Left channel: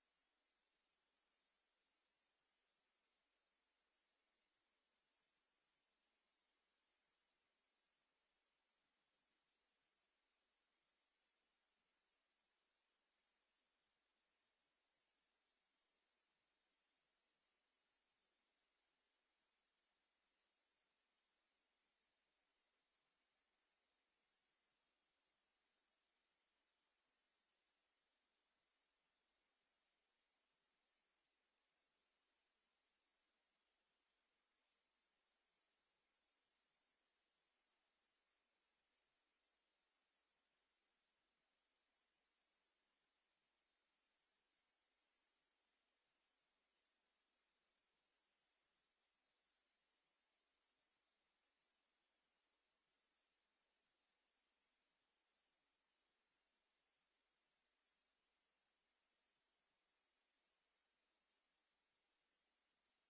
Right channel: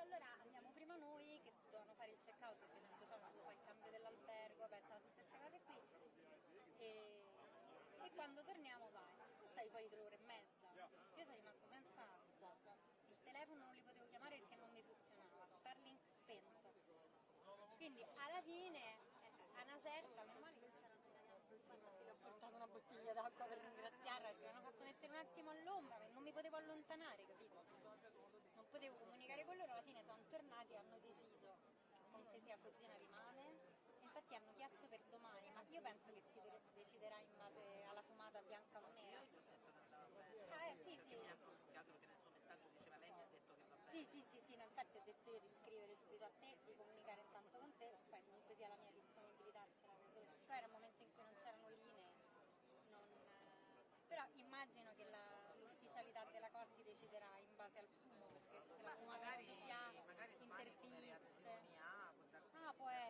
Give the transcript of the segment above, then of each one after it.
detto allora andiamo prima noi che dovevano fare il check out perché tanto c'è quando fai il cambio dell'albergo, pensavo tutte queste cose qui e quando torniamo vai. Sono stati poi 3 ore e mezza, io sono rimasta senza il telefono, non li potevo chiamare perché non mi funzionava, Starlink spento, quindi alla fine a una certa, meno male che c'erano i ragazzi, infatti le ho portato una bottiglia d'acqua per ringraziarla, ci hanno fatto mettere un attimo all'ombra, non mi potevo allontanare, capito? Non potevo comunicare con loro, alla fine sono tornati e hanno deciso che comunque sia cugina rimane. Infatti hanno chiesto per domani, ma io penso che si deciderà in base alla fumata bianca o nera. Sì, sì. Mi ha consigliato perché nel suo messaggio diceva lei mi ha detto che va bene. Sì, no, infatti ho detto io di scrivere subito a te, di comunicare intanto con te, poi comunque sia la mia disponibilità ce l'avevo solo. Siccome era il momento in cui non c'erano linee, però immagino che l'ufficialità della cosa si deciderà in base al fumo, perché se la fumo magari via, domani come reazioni ha, può darsi può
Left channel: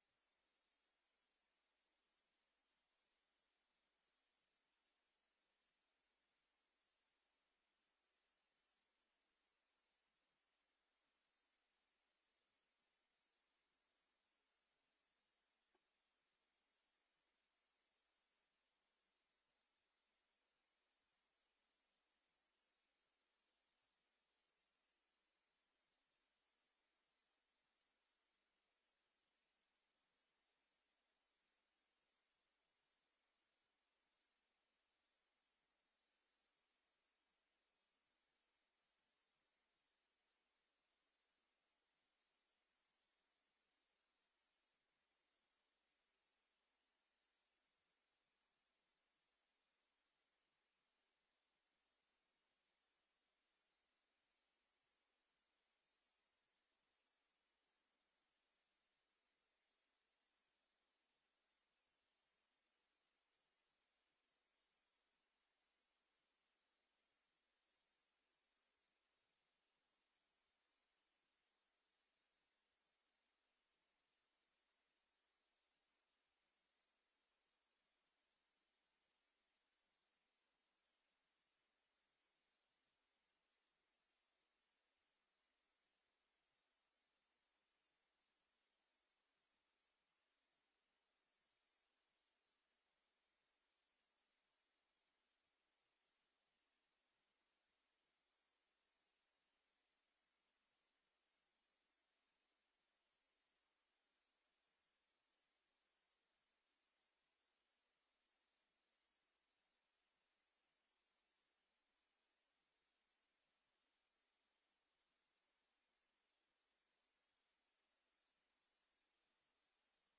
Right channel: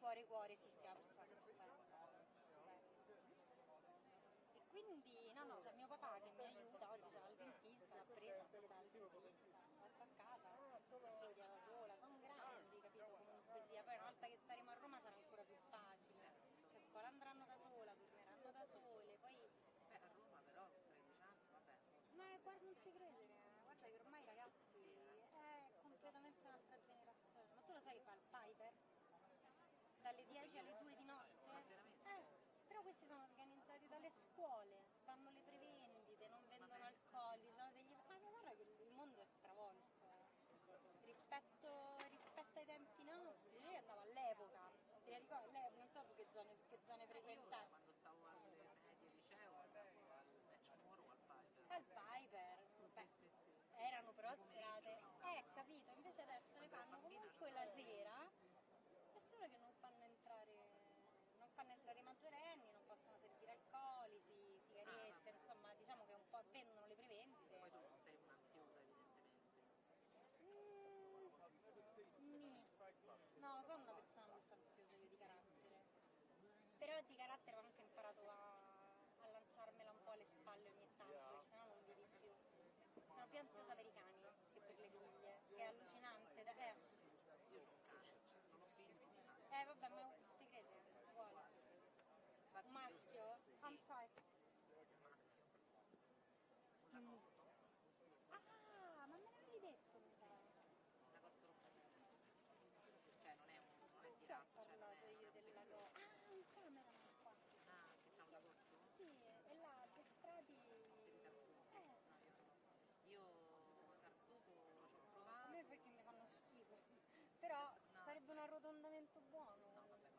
cuore cuore, sì, sì, la persona stupenda, e quindi no, c'è mio papà che mi aiuta, oggi c'era il dentista, l'ha presa, l'ha portata al dentista, basta a casa, studia da sola, sono grandi, capito, comunque sia, poi una volta che saremo a Roma sarà ancora più facile, che a scuola andranno da sola, torneranno da sole, poi... Beh, a Roma però, 13 anni, vabbè. Ma guarda, non ti credere, guarda che ormai ragazzi è completamente un'altra generazione, ma tu lo sai che fa il Piper? Dalle 10 alle 2 di notte? Ma veramente? Però questi sono organizzati dalle scuole, fanno le prevendite, non vendono alcolici, hanno degli... Ma guarda che il mondo è stravolto. Rispetto ai tempi nostri, io andavo all'epoca, ti ricordi? Non so tu che zone Io frequentavi. quando stavo alle medie liceo andavo al match Moro o al Piper. Al Piper, beh, Sì. erano però Di pomeriggio serate, ci andavo. capito, invece adesso le Quando ero fanno bambina ci comunque andavo la sempre. sera, è solo che non fanno entrare i maggiorenni, non possono servire alcolici, sigarette, Vabbè. insomma diciamo che un po' vendono le prevendite. Poi tu non sei un'ansiosa evidentemente. No, sono una persona molto ansiosa io di carattere, però di carattere ho anche imparato a lanciarmela un po' alle spalle ogni tanto, perché sennò non vivi più. Sono più ansiosa per i cani che per le griglie, che è allucinante. Io ho un cane, non ho figli, ma ho un cane. Vabbè, ma ti credo, uguale. Infatti Un maschio? sì, I'm sorry. un maschio. Un lagotto. Ah, ma me l'avevi detto, mi sa. Un lagotto roccatina. Cioè non è Con di chi ho razza, cioè non parlato è io una del pelusa. lago? Ah, in camera qua. Ah, che c'è un lagotto? Sì, e là, che strati... Siete Tartufi? No, io Tartufo ci ho A me provato. perché mi fanno schifo. Però No, sarebbe un arrotondamento buono. no, vabbè,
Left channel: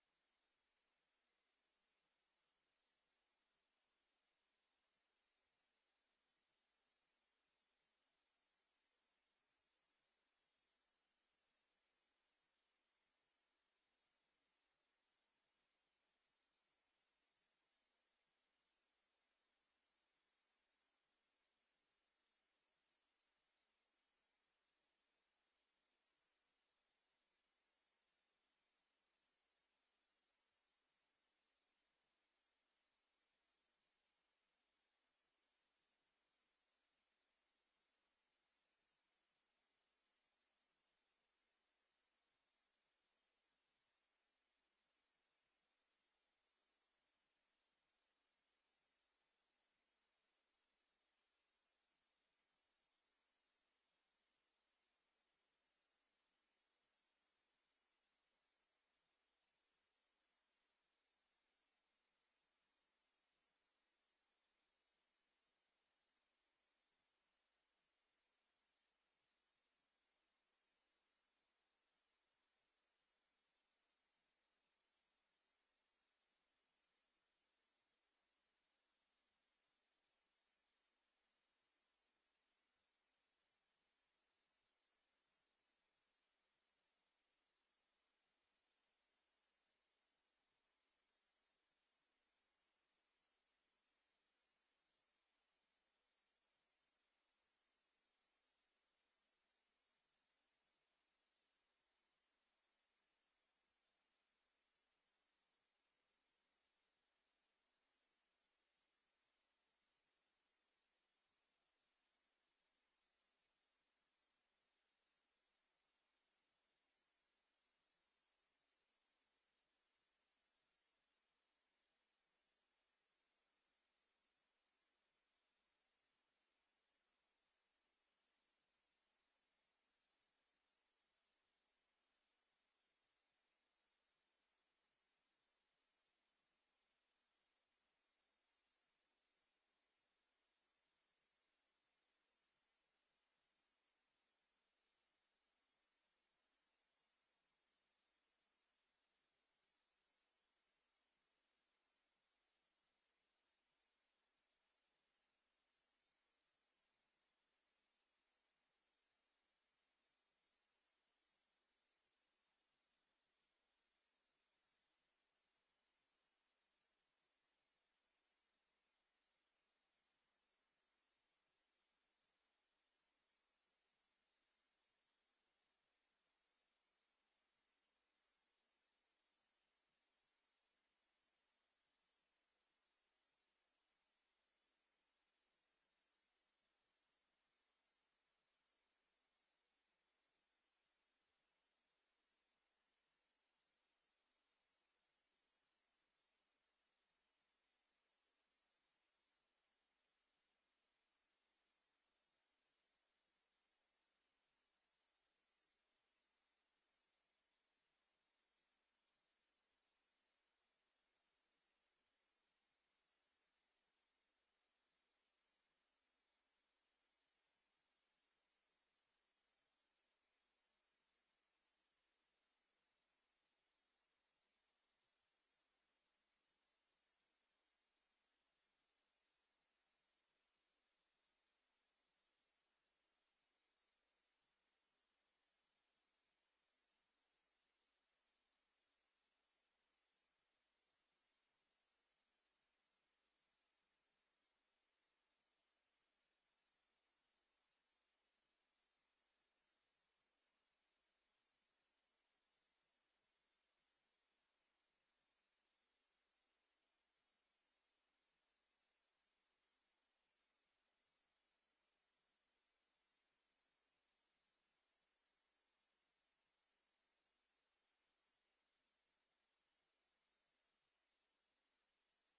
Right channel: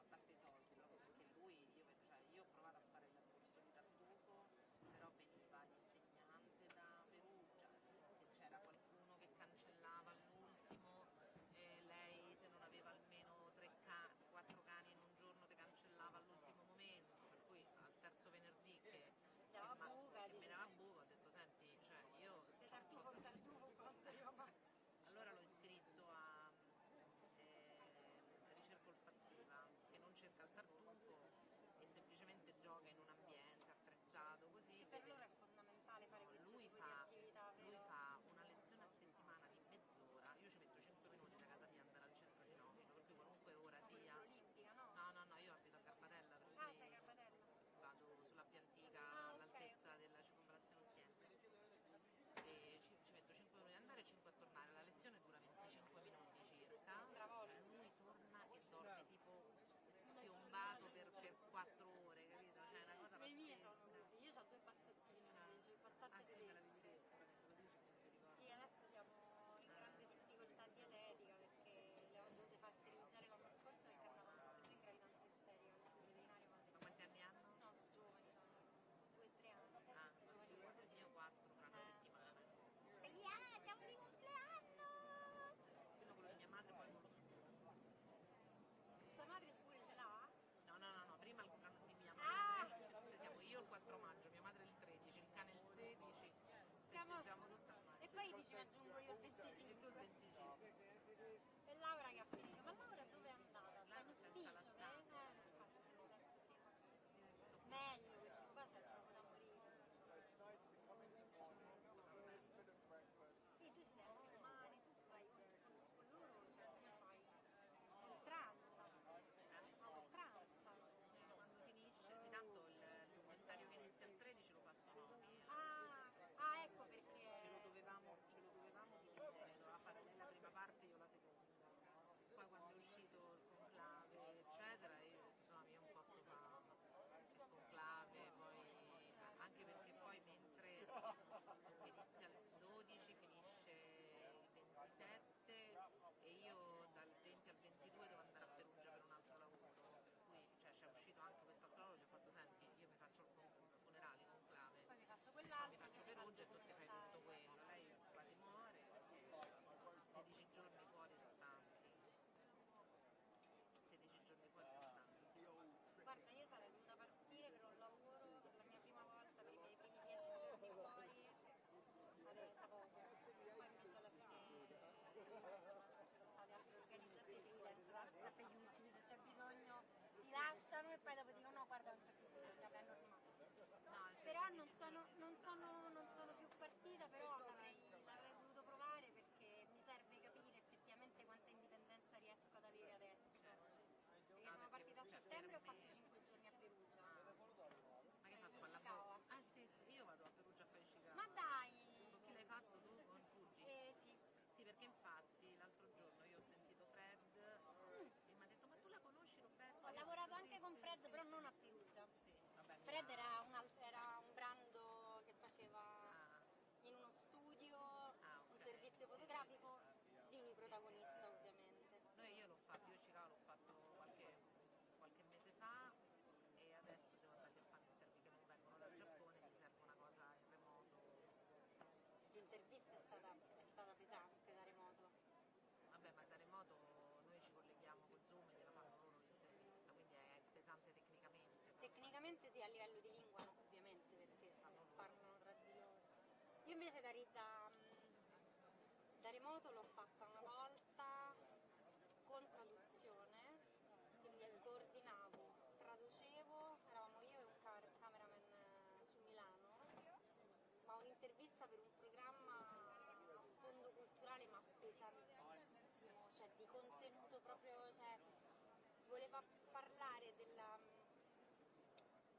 voleva parlare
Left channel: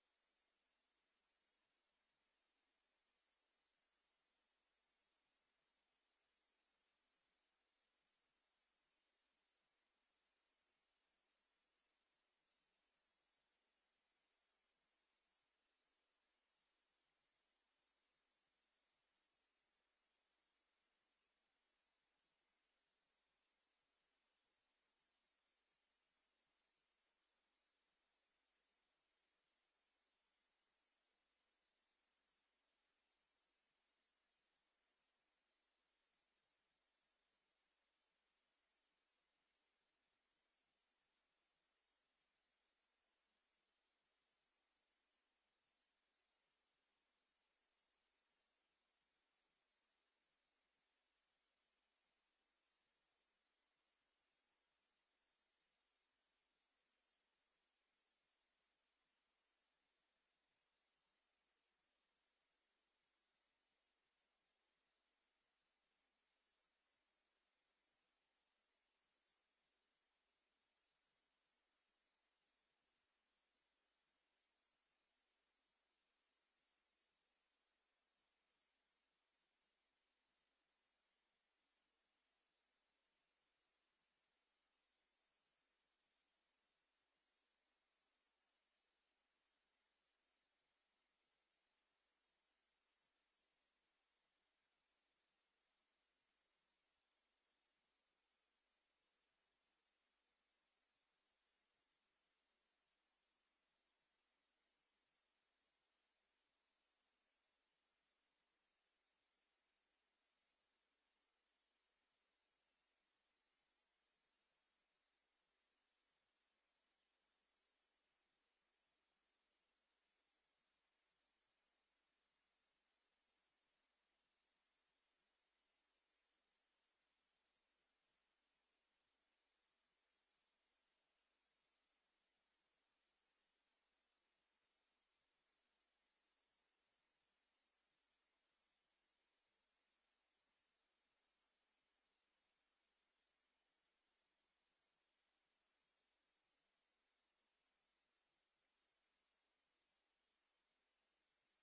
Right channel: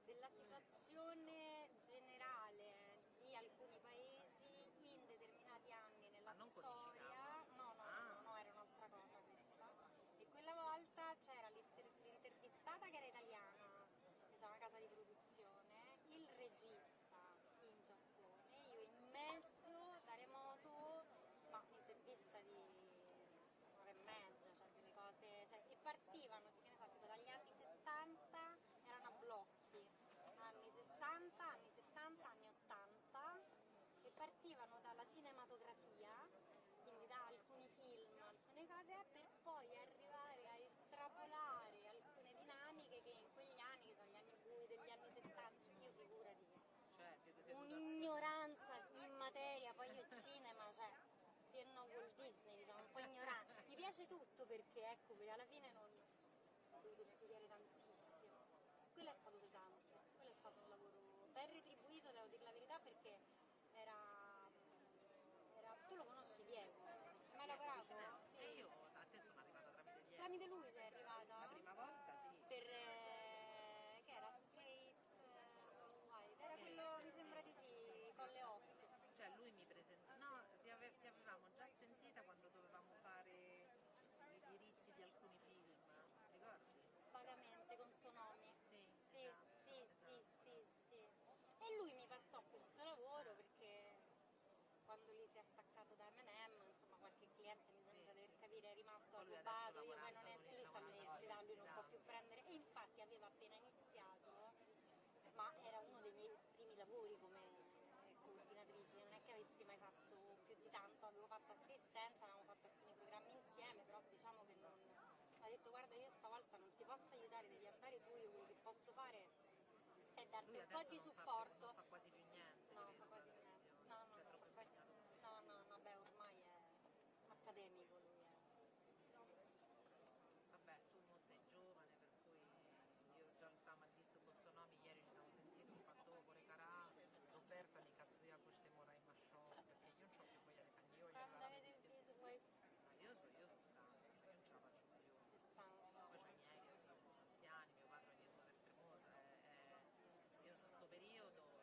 della situazione generale di alcuni paesi in determinati anni nella Ma non storia. No, era un'altra cosa questa. E quella volta c'era l'intervistata che era italiana, che c'era una casa di produzione, il regista in Giappone, io in mezzo da remoto, ma intervista di un'ora e mezza, cioè delle cose, cioè, e partivano, che ne so, tipo dagli anni 70 erano a blocchi, anni 60, anni 70, anni 80, e partivano dalla cinematografia, quindi da alcuni film, alcune cose, per poi arrivare a estrapolare alcune dinamiche che in quegli anni, che sono gli anni bui degli anni 70, io figurati che Cioè, siete seduti a un'ignoranza in materia, poi io cinema, cioè, sì, no, Walt Disney, diciamo, un po' ignorante. Mi piace tutto perché, ecco, alla fine non ho dovuto studiare tantissimo. Quello è stato pesante, quello è stato un lavoro ben retribuito, devo dire la verità, perché tu lo conosci Diego? Ci hai mai lavorato? Cucinelli. E Sì. io a te sono arrivata tramite Diego. Tramite lui sei arrivata? La prima volta sì. Per, che era Skate White, era quello, mi sembra di sì, con le 8. Cioè lui mi presentò, no, ti avevamo già sentita quando dovevamo fare i diritti di alcuni film, ricordi? Vagamente con Sonomi. Sì, Sì, esatto, sì, sì, esatto. sì, sì. E lui mi passò questo lavoro perché quando lui si è staccato da M&M, insomma, qualche cliente mi sembra di capire è rimasto Poi lui adesso agobbato, io poi non lavorando lui sta all'università, lui non può più all'università. prendere, e infatti aveva appena iniziato, ma era uno dei miei primi lavori come coordinatrice, non è che avessi mai fatto più di tanto, avevo fatto assistenza, avevamo fatto alcuni programmi insieme, però diciamo che non... ha detto guarda, io stavolta non ti posso aiutare, devi andare tu, io quello che posso fare è darti Lui un po' adesso di non supporto. fa quasi più niente, No, credo, fa dalla quasi niente. televisione, No, cioè non troppo fa quasi impegnato con niente. No, beh, ormai è accademico lui. Vabbè, tu mo sei giovane, per cui io già stavamo a dire su Bossonomi, ieri ci siamo sentiti, ho fatto pure cara Roberta, ne cazzo io a queste mora in masciò, perché io non c'ho più voglia di fare, io voglio Quando arrivare alla avete il medicina. viso poi Ma io sono stanca, cioè io non ce la faccio più. si stanca. Poi c'ho i miei che sono anziani, mio padre ogni 2 per 3 mesi, io in questo periodo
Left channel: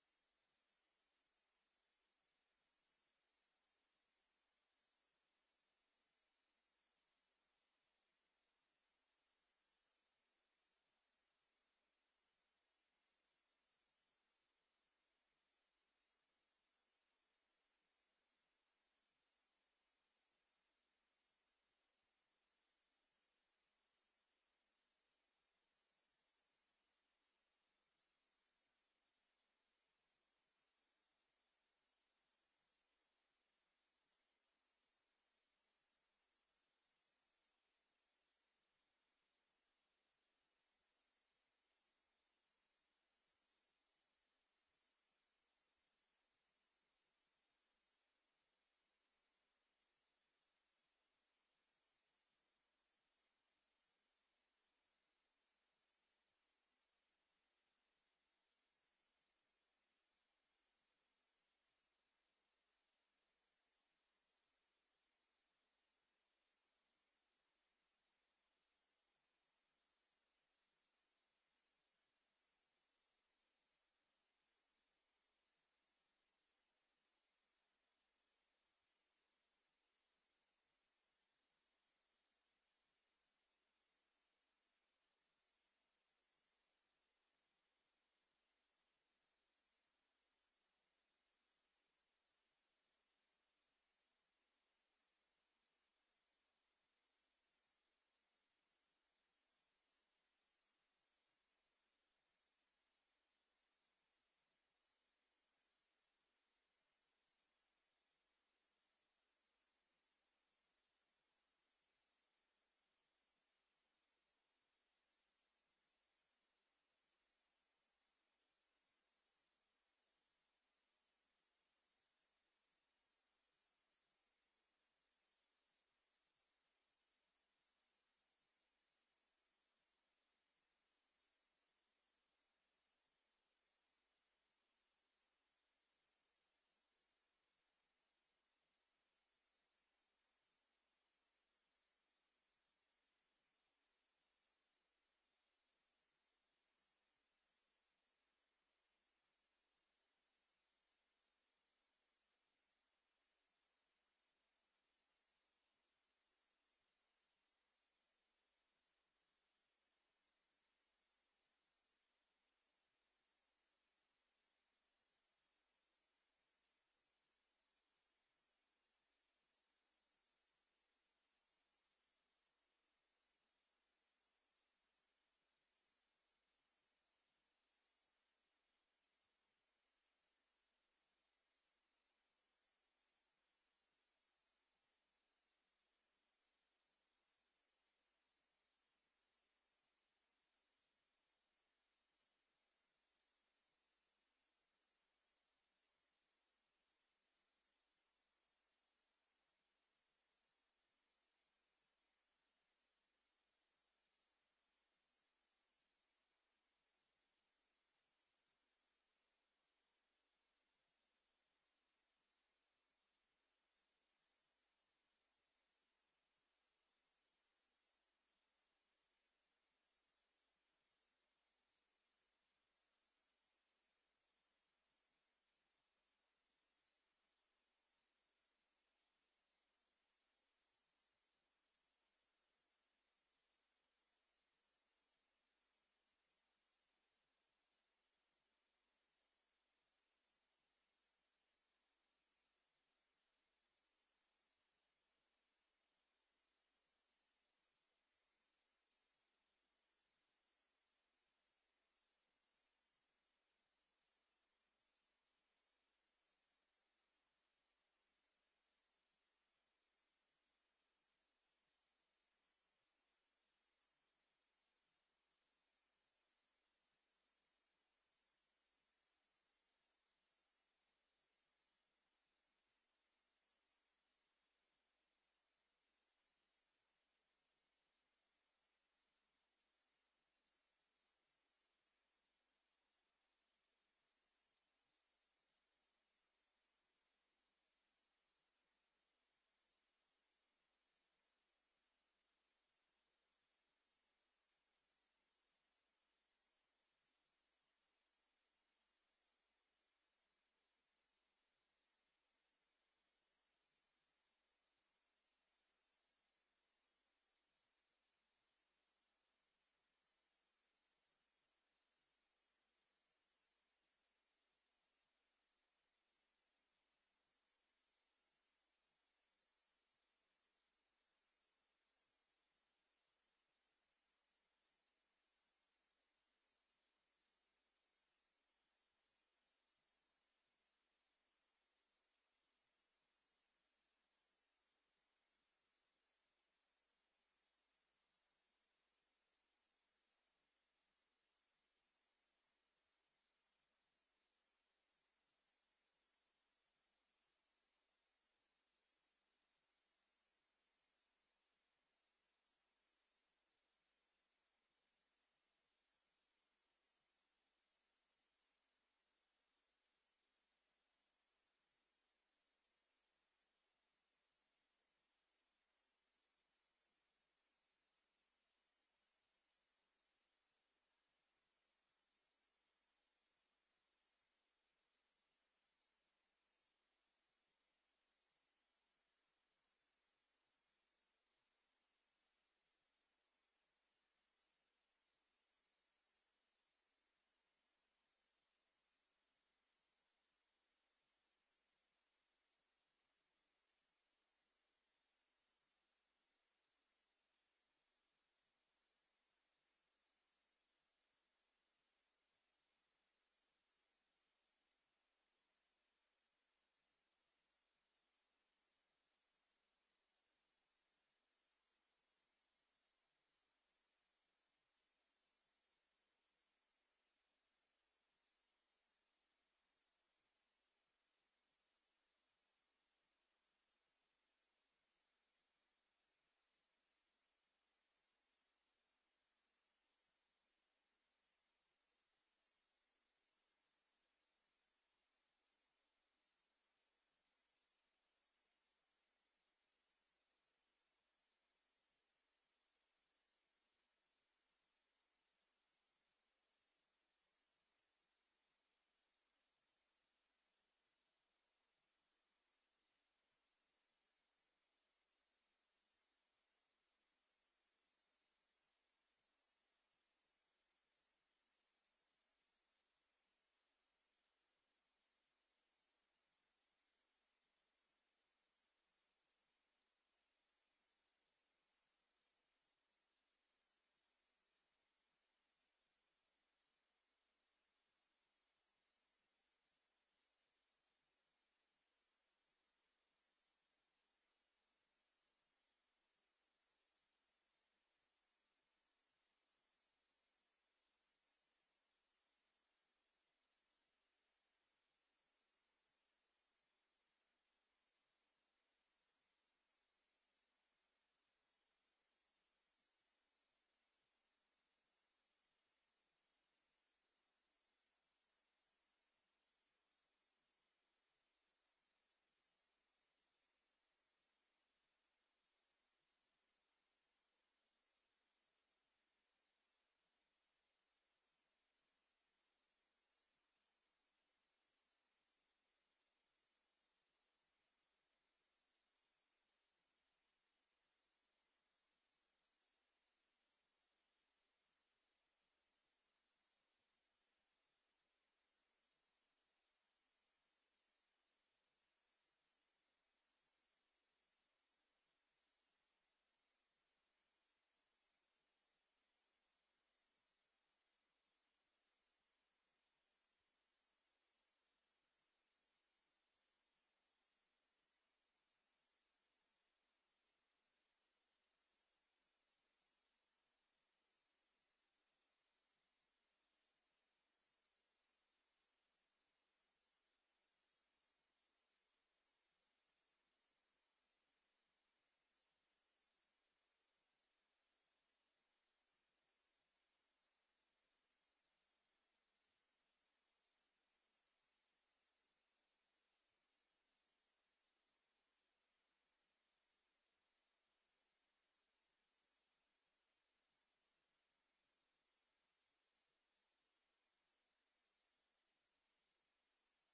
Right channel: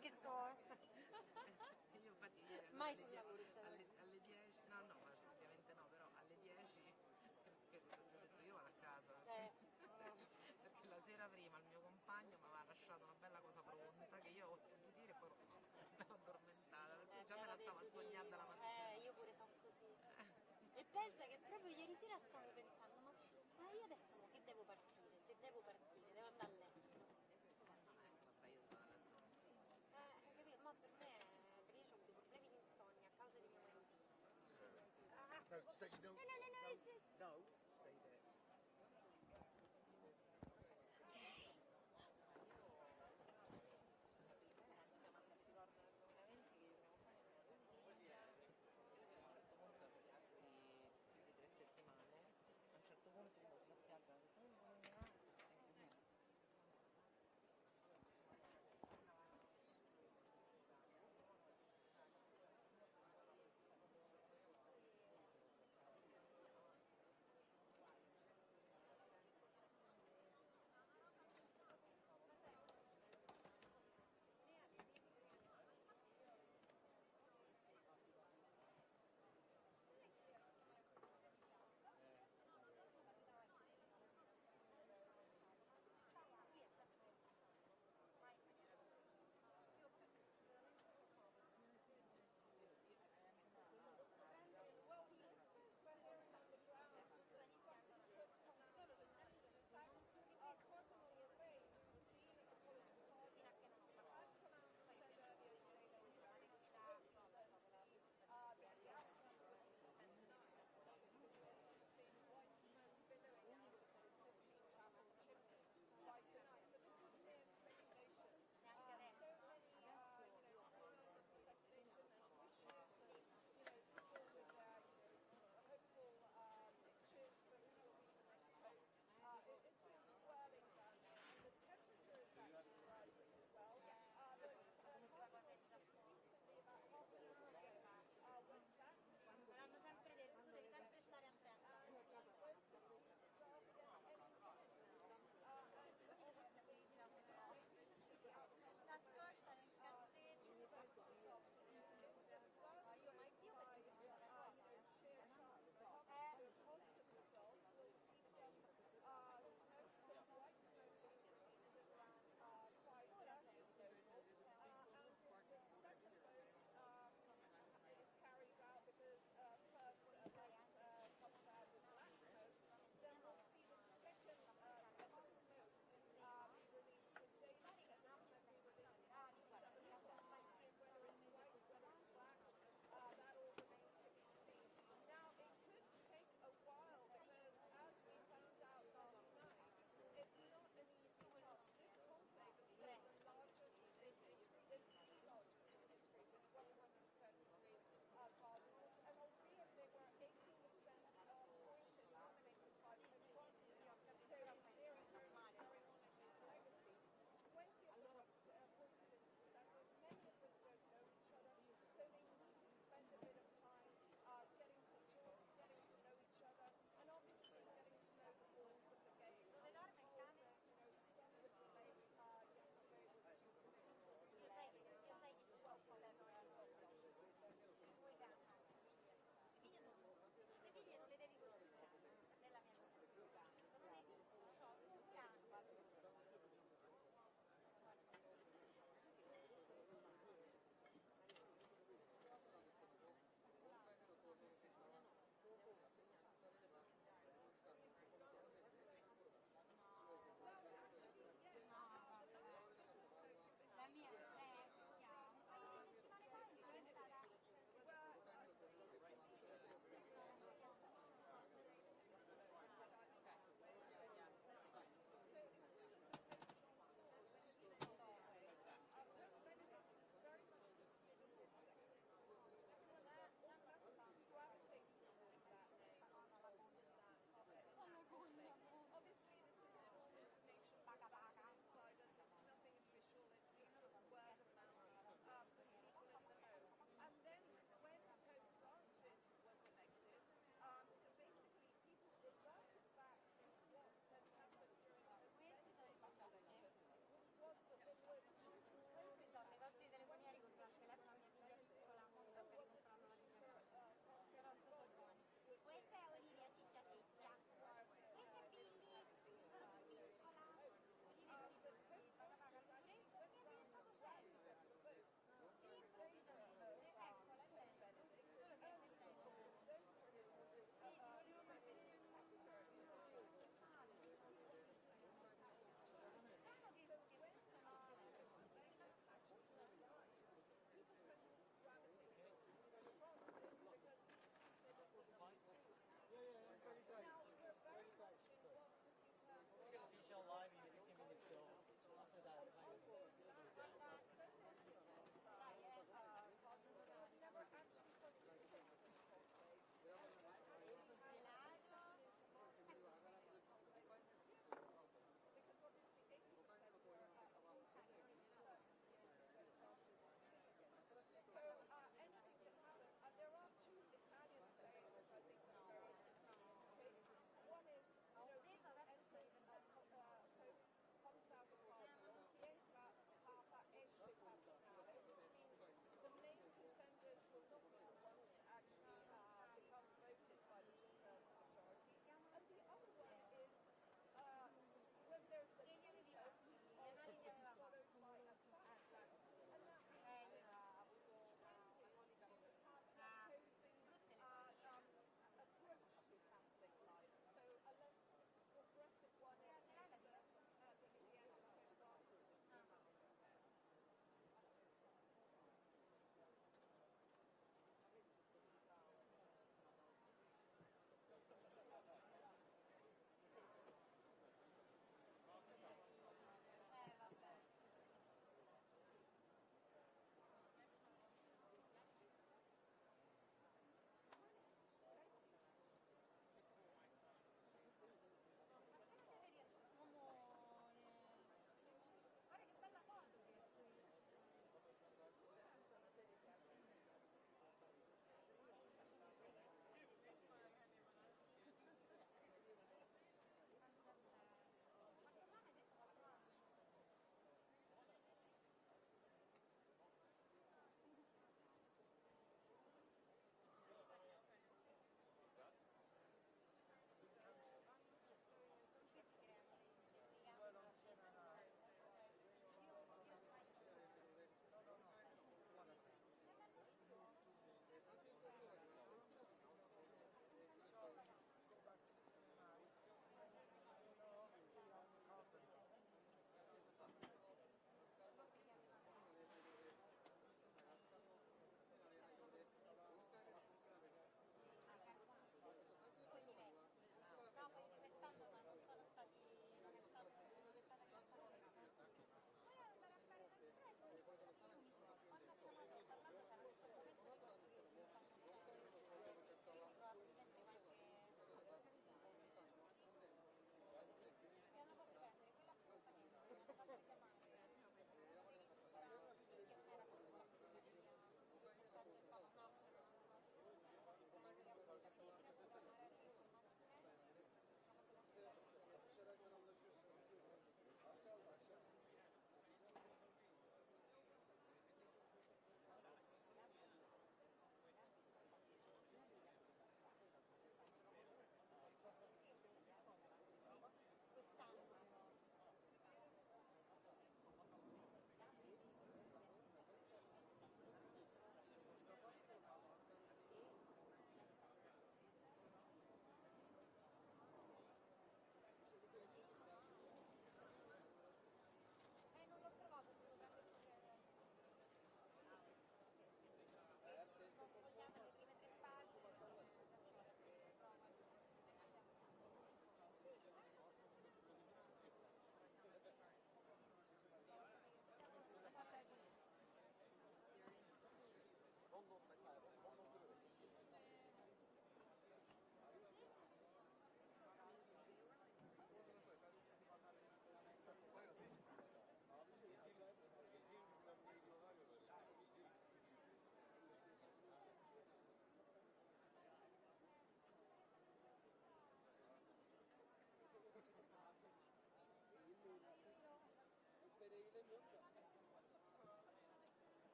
Che sto... Io infatti ieri Mai sul lavoro alle 10, no, no, ovviamente no, però alle 10, perché ho detto io vado a casa, perché la sera prima il mio compagno mi aveva lasciato una bella cosa pronta che io ho dovuto dire e poi mi ero addormentata, perché già me la stavo a sognare la mattina. Io pure sono così. E pensa che proprio ieri sera stavo pensando, ma io adesso che devo partire? Se devo partire, devo andare all'estero. Vabbè, io sono alla zona. Capito? Ma per me, perché io ho dei problemi di insonnia a causa di mio marito. No, so you don't. No, stay there. A un certo punto, gli altri più di 3 settimane,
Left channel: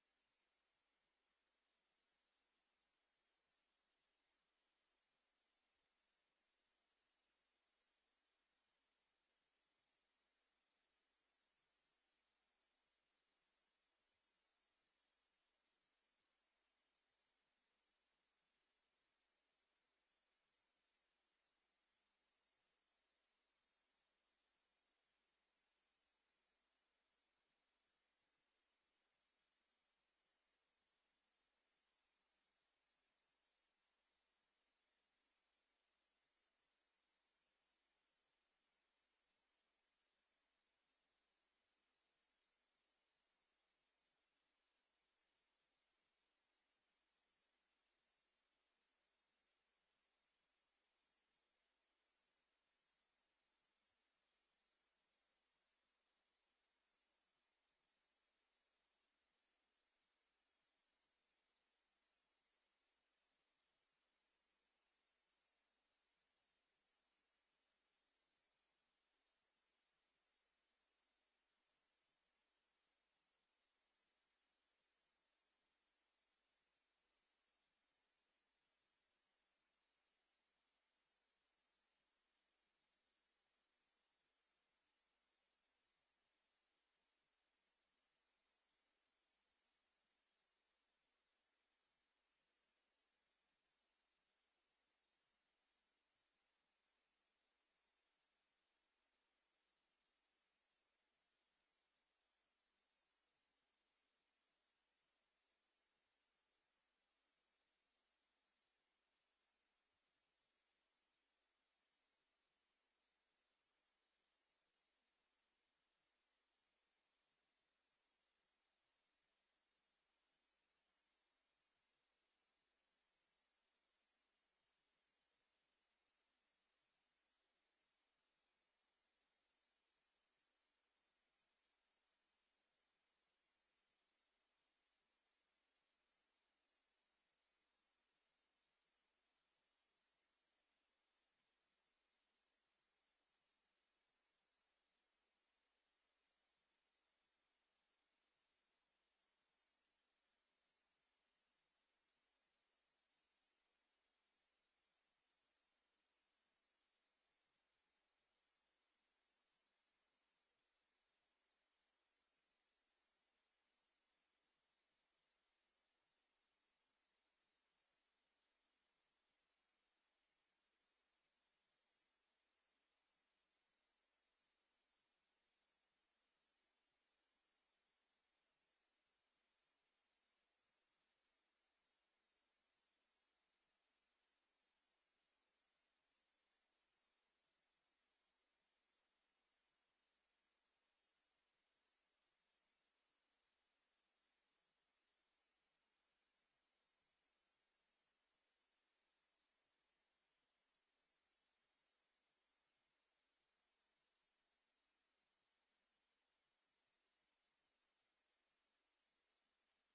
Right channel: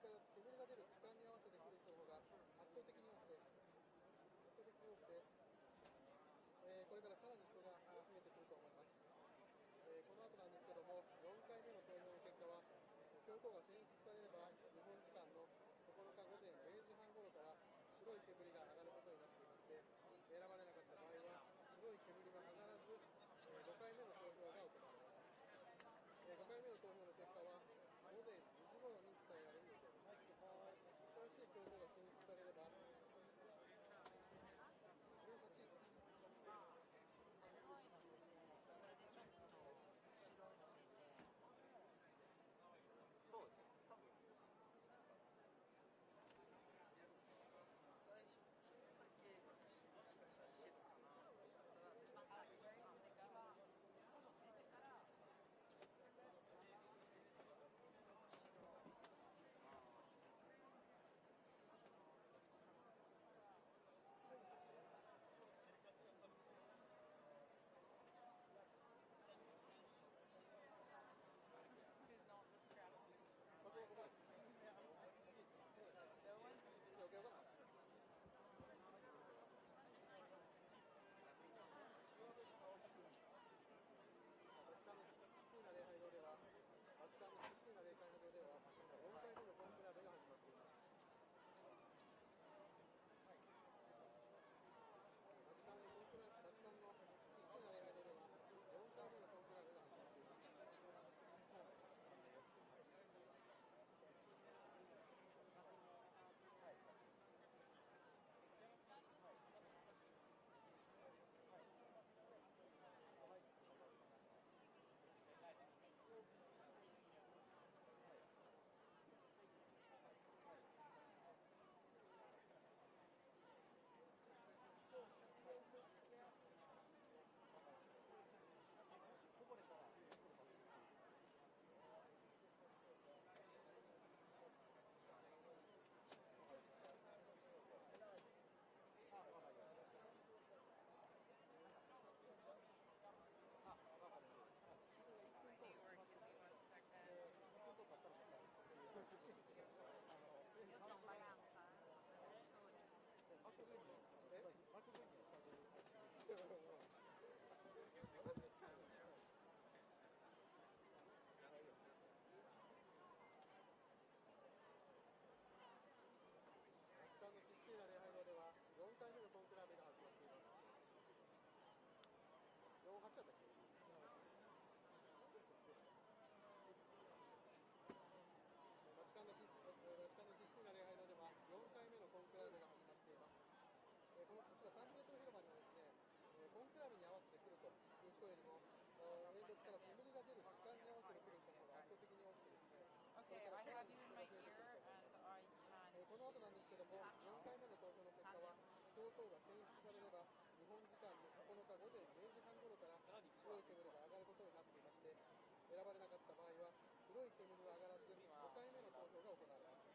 煙が出る時間に合わせて来る人の方が圧倒的に多くて、これからさらに人が増えてくると思います。この後なんですけども、4回目の投票の結果は、教皇が選出されれば、日本時間の9日午前0時半頃から白い煙が上がることになっていまして、選ばれなかった場合は、白い煙が上がらず、5回目の投票が行われます。5回目の投票の結果は、午前2時頃に伝えられる予定です。新しい教皇が選出されれば、18日、そうですね。多分最初ちょっとだけもしかしたらしてたかな。バチカンのシスティーナ礼拝堂では、4回目のコンクラベが始まっています。バチカンのシスティーナ礼拝堂では、4回目のコンクラベが始まっています。バチカンのシスティーナ礼拝堂では、4回目のコンクラベが始まっています。48だったっけ？バチカンのシスティーナ礼拝堂では4回目のコンクラベが始まっています。こちらサンピエトロ広場にはですね、コンクラベに合わせて来るという人よりも、煙突から煙が出る時間に合わせて来る人の方が圧倒的に多くてですね、これからさらに人が増えてくると思います。この後なんですけども、4回目の投票の結果は、教皇が選出されれば、日本時間の9日午前0時半頃から白い煙が上がることになっていまして、選ばれなかった場合は、黒い煙は上がらず、5回目の投票が行われます。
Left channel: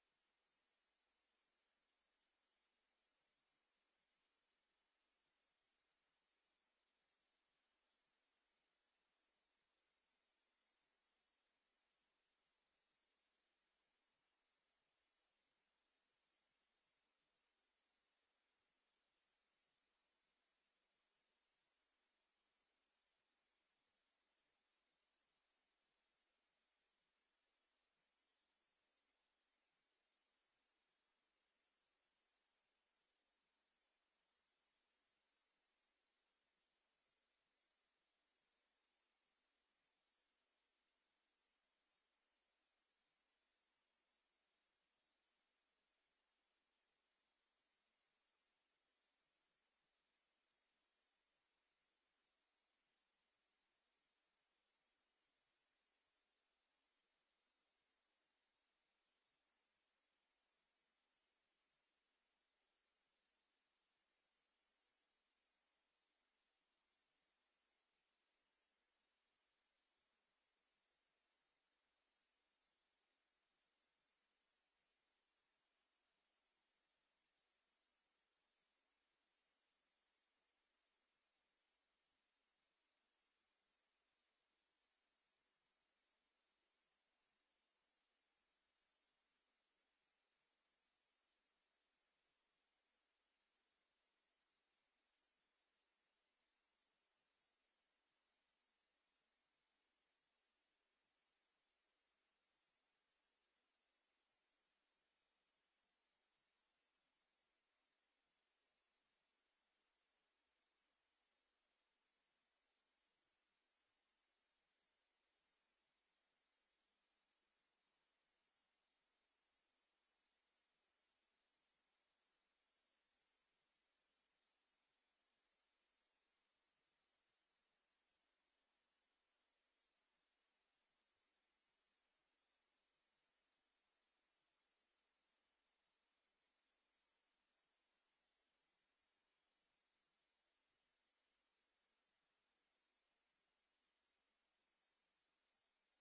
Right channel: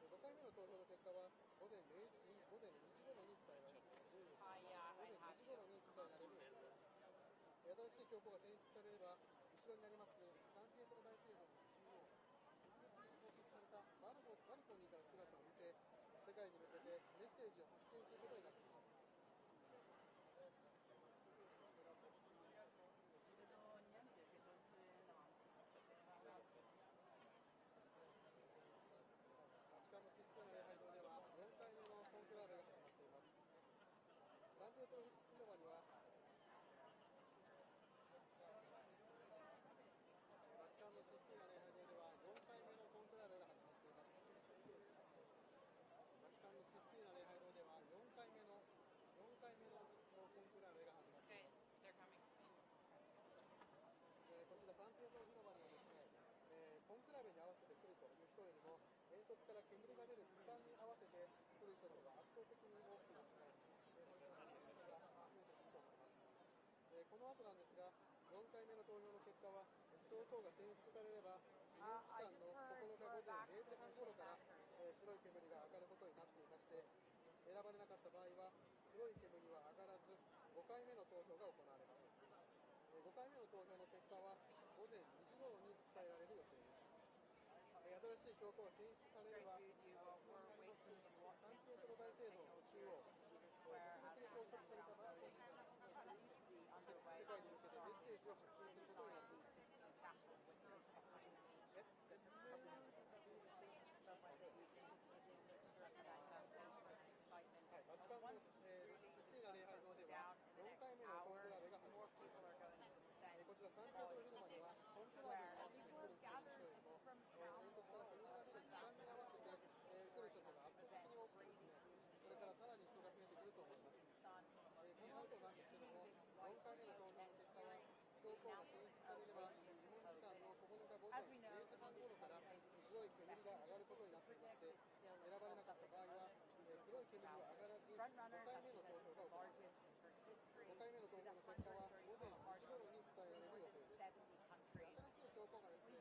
5回目の投票の結果は午前2時頃に伝えられる予定です。午前2時頃に伝えられる予定です。新しい教皇が選出されれば、後ろにありますサンピエトロ大聖堂の中央、装飾されたバルコニーから姿を見せ、世界に向けてメッセージを発信することになっています。バチカンのシスティーナ礼拝堂では4回目のコンクラベが始まっています。サンピエトロ広場にはバチカンのシスティーナ礼拝堂では4回目のコンクラベが始まっています。バチカンのシスティーナ礼拝堂では4回目のコンクラベが始まっています。こちらサンピエトロ広場にはですね、コンクラベに合わせて来るという人よりも、煙突から煙が出る時間に合わせて来る人の方が圧倒的に多くですね、これから人が増えてくると思います。この後なんですが、4回目の投票の結果は、教皇が選出されれば、日本時間の9日午前0時半頃から、白い煙が上がることになっていまして、選ばれなかった場合は、白い煙は上がらず、5回目の投票が行われます。5回目の投票の結果は、午前2時頃に伝えられる予定です。新しい教皇が選出されを発信することになっています。はい、バチカンの、クリスティーナ礼拝堂では4回目のコンクラーベが始まっています。こちらサンピエトロ広場にはコンクラーベに参列する人よりも、英国から国が来る時間に合わせて、来る人が圧倒的に多くてですね、これからさらに人が増えてくると思います。この後なんですけども、4回目の投票の結果は、教皇が選出されれば、日本時間の9日午前0時半頃から白い煙が上がることになっていまして、選ばれなかった場合は、黒い煙は上がらず、5回目の投票が行われます。5回目の投票の結果は午前2時頃に伝えられる予定です。新しい教皇がですね、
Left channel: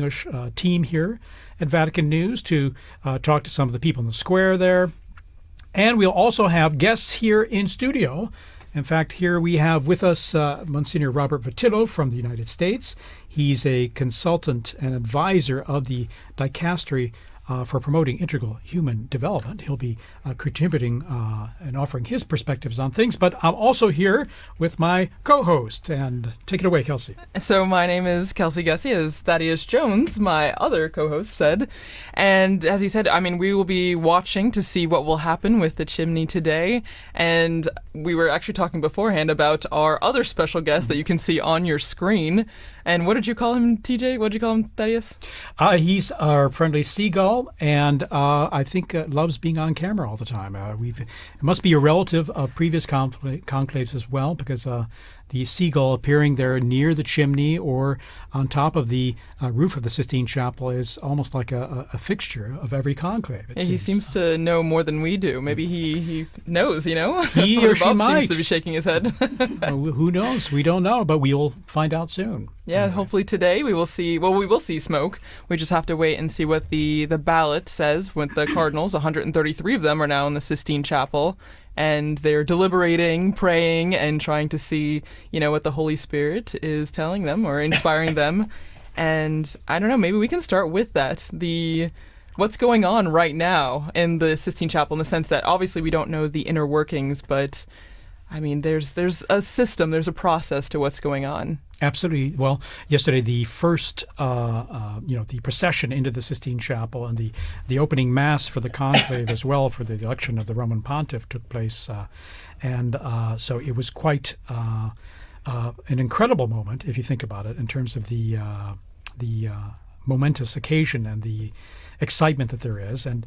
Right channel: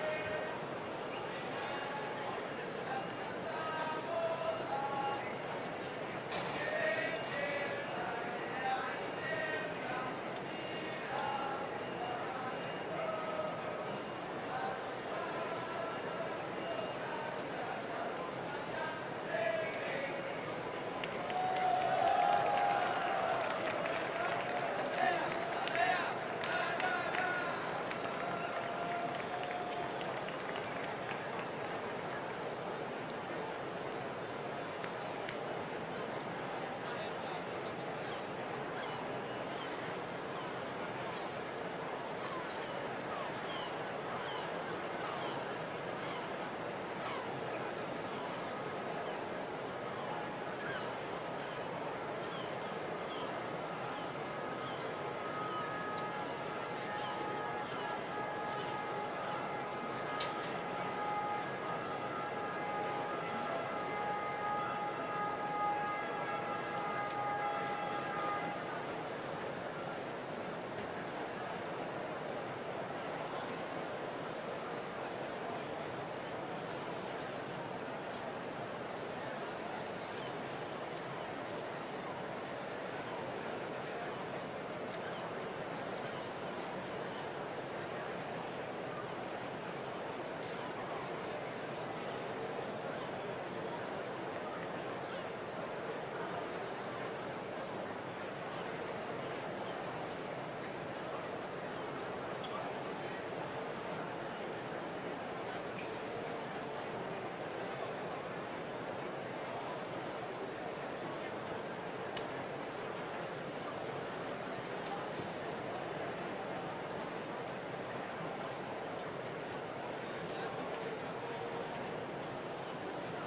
English team here at Vatican News to talk to some of the people in the square there. And we'll also have guests here in studio. In fact, here we have with us Monsignor Robert Votillo from the United States. He's a consultant and advisor of the Dicastery for promoting integral human development. He'll be contributing and offering his perspectives on things, but I'm also here with my co-host, and take it away, Kelsey. So my name is Kelsey Gessie, as Thaddeus Jones, my other co-host, said. And as he said, I mean, we will be watching to see what will happen with the chimney today. And we were actually talking beforehand about our other special guest that you can see on your screen. And what did you call him, TJ? What did you call him, Thaddeus? He's our friendly seagull, and I think loves being on camera all the time. Must be a relative of previous conclaves as well, because the seagull appearing there near the chimney or on top of the roof of the Sistine Chapel is almost like a fixture of every conclave. Yeah, he seems to know more than we do. Maybe he knows, you know? He or she Bob might. seems to be shaking his head. Who knows? We don't know, but we'll find out soon. Yeah, hopefully today we will see, well, we will see smoke. We just have to wait and see what the ballot says with the cardinals. 133 of them are now in the Sistine Chapel, and they're deliberating, praying, and trying to see, you know, what the Holy Spirit is telling them or inspiring them. And I don't know, maybe we can start with that. what's going on right now in the Sistine Chapel, in the sense that obviously we don't know the inner workings, but I mean, there's a system, there's a process to what's going on. Absolutely. Well, yesterday the first, the procession into the Sistine Chapel and the opening mass for the conclave as well for the election of the Roman Pontiff took place, so it was quite an incredible moment if you think about it in terms of the momentous occasion and the excitement that there is. And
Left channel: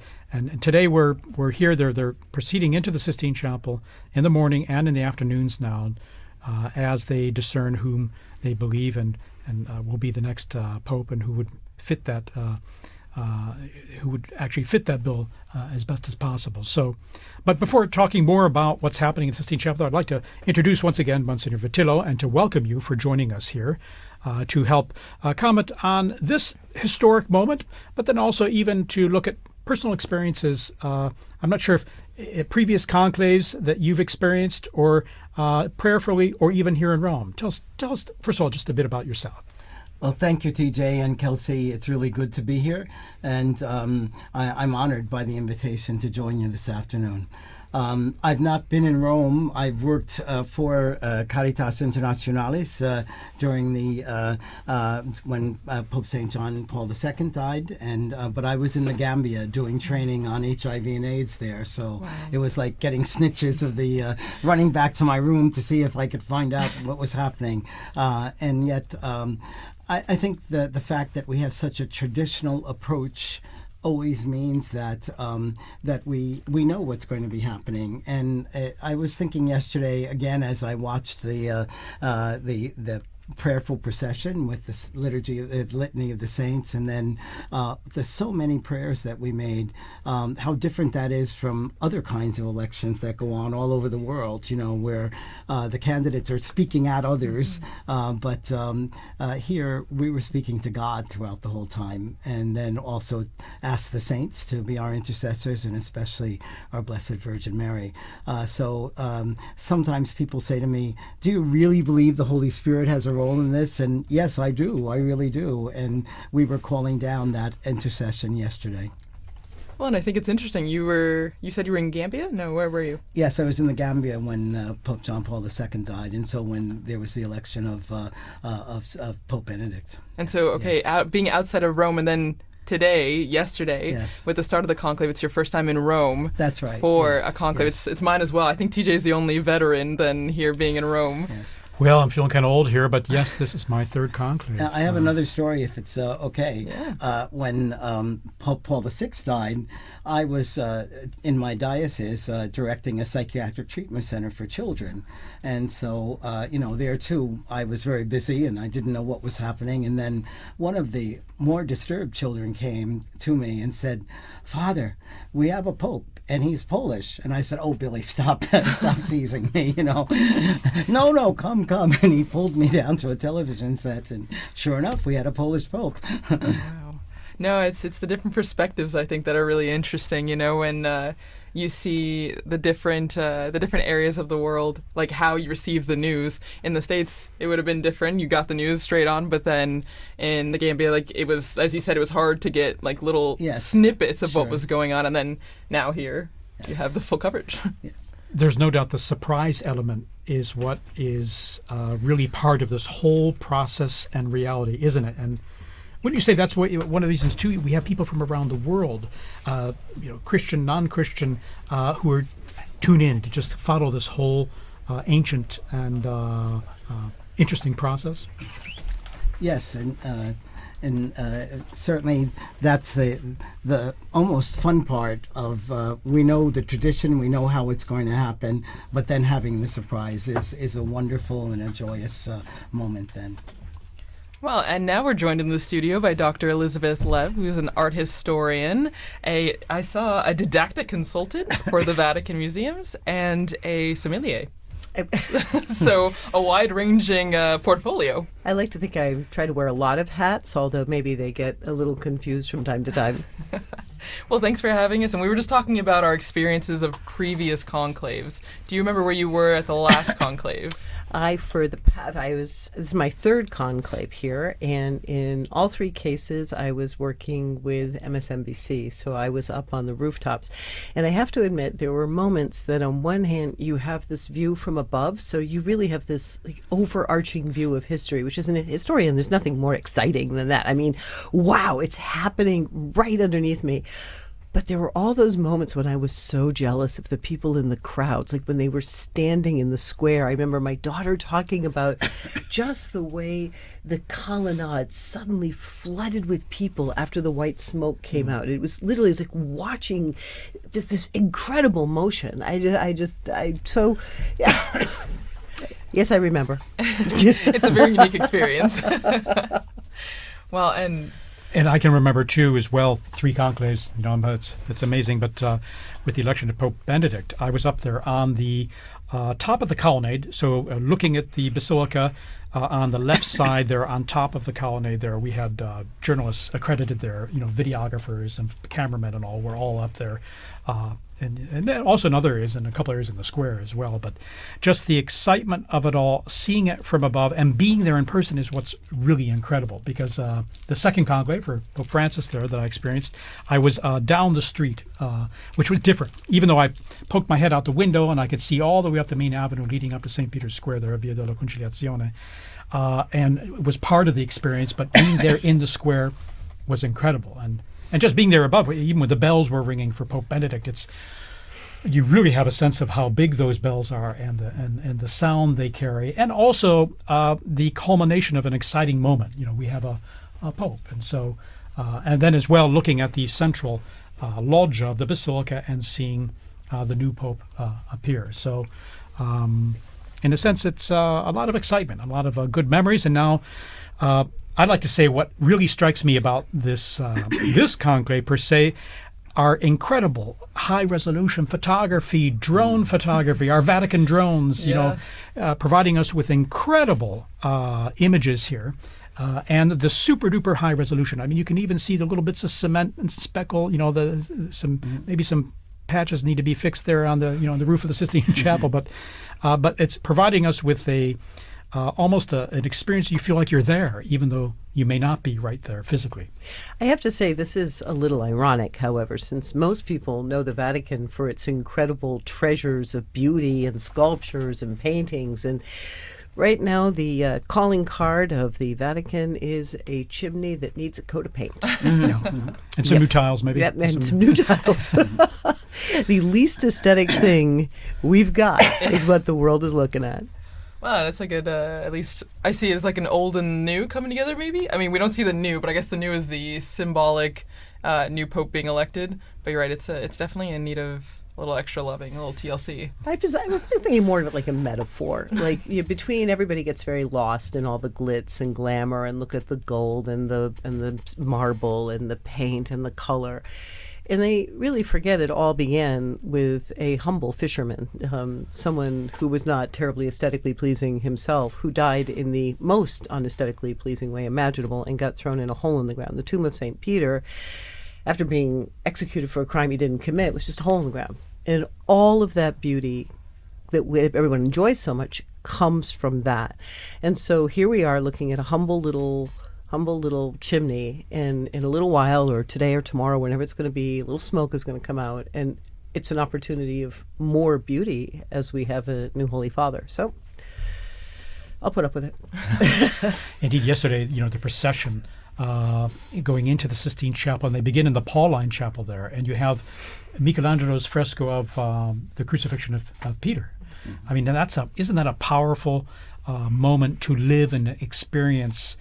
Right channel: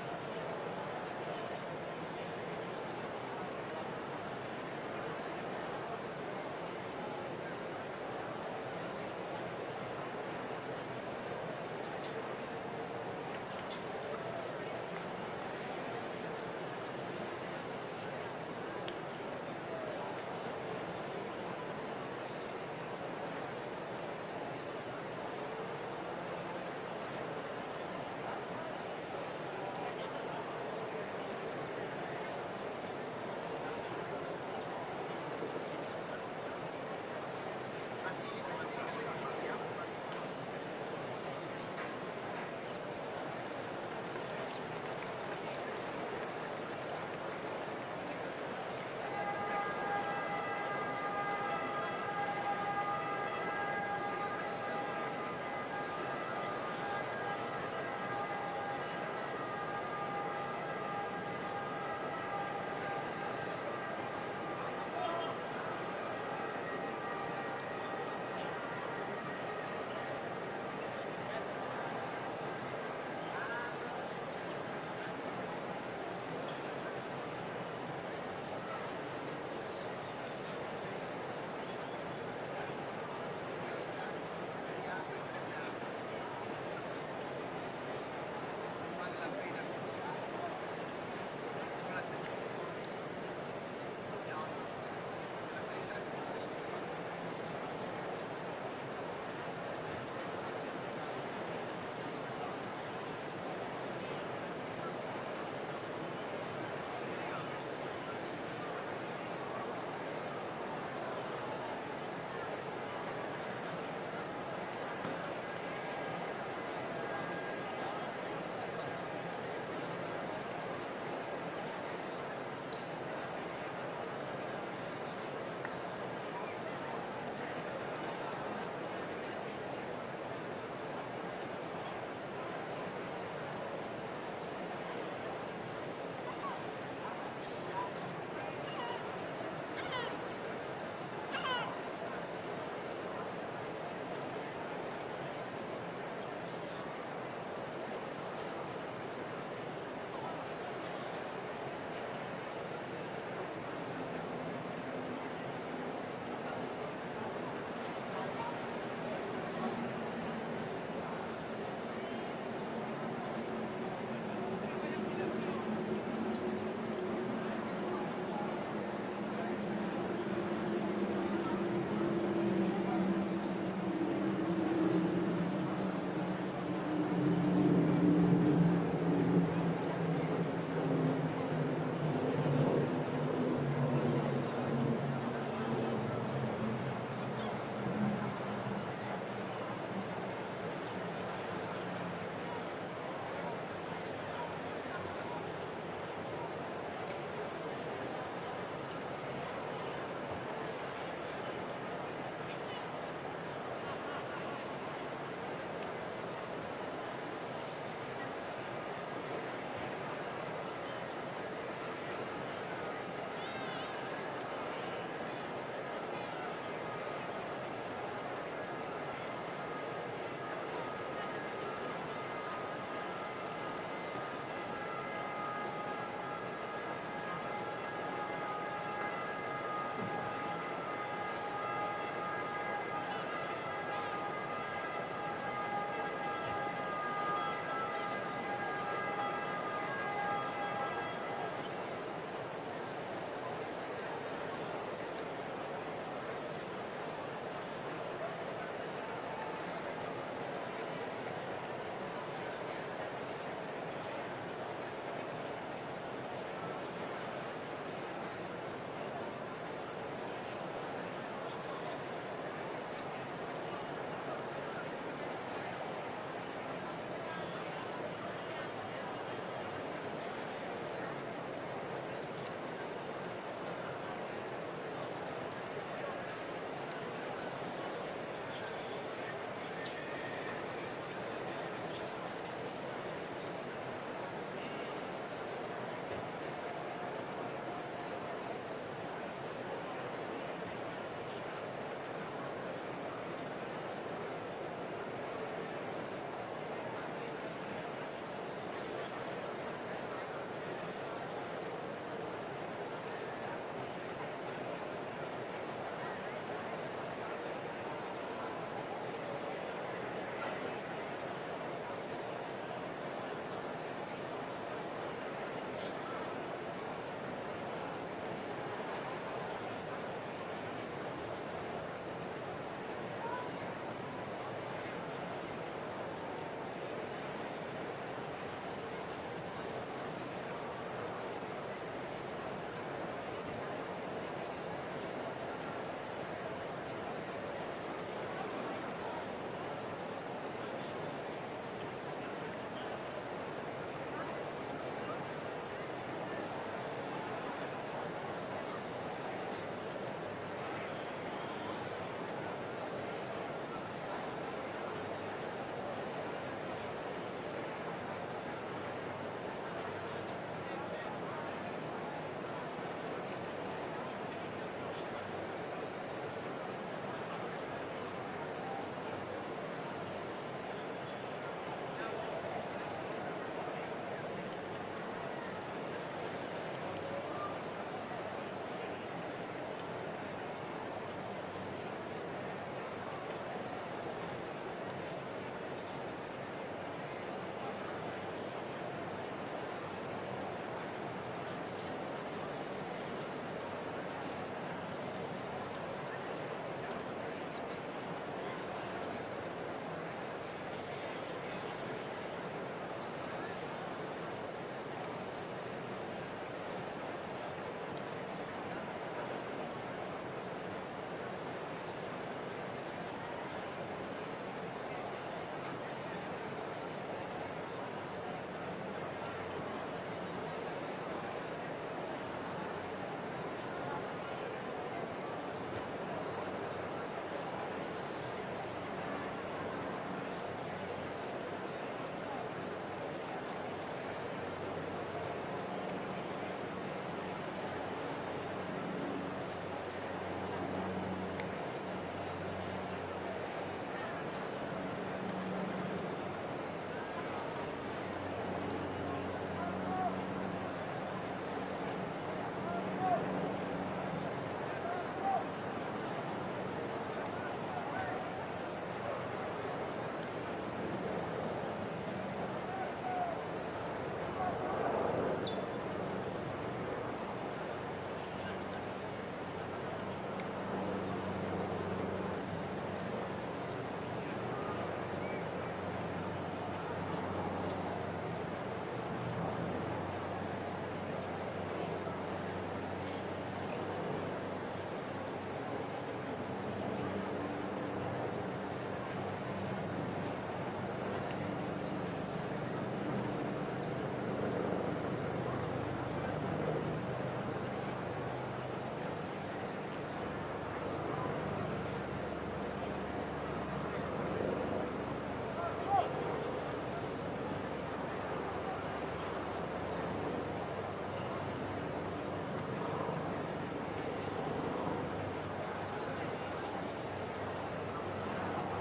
today we're here. They're proceeding into the Sistine Chapel in the morning and in the afternoons now, as they discern whom they believe and will be the next pope, and who would fit that bill as best as possible. So, but before talking more about what's happening in the Sistine Chapel, I'd like to introduce once again Monsignor Vitillo and to welcome you for joining us here to help comment on this historic moment, but then also even to look at personal experiences. I'm not sure if previous conclaves that you've experienced, or prayerfully, or even here in Rome. Tell us first of all just a bit about yourself. Well, thank you, TJ and Kelsey. It's really good to be here, and I'm honored by the invitation to join you this afternoon. I've not been in Rome. I've worked for Caritas Internationalis during the when Pope St. John Paul II died, but I was in the Gambia doing training on HIV and AIDS there, so it was like getting snitches of the running back to my room to see if I could find out what was happening, and yet I think the fact that we have such a traditional approach always means that we know what's going to be happening. And I was thinking yesterday again as I watched the prayerful procession with this litany of the saints, and then the so many prayers that we made, how different that is from other kinds of elections that go on all over the world, where the candidates are speaking at others, but here we were speaking to God throughout the whole time, and then also ask the saints to be our intercessors, and especially our Blessed Virgin Mary. So sometimes people say to me, do you really believe the Holy Spirit has a role in this? And yes, I do. I really do. And we were calling down that intercession yesterday. Well, and I think it's interesting. You said you were in Gambia? No, where were you? Yes, I was in the Gambia when Pope John Paul II died, and so when there was the election of Pope Benedict. And so, yes. Being outside of Rome, and then yesterday, yes, with the start of the conclave, it's your first time in Rome. That's right. For yes, a conclave. Yes. It's mine as well. I think TJ's the only veteran then here being in Rome. Yes. Well, I'm feeling kind of old here, but yes, this is my third conclave. I have another story, if it's okay. Yeah. When Pope Paul VI died, I was in my diocese directing a psychiatric treatment center for children. And so, there too, I was very busy and I didn't know what was happening. And then one of the more disturbed children came to me and said, "Father, we have a pope and he's Polish." And I said, "Oh, Billy, stop teasing me, No, come. And he pulled me down to a television set, and sure enough, we had a Polish pope. No, it's the different perspectives, I think, that are really interesting, when you see the different areas of the world, like how you receive the news. In the States, it would have been different. You got the news straight on, but then in the Gambia, it was, as you said, it was hard to get little snippets of what was going on, and then now here you have the full coverage. There's no doubt the surprise element is what is really part of this whole process and reality, isn't it? And wouldn't you say that's one of the reasons too? We have people from around the world, Christian, non-Christian, who are tuned in to just follow this whole ancient and interesting process. Yes, and certainly that's the almost fun part of. We know the tradition, we know how it's going to happen, but then having the surprise is a wonderful and a joyous moment then. Well, and now we're joined in the studio by Dr. Elizabeth Lev, who's an art historian, I saw a didactic consultant for the Vatican museums, and a sommelier. So a wide-ranging portfolio. I like to think I try to wear a lot of hats, although maybe they get a little confused from time to time. Well, thanks for having us, and we were just talking about our experiences of previous conclaves. Do you remember where you were at the last conclave? this is my third conclave here, and in all three cases I was working with MSNBC, so I was up on the rooftops. And I have to admit, there were moments that on one hand you have this view from above, so you really have this overarching view of history, which, as a historian, there's nothing more exciting than that. I mean, wow, it's happening right underneath me. But there were all those moments when I was so jealous of the people in the crowds, like when they were standing in the square. I remember my daughter talking about just the way the colonnade suddenly flooded with people after the white smoke came out. It was literally like watching just this incredible motion. So, yeah. Yes, I remember. It's a very unique experience. Well, and I can remember too as well 3 conclaves. You know, that's amazing. But with the election of Pope Benedict, I was up there on the top of the colonnade, so looking at the basilica. On the left side there, on top of the colonnade there, we had journalists accredited there, you know, videographers and cameramen and all were all up there. And then also in other areas, in a couple areas in the square as well. But just the excitement of it all, seeing it from above and being there in person is what's really incredible. Because the second conclave for Pope Francis there that I experienced, I was down the street, which was different. Even though I poked my head out the window and I could see all the way up the main avenue leading up to St. Peter's Square there, Via della Conciliazione, and it was part of the experience. But being there in the square was incredible. And just being there above, even when the bells were ringing for Pope Benedict, you really have a sense of how big those bells are and the sound they carry, and also the culmination of an exciting moment. You know, we have a pope, and so and then as well looking at the central loggia of the basilica and seeing the new pope appear. So in a sense, it's a lot of excitement, a lot of good memories, and now. I'd like to say what really strikes me about this this conclave per se are incredible high-resolution photography, drone photography, our Vatican drones, you know, providing us with incredible images here, and the super-duper high resolution. I mean, you can even see the little bits of cement and speckle, you know, maybe some patches need to be fixed there on the the roof of the Sistine Chapel, but it's providing us with almost an experience. You feel like you're there, even though you may not be right there physically. I have to say this is a little ironic, however, since most people know the Vatican for its incredible treasures of beauty and sculptures and paintings, and right now the calling card of the Vatican is a chimney that needs a coat of paint. And some new tiles, maybe. Yeah, and some new tiles. The least aesthetic thing we've got is what the world is looking at. Wow, that's a good, at least I see it as like an old and new coming together, maybe? I mean, we don't see the new, but I guess the new is the symbolic new pope being elected. But you're right, it's definitely in need of a little extra loving, a little TLC. I was thinking more of like a metaphor. Like, between everybody gets very lost in all the glitz and glamour, and look at the gold and the marble and the paint and the color. And they really forget it all began with a humble fisherman, someone who was not terribly aesthetically pleasing himself, who died in the most unaesthetically pleasing way imaginable and got thrown in a hole in the ground. The tomb of St. Peter, after being executed for a crime he didn't commit, was just a hole in the ground. And all of that beauty that everyone enjoys so much comes from that. And so here we are looking at a humble little chimney, and in a little while, or today or tomorrow, whenever it's going to be, a little smoke is going to come out, and it's an opportunity of more beauty as we have a new Holy Father. So I'll put up with it. Indeed, yesterday, the procession going into the Sistine Chapel, and they begin in the Pauline Chapel there, and you have Michelangelo's fresco of the crucifixion of Peter. I mean, isn't that a powerful moment to live and experience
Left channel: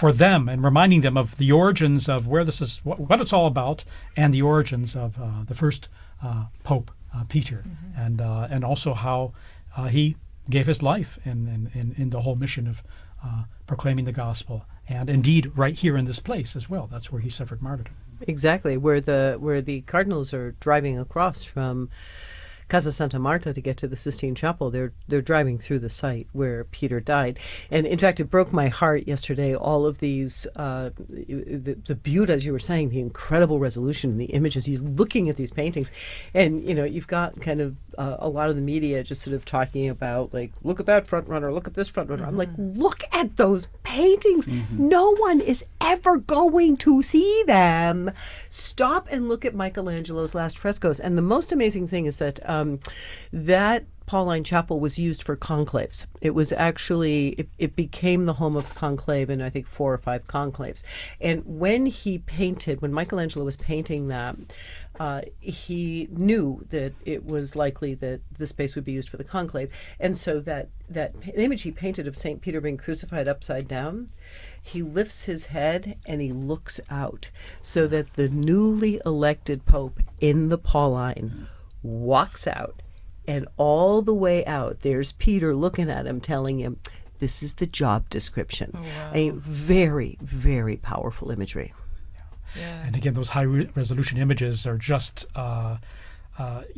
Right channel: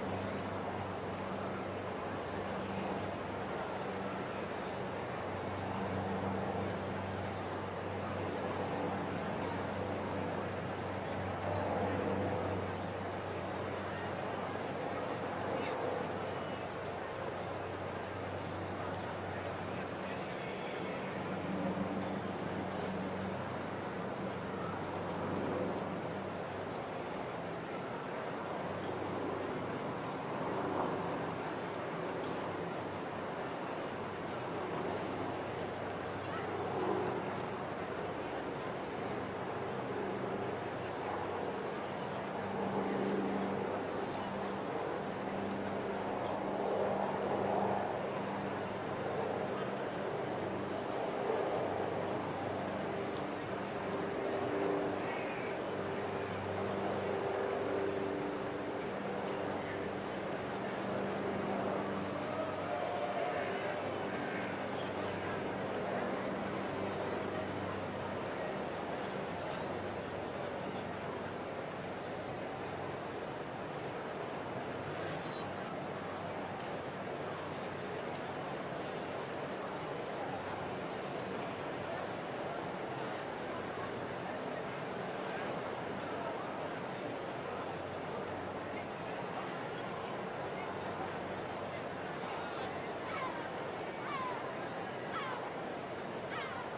for them, and reminding them of the origins of where this is, what it's all about, and the origins of the first Pope Peter, and also how he gave his life in the whole mission of proclaiming the gospel, and indeed right here in this place as well. That's where he suffered martyrdom. Exactly, where the cardinals are driving across from Casa Santa Marta to get to the Sistine Chapel, they're driving through the site where Peter died. And in fact, it broke my heart yesterday, all of these, the beauty, as you were saying, the incredible resolution, the images, you're looking at these paintings, and you've got kind of a lot of the media just sort of talking about, like, look at that front runner, look at this front runner. I'm like, look at those paintings. No one is ever going to see them. Stop and look at Michelangelo's last frescoes. And the most amazing thing is that that Pauline chapel was used for conclaves. It was actually, it became the home of conclave in, I think, 4 or 5 conclaves. And when Michelangelo was painting that, he knew that it was likely that the space would be used for the conclave. And so that image he painted of St. Peter being crucified upside down, he lifts his head and he looks out, so that the newly elected Pope in the Pauline walks out, and all the way out there's Peter looking at him, telling him, this is the job description. A very, very powerful imagery. And again, those high-resolution images are just,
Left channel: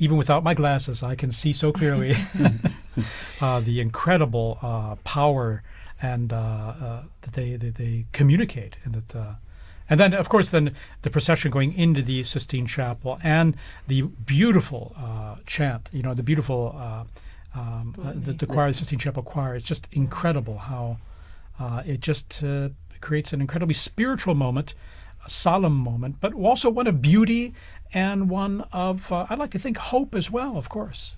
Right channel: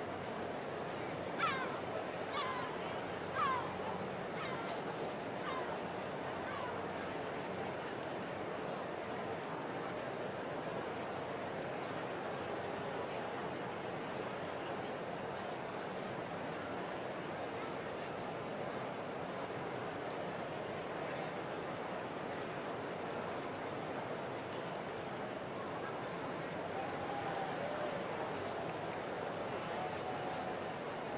even without my glasses, I can see so clearly the incredible power and that they communicate. And then, of course, the procession going into the Sistine Chapel and the beautiful chant, the beautiful the choir, the Sistine Chapel choir. It's just incredible how it just creates an incredibly spiritual moment, a solemn moment, but also one of beauty and one of, I'd like to think, hope as well, of course.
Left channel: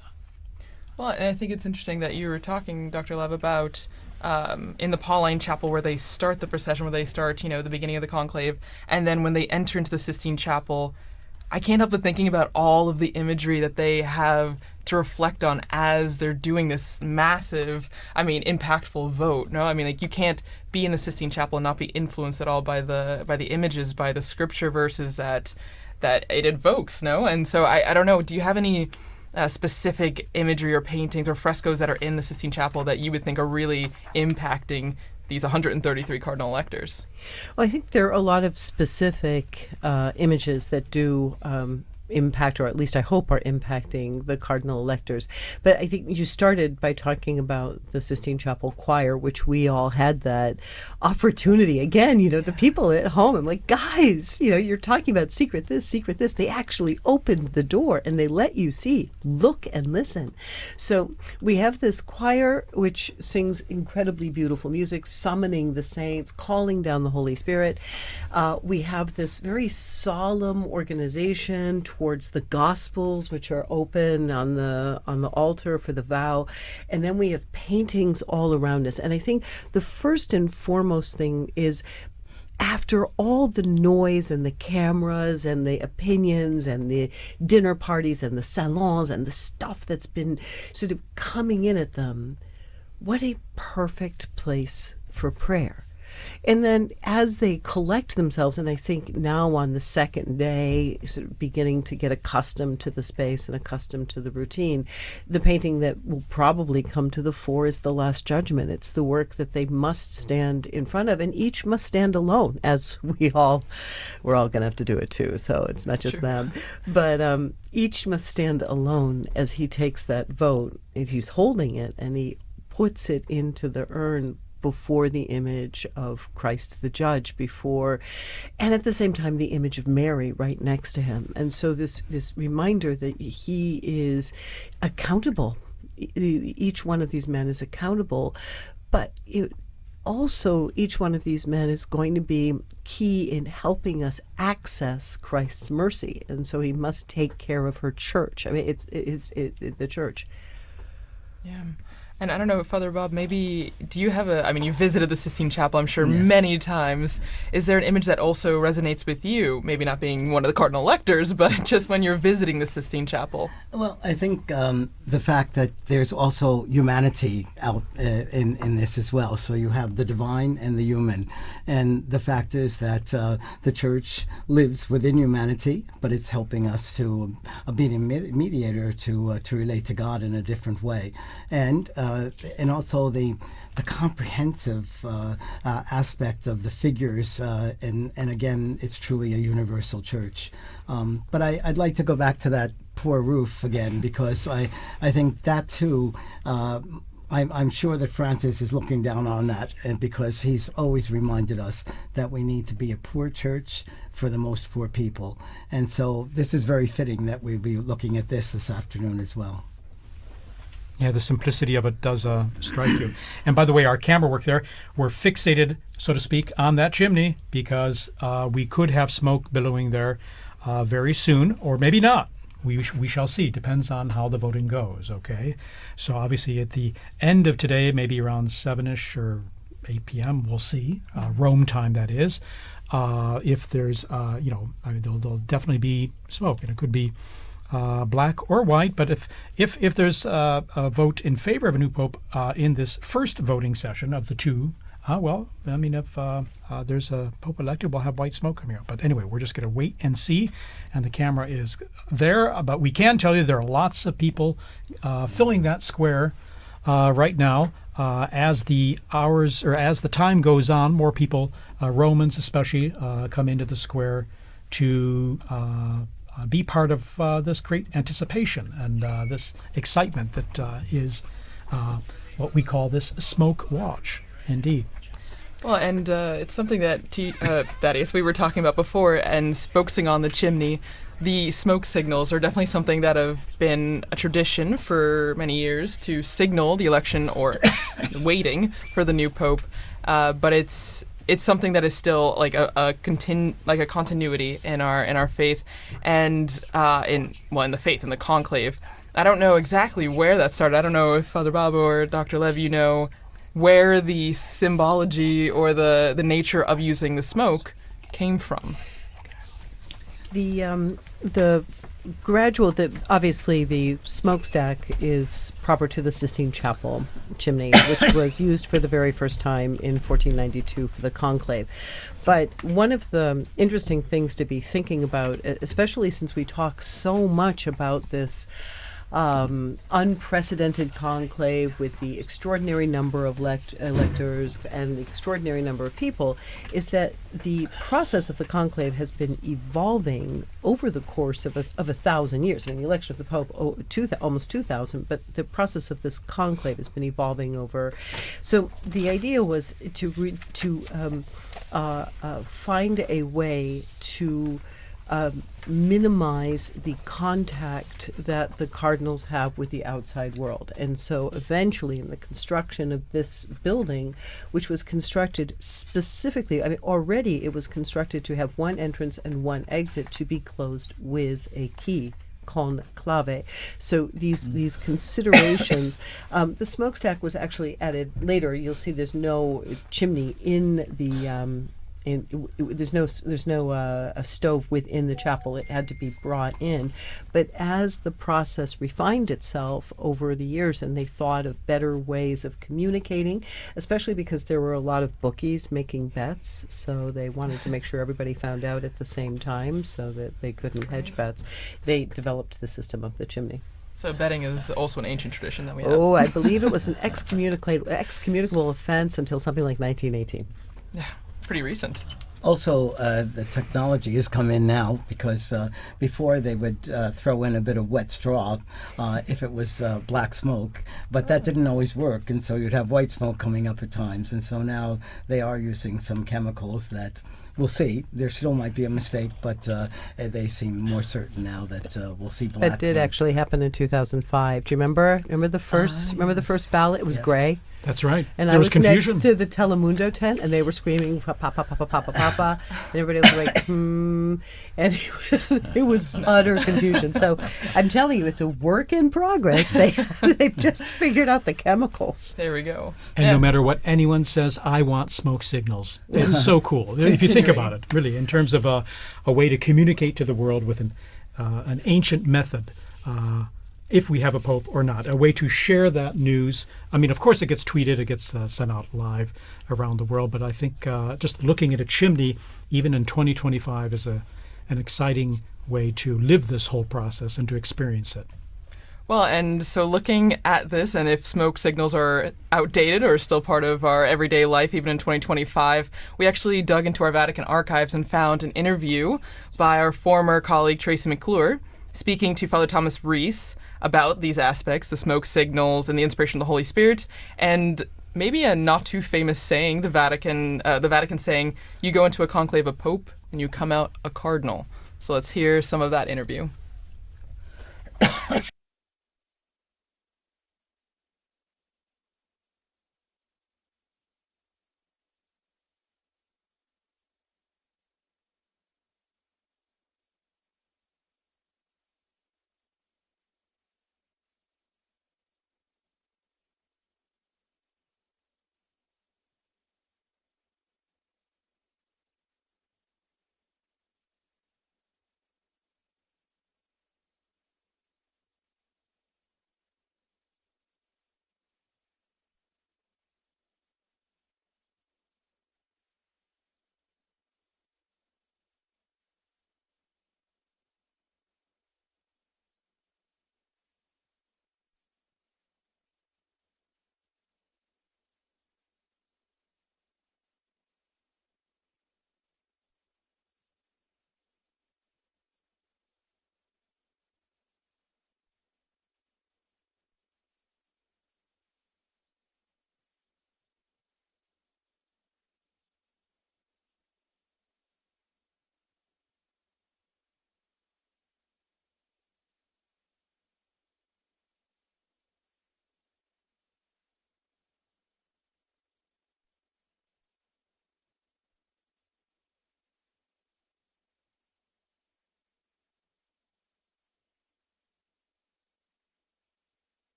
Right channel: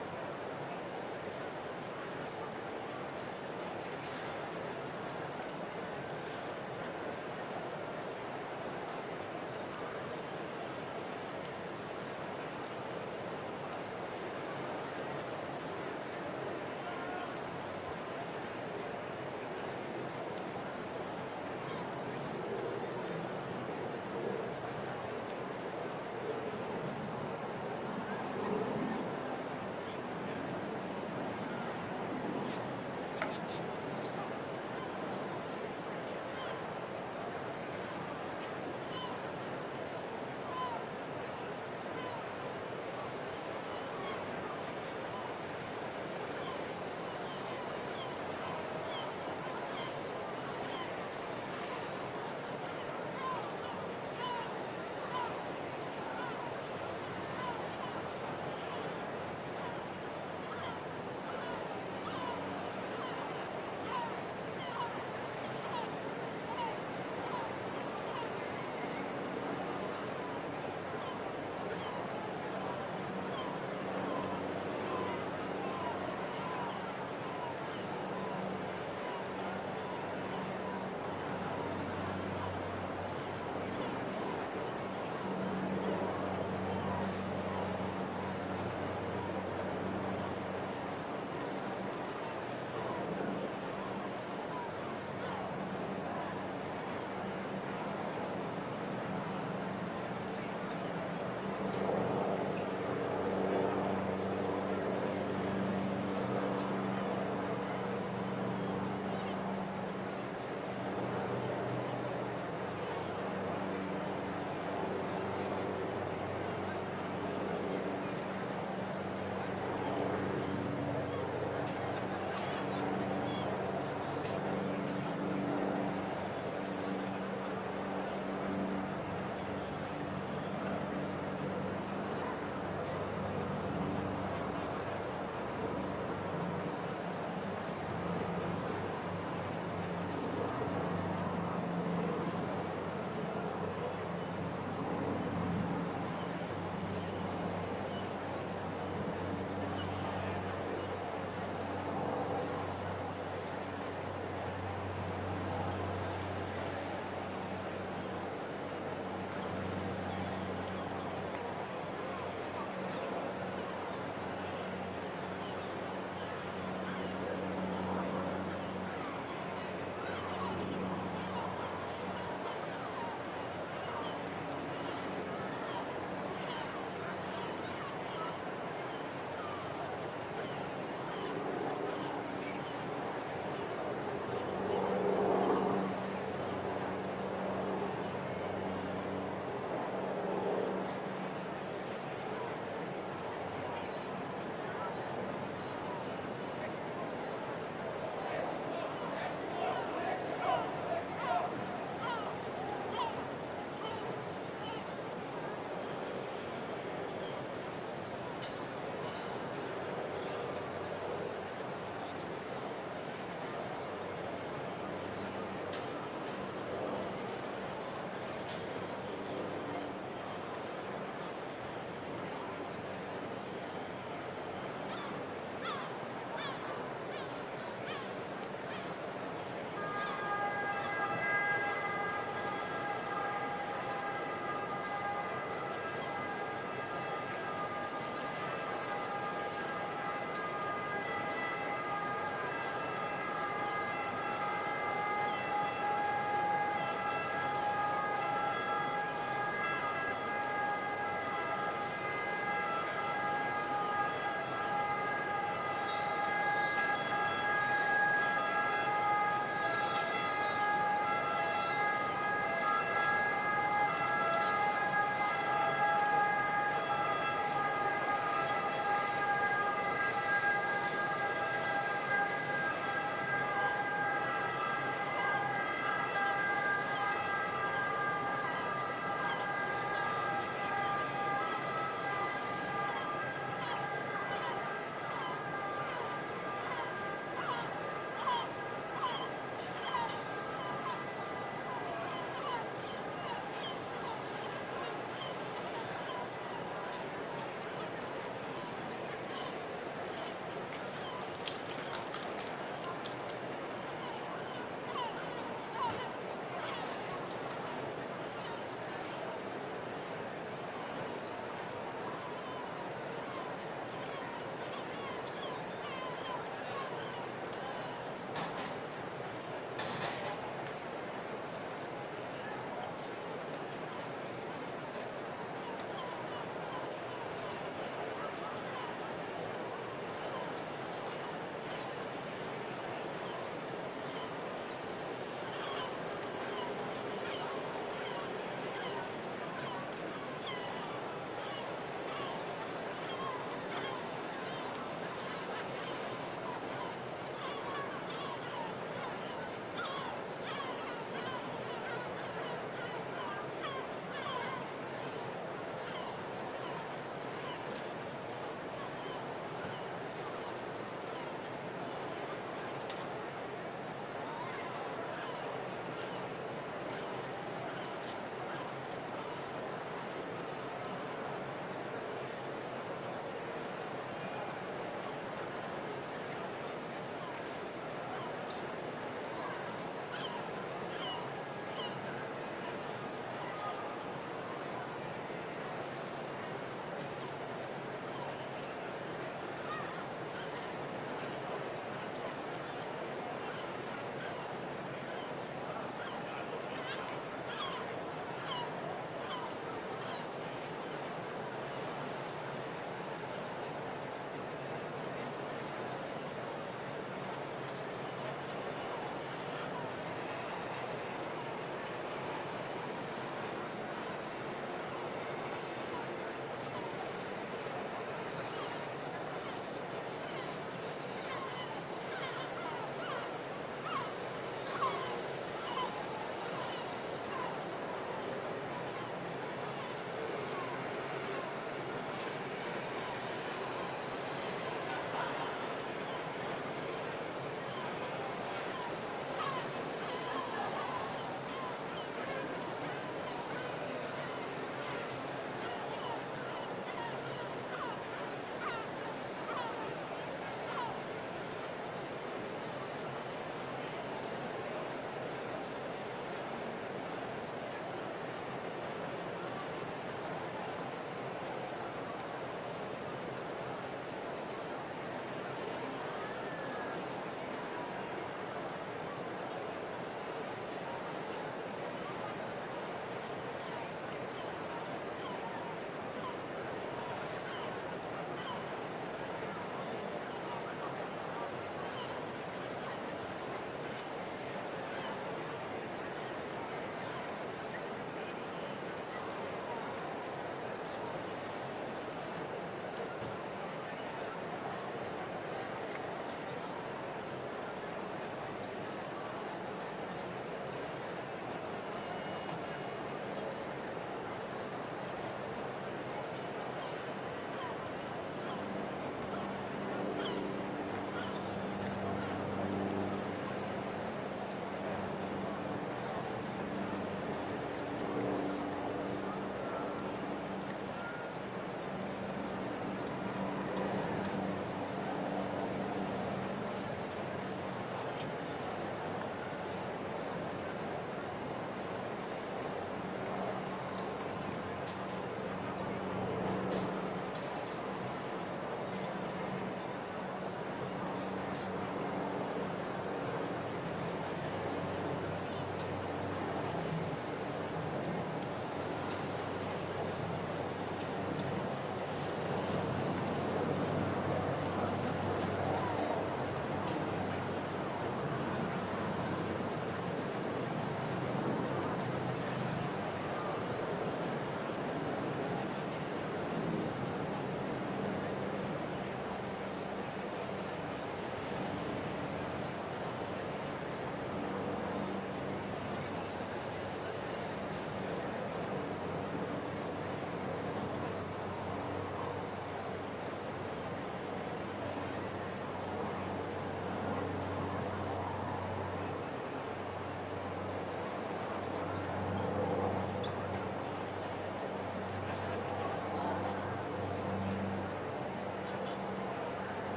Well, and I think it's interesting that you were talking, Dr. Lev, about in the Pauline Chapel where they start the procession, where they start, the beginning of the conclave, and then when they enter into the Sistine Chapel, I can't help but thinking about all of the imagery that they have to reflect on as they're doing this massive, impactful vote. No, you can't be in the Sistine Chapel and not be influenced at all by the images, by the scripture verses that it evokes. No, and so I don't know. Do you have any specific imagery or paintings or frescoes that are in the Sistine Chapel that you would think are really impacting these 133 cardinal electors? Well, I think there are a lot of specific images that do impact, or at least I hope are impacting the cardinal electors. But I think you started by talking about the Sistine Chapel choir, which we all had that opportunity. Again, the people at home, I'm like, guys, you're talking about secret this. They actually opened the door and they let you see, look and listen. So we have this choir which sings incredibly beautiful music, summoning the saints, calling down the Holy Spirit. We have this very solemn organization towards the Gospels, which are open on the altar for the vow, and then we have paintings all around us. And I think the first and foremost thing is, after all the noise and the cameras and the opinions and the dinner parties and the salons and the stuff that's been sort of coming in at them, what a perfect place for prayer. And then as they collect themselves, and I think now on the second day, sort of beginning to get accustomed to the space and accustomed to the routine, the painting that will probably come to the fore is the Last Judgment. It's the work that they must stand in front of, and each must stand alone, as we're all going to have to do it too, so it's not just them. But each must stand alone as he takes that vote, as he's holding it, and he puts it into the urn before the image of Christ the Judge, and at the same time the image of Mary right next to him. And so this reminder that he is accountable. Each one of these men is accountable, but also each one of these men is going to be key in helping us access Christ's mercy, and so he must take care of her church. It's the church. And I don't know, Father Bob, maybe, do you have you visited the Sistine Chapel, I'm sure, many times. Is there an image that also resonates with you? Maybe not being one of the cardinal electors, but just when you're visiting the Sistine Chapel. Well, I think the fact that there's also humanity out in this as well. So you have the divine and the human. And the fact is that the church lives within humanity, but it's helping us to be the mediator to relate to God in a different way. and also the comprehensive aspect of the figures, and again, it's truly a universal church. But I'd like to go back to that poor roof again, because I think that too, I'm sure that Francis is looking down on that, because he's always reminded us that we need to be a poor church for the most poor people. And so this is very fitting that we'll be looking at this afternoon as well. Yeah, the simplicity of it does strike you. And by the way, our camera work there, we're fixated, so to speak, on that chimney, because we could have smoke billowing there very soon, or maybe not. We shall see. Depends on how the voting goes, okay? So obviously at the end of today, maybe around 7ish or 8 p.m., we'll see, Rome time that is, if there's, there'll definitely be smoke. It could be black or white, but if there's a vote in favor of a new pope in this first voting session of the two, well, I mean, if there's a pope elected, we'll have white smoke in here. But anyway, we're just going to wait and see, and the camera is there. But we can tell you there are lots of people filling that square right now. As the hours, or as the time goes on, more people, Romans especially, come into the square to be part of this great anticipation and this excitement that is what we call this smoke watch, indeed. Well, and it's something that Thaddeus, we were talking about before, and focusing on the chimney. The smoke signals are definitely something that have been a tradition for many years to signal the election or waiting for the new pope, but it's something that is still like a continuity in our faith, and in the faith, in the conclave. I don't know exactly where that started. I don't know if Father Bob or Dr. Lev, you know where the symbology or the nature of using the smoke came from. The gradual, obviously the smokestack is proper to the Sistine Chapel chimney, which was used for the very first time in 1492 for the conclave. But one of the interesting things to be thinking about, especially since we talk so much about this unprecedented conclave with the extraordinary number of electors and the extraordinary number of people, is that the process of the conclave has been evolving over the course of 1,000 years. I mean, the election of the Pope, almost 2,000, but the process of this conclave has been evolving over. So the idea was to find a way to minimize the contact that the cardinals have with the outside world. And so eventually in the construction of this building, which was constructed specifically, I mean, already it was constructed to have one entrance and one exit to be closed with a key, conclave. So these considerations, the smokestack was actually added later. You'll see there's no chimney in the there's no a stove within the chapel. It had to be brought in. But as the process refined itself over the years, and they thought of better ways of communicating, especially because there were a lot of bookies making bets, so they wanted to make sure everybody found out at the same time so that they couldn't hedge bets, they developed the system of the chimney. So betting is also an ancient tradition that we have. Oh, I believe it was an excommunicable offense until something like 1918. Pretty recent. Also, the technology has come in now, because before they would throw in a bit of wet straw if it was black smoke, but that didn't always work, and so you'd have white smoke coming up at times. And so now they are using some chemicals that we'll see. There still might be a mistake, but they seem more certain now that we'll see black. That did actually happen in 2005. Do you remember? Remember the first ballot? It was gray. That's right. And there I was was confusion next to the Telemundo tent, and they were screaming "Papa, Papa, Papa, Papa, Papa," and everybody was like, and it was utter confusion. So I'm telling you, it's a work in progress. They've just figured out the chemicals. There we go. And no matter what anyone says, I want smoke signals. It's so cool. If you think about it, really, in terms of a way to communicate to the world with an ancient method. If we have a pope or not, a way to share that news. I mean, of course it gets tweeted, it gets sent out live around the world, but I think just looking at a chimney, even in 2025, is an exciting way to live this whole process and to experience it. Well, and so looking at this, and if smoke signals are outdated or still part of our everyday life, even in 2025, we actually dug into our Vatican archives and found an interview by our former colleague Tracy McClure speaking to Father Thomas Rees about these aspects, the smoke signals and the inspiration of the Holy Spirit, and maybe a not too famous saying, the Vatican saying, "You go into a conclave a pope and you come out a cardinal." So let's hear some of that interview.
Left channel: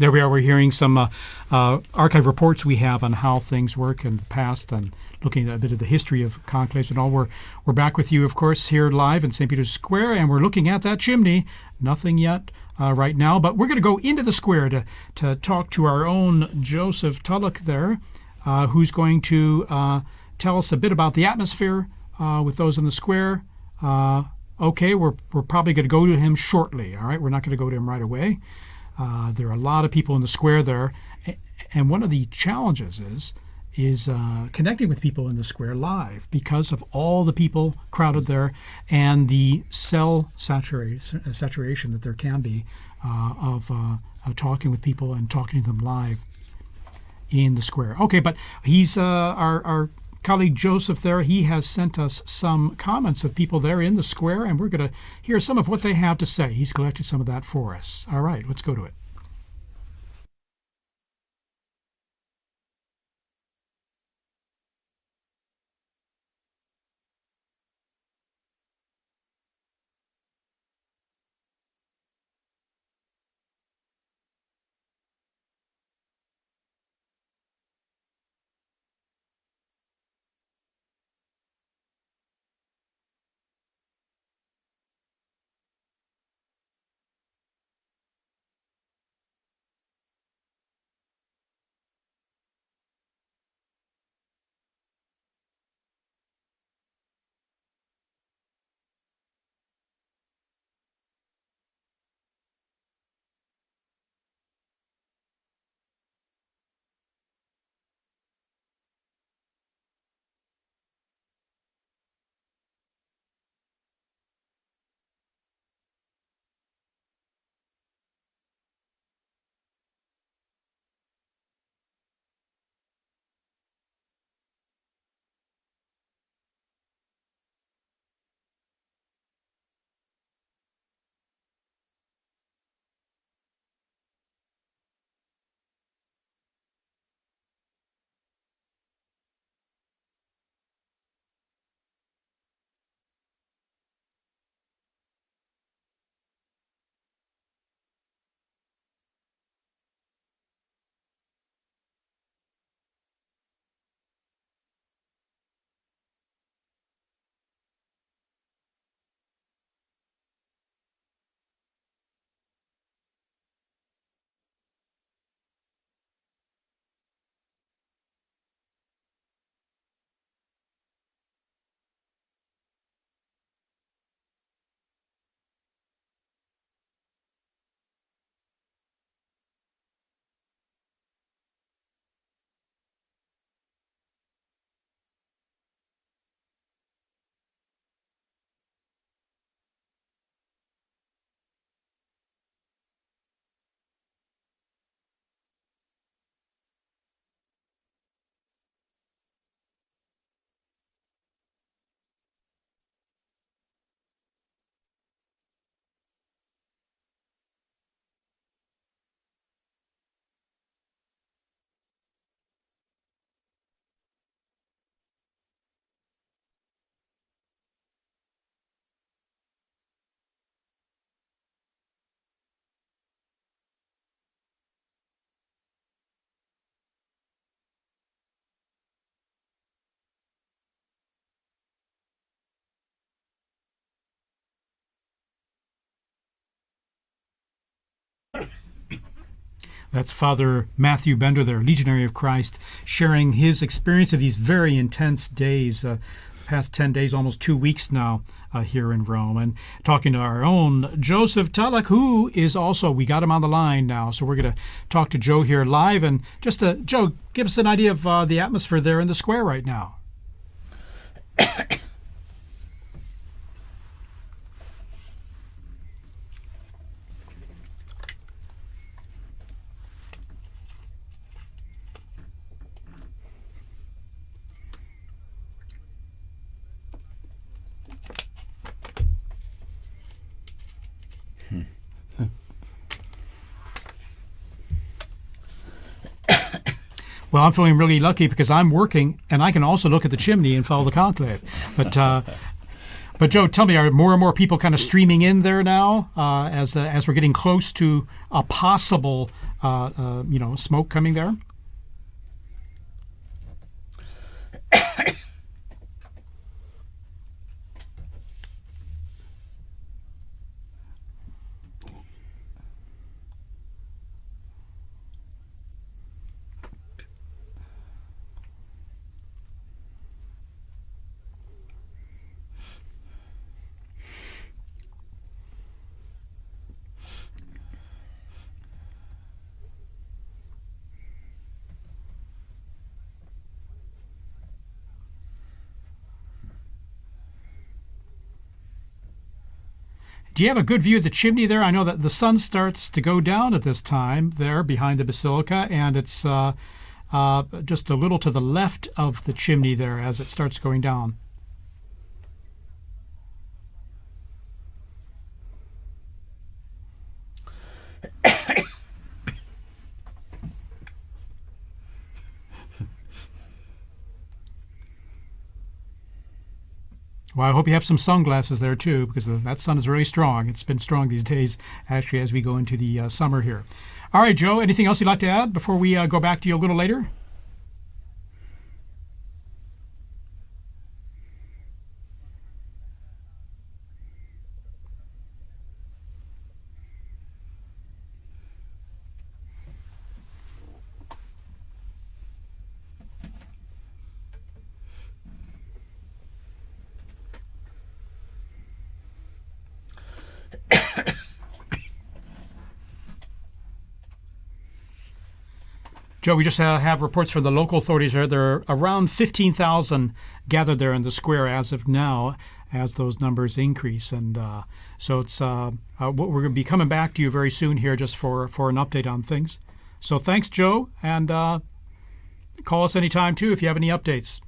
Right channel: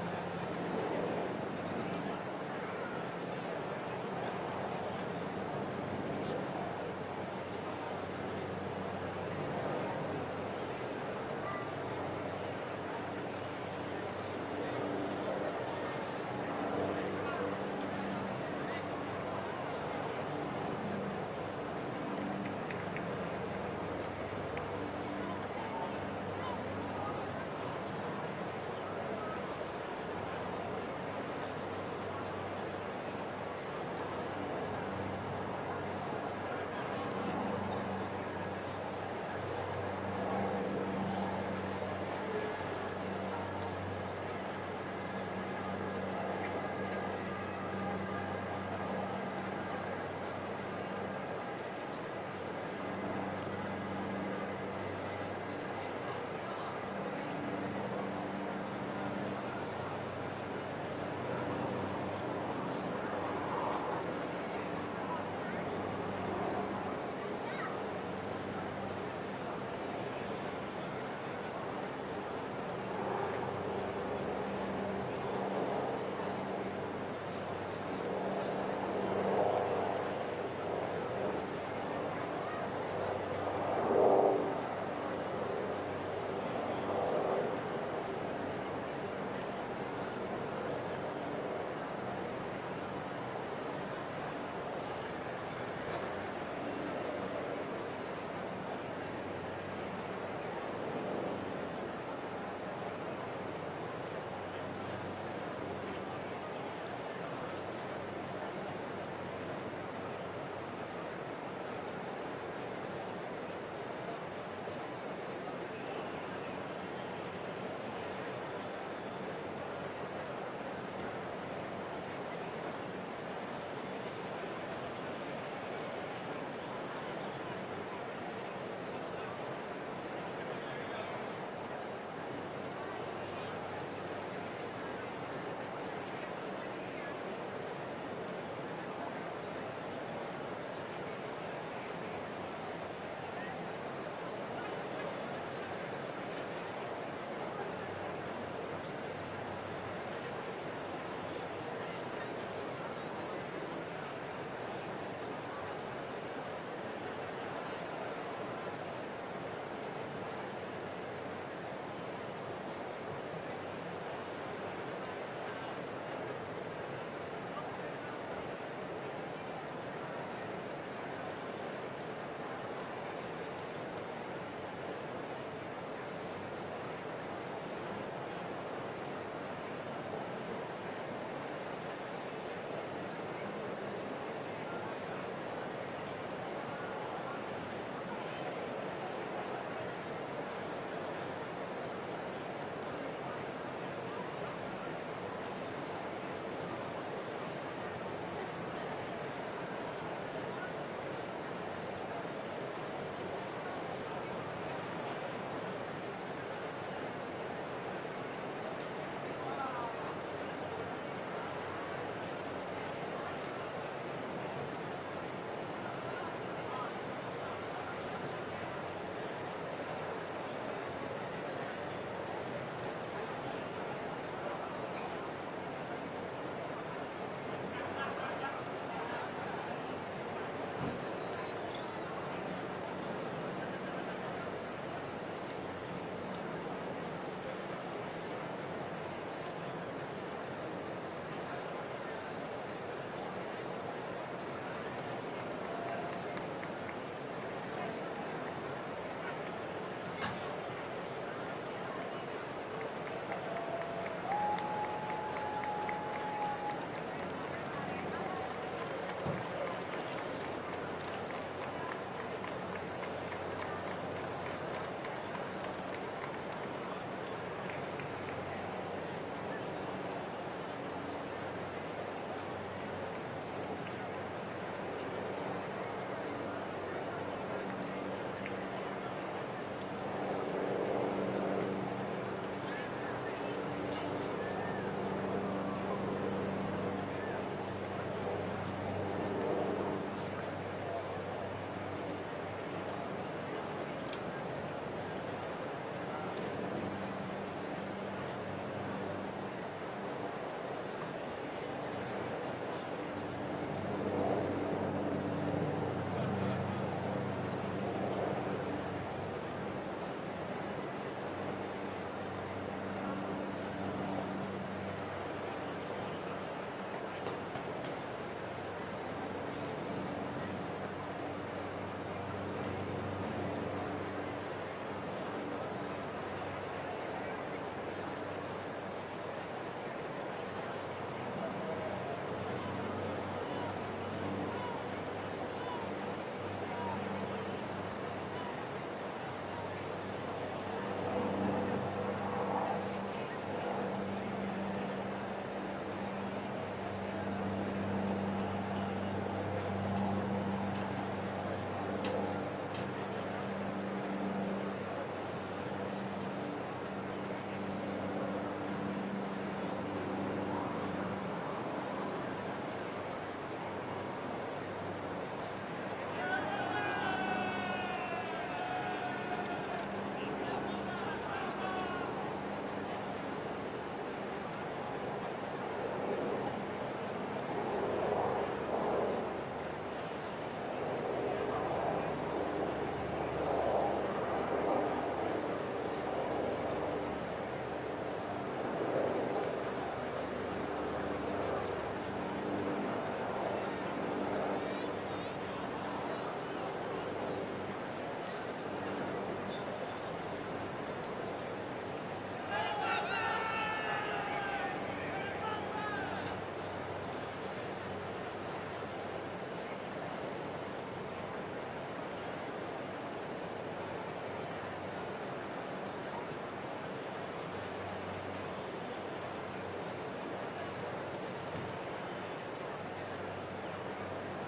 There we are. We're hearing some archive reports we have on how things work in the past and looking at a bit of the history of conclaves and all. We're back with you, of course, here live in St. Peter's Square, and we're looking at that chimney. Nothing yet right now, but we're going to go into the square to talk to our own Joseph Tulloch there, who's going to tell us a bit about the atmosphere with those in the square. Okay, we're probably going to go to him shortly. All right, we're not going to go to him right away. There are a lot of people in the square there, and one of the challenges is connecting with people in the square live because of all the people crowded there and the cell saturation that there can be of talking with people and talking to them live in the square. Okay, but he's our colleague Joseph there. He has sent us some comments of people there in the square, and we're going to hear some of what they have to say. He's collected some of that for us. All right, let's go to it. That's Father Matthew Bender there, Legionary of Christ, sharing his experience of these very intense days, the past 10 days, almost 2 weeks now here in Rome, and talking to our own Joseph Tulloch, who is also, we got him on the line now, so we're going to talk to Joe here live, and just, Joe, give us an idea of the atmosphere there in the square right now. Well, I'm feeling really lucky because I'm working and I can also look at the chimney and follow the conclave. But But Joe, tell me, are more and more people kind of streaming in there now as we're getting close to a possible smoke coming there? Do you have a good view of the chimney there? I know that the sun starts to go down at this time there behind the basilica, and it's just a little to the left of the chimney there as it starts going down. Well, I hope you have some sunglasses there too, because that sun is very strong. It's been strong these days, actually, as we go into the summer here. All right, Joe, anything else you'd like to add before we go back to you a little later? Joe, we just have reports from the local authorities there. There are around 15,000 gathered there in the square as of now, as those numbers increase. And so it's we're going to be coming back to you very soon here just for an update on things. So thanks, Joe, and call us anytime too if you have any updates.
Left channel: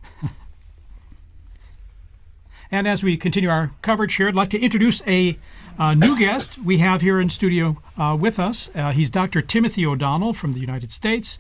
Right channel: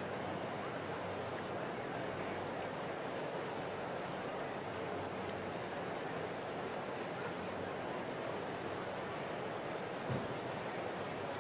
And as we continue our coverage here, I'd like to introduce a new guest we have here in studio with us. He's Dr. Timothy O'Donnell from the United States,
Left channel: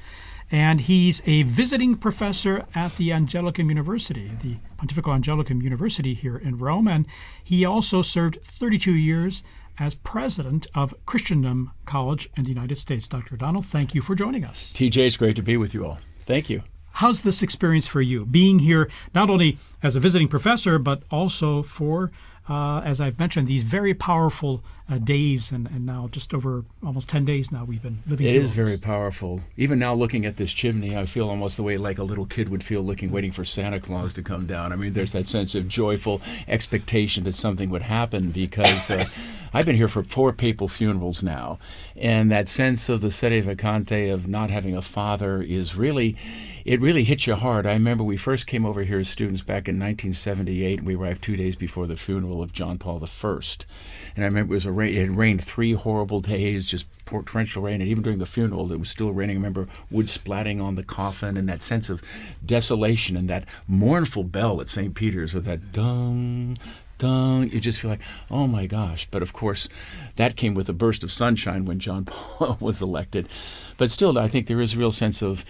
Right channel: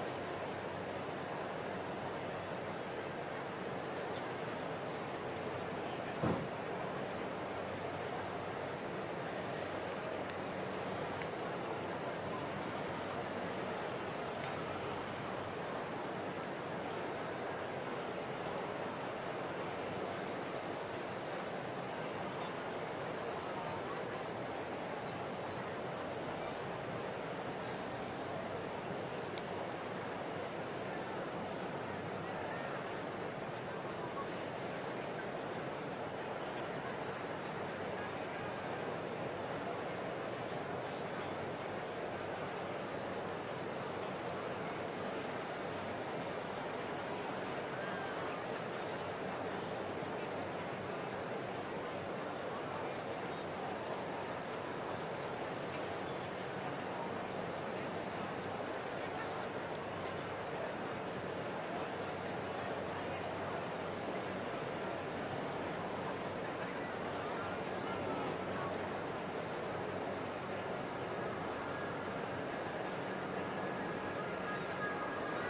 and he's a visiting professor at the Angelicum University, the Pontifical Angelicum University here in Rome, and he also served 32 years as president of Christendom College in the United States. Dr. O'Donnell, thank you for joining us. TJ, it's great to be with you all. Thank you. How's this experience for you, being here not only as a visiting professor, but also for, as I've mentioned, these very powerful days, and now just over almost 10 days now we've been living through It is this. very powerful. Even now looking at this chimney, I feel almost the way like a little kid would feel waiting for Santa Claus to come down. I mean, there's that sense of joyful expectation that something would happen, because I've been here for 4 papal funerals now, and that sense of the sede vacante, of not having a father, is really... It really hits you hard. I remember we first came over here as students back in 1978. We arrived 2 days before the funeral of John Paul I. And I remember it had rained 3 horrible days, just torrential rain, and even during the funeral it was still raining. I remember wood splatting on the coffin, and that sense of desolation, and that mournful bell at St. Peter's with that dung, dung. You just feel like, oh my gosh. But of course, that came with a burst of sunshine when John Paul was elected. But still, I think there is a real sense of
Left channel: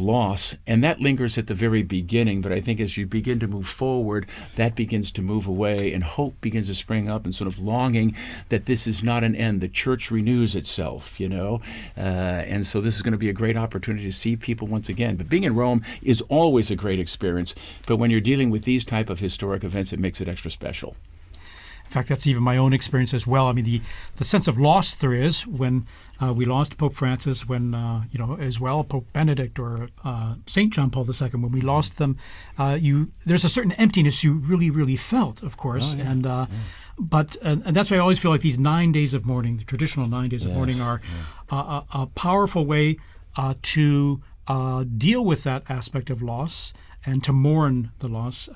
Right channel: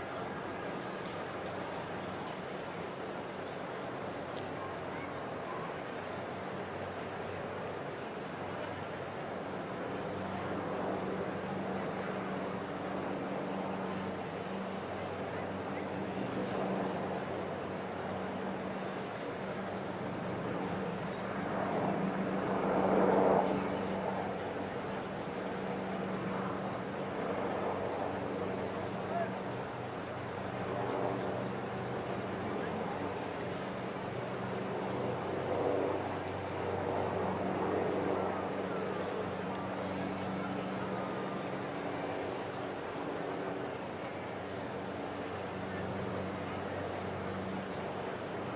loss, and that lingers at the very beginning. But I think as you begin to move forward, that begins to move away, and hope begins to spring up, and sort of longing that this is not an end. The church renews itself, you know, and so this is going to be a great opportunity to see people once again. But being in Rome is always a great experience, but when you're dealing with these type of historic events, it makes it extra special. In fact, that's even my own experience as well. I mean, the sense of loss there is when we lost Pope Francis, when, as well Pope Benedict or St. John Paul II, when we lost them, there's a certain emptiness you really, really felt, of course. But that's why I always feel like these 9 days of mourning, the traditional 9 days of mourning, are a powerful way to deal with that aspect of loss and to mourn the loss.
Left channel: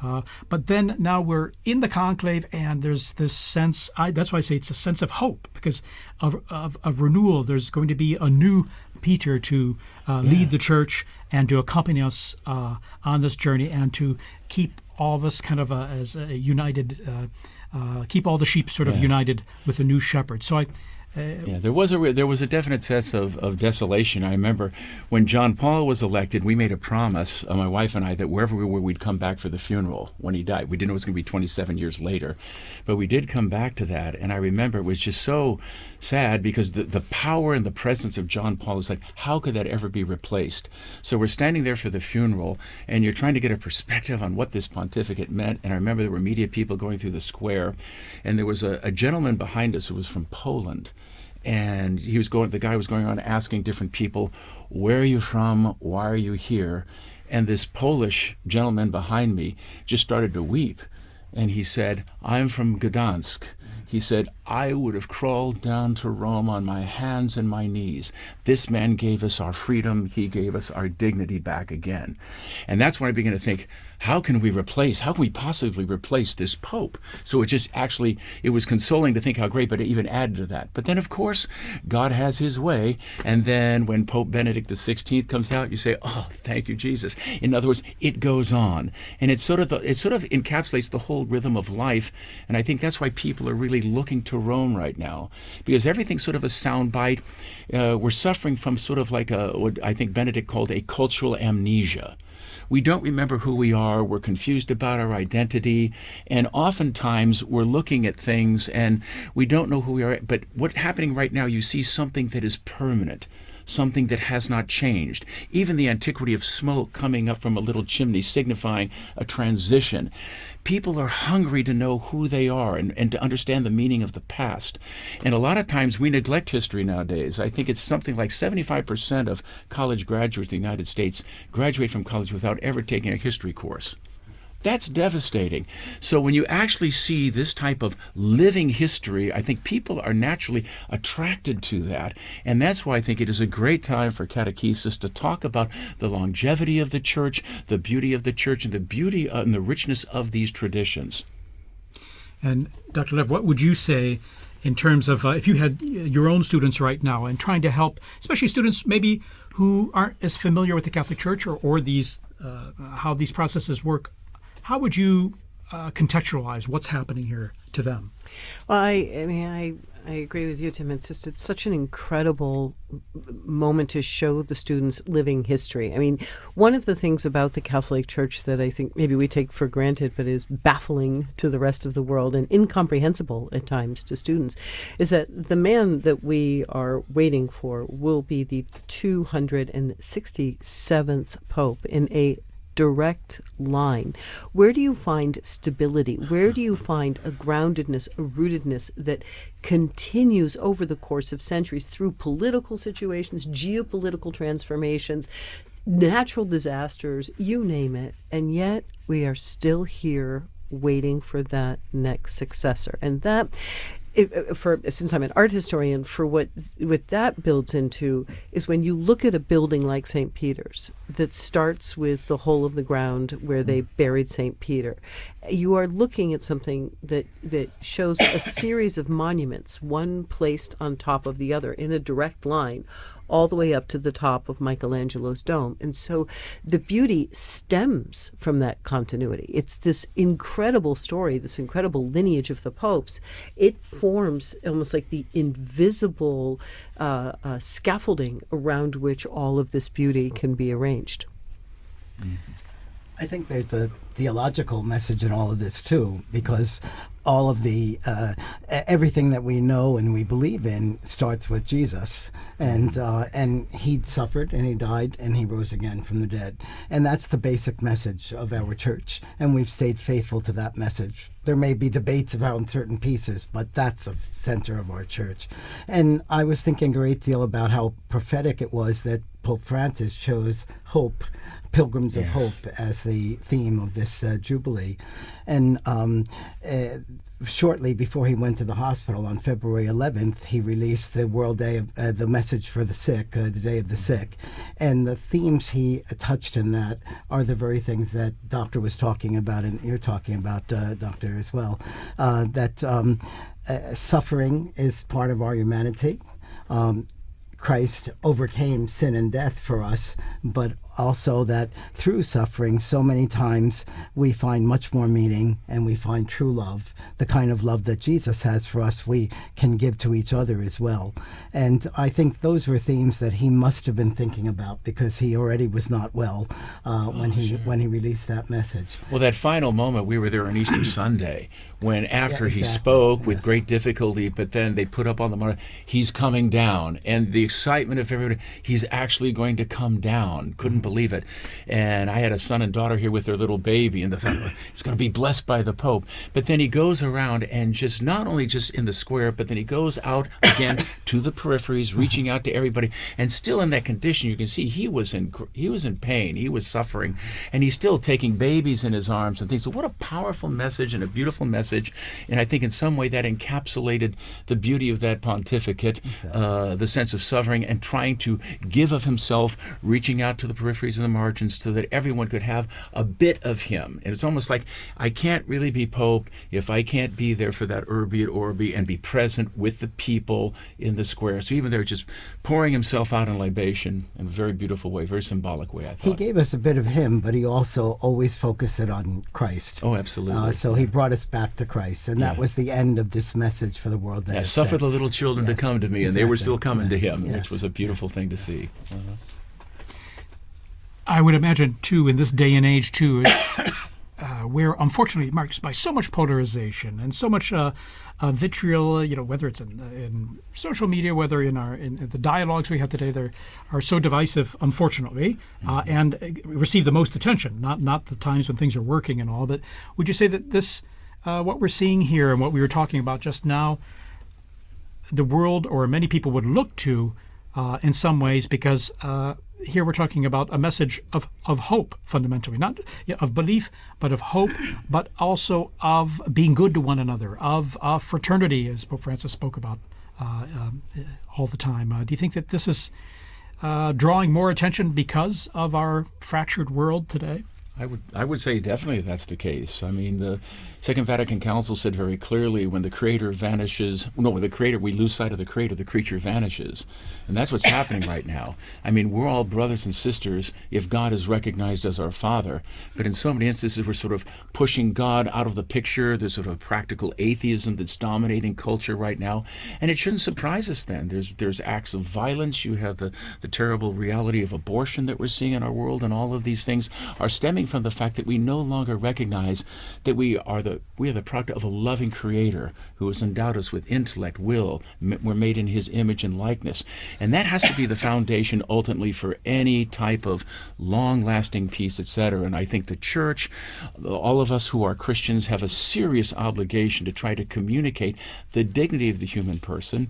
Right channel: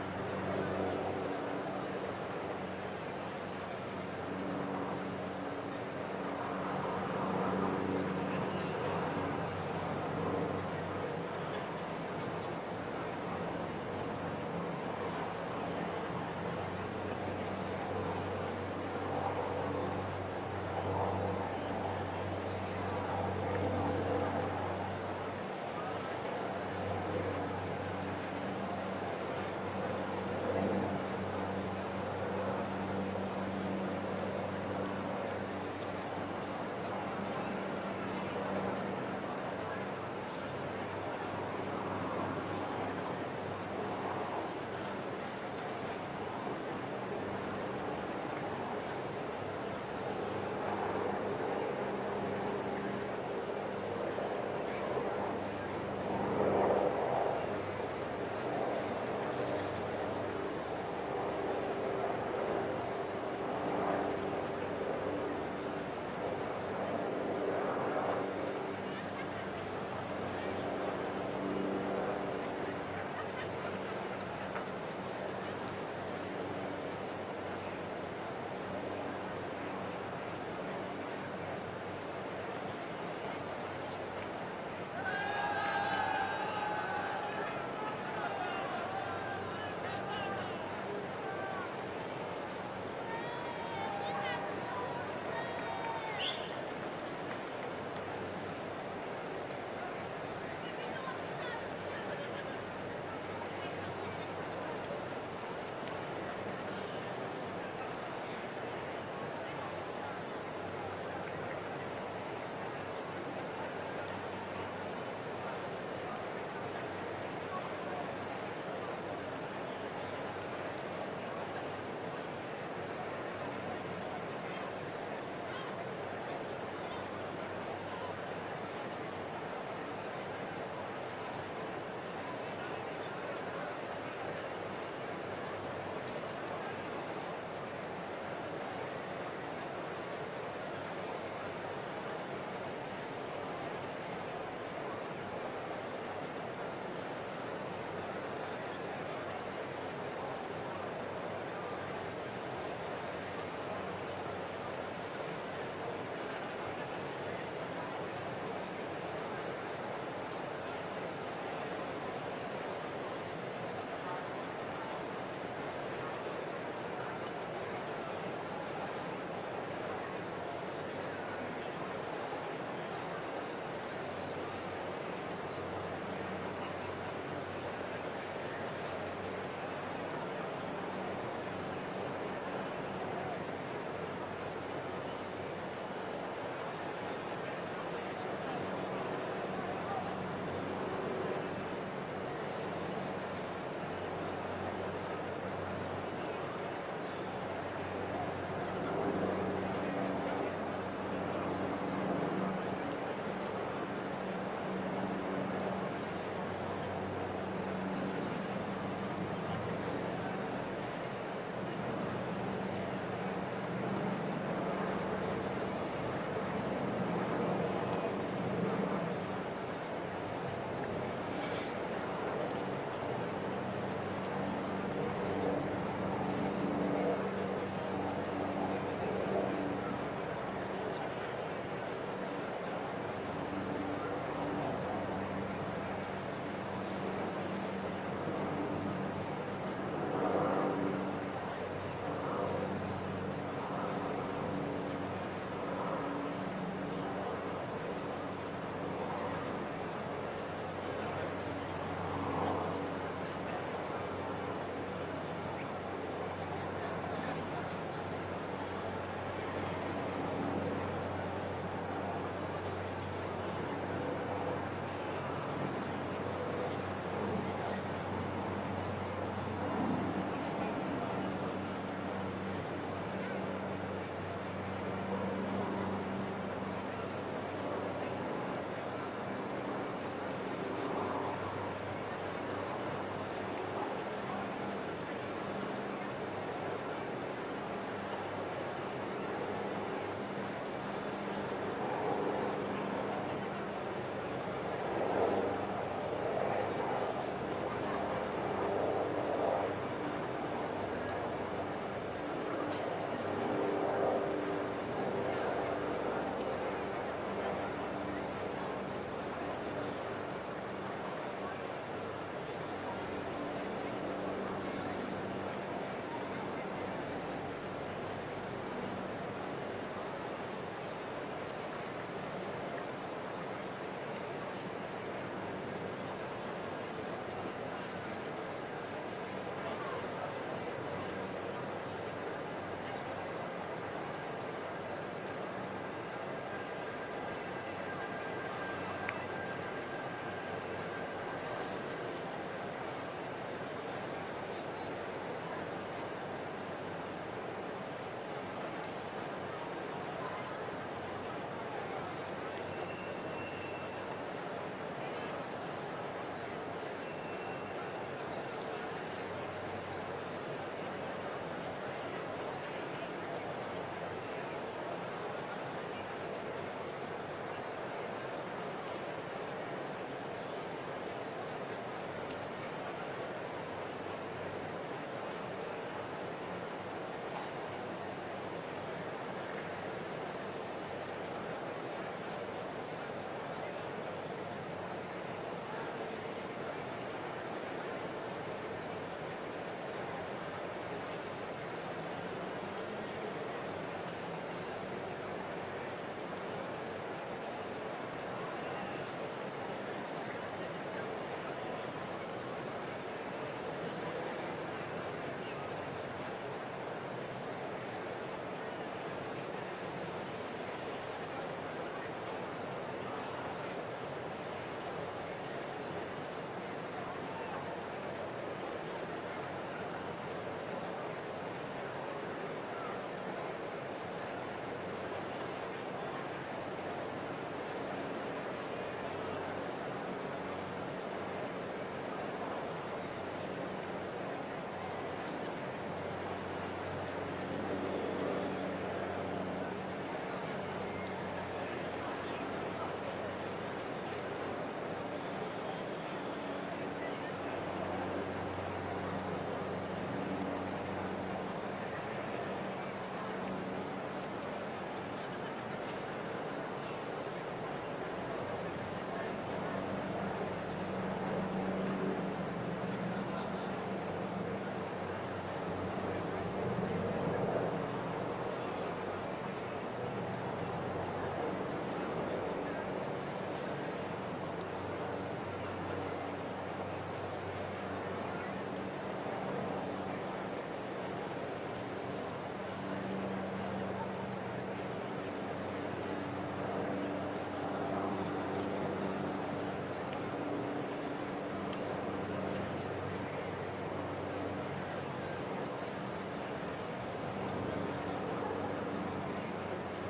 But then now we're in the conclave, and there's this sense, that's why I say it's a sense of hope, because of renewal. There's going to be a new Peter to lead the church and to accompany us on this journey, and to keep all of us kind of as a united, keep all the sheep sort of united with a new shepherd. So Yeah, there was a definite sense of desolation. I remember when John Paul was elected, we made a promise, my wife and I, that wherever we were, we'd come back for the funeral when he died. We didn't know it was going to be 27 years later, but we did come back to that. And I remember it was just so sad because the power and the presence of John Paul is like, how could that ever be replaced? So we're standing there for the funeral, and you're trying to get a perspective on what this pontificate meant. And I remember there were media people going through the square, and there was a gentleman behind us who was from Poland. And the guy was going on asking different people, where are you from? Why are you here? And this Polish gentleman behind me just started to weep. And he said, I'm from Gdansk. He said, I would have crawled down to Rome on my hands and my knees. This man gave us our freedom. He gave us our dignity back again. And that's when I began to think, how can we possibly replace this Pope? So it was consoling to think how great, but it even added to that. But then, of course, God has his way, and then when Pope Benedict XVI comes out, you say, oh, thank you, Jesus. In other words, it goes on. And it sort of encapsulates the whole rhythm of life, and I think that's why people are really looking to Rome right now, because everything's sort of a soundbite. We're suffering from sort of like what I think Benedict called a cultural amnesia. We don't remember who we are, we're confused about our identity, and oftentimes we're looking at things and we don't know who we are. But what's happening right now, you see something that is permanent, something that has not changed. Even the antiquity of smoke coming up from a little chimney signifying a transition. People are hungry to know who they are and to understand the meaning of the past. And a lot of times we neglect history nowadays. I think it's something like 75% of college graduates in the United States graduate from college without ever taking a history course. That's devastating. So when you actually see this type of living history, I think people are naturally attracted to that. And that's why I think it is a great time for catechesis to talk about the longevity of the church, the beauty of the church, and the beauty and the richness of these traditions. And Dr. Lev, what would you say in terms of if you had your own students right now and trying to help, especially students maybe who aren't as familiar with the Catholic Church or these how these processes work, how would you contextualize what's happening here to them? Well, I agree with you, Tim. It's such an incredible moment to show the students living history. I mean, one of the things about the Catholic Church that I think maybe we take for granted but is baffling to the rest of the world and incomprehensible at times to students is that the man that we are waiting for will be the 267th Pope in a direct line. Where do you find stability? Where do you find a groundedness, a rootedness that continues over the course of centuries through political situations, geopolitical transformations, natural disasters, you name it, and yet we are still here waiting for that next successor. And that, since I'm an art historian, for what that builds into is when you look at a building like St. Peter's that starts with the hole of the ground where they buried St. Peter, you are looking at something that shows a series of monuments, one placed on top of the other in a direct line, all the way up to the top of Michelangelo's dome. And so the beauty stems from that continuity. It's this incredible story, this incredible lineage of the popes. It forms almost like the invisible scaffolding around which all of this beauty can be arranged. I think there's a theological message in all of this too, because all of the everything that we know and we believe in starts with Jesus, and he suffered and he died and he rose again from the dead, and that's the basic message of our church, and we've stayed faithful to that message. There may be debates around certain pieces, but that's the center of our church. And I was thinking a great deal about how prophetic it was that Pope Francis chose hope, Pilgrims of Hope, as the theme of this Jubilee. And shortly before he went to the hospital on February 11th, he released the World Day of the Message for the Sick, the Day of the Sick. And the themes he touched in that are the very things that Doctor was talking about, and you're talking about, Doctor, as well. That suffering is part of our humanity. Christ overcame sin and death for us, but also that through suffering so many times we find much more meaning and we find true love the kind of love that Jesus has for us, we can give to each other as well. And I think those were themes that he must have been thinking about, because he already was not well when he released that message. Well, that final moment, we were there on Easter Sunday, when after Yeah, he exactly. spoke with Yes. great difficulty, but then they put up on the monitor, he's coming down, and the excitement of everybody, he's actually going to come down. Couldn't believe it. And I had a son and daughter here with their little baby, and the family, it's going to be blessed by the Pope. But then he goes around and just not only just in the square, but then he goes out again to the peripheries, reaching out to everybody, and still in that condition. You can see he was in pain, he was suffering, and he's still taking babies in his arms and things. So what a powerful message and a beautiful message. And I think in some way that encapsulated the beauty of that pontificate, the sense of suffering and trying to give of himself, reaching out to the peripheries and the margins so that everyone could have a bit of him. And it's almost like, I can't really be Pope if I can't be there for that Urbi et Orbi and be present with the people in the square. So even there, just pouring himself out in libation in a very beautiful way, very symbolic way, I thought. He gave us a bit of him, but he also always focused it on Christ. Oh, absolutely. So he brought us back to Christ, and that was the end of this message for the world. That Suffer the little children to come to me, and they were still coming to him, which was a beautiful thing to see. I would imagine, too, in this day and age, too, we're unfortunately marked by so much polarization and so much vitriol, whether it's in social media, whether in the dialogues we have today, they are so divisive, unfortunately, and receive the most attention, not the times when things are working and all. But would you say that this, what we're seeing here and what we were talking about just now, the world or many people would look to in some ways, because here we're talking about a message of hope, fundamentally, not of belief, but of hope, but also of being good to one another, of fraternity, as Pope Francis spoke about all the time. Do you think that this is drawing more attention because of our fractured world today? I would say definitely that's the case. I mean, the Second Vatican Council said very clearly, when the Creator vanishes, when we lose sight of the Creator, the creature vanishes. And that's what's happening right now. I mean, we're all brothers and sisters if God is recognized as our Father. But in so many instances, we're sort of pushing God out of the picture. There's sort of practical atheism that's dominating culture right now. And it shouldn't surprise us then. There's acts of violence. You have the terrible reality of abortion that we're seeing in our world. And all of these things are stemming from the fact that we no longer recognize that we are the product of a loving Creator who has endowed us with intellect, will. We're made in His image and likeness. And that has to be the foundation ultimately for any type of long-lasting peace, etc. And I think the Church, all of us who are Christians, have a serious obligation to try to communicate the dignity of the human person.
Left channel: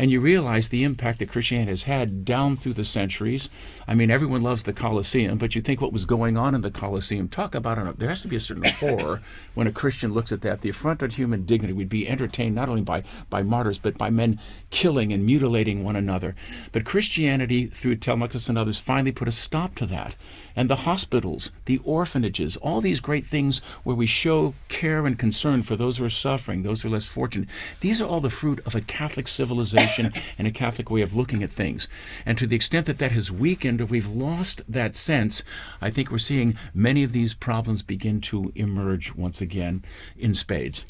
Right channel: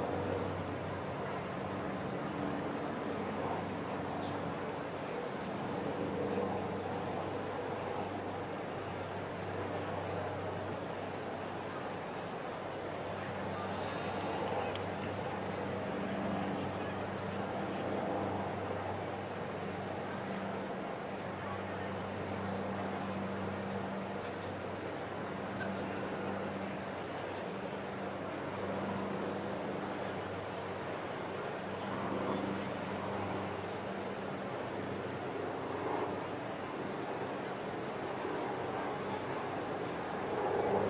And you realize the impact that Christianity has had down through the centuries. I mean, everyone loves the Colosseum, but you think what was going on in the Colosseum, talk about it, there has to be a certain horror when a Christian looks at that. The affront of human dignity would be entertained not only by martyrs, but by men killing and mutilating one another. But Christianity, through Telemachus and others, finally put a stop to that. And the hospitals, the orphanages, all these great things where we show care and concern for those who are suffering, those who are less fortunate, these are all the fruit of a Catholic civilization and a Catholic way of looking at things. And to the extent that that has weakened or we've lost that sense, I think we're seeing many of these problems begin to emerge once again in spades.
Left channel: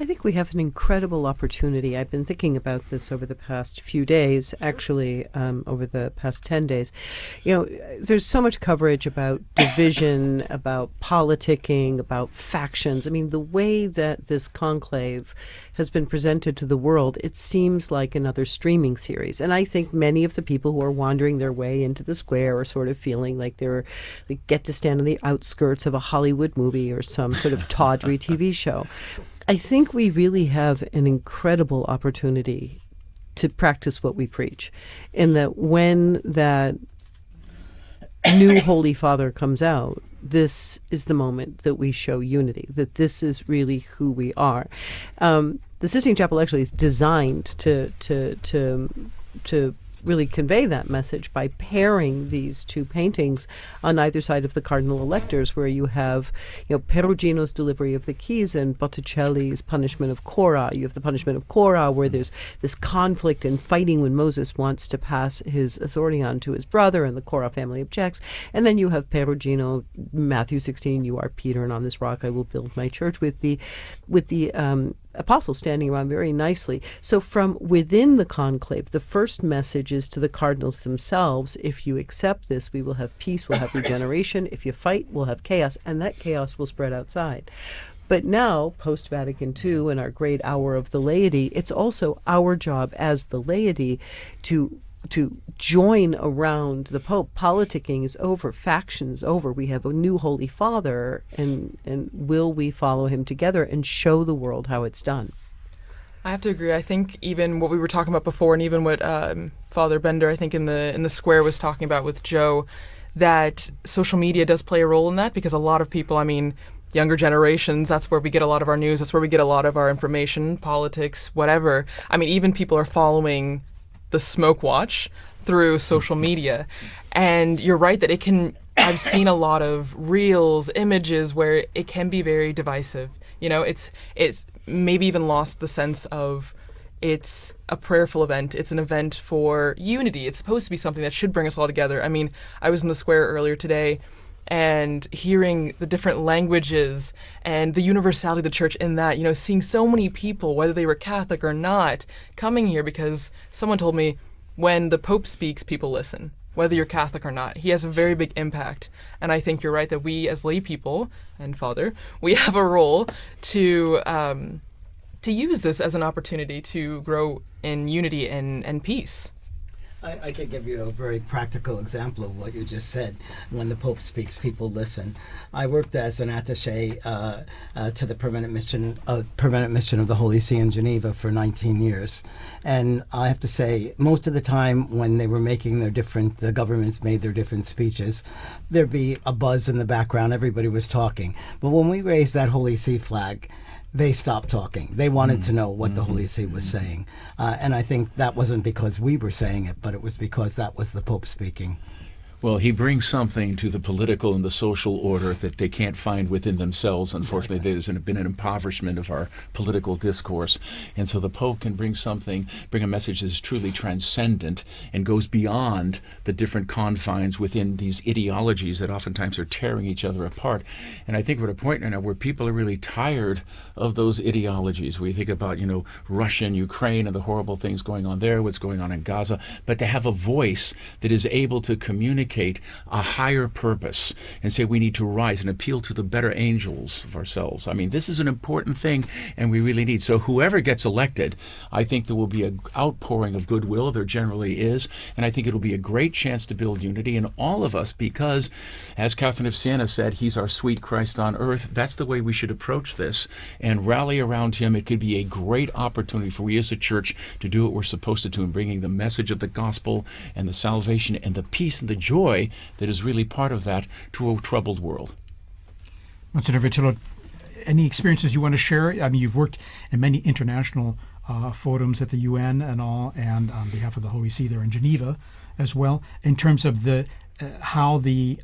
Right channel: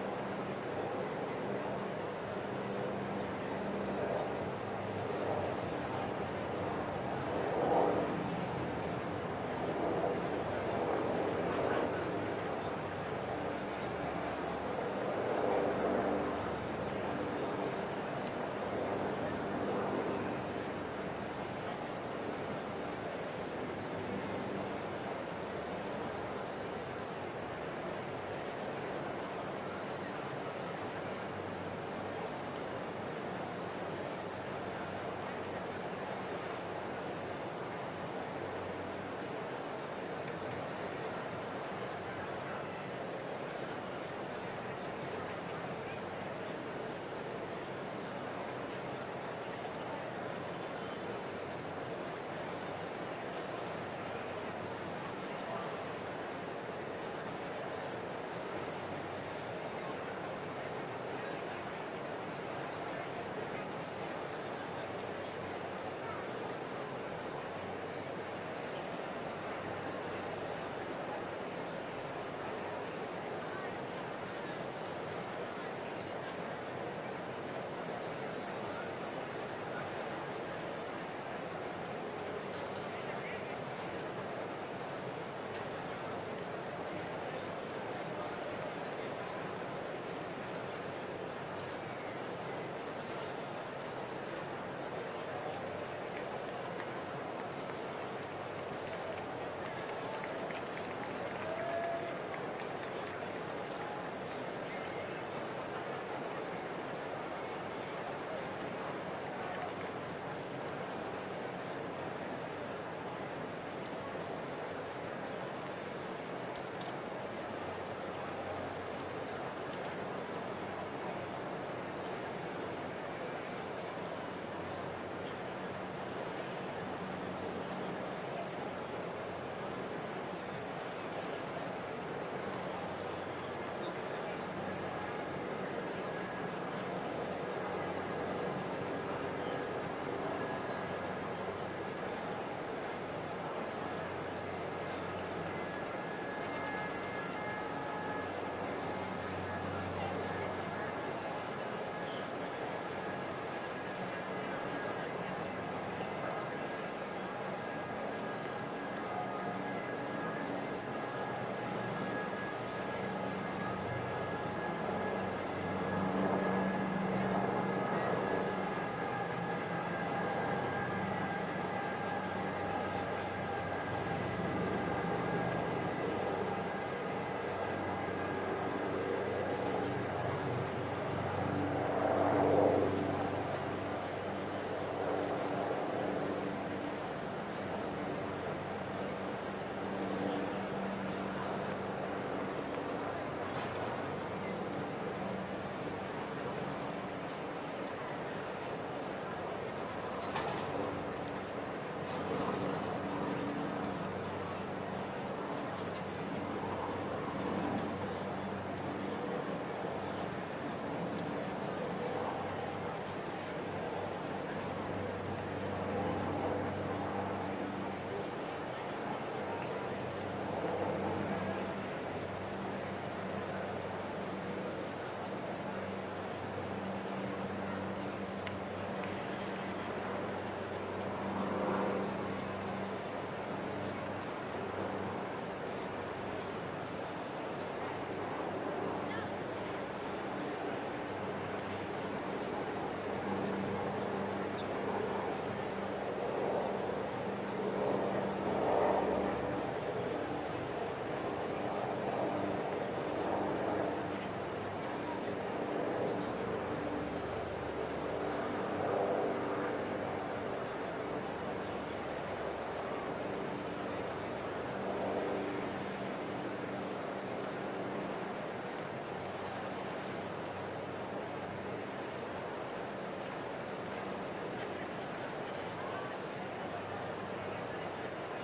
I think we have an incredible opportunity. I've been thinking about this over the past few days, actually, over the past 10 days. There's so much coverage about division, about politicking, about factions. I mean, the way that this conclave has been presented to the world, it seems like another streaming series. And I think many of the people who are wandering their way into the square are sort of feeling like they get to stand on the outskirts of a Hollywood movie or some sort of tawdry TV show. I think we really have an incredible opportunity to practice what we preach, in that when that new Holy Father comes out, this is the moment that we show unity, that this is really who we are. The Sistine Chapel actually is designed to really convey that message by pairing these two paintings on either side of the cardinal electors, where you have, Perugino's delivery of the keys and Botticelli's punishment of Cora. You have the punishment of Cora, where there's this conflict and fighting when Moses wants to pass his authority on to his brother, and the Cora family objects. And then you have Perugino, Matthew 16, you are Peter, and on this rock I will build my church, with the apostles standing around very nicely. So from within the conclave, the first message is to the cardinals themselves: if you accept this, we will have peace, we'll have regeneration. If you fight, we'll have chaos, and that chaos will spread outside. But now, post-Vatican II, in our great hour of the laity, it's also our job as the laity to join around the Pope. Politicking is over, faction is over. We have a new Holy Father, and will we follow him together and show the world how it's done? I have to agree. I think even what we were talking about before, and even what Father Bender, I think in the square, was talking about with Joe, that social media does play a role in that, because a lot of people, younger generations, that's where we get a lot of our news, that's where we get a lot of our information, politics, whatever. Even people are following the smoke watch through social media, and you're right that it can. I've seen a lot of reels, images where it can be very divisive. It's maybe even lost the sense of it's a prayerful event. It's an event for unity. It's supposed to be something that should bring us all together. I was in the square earlier today, and hearing the different languages and the universality of the church in that, seeing so many people, whether they were Catholic or not, coming here because someone told me when the Pope speaks, people listen, whether you're Catholic or not. He has a very big impact, and I think you're right that we as lay people, and Father, we have a role to use this as an opportunity to grow in unity and peace. I can give you a very practical example of what you just said. When the Pope speaks, people listen. I worked as an attaché to the permanent mission of the Holy See in Geneva for 19 years, and I have to say, most of the time when they were making the governments made their different speeches, there'd be a buzz in the background. Everybody was talking. But when we raised that Holy See flag, they stopped talking. They wanted to know what the Holy See was saying. And I think that wasn't because we were saying it, but it was because that was the Pope speaking. Well, he brings something to the political and the social order that they can't find within themselves. Unfortunately, there's been an impoverishment of our political discourse. And so the Pope can bring a message that's truly transcendent and goes beyond the different confines within these ideologies that oftentimes are tearing each other apart. And I think we're at a point right now where people are really tired of those ideologies. We think about, Russia and Ukraine and the horrible things going on there, what's going on in Gaza, but to have a voice that is able to communicate a higher purpose and say we need to rise and appeal to the better angels of ourselves. This is an important thing, and we really need. So whoever gets elected, I think there will be an outpouring of goodwill. There generally is, and I think it'll be a great chance to build unity in all of us, because, as Catherine of Siena said, he's our sweet Christ on earth. That's the way we should approach this and rally around him. It could be a great opportunity for we as a church to do what we're supposed to do, bringing the message of the gospel and the salvation and the peace and the joy that is really part of that to a troubled world. Monsignor Vitillo, any experiences you want to share? You've worked in many international forums at the UN and all, and on behalf of the Holy See there in Geneva as well, in terms of how the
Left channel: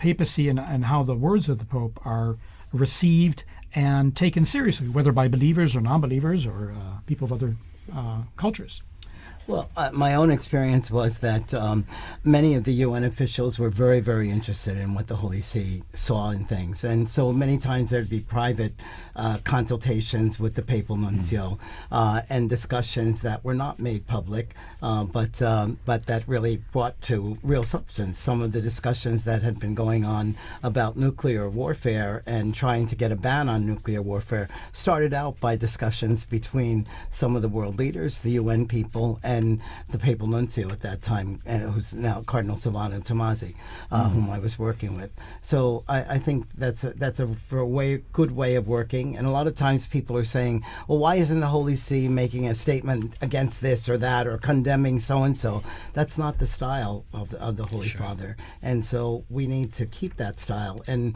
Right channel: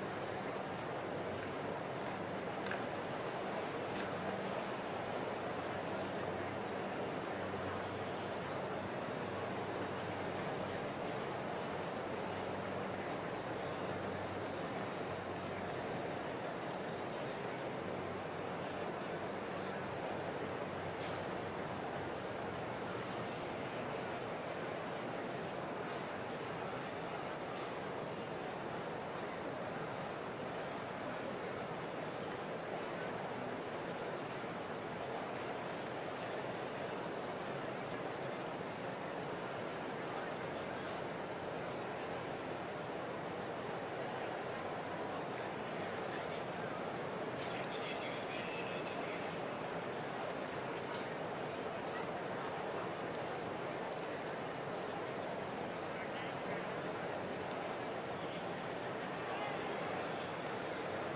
papacy and how the words of the Pope are received and taken seriously, whether by believers or non-believers or people of other cultures. Well, my own experience was that many of the UN officials were very, very interested in what the Holy See saw in things. And so many times there'd be private consultations with the papal nuncio and discussions that were not made public, but that really brought to real substance. Some of the discussions that had been going on about nuclear warfare and trying to get a ban on nuclear warfare started out by discussions between some of the world leaders, the UN people, and the papal nuncio at that time, and it was now Cardinal Silvano Tomasi, whom I was working with. So I think that's a good way of working. And a lot of times people are saying, well, why isn't the Holy See making a statement against this or that or condemning so-and-so? That's not the style of the Holy Father. And so we need to keep that style. And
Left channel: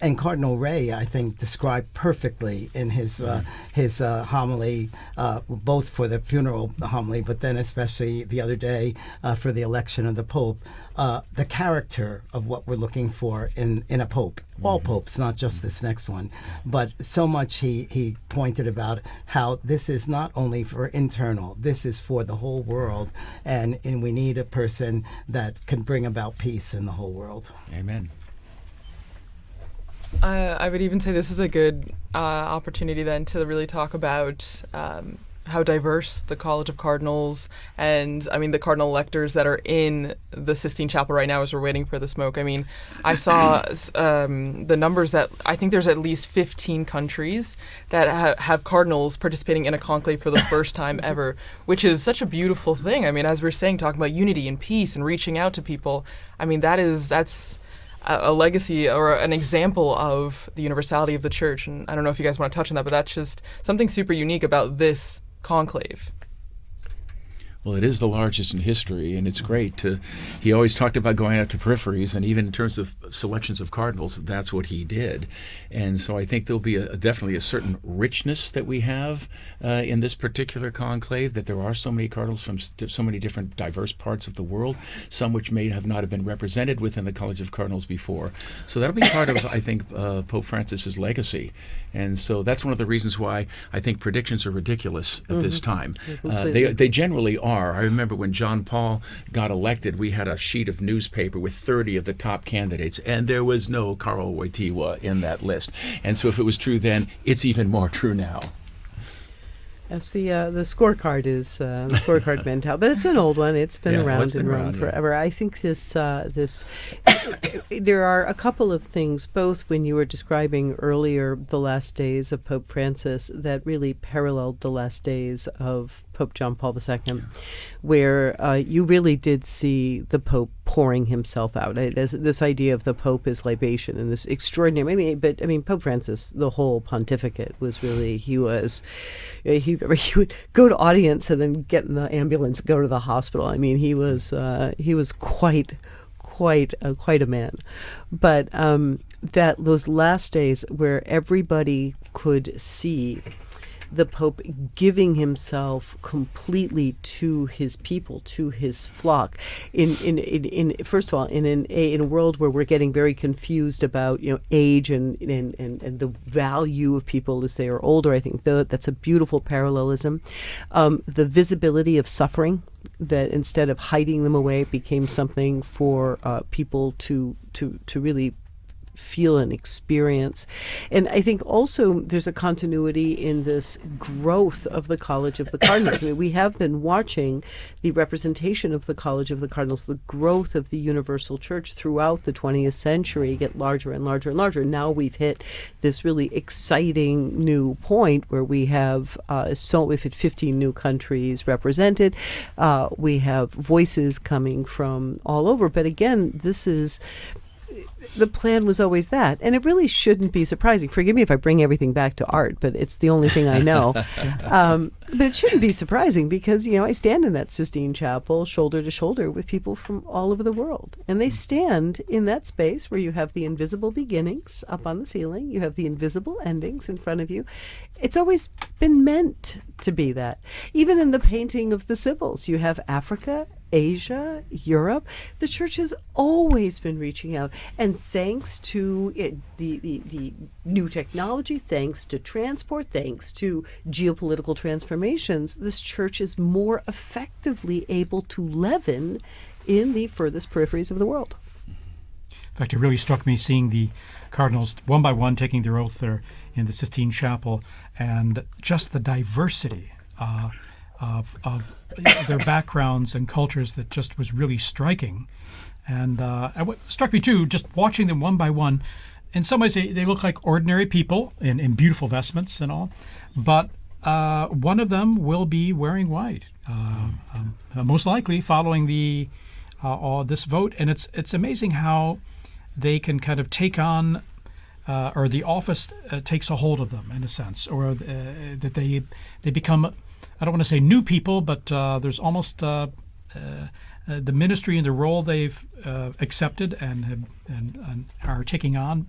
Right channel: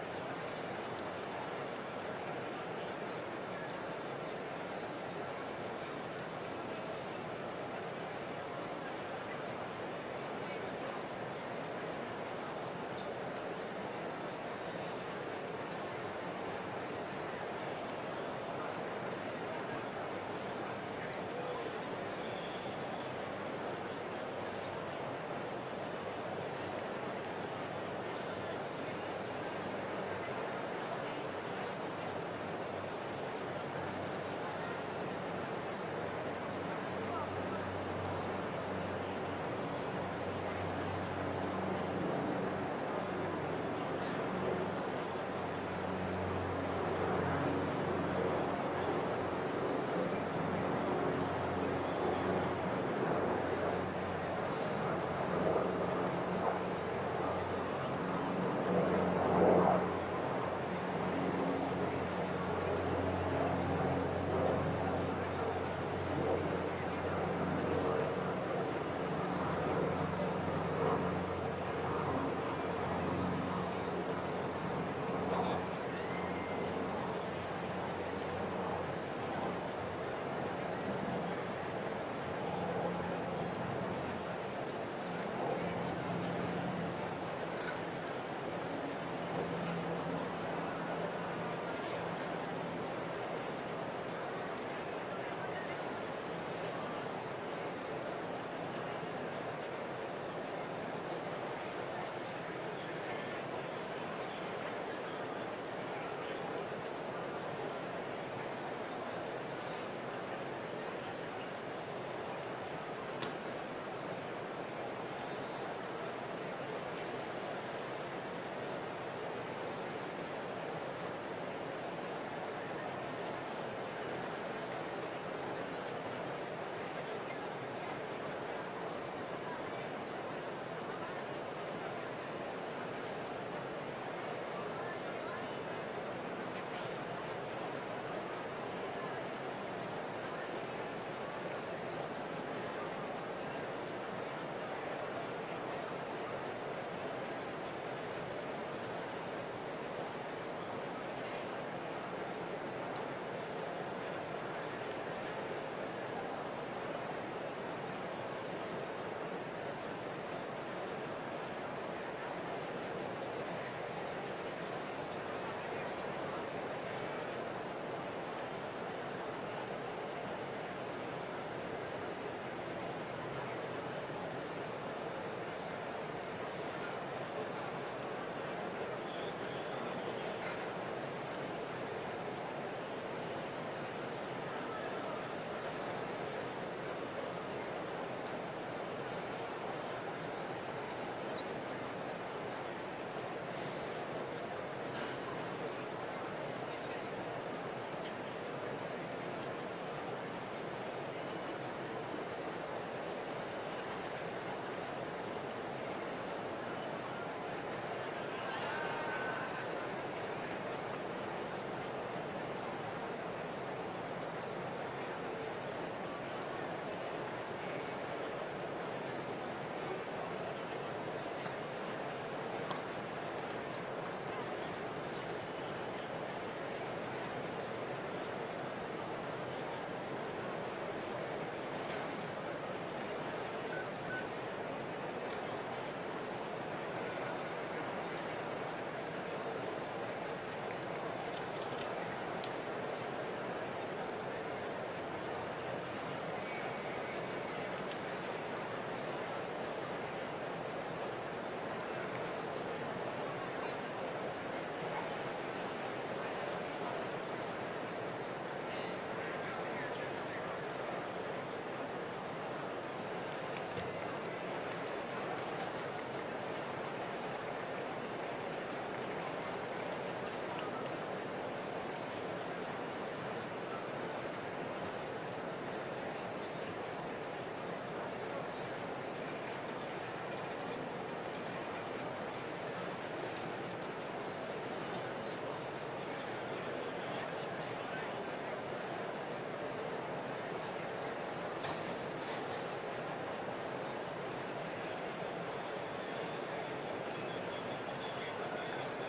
And Cardinal Ray, I think, described perfectly in his homily, both for the funeral homily, but then especially the other day for the election of the Pope, the character of what we're looking for in a Pope. All popes, not just this next one, but so much he pointed about how this is not only for internal, this is for the whole world, and we need a person that can bring about peace in the whole world. Amen. I would even say this is a good opportunity then to really talk about how diverse the College of Cardinals and, I mean, the cardinal electors that are in the Sistine Chapel right now as we're waiting for the smoke. I mean, I saw the numbers that I think there's at least 15 countries that have cardinals participating in a conclave for the first time ever, which is such a beautiful thing. I mean, as we're saying, talking about unity and peace and reaching out to people, I mean, that's a legacy or an example of the universality of the church. And I don't know if you guys want to touch on that, but that's just something super unique about this conclave. Well, it is the largest in history, and it's great he always talked about going out to peripheries, and even in terms of selections of cardinals, that's what he did. And so I think there'll be definitely a certain richness that we have in this particular conclave, that there are so many cardinals from so many different diverse parts of the world, some which may not have been represented within the College of Cardinals before. So that'll be part of, I think, Pope Francis's legacy. And so that's one of the reasons why I think predictions are ridiculous at this time. They generally are. I remember when John Paul got elected, we had a sheet of newspaper with 30 of the top candidates, and there was no Karol Wojtyła in that list. And so if it was true then, it's even more true now. Yes, the scorecard is the scorecard mentality, but it's an old one. It's been around in Rome forever. I think there are a couple of things, both when you were describing earlier the last days of Pope Francis, that really paralleled the last days of Pope John Paul II, where you really did see the Pope pouring himself out. This idea of the Pope as libation and this extraordinary. I mean, Pope Francis, the whole pontificate was really he would go to audience and then get in the ambulance, go to the hospital. I mean, he was quite a man. But that those last days where everybody could see the Pope giving himself completely to his people, to his flock. First of all, in a world where we're getting very confused about age and the value of people as they are older, I think that's a beautiful parallelism. The visibility of suffering, that instead of hiding them away, it became something for people to really feel and experience. And I think also there's a continuity in this growth of the College of the Cardinals. I mean, we have been watching the representation of the College of the Cardinals, the growth of the Universal Church throughout the 20th century get larger and larger and larger. Now we've hit this really exciting new point where we have we've hit 15 new countries represented. We have voices coming from all over. But again, the plan was always that, and it really shouldn't be surprising. Forgive me if I bring everything back to art, but it's the only thing I know. But it shouldn't be surprising because, I stand in that Sistine Chapel shoulder to shoulder with people from all over the world. And they stand in that space where you have the invisible beginnings up on the ceiling, you have the invisible endings in front of you. It's always been meant to be that. Even in the painting of the Sibyls, you have Africa, Asia, Europe. The Church has always been reaching out, and thanks to the new technology, thanks to transport, thanks to geopolitical transformations, this Church is more effectively able to leaven in the furthest peripheries of the world. In fact, it really struck me seeing the cardinals one by one taking their oath there in the Sistine Chapel, and just the diversity of their backgrounds and cultures that just was really striking. And what struck me too, just watching them one by one, in some ways they look like ordinary people in beautiful vestments and all, but one of them will be wearing white, most likely following this vote. And it's amazing how they can kind of take on or the office takes a hold of them in a sense, or that they become, I don't want to say new people, but there's almost the ministry and the role they've accepted and are taking on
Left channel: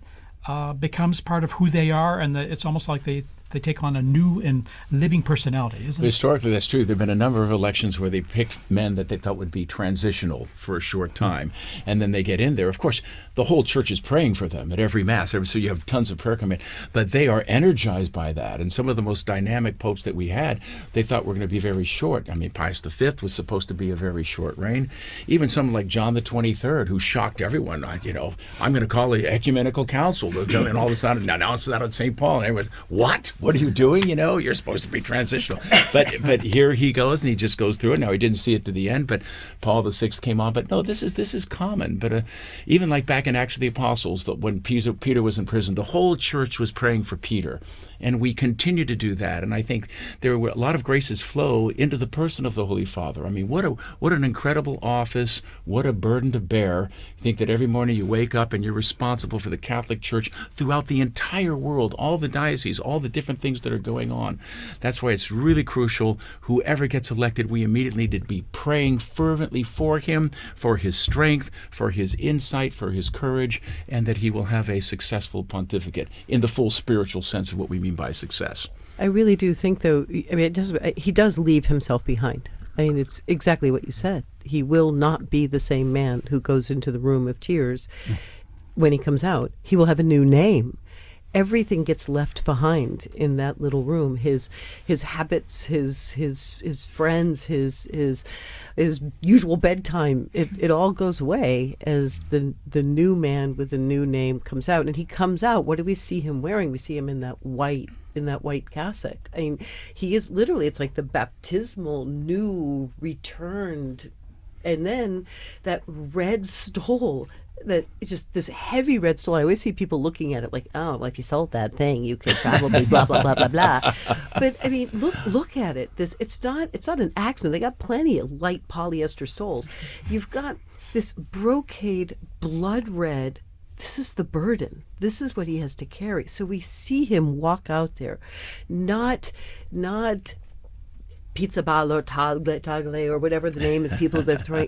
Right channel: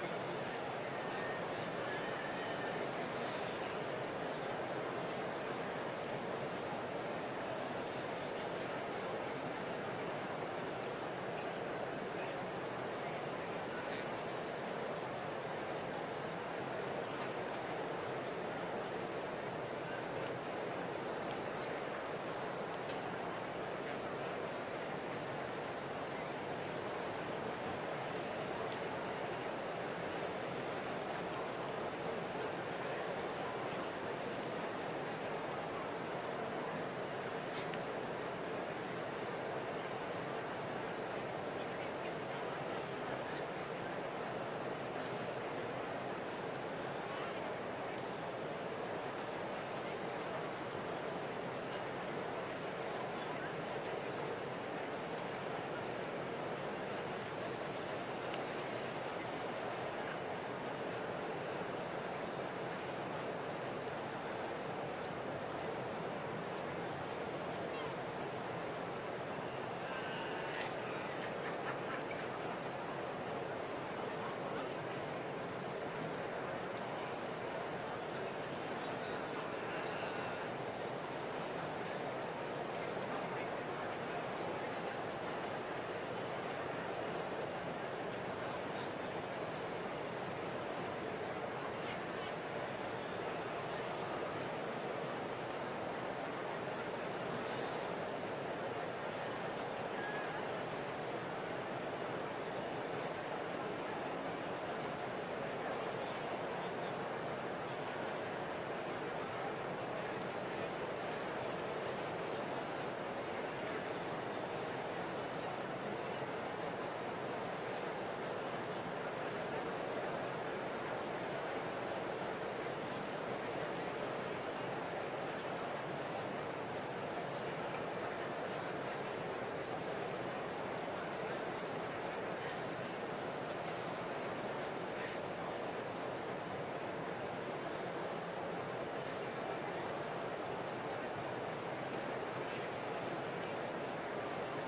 becomes part of who they are, and it's almost like they take on a new and living personality, isn't it? Historically, that's true. There have been a number of elections where they picked men that they thought would be transitional for a short time, and then they get in there. Of course, the whole church is praying for them at every Mass, so you have tons of prayer coming in, but they are energized by that. And some of the most dynamic popes that we had, they thought were going to be very short. I mean, Pius V was supposed to be a very short reign. Even someone like John the 23rd, who shocked everyone, I'm going to call the ecumenical council, and all of a sudden announced that on St. Paul, and everyone, what? What are you doing? You're supposed to be transitional. But here he goes, and he just goes through it. Now, he didn't see it to the end, but Paul VI came on. But no, this is common. But even like back in Acts of the Apostles, when Peter was in prison, the whole church was praying for Peter. And we continue to do that, and I think there were a lot of graces flow into the person of the Holy Father. I mean, what an incredible office, what a burden to bear. Think that every morning you wake up and you're responsible for the Catholic Church throughout the entire world, all the dioceses, all the different things that are going on. That's why it's really crucial, whoever gets elected, we immediately need to be praying fervently for him, for his strength, for his insight, for his courage, and that he will have a successful pontificate in the full spiritual sense of what we mean by success. I really do think, though, he does leave himself behind. I mean, it's exactly what you said. He will not be the same man who goes into the room of tears. When he comes out, he will have a new name. Everything gets left behind in that little room. His habits, his friends, his usual bedtime. It all goes away as the new man with a new name comes out. And he comes out. What do we see him wearing? We see him in that white cassock. I mean, he is literally, it's like the baptismal new returned, and then that red stole, that it's just this heavy red stole. I always see people looking at it like, oh, like you sold that thing, you could probably blah blah blah blah blah. But I mean, look at it. It's not an accident. They got plenty of light polyester stoles. You've got this brocade blood red. This is the burden. This is what he has to carry. So we see him walk out there, not Pizza Ball or Tagle or whatever the name of people that throwing.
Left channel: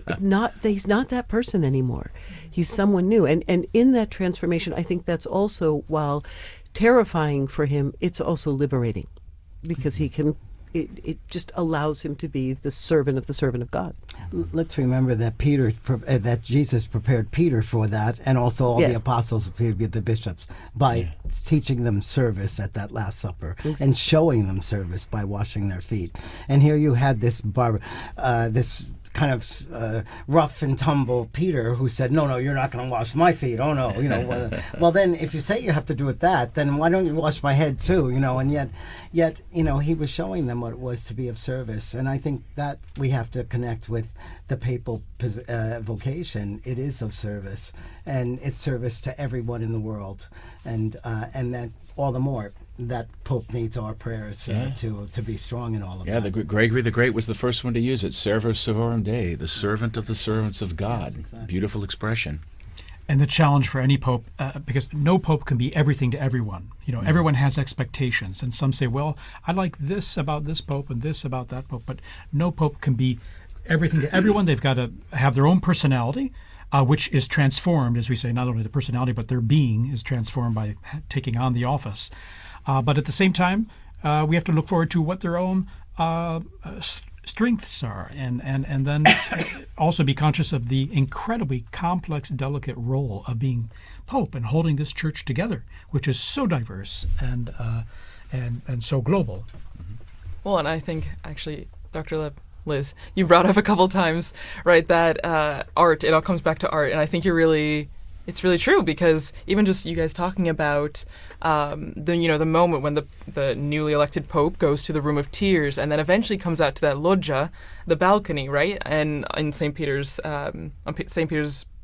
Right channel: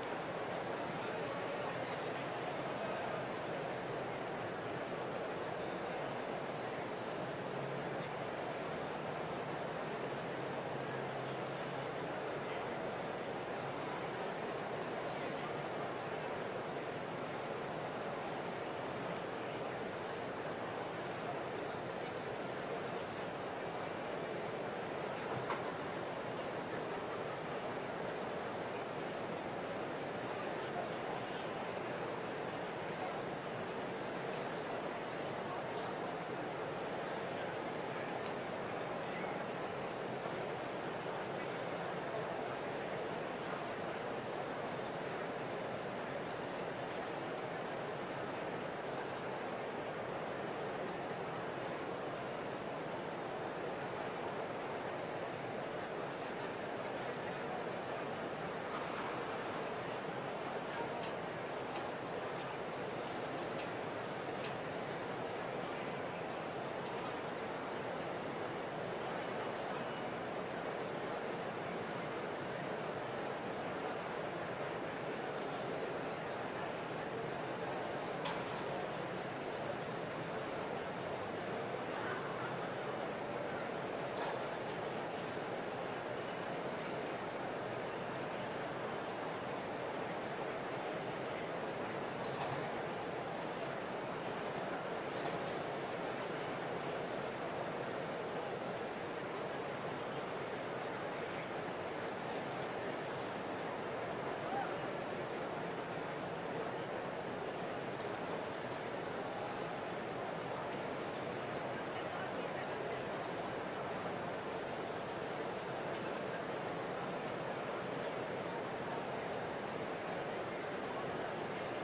He's not that person anymore. He's someone new. And in that transformation, I think that's also, while terrifying for him, it's also liberating, because it just allows him to be the servant of God. Let's remember that that Jesus prepared Peter for that, and also all the apostles, the bishops, by teaching them service at that Last Supper, and showing them service by washing their feet. And here you had this kind of rough and tumble Peter, who said, no, you're not going to wash my feet. Oh no, well then if you say you have to do it then why don't you wash my head too? And yet he was showing them what it was to be of service. And I think that we have to connect with the papal vocation. It is of service, and it's service to everyone in the world, and that all the more that Pope needs our prayers to be strong in all of that. Yeah, Gregory the Great was the first one to use it. Servus servorum Dei, the servant of the servants of God. Beautiful expression. And the challenge for any pope, because no pope can be everything to everyone. Everyone has expectations, and some say, well, I like this about this pope and this about that pope, but no pope can be everything to everyone. They've got to have their own personality, which is transformed, as we say, not only the personality, but their being is transformed by taking on the office. But at the same time, we have to look forward to what their own strengths are, and then also be conscious of the incredibly complex, delicate role of being Pope and holding this church together, which is so diverse and so global. Well, and I think, actually, Dr. Liz, you brought up a couple times, right, that art, it all comes back to art, and I think it's really true, because even just you guys talking about the moment when the newly elected Pope goes to the Room of Tears, and then eventually comes out to that loggia, the balcony, right, and in St. Peter's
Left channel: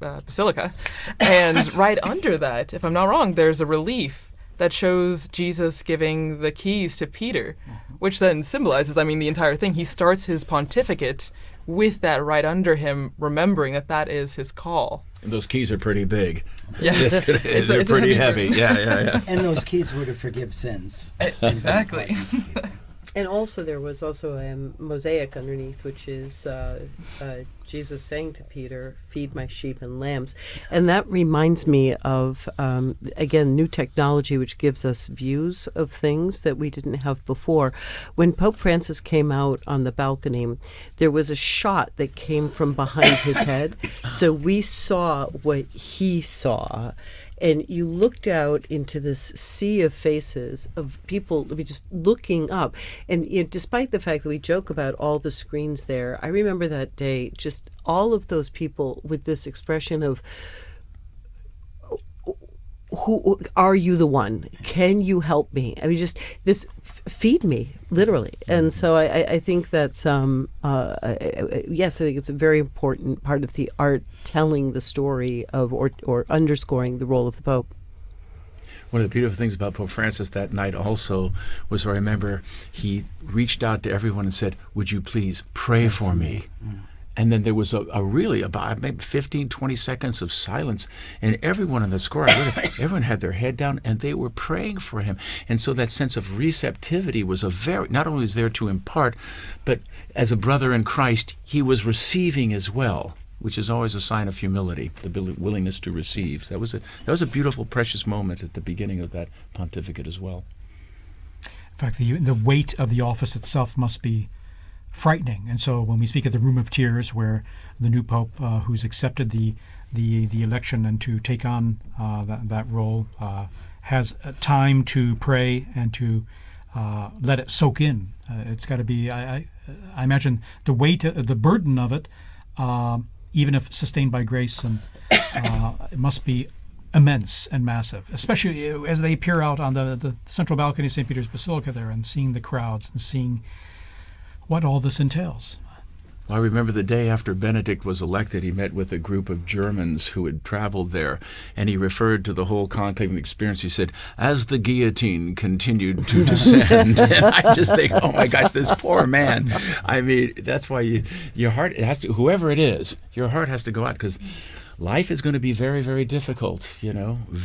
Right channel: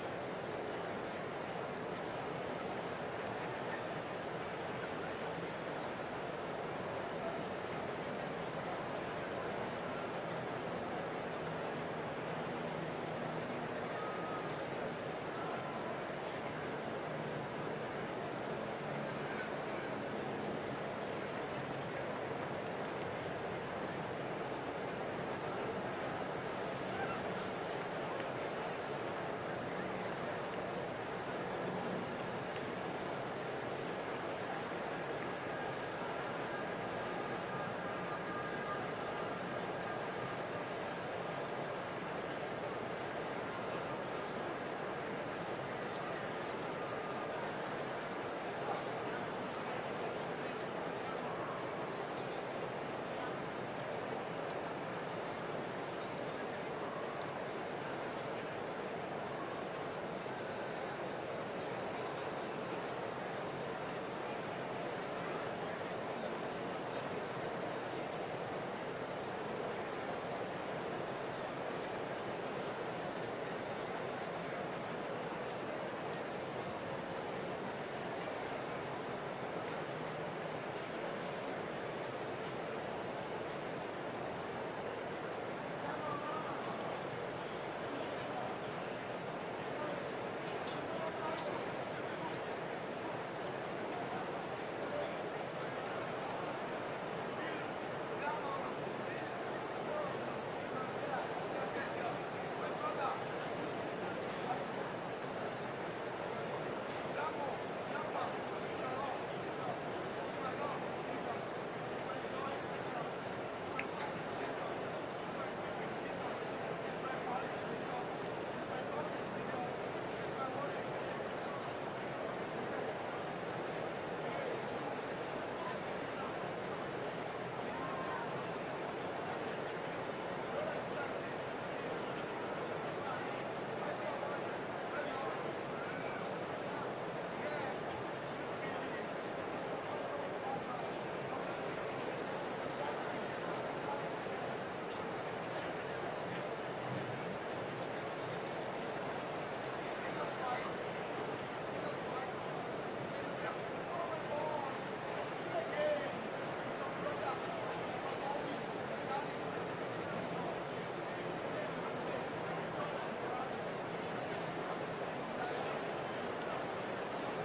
Basilica, and right under that, if I'm not wrong, there's a relief that shows Jesus giving the keys to Peter, which then symbolizes, the entire thing. He starts his pontificate with that right under him, remembering that is his call. Those keys are pretty big. Yeah, they're pretty heavy. Yeah. And those keys were to forgive sins. Exactly. And also there was also a mosaic underneath, which is Jesus saying to Peter, "Feed my sheep and lambs." And that reminds me of, again, new technology which gives us views of things that we didn't have before. When Pope Francis came out on the balcony, there was a shot that came from behind his head, so we saw what he saw. And you looked out into this sea of faces of people just looking up. And despite the fact that we joke about all the screens there, I remember that day, just all of those people with this expression of, who are you the one? Can you help me? I mean, just this, feed me, literally. And so I think that's, yes, I think it's a very important part of the art, telling the story of, or underscoring the role of the Pope. One of the beautiful things about Pope Francis that night also was, I remember he reached out to everyone and said, "Would you please pray for me?" And then there was a really about maybe 15, 20 seconds of silence, and everyone in the square, everyone had their head down, and they were praying for him. And so that sense of receptivity was not only was there to impart, but as a brother in Christ, he was receiving as well, which is always a sign of humility, the willingness to receive. So that was a beautiful, precious moment at the beginning of that pontificate as well. In fact, the weight of the office itself must be frightening. And so when we speak of the Room of Tears, where the new Pope, who's accepted the election and to take on that role, has time to pray and to let it soak in. It's got to be, I imagine, the weight, the burden of it, even if sustained by grace, and it must be immense and massive, especially as they peer out on the central balcony of St. Peter's Basilica there and seeing the crowds and seeing what all this entails. I remember the day after Benedict was elected, he met with a group of Germans who had traveled there, and he referred to the whole conclave experience. He said, "As the guillotine continued to descend," and I just think, oh my gosh, this poor man. I mean, that's why your heart, it has to, whoever it is, your heart has to go out, because life is going to be very, very difficult,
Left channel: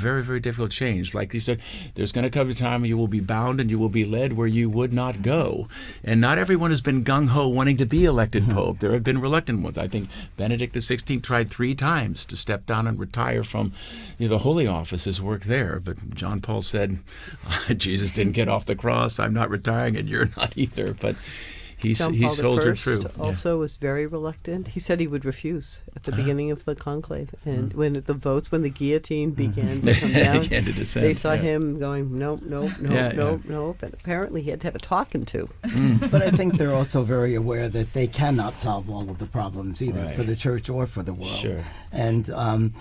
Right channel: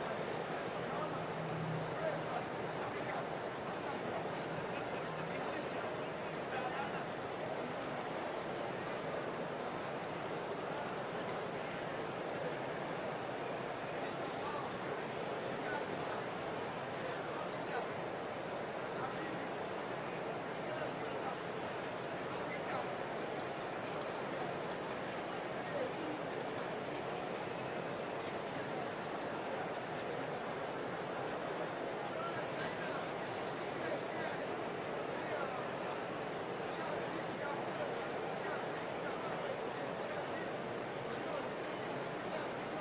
very, very difficult change. Like you said, there's going to come a time you will be bound and you will be led where you would not go. And not everyone has been gung-ho wanting to be elected Pope. There have been reluctant ones. I think Benedict XVI tried 3 times to step down and retire from the Holy Office, his work there. But John Paul said, Jesus didn't get off the cross, I'm not retiring, and you're not either. But John he Paul soldiered I through. also was very reluctant. He said he would refuse at the beginning of the conclave. And when the guillotine began to come down, began to descend, they saw him going, nope, nope, nope, nope, nope. And apparently he had to have a talking to. But I think they're also very aware that they cannot solve all of the problems, either for the Church or for the world. Sure. And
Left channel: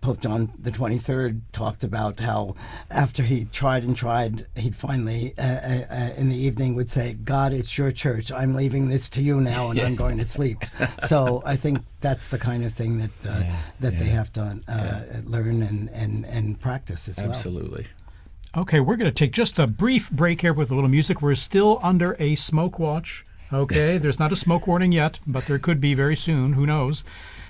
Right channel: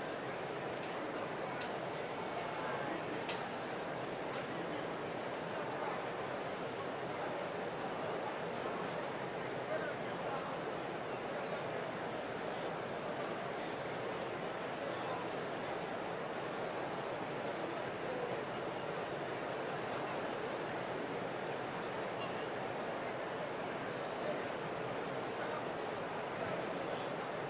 Pope John the 23rd talked about how after he tried and tried, he'd finally, in the evening, would say, "God, it's your church. I'm leaving this to you now, and I'm going to sleep." So I think that's the kind of thing that they have to learn and practice as well. Absolutely. Okay, we're going to take just a brief break here with a little music. We're still under a smoke watch. Okay, there's not a smoke warning yet, but there could be very soon. Who knows?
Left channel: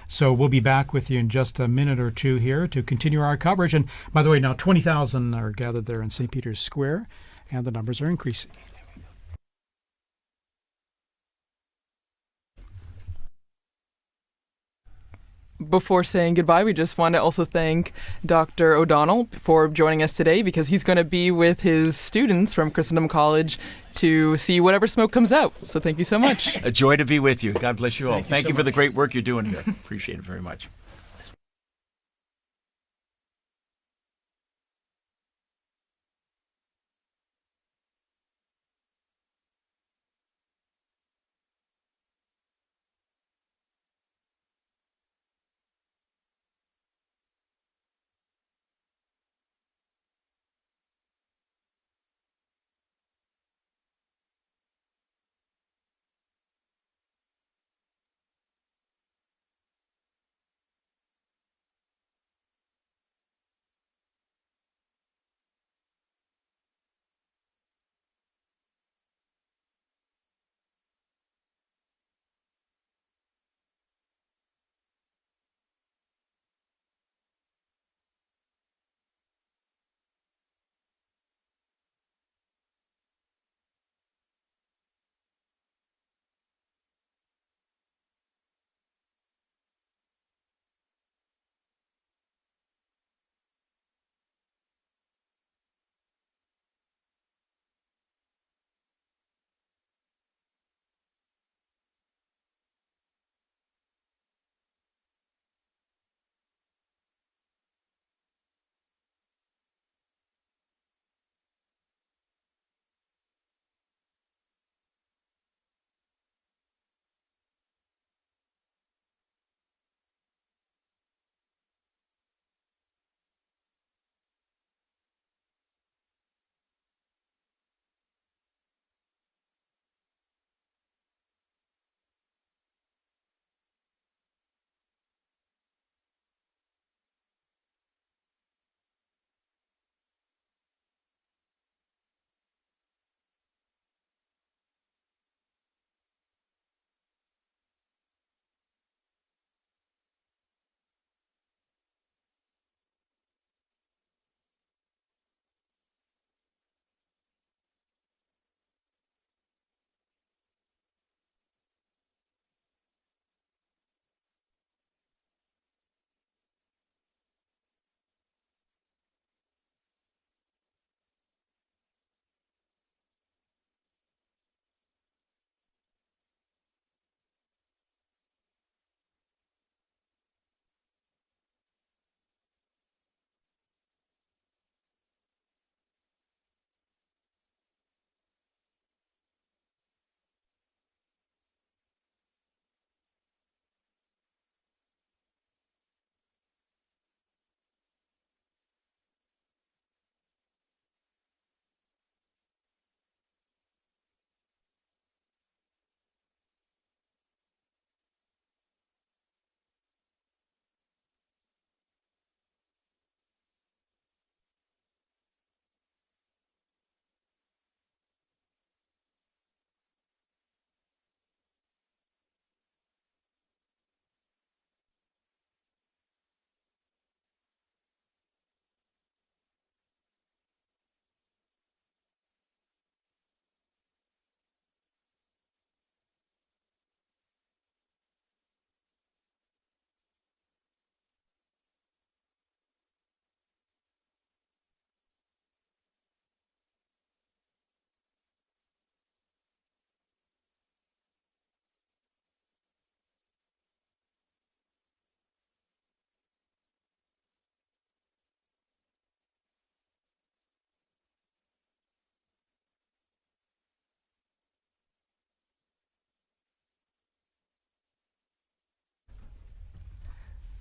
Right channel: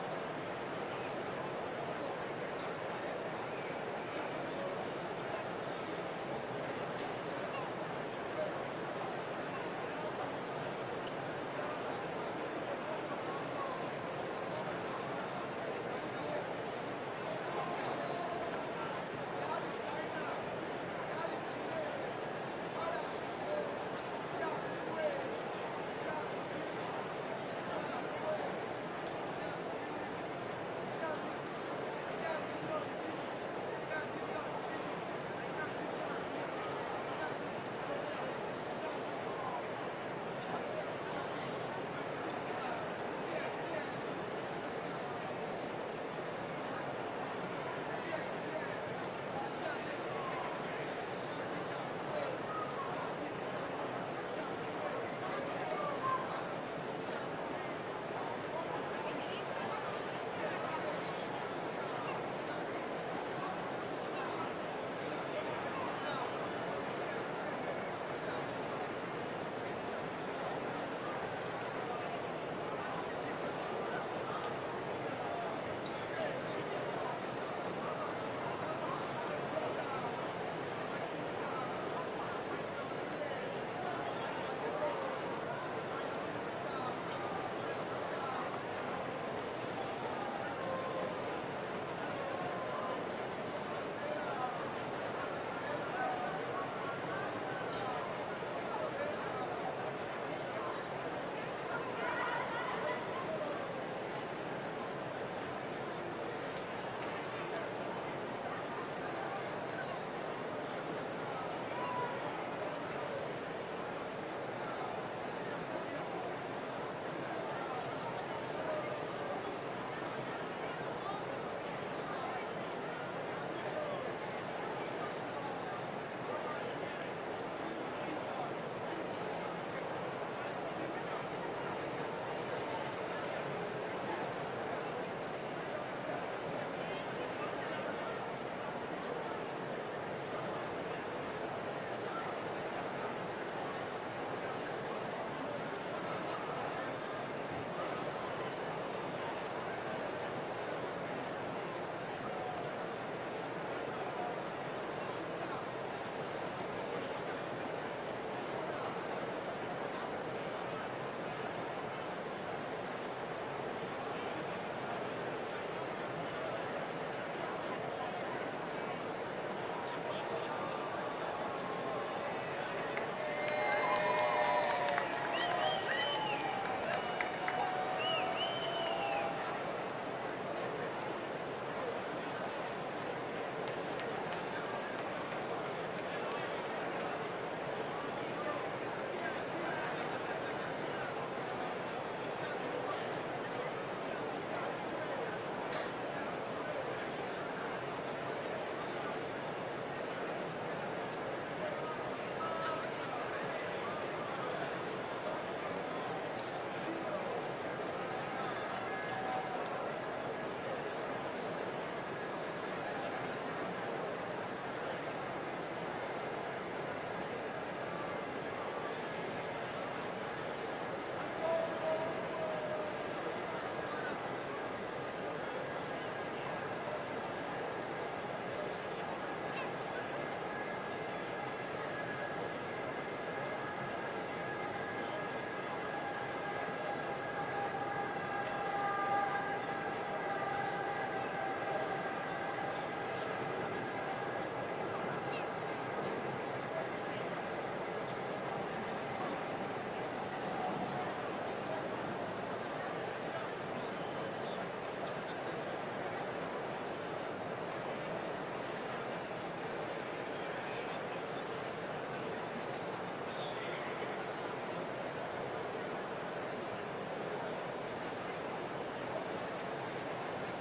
So we'll be back with you in just a minute or two here to continue our coverage. And by the way, now 20,000 are gathered there in St. Peter's Square, and the numbers are increasing. Before saying goodbye, we just want to also thank Dr. O'Donnell for joining us today, because he's going to be with his students from Christendom College to see whatever smoke comes out. So thank you so much. A joy to be with you. God bless you all. Thank you so for the much. great work you're doing here. Appreciate it very much.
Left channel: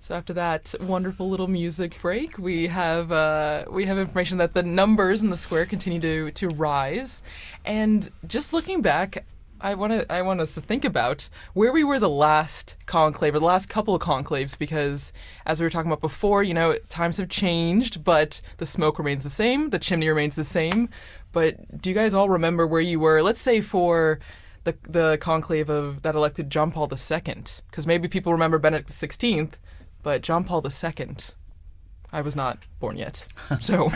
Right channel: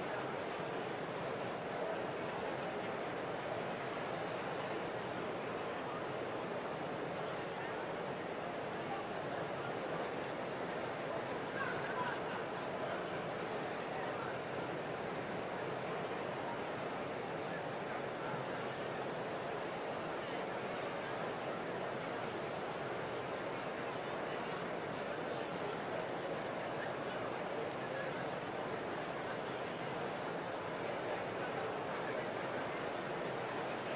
So after that wonderful little music break, we have information that the numbers in the square continue to rise, and just looking back, I want us to think about where we were the last conclave or the last couple of conclaves, because as we were talking about before, times have changed, but the smoke remains the same, the chimney remains the same. But do you guys all remember where you were? Let's say for the conclave that elected John Paul II, because maybe people remember Benedict XVI. But John Paul II, I was not born yet, so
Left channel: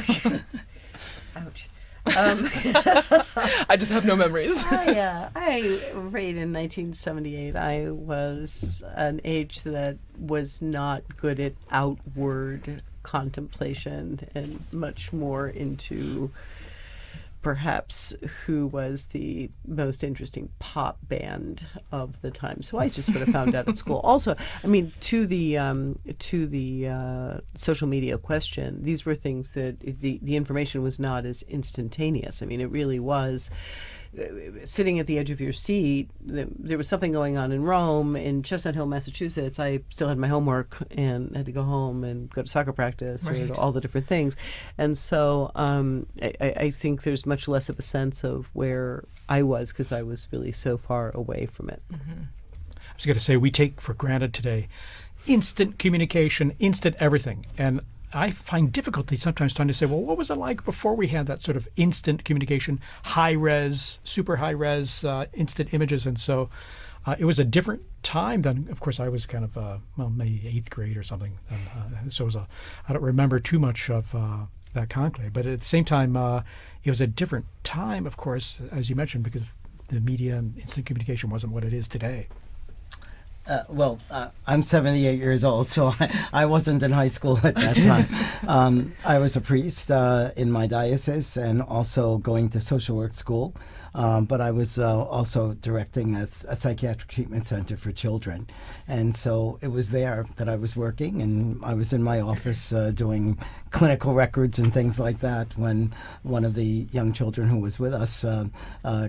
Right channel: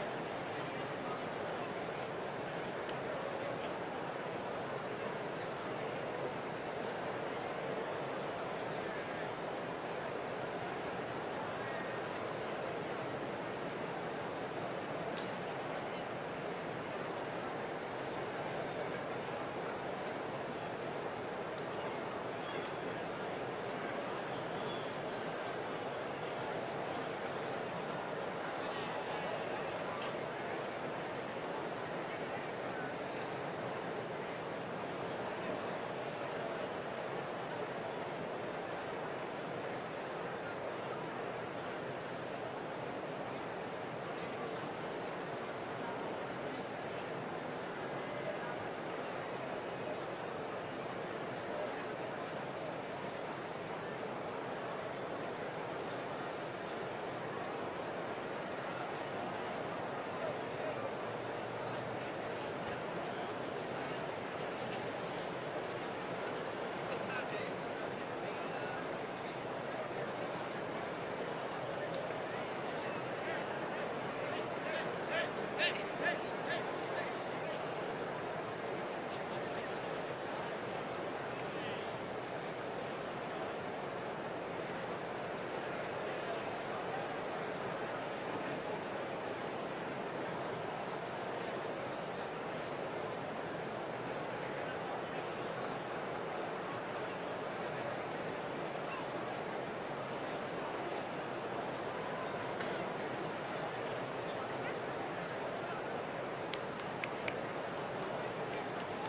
I just have no memories. I read in 1978. I was an age that was not good at outward contemplation and much more into perhaps who was the most interesting pop band of the time. So I just sort of found out at school. Also, I mean, to the social media question, these were things that the information was not as instantaneous. I mean, it really was sitting at the edge of your seat. There was something going on in Rome, in Chestnut Hill, Massachusetts. I still had my homework and had to go home and go to soccer practice, or all the different things. And so I think there's much less of a sense of where I was, because I was really so far away from it. I was going to say, we take for granted today instant communication, instant everything. And I find difficulty sometimes trying to say, well, what was it like before we had that sort of instant communication, high-res, super high-res, instant images? And so it was a different time than, of course, I was kind of maybe 8th grade or something. So I don't remember too much of that conclave. But at the same time, it was a different time, of course, as you mentioned, because the media and instant communication wasn't what it is today. I'm 78 years old, so I wasn't in high school at that time. I was a priest in my diocese and also going to social work school, but I was also directing a psychiatric treatment center for children. And so it was there that I was working, and I was in my office doing clinical records and things like that when one of the young children who was with us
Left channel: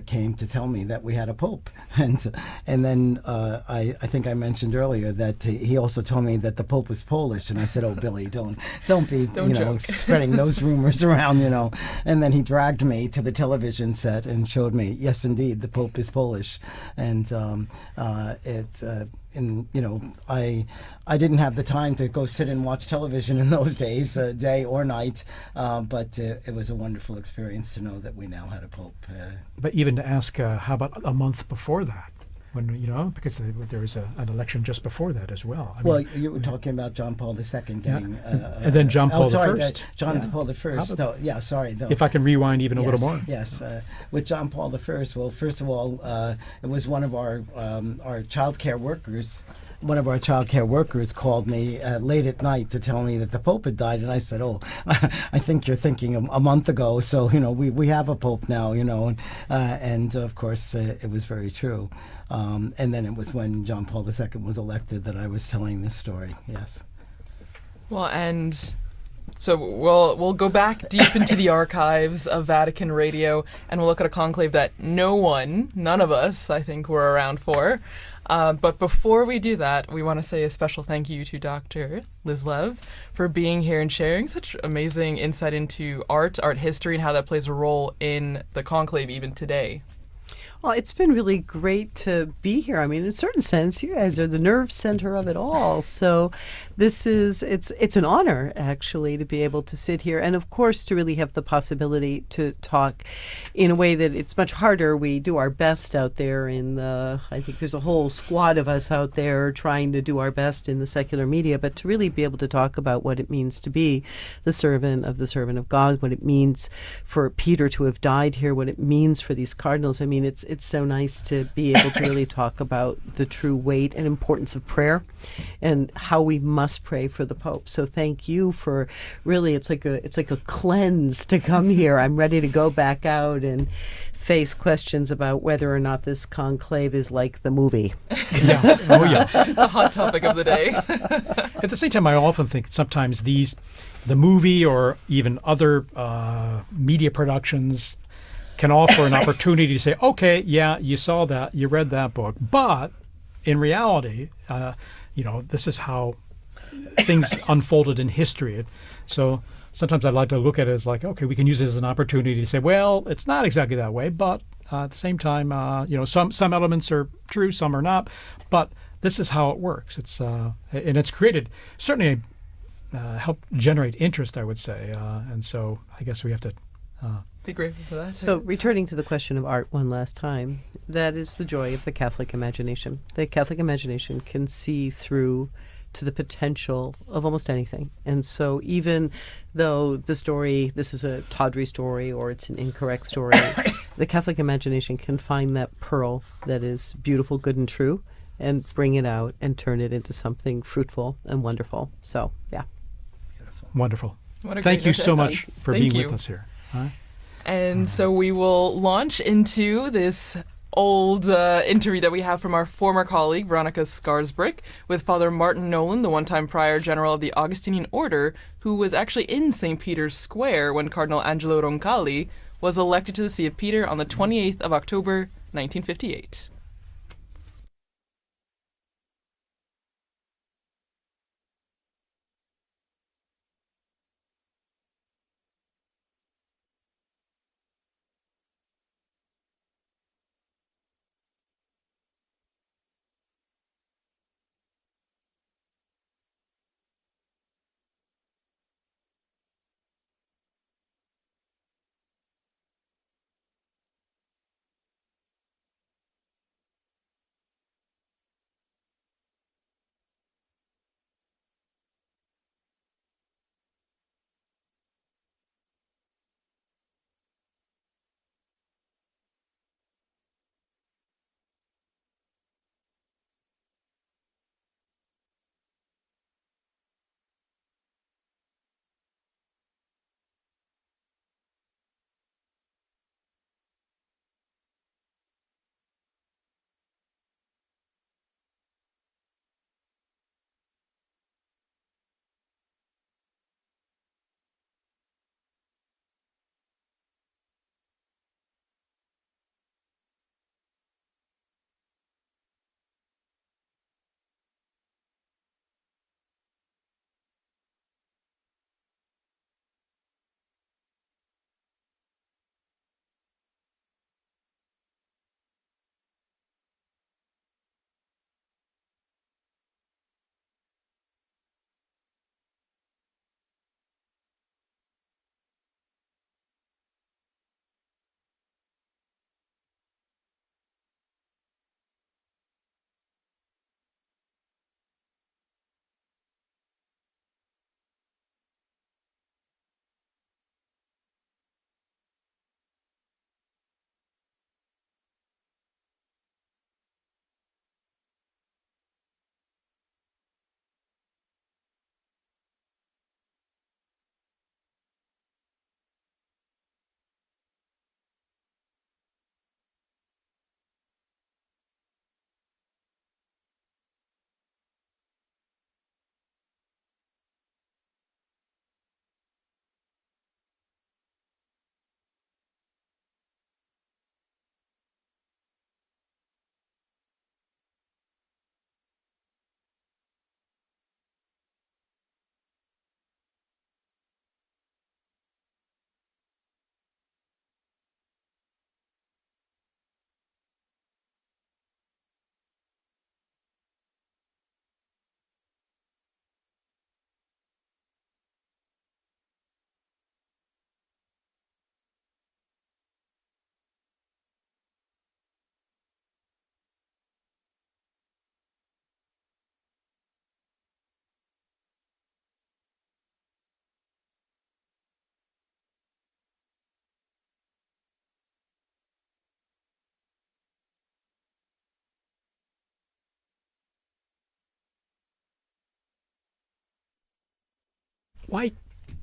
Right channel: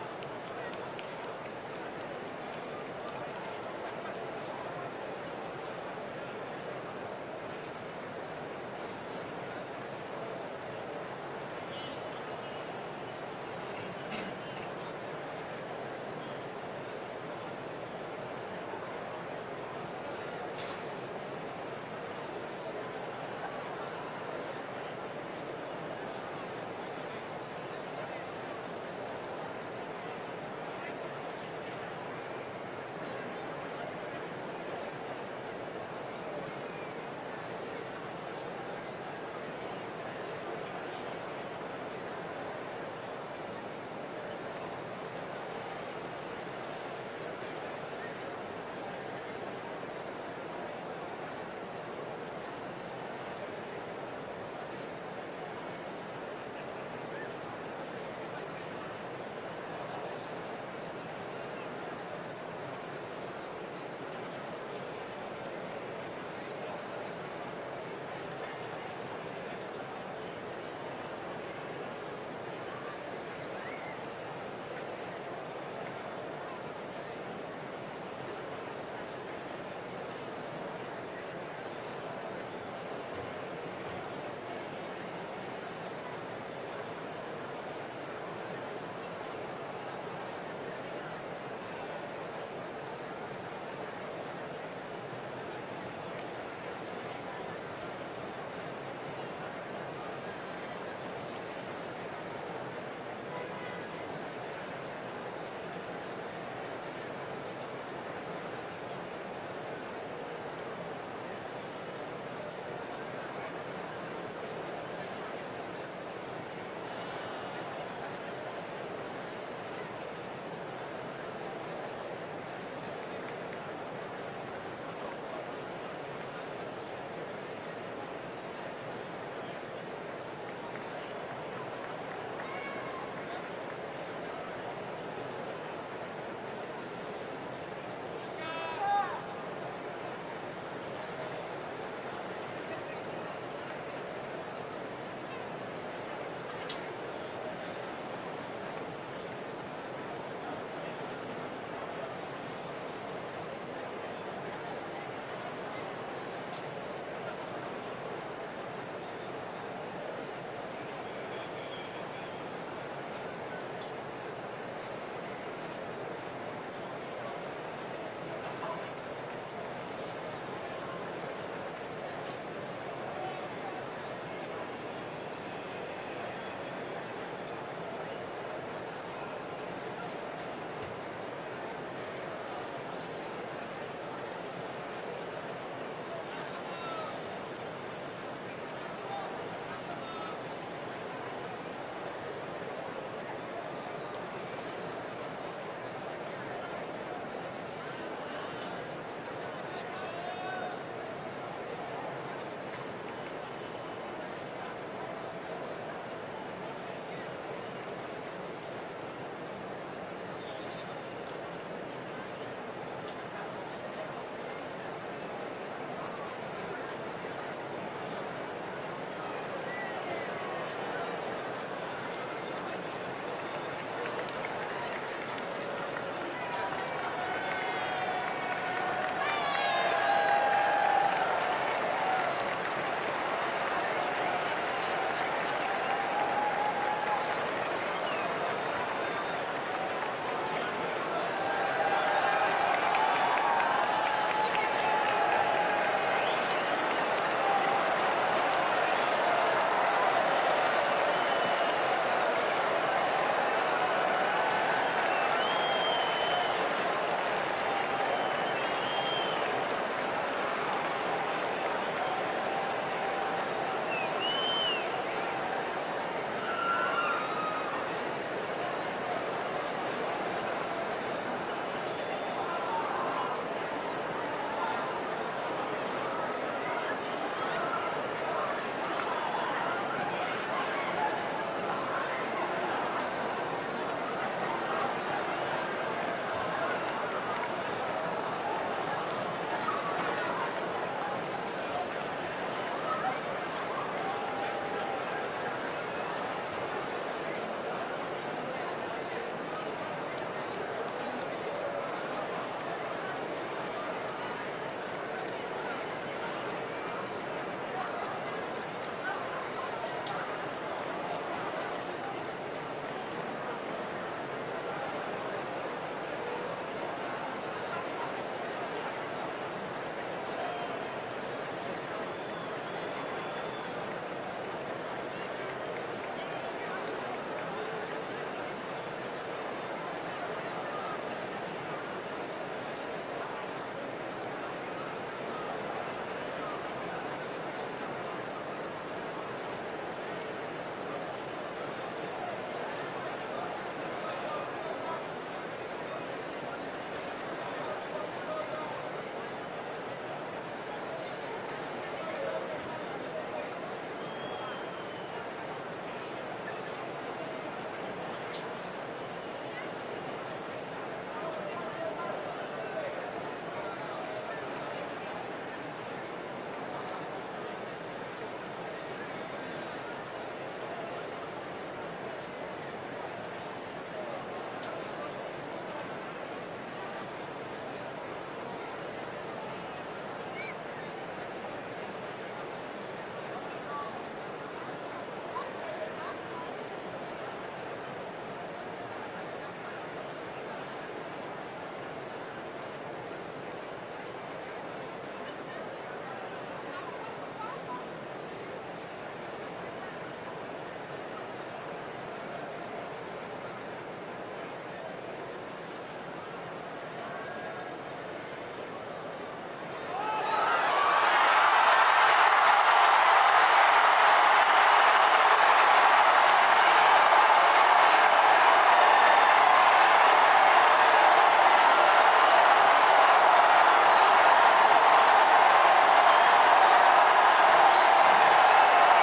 came to tell me that we had a pope. And then I think I mentioned earlier that he also told me that the pope was Polish, and I said, "Oh, Billy, don't be spreading those rumors around, And then he dragged me to the television set and showed me, yes, indeed, the pope is Polish, and I didn't have the time to go sit and watch television in those days, day or night, but it was a wonderful experience to know that we now have a pope. But even to ask, how about a month before that? When, because there was an election just before that as well. Well, you were talking about John Paul II and then John Paul I. John Paul I. So, sorry. If I can rewind even a little more. Yes. With John Paul I, well, first of all, it was one of our child care workers. One of our child care workers called me late at night to tell me that the Pope had died, and I said, "Oh, I think you're thinking a month ago. So we have a Pope now, and of course it was very true. And then it was when John Paul II was elected that I was telling this story. Yes. Well, and so we'll go back deep into the archives of Vatican Radio, and we'll look at a conclave that none of us, I think, were around for. But before we do that, we want to say a special thank you to Dr. Liz Lev for being here and sharing such amazing insight into art history, and how that plays a role in the conclave even today. Well, it's been really great to be here. I mean, in a certain sense, you guys are the nerve center of it all. So it's an honor, actually, to be able to sit here, and of course to really have the possibility to talk in a way that it's much harder. We do our best out there I think there's a whole squad of us out there trying to do our best in the secular media, but to really be able to talk about what it means to be the servant of God, what it means for Peter to have died here, what it means for these cardinals. I mean, it's so nice to be able to really talk about the true weight and importance of prayer and how we must pray for the Pope. So thank you for really, it's like a cleanse to come here. I'm ready to go back out and face questions about whether or not this conclave is like the movie. Yeah. Oh yeah. The hot topic of the day. At the same time, I often think sometimes the movie or even other media productions can offer an opportunity to say, okay, yeah, you saw that, you read that book, but in reality, this is how things unfolded in history. So sometimes I'd like to look at it as like, okay, we can use it as an opportunity to say, well, it's not exactly that way, but at the same time, some elements are true, some are not, but this is how it works. And it's created certainly helped generate interest, I would say, and so I guess we have to be grateful for that. So returning to the question of art one last time, that is the joy of the Catholic imagination. The Catholic imagination can see through to the potential of almost anything. And so even though this is a tawdry story or it's an incorrect story, the Catholic imagination can find that pearl that is beautiful, good, and true and bring it out and turn it into something fruitful and wonderful. So, yeah. Wonderful. Thank you so much for being with us here. And so we will launch into this old interview that we have from our former colleague, Veronica Skarsbrick, with Father Martin Nolan, the one-time Prior General of the Augustinian Order, who was actually in St. Peter's Square when Cardinal Angelo Roncalli was elected to the See of Peter on the 28th of October, 1958.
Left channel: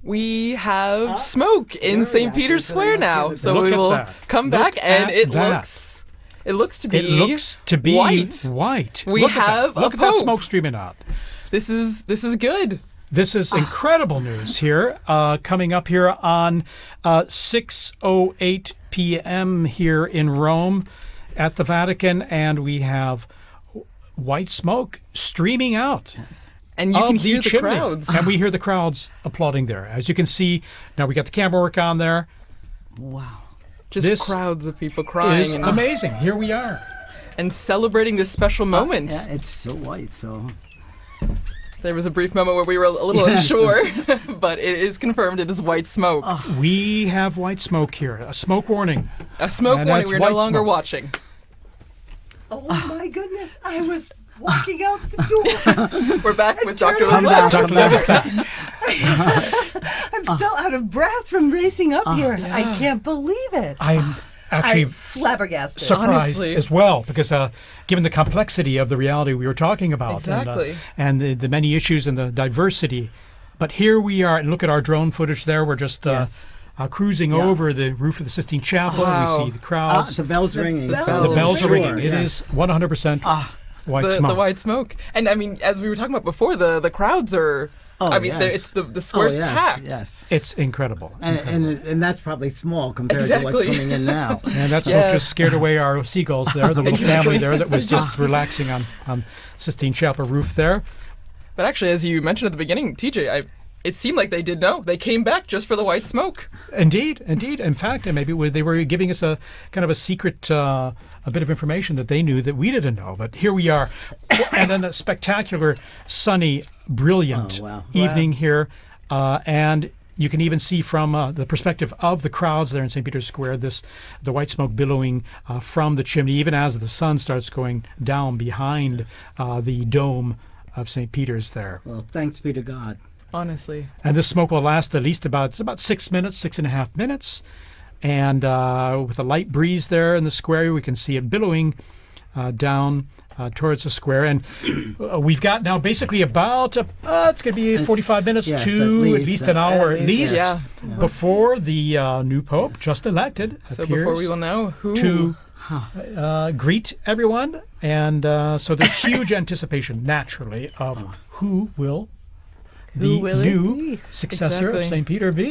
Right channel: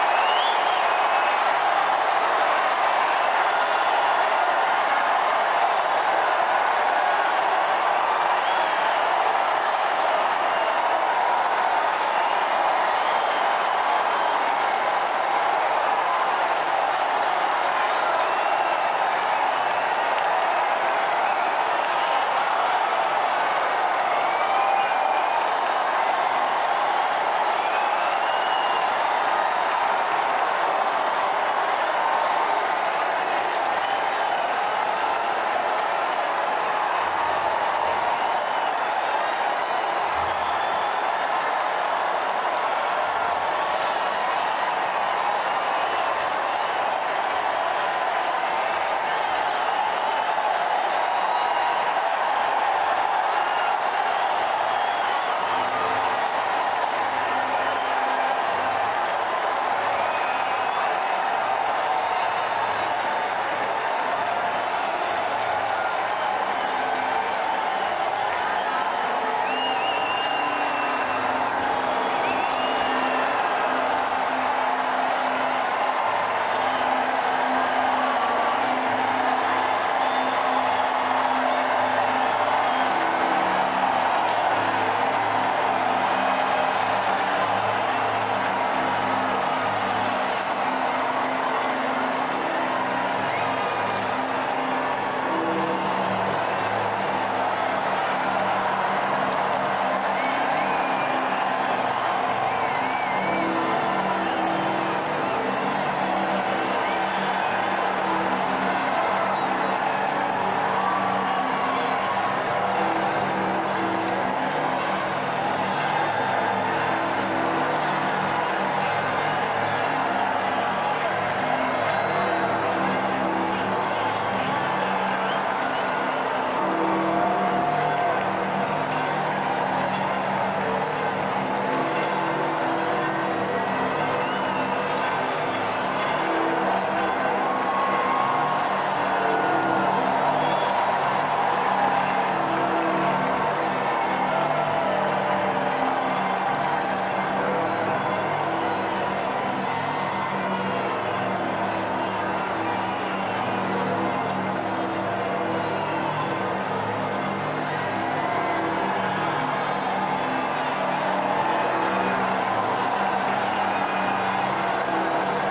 We have smoke in St. Peter's Square now, so we will come back, and it looks to be white. We have look at that smoke streaming out. This is good. This is incredible news here, coming up here on 6:08 p.m. here in Rome at the Vatican, and we have white smoke streaming out. And you of can the hear the chimney. crowds. And we hear the crowds applauding there. As you can see, now we've got the camera work on there. Just This crowds of people crying. is and, amazing. Here we are. and celebrating this special moment. It's still light, so. There was a brief moment where we were a little Yes. unsure, but it is confirmed it is white smoke. We have white smoke here. A smoke warning. A smoke And warning, that's you're no white longer smoke. watching. We're back with Dr. Come LeBlanc. back. Dr. Levitt. I'm still out of breath from racing up here. I can't believe it. I'm actually I'm flabbergasted. surprised honestly. as well because given the complexity of the reality we were talking about Exactly. and the many issues and the diversity. But here we are, and look at our drone footage there. We're just cruising over the roof of the Sistine Chapel. We see the crowds. The bells ringing. The bells are ringing. It is 100% white The smoke. white smoke. And I mean, as we were talking about before, the crowds are, Oh, I mean, yes. it's the square's yes, packed. yes. It's incredible. And that's probably small compared to what's Exactly. going in now. And that smoke Yeah. just scared away our seagulls there, the little family Exactly. there that was just relaxing on Sistine Chapel roof there. But actually, as you mentioned at the beginning, TJ, it seemed like they did know. They came back just for the white smoke. Indeed. In fact, and maybe they were giving us a kind of a secret a bit of information that they knew that we didn't know. But here we are. And then a spectacular, sunny, brilliant evening here. And you can even see from the perspective of the crowds there in St. Peter's Square, the white smoke billowing from the chimney, even as the sun starts going down behind the dome of St. Peter's there. Thanks be to God. Honestly. And this smoke will last at least about 6 minutes, 6.5 minutes. And with a light breeze there in the square, we can see it billowing down towards the square. And we've got now basically about, it's going to be 45 minutes Yes, to at least an hour at least Yeah. before the new Pope, just elected, So before appears we will know who. to greet everyone. And so there's huge anticipation, naturally, of who will the new successor of St. Peter be.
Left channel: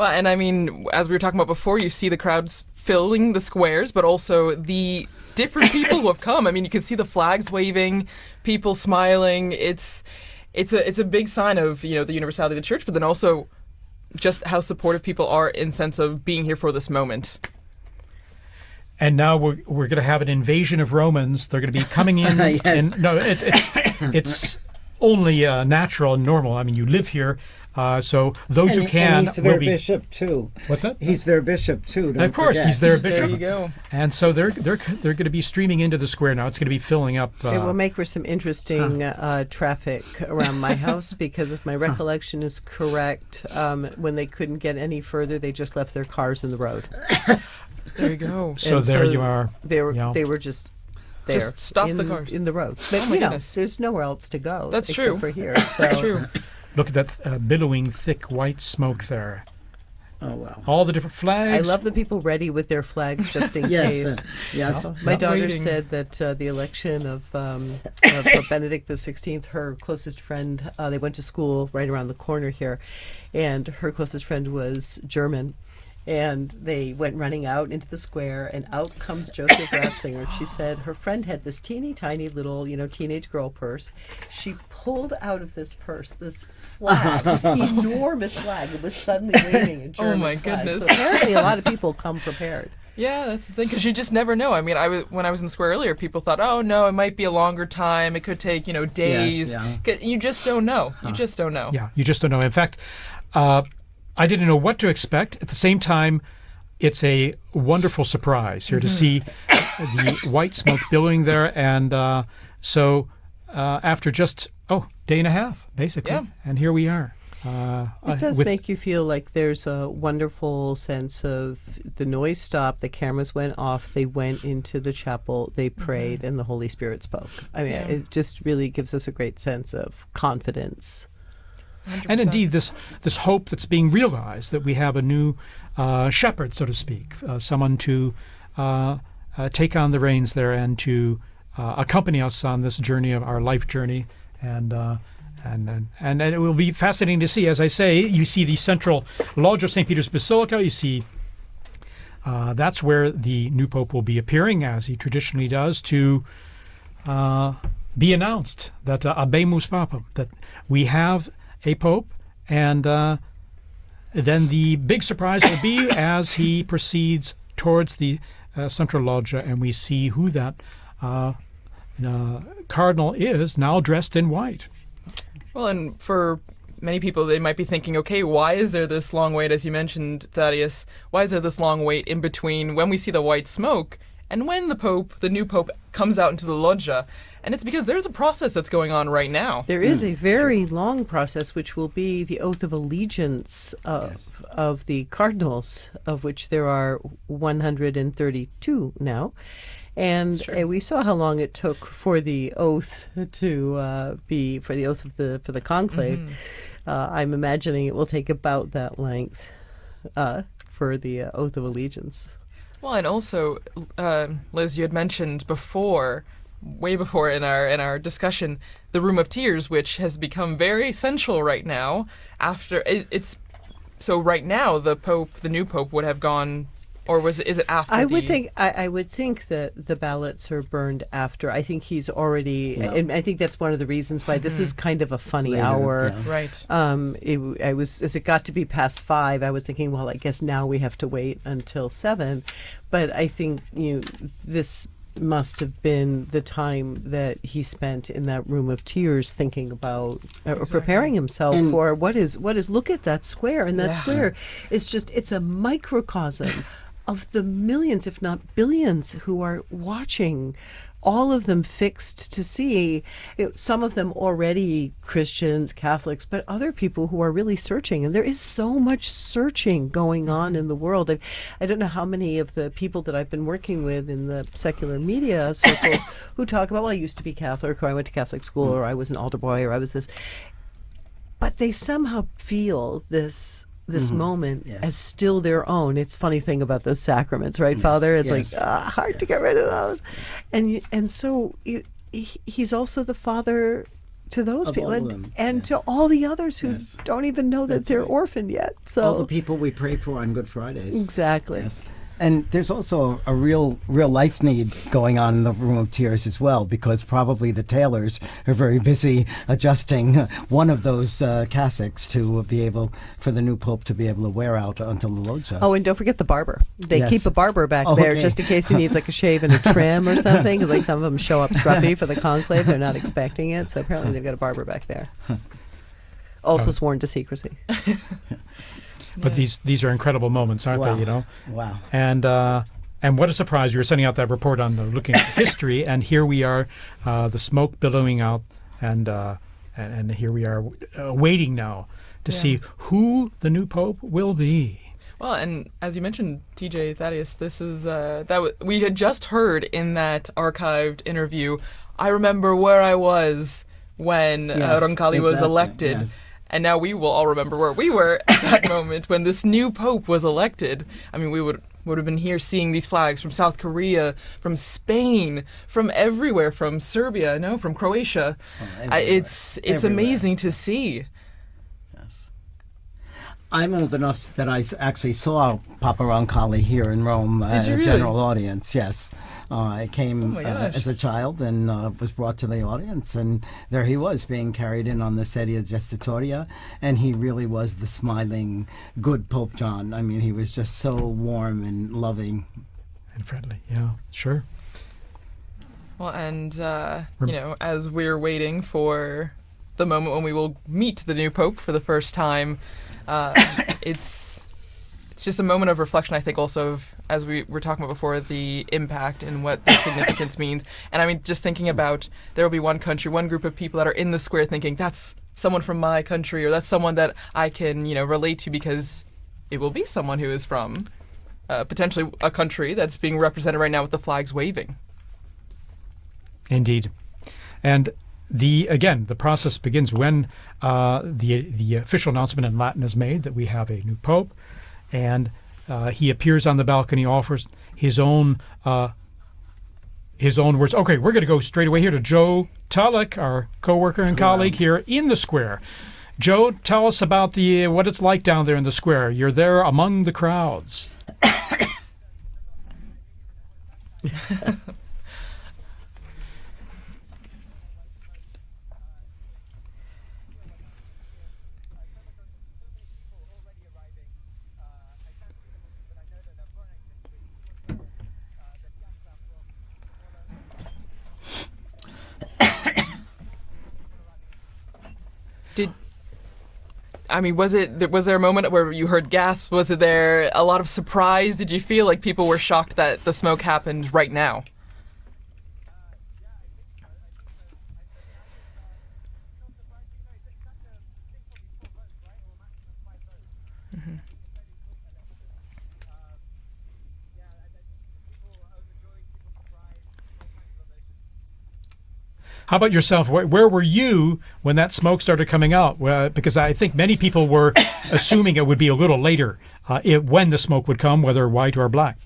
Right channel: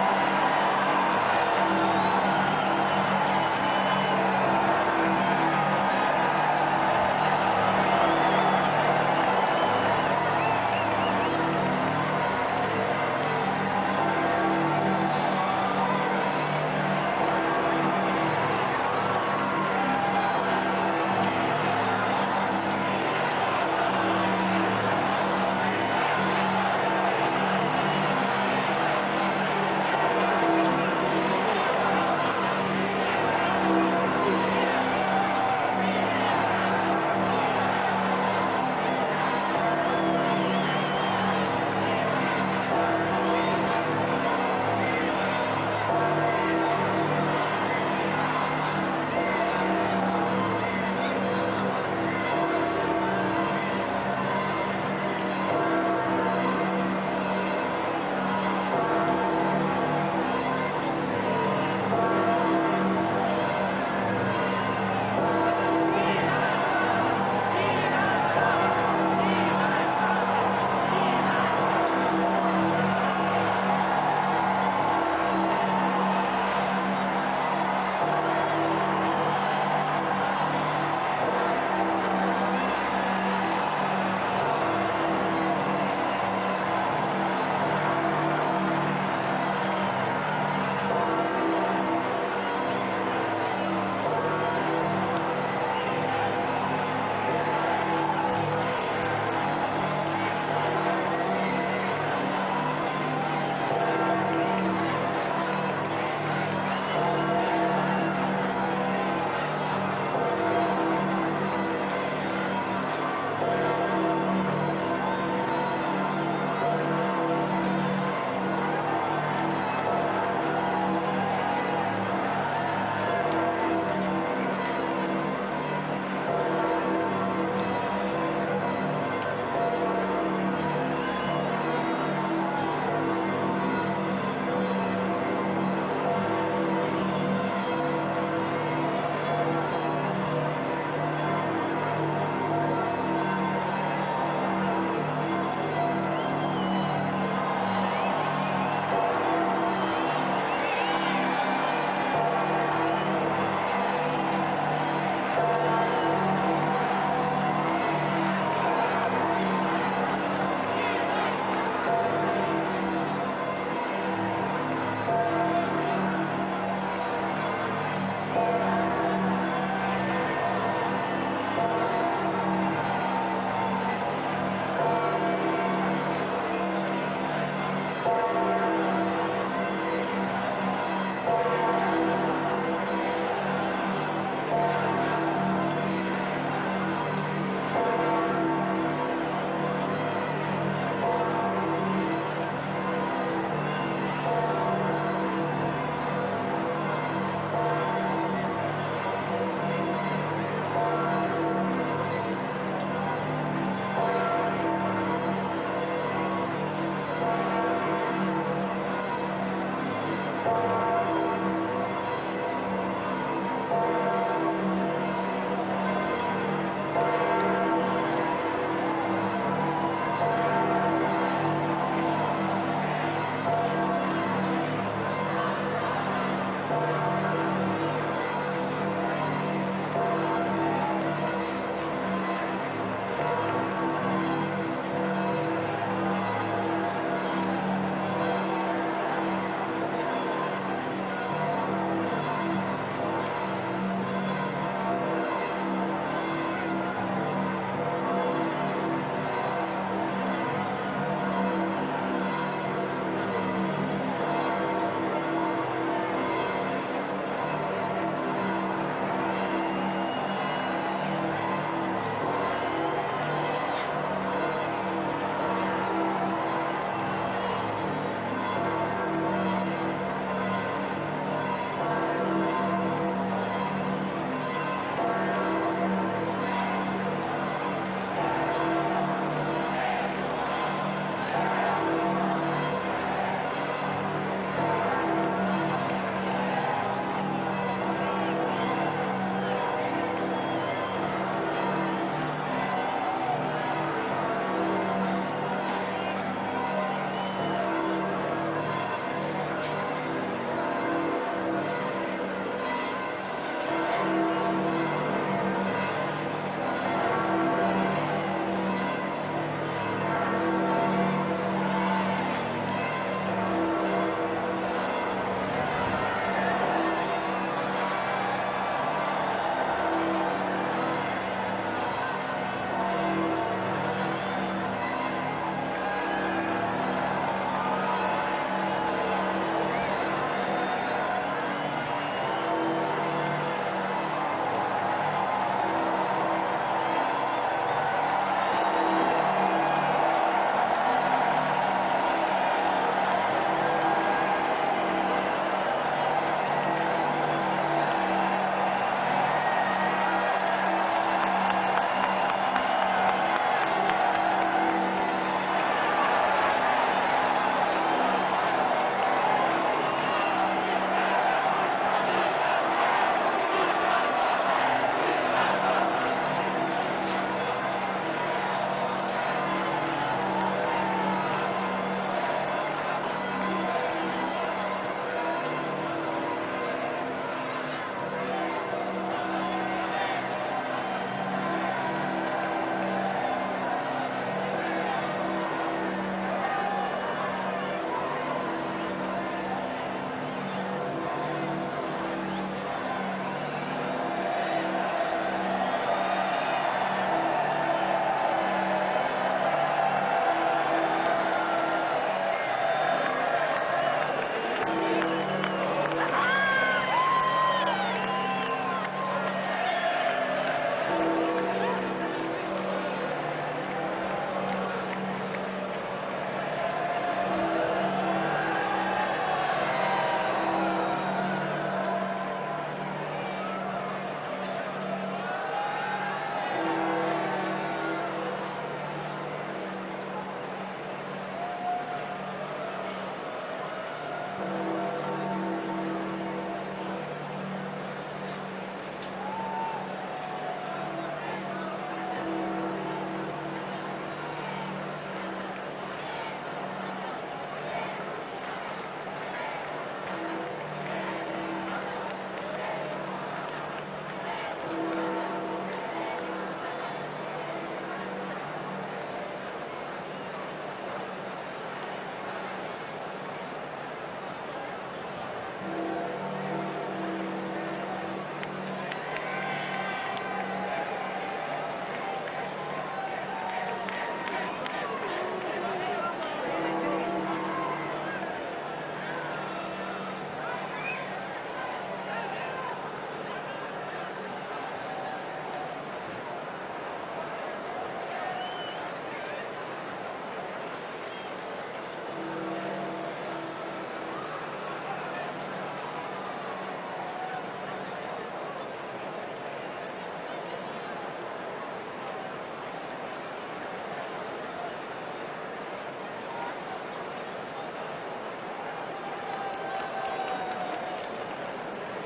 Well, and I mean, as we were talking about before, you see the crowds filling the squares, but also the different people who have come. I mean, you can see the flags waving, people smiling. It's a big sign of the universality of the church, but then also just how supportive people are in sense of being here for this moment. And now we're going to have an invasion of Romans. They're going to be coming in. Yes. And no, it's only natural and normal. I mean, you live here, so those who can He's their will be. bishop too. What's that? He's their bishop too. And of course, he's their bishop. There you go. And so they're going to be streaming into the square now. It's going to be filling up. It will make for some interesting traffic around my house because if my recollection is correct, when they couldn't get any further, they just left their cars in the road. So And there you are. They were just there. Just stop in, the car. in the road. But, Oh my goodness. there's nowhere else to go. That's except true. for here. That's So, true. Look at that billowing, thick white smoke there. All the different I flags. love the people ready with their flags just in Yes, case. yes. My daughter Waiting. said that the election of Pope Benedict XVI, her closest friend, they went to school right around the corner here, and her closest friend was German, and they went running out into the square, and out comes Joseph Watson, and she said her friend had this teeny tiny little teenage girl purse. She pulled out this purse, this flag, this enormous flag, it was suddenly waving. Oh my goodness. So apparently a lot of people come prepared. Yeah, because you just never know. I mean, when I was in the square earlier, people thought, oh no, it might be a longer time. It could take days. yeah. You just don't know. You just don't know. Yeah, you just don't know. In fact, I didn't know what to expect. At the same time, it's a wonderful surprise here to see the white smoke billowing there. And so after just, day and a half, basically, Yeah. and here we are. It does with- make you feel like there's a wonderful sense of the noise stopped, the cameras went off, they went into the chapel, they prayed, and the Holy Spirit spoke. I mean, it just really gives us a great sense of confidence. And indeed, this hope that's being realized, that we have a new shepherd, so to speak, someone to take on the reins there and to accompany us on this journey of our life journey. And it will be fascinating to see. As I say, you see the central lodge of St. Peter's Basilica. You see that's where the new Pope will be appearing, as he traditionally does, to be announced that Habemus Papa, that we have a Pope, and then the big surprise will be as he proceeds towards the Central Loggia, and we see who that Cardinal is, now dressed in white. Well, and for many people, they might be thinking, okay, why is there this long wait, as you mentioned, Thaddeus? Why is there this long wait in between when we see the white smoke and when the new Pope, comes out into the loggia? And it's because there's a process that's going on right now. There is a very long process, which will be the oath of allegiance of the cardinals, of which there are 132 now. And we saw how long it took for the oath to for the conclave. I'm imagining it will take about that length for the oath of allegiance. Well, and also, Liz, you had mentioned before, way before in our discussion, the Room of Tears, which has become very essential right now. So right now the new Pope would have gone. Or is it after? I would think that the ballots are burned after. I think he's already, and I think that's one of the reasons why this is kind of a funny hour. Right. As it got to be past 5, I was thinking, well, I guess now we have to wait until 7. But I think this must have been the time that he spent in that Room of Tears, thinking about preparing himself for what is. Look at that square, and that square is it's a microcosm of the millions, if not billions, who are watching, all of them fixed to see, some of them already Christians, Catholics, but other people who are really searching. And there is so much searching going on in the world. And I don't know how many of the people that I've been working with in the secular media circles who talk about, well, I used to be Catholic, or I went to Catholic school, or I was an altar boy, or I was this. But they somehow feel this moment as still their own. It's a funny thing about those sacraments, right, Father? It's like hard to get rid of those. And so he's also the father to those people, and to all the others who don't even know that they're orphaned yet. So all the people we pray for on Good Fridays. Exactly. And there's also a real life need going on in the Room of Tears as well, because probably the tailors are very busy adjusting one of those cassocks to be able, for the new Pope to be able to wear out onto the loggia. Oh, and don't forget the barber. They keep a barber back there just in case he needs like a shave and a trim or something. Like some of them show up scruffy for the conclave, they're not expecting it, so apparently we got a barber back there. Also sworn to secrecy. But these are incredible moments, aren't they? You know. Wow. And what a surprise! We were sending out that report on looking at history, and here we are, the smoke billowing out, and here we are waiting now to see who the new Pope will be. Well, and as you mentioned, TJ Thaddeus, this is we had just heard in that archived interview. I remember where I was when Roncalli was elected. And now we will all remember where we were at that moment when this new Pope was elected. I mean, we would have been here seeing these flags from South Korea, from Spain, from everywhere, from Serbia, no, from Croatia. It's amazing to see. I'm old enough that I actually saw Papa Roncalli here in Rome at a general audience, yes. I came as a child and was brought to the audience, and there he was being carried in on the sedia gestatoria, and he really was the smiling, good Pope John. I mean, he was just so warm and loving. Sure. Well, and as we're waiting for the moment when we will meet the new Pope for the first time, it's just a moment of reflection, I think, also, as we were talking before, the impact and what the significance means. And I mean, just thinking about, there will be one country, one group of people that are in the square thinking, that's someone from my country, or that's someone that I can, relate to, because it will be someone who is from potentially a country that's being represented right now with the flags waving. Indeed. And the process begins when the official announcement in Latin is made that we have a new Pope, and he appears on the balcony, offers his own words. Okay, we're going to go straight away here to Joe Tulloch, our co-worker and colleague here in the square. Joe, tell us about what it's like down there in the square. You're there among the crowds. Was there a moment where you heard gasps? Was there a lot of surprise? Did you feel like people were shocked that the smoke happened right now? How about yourself? Where were you when that smoke started coming out? Because I think many people were assuming it would be a little later when the smoke would come, whether white or black.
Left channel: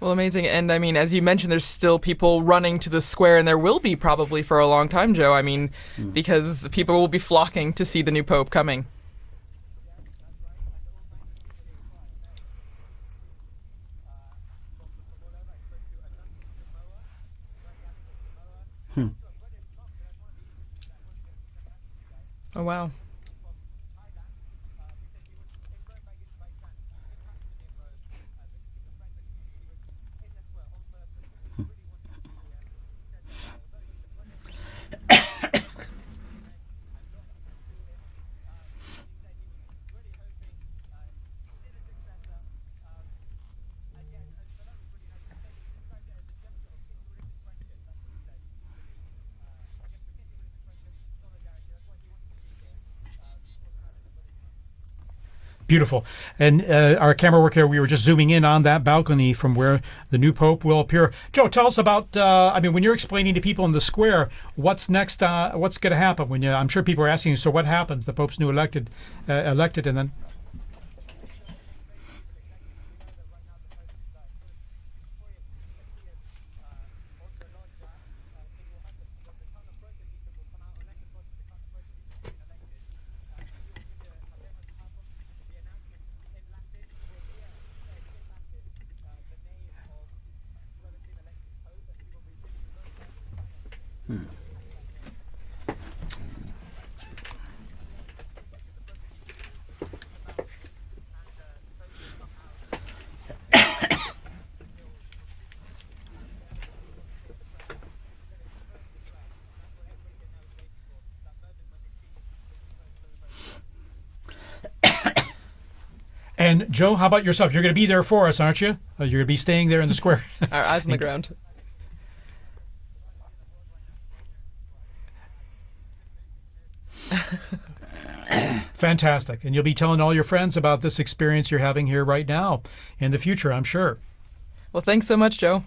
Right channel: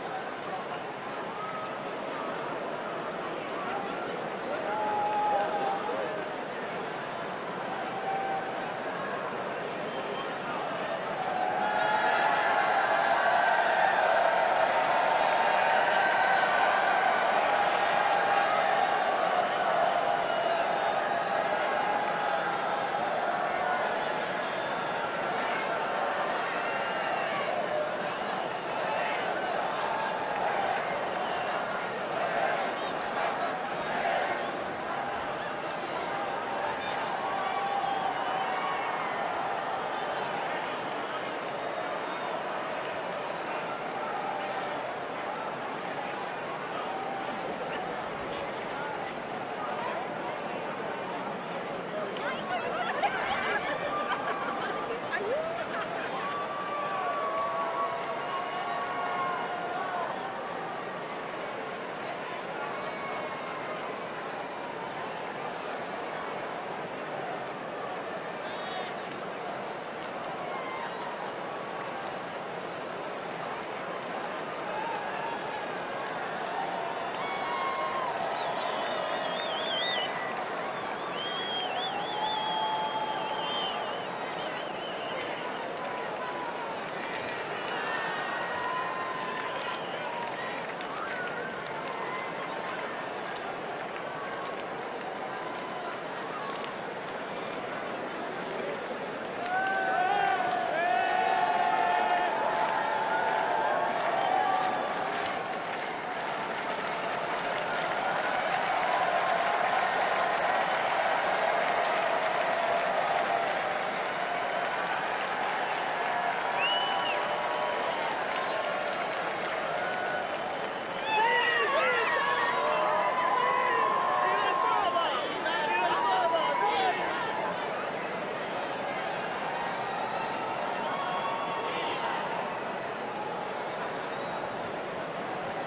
Well, amazing. And I mean, as you mentioned, there's still people running to the square, and there will be probably for a long time, Joe. I mean, because people will be flocking to see the new Pope coming. Oh, wow. Beautiful. And our camera work here, we were just zooming in on that balcony from where the new Pope will appear. Joe, tell us about, I mean, when you're explaining to people in the square, what's next, what's going to happen? I'm sure people are asking you, so what happens? The Pope's new elected, and then... And Joe, how about yourself? You're going to be there for us, aren't you? You're going to be staying there in the square. Our eyes on the ground. Fantastic. And you'll be telling all your friends about this experience you're having here right now in the future, I'm sure. Well, thanks so much, Joe.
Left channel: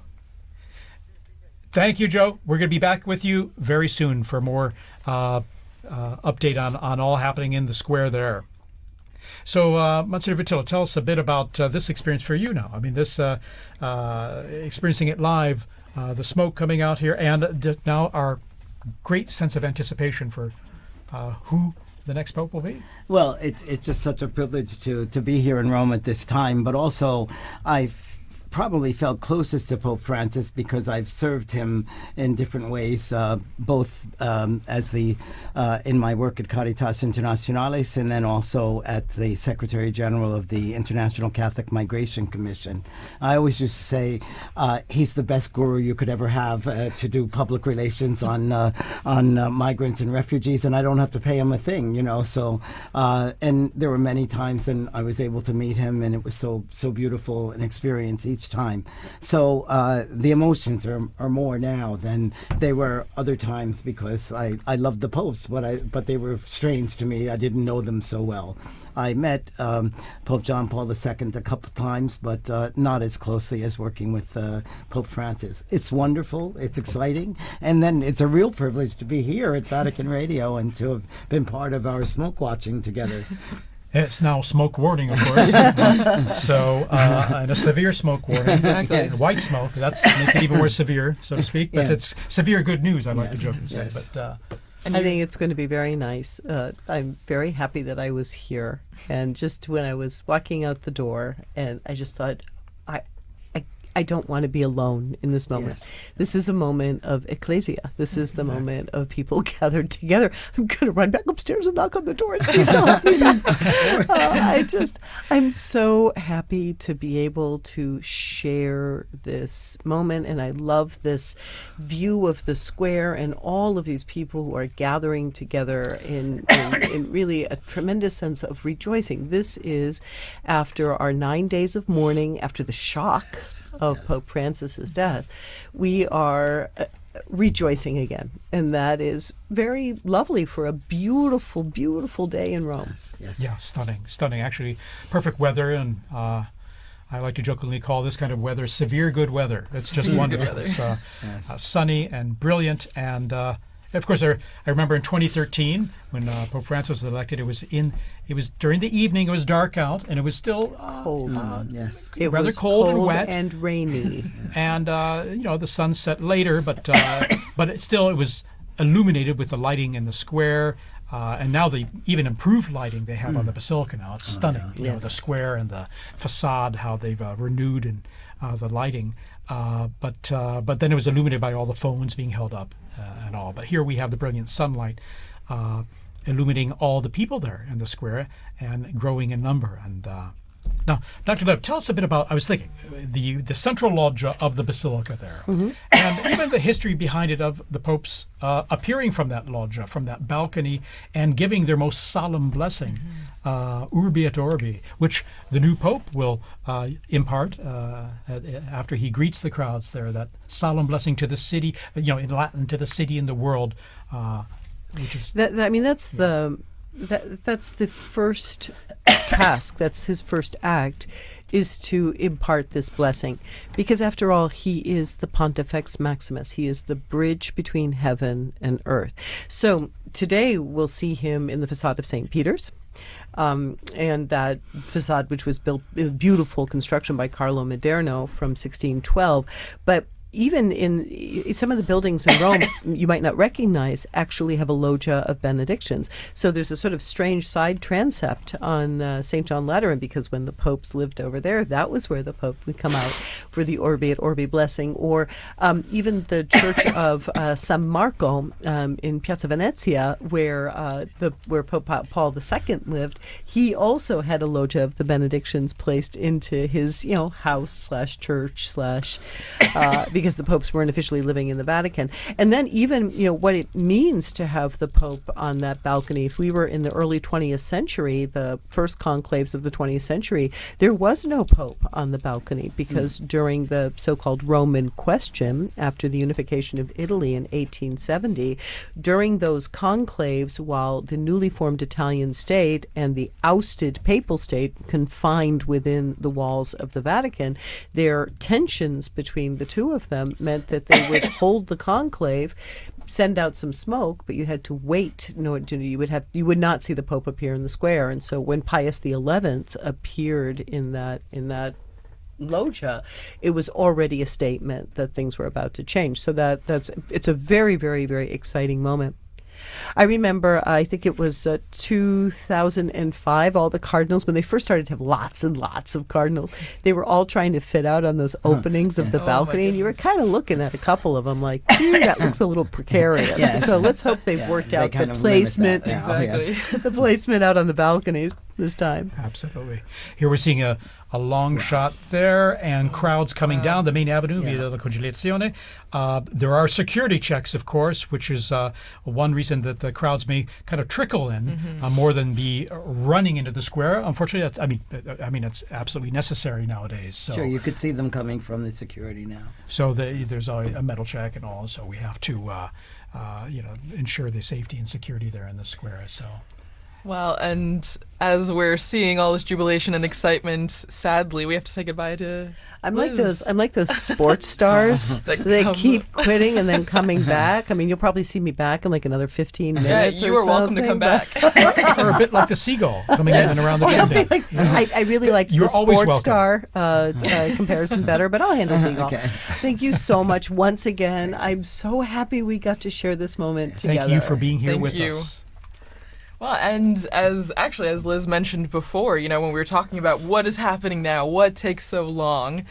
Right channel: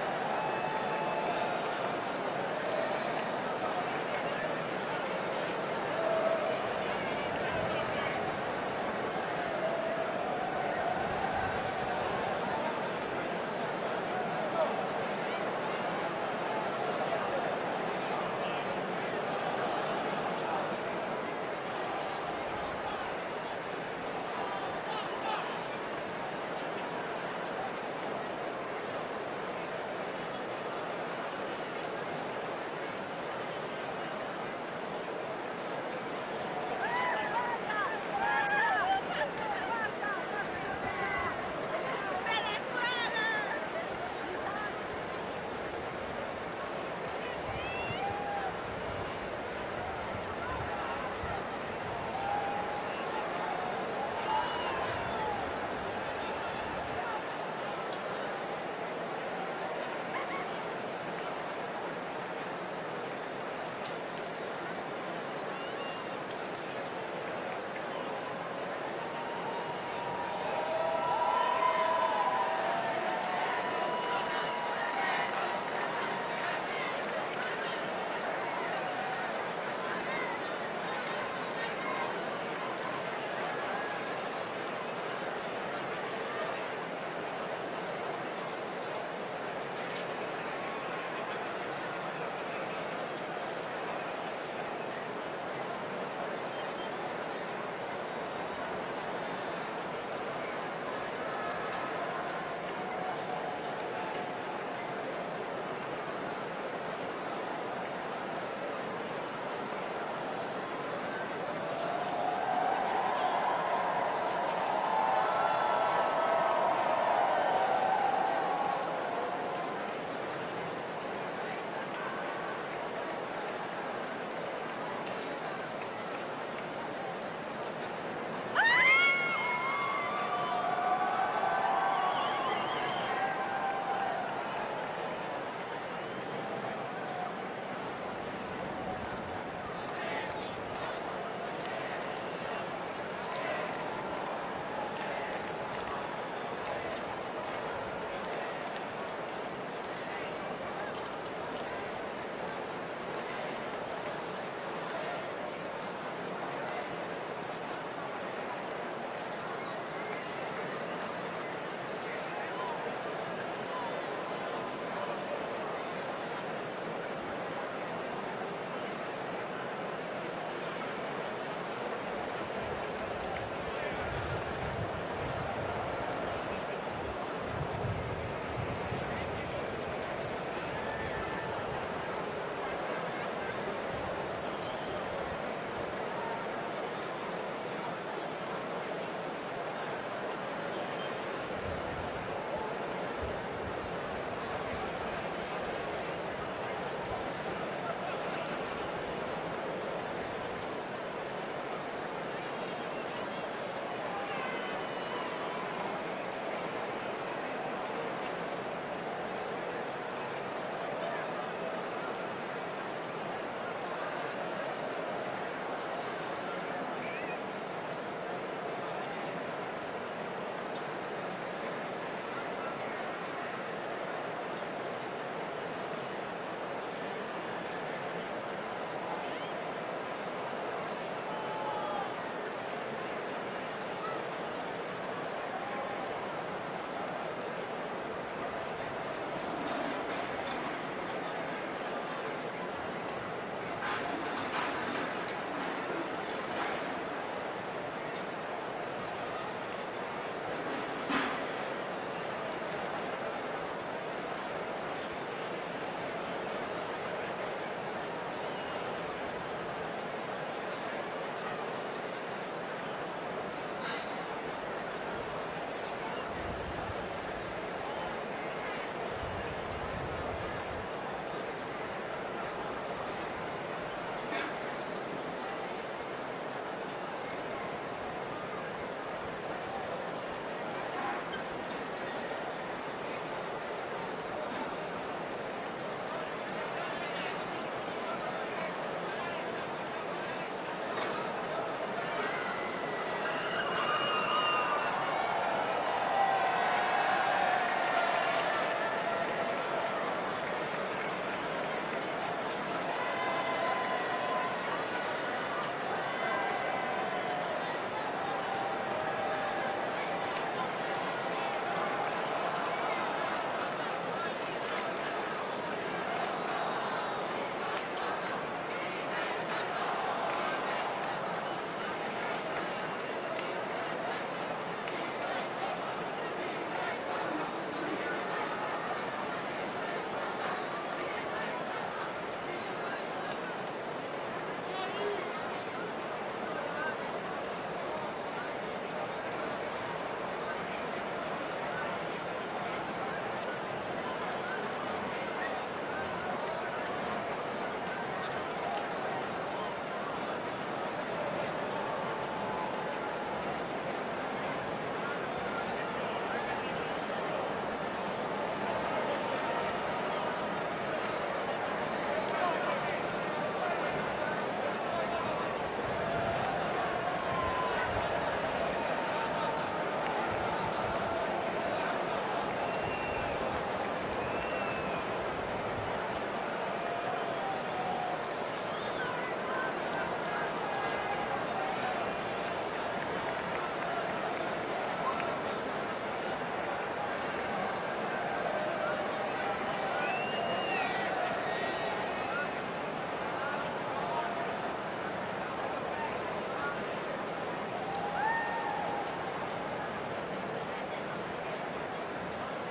Thank you, Joe. We're going to be back with you very soon for more update on all happening in the square there. So, Monsignor Vitilla, tell us a bit about this experience for you now. I mean, this experiencing it live, the smoke coming out here, and now our great sense of anticipation for who the next Pope will be. Well, it's just such a privilege to be here in Rome at this time, but also I probably felt closest to Pope Francis because I've served him in different ways, both as the in my work at Caritas Internationalis, and then also at the Secretary General of the International Catholic Migration Commission. I always used to say he's the best guru you could ever have to do public relations on migrants and refugees, and I don't have to pay him a thing, you know. So, and there were many times when I was able to meet him, and it was so beautiful an experience each time. So the emotions are more now than they were other times, because I loved the popes, but they were strange to me. I didn't know them so well. I met Pope John Paul II a couple times, but not as closely as working with Pope Francis. It's wonderful, it's exciting, and then it's a real privilege to be here at Vatican Radio and to have been part of our smoke watching together. It's now smoke warning, of course. So, and a severe smoke warning. Exactly. Yes. White smoke, that makes it even more severe, so to speak. But it's severe good news, I like the joke to say. But I think it's going to be very nice. I'm very happy that I was here. And just when I was walking out the door, and I just thought, I don't want to be alone in this moment. Yes. This is a moment of ecclesia. This is the moment of people gathered together. I'm going to run back upstairs and knock on the door and say, I'm so happy to be able to share this moment, and I love this view of the square and all of these people who are gathering together in really a tremendous sense of rejoicing. This is after our 9 days of mourning, after the shock of Pope Francis's death. We are rejoicing again, and that is very lovely for a beautiful, beautiful day in Rome. Yeah, stunning. Actually, perfect weather, and I like to jokingly call this kind of weather severe good weather. It's just wonderful. It's sunny and brilliant, and of course, I remember in 2013 when Pope Francis was elected. It was during the evening. It was dark out, and it was still Cold. Yes. It rather was cold and wet and rainy. And the sun set later, but it was illuminated with the lighting in the square, and now the even improved lighting they have on the basilica now. It's stunning. You know, the square and the facade, how they've renewed the lighting. But then it was illuminated by all the phones being held up and all. But here we have the brilliant sunlight illuminating all the people there in the square and growing in number. And now, Dr. Lev, tell us a bit about, I was thinking, the central loggia of the basilica there, and even the history behind it of the popes appearing from that loggia, from that balcony, and giving their most solemn blessing, Urbi et Orbi, which the new pope will impart after he greets the crowds there, that solemn blessing to the city, in Latin, to the city and the world. That's the first task. That's his first act, is to impart this blessing, because after all, he is the Pontifex Maximus. He is the bridge between heaven and earth. So today we'll see him in the facade of St. Peter's. And that facade, which was built in beautiful construction by Carlo Maderno from 1612. But even in some of the buildings in Rome, you might not recognize, actually have a loggia of benedictions. So there's a sort of strange side transept on St. John Lateran, because when the popes lived over there, that was where the pope would come out for the Orbi et Orbi blessing. Or even the church of San Marco in Piazza Venezia, where Pope Paul II lived. He also had a loggia of the benedictions placed into his, house/church/ because the popes weren't officially living in the Vatican. And then even, what it means to have the Pope on that balcony. If we were in the early 20th century, the first conclaves of the 20th century, there was no Pope on the balcony, because during the so-called Roman question, after the unification of Italy in 1870, during those conclaves, while the newly formed Italian state and the ousted papal state confined within the walls of the Vatican, their tensions between the two of them meant that they would hold the conclave, send out some smoke, but you had to wait in order to, you would not see the Pope appear in the square. And so when Pius XI appeared in that loggia, it was already a statement that things were about to change. So it's a very, very, very exciting moment. I remember, I think it was 2005, all the cardinals, when they first started to have lots and lots of cardinals, they were all trying to fit out on those openings of the balcony, and you were kind of looking at a couple of them like, that looks a little precarious. Yes. So let's hope they've worked out the placement, the placement out on the balconies this time. Absolutely. Here we're seeing a long shot there, and crowds coming down the main avenue via the Conciliazione. There are security checks, of course, which is one reason that the crowds may kind of trickle in more than be running into the square. Unfortunately, it's absolutely necessary nowadays. So, Sure, you could see them coming from the security. So there's already a metal check, and also we have to ensure the safety and security there in the square. So. Well, and as we're seeing all this jubilation and excitement, sadly, we have to say goodbye to I'm like those sports stars that keep quitting and then coming back. I mean, you'll probably see me back in like another 15 minutes. Yeah, you or are welcome to something, come back. Or a bit like the seagull coming in and around the chimney. I really like You're the always sports welcome. star comparison better, but I'll handle seagull. Okay. Thank you so much once again. I'm so happy we got to share this moment together. Thank you for being here Thank with you. us. Well, and as Liz mentioned before, you know, when we were talking about what is happening now, what takes so long,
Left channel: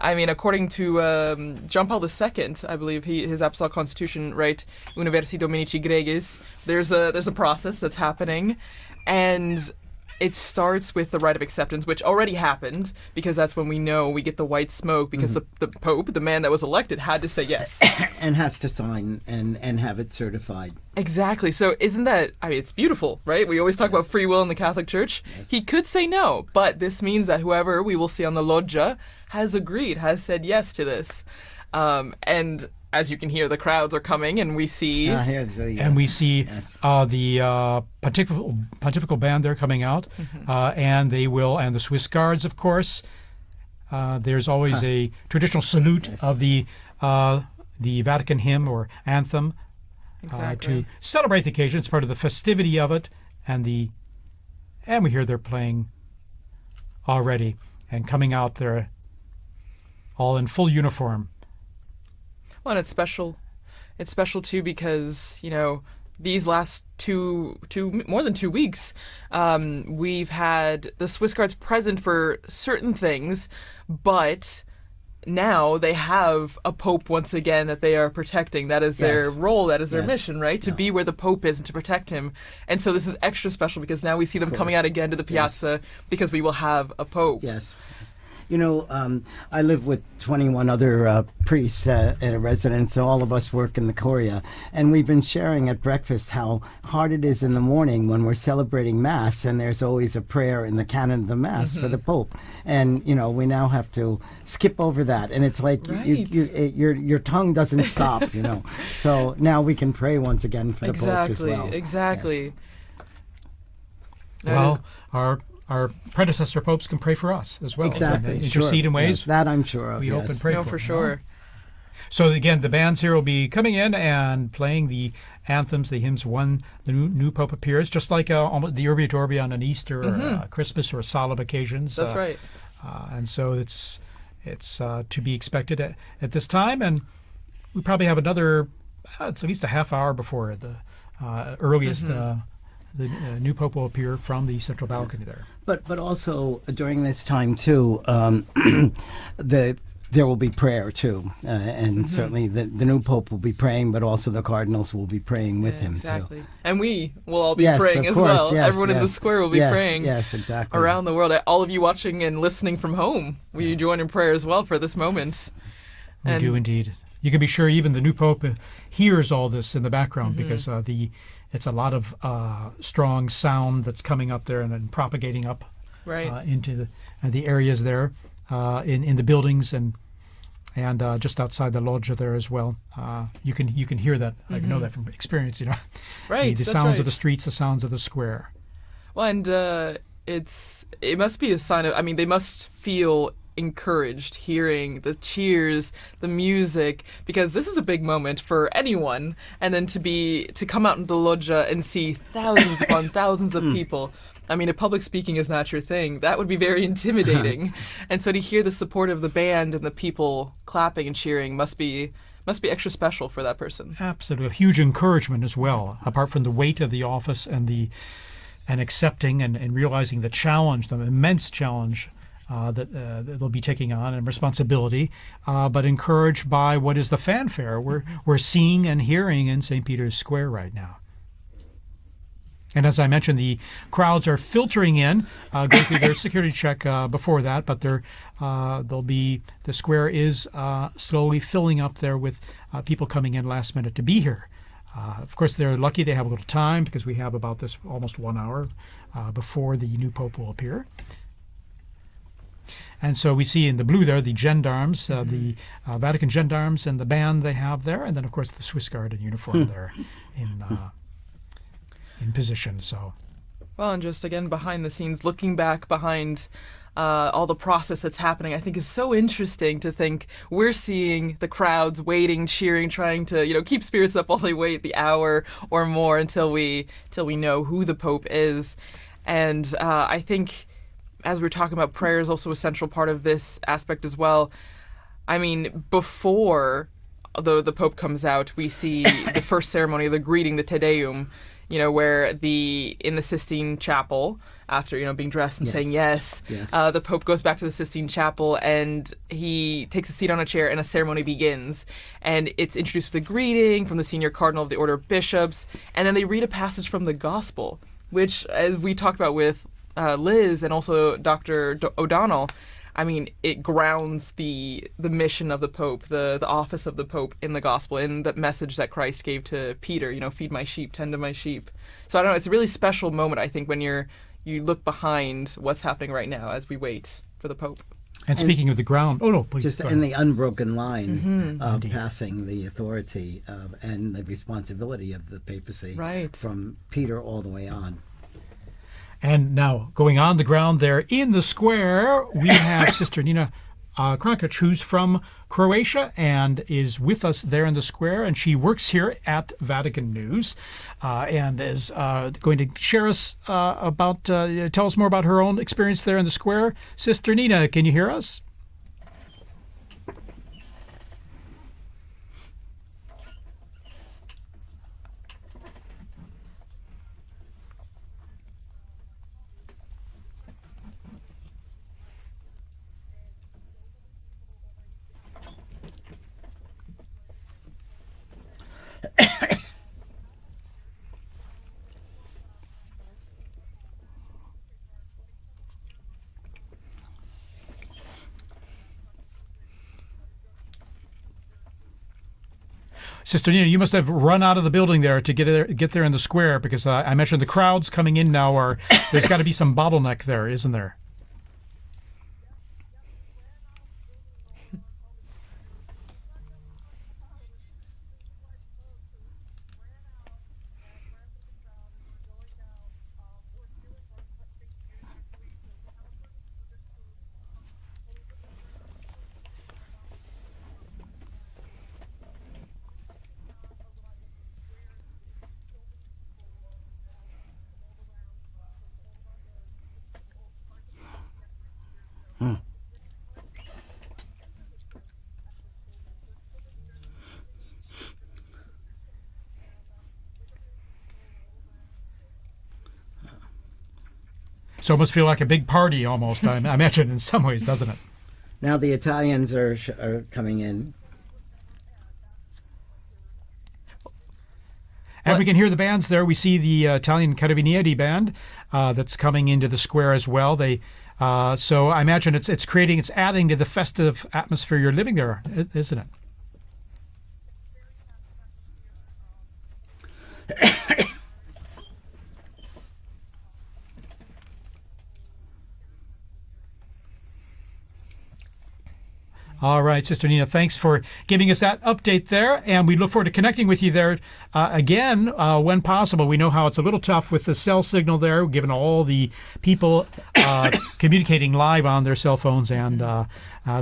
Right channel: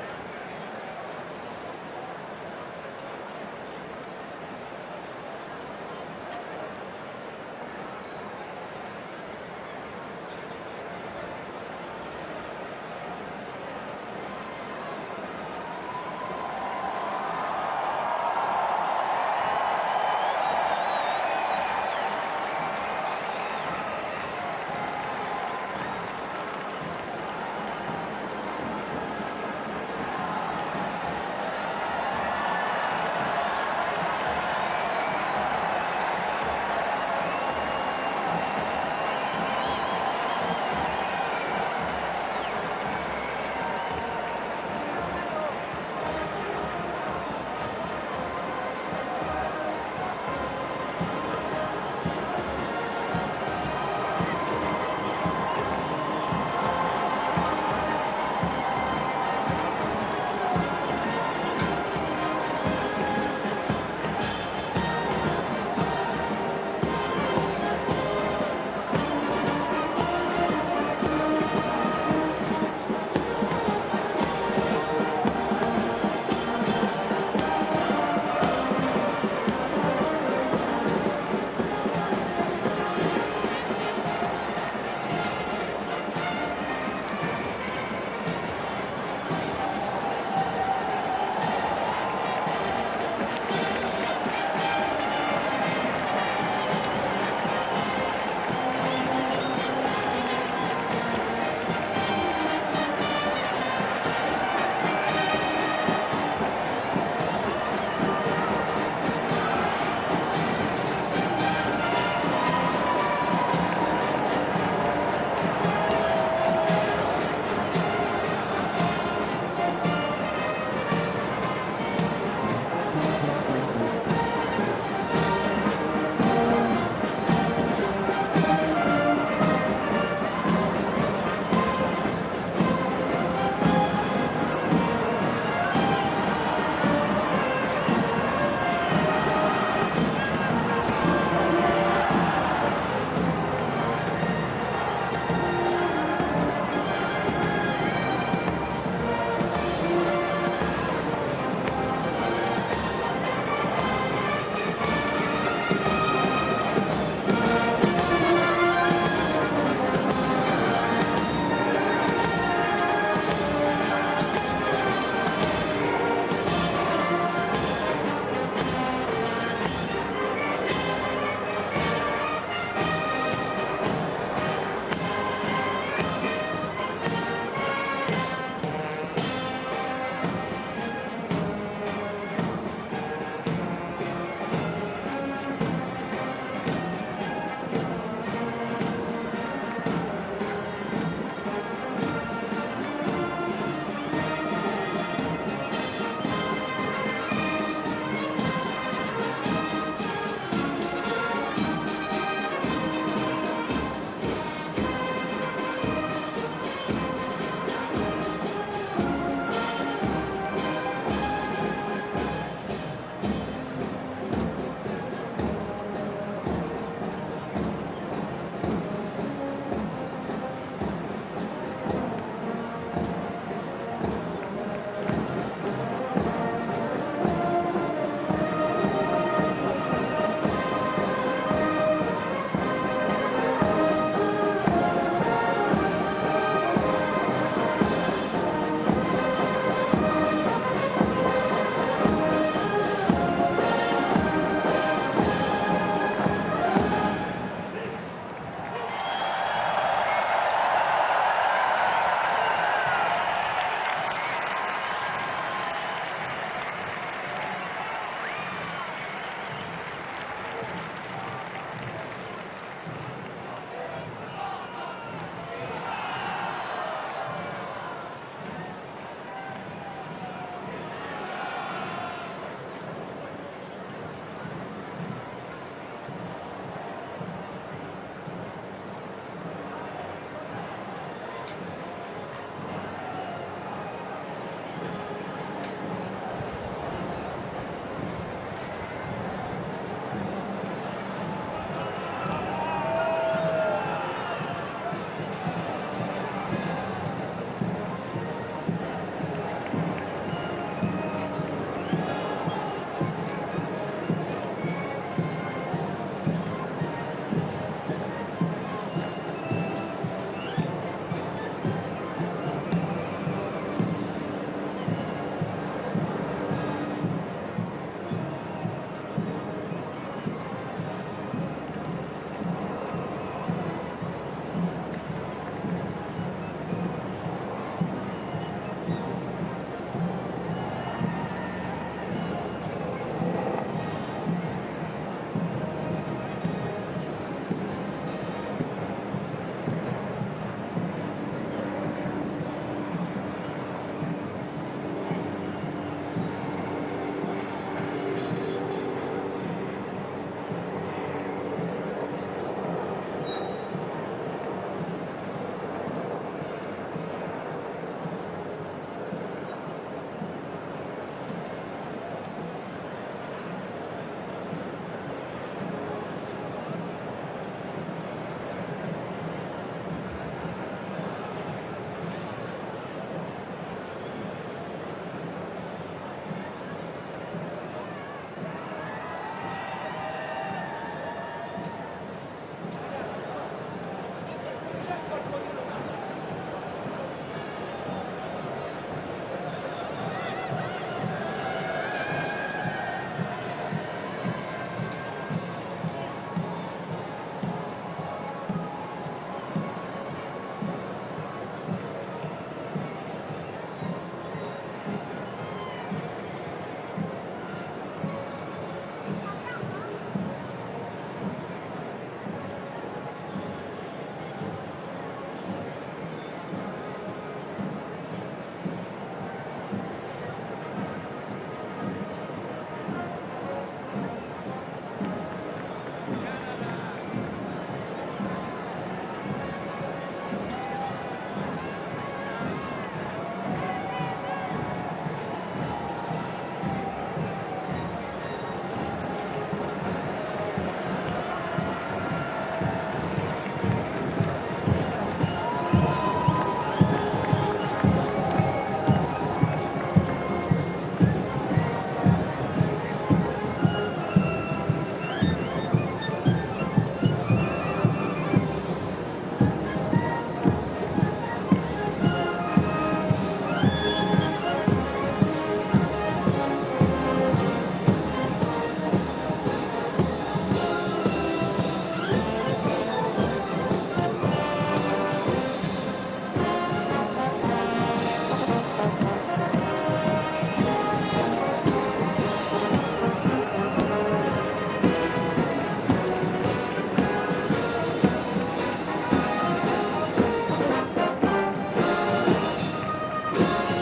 I mean, according to John Paul II, I believe his Apostolic Constitution, right, Universi Dominici Gregis, there's a process that's happening, and it starts with the rite of acceptance, which already happened, because that's when we know we get the white smoke, because the Pope, the man that was elected, had to say yes. And has to sign and have it certified. Exactly. So isn't that, I mean, it's beautiful, right? We always talk about free will in the Catholic Church. He could say no, but this means that whoever we will see on the loggia has agreed, has said yes to this. And as you can hear, the crowds are coming, and we see... And we see the pontifical band there coming out, and the Swiss Guards, of course. There's always a traditional salute of the Vatican hymn or anthem to celebrate the occasion. It's part of the festivity of it, and we hear they're playing already and coming out there all in full uniform. Well, it's special too because, you know, these last more than 2 weeks, we've had the Swiss Guards were present for certain things, but now they have a Pope once again that they are protecting. That is their role, that is their mission, right? To be where the Pope is and to protect him. And so this is extra special because now we see them coming out again to the piazza because we will have a Pope. Yes. You know, I live with 21 other priests at a residence. All of us work in the Curia. And we've been sharing at breakfast how hard it is in the morning when we're celebrating Mass, and there's always a prayer in the canon of the Mass for the Pope. And, you know, we now have to skip over that. And it's like your tongue doesn't stop, you know. So now we can pray once again for the Pope as well. Exactly. Well, our predecessor folks can pray for us as well. Exactly. Intercede in ways. That I'm sure. We hope and pray for sure. So again, the bands here will be coming in and playing the anthems, the hymns when the new Pope appears, just like the Urbi et Orbi on an Easter, Christmas, or solemn occasions. That's right. And so it's to be expected at this time, and we'll probably have another, it's at least a half hour before earliest the new Pope will appear from the Sacramento. But also during this time too, there will be prayer too, and certainly the new Pope will be praying, but also the cardinals will be praying with him too. And we will all be praying as course, well. Yes, Everyone in the square will be praying exactly. around the world. All of you watching and listening from home, you join in prayer as well for this moment. And you can be sure even the new Pope hears all this in the background, because it's a lot of strong sound that's coming up there and propagating up into the areas there, in the buildings and just outside the loggia there as well. You can hear that, you know that, you experience it. Right. The sounds of the streets, the sounds of the square. Well, and it must be a sign of, I mean, they must feel encouraged hearing the cheers, the music, because this is a big moment for anyone, and then to come out into the loggia and see thousands upon thousands of people. I mean, if public speaking is not your thing, that would be very intimidating. And so to hear the support of the band and the people clapping and cheering must be extra special for that person. Absolutely, a huge encouragement as well, apart from the weight of the office and accepting and realizing the challenge, the immense challenge that we'll be taking on, and responsibility, but encouraged by what is the fanfare we're seeing and hearing in St. Peter's Square right now. And as I mentioned, the crowds are filtering in. They do their security check before that, but the square is slowly filling up there with people coming in last minute to be here. Of course, they're lucky they have time, because we have about almost 1 hour before the new Pope will appear. And so we see in the blue there the gendarmes, the Vatican gendarmes, and the band they have there, and then of course the Swiss Guard in uniform there in position. So. Well, and just again behind the scenes, looking back behind all the process that's happening, I think is so interesting to think we're seeing the crowds waiting, cheering, trying to, keep spirits up while they wait the hour or more until we know who the Pope is. And I think, as we're talking about, prayer is also a central part of this aspect as well. I mean, before the Pope comes out, we see the first ceremony, the greeting, the Te Deum, where in the Sistine Chapel, after being dressed and saying yes, the Pope goes back to the Sistine Chapel and he takes a seat on a chair and a ceremony begins. And it's introduced with a greeting from the senior cardinal of the Order of Bishops, and then they read a passage from the Gospel, which, as we talked about with Liz and also Dr. O'Donnell, I mean, it grounds the mission of the Pope, the office of the Pope in the Gospel, in the message that Christ gave to Peter, feed my sheep, tend to my sheep. So I don't know, it's a really special moment, I think, when you look behind what's happening right now as we wait for the Pope. And speaking of the ground, just in the unbroken line of passing the authority and the responsibility of the papacy from Peter all the way on. And now, going on the ground there in the square, we have Sister Nina Krankic, who's from Croatia and is with us there in the square, and she works here at Vatican News and is going to share us tell us more about her own experience there in the square. Sister Nina, can you hear us? Sister Nina, you must have run out of the building there to get there in the square, because I mentioned the crowds coming in now there's got to be some bottleneck there, isn't there? So it must feel like a big party almost, I imagine, in some ways, doesn't it? Now the Italians are coming in. And we can hear the bands there. We see the Italian Carabinieri band that's coming into the square as well. So I imagine it's adding to the festive atmosphere you're living there, isn't it? All right, Sister Nina, thanks for giving us that update there, and we look forward to connecting with you there again when possible. We know how it's a little tough with the cell signal there, given all the people communicating live on their cell phones and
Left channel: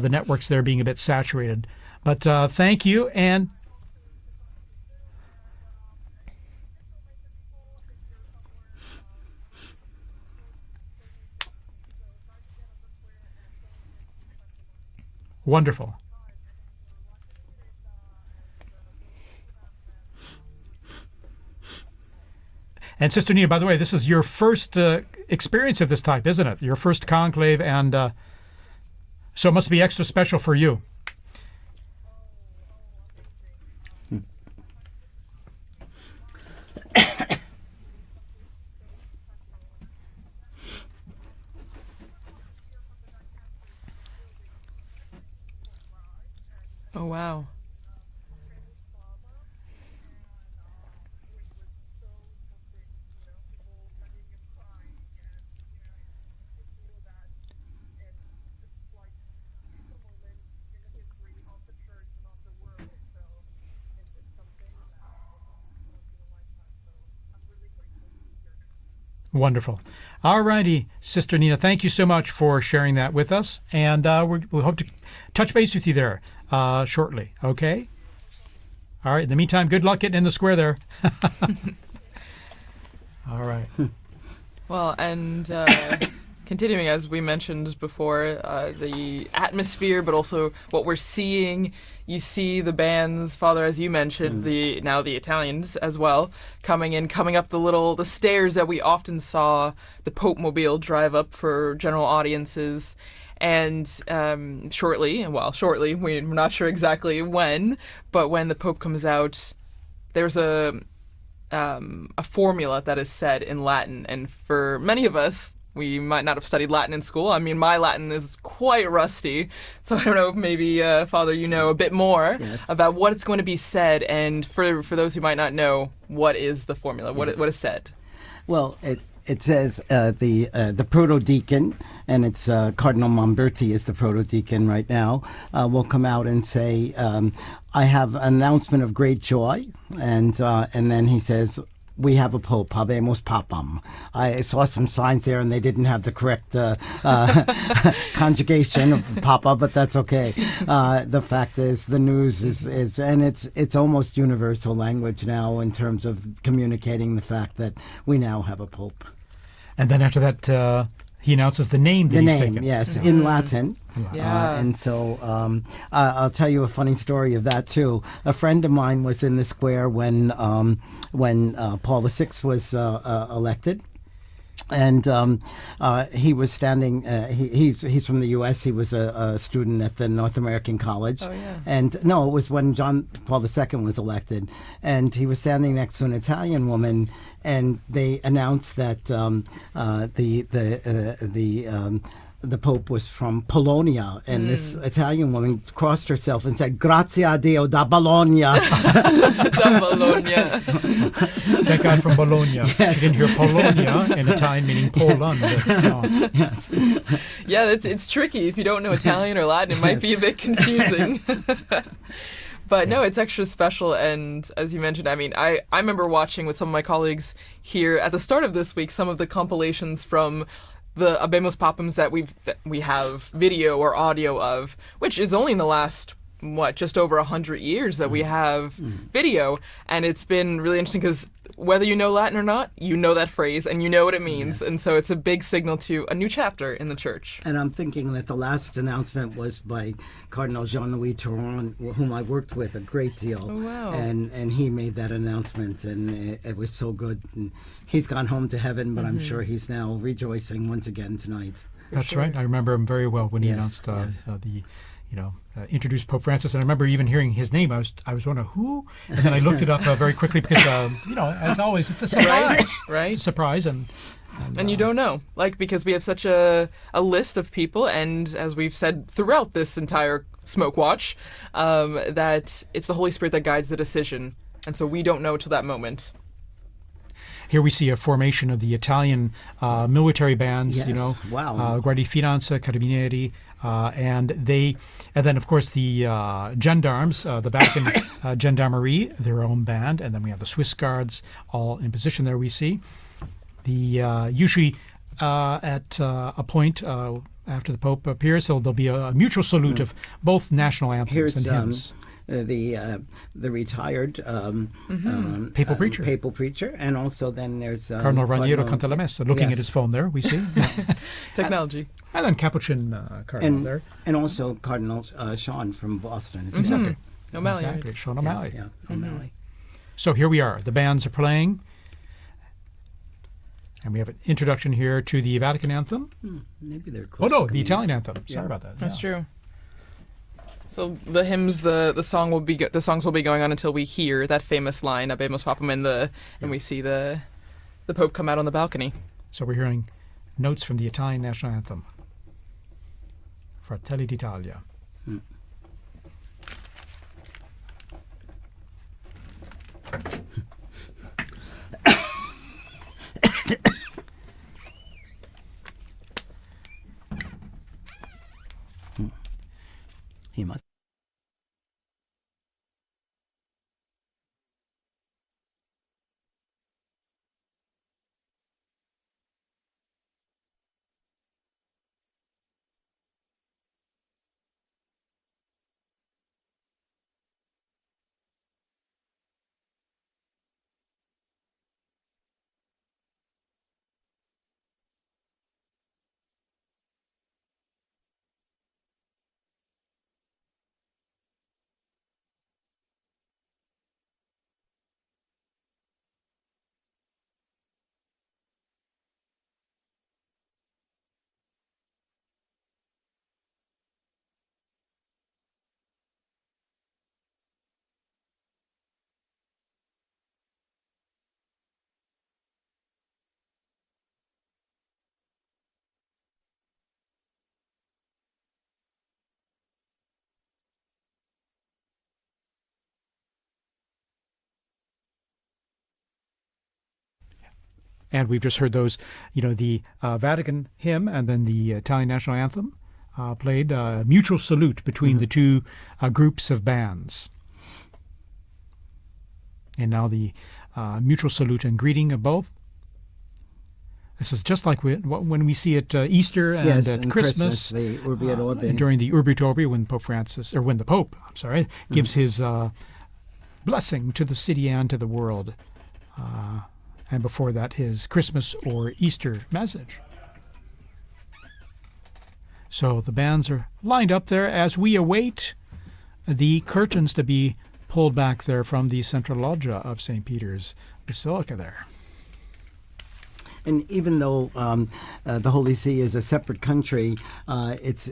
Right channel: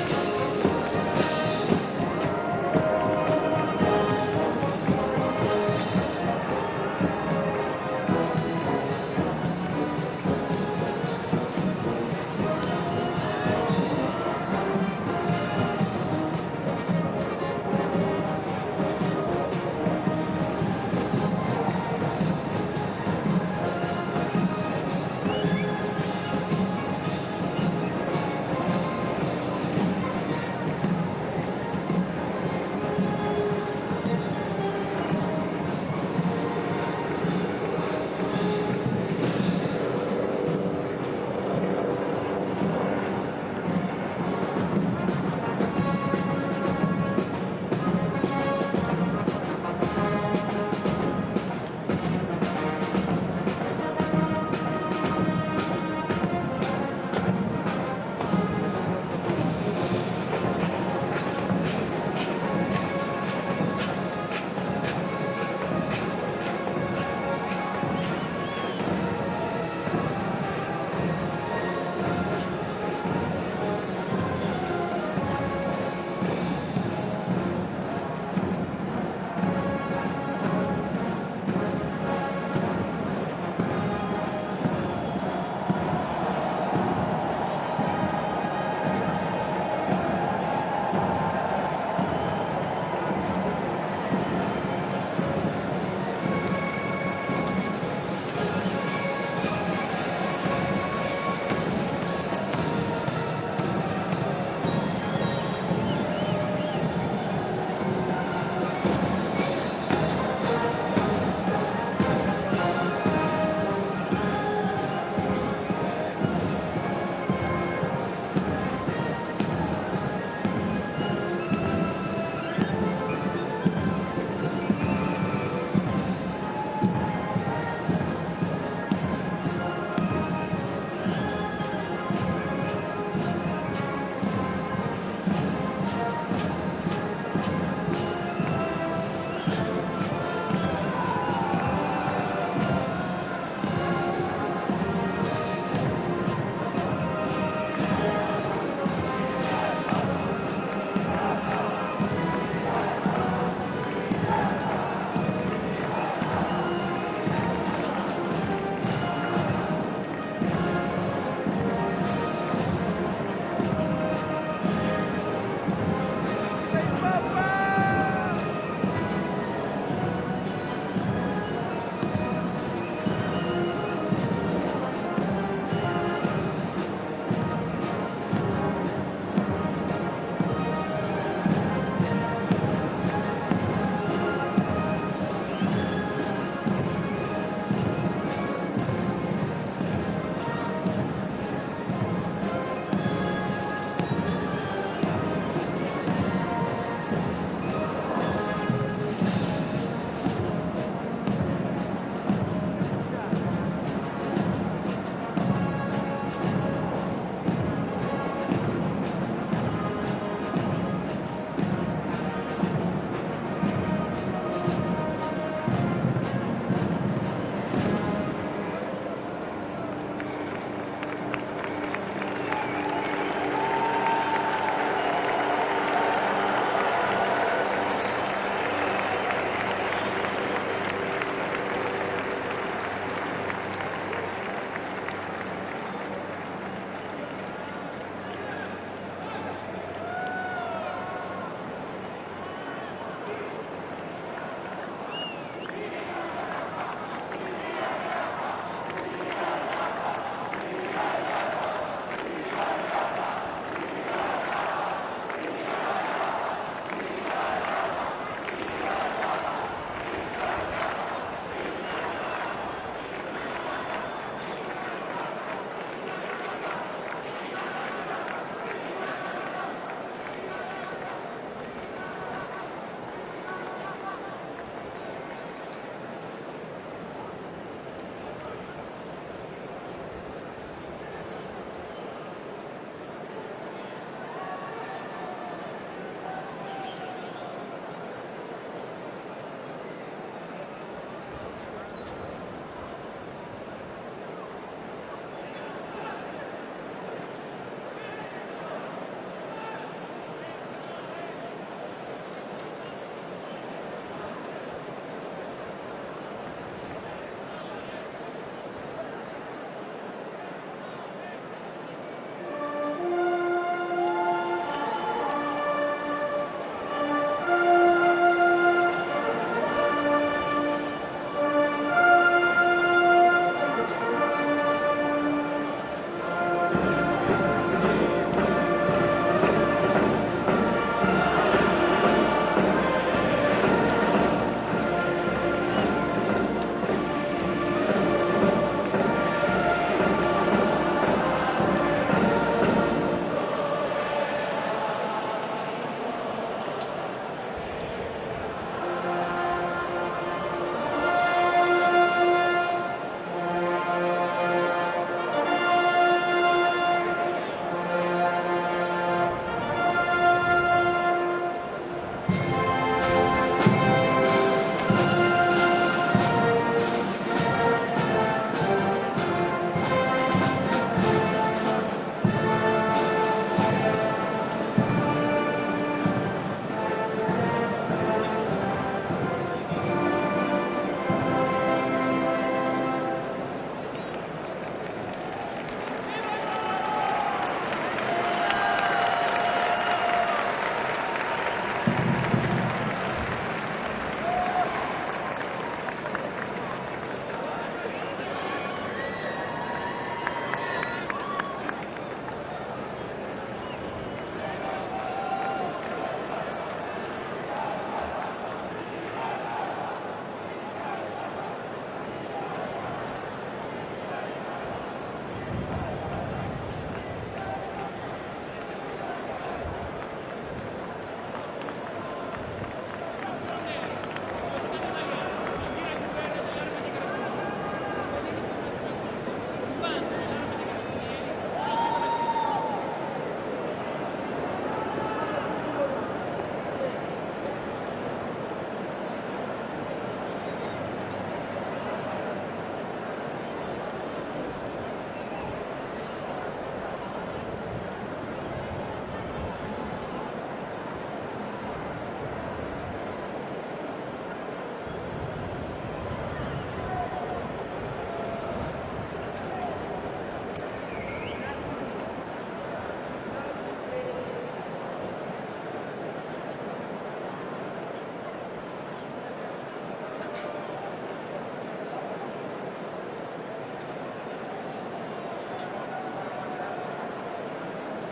the networks there being a bit saturated. But thank you, and wonderful. And Sister Nina, by the way, this is your first experience of this type, isn't it? Your first conclave, and so it must be extra special for you. Alrighty, Sister Nina, thank you so much for sharing that with us, and we hope to touch base with you there shortly, okay? Alright, in the meantime, good luck getting in the square there. Alright. Well, and continuing as we mentioned before, the atmosphere, but also what we're seeing. You see the bands, Father, as you mentioned, now the Italians as well, coming up the stairs that we often saw the Pope Mobile drive up for general audiences. And shortly, we're not sure exactly when, but when the Pope comes out, there's a formula that is said in Latin, and for many of us, we might not have studied Latin in school. I mean, my Latin is quite rusty, so I don't know if maybe, Father, you know a bit more about what is going to be said, and for those who might not know, what is the formula, what is said? Well, it says the proto-deacon, and it's Cardinal Monberti is the proto-deacon right now, will come out and say, I have an announcement of great joy, and then he says, we have a Pope, habemus papam. I saw some signs there and they didn't have the correct conjugation of papa, but that's okay. The fact is, the news is and it's almost universal language now in terms of communicating the fact that we now have a Pope. And then after that, he announces the name. The name, yes, in Latin. And so I'll tell you a funny story of that too. A friend of mine was in the square when Paul VI was elected, and he was standing. He's from the U.S. He was a student at the North American College, and no, it was when John Paul II was elected, and he was standing next to an Italian woman, and they announced that the Pope was from Polonia, and this Italian woman crossed herself and said, "Grazie a Dio da Bologna." Da Bologna. That guy from Bologna. Yes. You didn't hear Polonia in Italian meaning Poland. Yeah, it's tricky. If you don't know Italian or Latin, it might be a bit confusing. But no, it's extra special, and as you mentioned, I mean, I remember watching with some of my colleagues here at the start of this week some of the compilations from the Habemus Papams that we have video or audio of, which is only in the last, just over 100 years that we have video, and it's been really interesting because whether you know Latin or not, you know that phrase and you know what it means, and so it's a big signal to a new chapter in the church. And I'm thinking that the last announcement was by Cardinal Jean-Louis Touron, whom I worked with a great deal, and he made that announcement, and it was so good. And he's gone home to heaven, but I'm sure he's now rejoicing once again tonight. That's right. I remember him very well when he announced introduced Pope Francis, and I remember even hearing his name. I was wondering, who? And then I looked it up very quickly because, as always, it's a surprise. Right. It's a surprise, and you don't know, because we have such a list of people, and as we've said throughout this entire Smoke Watch, that it's the Holy Spirit that guides the decision, and so we don't know to that moment. Here we see a formation of the Italian military bands, Yes. Wow. Guardia Finanza, Carabinieri, and then of course the gendarmes, the Vatican Gendarmerie, their own band, and then we have the Swiss Guards all in position there. We see the usually at a point after the Pope appears, so there'll be a mutual salute of both national anthems. Here's and hymns. the retired papal preacher. Papal preacher, and also then there's Cardinal Raniero canta la messa, looking at his phone there, we see. Technology. And then Capuchin Cardinal there. And also Cardinal Sean from Boston. Exactly. Sean O'Malley. So here we are. The bands are playing. The introduction here to the Vatican anthem. Oh no, the Italian anthem. Sorry. That's true. The hymns, the songs will be going on until we hear that famous line of Habemus Papam, and we see the Pope come out on the balcony. So we're hearing notes from the Italian national anthem. And we've just heard those, the Vatican hymn and then the Italian national anthem played. Mutual salute between the two groups of bands. And now the mutual salute and greeting of both. This is just like when we see at Easter and at Christmas, the Urbi et Orbi. During the Urbi et Orbi, when the Pope gives his blessing to the city and to the world, and before that his Christmas or Easter message. So the bands are lined up there as we await the curtains to be pulled back there from the central loggia of St. Peter's Basilica there. And even though the Holy See is a separate country,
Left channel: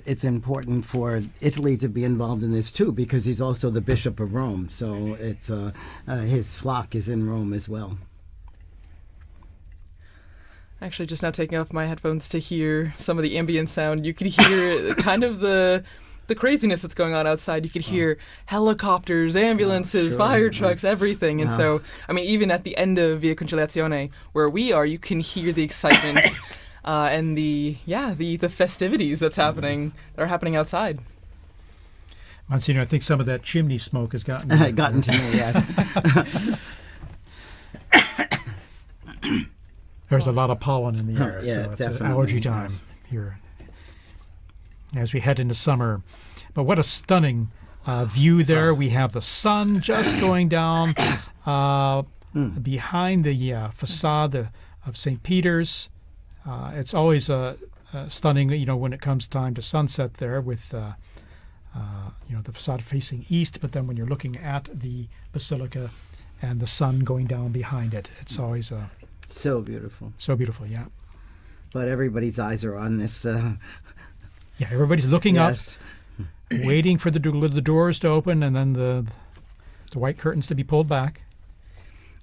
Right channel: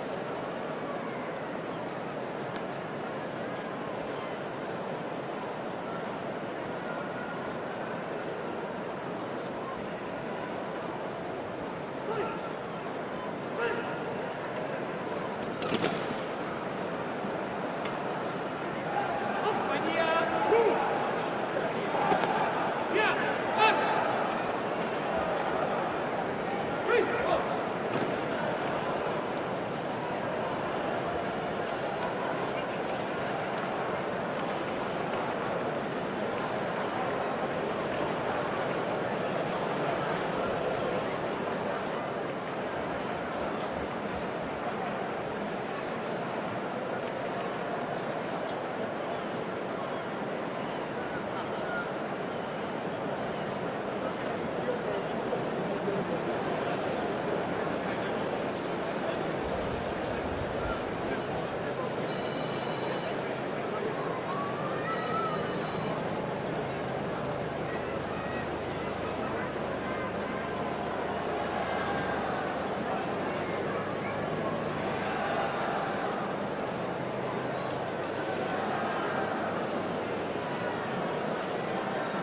it's important for Italy to be involved in this too, because he's also the Bishop of Rome. So it's his flock is in Rome as well. Actually, just now taking off my headphones to hear some of the ambient sound, you could hear kind of the craziness that's going on outside. You could hear helicopters, ambulances, fire trucks, everything. And so, I mean, even at the end of Via Conciliazione, where we are, you can hear the excitement and the festivities are happening outside. Monsignor, I think some of that chimney smoke has gotten to me, yes. There's a lot of pollen in the air. Yeah, definitely. Allergy time. As we head into summer. But what a stunning view there. We have the sun just going down behind the facade of St. Peter's. It's always stunning, when it comes time to sunset there with the facade facing east, but then when you're looking at the Basilica and the sun going down behind it. It's always so beautiful. So beautiful. But everybody's eyes are on this. Yeah, everybody's looking up, waiting for the doors to open and then the white curtains to be pulled back.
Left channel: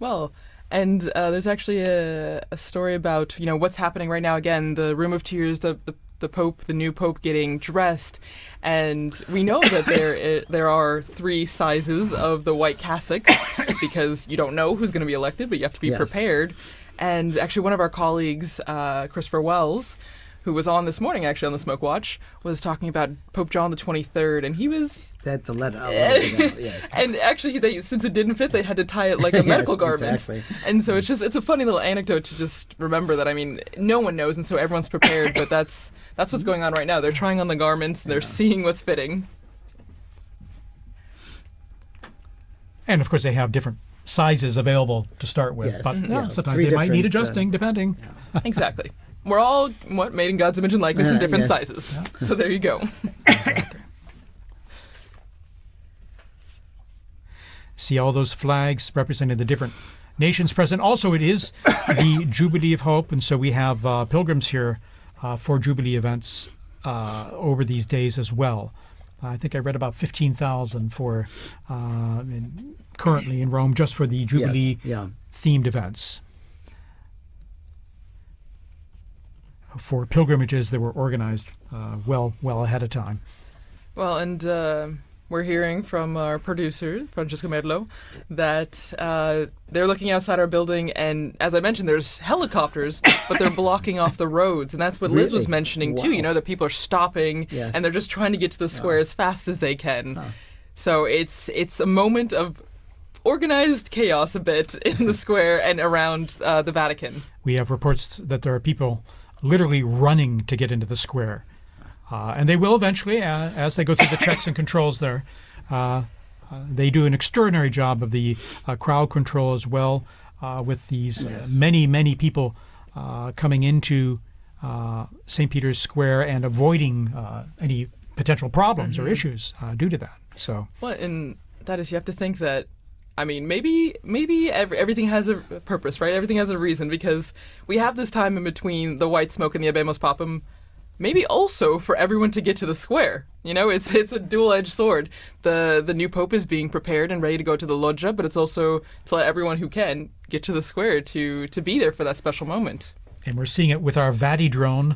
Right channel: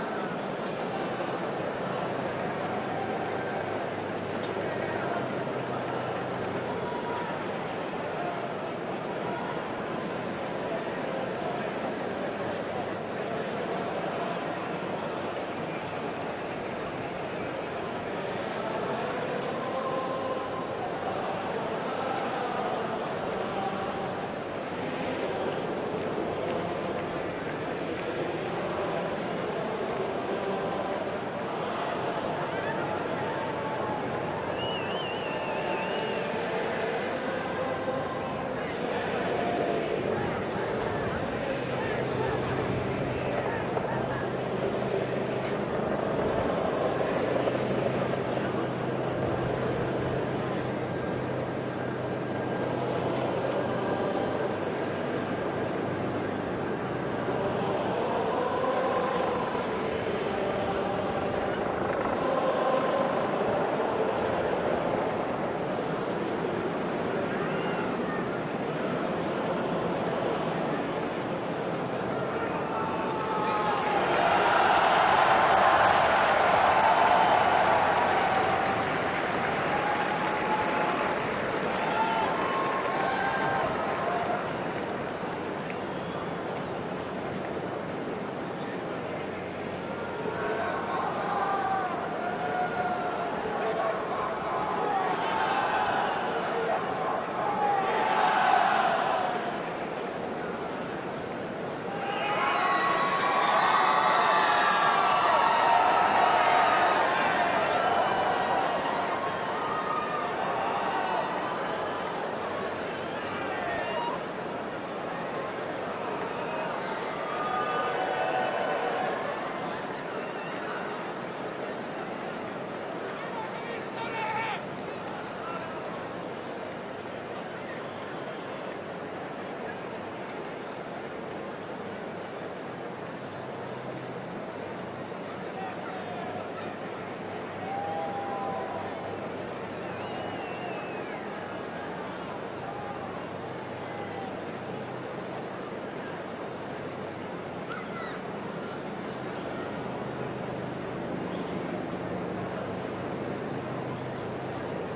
Well, and there's actually a story about what's happening right now. Again, the Room of Tears, the Pope, the new Pope getting dressed, and we know that there are 3 sizes of the white cassocks because you don't know who's going to be elected, but you have to be prepared. And actually, one of our colleagues, Christopher Wells, who was on this morning actually on the Smoke Watch, was talking about Pope John the 23rd, and he was... That's 11. And actually, since it didn't fit, they had to tie it like a medical garment. Exactly. And so it's a funny little anecdote to just remember that, I mean, no one knows, and so everyone's prepared, but that's what's going on right now. They're trying on the garments, and they're seeing what's fitting. And of course they have different sizes available to start with, but sometimes they might need adjusting, depending. Exactly. We're all made in God's image and likeness in different sizes. So there you go. See all those flags representing the different nations present. Also, it is the Jubilee of Hope, and so we have pilgrims here for Jubilee events over these days as well. I think I read about 15,000 for currently in Rome just for the Jubilee themed events. For pilgrimages that were organized well ahead of time. Well, and we're hearing from our producer, Francesca Merlo, that they're looking outside our building, and as I mentioned, there's helicopters, but they're blocking off the roads, and that's what Liz was mentioning too, that people are stopping, and they're just trying to get to the square as fast as they can. So it's a moment of organized chaos a bit in the square and around the Vatican. We have reports that there are people literally running to get into the square. And they will eventually, as they go through the checks and controls there. They do an extraordinary job of the crowd control as well, with these many people coming into St. Peter's Square and avoiding any potential problems or issues due to that. So. Well, and that is, you have to think that, I mean, maybe everything has a purpose, right? Everything has a reason, because we have this time in between the white smoke and the Abemus Papam, maybe also for everyone to get to the square. It's a dual-edged sword. The new Pope is being prepared and ready to go to the loggia, but it's also to let everyone who can get to the square to be there for that special moment. And we're seeing it with our Vati drone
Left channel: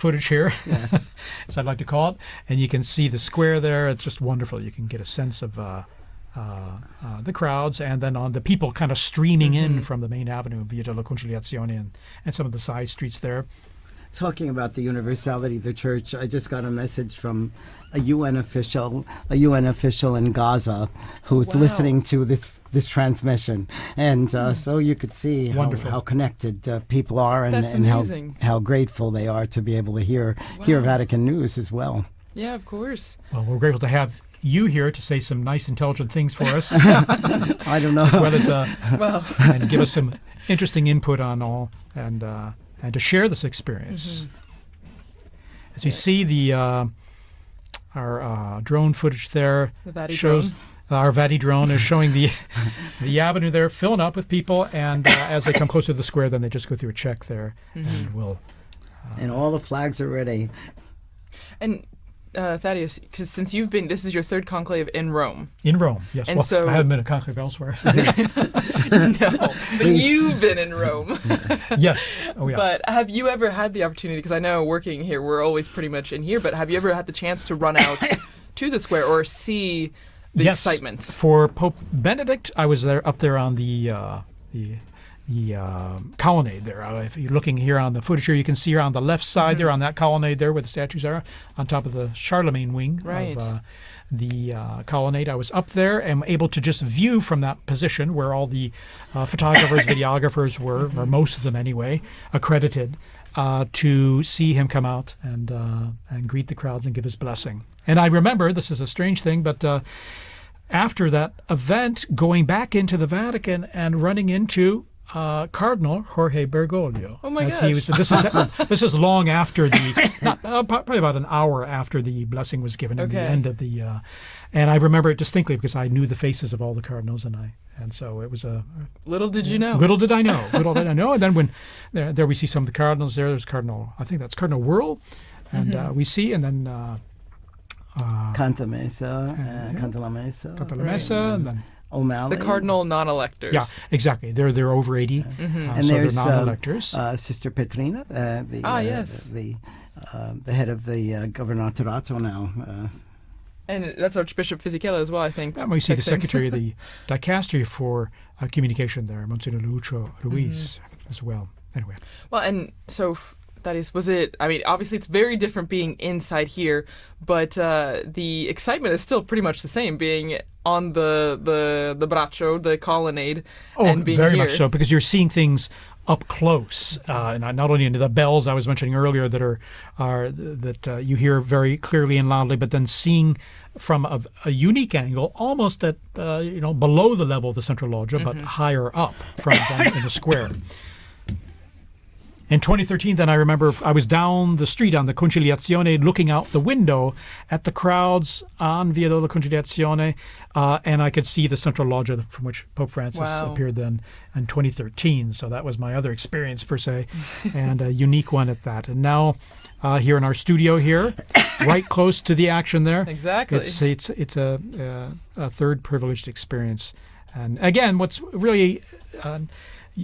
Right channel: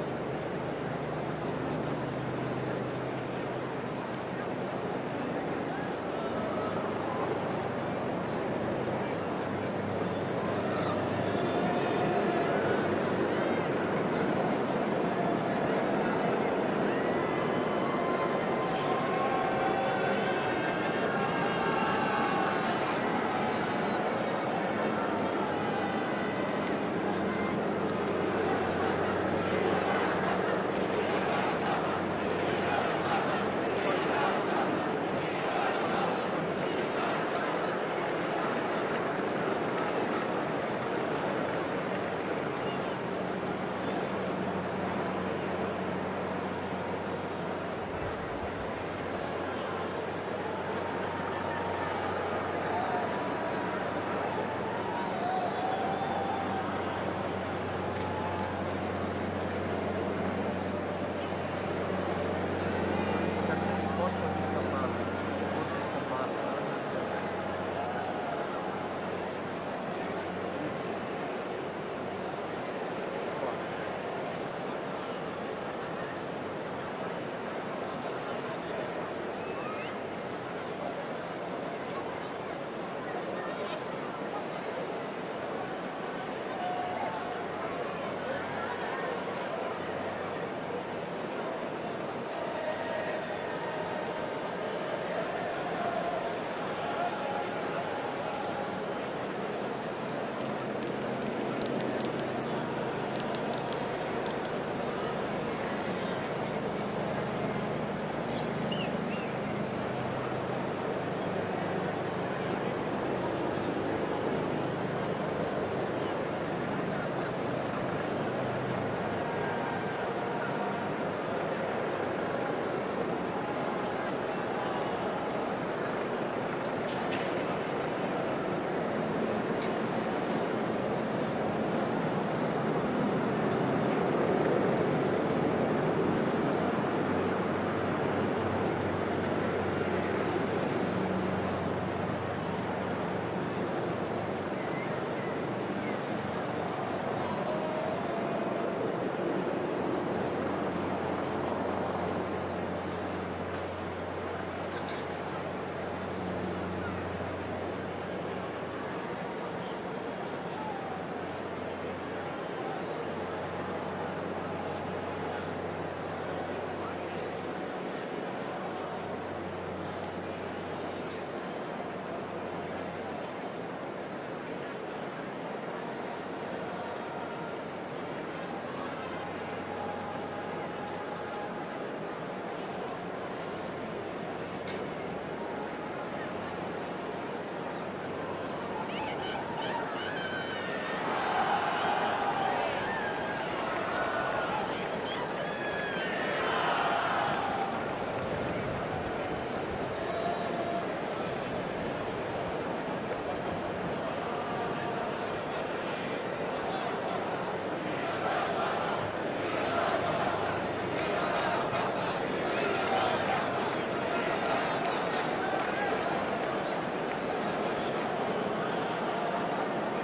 footage here, as I'd like to call it. And you can see the square there. It's just wonderful. You can get a sense of the crowds and then on the people kind of streaming in from the main avenue della Conciliazione and some of the side streets there. Talking about the universality of the church, I just got a message from a UN official in Gaza who's listening to this transmission, and so you could see how connected people are and how grateful they are to be able to hear Vatican news as well. Yeah, of course. We're grateful to have you here to say some nice, intelligent things for us. I don't know. As well as and give us some interesting input on all, and to share this experience. As you see, our drone footage there shows our Vati drone is showing the avenue there filling up with people, and as they come closer to the square, then they just go through a check there. And all the flags are ready. And Thaddeus, since you've been, this is your third conclave in Rome. In Rome, yes. And well, so I haven't been a conclave elsewhere. No, but you've been in Rome. Yes. Oh, yeah. But have you ever had the opportunity, because I know working here, we're always pretty much in here, but have you ever had the chance to run out to the square or see the excitement? For Pope Benedict, I was up there on the colonnade there. If you're looking here on the footage here, you can see here on the left side there on that colonnade there where the statues are, on top of the Charlemagne wing of the colonnade. I was up there and able to just view from that position where all the photographers, videographers were, or most of them anyway, accredited, to see him come out and greet the crowds and give his blessing. And I remember, this is a strange thing, but after that event, going back into the Vatican and running into Cardinal Jorge Bergoglio. Oh my gosh. This is long after probably about an hour after the blessing was given at the end of the. And I remember it distinctly because I knew the faces of all the cardinals, and so it was a. Little did you know. Little did I know. Little did I know. And then when there we see some of the cardinals there. There's Cardinal, I think that's Cardinal World, and we see, and then. Canta Messa, and then O'Malley. The cardinal non-electors. Yeah, exactly. They're over 80. And so there's they're non-electors. Sister Petrina, yes, the head of the Governatorato now. And that's Archbishop Fisichella as well, I think. And we see the Secretary of the Dicastery for Communication, Monsignor Lucio Luis, as well. Anyway. Well, and so, was it, I mean, obviously it's very different being inside here, but the excitement is still pretty much the same, being on the braccio, the colonnade, and being very here. much so, because you're seeing things up close, not only into the bells I was mentioning earlier that you hear very clearly and loudly, but then seeing from a unique angle, almost at below the level of the central loggia, but higher up from down in the square. In 2013, then I remember I was down the street on the Conciliazione looking out the window at the crowds on Via della Conciliazione, and I could see the central loggia from which Pope Francis appeared then in 2013. So that was my other experience, per se, and a unique one at that. And now here in our studio here, right close to the action there. Exactly. It's a third privileged experience. Again, what's really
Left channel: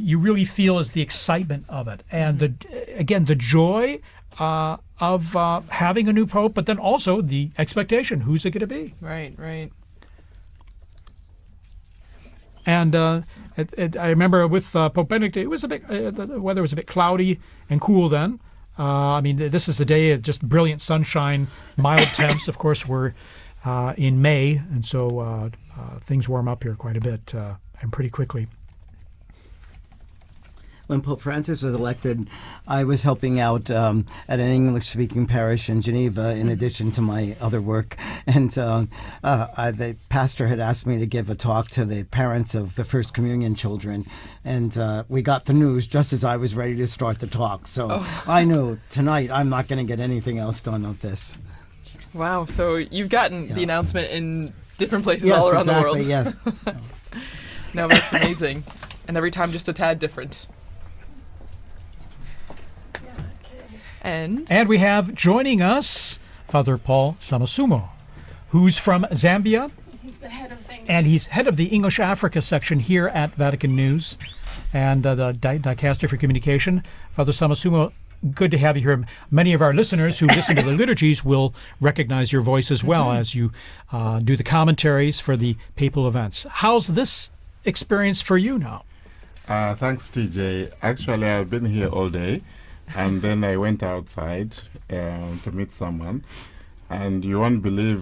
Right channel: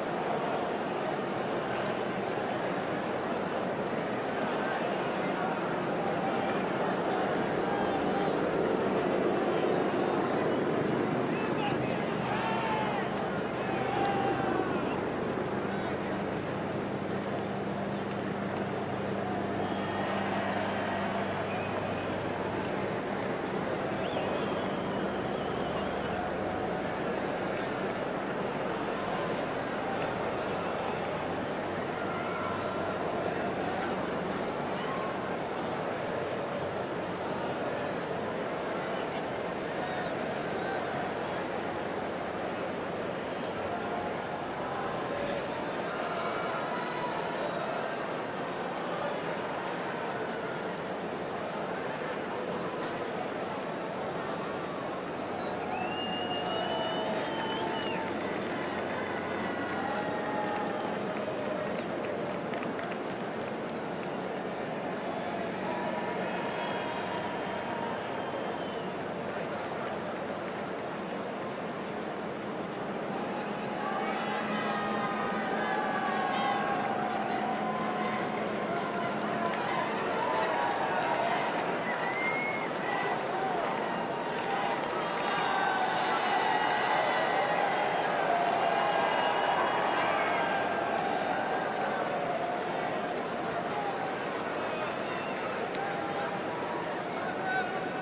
you really feel is the excitement of it, and the joy of having a new pope, but then also the expectation: who's it going to be? Right. And I remember with Pope Benedict, it was a bit the weather was a bit cloudy and cool then. I mean, this is a day of just brilliant sunshine, mild temps. Of course, we're in May, and so things warm up here quite a bit and pretty quickly. When Pope Francis was elected, I was helping out at an English-speaking parish in Geneva, in addition to my other work. And the pastor had asked me to give a talk to the parents of the First Communion children. And we got the news just as I was ready to start the talk. So I knew tonight I'm not going to get anything else done with this. Wow, so you've gotten the announcement in different places all around the world. Yes, No, that's amazing. And every time just a tad different. And we have joining us Father Paul Samasumo, who's from Zambia, and he's head of the English Africa section here at Vatican News and the Dicastery for Communication. Father Samasumo, good to have you here. Many of our listeners who listen to the liturgies will recognize your voice as well as you do the commentaries for the papal events. How's this experience for you now? Thanks, TJ. Actually, I've been here all day, and then I went outside to meet someone. And you won't believe,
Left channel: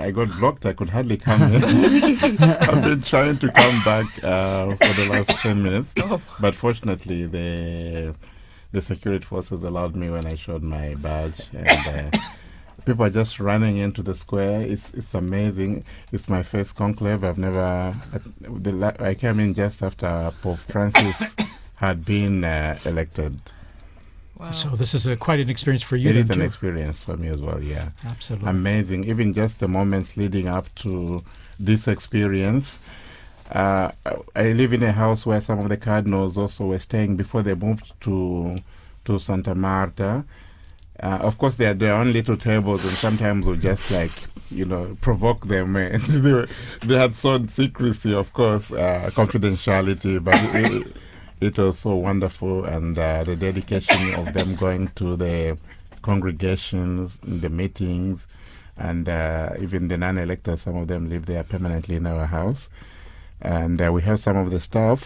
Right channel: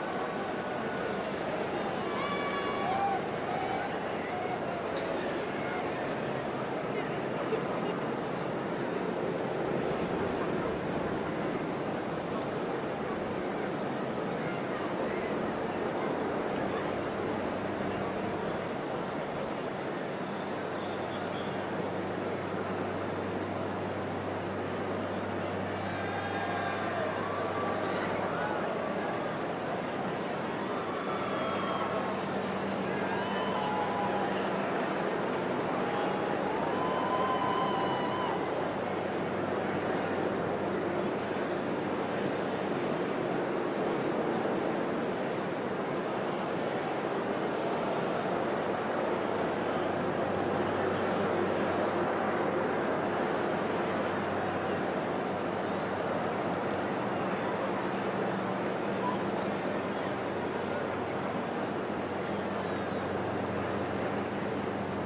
I got blocked. I could hardly come in. I've been trying to come back for the last 10 minutes, but fortunately the security forces allowed me when I showed my badge. And, people are just running into the square. It's amazing. It's my first conclave. I've never. I came in just after Pope Francis had been elected. So this is quite an experience for you. It is an experience for me as well, yeah. Absolutely. Amazing. Even just the moments leading up to this experience. I live in a house where some of the cardinals also were staying before they moved to Santa Marta. Of course, they had their own little tables, and sometimes we'll just provoke them. They had shown secrecy, of course, confidentiality, but it was so wonderful, and the dedication of them going to the congregations, the meetings, and even the non-electors, some of them live there permanently in our house. And we have some of the staff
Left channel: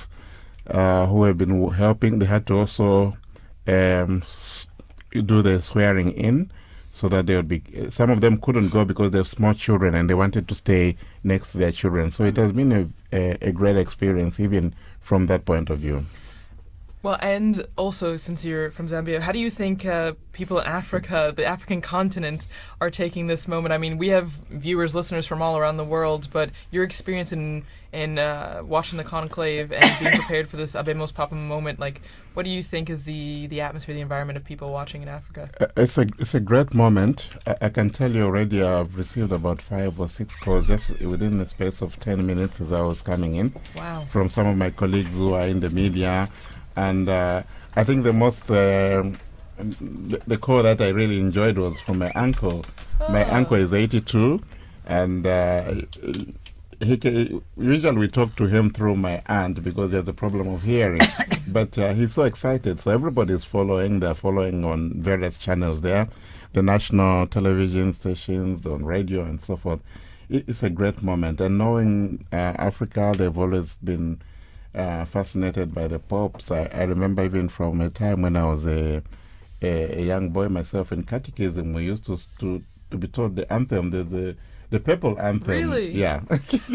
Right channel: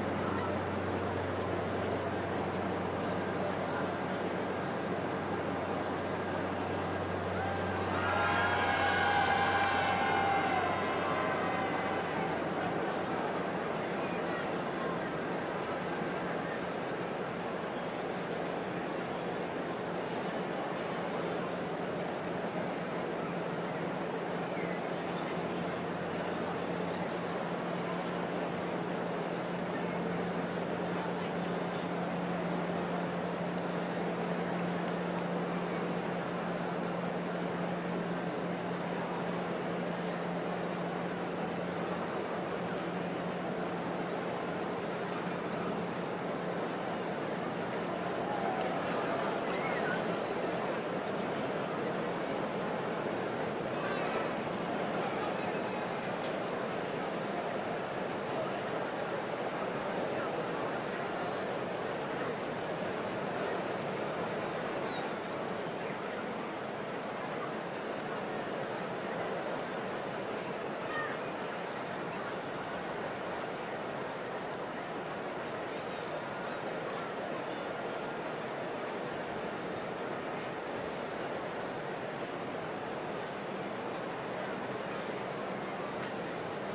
who have been helping. They had to also do the swearing in, so that they would be. Some of them couldn't go because they're small children and they wanted to stay next to their children. So it has been a great experience, even from that point of view. Well, and also, since you're from Zambia, how do you think people in Africa, the African continent, are taking this moment? I mean, we have viewers, listeners from all around the world, but your experience in watching the conclave and being prepared for this Abemos Papa moment, like, what do you think is the atmosphere, the environment of people watching in Africa? It's a great moment. I can tell you already I've received about 5 or 6 calls just within the space of 10 minutes as I was coming in. Wow. From some of my colleagues who are in the media. And I think the most, the call that I really enjoyed was from my uncle. My uncle is 82, and usually we talk to him through my aunt because there's a problem of hearing. But he's so excited, so everybody's following. They're following on various channels there, the national television stations, on radio and so forth. It's a great moment, and knowing Africa, they've always been fascinated by the popes. I remember even from a time when I was a young boy myself in catechism, we used to be taught the anthem, the papal anthem. Really? Yeah.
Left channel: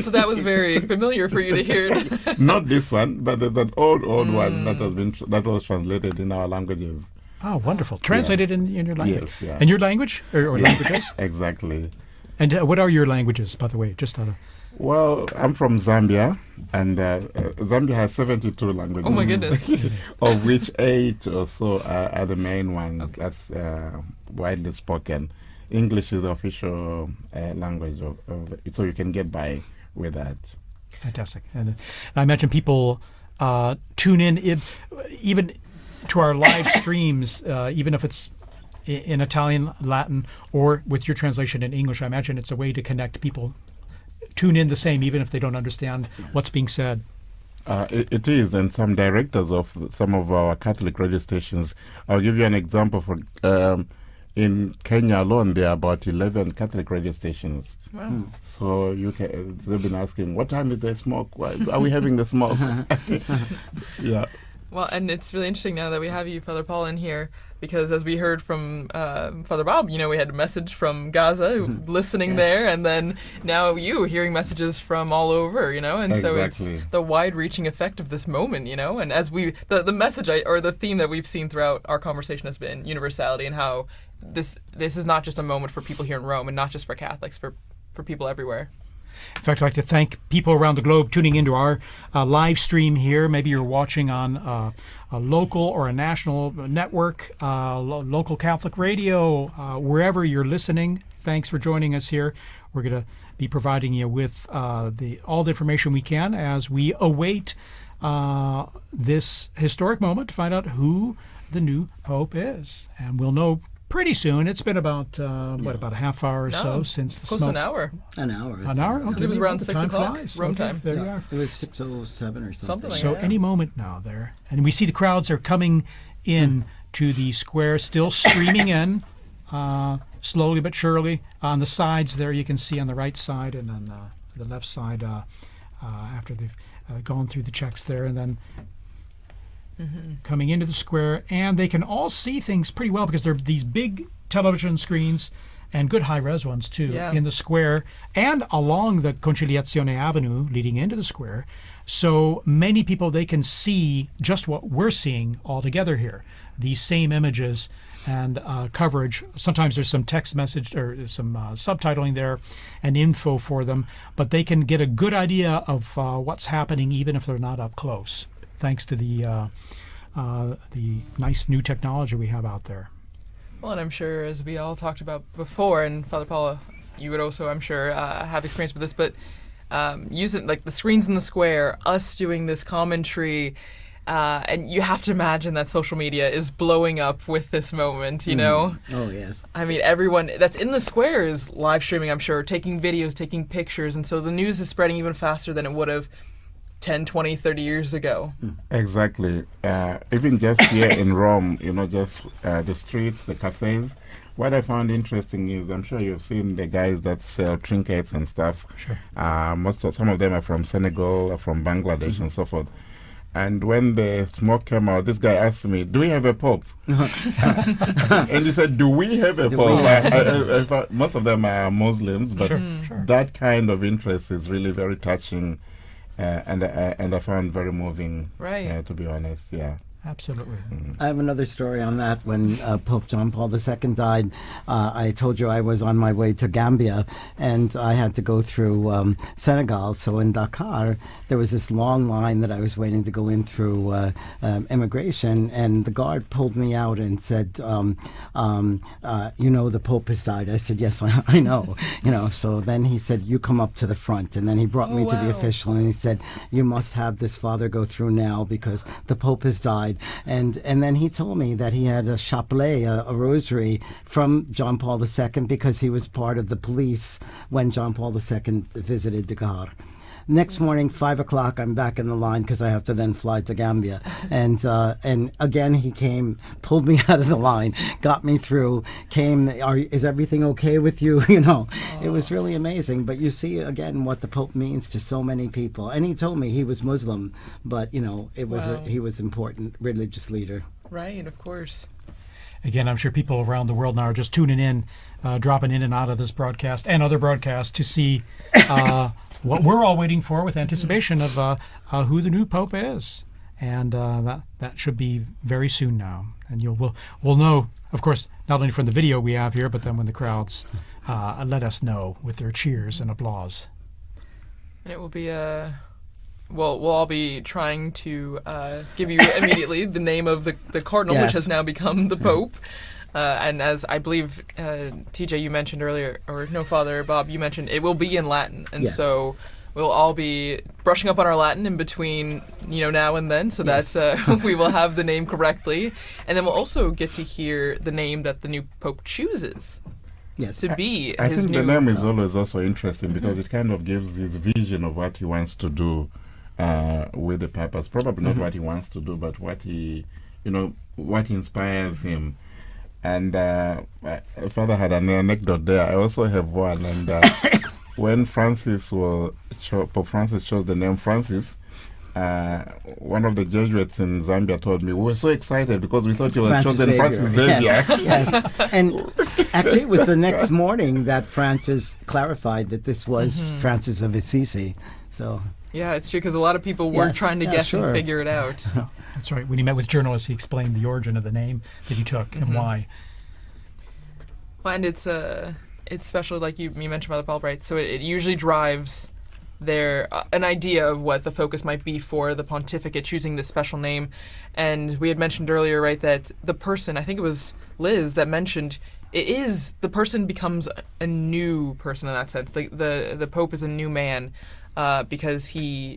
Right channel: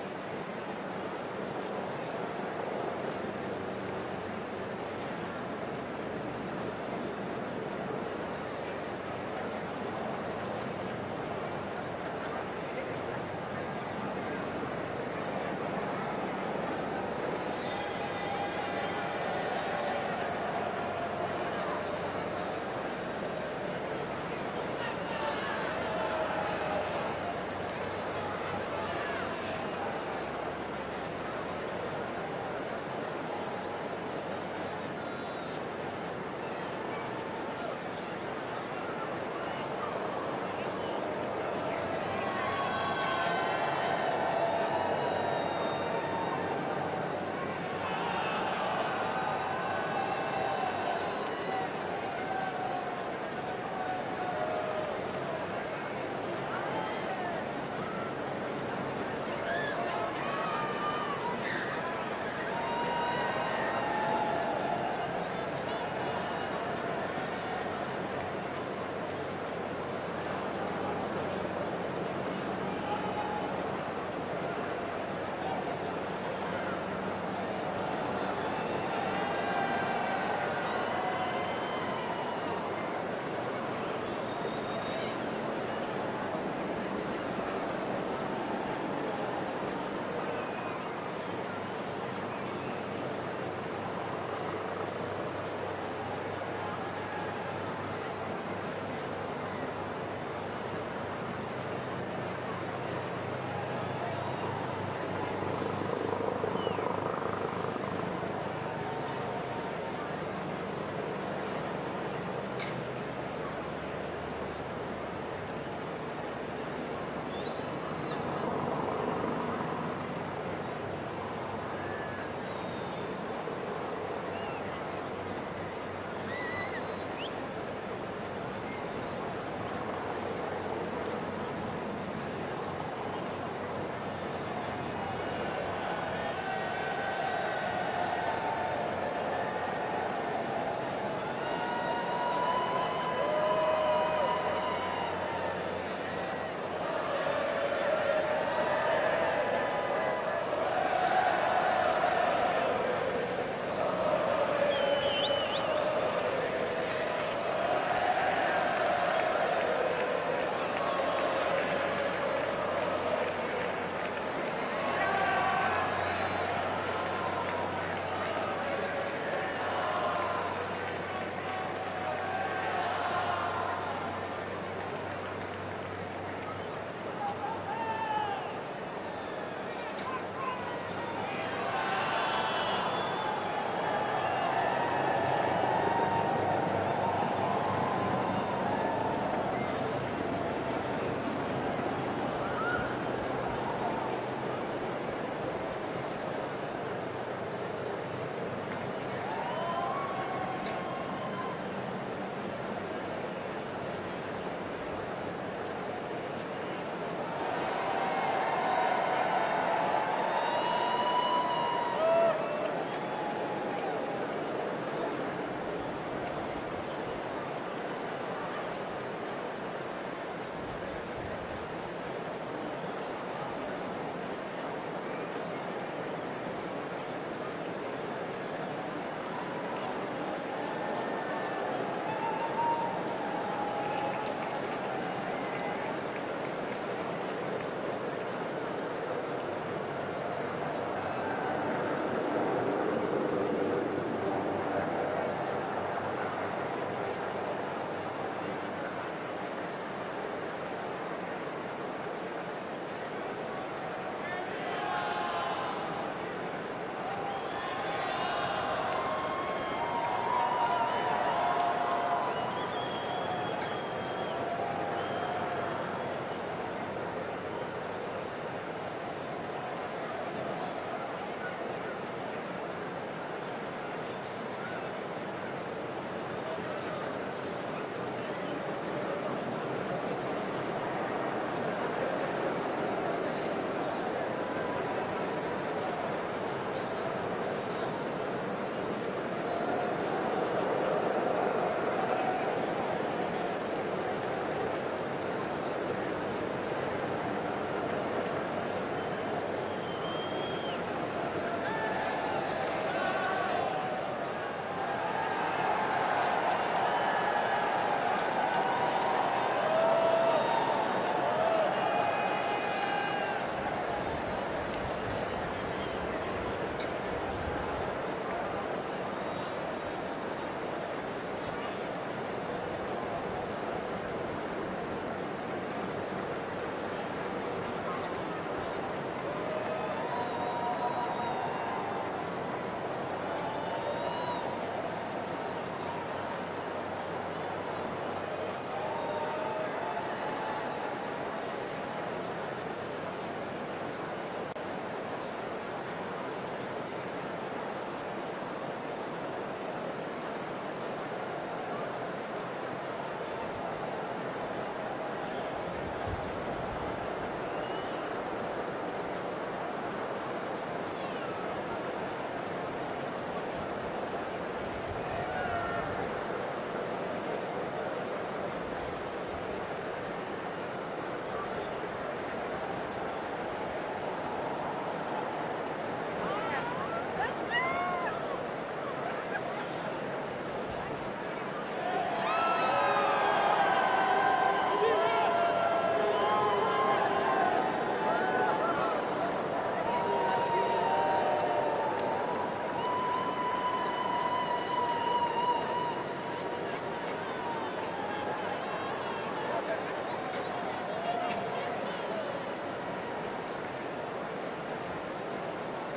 So that was very familiar for you to hear. Not this one, but that old one that was translated in our languages. Oh, wonderful! Translated in your language. Yes. Yeah. In your language or Yes, languages? Exactly. And what are your languages, by the way? Just Well, I'm from Zambia. And Zambia has 72 languages. Oh my goodness. Of which 8 or so are the main ones that's widely spoken. English is the official language, so you can get by with that. Fantastic. I imagine people tune in even to our live streams, even if it's in Italian, Latin, or with your translation in English. I imagine it's a way to connect people. Tune in the same, even if they don't understand what's being said. It is, and some directors of some of our Catholic radio stations. I'll give you an example. In Kenya alone, there are about 11 Catholic radio stations. So you've been asking, what time is the smoke? Why are we having the smoke? Yeah. Well, and it's really interesting now that we have you, Father Paul, in here, because as we heard from Father Bob, we had a message from Gaza, listening there, and then now you hearing messages from all over, and exactly. So it's the wide-reaching effect of this moment, and as the message or the theme that we've seen throughout our conversation has been universality, and how this is not just a moment for people here in Rome, and not just for Catholics, for people everywhere. In fact, I'd like to thank people around the globe tuning into our live stream here. Maybe you're watching on a local or a national network, local Catholic radio, wherever you're listening. Thanks for joining us here. We're going to be providing you with all the information we can as we await this historic moment to find out who the new Pope is. And we'll know pretty soon. It's been about about a half hour or so since the close to an hour. An hour. An hour? Okay. It was around 6 o'clock Rome time. There you are. It was till 7 or something. Something like So that. any moment now there. And we see the crowds are coming in to the square, still streaming in, slowly but surely. On the sides there, you can see on the right side and the left side, after they've gone through the checks there, and then coming into the square, and they can all see things pretty well because there are these big television screens and good high-res ones too in the square and along the Conciliazione Avenue leading into the square. So many people, they can see just what we're seeing all together here. These same images and coverage. Sometimes there's some text message or some subtitling there and info for them, but they can get a good idea of what's happening even if they're not up close, thanks to the nice new technology we have out there. Well, and I'm sure, as we all talked about before, and Father Paula, you would also, I'm sure, have experience with this, but using like the screens in the square, us doing this commentary, and you have to imagine that social media is blowing up with this moment, you know? Oh, yes. I mean, everyone that's in the square is live streaming, I'm sure, taking videos, taking pictures, and so the news is spreading even faster than it would have 10, 20, 30 years ago. Exactly. Even just here in Rome, you know, just the streets, the cafes. What I found interesting is, I'm sure you've seen the guys that sell trinkets and stuff. Some of them are from Senegal, or from Bangladesh, and so forth. And when the smoke came out, this guy asked me, "Do we have a pope?" And he said, "Do we have a pope?" I thought most of them are Muslims, but that kind of interest is really very touching. And I found very moving, to be honest. Yeah, absolutely. I have another story on that. When Pope John Paul II died, I told you I was on my way to Gambia, and I had to go through Senegal. So in Dakar, there was this long line that I was waiting to go in through immigration, and the guard pulled me out and said, "You know, the Pope has died." I said, "Yes, I know." You know. So then he said, "You come up to the front," and then he brought me to the official, and he said, "You must have this father go through now because the Pope has died." And then he told me that he had a chapelet, a rosary from John Paul II because he was part of the police when John Paul II visited Dakar. Next morning, 5 o'clock, I'm back in the line because I have to then fly to Gambia. And again, he came, pulled me out of the line, got me through, came, is everything okay with you? You know, it was really amazing. But you see, again, what the Pope means to so many people. And he told me he was Muslim, but, you know, it was he was an important religious leader. Right, of course. Again, I'm sure people around the world now are just tuning in, dropping in and out of this broadcast and other broadcasts to see what we're all waiting for with anticipation of who the new Pope is. And that should be very soon now. And we'll know, of course, not only from the video we have here, but then when the crowds let us know with their cheers and applause. It will be we'll all be trying to give you immediately the name of the cardinal, which has now become the Pope. And as I believe, TJ, you mentioned earlier, or no, Father Bob, you mentioned it will be in Latin, and so we'll all be brushing up on our Latin in between, you know, now and then, so that we will have the name correctly, and then we'll also get to hear the name that the new Pope chooses to be. I think the name is always also interesting because it kind of gives this vision of what he wants to do with the Papas. Probably not what he wants to do, but what he, you know, what inspires him. And Father had an anecdote there. I also have one. And when Pope Francis chose the name Francis, one of the Jesuits in Zambia told me, "We were so excited because we thought you were chosen Francis Xavier." Yes. And actually, it was the next morning that Francis clarified that this was Francis of Assisi. So. Yeah, it's true, because a lot of people were trying to guess and figure it out. That's right. When he met with journalists, he explained the origin of the name that he took and why. And it's special, like you mentioned about the Pope, right? So it usually drives an idea of what the focus might be for the pontificate, choosing this special name. And we had mentioned earlier, right, that the person, I think it was Liz that mentioned, the person becomes a new person in that sense. The Pope is a new man because he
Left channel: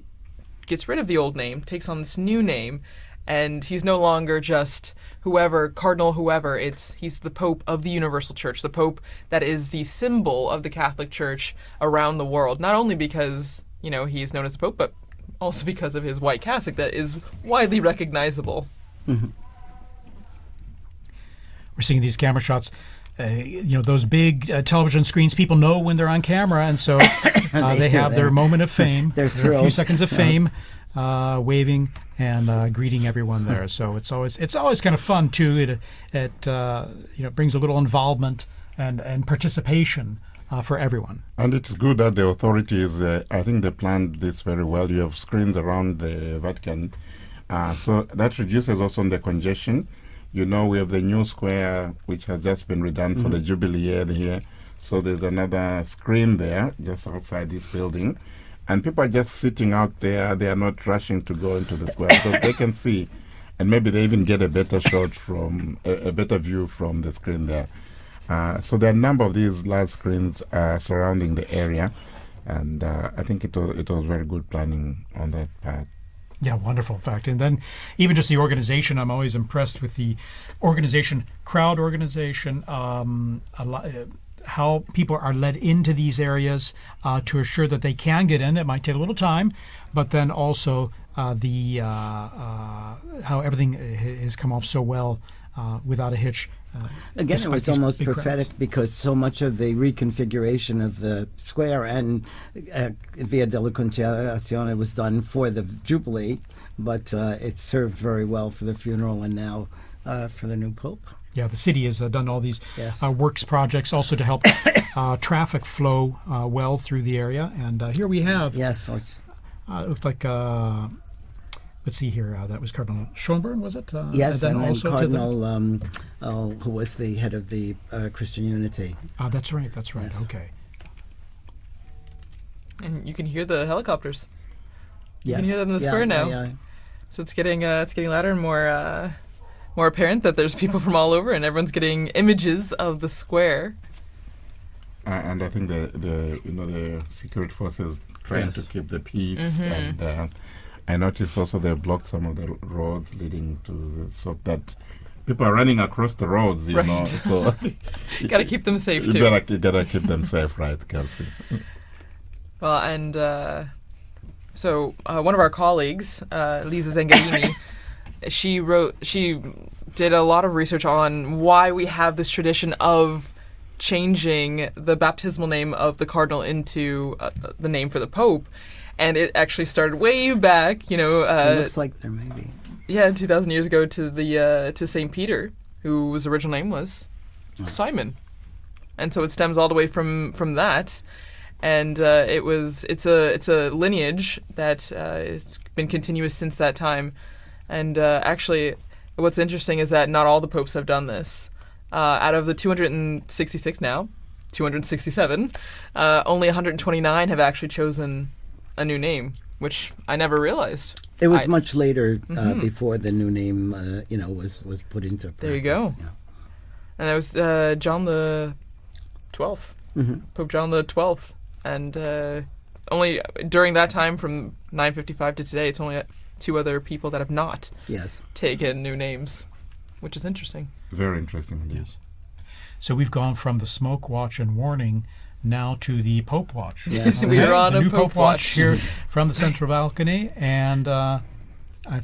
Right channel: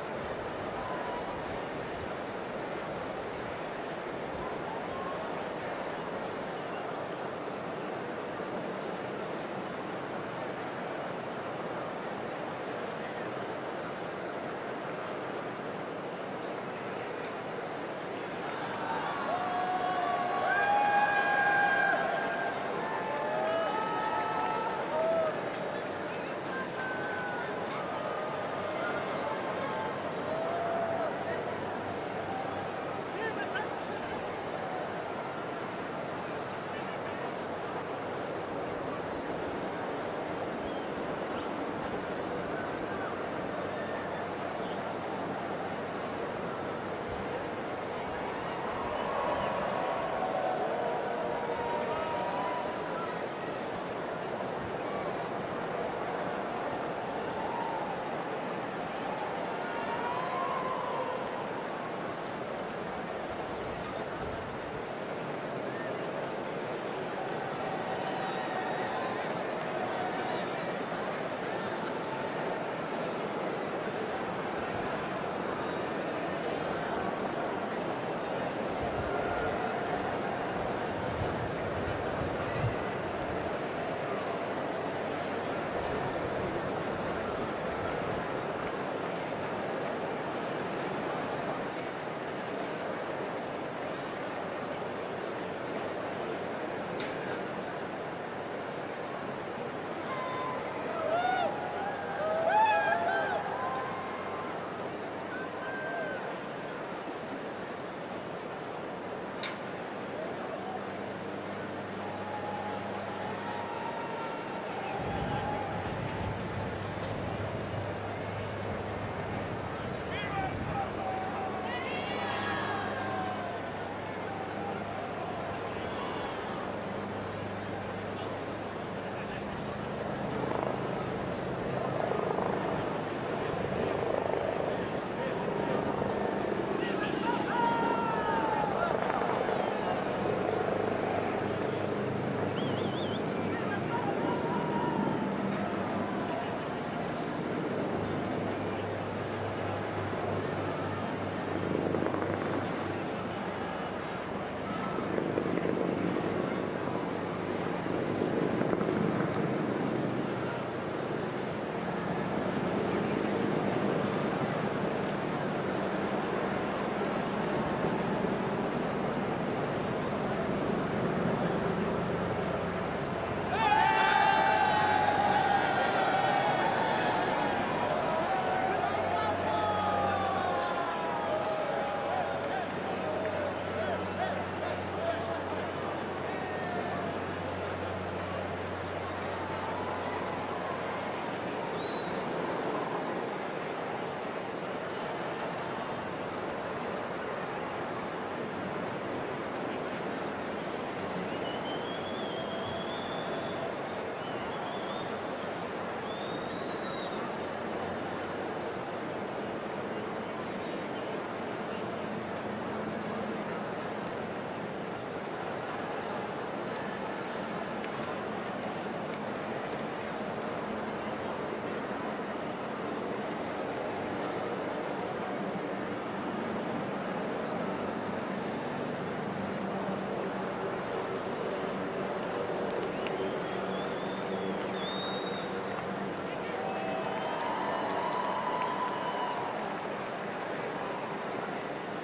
gets rid of the old name, takes on this new name, and he's no longer just whoever, cardinal whoever. He's the Pope of the Universal Church, the Pope that is the symbol of the Catholic Church around the world, not only because, you know, he's known as Pope, but also because of his white cassock that is widely recognizable. you're seeing these camera shots. Those big television screens, people know when they're on camera, and so they have their moment of fame, Their their few seconds of fame, waving and greeting everyone there. So it's always kind of fun too. It brings a little involvement and participation for everyone. And it's good that the authorities, I think they planned this very well. You have screens around the Vatican, so that reduces also the congestion. You know, we have the new square which has just been redone for the Jubilee year here. So there's another screen there just outside this building. And people are just sitting out there. They are not rushing to go into the square. So they can see, and maybe they even get a better shot from, a better view from the screen there. So there are a number of these large screens surrounding the area. And I think it was very good planning on that part. Yeah, wonderful, in fact. And then even just the organization, I'm always impressed with the organization, crowd organization, how people are led into these areas to assure that they can get in. It might take a little time, but then also how everything has come off so well without a hitch. Again, it was almost prophetic because so much of the reconfiguration of the square and Via della Conciliazione was done for the Jubilee, but it served very well for the funeral and now for the new Pope. Yeah, the city has done all these works projects also to help traffic flow well through the area. And here we have, it looks like, let's see here, it was Cardinal Schönborn, was it? Yes, and then also Cardinal, who was the head of the Christian Unity. That's right, yes. Okay. And you can hear the helicopters. You can hear them in the square now. So it's getting louder and more apparent that there's people from all over, and everyone's getting images of the square. And I think the security forces trying to keep the peace. And I noticed also they blocked some of the roads leading to so that people are running across the roads, you know. So you gotta keep them safe too. You gotta keep them safe, right, Kelsey? Well, and so one of our colleagues, Lisa Zengarini, she did a lot of research on why we have this tradition of changing the baptismal name of the cardinal into the name for the Pope, and it actually started way back, it looks like 2,000 years ago to Saint Peter, whose original name was Simon, and so it stems all the way from that. And it's a lineage that has been continuous since that time. And actually, what's interesting is that not all the popes have done this. Out of the 266 now, 267, only 129 have actually chosen a new name, which I never realized. It was much later before the new name, was put into practice. There you go. And that was John the 12th, Pope John the 12th. And only during that time, from 955 to today, it's only 2 other people that have not taken new names, which is interesting. Very interesting, yes. So we've gone from the smoke watch in the morning now to the Pope watch. Yes. We are on a Pope watch here from the central balcony, and I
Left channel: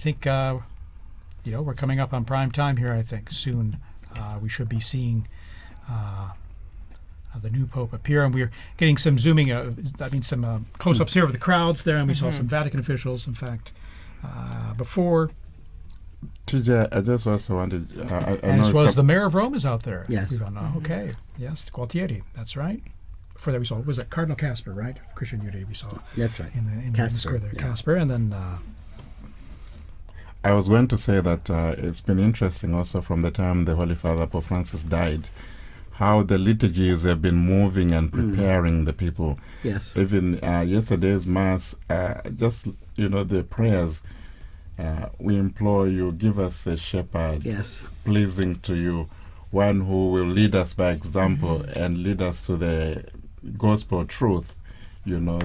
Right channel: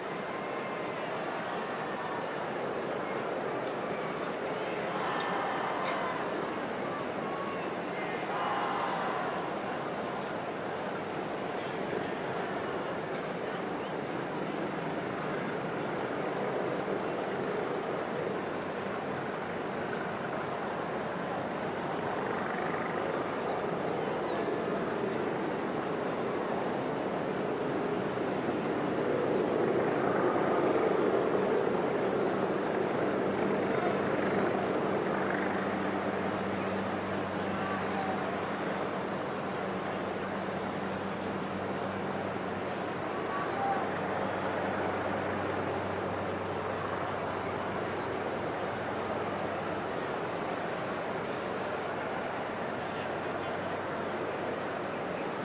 think we're coming up on prime time here. I think soon we should be seeing the new Pope appear, and we're getting some zooming, some close-ups here of the crowds there, and we saw some Vatican officials, in fact, before. TJ, I just also wanted... and as well as the mayor of Rome is out there. Yes. Okay. Yes, Gualtieri, that's right. For there was it Cardinal Casper, right? Christian Unity. That's right. Casper, and then... I was going to say that it's been interesting also from the time the Holy Father Pope Francis died, how the liturgies have been moving and preparing the people. Yes. Even yesterday's Mass, the prayers, we implore you, give us a shepherd pleasing to you, one who will lead us by example and lead us to the gospel truth.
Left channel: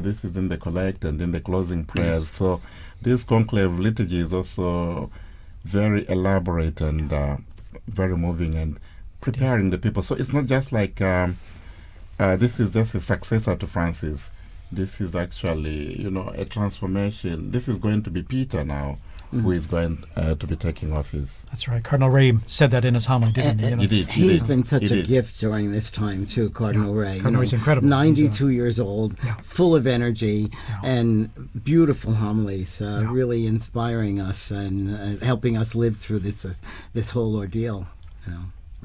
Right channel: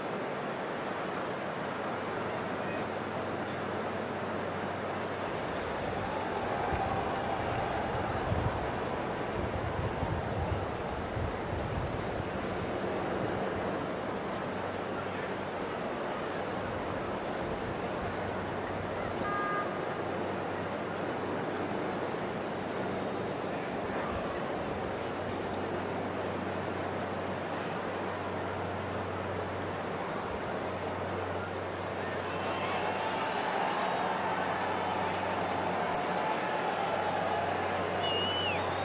This is in the collect and in the closing prayers. So this conclave liturgy is also very elaborate and very moving and preparing the people. So it's not just like this is just a successor to Francis. this is actually, a transformation. This is going to be Peter now, who is going to be taking office. That's right. Cardinal Ray said that in his homily, didn't he? He did. He's been such a gift during this time too, Cardinal Ray. Cardinal Ray's incredible. 92 years old, full of energy and beautiful homilies, really inspiring us and helping us live through this whole ordeal.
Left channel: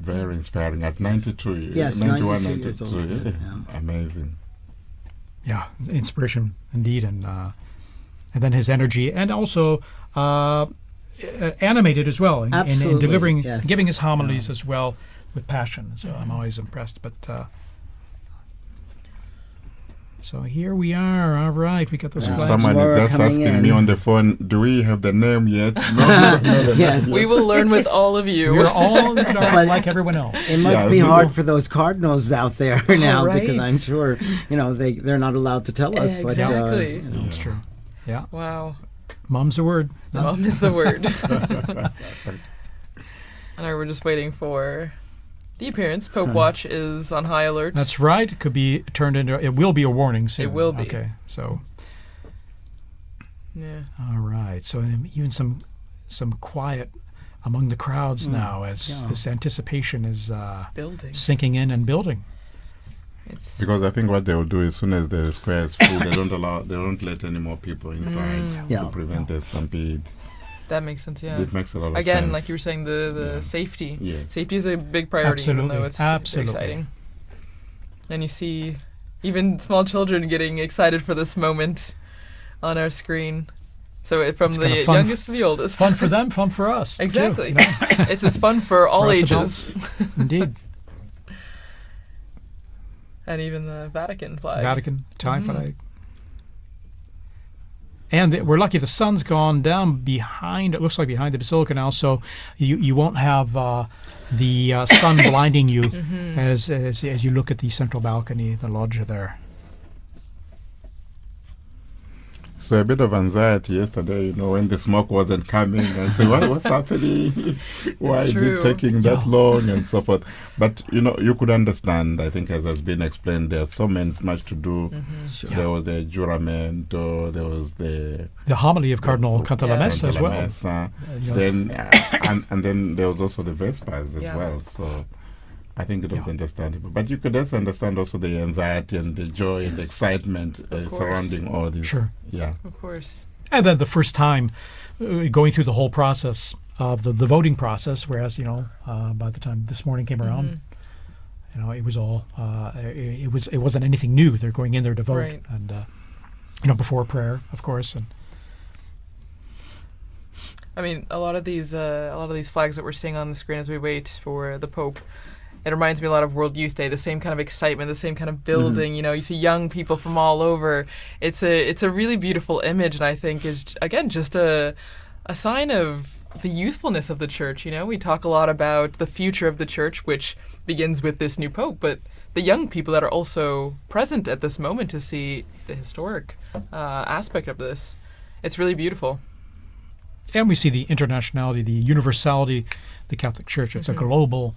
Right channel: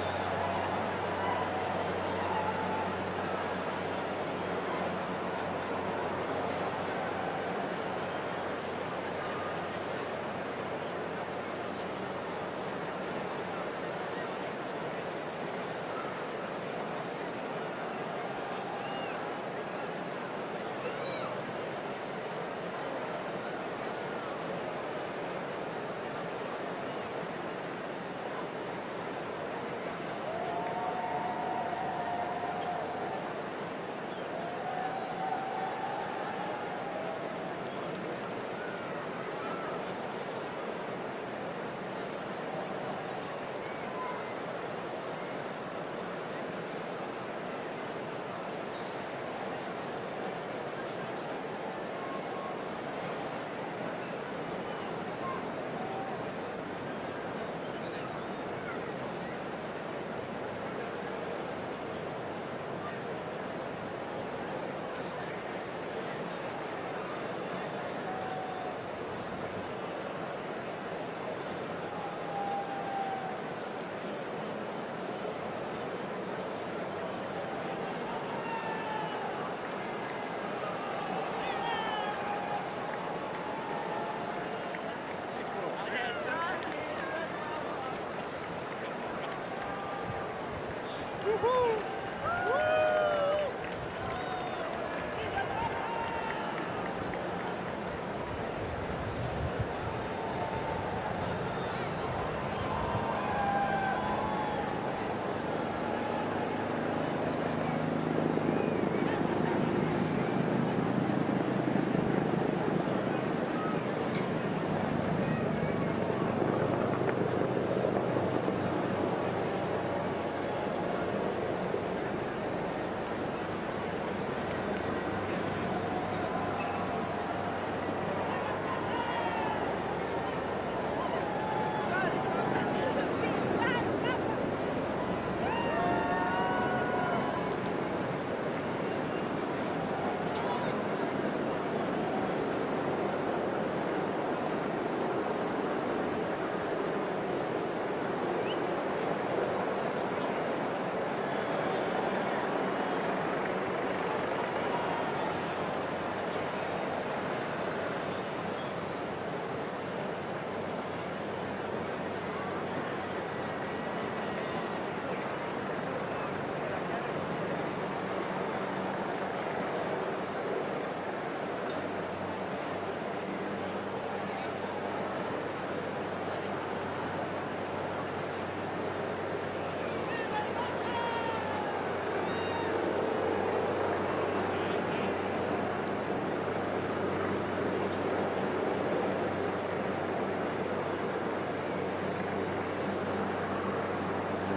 Very inspiring. At 92, yes, 91, 92 years old. Amazing. Yeah, inspirational indeed, and then his energy, and also animated as well, in delivering, giving his homilies as well with passion. So I'm always impressed. But so here we are. All right, we got this flag. Someone is just asking me on the phone, do we have the name yet? No, yes. We will learn with all of you. We're all like everyone else. It must be hard for those cardinals out there now, right. because I'm sure, they're not allowed to tell us. Exactly. But, that's true. Yeah. Wow. Mom's the word. Mom is the word. And we're just waiting for the appearance. Pope Watch is on high alert. That's right. It could be turned into. It will be a warning soon. It will be. Okay. So. All right. So in some quiet among the crowds now, as this anticipation is sinking in and building. Because I think what they will do as soon as the square is full, they don't let any more people inside to prevent the stampede. That makes sense, yeah. It makes a lot of sense. Again, like you were saying, the safety. Yeah. Safety is a big priority, Absolutely. even though it's Absolutely. exciting. And you see even small children getting excited for this moment on our screen. So from the youngest to the oldest. Fun for them, fun for us. Exactly. Yeah. It's as fun for all ages. Indeed. And even the Vatican flag. Vatican tie flag. And we're lucky the sun's gone down behind, it looks like behind the Basilica now, so you won't have the sun blinding you as you look at the central balcony of the loggia there. So a bit of anxiety yesterday, when the smoke wasn't coming. I said, what's happening? Why is it taking that long and so forth? But you could understand. I think, as has been explained, there's so much to do. There was the juramento, there was the homily of Cardinal Conclave as well. Then and then there was also the Vespers as well. So I think you don't understand. But you could also understand also the anxiety and the joy and the excitement surrounding all this. Sure. Yeah. Of course. And then the first time going through the whole process of the voting process, whereas by the time this morning came along, it was all it wasn't anything new. They're going in there to vote, before prayer, of course. I mean, a lot of these flags that we're seeing on the screen as we wait for the Pope, it reminds me a lot of World Youth Day. The same kind of excitement, the same kind of building. You see young people from all over. It's a really beautiful image, and I think is again just a sign of the youthfulness of the Church. We talk a lot about the future of the Church, which begins with this new Pope, but the young people that are also present at this moment to see the historic aspect of this. It's really beautiful. And we see the internationality, the universality of the Catholic Church. It's a global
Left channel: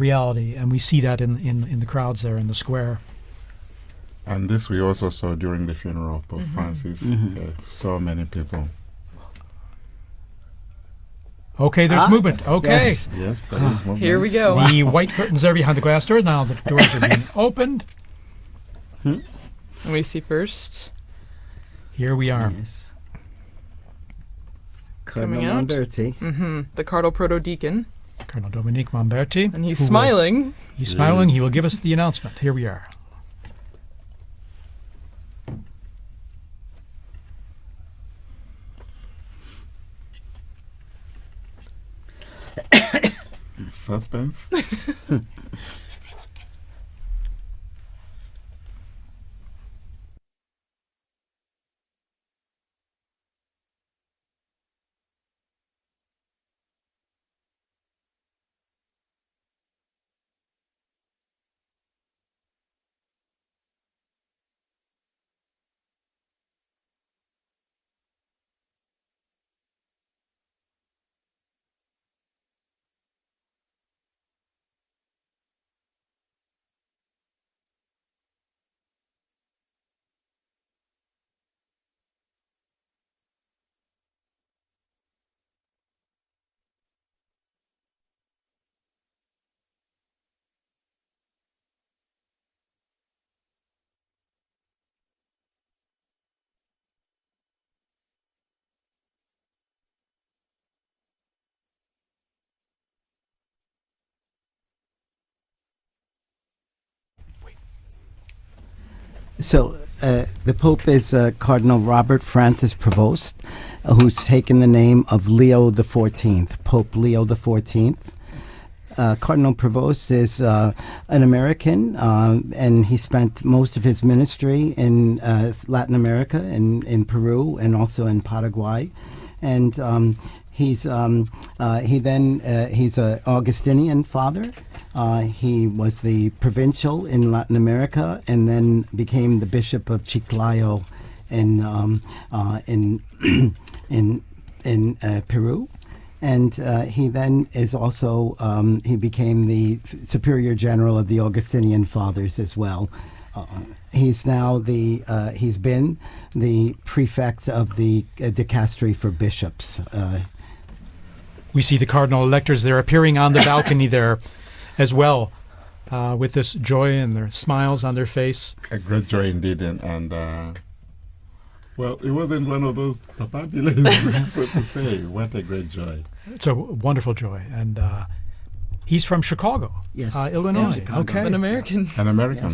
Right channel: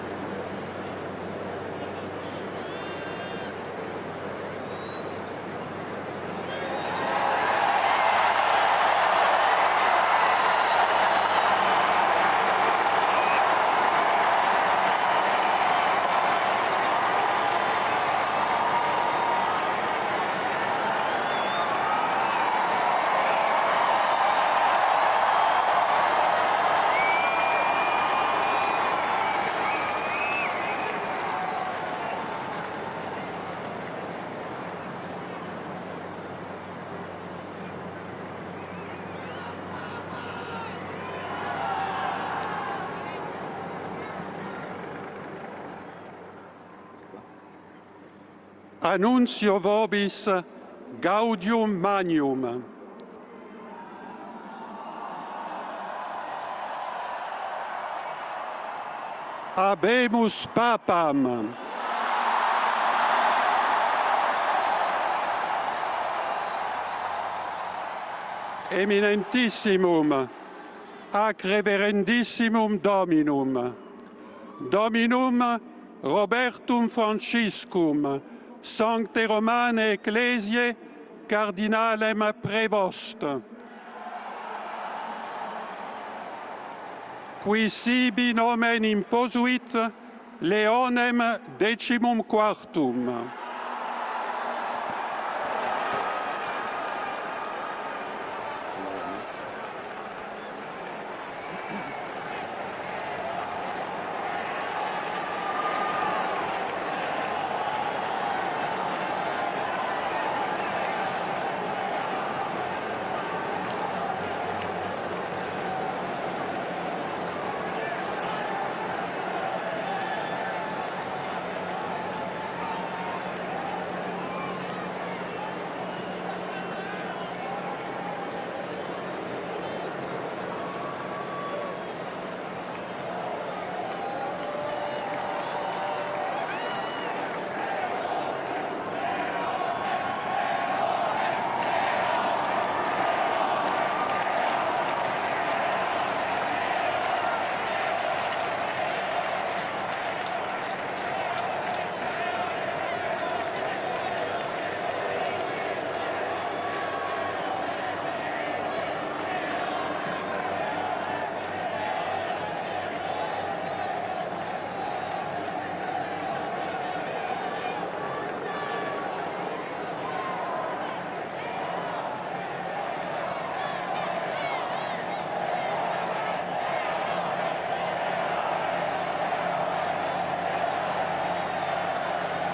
reality, and we see that in the crowds there in the square. And this we also saw during the funeral of Pope Francis. So many people. Okay, there's movement. Okay. Yes, here we go. The white curtains are behind the glass door. Now the doors are being opened. We see first. Here we are. The Cardinal Proto-Deacon. And he's smiling. He's smiling. He will give us the announcement. Here we are. Suspense. Annuncio vobis gaudium magnum. Habemus Papam. Eminentissimum, ac reverendissimum Dominum, Dominum Robertum Franciscum, Sancte Romane Ecclesiae Cardinalem Prevost. Qui sibi nomen imposuit Leonem XIV. So, the Pope is Cardinal Robert Francis Prevost, who's taken the name of Leo XIV, Pope Leo XIV. Cardinal Prevost is an American, and he spent most of his ministry in Latin America, in Peru, and also in Paraguay. And he's an Augustinian father. He was the provincial in Latin America, and then became the Bishop of Chiclayo in Peru. And he then is also he became the Superior General of the Augustinian Fathers as well. He's now he's been the prefect of the dicastery for bishops. We see the cardinal electors there appearing on the balcony there as well, with this joy and smiles on their face. A great joy indeed, and well, it wasn't one of those fabulous moments, so to say. What a great joy. It's a wonderful joy. And he's from Chicago, Yes. Illinois. Okay. An American. An American.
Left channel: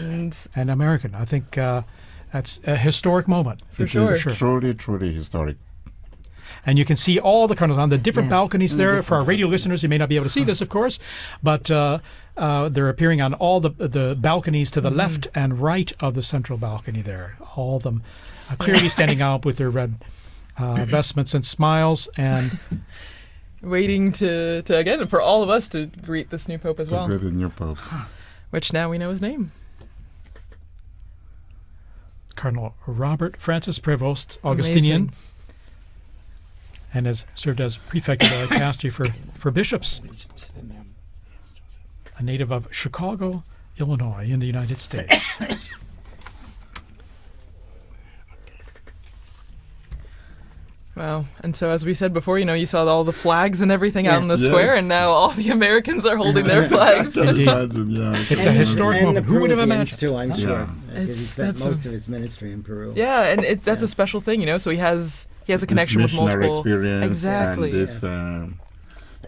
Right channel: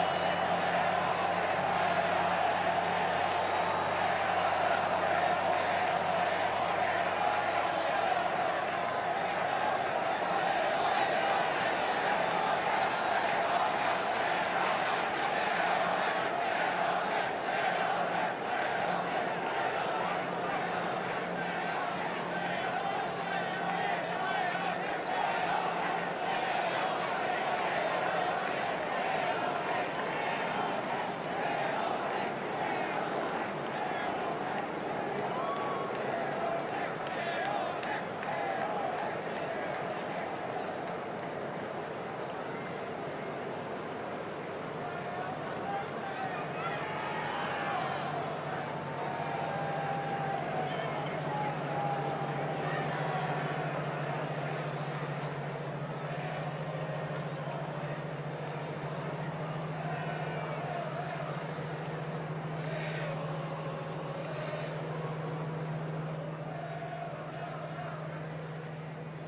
An American. I think that's a historic moment. It is truly, truly historic. And you can see all the cardinals on the different balconies there. For our radio listeners, you may not be able to see this, of course, but they're appearing on all the balconies to the left and right of the central balcony there. All of them clearly standing out with their red vestments and smiles, and waiting to again for all of us to greet this new pope as well. The new pope. Which now we know his name. Cardinal Robert Francis Prevost, Augustinian. Amazing. And has served as prefect of the dicastery for bishops. A native of Chicago, Illinois, in the United States. Well, and so as we said before, you saw all the flags and everything out in the square, and now all the Americans are holding their flags. Indeed. It's a historic and moment. the Who would have Peruvians imagined? too, I'm sure. It's- Because he spent most of his ministry in Peru. Yeah, and that's a special thing, So he has a connection with missionary multiple. experience Exactly. and this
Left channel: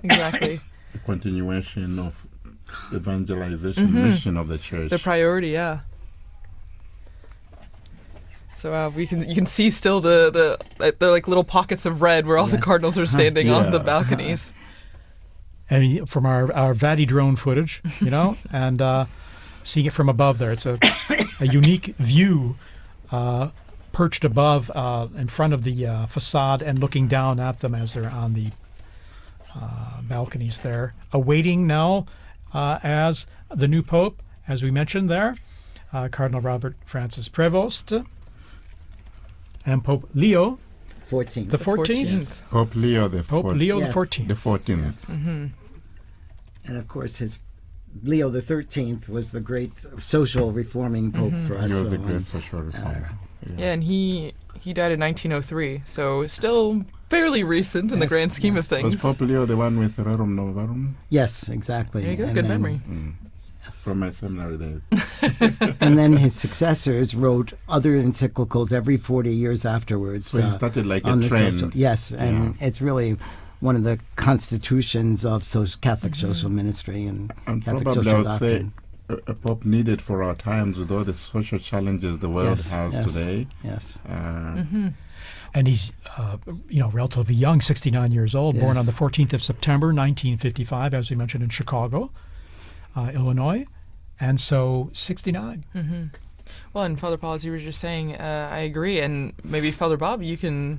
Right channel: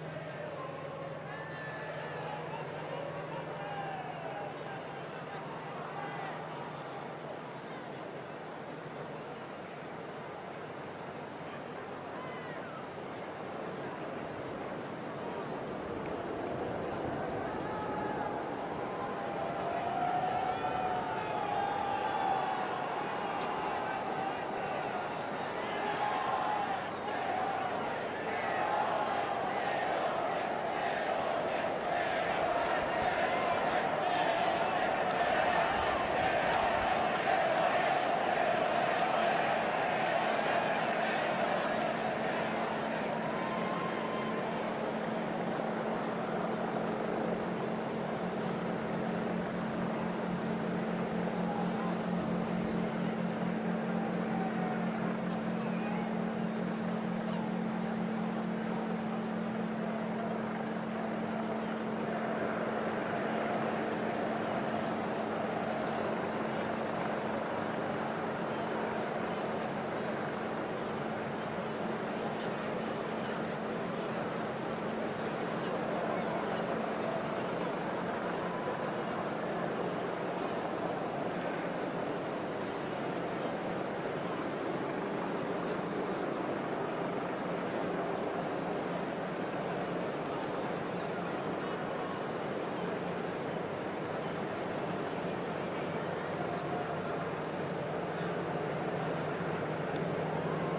Exactly. continuation of evangelization mission of the church. The priority, yeah. So you can see still the like little pockets of red where all the cardinals are standing on the balconies. And from our Vati drone footage, and seeing it from above there, it's a unique view, perched above in front of the facade and looking down at them as they're on the balconies there, awaiting now as the new pope, as we mentioned there, Cardinal Robert Francis Prevost. And Pope Leo the 14th. Pope Leo the Pope Leo Yes. the 14th. The 14th. And of course, Leo the 13th was the great social reforming pope for us. He was all. the great social reformer. Yeah, and he died in 1903, so still fairly recent in the grand scheme of things. Was Pope Leo the one with Rerum Novarum? Yes, exactly. There you go, And good then- memory. From my seminary. And then his successors wrote other encyclicals every 40 years afterwards. So he started like on a the trend. social- Yes, and it's really one of the constitutions of Catholic social ministry and Catholic Probably I social would say doctrine. a pope needed for our times with all the social challenges the world Yes, has yes, today. Yes. And he's, relatively young, 69 years old, born Yes. on the 14th of September, 1955, as you mentioned, in Chicago, Illinois, and so 69. Well, and Father Paul, as you were just saying, I agree, and maybe Father Bob, you can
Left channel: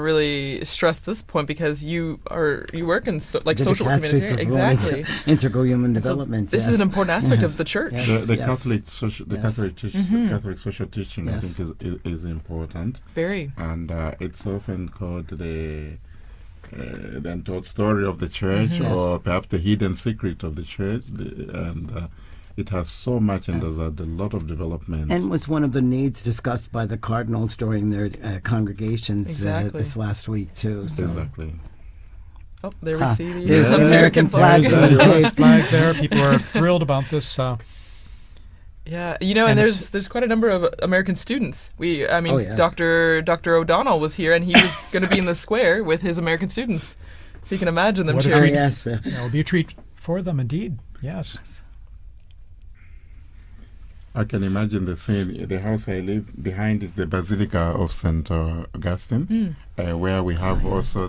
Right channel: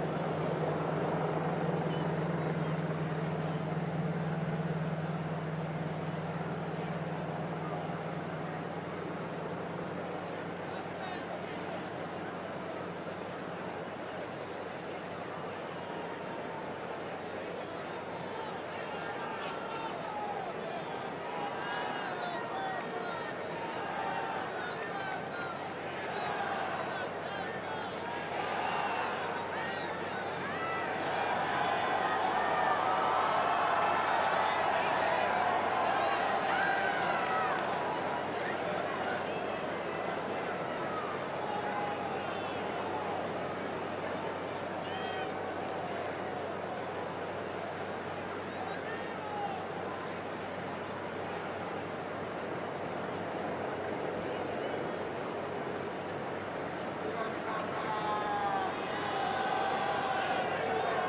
really stress this point because you work in The social dicastery humanitarian. for Exactly. Integral human development. This is an important aspect of the church. The Yes. Catholic social, Yes. Catholic social teaching, I Yes. think, is important. Very. And it's often called the untold story of the church, Yes. or perhaps the hidden secret of the church. it has so much and there's a lot of development. And was one of the needs discussed by the cardinals during their congregations this last week too. So. Exactly. Oh, there we see There's an American flag. There's an American flag there. People are thrilled about this. Yeah, you know, and there's quite a number of American students. I mean, Dr. O'Donnell was here, and he was going to be in the square with his American students. So you can imagine them cheering. Yes, that will be a treat for them, indeed. Yes. I can imagine the scene. The house I live behind is the Basilica of St. Augustine, where we have also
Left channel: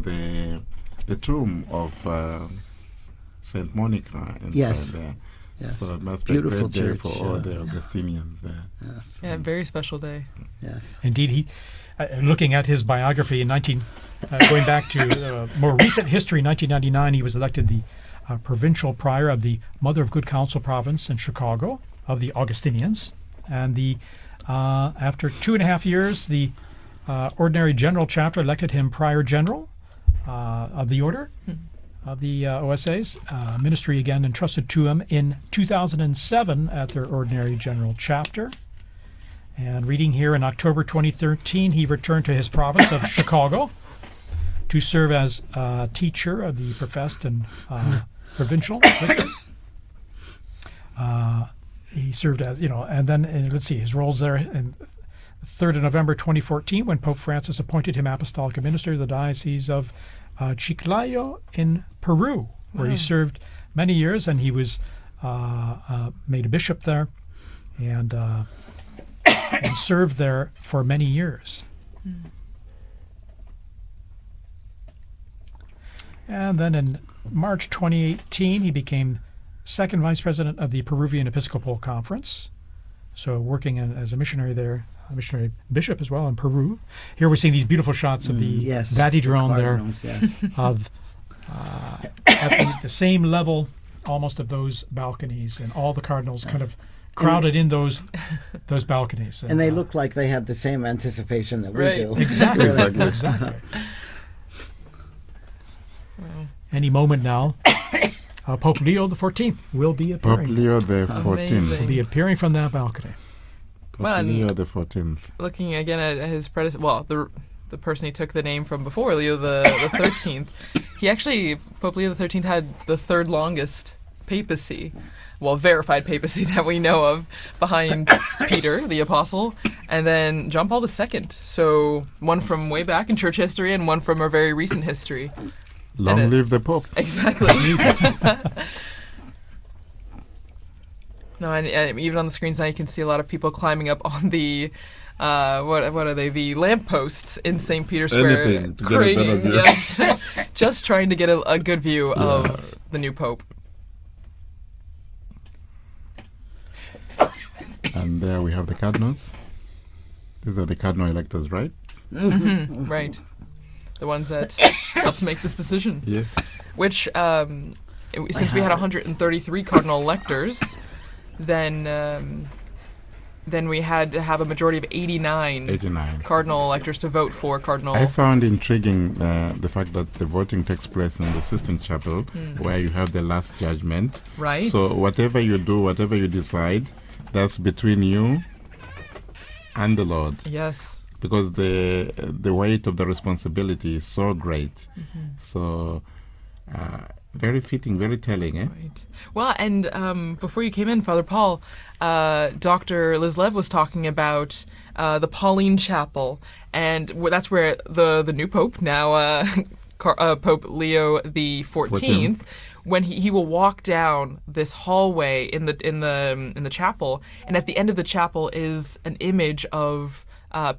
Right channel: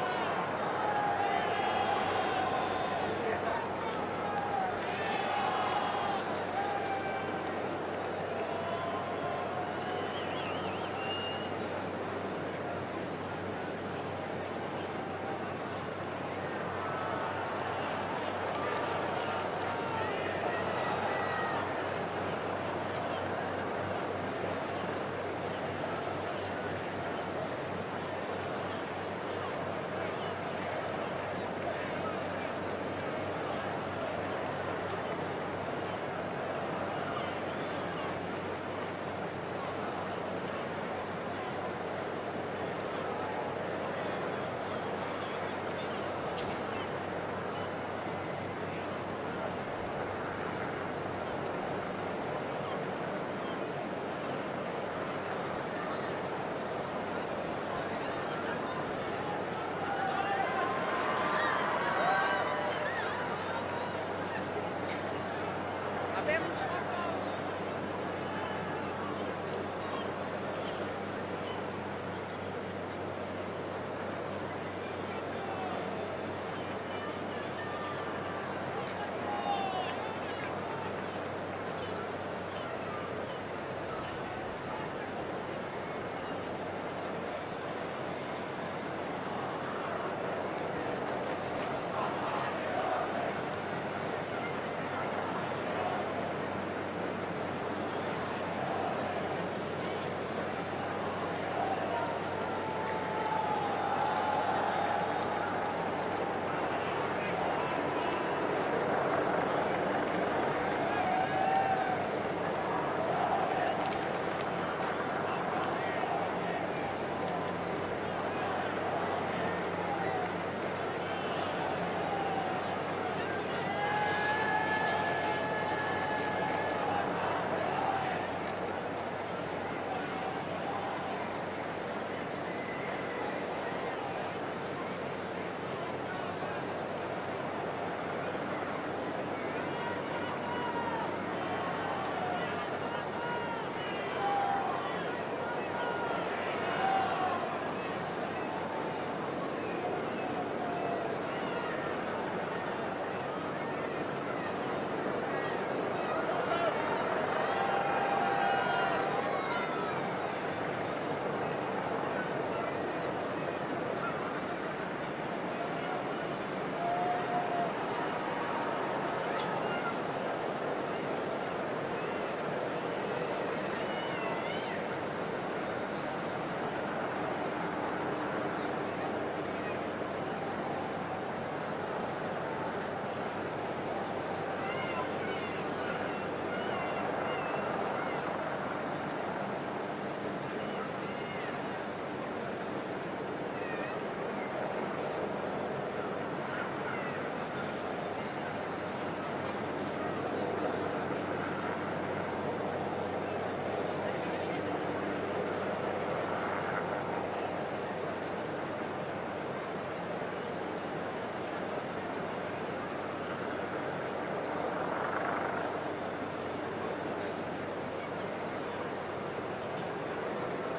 the tomb of St. Monica. Yes. So that's Beautiful a great day church. for all the Augustinians. Yeah, very special day. Yes. Indeed, he. Looking at his biography, going back to more recent history, 1999, he was elected the provincial prior of the Mother of Good Counsel province in Chicago of the Augustinians, and after 2.5 years, the Ordinary General Chapter elected him prior general of the order of the OSAs. Ministry again entrusted to him in 2007 at their Ordinary General Chapter. And reading here, in October 2013, he returned to his province of Chicago to serve as teacher of the professed and provincial. He served as, and then you can see his roles there. In 3rd of November 2014, when Pope Francis appointed him apostolic minister of the Diocese of Chiclayo in Peru, where he served many years, and he was made a bishop there, and served there for many years. And then in March 2018, he became second vice president of the Peruvian Episcopal Conference, so working as a missionary there, missionary bishop as well in Peru. Here we're seeing these beautiful shots of the Vati-drone there, of at the same level almost of those balconies, and all the cardinals kind of crowded in those balconies. And they look like they have the same anticipation that we do. Exactly. Exactly. Any moment now, Pope Leo XIV will be appearing. Pope Leo XIV. Will be appearing from that balcony. Well, Leo XIV. Looking again at his predecessor, well, the person he took the name from before, Leo the 13th. He actually, Pope Leo XIII had the third longest papacy, well, verified papacy that we know of, behind Peter, the apostle, and then John Paul II. So one from way back in church history and one from our very recent history. Long live the Pope. Exactly. No, and even on the screens now you can see a lot of people climbing up on the what are they? The lampposts in St. Peter's Square, Anything to get a better view. yes, just trying to get a good view of the new Pope. And there we have the cardinals. These are the cardinal electors, right? Right. The ones that helped make this decision. Yes. Which, since we had 133 cardinal electors, then we had to have a majority of 89 cardinal electors to vote for cardinal. I found intriguing the fact that the voting takes place in the Sistine Chapel, where you have the last judgment. Right. So whatever you do, whatever you decide, that's between you and the Lord. Yes. Because the weight of the responsibility is so great. So very fitting, very telling, eh? Well, and before you came in, Father Paul, Dr. Liz Lev was talking about the Pauline Chapel, and that's where the new Pope, now Pope Leo XIV, when he will walk down this hallway in the chapel, and at the end of the chapel is an image of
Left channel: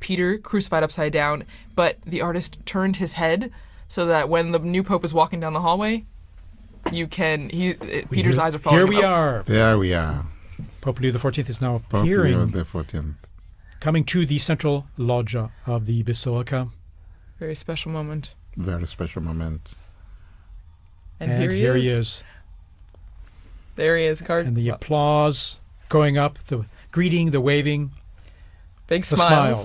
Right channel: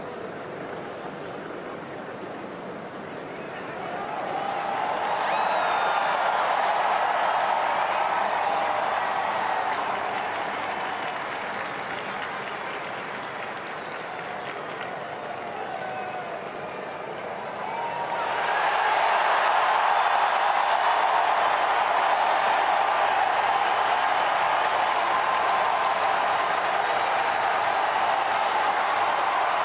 Peter crucified upside down, but the artist turned his head so that when the new Pope is walking down the hallway, Peter's eyes are following. Here we are. There we are. Pope Leo XIV is now Pope appearing, Leo XIV. coming to the central loggia of the Basilica. Very special moment. Very special moment. And Here he is. There he is, And the applause going up, the greeting, the waving, big the smiles.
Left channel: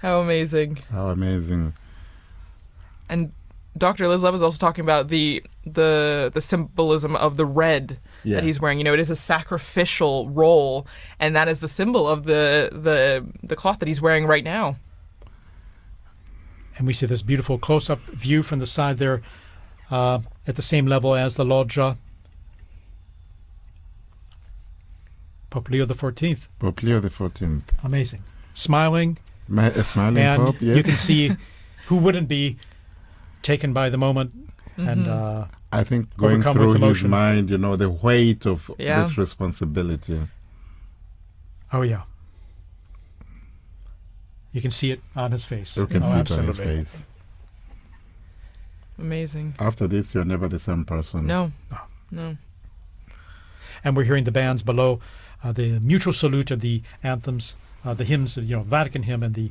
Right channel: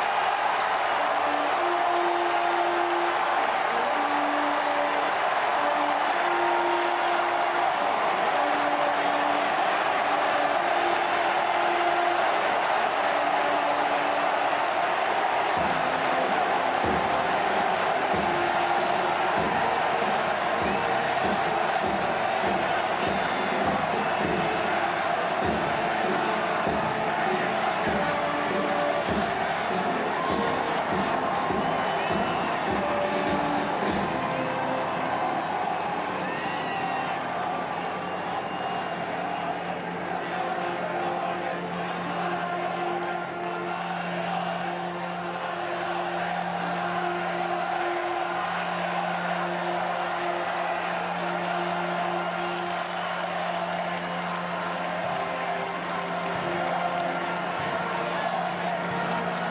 How amazing. How amazing. And Dr. Liz Lev was also talking about the the symbolism of the red that he's wearing. You know, it is a sacrificial role, and that is the symbol of the cloth that he's wearing right now. And we see this beautiful close-up view from the side there, at the same level as the loggia. Pope Leo XIV. Pope Leo XIV. Amazing. Smiling. Smiling And Pope, yeah. you can see who wouldn't be taken by the moment. And, I think going overcome through with his emotion. mind, you know, the weight of Yeah. this responsibility. Oh yeah. You can see it on his face. You can Oh, see it on his absolutely. face. Amazing. After this, you're never the same person. No. And we're hearing the bands below, the mutual salute of the anthems, the hymns of the Vatican hymn and the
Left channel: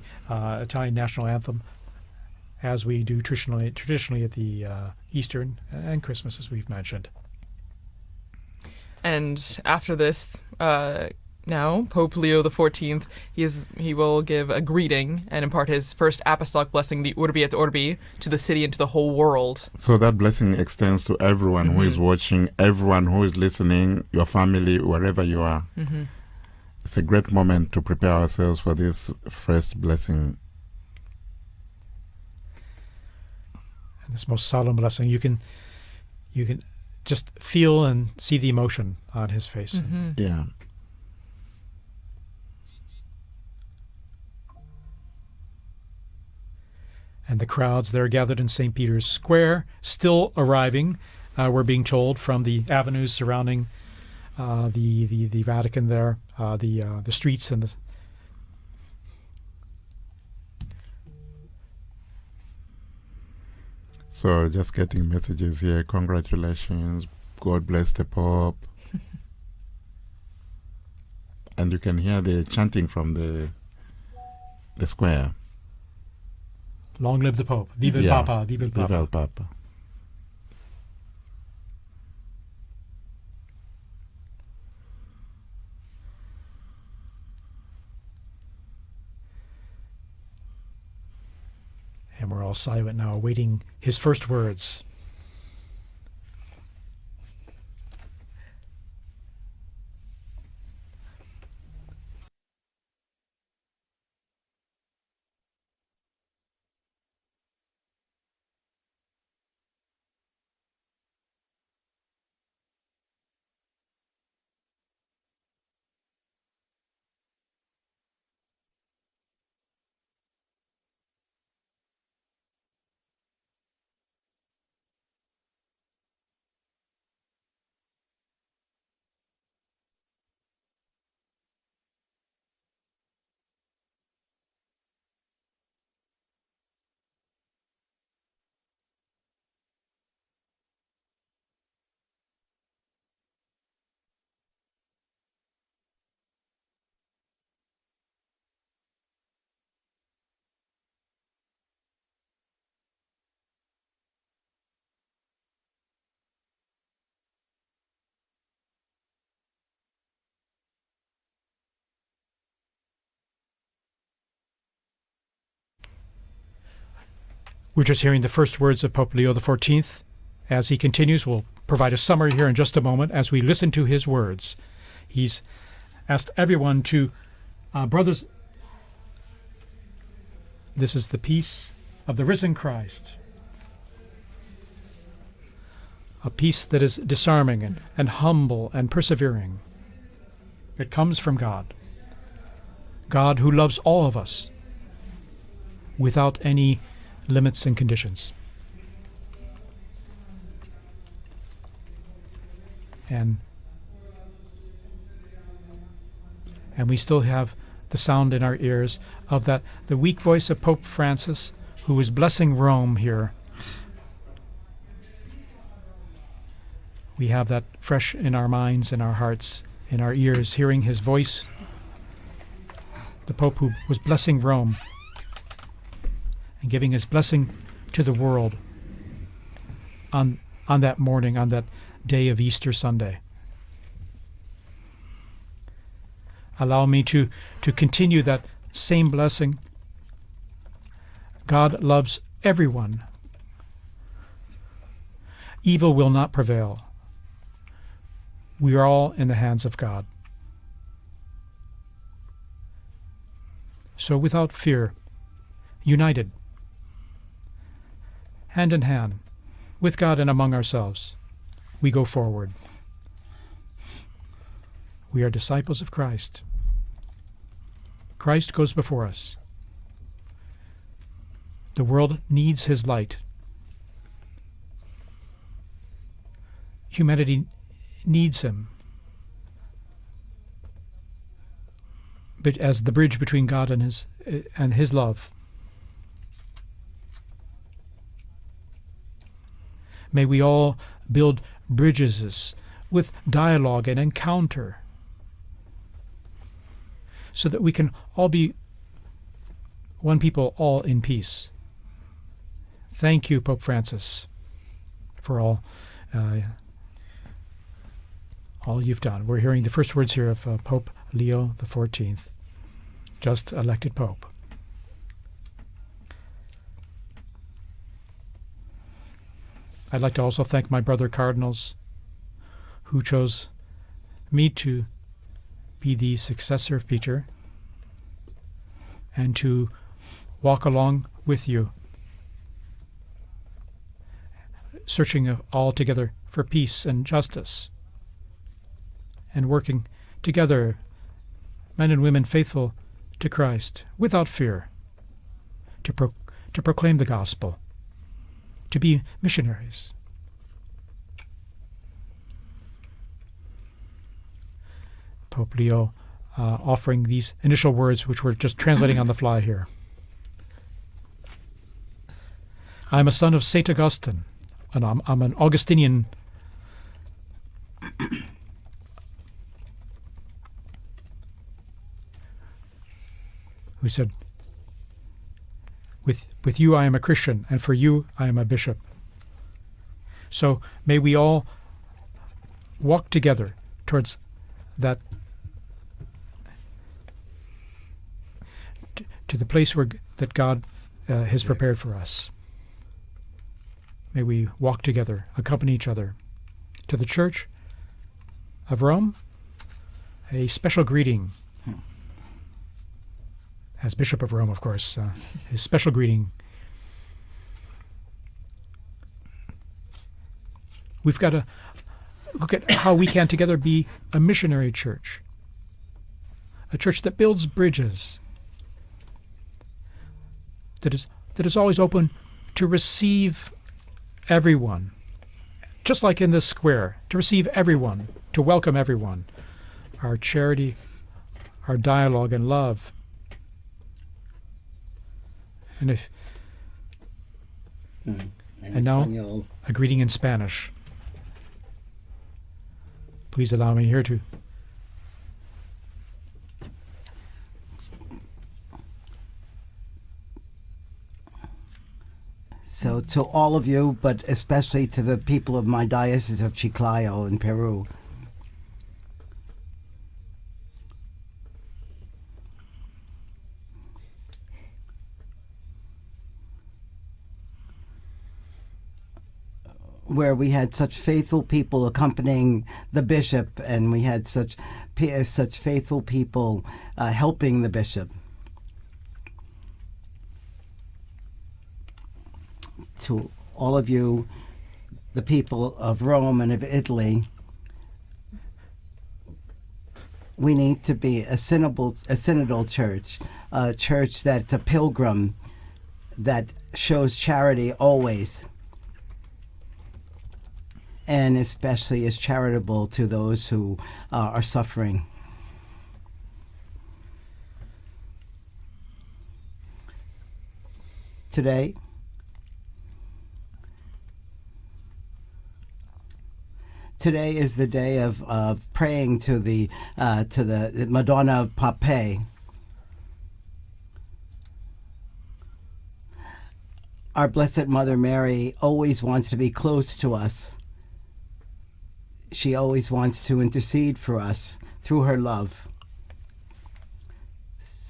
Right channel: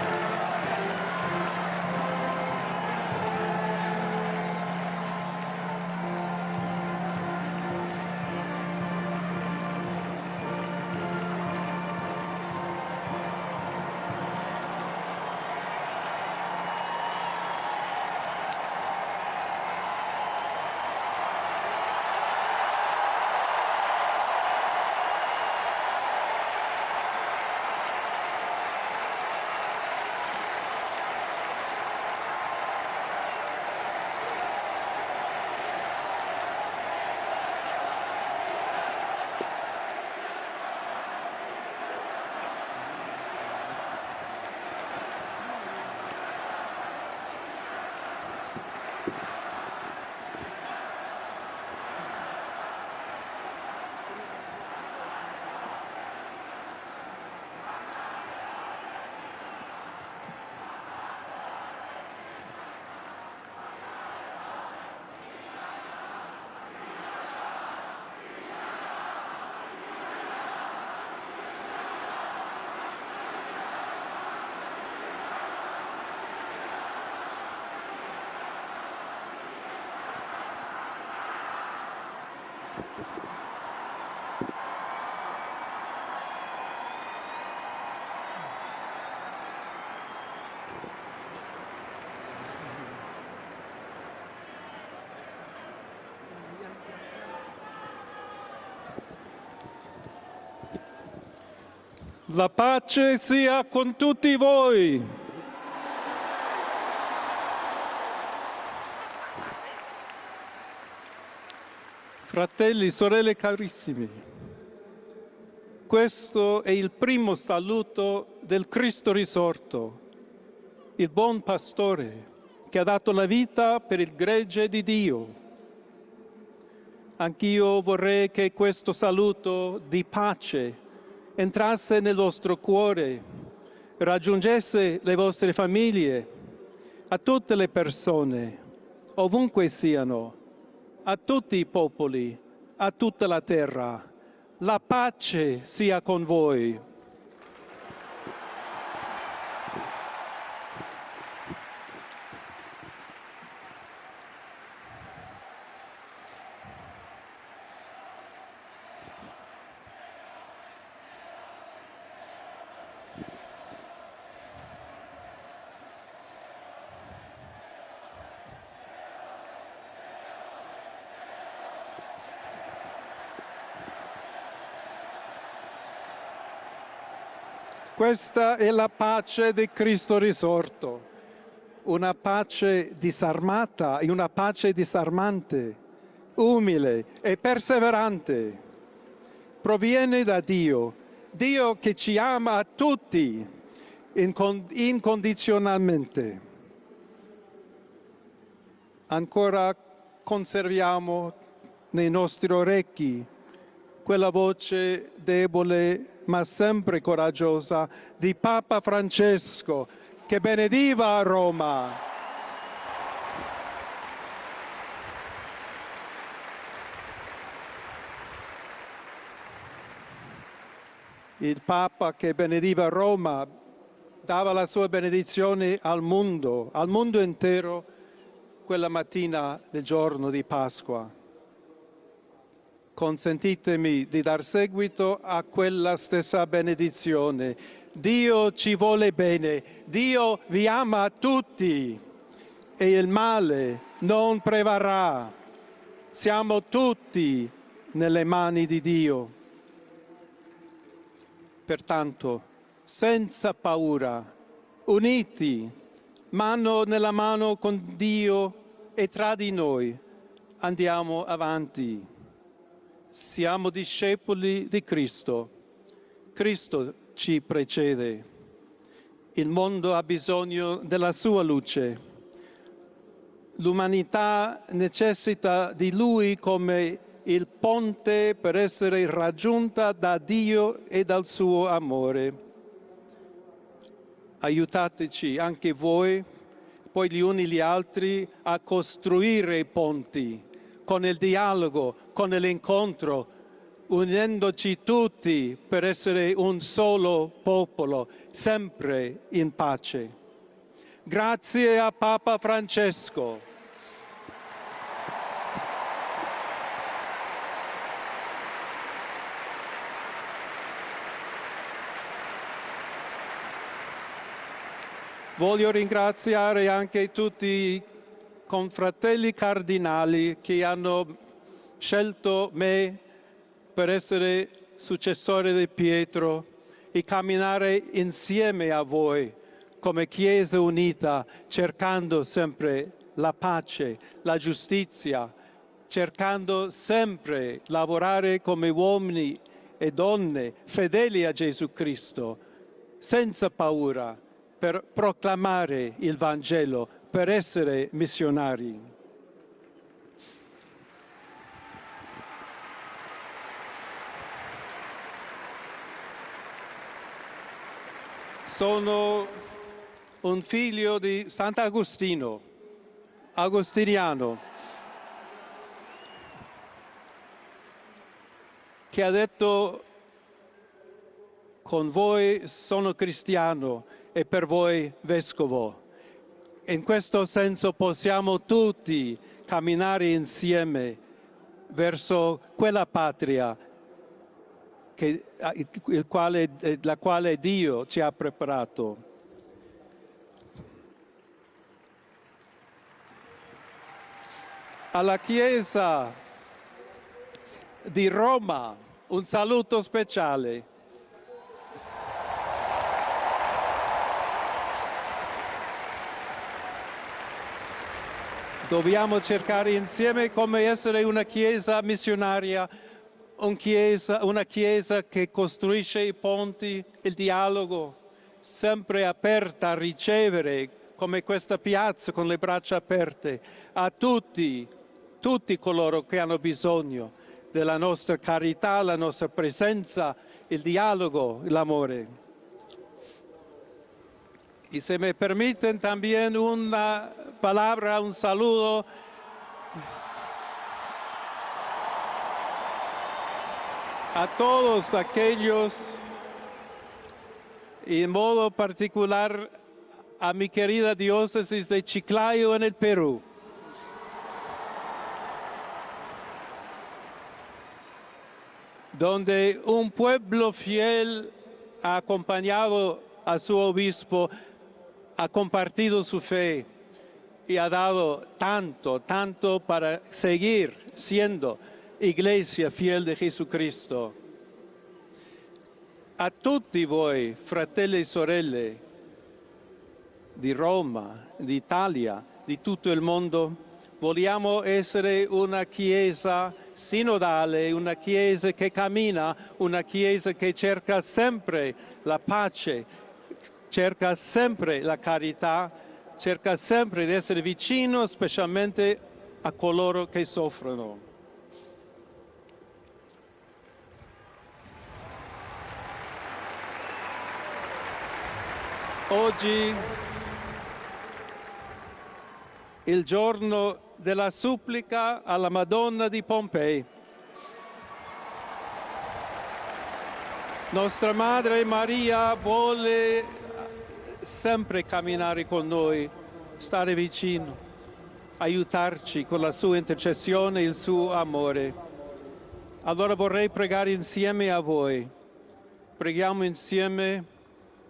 Italian national anthem, as we do traditionally with the Easter and Christmas, as we've mentioned. And after this, now Pope Leo XIV, he will give a greeting and impart his first apostolic blessing, the Urbi et Orbi, to the city and to the whole world. So that blessing extends to everyone who is watching, everyone who is listening, your family, wherever you are. It's a great moment to prepare ourselves for this first blessing. This most solemn blessing, you can just feel and see the emotion on his face. Yeah. And the crowds there gathered in St. Peter's Square, still arriving, we're being told, from the avenues surrounding the Vatican there, the streets and the... So just getting messages here, congratulations, God bless the Pope. And you can hear the chanting from the square. Long live the Pope. Viva il Papa. Viva il Papa. Viva il Papa. And we're all silent now, awaiting his first words. La pace sia con tutti voi. Fratelli, sorelle carissimi, questo è il primo saluto del Cristo risorto, il buon pastore che ha dato la vita per il gregge di Dio. Anch'io vorrei che questo saluto di pace entrasse nel vostro cuore, raggiungesse le vostre famiglie, a tutte le persone, ovunque siano, a tutti i popoli, a tutta la terra. La pace sia con voi. We're just hearing the first words of Pope Leo XIV. As he continues, we'll provide a summary here in just a moment as we listen to his words. He's asked everyone to, brothers, Questa è la pace di Cristo risorto. this is the peace Una of the risen pace Christ, disarmata e una pace disarmante. a peace that is umile e disarming and perseverante. humble and persevering. Proviene da Dio. It comes from Dio God, che ci ama a tutti God who loves all of us incondizionalmente. without any limits and conditions. Ancora conserviamo nei nostri orecchi And quella voce debole ma we sempre still have coraggiosa the sound di in our Papa ears of Francesco the weak che voice of Pope benediva Francis, Roma. who is blessing Rome here. We have that fresh in our minds, in our hearts, in our ears, hearing his voice. Il Papa che benediva The Roma Pope who was blessing dava la Rome, sua benedizione al mondo, al giving his mondo blessing intero, to the world quella mattina del giorno di on that Pasqua. morning, on that day of Easter Sunday. Consentitemi di dar seguito a quella stessa Allow me benedizione. to continue Dio that ci same vuole blessing. bene. Dio vi ama tutti God loves e everyone, il male non prevarrà. Evil will not Siamo prevail. tutti nelle mani We di are all Dio. in the hands of God. Pertanto, senza paura, So without fear, uniti, united, mano nella mano con Dio hand in e hand, tra di noi, with God and among ourselves, andiamo avanti. we go forward. Siamo discepoli di We are Cristo. disciples of Christ. Cristo ci precede. Christ goes before us. Il mondo ha bisogno della sua luce. The world needs his light. L'umanità necessita di Lui come Humanity il ponte needs per him. essere raggiunta da Dio e dal suo amore. But as the bridge between God and his love. Aiutateci anche voi, poi gli uni gli altri, a costruire i ponti May we all con il build dialogo, bridges con with l'incontro, dialogue and unendoci encounter, tutti per essere un solo so that we can popolo, all be sempre in pace. one people, all in peace. Grazie a Papa Francesco. Thank you, Pope Francis, for all you've done. We're hearing the first words here of Pope Leo XIV, just elected Pope. Voglio ringraziare anche tutti i confratelli I'd like to cardinali also che thank my hanno brother cardinals scelto me who chose per essere me to successore di be the Pietro successor of e Peter camminare insieme a voi and to come Chiesa walk along unita, with you, cercando sempre la pace, la giustizia, searching all together for cercando peace and sempre justice, lavorare come uomini and working e donne together, fedeli a Gesù men and women Cristo, faithful to senza Christ, paura, without fear, per proclamare il to Vangelo, proclaim the per gospel, essere missionari. to be missionaries. Pope Leo offering these initial words, which we're just translating on the fly here. Un figlio di Sant'Agostino, I'm a son of Saint Augustine, agostiniano, and I'm an Augustinian che ha detto: con voi sono cristiano who said, e per voi vescovo. with you I In am a questo Christian, and senso for you I possiamo am a bishop. tutti camminare So insieme may we all verso quella walk together patria towards that, la quale Dio ci ha preparato. to the place that God has prepared for us. May we walk together, Alla accompany each Chiesa other. To the Church di Roma, of Rome, un saluto speciale. a special greeting. As Bishop of Rome, of course, a special greeting. Dobbiamo cercare insieme come essere We've una got to chiesa missionaria, look at how we can together be a una missionary chiesa church, che costruisce i ponti, a church il that builds dialogo, bridges, sempre aperta a ricevere, that is come that questa is always open piazza con le braccia to receive aperte a tutti, everyone, tutti coloro just che like in hanno this square, bisogno to receive della everyone, nostra to welcome carità, la everyone, nostra presenza, our charity, il dialogo, our l'amore. dialogue and love. Y se me permiten también una palabra, un saludo And now, a greeting in Spanish. Please allow me here to a todos aquellos, y en modo particular a mi querida diócesis de Chiclayo en el So Perú, to all of you, but especially to the people of my diocese of Chiclayo in Peru, donde un pueblo fiel ha acompañado a su obispo, ha compartido su fe y ha dado tanto, tanto para where we seguir had such faithful siendo people accompanying iglesia fiel the de bishop, and we Jesucristo. had such faithful A people tutti voi, helping the fratelli e bishop. sorelle di Roma, d'Italia, di tutto il To mondo, all of you, vogliamo essere the people una of chiesa Rome and of Italy, sinodale, una chiesa che cammina, una chiesa che we need cerca to be a sempre la synodal pace, church, a cerca church that's a sempre la pilgrim, carità, cerca that sempre di shows essere charity vicino always, specialmente a coloro che soffrono. and especially is charitable to those who are suffering. Oggi Today, il giorno della supplica alla Madonna di Pompei. today is the day of praying to the Nostra Madonna of Madre Pompeii. Maria vuole sempre camminare con noi, stare Our vicino, Blessed Mother Mary always aiutarci wants to con be la sua close to us. intercessione e il suo amore. She always Allora wants to vorrei pregare intercede for us insieme a voi. through her love. Preghiamo insieme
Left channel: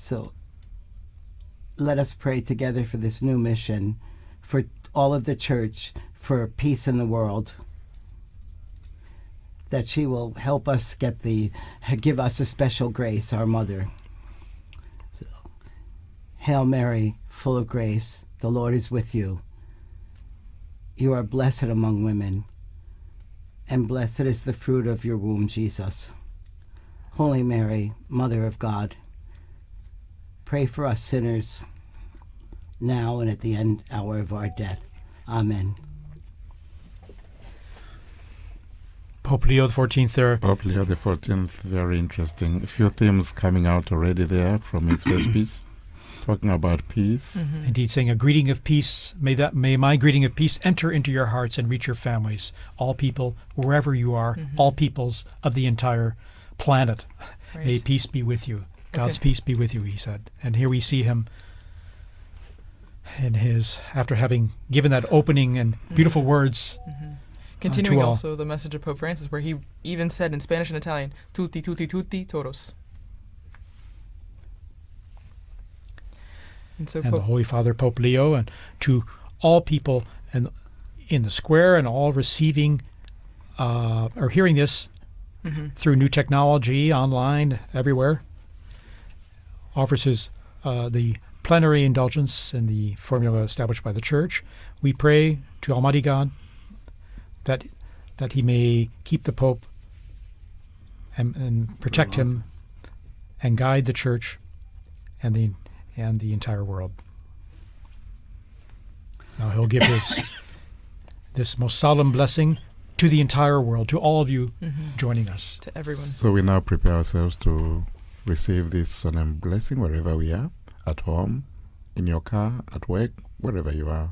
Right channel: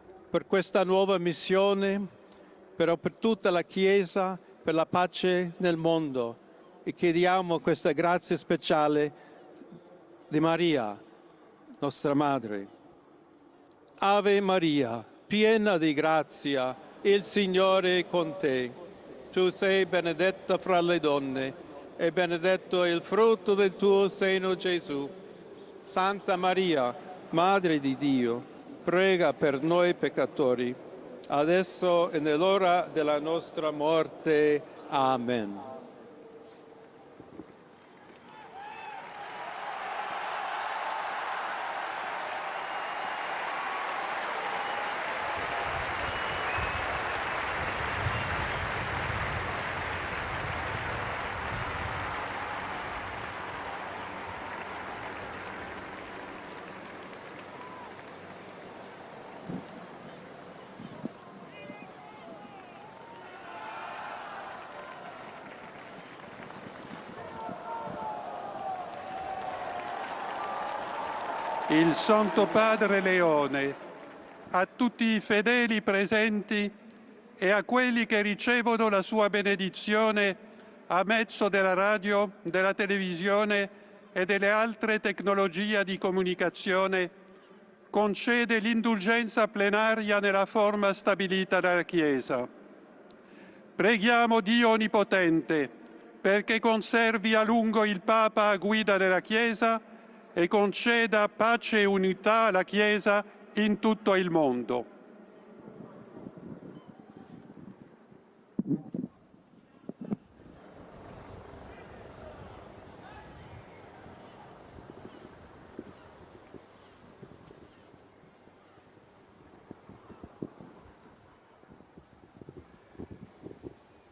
So per questa nuova missione, let us pray together però for per this new tutta la mission, Chiesa, for per la all of the pace nel church, mondo. for peace E in the chiediamo world, questa grazia speciale that she will di help Maria, us get the, nostra give us a madre. special grace, our mother. Ave Maria, piena di grazia, Hail Mary, il full of Signore è grace, con the te. Lord is with you. Tu sei benedetta fra le You are donne, blessed among e women, benedetto è il frutto del and tuo blessed is seno, the fruit Gesù. of your womb, Jesus. Santa Maria, Holy Madre Mary, di Dio, Mother of God, prega per noi pray peccatori, for us sinners, adesso e nell'ora now della and at the nostra hour of our morte. death. Amen. Amen. Pope Leo XIV there. Pope Leo XIV, very interesting. A few themes coming out already there from his first piece, talking about peace. Indeed, saying a greeting of peace. May my greeting of peace enter into your hearts and reach your families. All people, wherever you are, all peoples of the entire planet. May peace be with you. God's peace be with you, he said. And here we see him in his, after having given that opening and beautiful words. Continuing also the message of Pope Francis, where he even said in Spanish and Italian, tutti, tutti, Il tutti, Santo todos. Padre Leone, a tutti I fedeli presenti And the Holy e a Father Pope quelli che Leo, ricevono to la sua all people benedizione in a the mezzo square della and all radio, receiving, della televisione e are delle hearing this altre tecnologie through di new technology, comunicazione, online, everywhere. concede l'indulgenza Offers plenaria his, nella forma the stabilita plenary dalla indulgence Chiesa. in the formula established by the Preghiamo Church. Dio We pray Onnipotente to Almighty God perché conservi a that- lungo il that Papa a he may guida della keep the Pope Chiesa e conceda pace e protect him unità alla Chiesa and in guide the tutto il Church mondo. and the entire world. Now he'll give this most solemn blessing to the entire world, to all of you joining us. To everyone. So we now prepare ourselves to receive this solemn blessing wherever we are, at home, in your car, at work, wherever you are.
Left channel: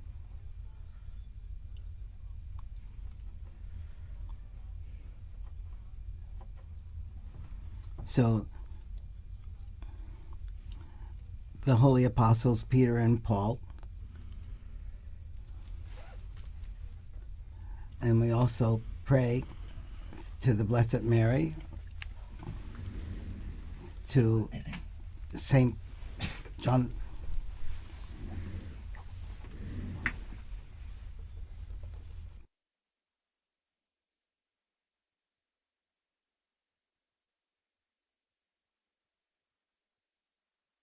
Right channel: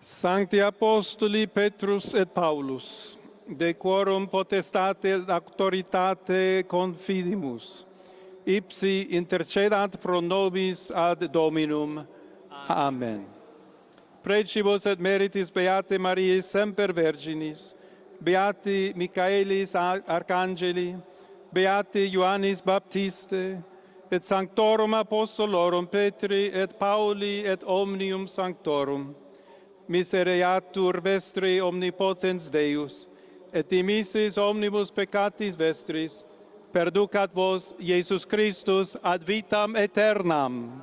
Sancti Apostoli Petrus et Paulus, de quorum potestate et auctoritate confidimus. So Ipsi intercedat pro nobis ad the Dominum. holy apostles Peter Amen. and Paul, Precibus et meritis Beate Mariae semper Virginis, and we also Beati pray Michaelis to the Arcangeli, Blessed Mary, Beati Ioannis Baptiste, to et Sanctorum Apostolorum Petri et John- Pauli et Omnium Sanctorum, misereatur vestri omnipotens Deus, et dimissis omnibus peccatis vestris, perducat vos Iesus Christus ad vitam aeternam.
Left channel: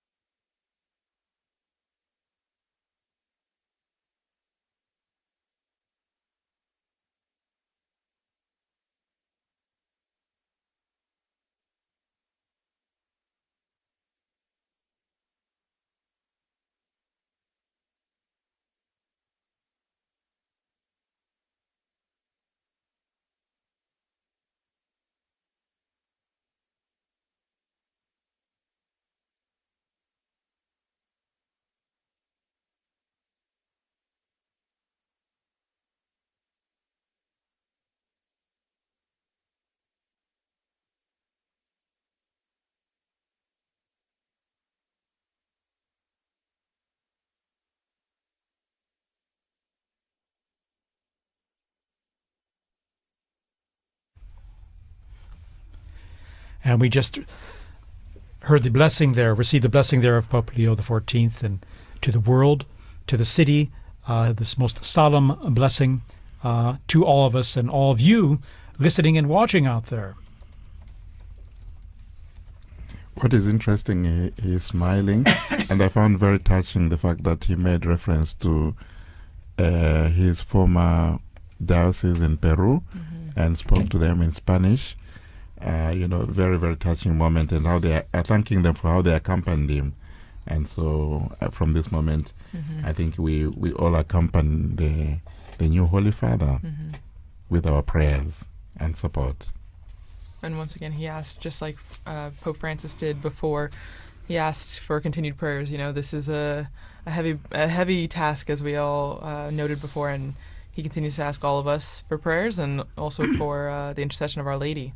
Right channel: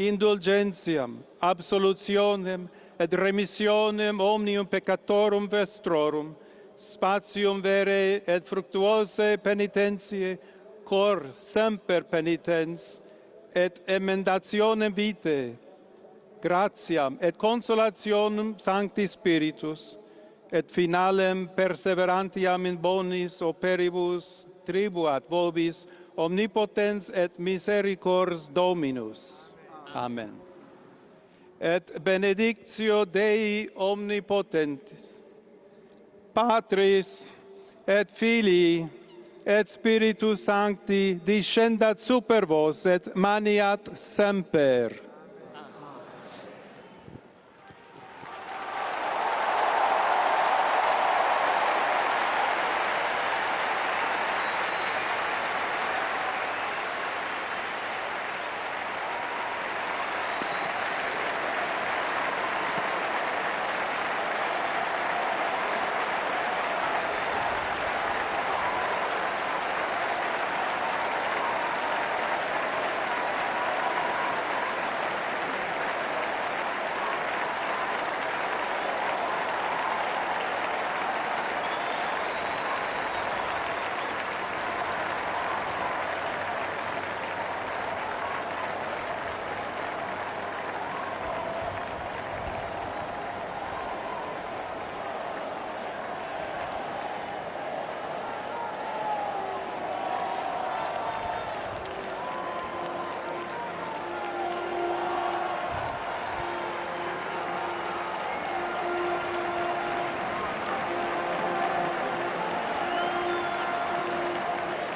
Indulgentiam, absolutionem et remissionem omnium peccatorum vestrorum, spatium vere et fructuose penitentiae, cor semper penitens, et emendationem vitae, gratiam et consolationem Sancti Spiritus, et finalem perseverantiam in bonis operibus tribuat vobis omnipotens et misericors Dominus. Amen. Et benedictio Dei omnipotentis, Patris et Filii et Spiritus Sancti descendat super vos et maniat semper. And we just heard the blessing there, received the blessing there of Pope Leo XIV, and to the world, to the city, this most solemn blessing to all of us and all of you listening and watching out there. What is interesting, he's smiling, and I found very touching the fact that he made reference to his former diocese in Peru and spoke to them in Spanish. Very, very touching moment, and how they are thanking them for how they accompanied him. And so, from this moment, I think we all accompany the new Holy Father with our prayers and support. And once again, he asked, just like Pope Francis did before, he asked for continued prayers. You know, this is a heavy task, as we all noted before, and he continues to ask all of us for prayers and also for the intercession of Our Lady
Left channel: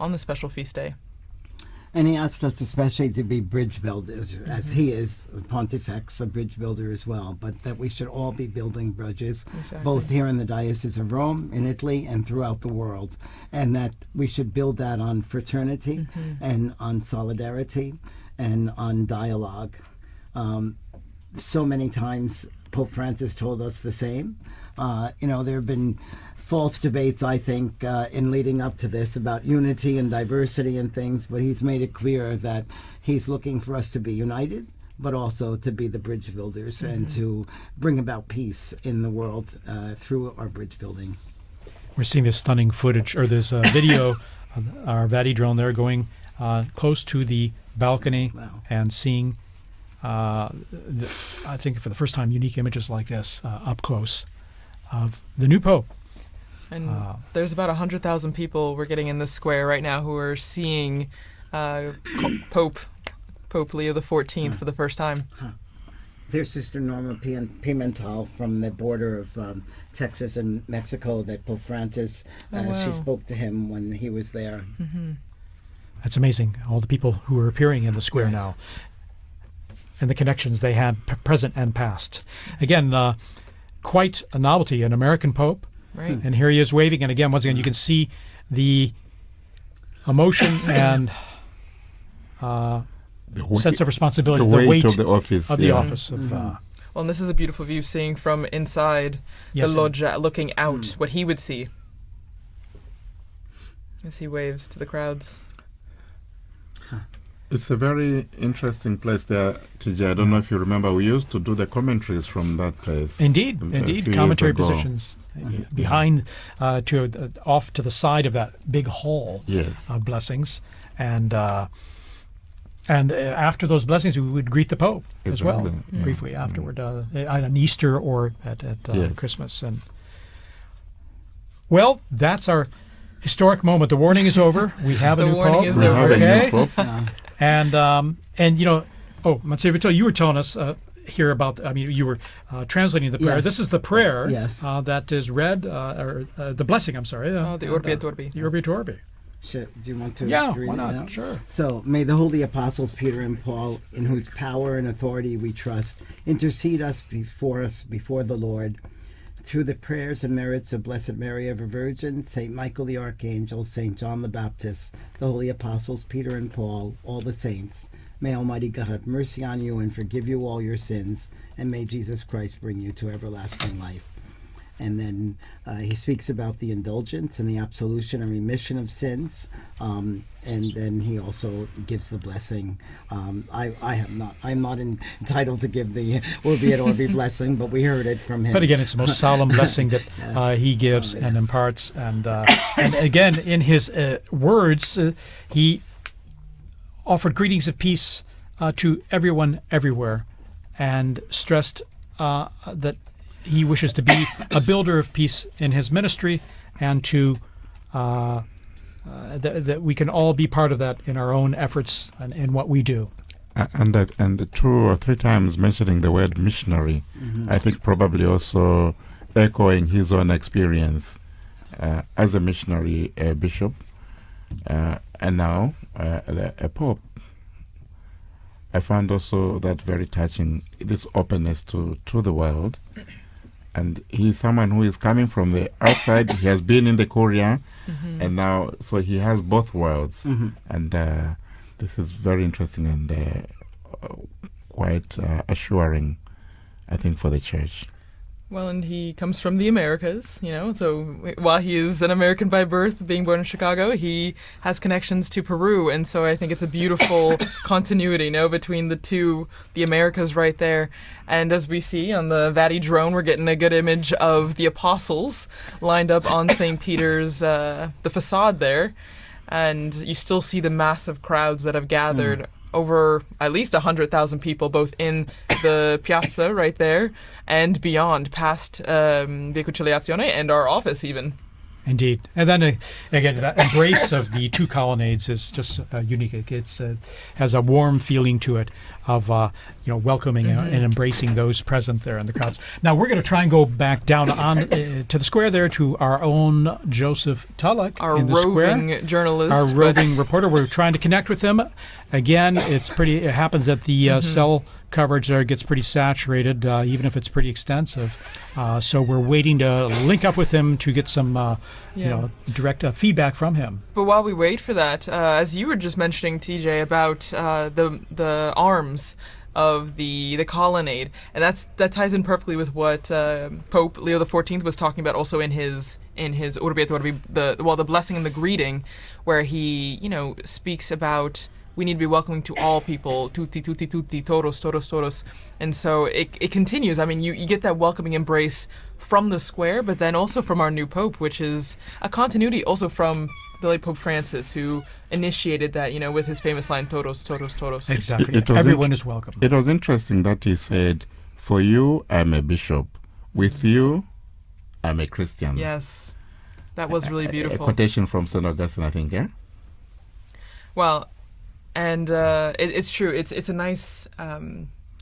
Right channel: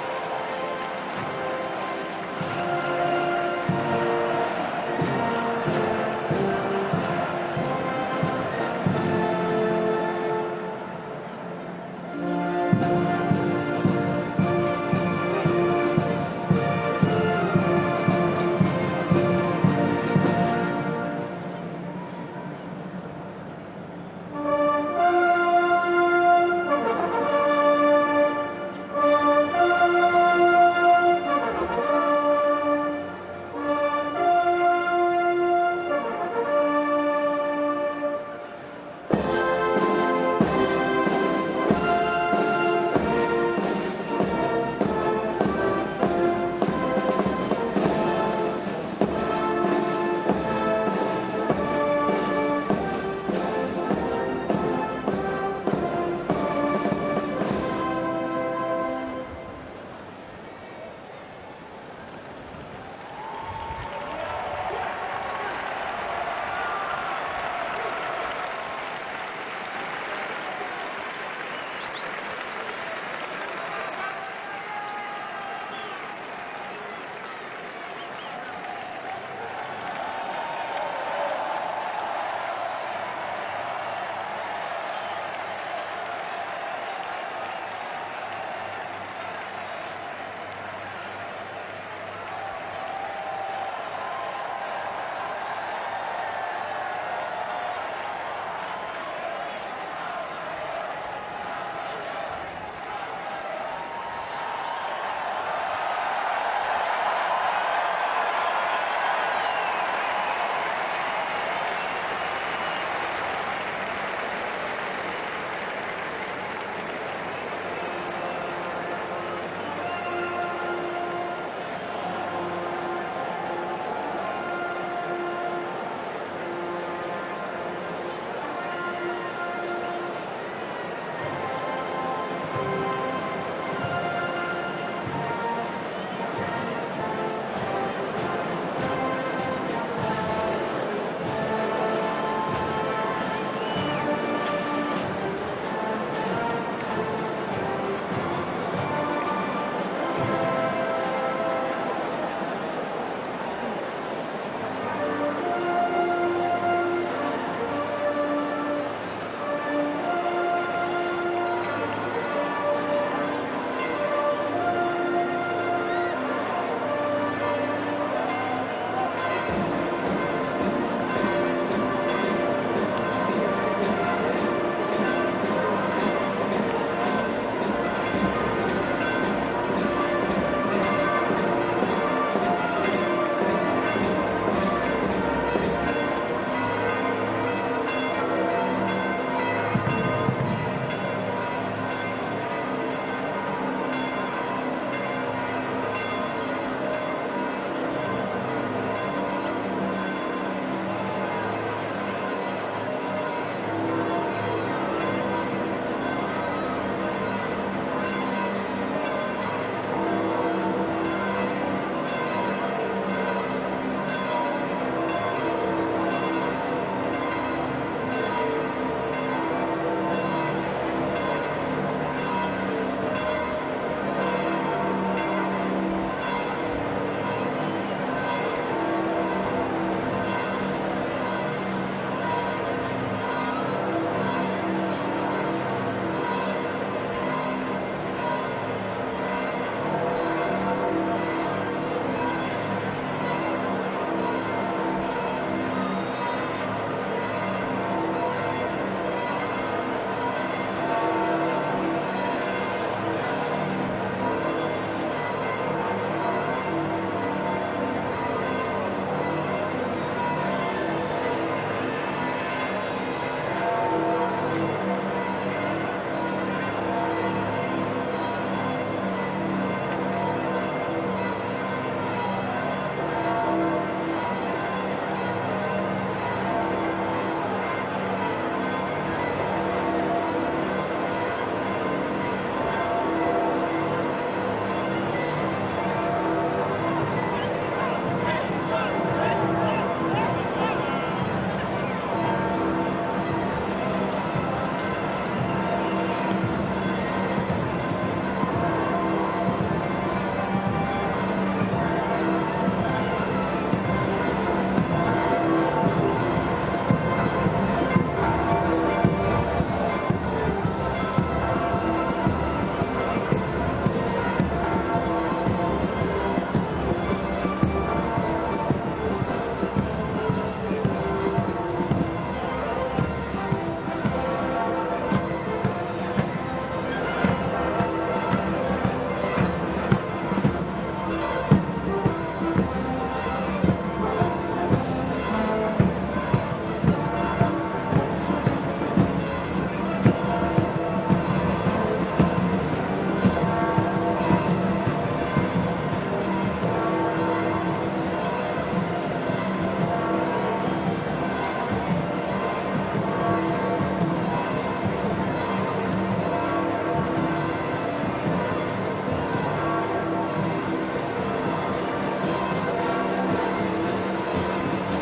on the special feast day. and he asked us especially to be bridge builders, as he is the Pontifex, the bridge builder as well, that we should all be building bridges, both here in the Diocese of Rome, in Italy, and throughout the world, and that we should to build that on fraternity and on solidarity and on dialogue. So many times Pope Francis told us the same. There have been false debates, I think, in leading up to this about unity and diversity and things, but he's made it clear that he's looking for us to be united, but also to be the bridge builders and to bring about peace in the world through We're seeing this stunning footage, or this video of Vati drone there going close to the balcony and seeing, I think for the first time, unique images like this up close. The new Pope. There's about 100,000 people we're getting in the square right now who are seeing Pope Leo XIV for the first time. Here's Sister Pimentel from the border of Texas and Mexico that Pope Francis, she spoke to him when he was there. It's amazing, all the people who are appearing in the square now and the connections they had present and past. Again, quite a novelty, an American Pope, and here he is waving, and again, once again, you can see the emotion and sense of responsibility, the weight of the office. Well, this is a beautiful view, seeing from inside the loggia, looking out what he would see as he waves to the crowds. It's a very interesting place there. I don't know if you remember, we used to do the commentaries from that place. Indeed, commentary positions behind, off to the side of that big hall on blessings, and after those blessings, we would greet the Pope as well, briefly afterward, on Easter or at Christmas. Well, that's our historic moment. The warning is over. We have a new Pope. And you know, Monsignor Vitale, you were telling us here about, you were translating the prayer. This is the prayer that is read, the blessing, I'm sorry. The Orbeator. So may the holy apostles Peter and Paul, in whose power and authority we trust, intercede for us before the Lord. Through the prayers and merits of Blessed Mary of the Virgin, St. Michael the Archangel, St. John the Baptist, the holy apostles Peter and Paul, all the saints, may Almighty God have mercy on you and forgive you all your sins, and may Jesus Christ bring you to happiness forever. He speaks about the indulgence and the absolution and remission of sins, and he also gives the blessing. I'm not entitled to give the Orbeator blessing, but we heard it from him. But again, it's the most solemn blessing that he gives and imparts. And again, in his words, he offered greetings of peace to everyone everywhere, and stressed that he wishes to be a builder of peace in his ministry, and to that we can all be part of that in our own efforts in what we do. And 2 or 3 times mentioning the word missionary, I think probably also echoing his own experience as a missionary bishop, and now a pope. I found also that very touching, this openness to the world. And he's someone who is coming from the outside. He has been in the Korea, and now, so he has both worlds. And this is very interesting and quite assuring, I think, for the church. Well, and he comes from the Americas, so while he is an American by birth, being born in Chicago, he has connections to Peru, and so I think it's a beautiful continuity, between the two, the Americas right there. And as we see on the Vati drone, we're getting a good image of the apostles lined up on St. Peter's, the facade there, and you still see the massive crowds that have gathered, over at least 100,000 people, both in the piazza right there and beyond, past the Conciliazione and our office even. Indeed. And then again, that embrace of the 2 colonnades is just unique. It has a warm feeling to it of welcoming and embracing those present there in the crowds. Now we're going to try and go back down to the square there to our own Joseph Tulloch, our roving journalist, our roving reporter. We're trying to connect with him. Again, it happens that the cell coverage there gets pretty saturated, even if it's pretty extensive. So we're waiting to link up with him to get some, to direct feedback from him. But while we wait for that, as you were just mentioning, TJ, about the arms of the colonnade, and that ties in perfectly with what Pope Leo XIV was talking about also in his Urbi et Orbi, the blessing and the greeting, where he speaks about we need to be welcoming to all people, tutti tutti tutti, todos todos todos, and so it continues. I mean, you get that welcoming embrace from the square, but then also from our new Pope, which is a continuity also from really Pope Francis, who initiated that, with his famous line, todos todos todos. Exactly. Everyone is welcome. It was interesting that he said, for you, I'm a bishop. With you, I'm a Christian. Yes, that was really beautiful. A quotation from St. Augustine, I think, here. Well, and it's true. It's a nice,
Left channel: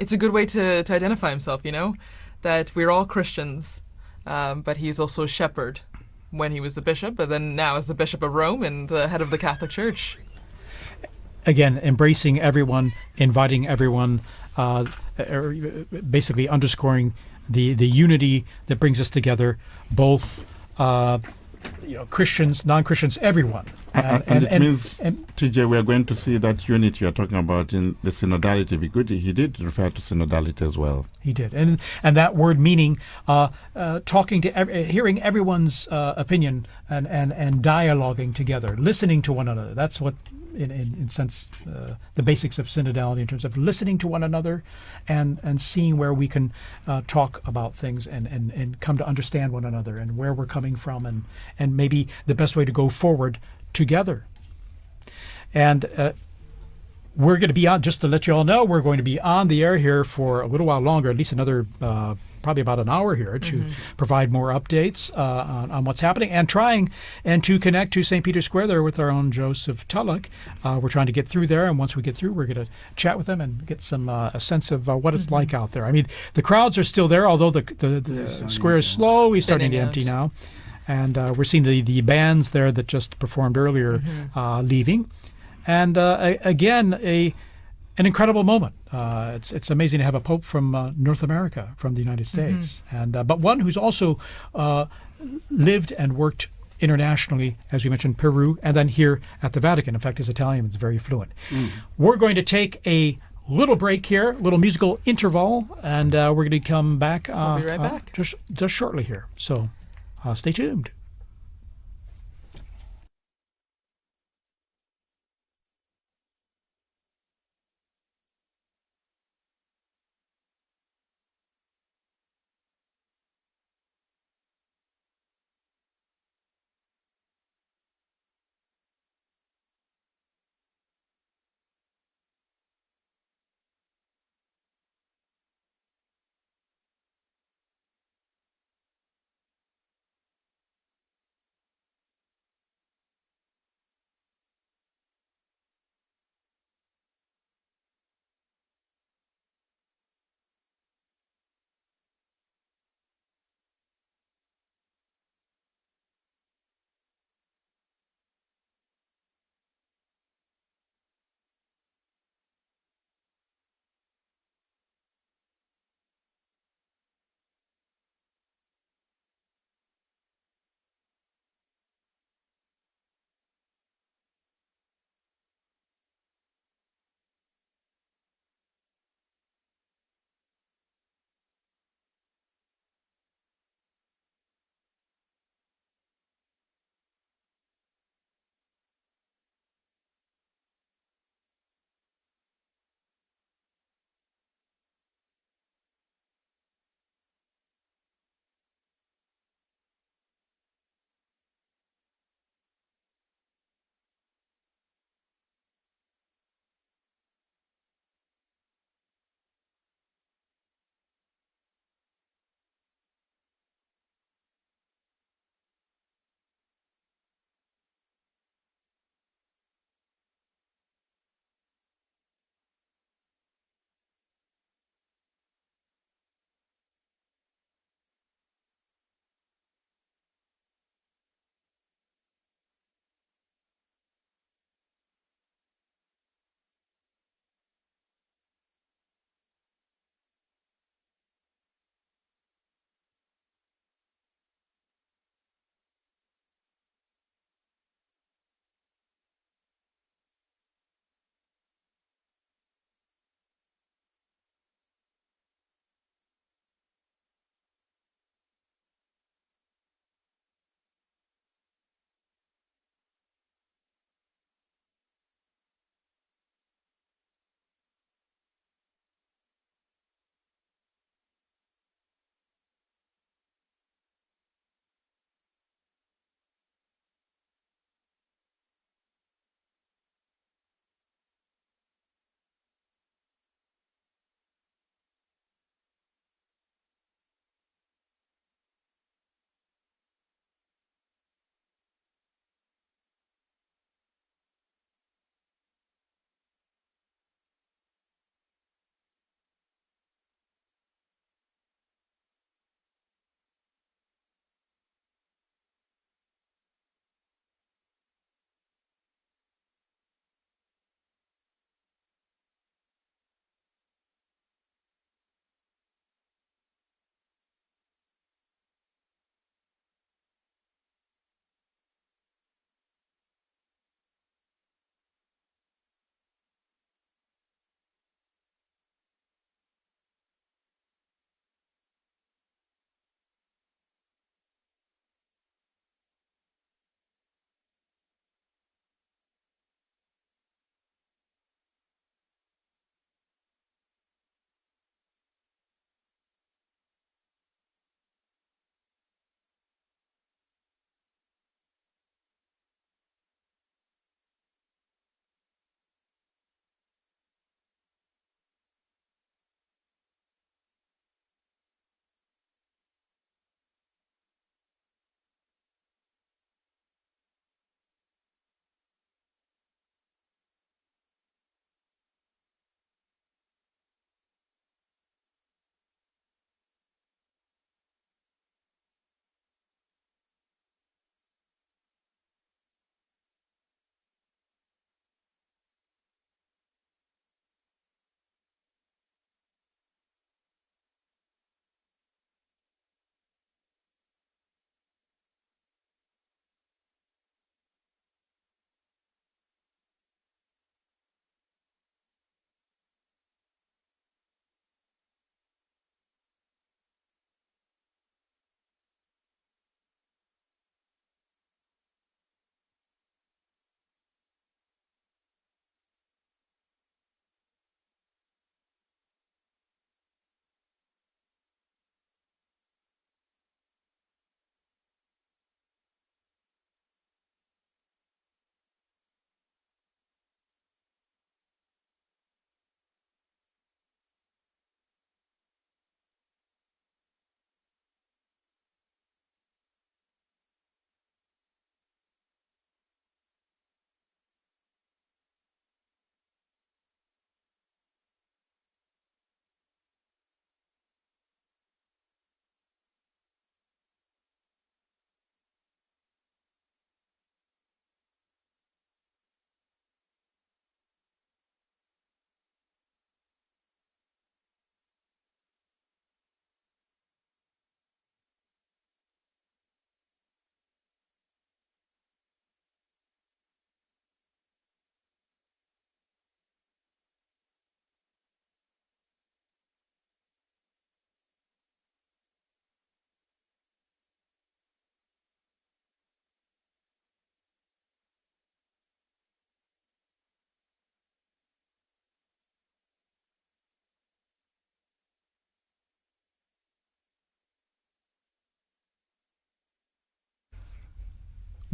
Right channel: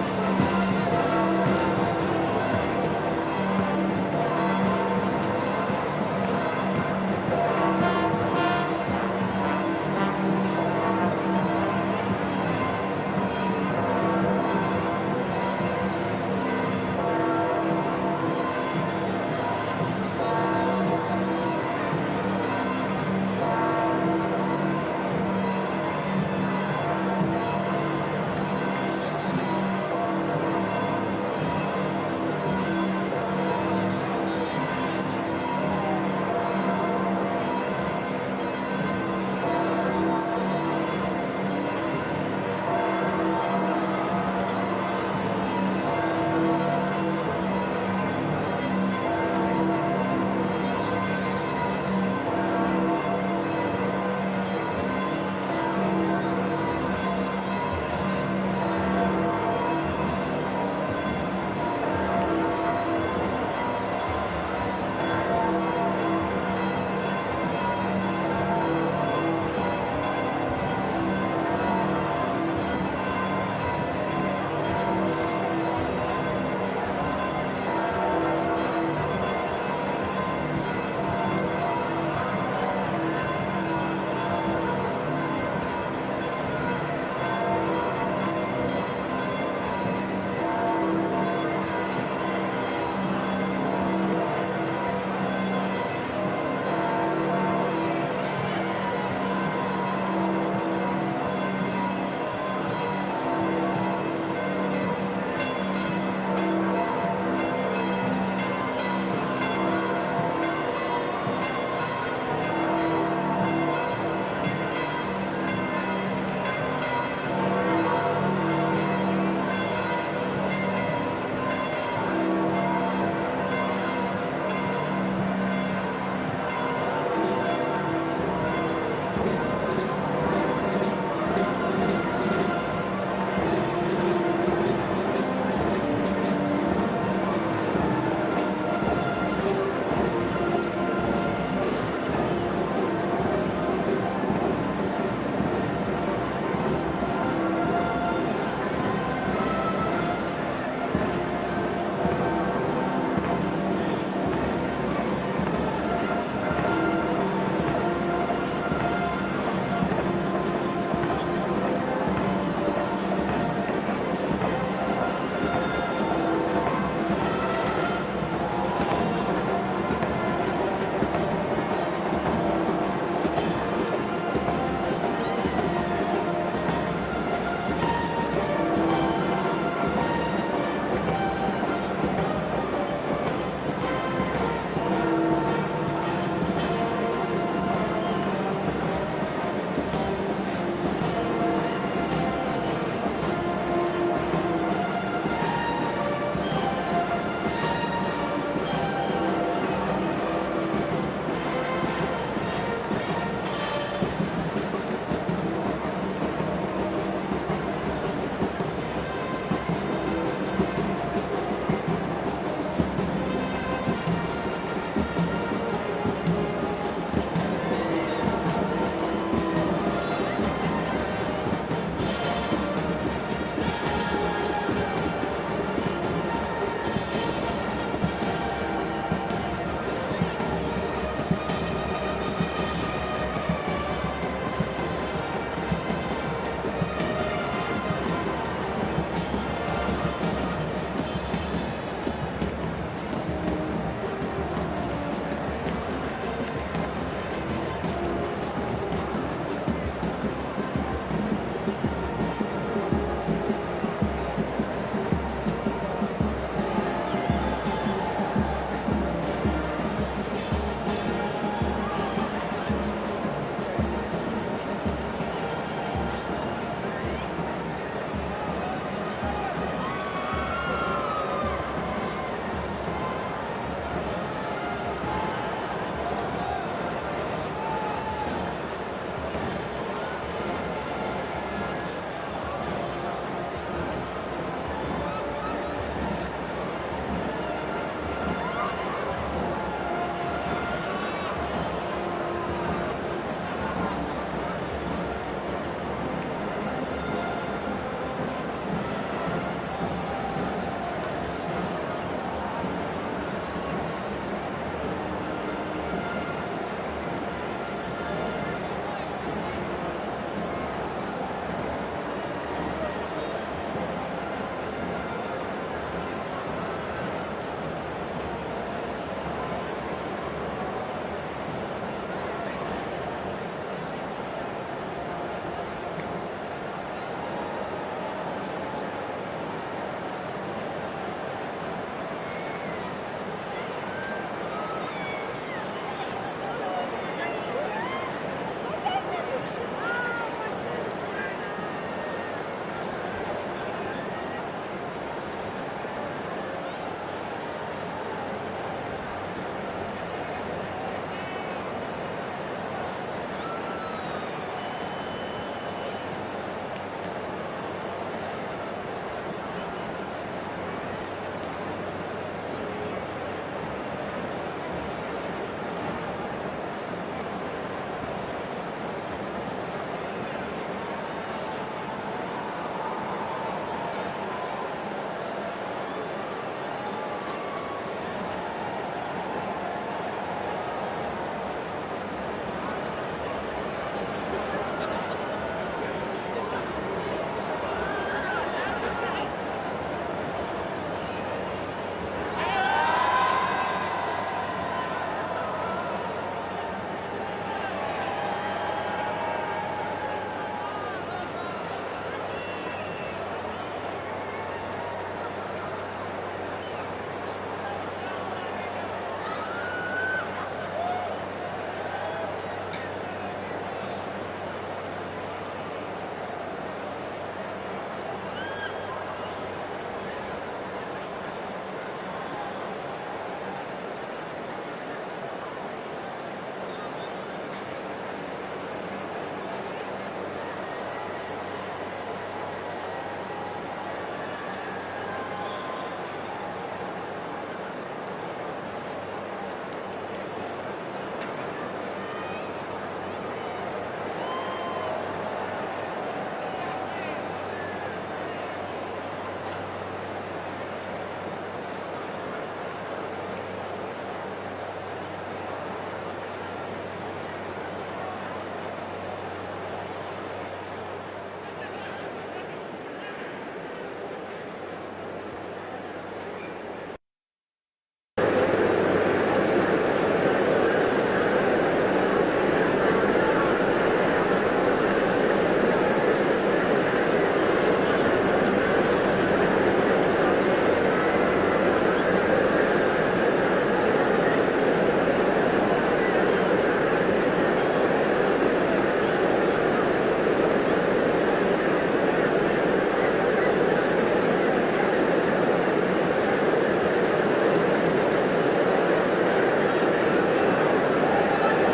it's a good way to identify himself. That we're all Christians, but he's also a shepherd when he was a bishop, but then now as the Bishop of Rome and the head of the Catholic Church. Again, embracing everyone, inviting everyone, basically underscoring the unity that brings us together, both Christians, non-Christians, everyone. And it means, TJ, we are going to see that unity we are talking about in the synodality, because he did refer to synodality as well. He did, and that word meaning talking to, hearing everyone's opinion and dialoguing together, listening to one another. That's what, in a sense, the basics of synodality, in terms of listening to one another and seeing where we can talk about things and come to understand one another and where we're coming from, and maybe the best way to go forward together. And we're going to be on, just to let you all know, we're going to be on the air here for a little while longer, at least another probably about an hour here, to provide more updates on what's happening, and trying to connect to St. Peter's Square there with our own Joseph Tulloch. We're trying to get through there, and once we get through, we're going to chat with them and get some a sense of what it's like out there. I mean, the crowds are still there, although the square is slowly starting to empty now. And we're seeing the bands there that just performed earlier leaving. And again, an incredible moment. It's amazing to have a Pope from North America, from the United States, but one who's also lived and worked internationally, as we mentioned, Peru, and then here at the Vatican. In fact, his Italian is very fluent. We're going to take a little break here, a little musical interval, and we're going to come back just shortly here. So stay tuned.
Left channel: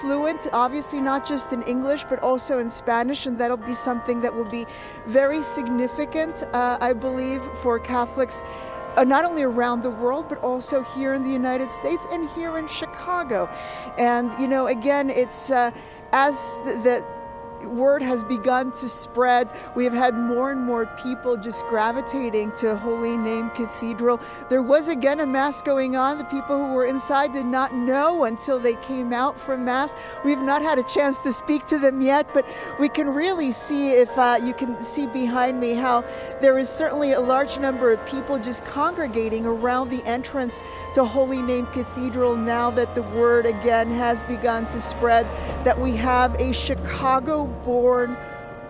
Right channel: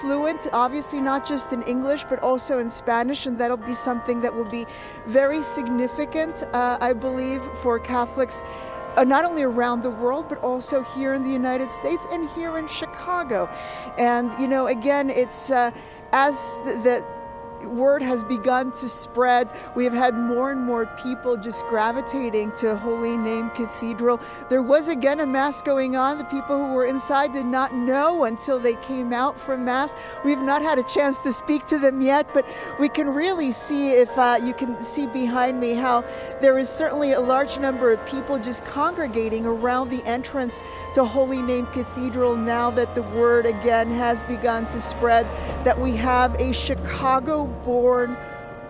fluent, obviously not just in English, but also in Spanish, and that'll be something that will be very significant, I believe, for Catholics not only around the world, but also here in the United States and here in Chicago. And, you know, again, it's as the word has begun to spread, we have had more and more people just gravitating to Holy Name Cathedral. There was again a Mass going on. The people who were inside did not know until they came out from Mass. We've not had a chance to speak to them yet, but we can really see, if you can see behind me, how there is certainly a large number of people just congregating around the entrance to Holy Name Cathedral now that the word again has begun to spread that we have a Chicago-born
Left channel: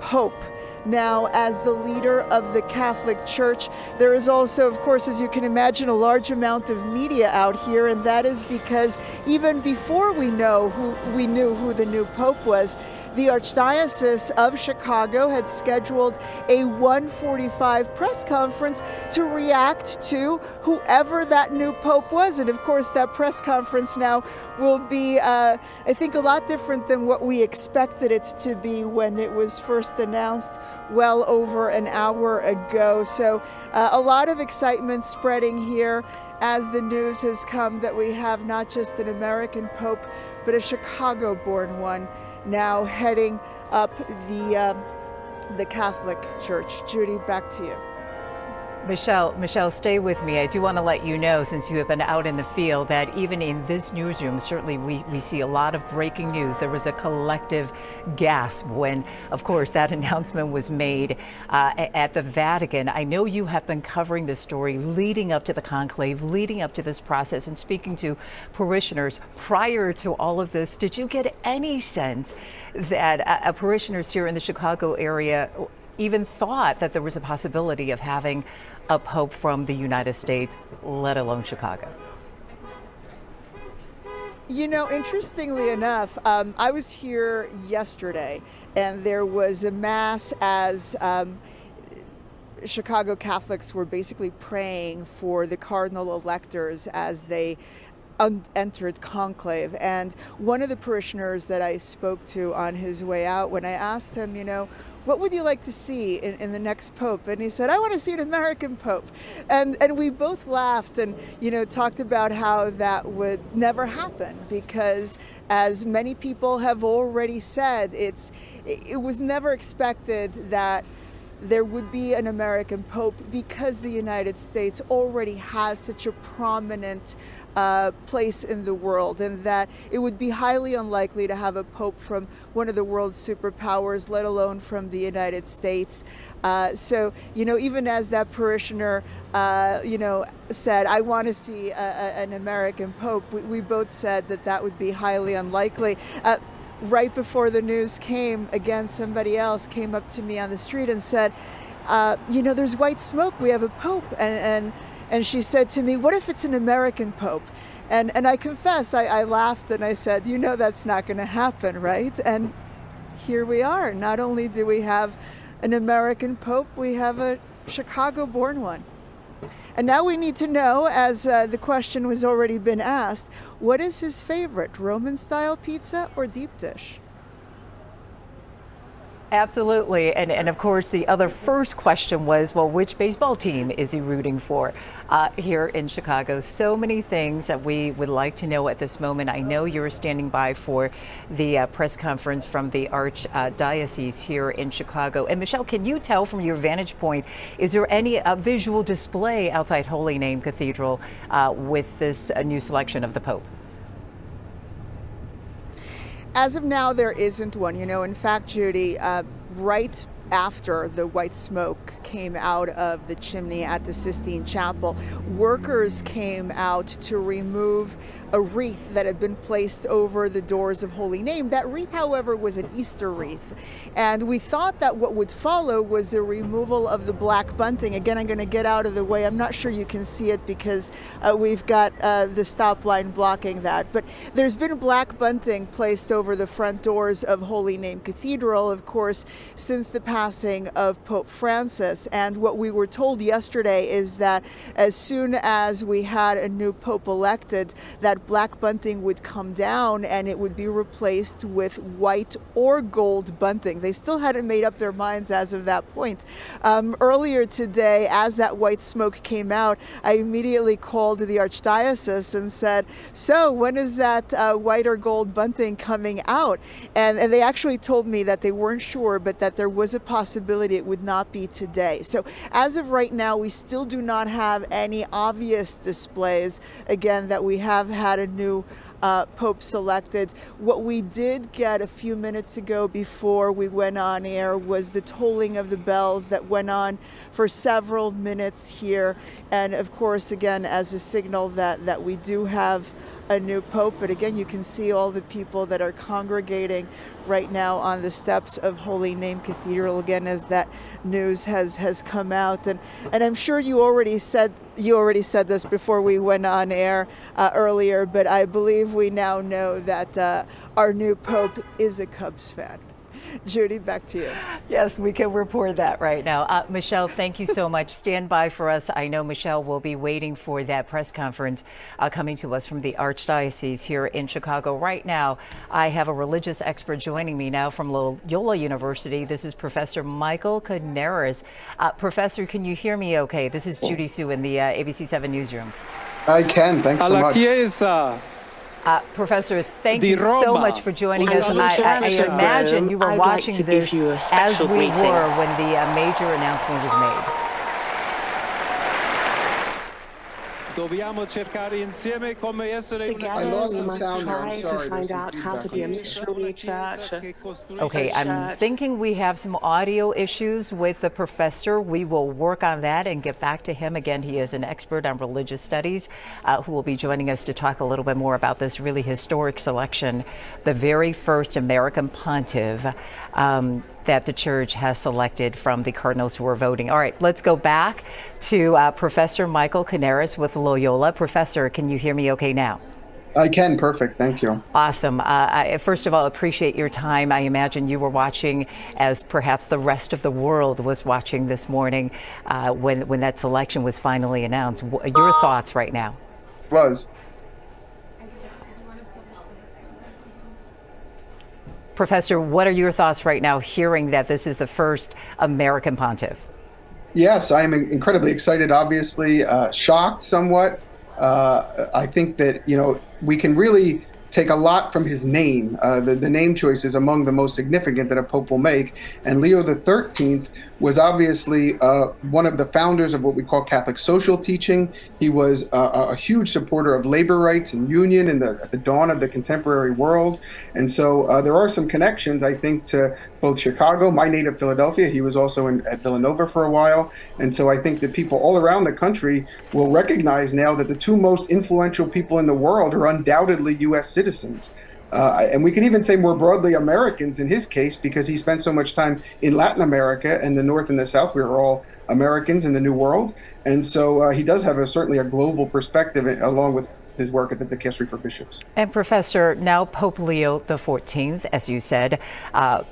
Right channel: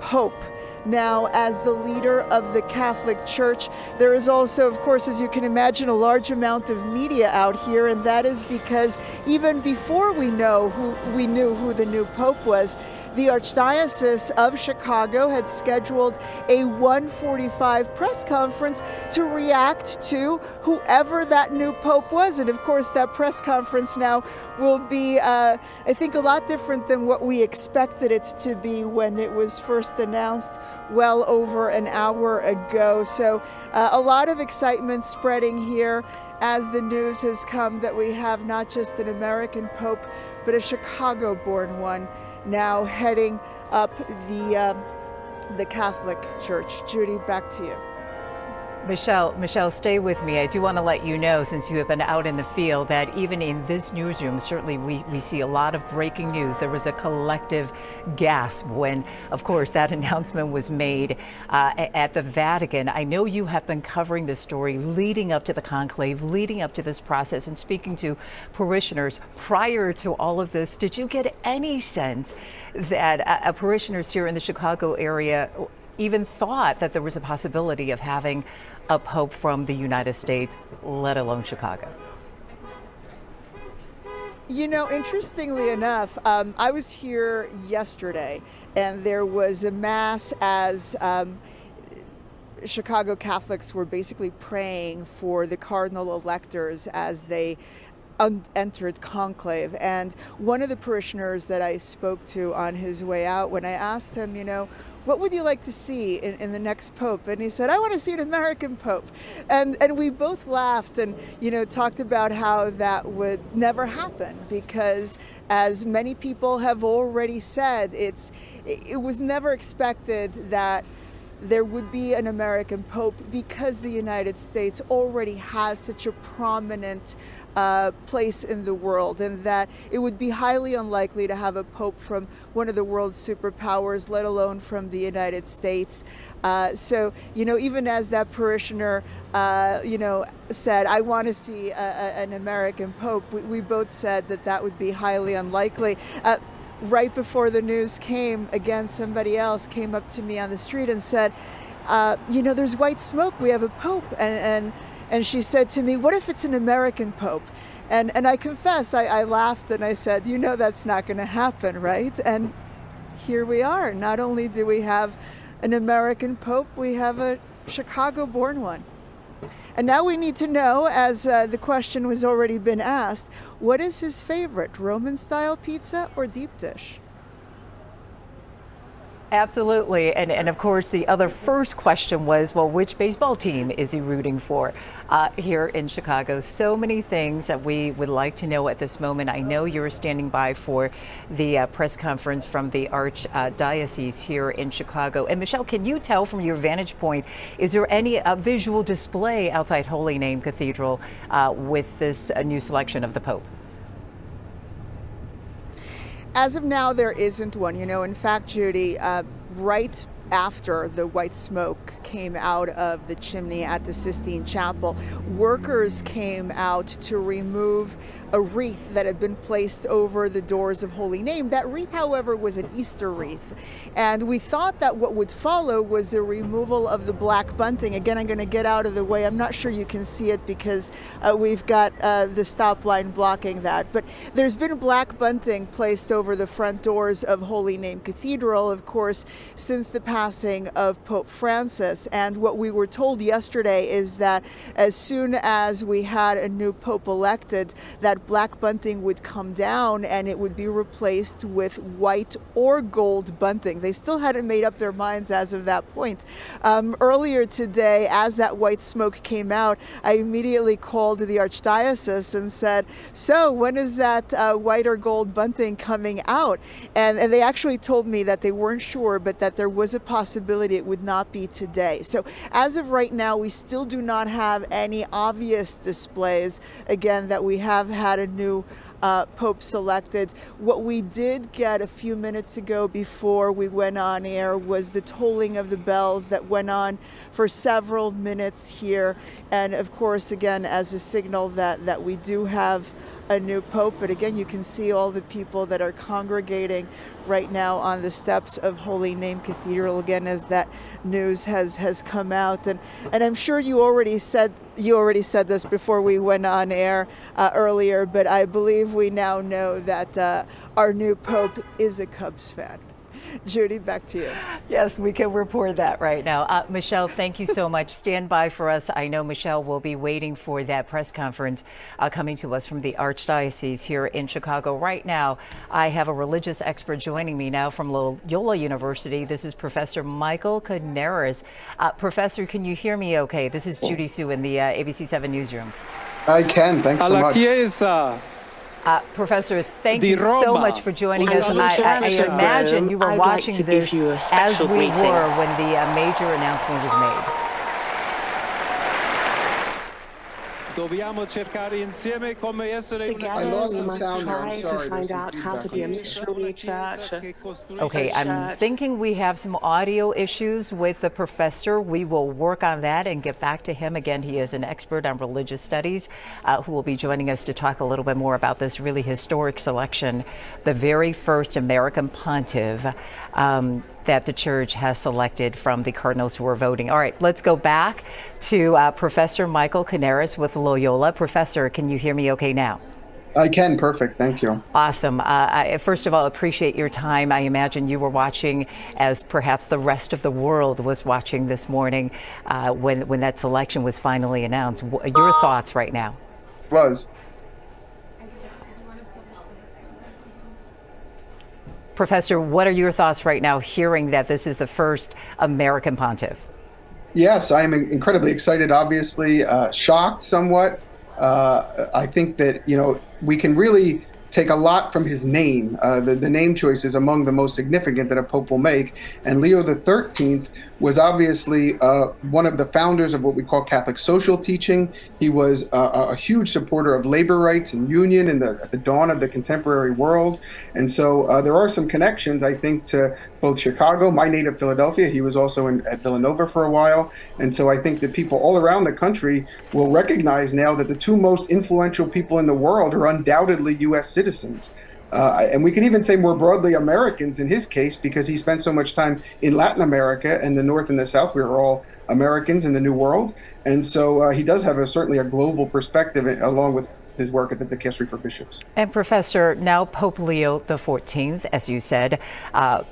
Pope now as the leader of the Catholic Church. There is also, of course, as you can imagine, a large amount of media out here, and that is because even before we knew who the new Pope was, the Archdiocese of Chicago had scheduled a 1:45 press conference to react to whoever that new Pope was. And of course, that press conference now will be, I think, a lot different than what we expected it to be when it was first announced well over an hour ago. So a lot of excitement spreading here as the news has come that we have not just an American Pope, but a Chicago-born one now heading up the Catholic Church. Judy, back to you. Michelle, stay with me. I do want to let you know, since you have been out in the field, that even in this newsroom, certainly we see a lot of breaking news. There was a collective gasp when, of course, that announcement was made at the Vatican. I know you have been covering this story leading up to the conclave, leading up to this process, and speaking to parishioners prior to all of this. Did you get any sense that parishioners here in the Chicago area even thought that there was a possibility of having a pope from the United States, let alone Chicago? You know, interestingly enough, I was here yesterday, and there was a Mass as Chicago Catholics were basically praying for the cardinal electors as they entered conclave. And one of the parishioners that I spoke to on his way out, when I asked him, you know, what would you like to see in the next Pope? And he said, I want to see an American Pope. And we both laughed and, you know, talked about how that would never happen because, as many people have already said, it was never expected that there would be an American Pope because the United States already has such a prominent place in the world, and that it would be highly unlikely to have a Pope from one of the world's superpowers, let alone from the United States. So, you know, even as that parishioner, you know, said, I want to see an American Pope, we both said that that would be highly unlikely. Right before the news came, again, somebody else came up to me on the street and said, you know, there's white smoke, we have a Pope. And she said to me, what if it's an American Pope? And I confess, I laughed and I said, you know, that's not going to happen, right? And here we are. Not only do we have an American Pope, we have a Chicago-born one. And now we need to know, as the question was already been asked, what is his favorite, Roman-style pizza or deep dish? Absolutely. And of course, the other first question was, well, which baseball team is he rooting for here in Chicago? So many things that we would like to know at this moment. I know you're standing by for the press conference from the Archdiocese here in Chicago. And Michelle, can you tell from your vantage point, is there any visual display outside Holy Name Cathedral with this new selection of the Pope? As of now, there isn't one. You know, in fact, Judy, right after the white smoke came out of the chimney at the Sistine Chapel, workers came out to remove a wreath that had been placed over the doors of Holy Name. That wreath, however, was an Easter wreath. And we thought that what would follow was a removal of the black bunting. Again, I'm going to get out of the way. I'm not sure you can see it because we've got the stop line blocking that. But there's been black bunting placed over the front doors of Holy Name Cathedral, of course, since the past passing of Pope Francis. And what we were told yesterday is that as soon as we had a new Pope elected, that black bunting would come down and it would be replaced with white or gold bunting. They still hadn't made up their minds as of that point. Earlier today, as that white smoke came out, I immediately called the Archdiocese and said, so when is that white or gold bunting coming out? And they actually told me that they weren't sure, but that there was a possibility it would not be today. So as of right now, we still do not have any obvious displays, again, that we have had a new Pope selected. What we did get a few minutes ago before we went on air was the tolling of the bells that went on for several minutes here. And of course, again, as a signal that we do have a new Pope. But again, you can see all the people that are congregating right now on the steps of Holy Name Cathedral, again, as that news has come out. And I'm sure you already said this before we went on air earlier, but I believe we now know that our new Pope is a Cubs fan. Judy, back to you. Yes, we can report that right now. Michelle, thank you so much. Stand by for us. I know Michelle will be waiting for that press conference coming to us from the Archdiocese here in Chicago. Right now, I have a religious expert joining me now from Loyola University. This is Professor Michael Canaris. Professor, can you hear me okay? This is Judy Sue in the ABC7 newsroom. I can. Thanks so much. Chiesa. Professor, thank you so much for joining us. I imagine you were watching this as we were when the major announcement was made. Dobbiamo cercare insieme come essere Together we must try to find out how to be a missionary church. Okay, I'm thinking we have some audio issues with the professor. We will work on that and get back to him. Again, he is an expert on religious studies who will be joining us to talk a little bit more about this really historic selection, the very first American pontiff that the church has selected from the cardinals who are voting. All right, let's go back to Professor Michael Canaris with Loyola. Professor, can you hear me okay now? I can. Perfect. Thank you. Awesome. I first of all appreciate your time. I imagine you were watching as perhaps the rest of the world was watching this morning when that selection was finally announced. Your thoughts right now? Professor, what are your thoughts right now hearing that this is the first American pontiff? Yes, I'm incredibly excited, obviously, shocked somewhat. I think that, we can really take a lot from his name. The name choice is among the most significant that a pope will make. And Leo XIII was obviously one of the founders of what we call Catholic social teaching. He was a huge supporter of labor rights and union at the dawn of the contemporary world. And so there are some connections, I think, to both Chicago, my native Philadelphia. He was also at Villanova for a while. And so I think that people all around the country will recognize now that the two most influential people in the world are undoubtedly U.S. citizens. And we can even say more broadly Americans in his case, because he spent so much time in Latin America and the North and the South. We are all Americans in the New World. And so he does have certainly a global perspective along with his work at the Dicastery for Bishops. And Professor, now Pope Leo XIV, as you said,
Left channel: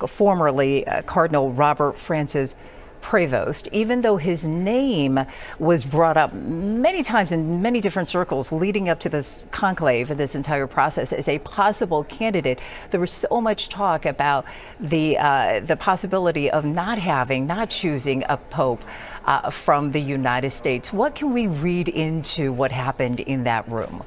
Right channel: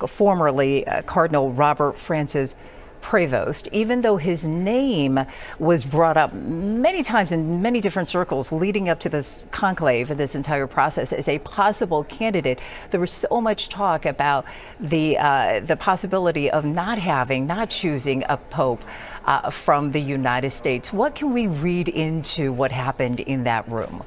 formerly Cardinal Robert Francis Prevost, even though his name was brought up many times in many different circles leading up to this conclave and this entire process as a possible candidate, there was so much talk about the possibility of not choosing a pope from the United States. What can we read into what happened in that room?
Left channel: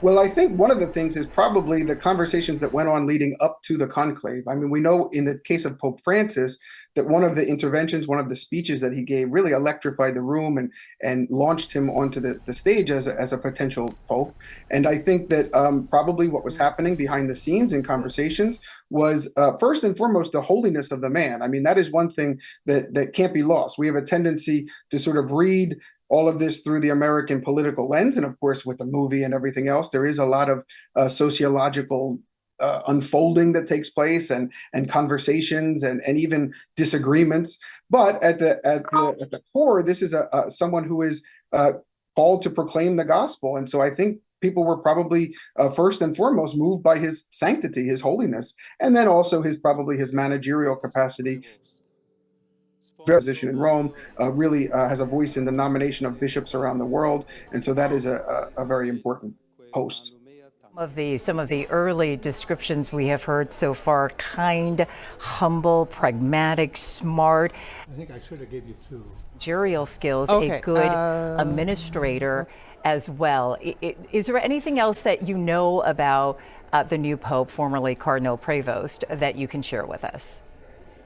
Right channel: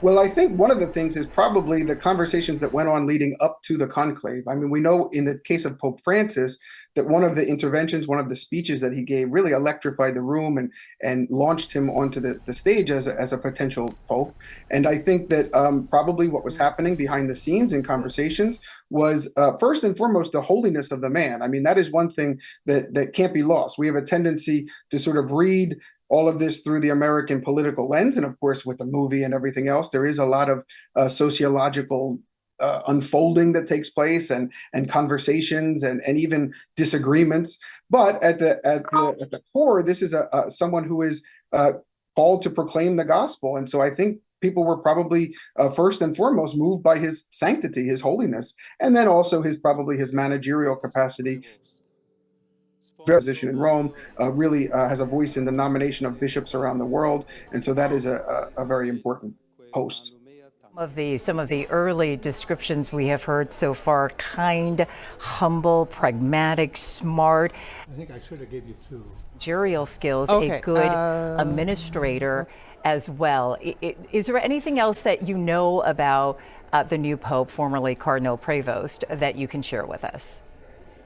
Well, I think one of the things is probably the conversations that went on leading up to the conclave. I mean, we know in the case of Pope Francis that one of the interventions, one of the speeches that he gave really electrified the room and launched him onto the stage as a potential pope. And I think that probably what was happening behind the scenes in conversations was first and foremost the holiness of the man. I mean, that is one thing that can't be lost. We have a tendency to sort of read all of this through the American political lens. And of course, with the movie and everything else, there is a lot of sociological unfolding that takes place and conversations and even disagreements. But at the core, this is someone who is called to proclaim the gospel. And so I think people were probably first and foremost moved by his sanctity, his holiness, and then also his managerial capacity. position in Rome, really has a voice in the nomination of bishops around the world, and so that is a very important post. Some of the early descriptions we have heard so far: kind, humble, pragmatic, smart. I think I should have gave you two. Managerial skills, a good administrator as well. Is there anything else that you know about the new Pope, formerly Cardinal Prevost, that you can share with us?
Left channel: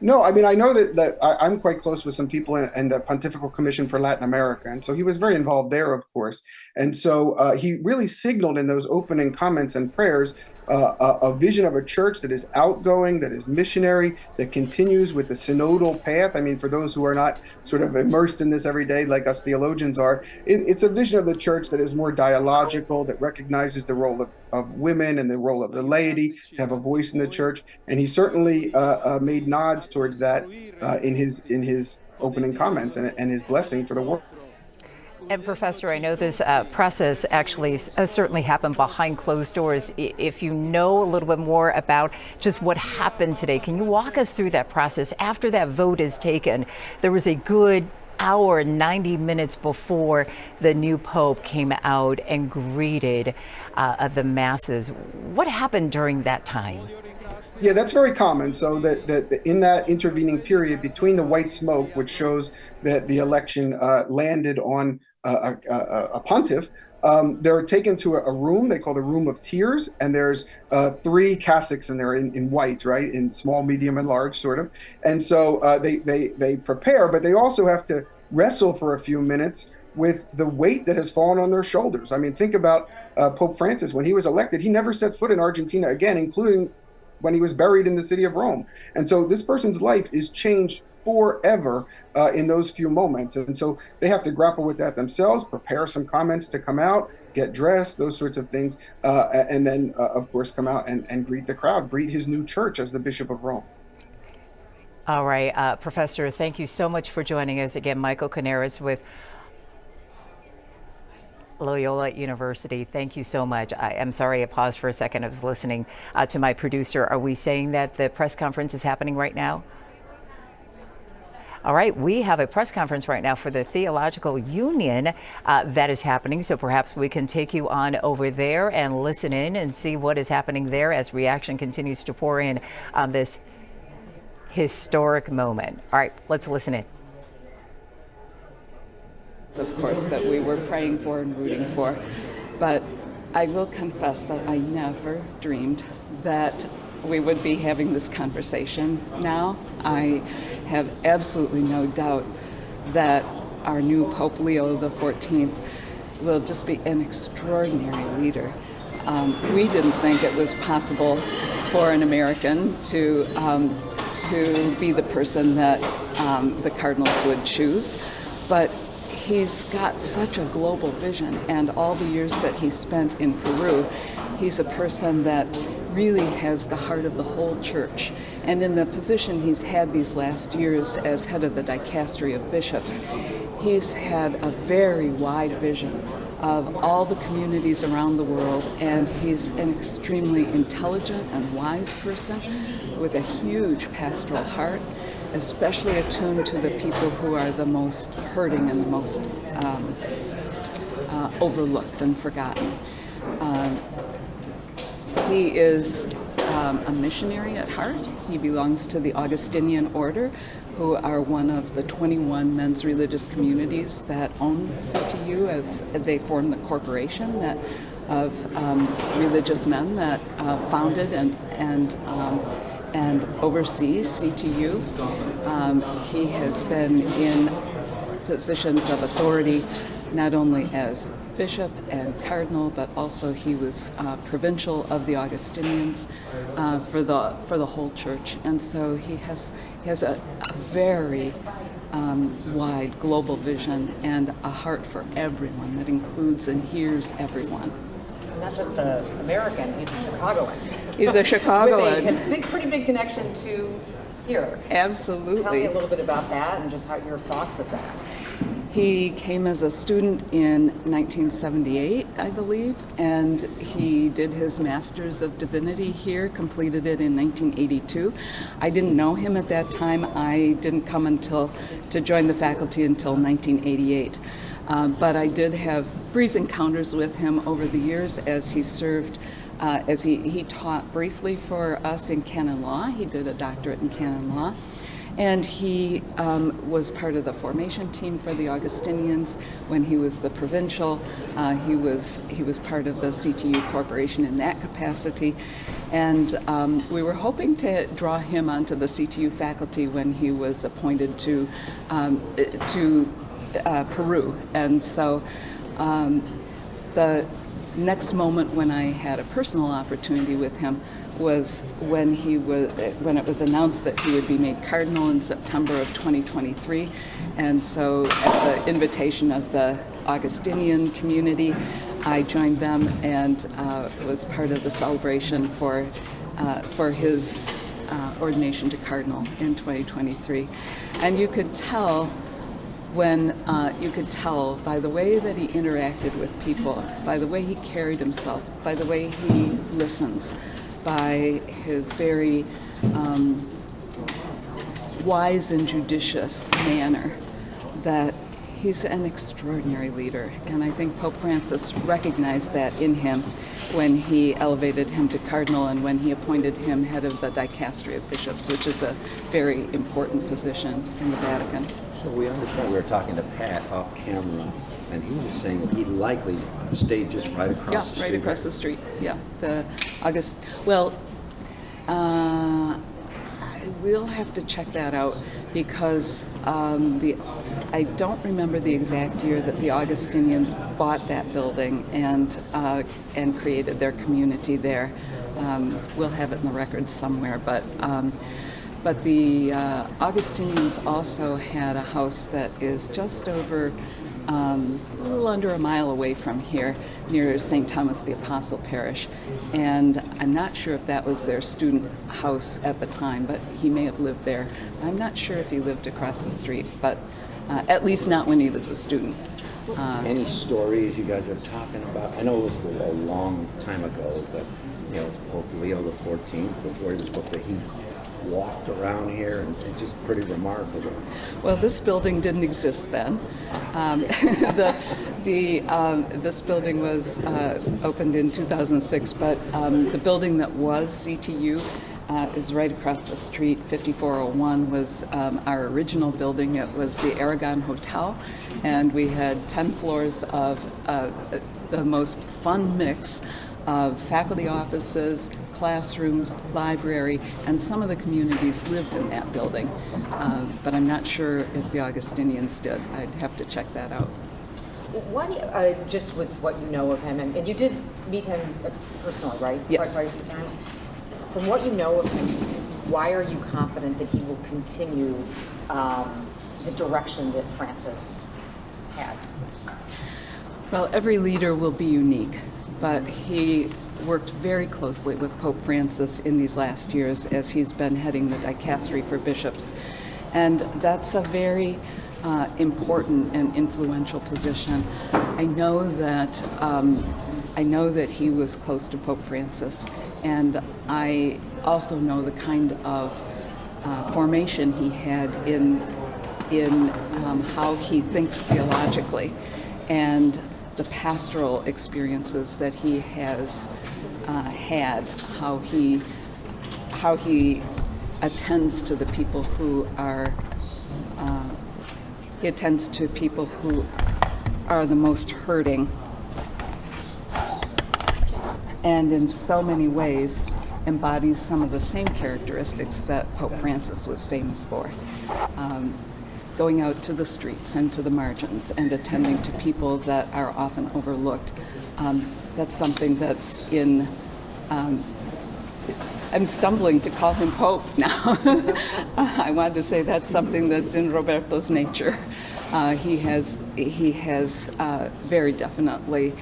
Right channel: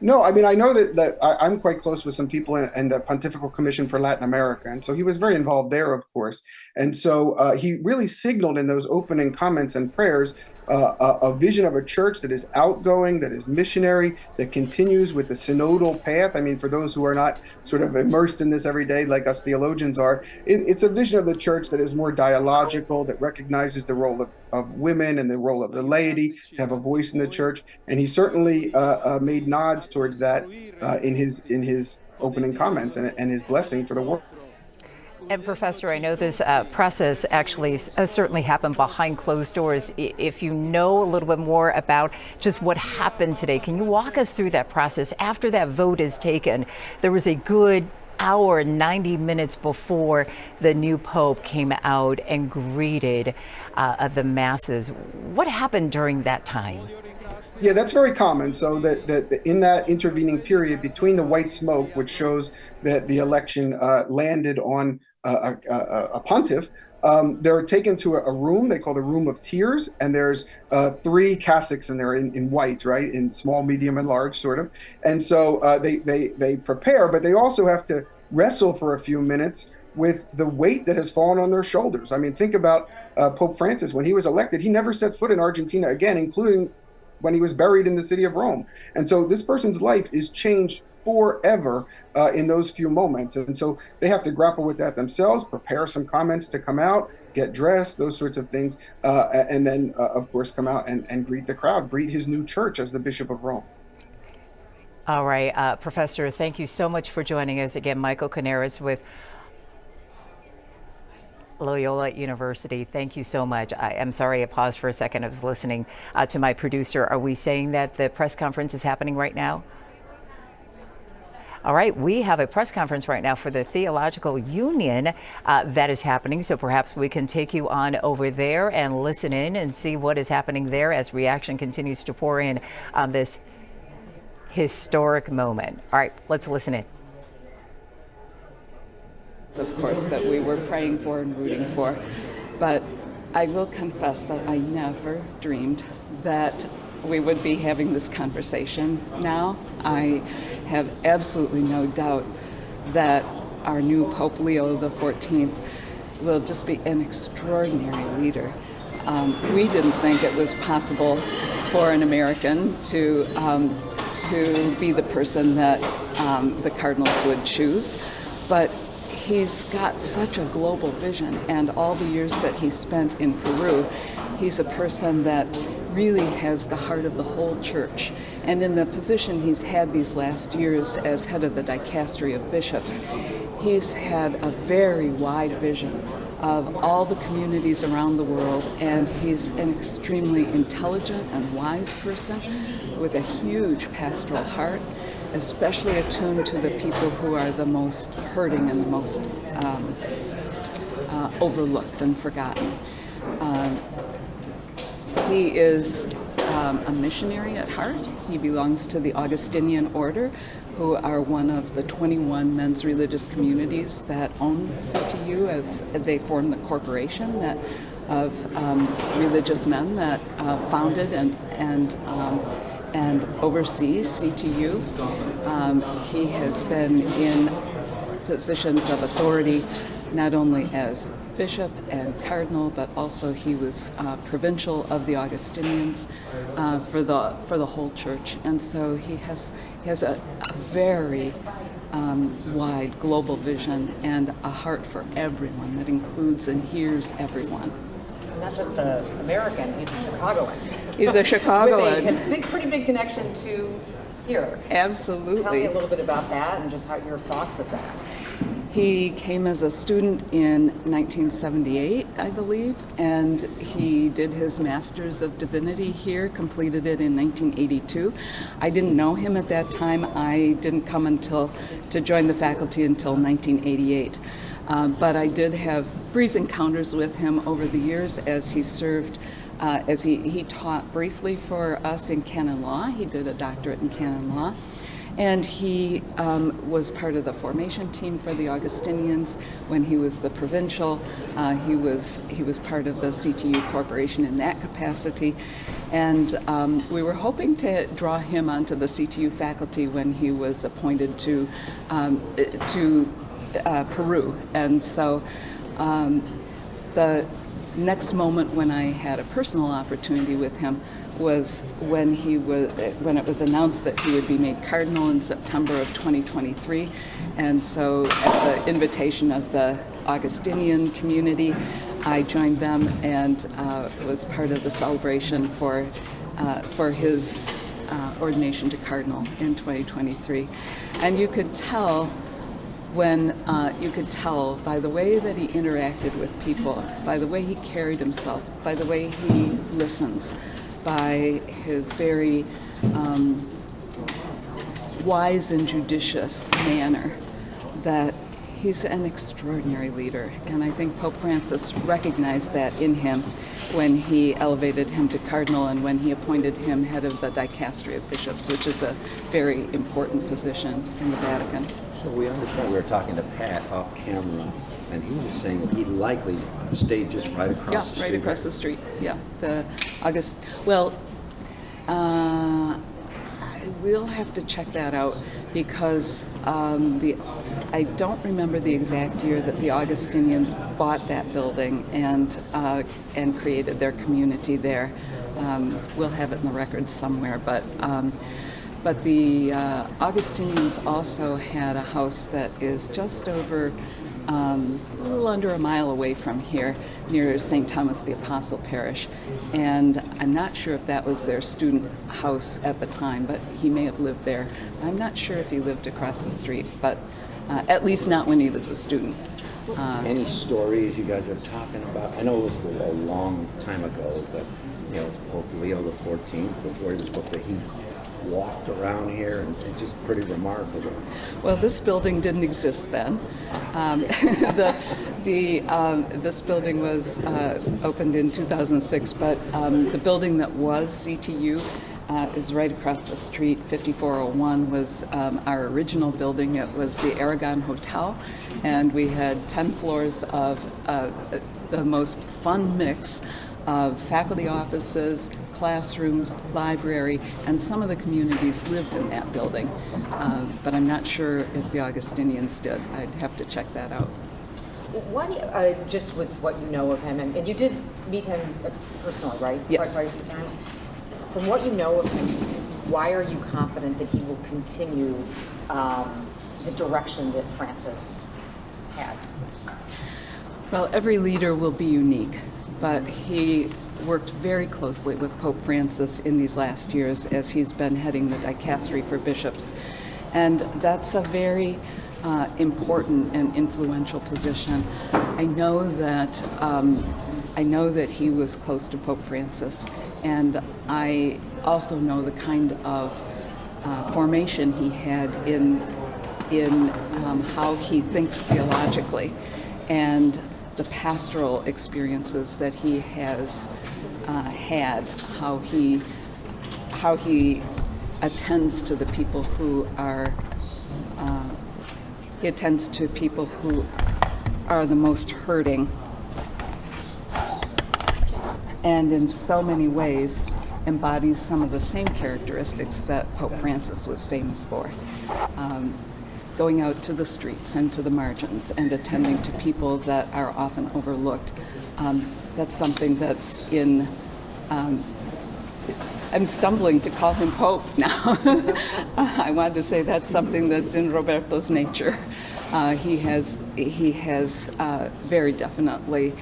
No, I mean, I know that I'm quite close with some people in the Pontifical Commission for Latin America, and so he was very involved there, of course. And so he really signaled in those opening comments and prayers a vision of a church that is outgoing, that is missionary, that continues with the synodal path. I mean, for those who are not sort of immersed in this every day like us theologians are, it's a vision of the church that is more dialogical, that recognizes the role of women and the role of the laity to have a voice in the church. And he certainly made nods towards that in his opening comments and his blessing for the world. And Professor, I know this process actually certainly happened behind closed doors. If you know a little bit more about just what happened today, can you walk us through that process? After that vote is taken, there was a good hour, 90 minutes before the new Pope came out and greeted the masses. What happened during that time? Yeah, that's very common. So that in that intervening period between the white smoke, which shows that the election landed on a pontiff, they're taken to a room they call the Room of Tears, and there's 3 cassocks in there in white, right, in small, medium, and large, sort of. And so they prepare, but they also have to wrestle for a few minutes with the weight that has fallen on their shoulders. I mean, think about Pope Francis. When he was elected, he never set foot in Argentina again, including when he was buried in the city of Rome. And so this person's life is changed forever in those few moments. And so they have to grapple with that themselves, prepare some comments to come out, get dressed, those sorts of things, and then, of course, come out and greet the crowd, greet his new church as the Bishop of Rome. All right, Professor, thank you so much for joining us again. Michael Canaris with Loyola University. Thank you so much. I'm sorry I paused for a second. I was listening to my producer. Are we saying that the press conference is happening right now? All right, we have a press conference right now for the Theological Union that is happening, so perhaps we can take you on over there and listen in and see what is happening there as reaction continues to pour in on this historic moment. All right, let's listen in. Of course, that we were praying for and rooting for, but I will confess that I never dreamed that we would be having this conversation now. I have absolutely no doubt that our new Pope Leo XIV will just be an extraordinary leader. We didn't think it was possible for an American to be the person that the cardinals would choose, but he's got such a global vision, and all the years that he spent in Peru, he's a person that really has the heart of the whole church. And in the position he's had these last years as head of the dicastery of bishops, he's had a very wide vision of all the communities around the world, and he's an extremely intelligent and wise person with a huge pastoral heart, especially attuned to the people who are the most hurting and the most overlooked and forgotten. He is a missionary at heart. He belongs to the Augustinian order, who are one of the 21 men's religious communities that own CTU, as they form the corporation that of religious men that founded and oversees CTU. He has been in positions of authority not only as bishop and cardinal, but also he was provincial of the Augustinians for the whole church, and so he has a very wide global vision and a heart for everyone that includes and hears everyone. He's not just an American; he's a Chicagoan. He's a Chicagoan. With a pretty big connection to here. Absolutely. Tell me a little bit about that and just how your thoughts of that. He came as a student in 1978, I believe, and he did his Master's of Divinity here, completed it in 1982. I didn't know him at that time. I didn't come to join the faculty until 1988. But I did have brief encounters with him over the years as he served, as he taught briefly for us in canon law. He did a doctorate in canon law. And he was part of the formation team for the Augustinians when he was the provincial. He was part of the CTU Corporation in that capacity. And we were hoping to draw him onto the CTU faculty when he was appointed to Peru. And so the next moment when I had a personal opportunity with him was when it was announced that he would be made cardinal in September of 2023. And so at the invitation of the Augustinian community, I joined them and was part of the celebration for his ordination to cardinal in 2023. And you could tell by the way that he interacted with people, by the way he carried himself, by the way he listens, by his very wise and judicious manner, that he's an extraordinary leader. And I think Pope Francis recognized that in him when he elevated him to cardinal and when he appointed him head of the dicastery of bishops, which is a very important position in the Vatican. So we understand, we were talking to Pat off camera, and he was saying that he likely stayed just right across the street. Yeah, right across the street. Yeah, we'll have to check that out because I don't remember the exact year that the Augustinians bought that building and created their community there. We'll have it in the records somewhere, but the Augustinians also had a house that is just over, a little under a mile away from here, near St. Thomas the Apostle Parish. And I'm not sure if that was their student house at the time, but he may have lived there. I'm not sure if he lived across the street, but at least not when he was a student. Any stories you guys are talking about? I know it was a long time ago, but Pope Leo XIV, before he was Pope, he walked around here, and it's just pretty remarkable. Well, this building didn't exist then. This building was opened in 2006, but the building that was CTU is right across the street. 5401 was our original building. It was the Aragon Hotel, and we had 10 floors of the most fun mix of faculty offices, classrooms, library, and some of the communities lived in that building. But I'm not sure if the Augustinians did. I'd have to check that out. Why do you, just with what you know of him, and you did meet him personally, right? Yes. Quite a few times. From what you know of him, why are you confident that he will continue the direction that Francis had? Well, every leader will be unique, but he worked very closely with Pope Francis in these last years as he's been heading the dicastery for bishops. And that's a very important and influential position. I know that he was close to Pope Francis, and I also know the kind of formation he had in how he thinks theologically, and the pastoral experiences that he has had, how he attends to the people who are the most hurting, and in so many ways embodies some of the same characteristics that Pope Francis was famous for. Going out to the streets and to the margins and attending to people that are often overlooked. That's something that's in, I'm stumbling to call him Pope now. I wanted to say that's something that's in Roberto's nature. He has very definitely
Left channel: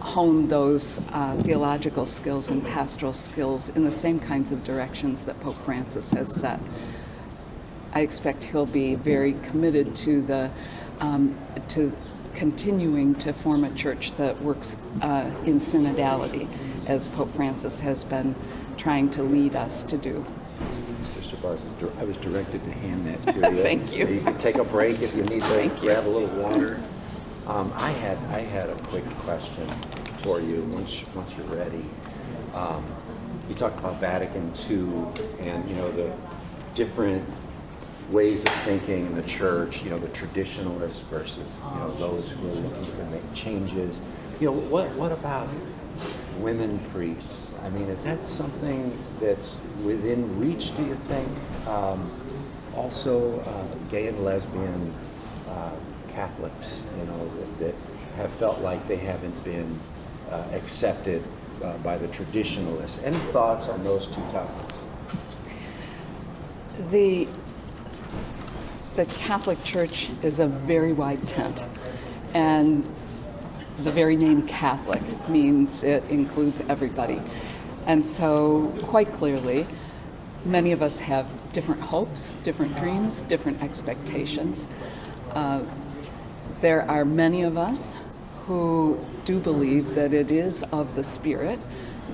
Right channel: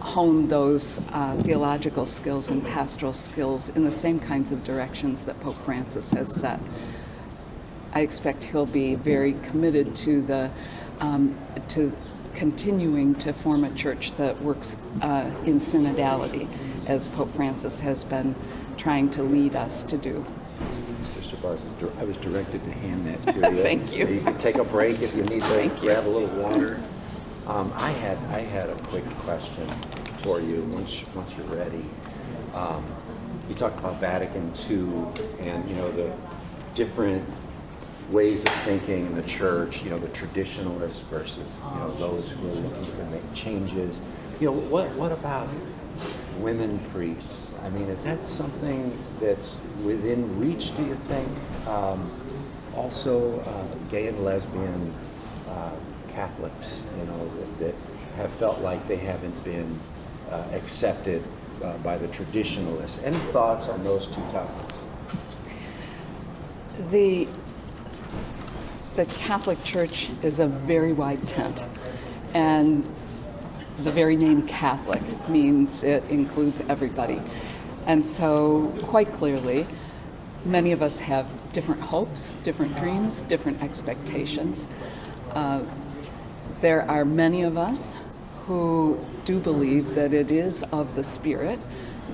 honed those theological skills and pastoral skills in the same kinds of directions that Pope Francis has set. I expect he'll be very committed to the to continuing to form a church that works in synodality, as Pope Francis has been trying to lead us to do. Sister Barbara, I was directed to hand that to you. Thank you. You can take a break if you need to grab a little water. I had a quick question for you once you're ready. You talked about Vatican II and, you know, the different ways of thinking in the church, you know, the traditionalists versus, you know, those who are looking to make changes. You know, what about women priests? I mean, is that something that's within reach, do you think? Also, gay and lesbian Catholics, you know, that have felt like they haven't been accepted by the traditionalists. Any thoughts on those two topics? The Catholic Church is a very wide tent, and the very name Catholic means it includes everybody. And so, quite clearly, many of us have different hopes, different dreams, different expectations. There are many of us who do believe that it is of the Spirit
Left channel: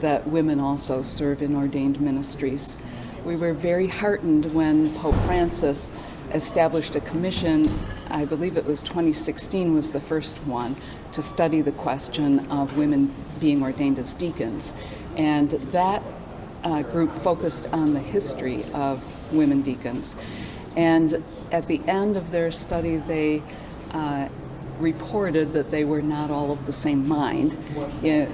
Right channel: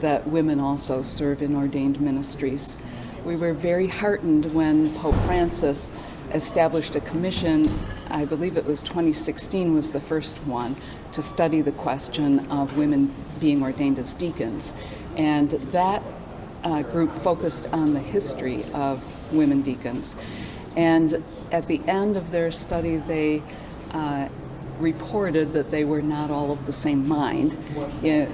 that women also serve in ordained ministries. We were very heartened when Pope Francis established a commission, I believe it was 2016 was the first one, to study the question of women being ordained as deacons. And that group focused on the history of women deacons. And at the end of their study, they reported that they were not all of the same mind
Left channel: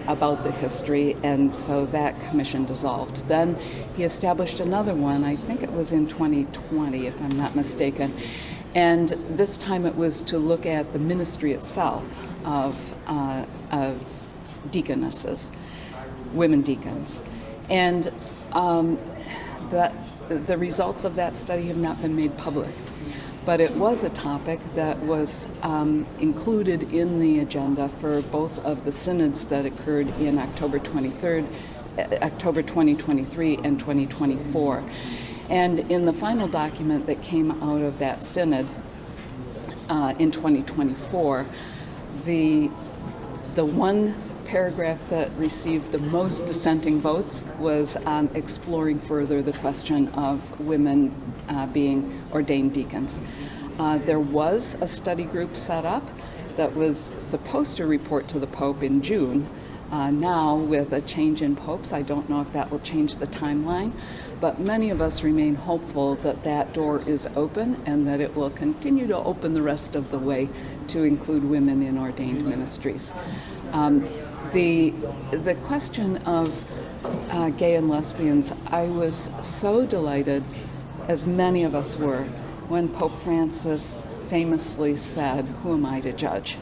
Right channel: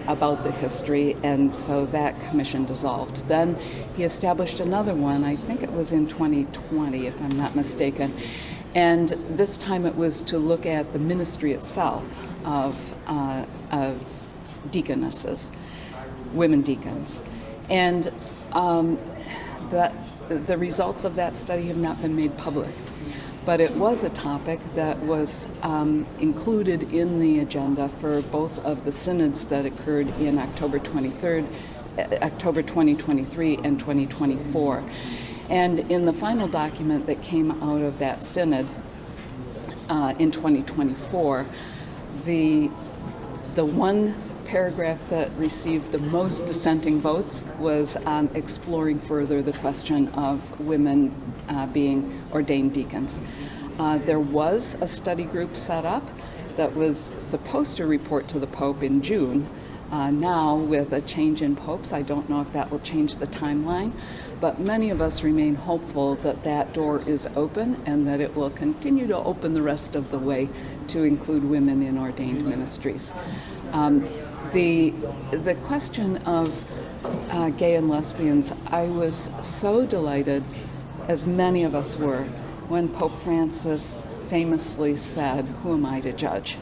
about the history, and so that commission dissolved. Then he established another one, I think it was in 2020, if I'm not mistaken, and this time it was to look at the ministry itself of deaconesses, women deacons. And the results of that study have not been made public. But it was a topic that was included in the agenda for both of the synods that occurred in October 2023 and 2024. And in the final document that came out of that synod in 2024, the one paragraph that received the most dissenting votes was on exploring further the question of women being ordained deacons. There was a study group set up that was supposed to report to the Pope in June. Now, with a change in popes, I don't know if that will change the timeline, but many of us remain hopeful that that door is open and that it will continue to open the rest of the way to include women in ordained ministries. The question of gay and lesbians, I was so delighted, as many of us were, when Pope Francis famously said, "Who am I to judge?"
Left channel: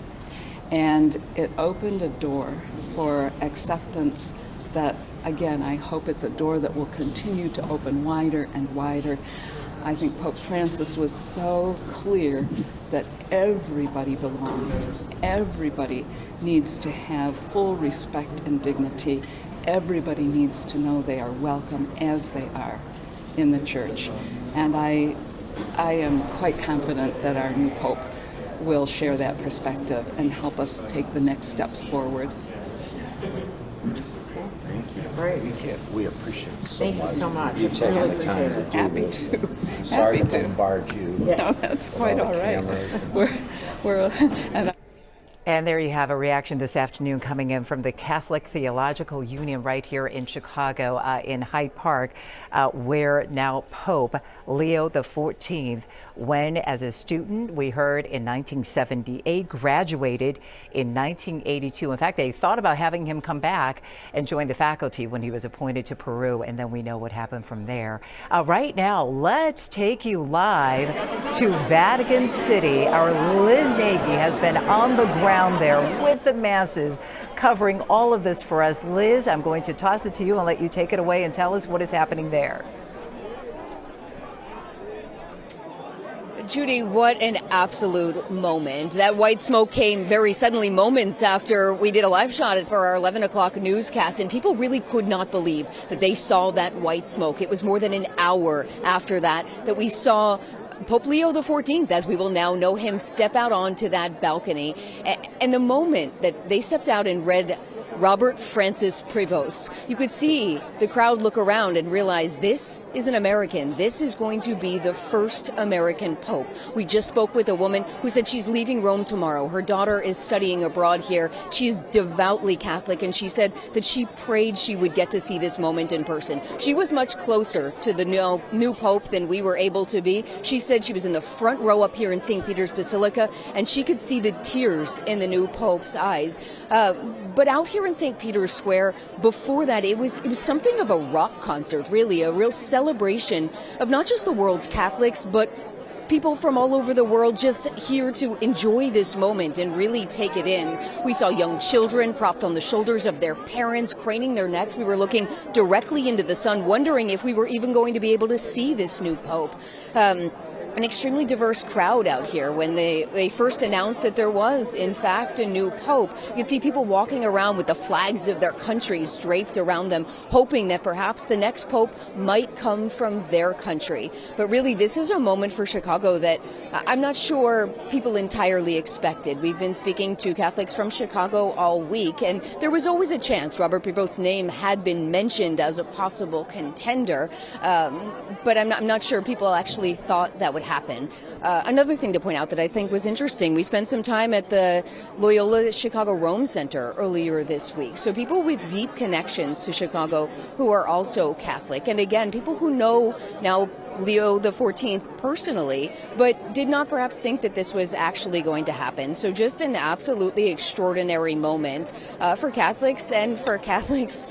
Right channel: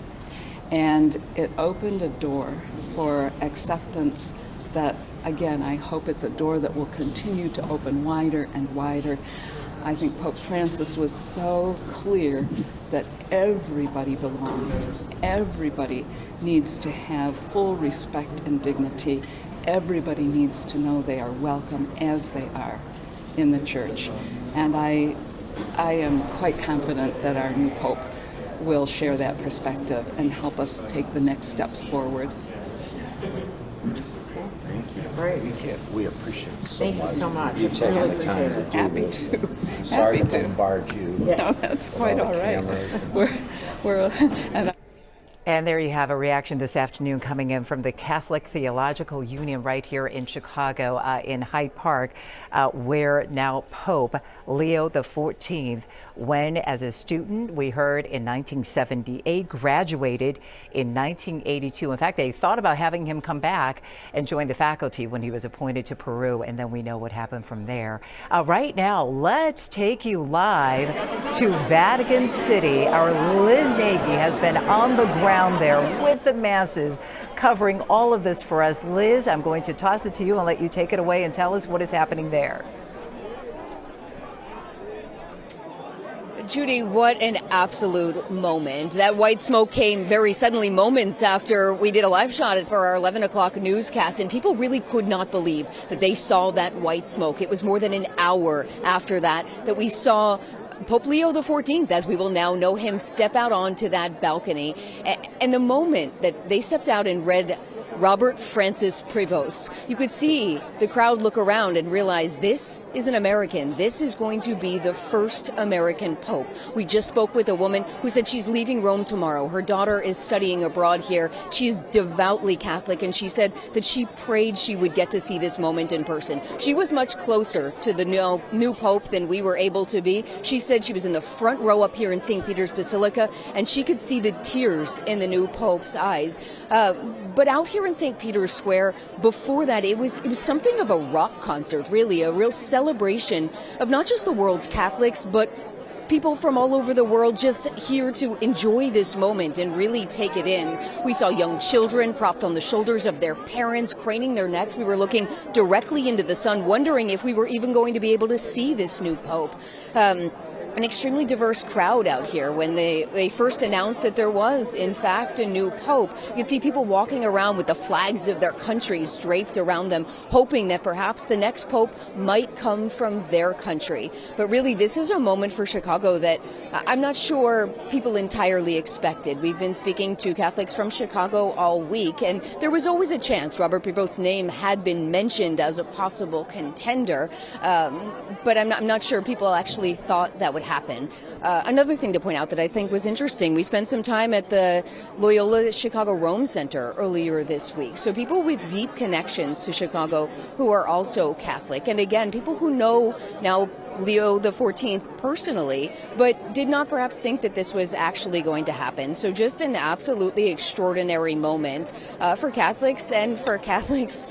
And it opened a door for acceptance that, again, I hope it's a door that will continue to open wider and wider. I think Pope Francis was so clear that everybody belongs. Everybody needs to have full respect and dignity. Everybody needs to know they are welcome as they are in the church. And I am quite confident that our new Pope will share that perspective and help us take the next steps forward. Thank you. Great. We appreciate it so much. Thank you so much. You taking Really the time to do Happy this. to. Sorry Happy to to. bombard you. No, that's quite all right. And there you have a reaction this afternoon coming in from the Catholic Theological Union right here in Chicago, in Hyde Park, where now Pope Leo XIV, when as a student, we heard in 1978, graduated in 1982. In fact, they thought about having him come back and join the faculty when he was appointed to Peru, and then we know what happened from there. Right now, let's take you live to Vatican City. Our Liz Nagy has been on the ground there with the masses covering all of this for us. Liz, I'm going to toss it to you and let you take it away and tell us what is happening there. Judy, what an absolute moment. That white smoke came very suddenly, moments after we did a live shot for our 11 o'clock newscast, and people really could not believe that they saw that white smoke. It was more than an hour after that we saw Pope Leo XIV, as we will now know him, step out onto that balcony. And the moment that they stepped out and read Robert Francis Prevost, you could see the crowd look around and realize this is an American. This is going to be the first American Pope. We just spoke with a woman who said she's leaving Rome tomorrow. Her daughter is studying abroad here. She's devoutly Catholic, and she said that she prayed she would get to see this moment in person. She was much closer to the new Pope than we were able to be. She said she was in the front row up here in St. Peter's Basilica, and she could see the tears in the new Pope's eyes. But out here in St. Peter's Square, before that, it was something of a rock concert, really, a real celebration of not just the world's Catholics, but people from all over the world just here to enjoy this moment and really take it in. We saw young children propped on the shoulders of their parents, craning their necks. We were looking directly into the sun, wondering if we were even going to be able to see this new Pope. An extremely diverse crowd out here. When they first announced that there was, in fact, a new Pope, you could see people walking around with the flags of their countries draped around them, hoping that perhaps the next Pope might come from their country. But really, this is a moment for Chicago that I'm not sure people entirely expected. We've been speaking to Catholics from Chicago all week, and there was always a chance Robert Prevost's name had been mentioned as a possible contender, but I'm not sure people actually thought that would happen. Another thing to point out that I think was interesting, we spent some time at the Loyola Chicago Rome Center earlier this week. So people with deep connections to Chicago who are also Catholic. And again, people who know now Leo XIV personally, but did not perhaps think that this was actually going to happen. So just an absolutely extraordinary moment for Catholics and for Catholics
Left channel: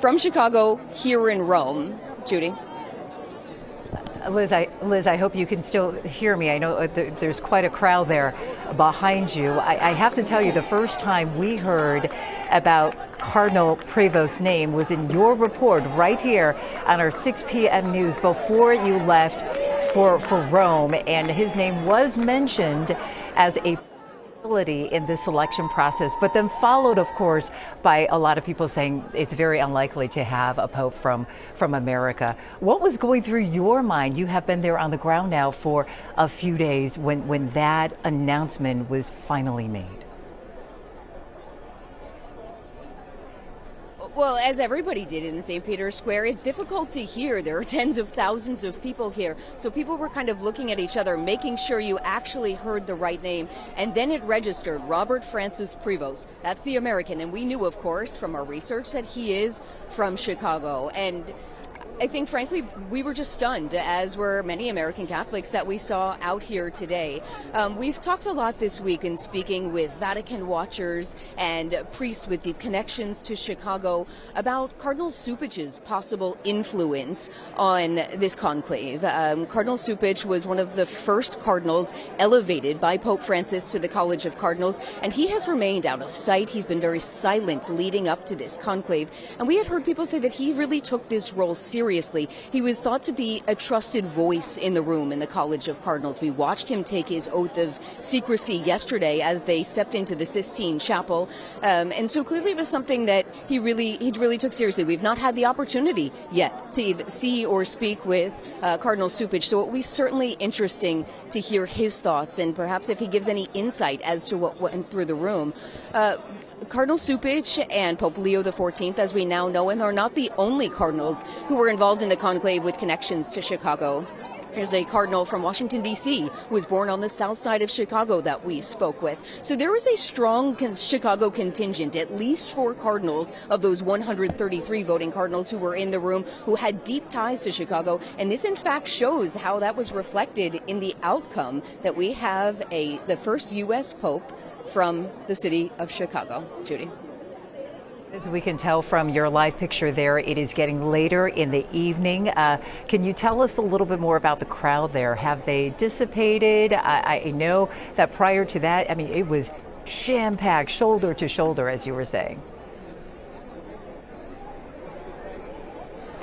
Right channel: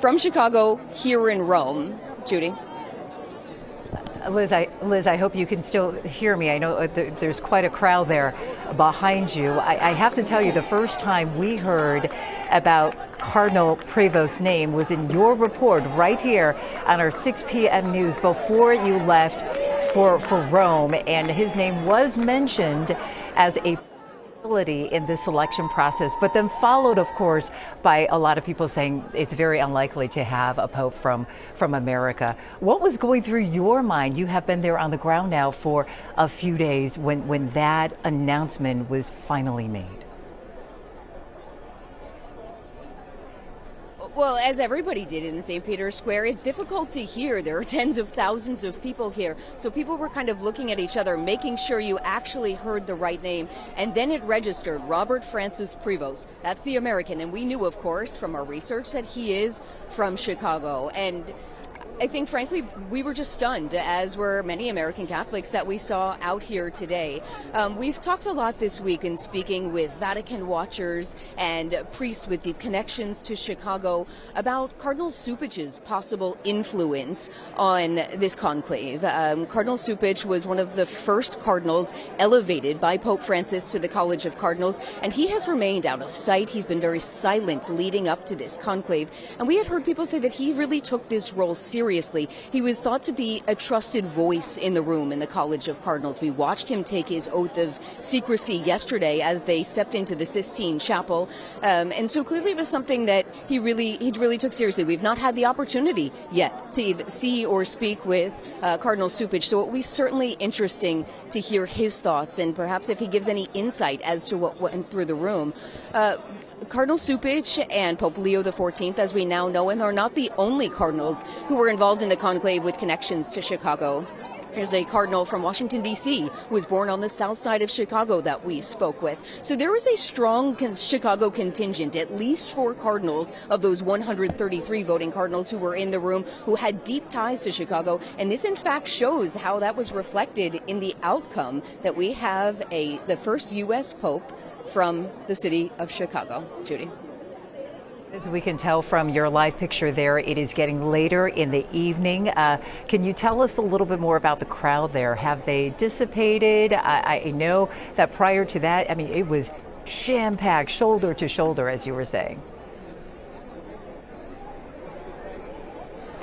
from Chicago here in Rome. Judy? Liz, I hope you can still hear me. I know there's quite a crowd there behind you. I have to tell you, the first time we heard about Cardinal Prevost's name was in your report right here on our 6 p.m. news before you left for Rome, and his name was mentioned as a in this election process, but then followed, of course, by a lot of people saying it's very unlikely to have a pope from America. What was going through your mind? You have been there on the ground now for a few days when that announcement was finally made. Well, as everybody did in St. Peter's Square, it's difficult to hear. There are tens of thousands of people here. So people were kind of looking at each other, making sure you actually heard the right name. And then it registered, Robert Francis Prevost. That's the American. And we knew, of course, from our research that he is from Chicago. And I think, frankly, we were just stunned, as were many American Catholics that we saw out here today. We've talked a lot this week in speaking with Vatican watchers and priests with deep connections to Chicago about Cardinal Cupich's possible influence on this conclave. Cardinal Cupich was one of the first cardinals elevated by Pope Francis to the College of Cardinals, and he has remained out of sight. He's been very silent leading up to this conclave. And we had heard people say that he really took this role seriously. He was thought to be a trusted voice in the room in the College of Cardinals. We watched him take his oath of secrecy yesterday as they stepped into the Sistine Chapel. And so clearly it was something that he really took seriously. We've not had the opportunity yet to see or speak with Cardinal Cupich, so it will be certainly interesting to hear his thoughts and perhaps if he gives any insight as to what went through the room. Cardinal Cupich and Pope Leo XIV, as we now know him, are not the only cardinals who were involved in the conclave with connections to Chicago. There's a cardinal from Washington, D.C., who was born on the south side of Chicago that we spoke with. So there was a strong Chicago contingent, at least 4 cardinals of those 133 voting cardinals who were in the room who had deep ties to Chicago. And this, in fact, shows how that was reflected in the outcome that we have the first U.S. Pope from the city of Chicago. Judy. As we can tell from your live picture there, it is getting later in the evening. Can you tell us a little bit more about the crowd there? Have they dissipated? I know that prior to that, I mean, it was jam-packed, shoulder to shoulder, as you were saying.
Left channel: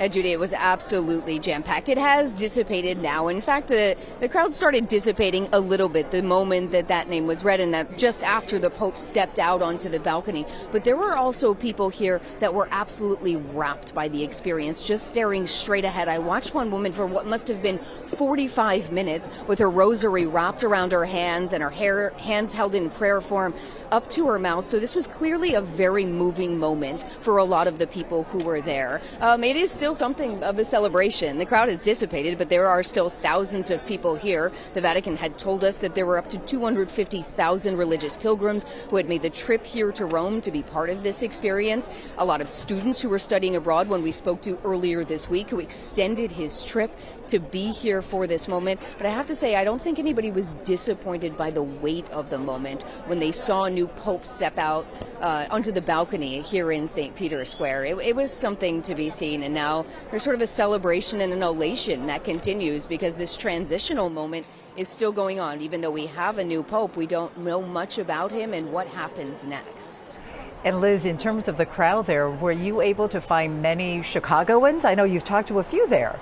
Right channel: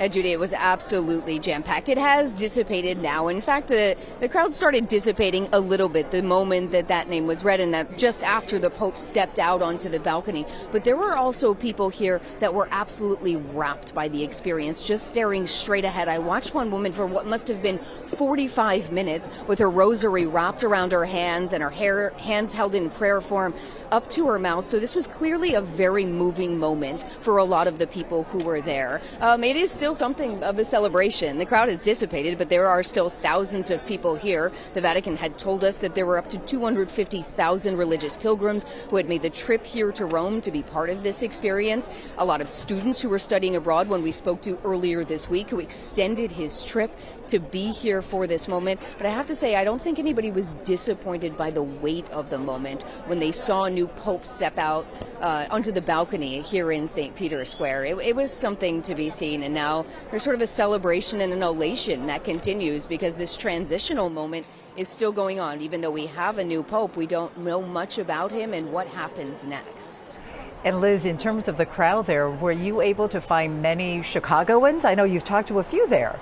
Judy, it was absolutely jam-packed. It has dissipated now. In fact, the crowd started dissipating a little bit the moment that name was read, and that just after the Pope stepped out onto the balcony. But there were also people here that were absolutely rapt by the experience, just staring straight ahead. I watched one woman for what must have been 45 minutes with her rosary wrapped around her hands and her hands held in prayer form up to her mouth. So this was clearly a very moving moment for a lot of the people who were there. It is still something of a celebration. The crowd has dissipated, but there are still thousands of people here. The Vatican had told us that there were up to 250,000 religious pilgrims who had made the trip here to Rome to be part of this experience. A lot of students who were studying abroad when we spoke to earlier this week who extended his trip to be here for this moment. But I have to say, I don't think anybody was disappointed by the weight of the moment when they saw a new Pope step out onto the balcony here in St. Peter's Square. It was something to be seen, and now there's sort of a celebration and an elation that continues because this transitional moment is still going on. Even though we have a new Pope, we don't know much about him and what happens next. And Liz, in terms of the crowd there, were you able to find many Chicagoans? I know you've talked to a few there.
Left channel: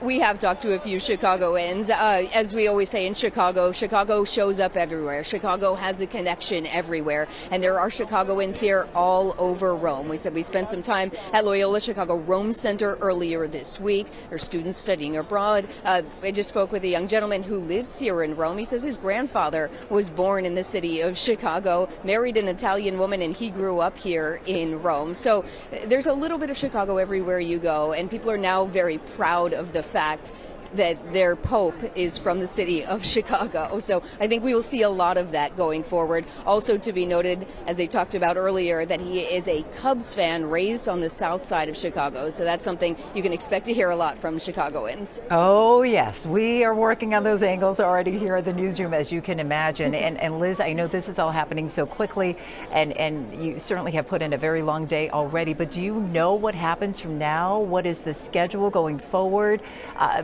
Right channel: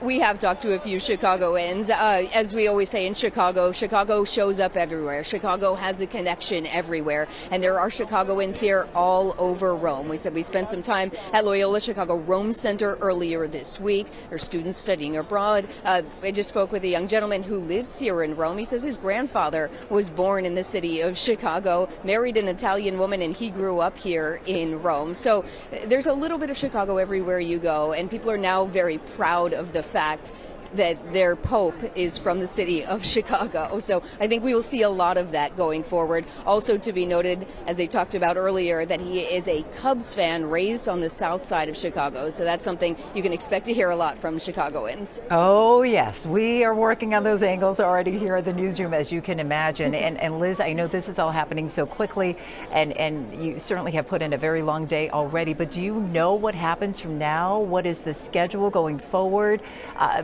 We have talked to a few Chicagoans. As we always say in Chicago, Chicago shows up everywhere. Chicago has a connection everywhere. And there are Chicagoans here all over Rome. We said we spent some time at Loyola Chicago Rome Center earlier this week. There are students studying abroad. I just spoke with a young gentleman who lives here in Rome. He says his grandfather was born in the city of Chicago, married an Italian woman, and he grew up here in Rome. So there's a little bit of Chicago everywhere you go, and people are now very proud of the fact that their Pope is from the city of Chicago. So I think we will see a lot of that going forward. Also to be noted, as they talked about earlier, that he is a Cubs fan raised on the south side of Chicago. So that's something you can expect to hear a lot from Chicagoans. Oh, yes. We are working on those angles already here at the newsroom, as you can imagine. And Liz, I know this is all happening so quickly, and you certainly have put in a very long day already, but do you know what happens from now? What is the schedule going forward?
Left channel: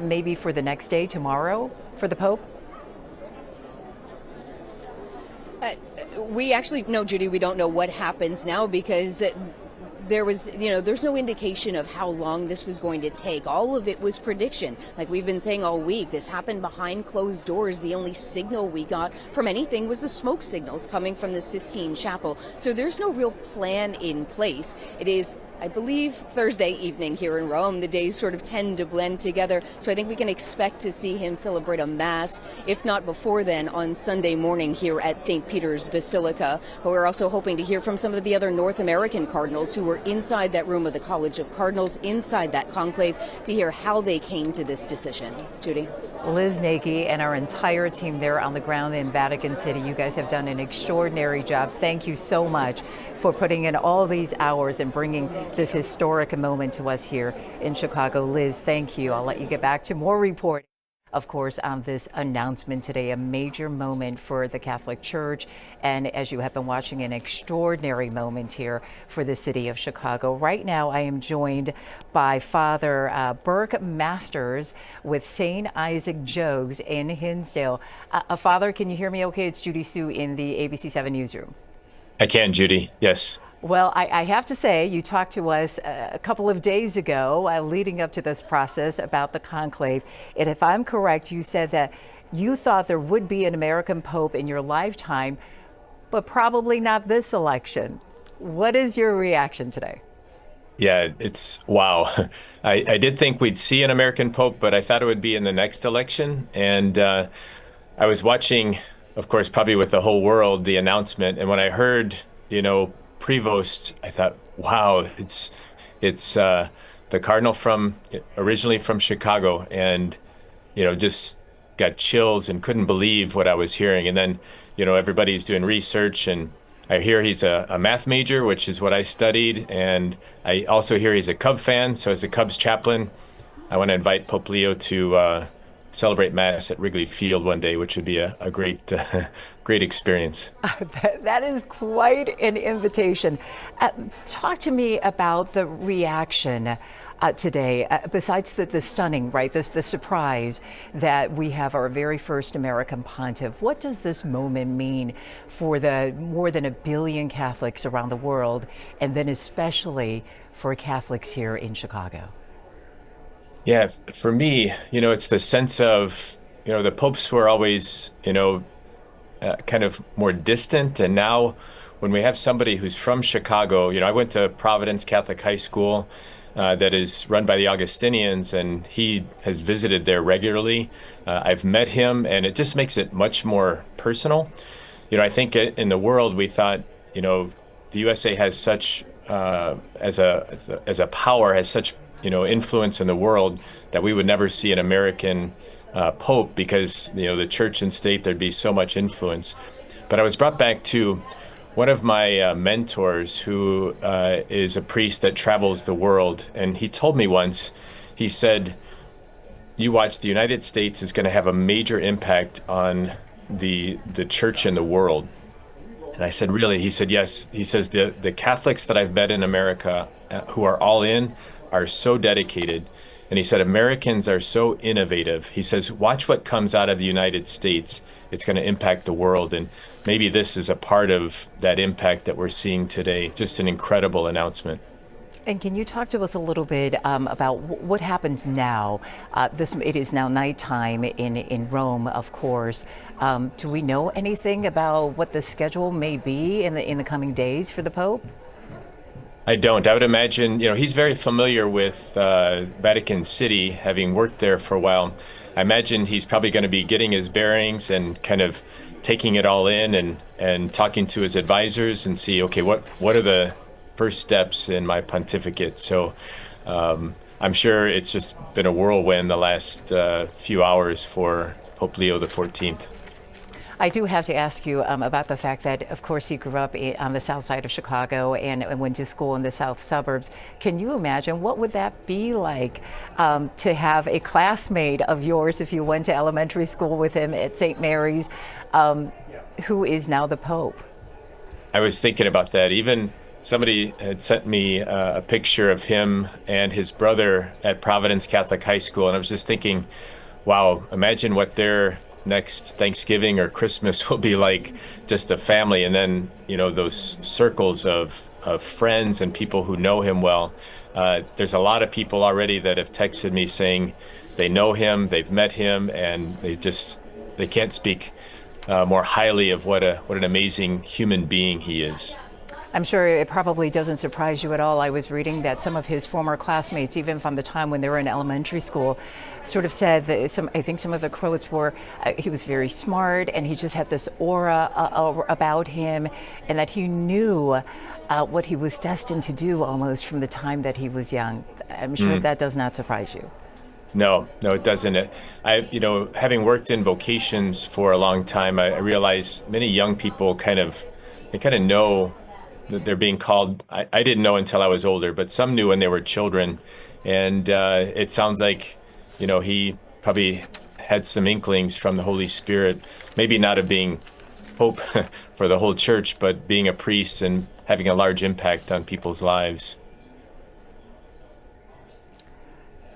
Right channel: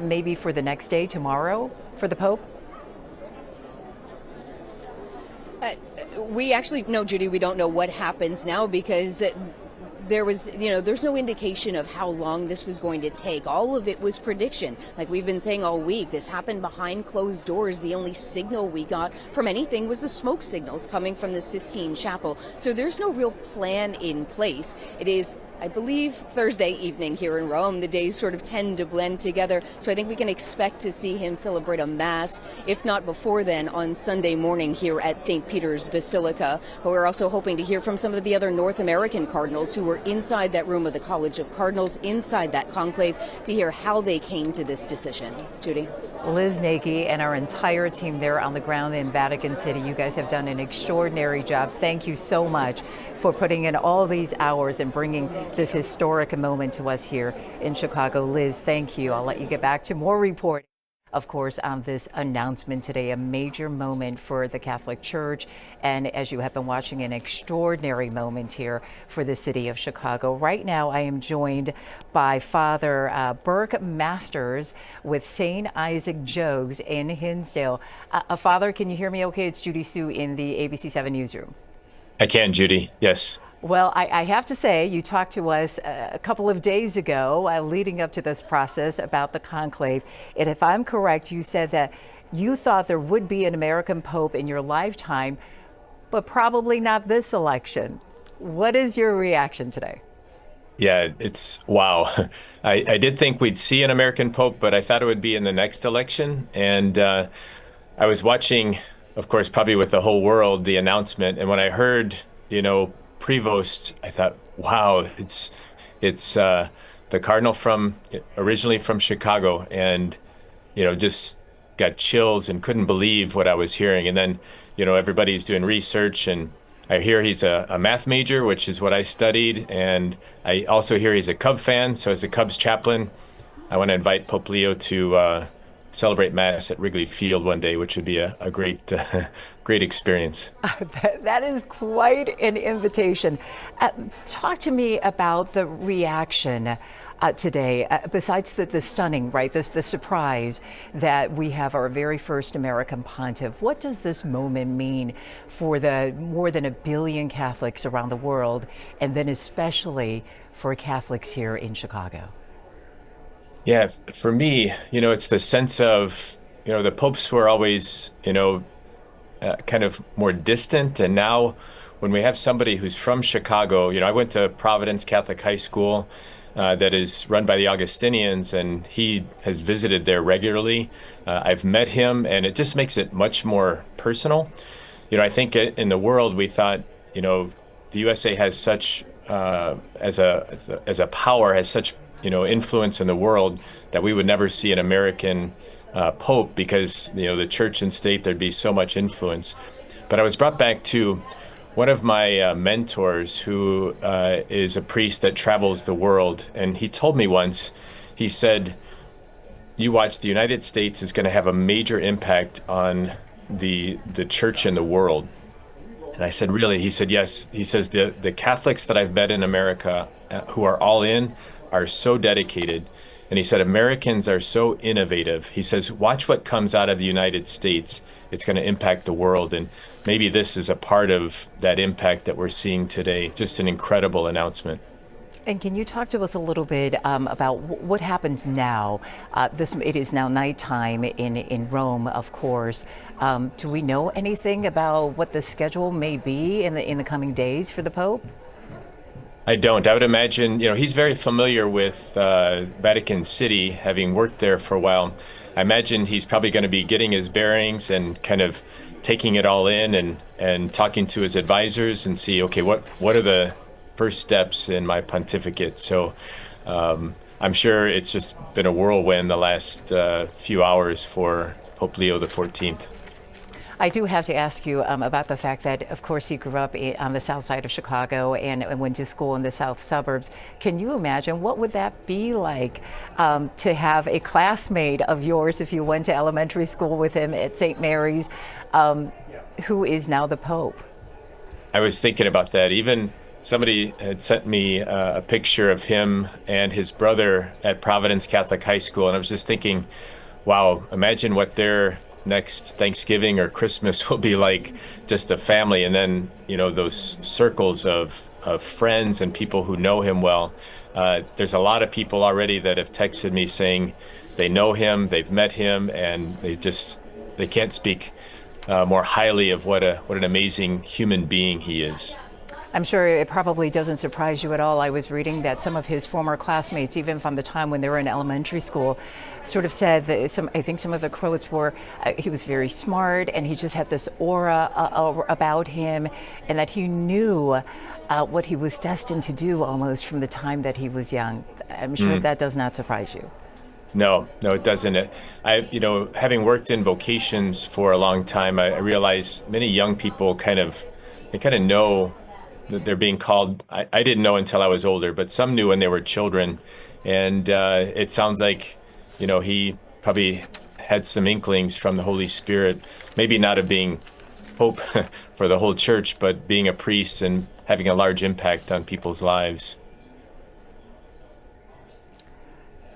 Maybe for the next day, tomorrow, for the Pope? We actually, no, Judy, we don't know what happens now because there's no indication of how long this was going to take. All of it was prediction. Like we've been saying all week, this happened behind closed doors. The only signal we got from anything was the smoke signals coming from the Sistine Chapel. So there's no real plan in place. It is, I believe, Thursday evening here in Rome. The days sort of tend to blend together. So I think we can expect to see him celebrate a Mass, if not before then, on Sunday morning here at St. Peter's Basilica. But we're also hoping to hear from some of the other North American cardinals who were inside that room of the College of Cardinals, inside that conclave, to hear how they came to this decision. Judy? Liz Nagy and our entire team there on the ground in Vatican City, you guys have done an extraordinary job. Thank you so much for putting in all these hours and bringing this historic moment to us here in Chicago. Liz, thank you. I'll let you get back to more reporting, of course, on this announcement today, a major moment for the Catholic Church, and as you have been watching, an extraordinary moment here for the city of Chicago. Right now, I am joined by Father Burke Masters with St. Isaac Jogues in Hinsdale. Father, can you hear me okay? It's Judy Sue in the ABC7 newsroom. I can, Judy. Yes. Well, I have to say, you talked to us a couple of days ago leading up to this process about the conclave. And if I'm correct, you said that you thought there would be an American Pope in your lifetime, but probably not this election. What is your reaction today? Yeah, it's wow. I did think we'd see an American Pope, but I thought it would be in the next election. And I was watching, of course, probably with the whole world, the announcement. And when I heard, Prevost, I thought, wow, it's the Cardinal originally from Chicago, and just got chills and couldn't believe what I was hearing. And then everybody's doing research, and I hear he's a math major, which is what I studied, and I also hear he's a Cub fan. So as a Cubs chaplain, I want to invite Pope Leo to celebrate Mass at Wrigley Field one day, which would be a great great experience. That is quite an invitation. Talk to me about the reaction today, besides the stunning, right, the surprise that we have our very first American pontiff, what does this moment mean for the more than 1 billion Catholics around the world, and then especially for Catholics here in Chicago? Yeah, for me, it's the sense of, the popes were always, kind of more distant. And now when we have somebody who's from Chicago, I went to Providence Catholic High School that is run by the Augustinians, and he has visited there regularly. I've met him, and it just makes it much more personal. I think in the world we thought, the USA has such, as a power, has such, influence in the world that we would never see an American Pope because, the church and state, there'd be so much influence. But I was brought back to one of my mentors who is a priest that travels the world. And he told me once, he said, you watch, the United States is going to have a major impact on the church in the world. And I said, really? He said, yes. He says, the Catholics that I've met in America who are all in are so dedicated. And he said, Americans are so innovative. He says, watch what comes out of the United States. It's going to impact the world. And maybe this is a part of that impact that we're seeing today. Just an incredible announcement. And can you talk to us a little bit about what happens now? It is now nighttime in Rome, of course. Do we know anything about what the schedule may be in the coming days for the Pope? I don't. I would imagine, he's very familiar with Vatican City, having worked there for a while. I imagine he's probably going to be getting his bearings and kind of taking it all in and talking to his advisors and see, okay, what are the first steps in my pontificate? So I'm sure it's just been a whirlwind the last few hours for Pope Leo XIV. I do have to ask you about the fact that, of course, he grew up on the south side of Chicago and went to school in the south suburbs. Can you imagine what would that be like to have a classmate of yours, if you went to elementary school with him at St. Mary's, who is now the Pope? I was thinking about that. Even somebody had sent me a picture of him and his brother at Providence Catholic High School, and I was just thinking, wow, imagine what their next Thanksgiving or Christmas will be like, just a family, and then those circles of friends and people who know him well. There's a lot of people already that have texted me saying they know him, they've met him, and they can't speak more highly of what an amazing human being he is. I'm sure it probably doesn't surprise you at all. I was reading that some of his former classmates, even from the time when they were in elementary school, sort of said that I think some of the quotes were, he was very smart and he just had this aura about him, and that he knew what he was destined to do almost from the time that he was young. I'm sure that does not surprise you. No, it doesn't. Having worked in vocations for a long time, I realize many young people kind of know that they're being called. I didn't know until I was older, but some knew when they were children. And it sounds like, he probably had some inklings from the Holy Spirit, maybe not of being Pope for the whole church, but being a priest and having a large impact on people's lives.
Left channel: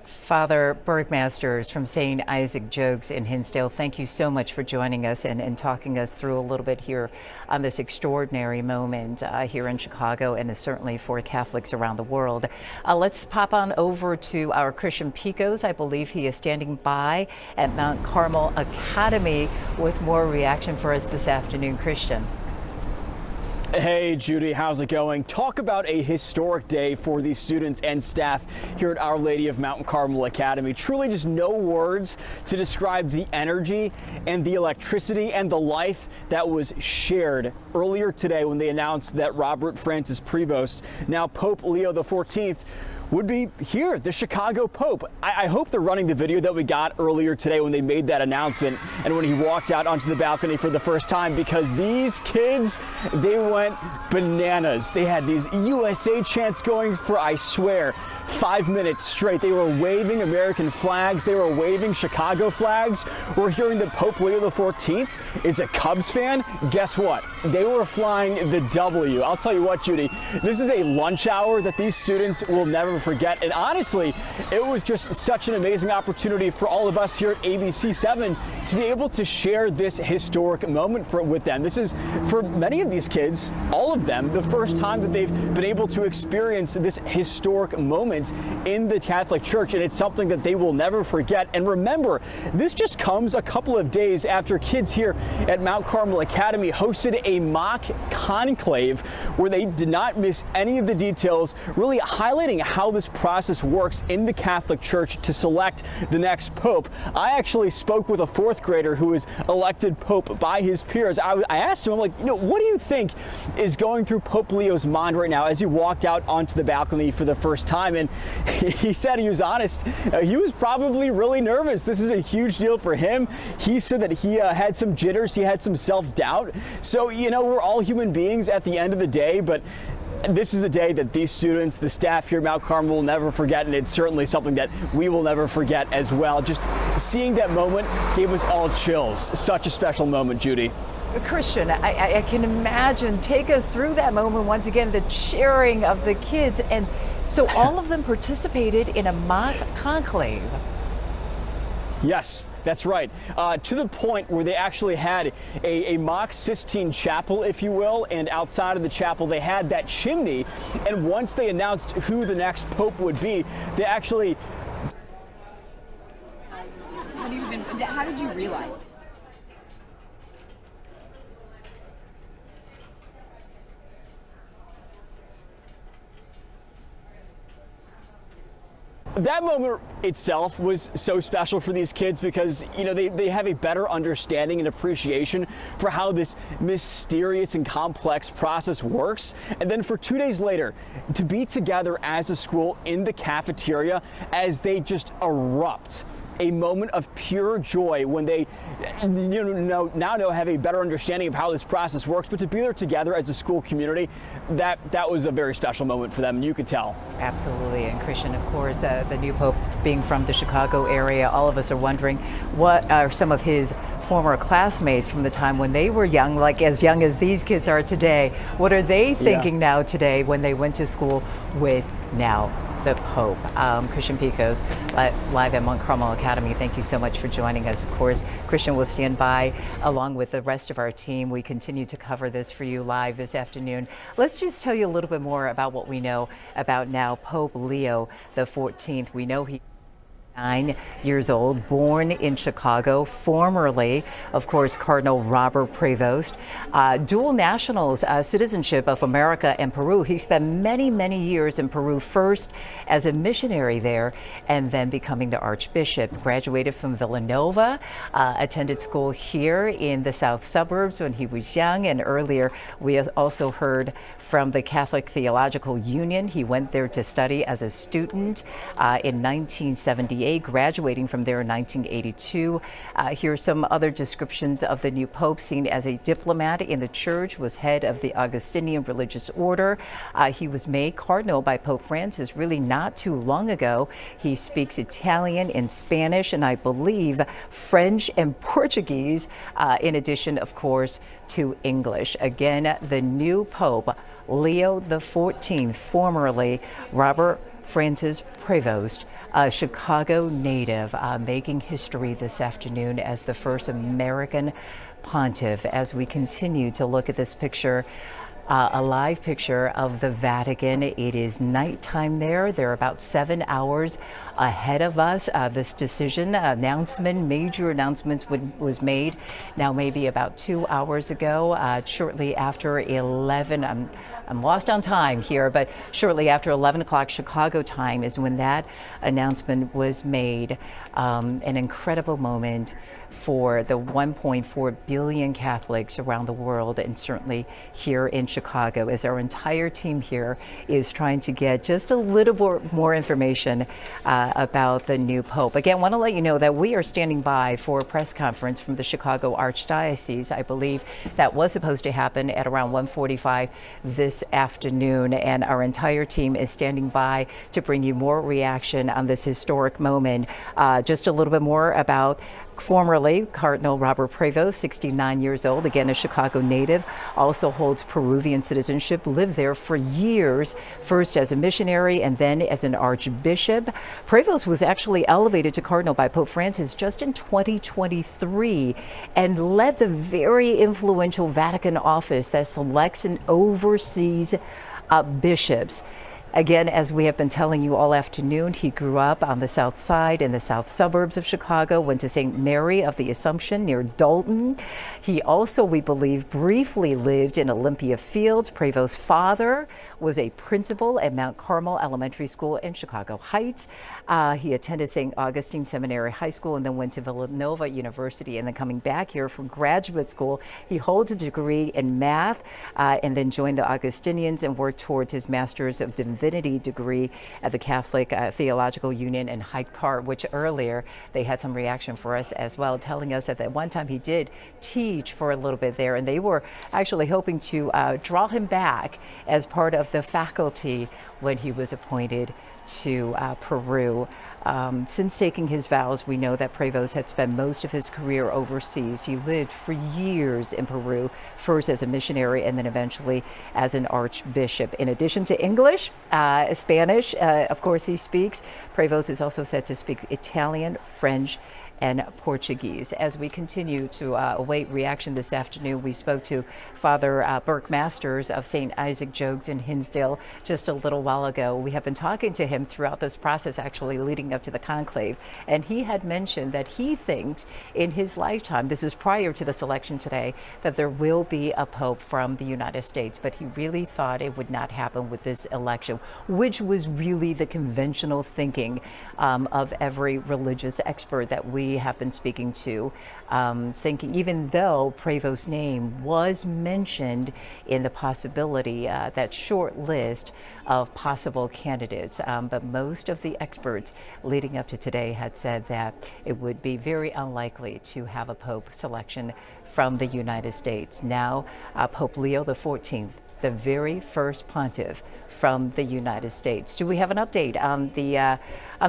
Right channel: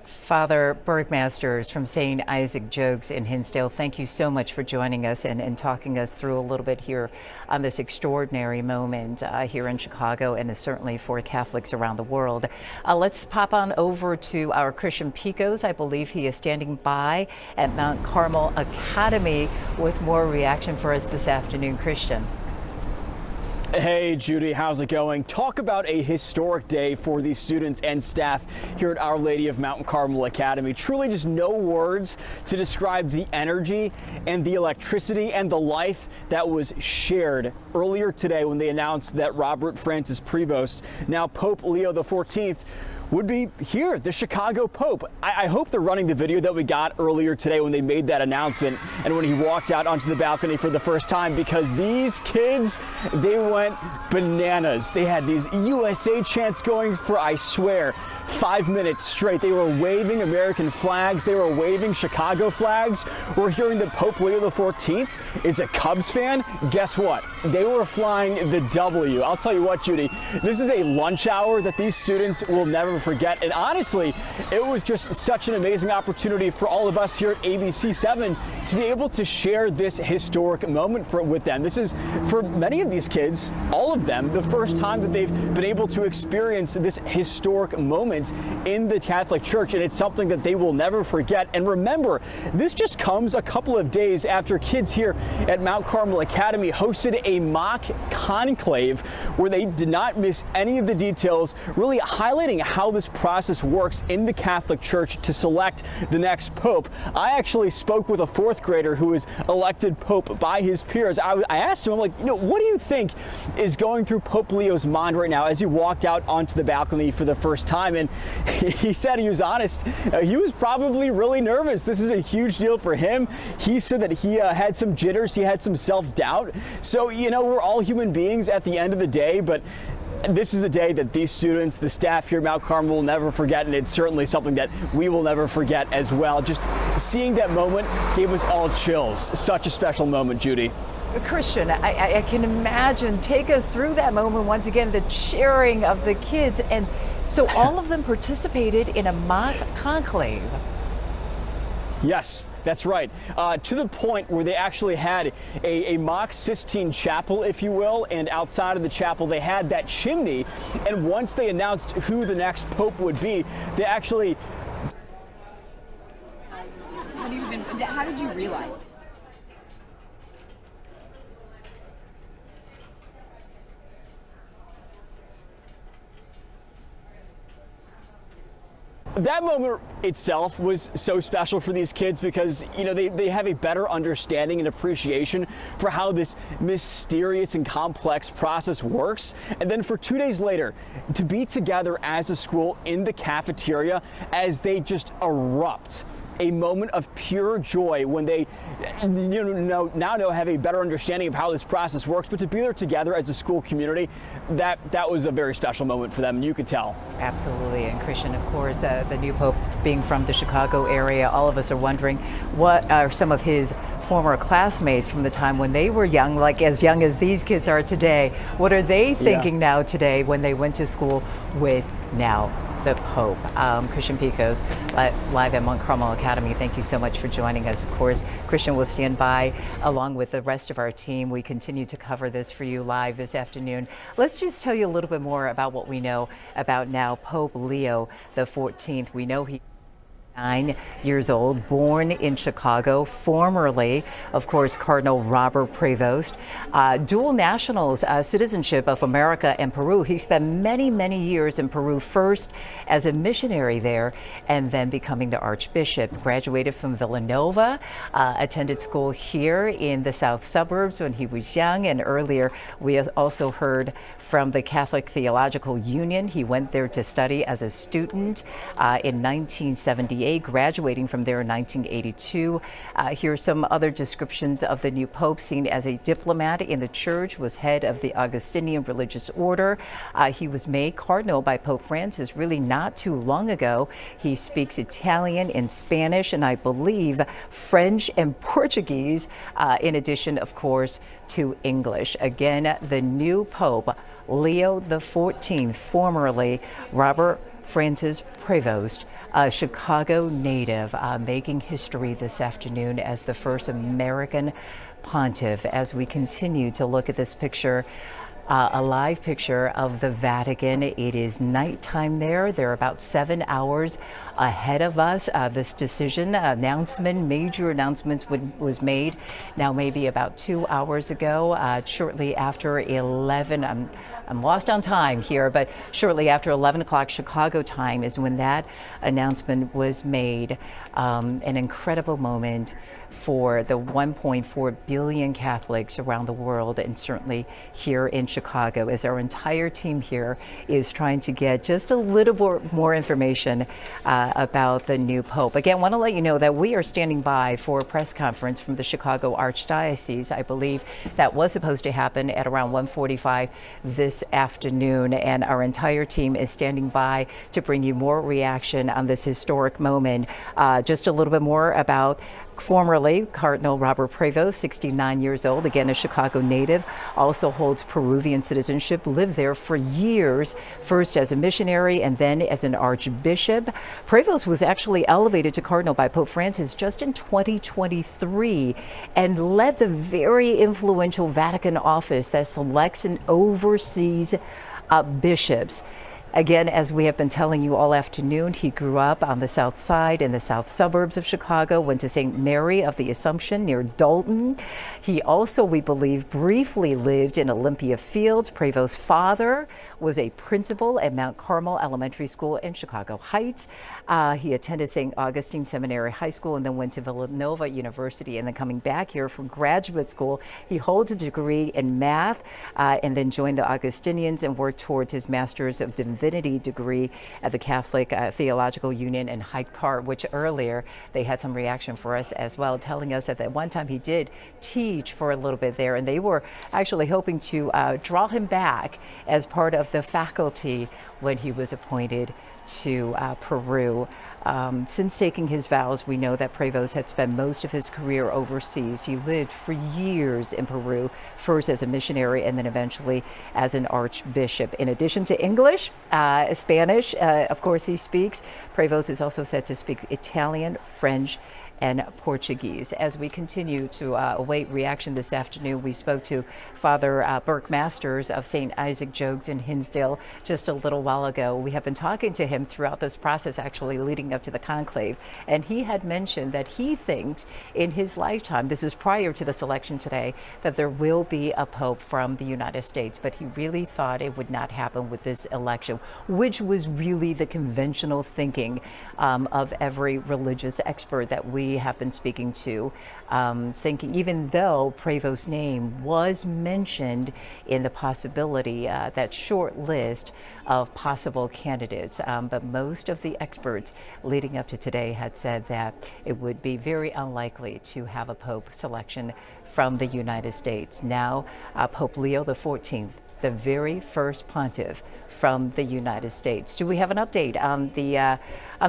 Father Bergmasters from St. Isaac Jogues in Hinsdale, thank you so much for joining us and talking us through a little bit here on this extraordinary moment here in Chicago, and certainly for Catholics around the world. Let's pop on over to our Christian Picos. I believe he is standing by at Mount Carmel Academy with more reaction for us this afternoon. Christian. Hey Judy, how's it going? Talk about a historic day for the students and staff here at Our Lady of Mount Carmel Academy. Truly just no words to describe the energy and the electricity and the life that was shared earlier today when they announced that Robert Francis Prevost, now Pope Leo XIV, would be here, the Chicago Pope. I hope they're running the video that we got earlier today when they made that announcement and when he walked out onto the balcony for the first time, because these kids, they went bananas. They had these USA chants going for, I swear, 5 minutes straight. They were waving American flags. They were waving Chicago flags. We're hearing that Pope Leo XIV is a Cubs fan. Guess what? They were flying the W. I'll tell you what, Judy, this is a lunch hour that these students will never never forget. And honestly, it was just such an amazing opportunity for all of us here at ABC7 to be able to share this historic moment with them. This is, for many of these kids, all of them, the first time that they've been able to experience this historic moment in the Catholic Church, and it's something that they will never forget. And remember, this just comes a couple of days after kids here at Mount Carmel Academy hosted a mock conclave where they did not miss any of the details, really highlighting how this process works in the Catholic Church to select the next pope. I actually spoke with a fourth grader who was elected pope by his peers. I asked him, I'm like, what do you think is going through Pope Leo's mind right now as he walked out onto the balcony for the first time? And he said, he was honest, he was probably really nervous. This is a huge deal for him. He said that he had some jitters, he had some self-doubt. So, we're all human beings at the end of the day, but this is a day that these students, the staff here at Mount Carmel will never forget, and it's certainly something that we will never forget as well. Just seeing that moment gave us all chills. Such a special moment, Judy. Christian, I can imagine. Take us through that moment once again, the cheering of the kids. And so all of them participated in a mock conclave. Yes, that's right. To the point where they actually had a mock Sistine Chapel, if you will, and outside of the chapel they had that chimney. And once they announced who the next pope would be, they actually... How did you realize? That moment itself was so special for these kids because, they have a better understanding and appreciation for how this mysterious and complex process works. And then for 2 days later, to be together as a school in the cafeteria as they just erupt. A moment of pure joy when they now have a better understanding of how this process works, but to be there together as a school community, that was a very special moment for them, and you could tell. Absolutely. And Christian, of course, the new pope being from the Chicago area, all of us are wondering what are some of his former classmates from the time when they were young, like as young as these kids are today. What are they thinking now today when they went to school with now the Pope? Christian Picos, live at Mount Carmel Academy. Thank you so much for joining us. Of course, Christian will stand by along with the rest of our team. We continue to cover this for you live this afternoon. Let's just tell you a little bit more about what we know about now Pope Leo XIV. We know he 9 years old, born in Chicago, formerly, of course, Cardinal Robert Prevost, dual nationals, citizenship of America and Peru. He spent many, many years in Peru, first as a missionary there and then becoming the Archbishop. Graduated from Villanova, attended school here in the South Suburbs when he was young, and earlier we also heard from the Catholic Theological Union. He went there to study as a student in 1978. Graduating from there in 1982. Here are some other descriptions of the new pope. Seen as a diplomat in the church, was head of the Augustinian religious order. He was made cardinal by Pope Francis really not too long ago. He speaks Italian and Spanish, and I believe French and Portuguese, in addition, of course, to English. Again, the new pope, Leo XIV, formerly Robert Francis Prevost, a Chicago native, making history this afternoon as the first American pontiff. As we continue to look at this picture, a live picture of the Vatican. It is nighttime there. They're about 7 hours ahead of us. This decision major announcements was made now maybe about 2 hours ago, shortly after 11. I'm lost on time here, but shortly after 11 o'clock Chicago time is when that announcement was made. An incredible moment for the 1.4 billion Catholics around the world, and certainly here in Chicago, as our entire team here is trying to get just a little more information about the new Pope. Again, want to let you know that we are standing by for a press conference from the Chicago Archdiocese. I believe that was supposed to happen at around 1:45 this afternoon, and our entire team is standing by to bring you more reaction on this historic moment. Just a little bit more about Formerly, Cardinal Robert Prevost, 69 years old, again a Chicago native, also holds Peruvian citizenship, lived there for years, first as a missionary and then as an archbishop. Prevost was actually elevated to cardinal by Pope Francis just in 2023 and led the very influential Vatican office that selects and oversees bishops. Again, as we have been telling you all afternoon, he grew up on the south side in the south suburbs of Chicago, went to St. Mary of the Assumption near Dalton. He also, we believe, briefly lived in Olympia Fields. Prevost's father was a principal at Mount Carmel Elementary School in Chicago Heights. He attended St. Augustine Seminary High School and then went to Villanova University, and then coming back here for graduate school. He holds a degree in math and then joined the Augustinians and worked towards his Master's of Divinity degree at the Catholic Theological Union in Hyde Park, which earlier they had some reaction for us as well, telling us that at one time he did teach for a little bit there, and they were actually hoping to draw him back as part of the faculty when he was appointed to Peru. Since taking his vows, we know that Prevost had spent most of his career overseas. He lived for years in Peru, first as a missionary and then eventually as an archbishop. In addition to English, Spanish, of course he speaks. Prevost is also said to speak Italian, French, and Portuguese. As we continue to await reaction this afternoon, we spoke to Father Burke Masters of St. Isaac Jogues in Hinsdale just a little while ago. We have been talking to him throughout this process, actually leading up to the conclave, and he had mentioned that he thinks in his lifetime, this is prior to the selection today, that there will be a pope from the United States, but he really thought it would not happen with this election, which was really the conventional thinking of every religious expert that we have been speaking to, thinking even though Prevost's name was mentioned in the possibility, that short list of possible candidates, but most of the experts leading up to today had said that it would be very unlikely to have a pope selection from the United States. Now, Pope Leo XIV, the very first pontiff from the United States. Do we have an update on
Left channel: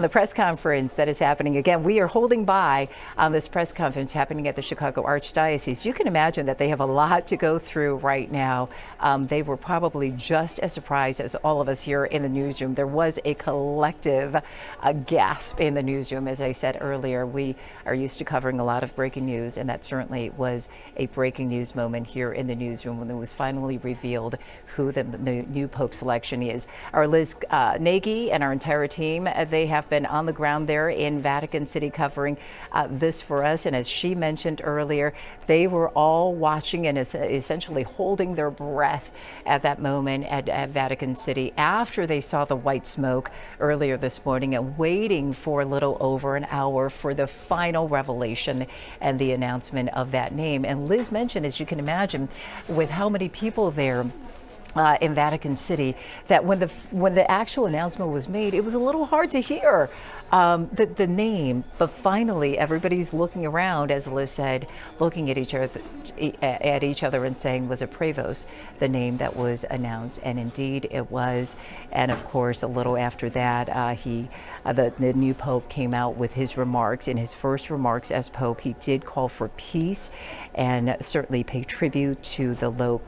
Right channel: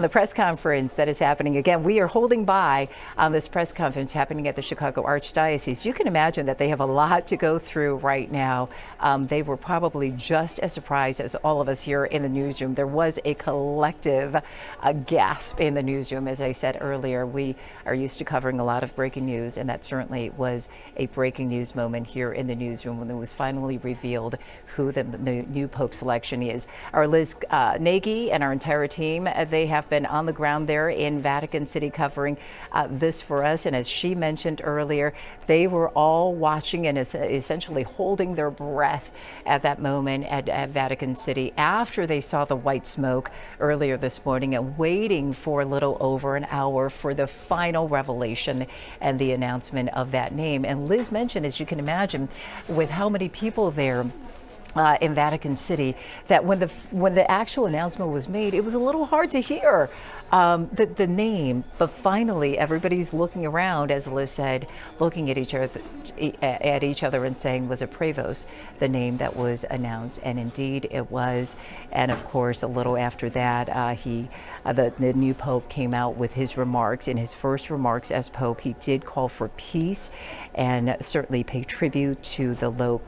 the press conference that is happening? Again, we are holding by on this press conference happening at the Chicago Archdiocese. You can imagine that they have a lot to go through right now. They were probably just as surprised as all of us here in the newsroom. There was a collective gasp in the newsroom. As I said earlier, we are used to covering a lot of breaking news, and that certainly was a breaking news moment here in the newsroom when it was finally revealed who the new Pope selection is. Our Liz Nagy and our entire team, they have been on the ground there in Vatican City covering this for us. And as she mentioned earlier, they were all watching and essentially holding their breath at that moment at Vatican City after they saw the white smoke earlier this morning and waiting for a little over an hour for the final revelation and the announcement of that name. And Liz mentioned, as you can imagine, with how many people there in Vatican City, that when the actual announcement was made, it was a little hard to hear the name, but finally everybody's looking around, as Liz said, looking at each other and saying, was it Prevost, the name that was announced? And indeed it was. And of course, a little after that, the new Pope came out with his remarks. In his first remarks as Pope, he did call for peace and certainly pay tribute to the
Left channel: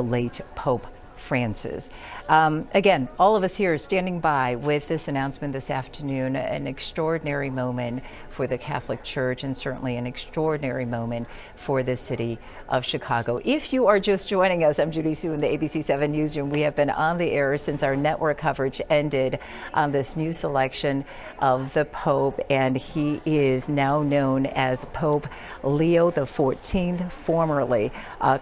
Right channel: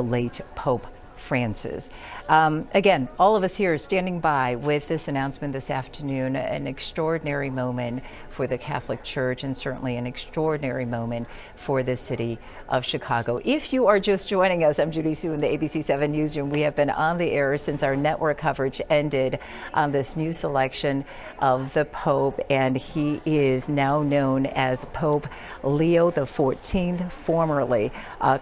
late Pope Francis. Again, all of us here standing by with this announcement this afternoon, an extraordinary moment for the Catholic Church and certainly an extraordinary moment for the city of Chicago. If you are just joining us, I'm Judy Sue in the ABC7 Newsroom. We have been on the air since our network coverage ended on this new selection of the Pope, and he is now known as Pope Leo XIV, formerly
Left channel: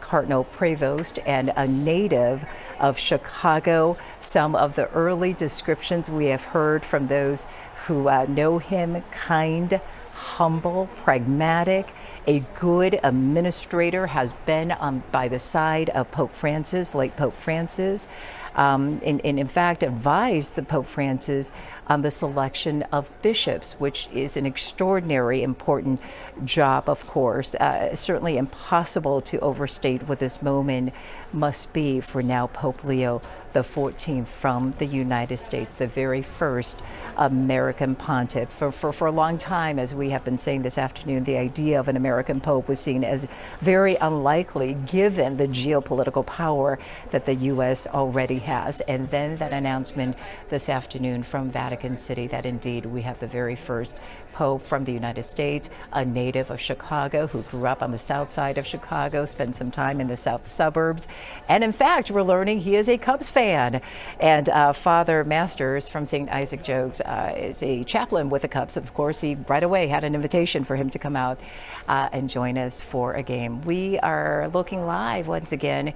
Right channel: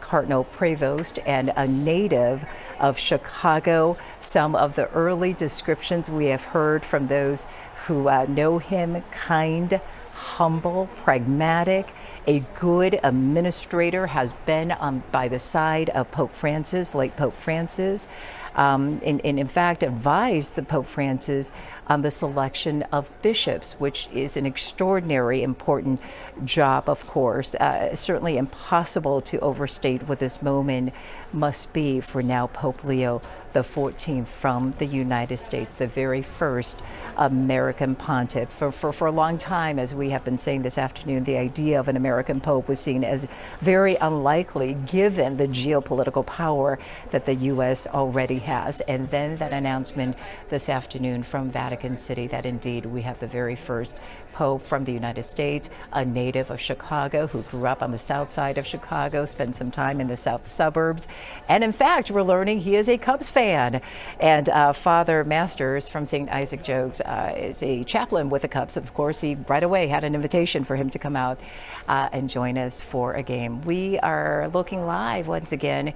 Cardinal Prevost and a native of Chicago. Some of the early descriptions we have heard from those who know him: kind, humble, pragmatic, a good administrator, has been by the side of Pope Francis, late Pope Francis. and in fact advised the Pope Francis on the selection of bishops, which is an extraordinary important job, of course. Certainly impossible to overstate what this moment must be for now Pope Leo XIV from the United States, the very first American pontiff. For a long time, as we have been saying this afternoon, the idea of an American pope was seen as very unlikely given the geopolitical power that the U.S. already has. And then that announcement this afternoon from Vatican City that indeed we have the very first Pope from the United States, a native of Chicago who grew up on the south side of Chicago, spent some time in the south suburbs. And in fact, we're learning he is a Cubs fan. And Father Masters from St. Isaac Jogues is a chaplain with the Cubs. Of course, he right away had an invitation for him to come out and join us for a game. We are looking live once again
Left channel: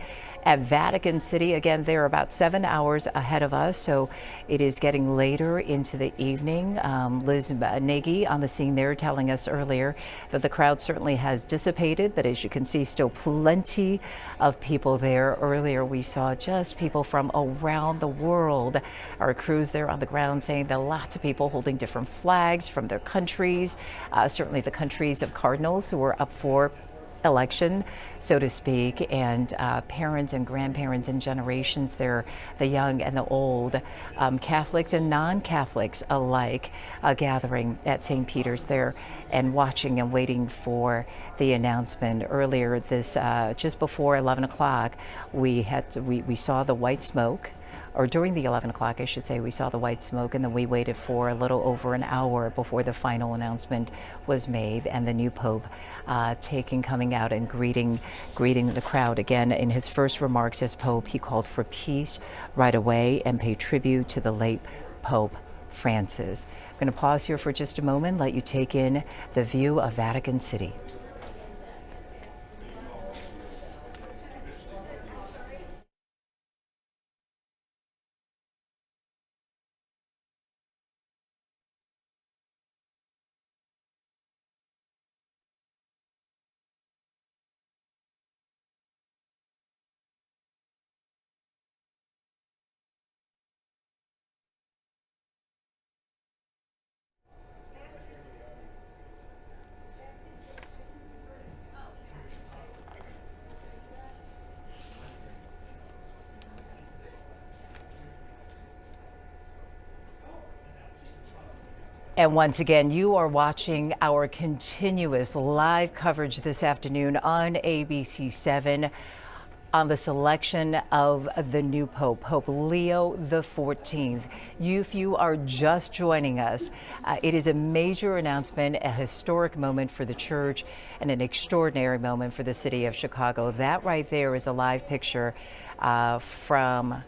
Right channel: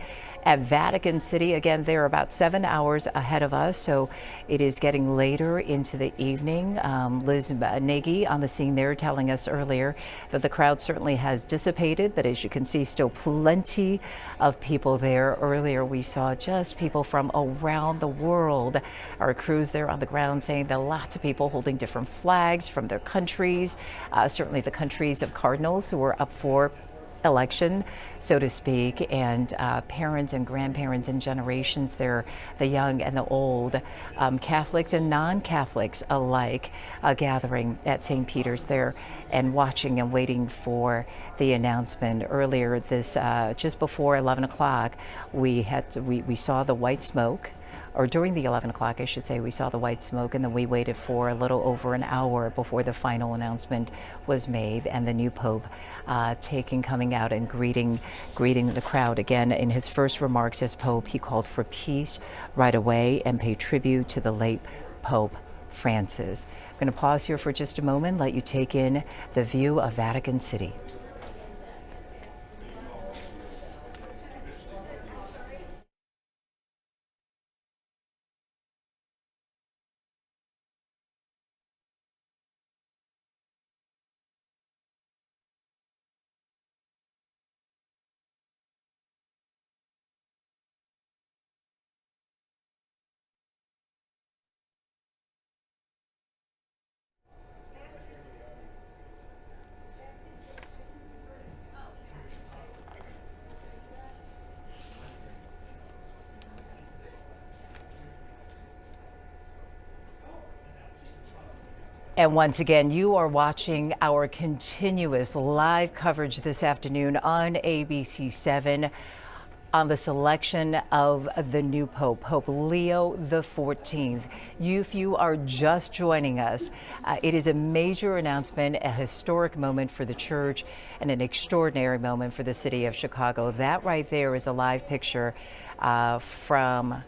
at Vatican City. Again, they're about 7 hours ahead of us, so it is getting later into the evening. Liz Nagy on the scene there telling us earlier that the crowd certainly has dissipated, but as you can see, still plenty of people there. Earlier, we saw just people from around the world. Our crews there on the ground saying that lots of people holding different flags from their countries, certainly the countries of cardinals who were up for election, so to speak, and parents and grandparents and generations there, the young and the old, Catholics and non-Catholics alike, gathering at St. Peter's there and watching and waiting for the announcement. Earlier this, just before 11 o'clock, we saw the white smoke, or during the 11 o'clock, I should say, we saw the white smoke, and then we waited for a little over an hour before the final announcement was made and the new Pope coming out and greeting the crowd. Again, in his first remarks as Pope, he called for peace right away and paid tribute to the late Pope Francis. I'm going to pause here for just a moment, let you take in the view of Vatican City. And once again, you are watching our continuous live coverage this afternoon on ABC7 on the selection of the new Pope, Pope Leo XIV. If you are just joining us, it is a major announcement, a historic moment for the Church, and an extraordinary moment for the city of Chicago. That right there is a live picture from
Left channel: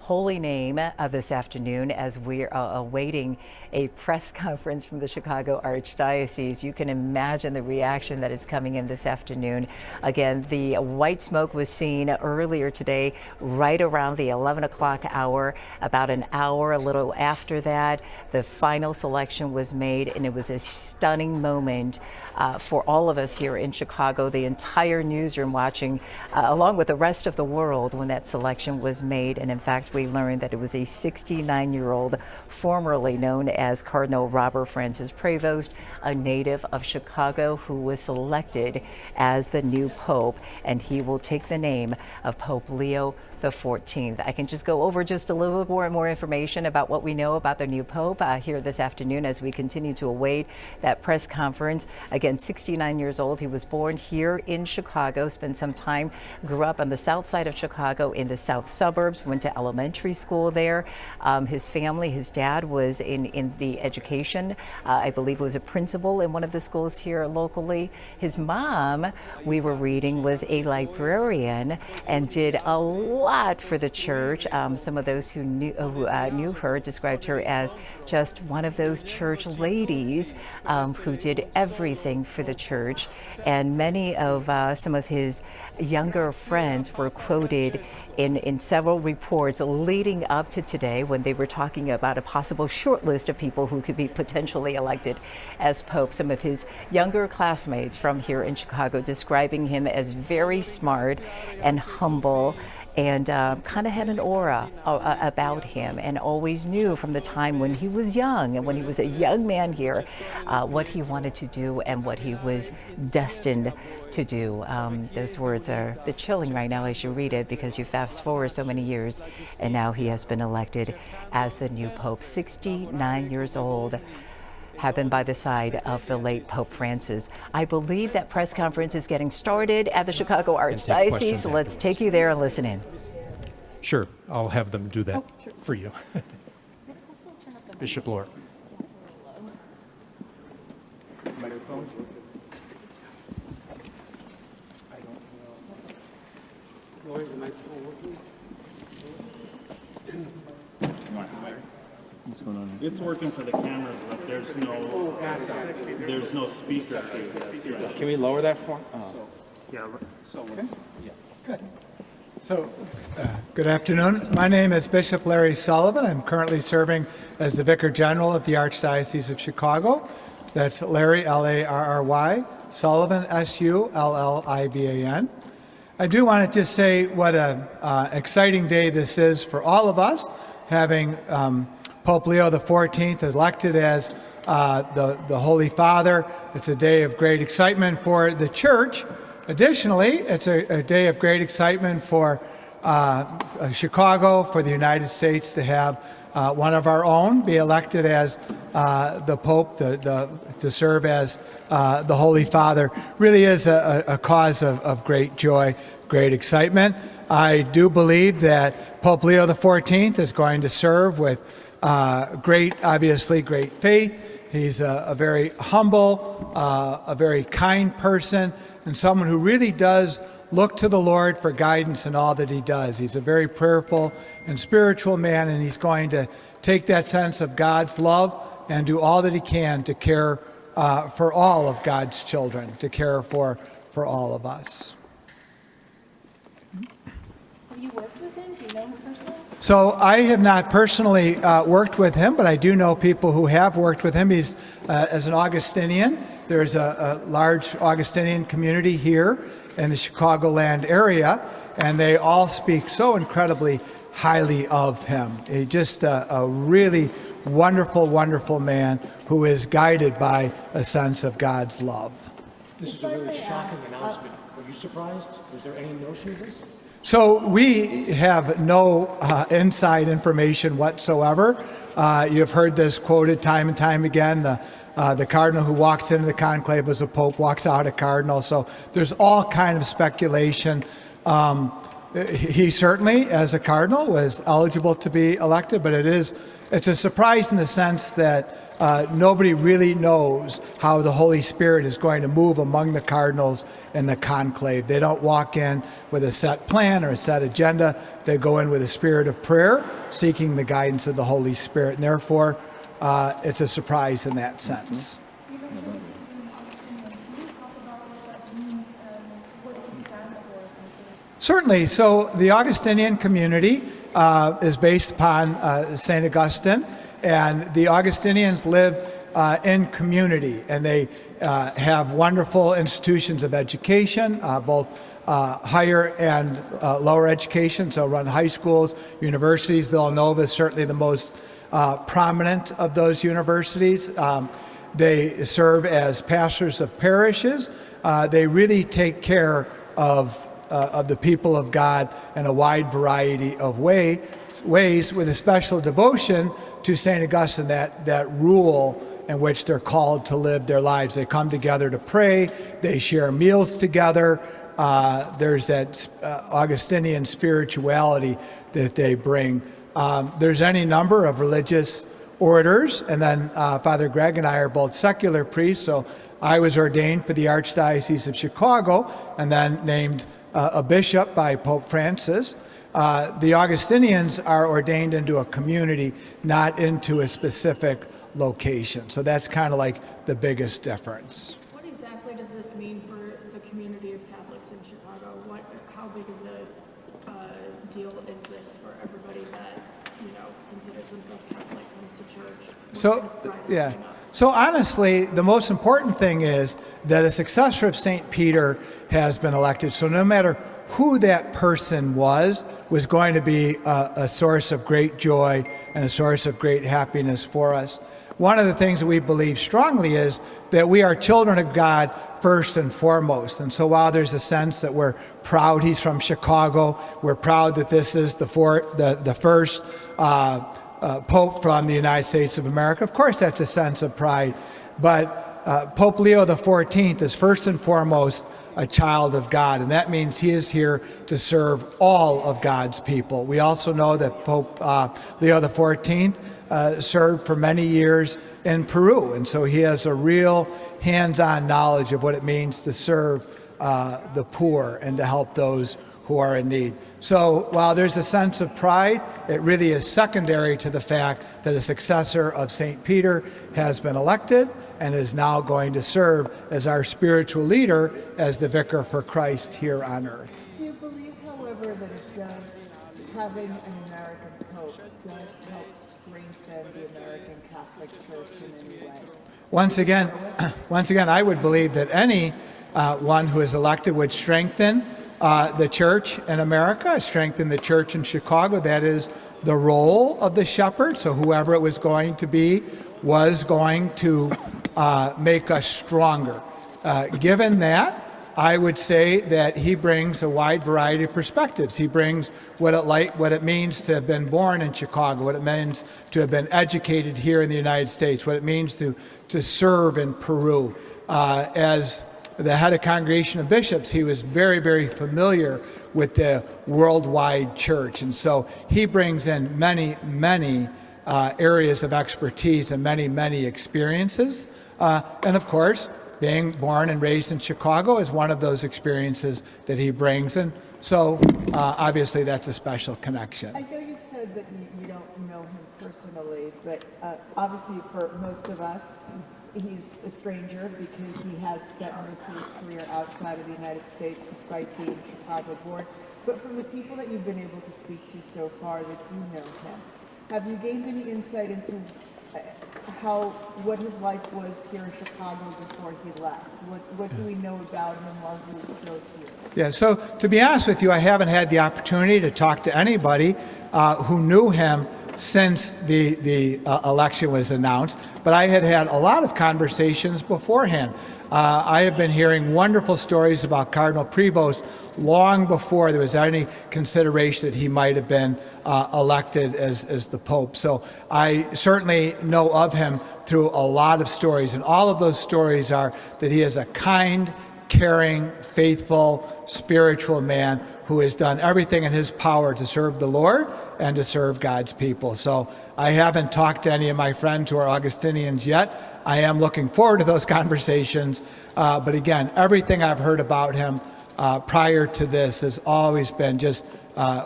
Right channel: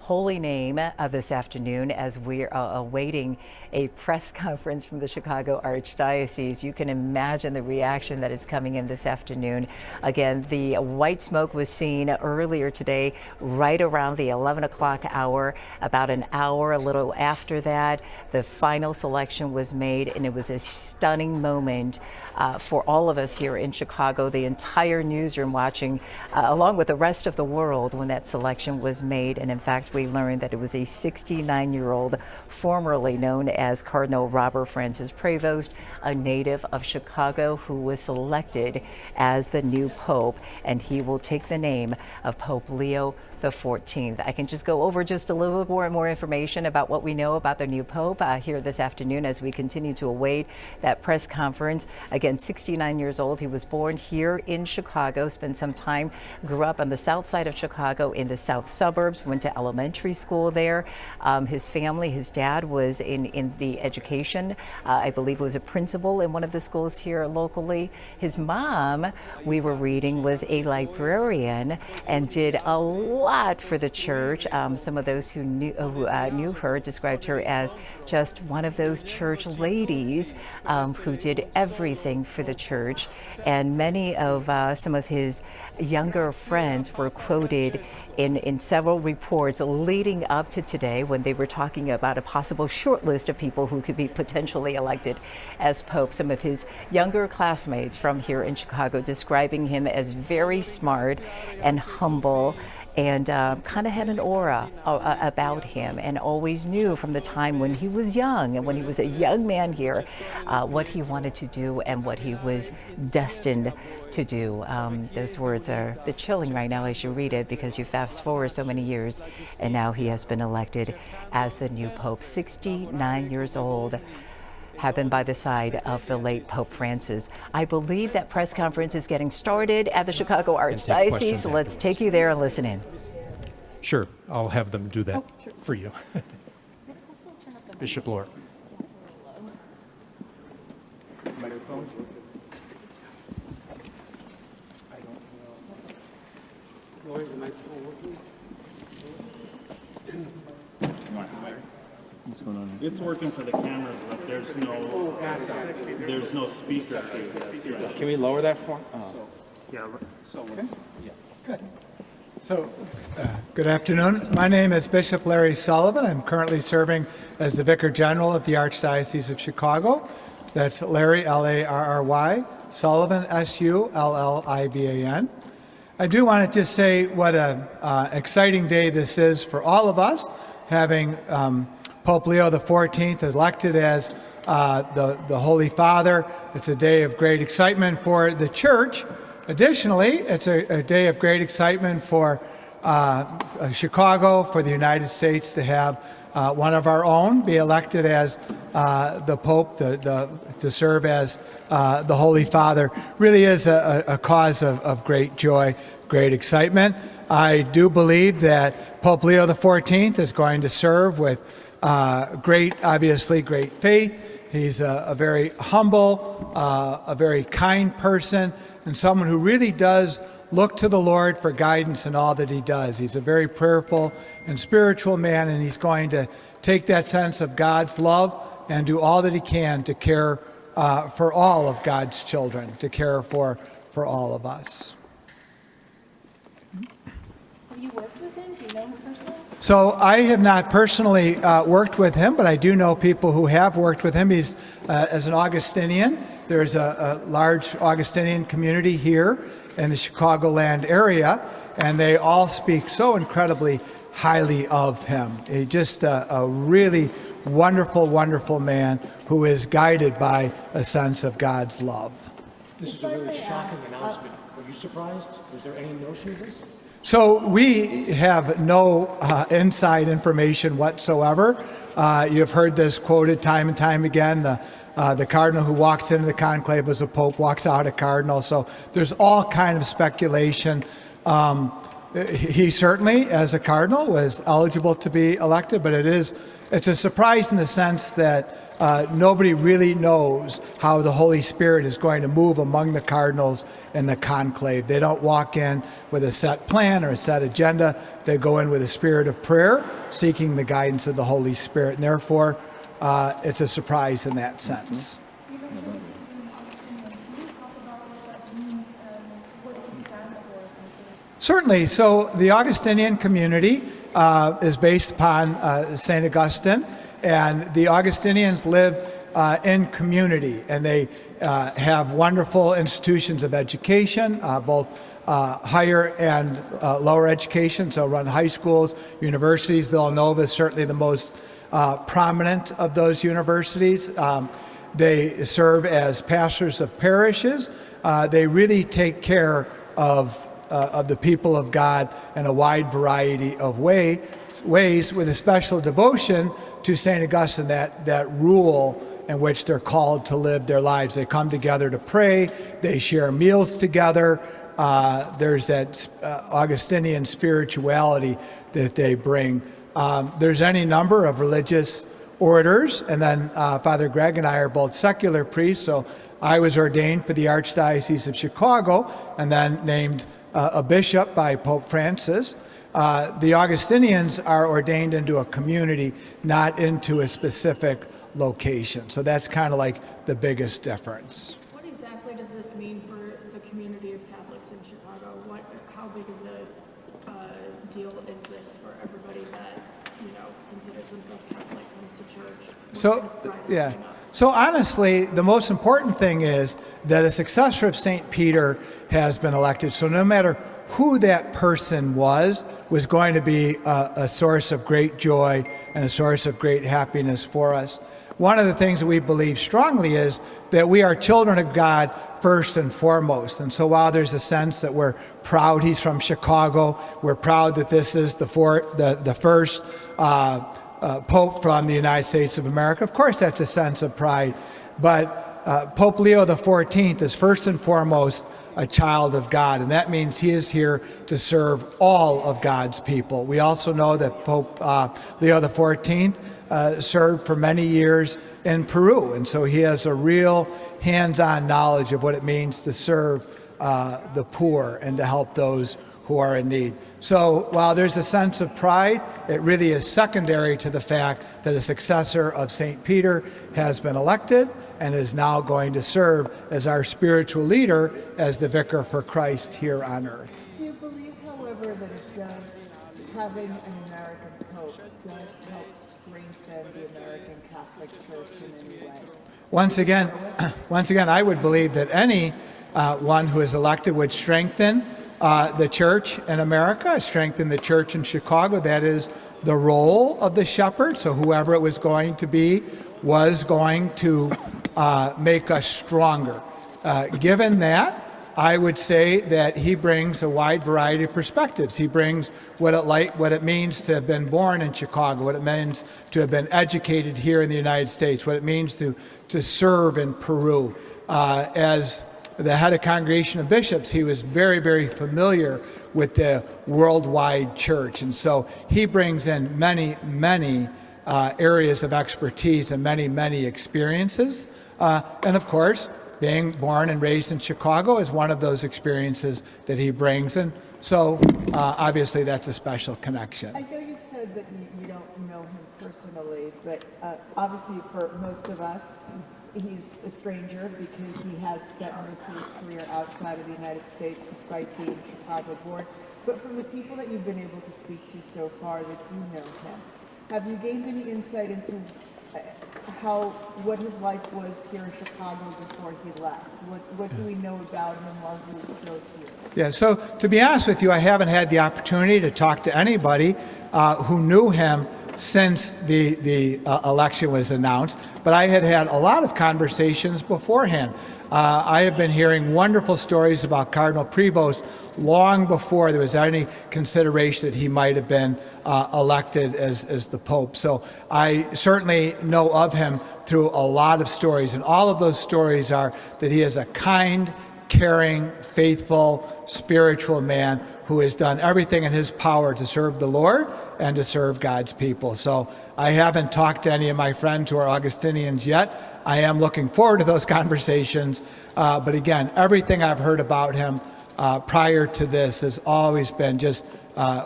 Holy Name this afternoon as we're awaiting a press conference from the Chicago Archdiocese. You can imagine the reaction that is coming in this afternoon. Again, the white smoke was seen earlier today, right around the 11 o'clock hour. About an hour, a little after that, the final selection was made, and it was a stunning moment for all of us here in Chicago, the entire newsroom watching, along with the rest of the world, when that selection was made. And in fact, we learned that it was a 69-year-old, formerly known as Cardinal Robert Francis Prevost, a native of Chicago, who was selected as the new Pope, and he will take the name of Pope Leo XIV. I can just go over just a little more information about what we know about the new Pope here this afternoon as we continue to await that press conference. Again, 69 years old. He was born here in Chicago, spent some time, grew up on the south side of Chicago in the south suburbs, went to elementary school there. His family, his dad was in the education, I believe was a principal in one of the schools here locally. His mom, we were reading, was a librarian and did a lot for the church. Some of those who knew her described her as just one of those church ladies who did everything for the church. And many of some of his younger friends were quoted in several reports leading up to today when they were talking about a possible short list of people who could be potentially elected as Pope. Some of his younger classmates from here in Chicago describing him as very smart and humble and kind of had an aura about him, and always knew from the time when he was young and when he was a young man here what he wanted to do and what he was destined to do. Those words are chilling right now as you read it, because you fast forward so many years and now he has been elected as the new Pope, 69 years old, have been by the side of the late Pope Francis. I believe that press conference is getting started at the Chicago Archdiocese. Let's take you there and listen in. Sure, I'll have them do that for you. Bishop Lord. Microphone. I don't know. Lord, is the microphone working? What's going on here? It's working for the cameras, but there's no speaker. Can we lower that for? Yeah. So yeah. Good. So, good afternoon. My name is Bishop Larry Sullivan. I'm currently serving as the Vicar General of the Archdiocese of Chicago. That's Larry, L-A-R-R-Y, Sullivan, S-U-L-L-I-V-A-N. I do want to just say what an exciting day this is for all of us, having Pope Leo XIV elected as the Holy Father. It's a day of great excitement for the Church. Additionally, it's a day of great excitement for Chicago, for the United States to have one of our own be elected as the Pope, to serve as the Holy Father. Really is a cause of great joy, great excitement. I do believe that Pope Leo XIV is going to serve with obviously great faith. He's a very humble, a very kind person, and someone who really does look to the Lord for guidance in all that he does. He's a very prayerful and spiritual man, and he's going to take that sense of God's love and do all that he can to care for all of God's children, to care for all of us. Have you worked with him? Do you know him personally? So I have not personally worked with him, but I do know people who have worked with him. He's as an Augustinian. There's a large Augustinian community here in the Chicagoland area, and they all speak so incredibly highly of him. He's just a really wonderful, wonderful man who is guided by a sense of God's love. This is a really shocking announcement. Were you surprised? Was there any notion of this? So we have no inside information whatsoever. You've heard this quoted time and time again. The cardinal who walks into the conclave as a pope walks out a cardinal. So there's all kind of speculation. He certainly, as a cardinal, was eligible to be elected, but it's a surprise in the sense that nobody really knows how the Holy Spirit is going to move among the cardinals in the conclave. They don't walk in with a set plan or a set agenda. They go in with a spirit of prayer, seeking the guidance of the Holy Spirit, and therefore it's a surprise in that sense. Certainly. So the Augustinian community is based upon St. Augustine, and the Augustinians live in community, and they have wonderful institutions of education, both higher and lower education, so run high schools, universities. Villanova is certainly the most prominent of those universities. They serve as pastors of parishes. They really take care of the people of God in a wide variety of ways, with a special devotion to St. Augustine, that rule in which they're called to live their lives. They come together to pray, they share meals together. There's that Augustinian spirituality that they bring. There's any number of religious orders, and then Father Greg and I are both secular priests, so I was ordained for the Archdiocese of Chicago and then named a bishop by Pope Francis. The Augustinians are ordained into a community, not into a specific location. So that's kind of like the biggest difference. What exactly does this mean for the community of Catholics in Chicago? How big of a deal is this for everybody that considers himself Catholic, comes to church. So, yeah. So honestly, the most important thing is that a successor of St. Peter has been elected. So no matter who that person was going to be a source of great joy and a source of great happiness for us. One of the things that we believe strongly is that we are children of God first and foremost. And so while there's a sense that we're proud he's from Chicago, we're proud that this is the first Pope from the United States of America, of course that's a sense of pride. But Pope Leo XIV is first and foremost a child of God, and that means he is here to serve all of God's people. We also know that Pope Leo XIV served for many years in Peru, and so he has a real hands-on knowledge of what it means to serve the poor and to help those who are in need. So while there's a sense of pride, it really is secondary to the fact that a successor of St. Peter has been elected and is now going to serve as our spiritual leader as the vicar for Christ here on earth. Do you believe, however, that it does, having an American Pope does help strengthen the American Catholic Church in any way? Once again, I would believe that any one who is elected would strengthen the church in America, strengthen the church in Chicago. That is the role of the shepherd. So whoever it was going to be was going to make us stronger. Given that, I would say that he brings a wide variety of perspectives. He brings what it means to have been born in Chicago, what it means to have been educated here in the United States, what it means to serve in Peru. As the head of Congregation of Bishops, he was very, very familiar with the worldwide church. And so he brings in many, many areas of expertise and many, many experiences. And of course, being born and raised in Chicago is one of those experiences that he brings. And so obviously that's a special connection. I know you said that you don't know him personally, but obviously for most of us, he's a stranger because he has spent most of his career outside of the United States despite being Chicago born. But from the people that you've been able to speak to so far that do know him, have you gained any insight into what his life was here in Chicago before he left? What do we know about him while he was still here? Yeah, so to be honest with you, I haven't had the opportunity to talk to anybody who knew him since the election was announced, but I had had a lot of conversations beforehand. I have been hearing wonderful stories about Cardinal Prevost long before there was any consideration that he might have been elected as the Pope. So I certainly know of him through a lot of stories, and all of those stories are that he is a kind, caring, faithful, spiritual man who has done everything in his power to serve the Lord and to serve God's people. So I haven't talked to any of my friends who are Augustinians yet. I am looking forward to those conversations. But again, everything I've heard about him prior to this has always been just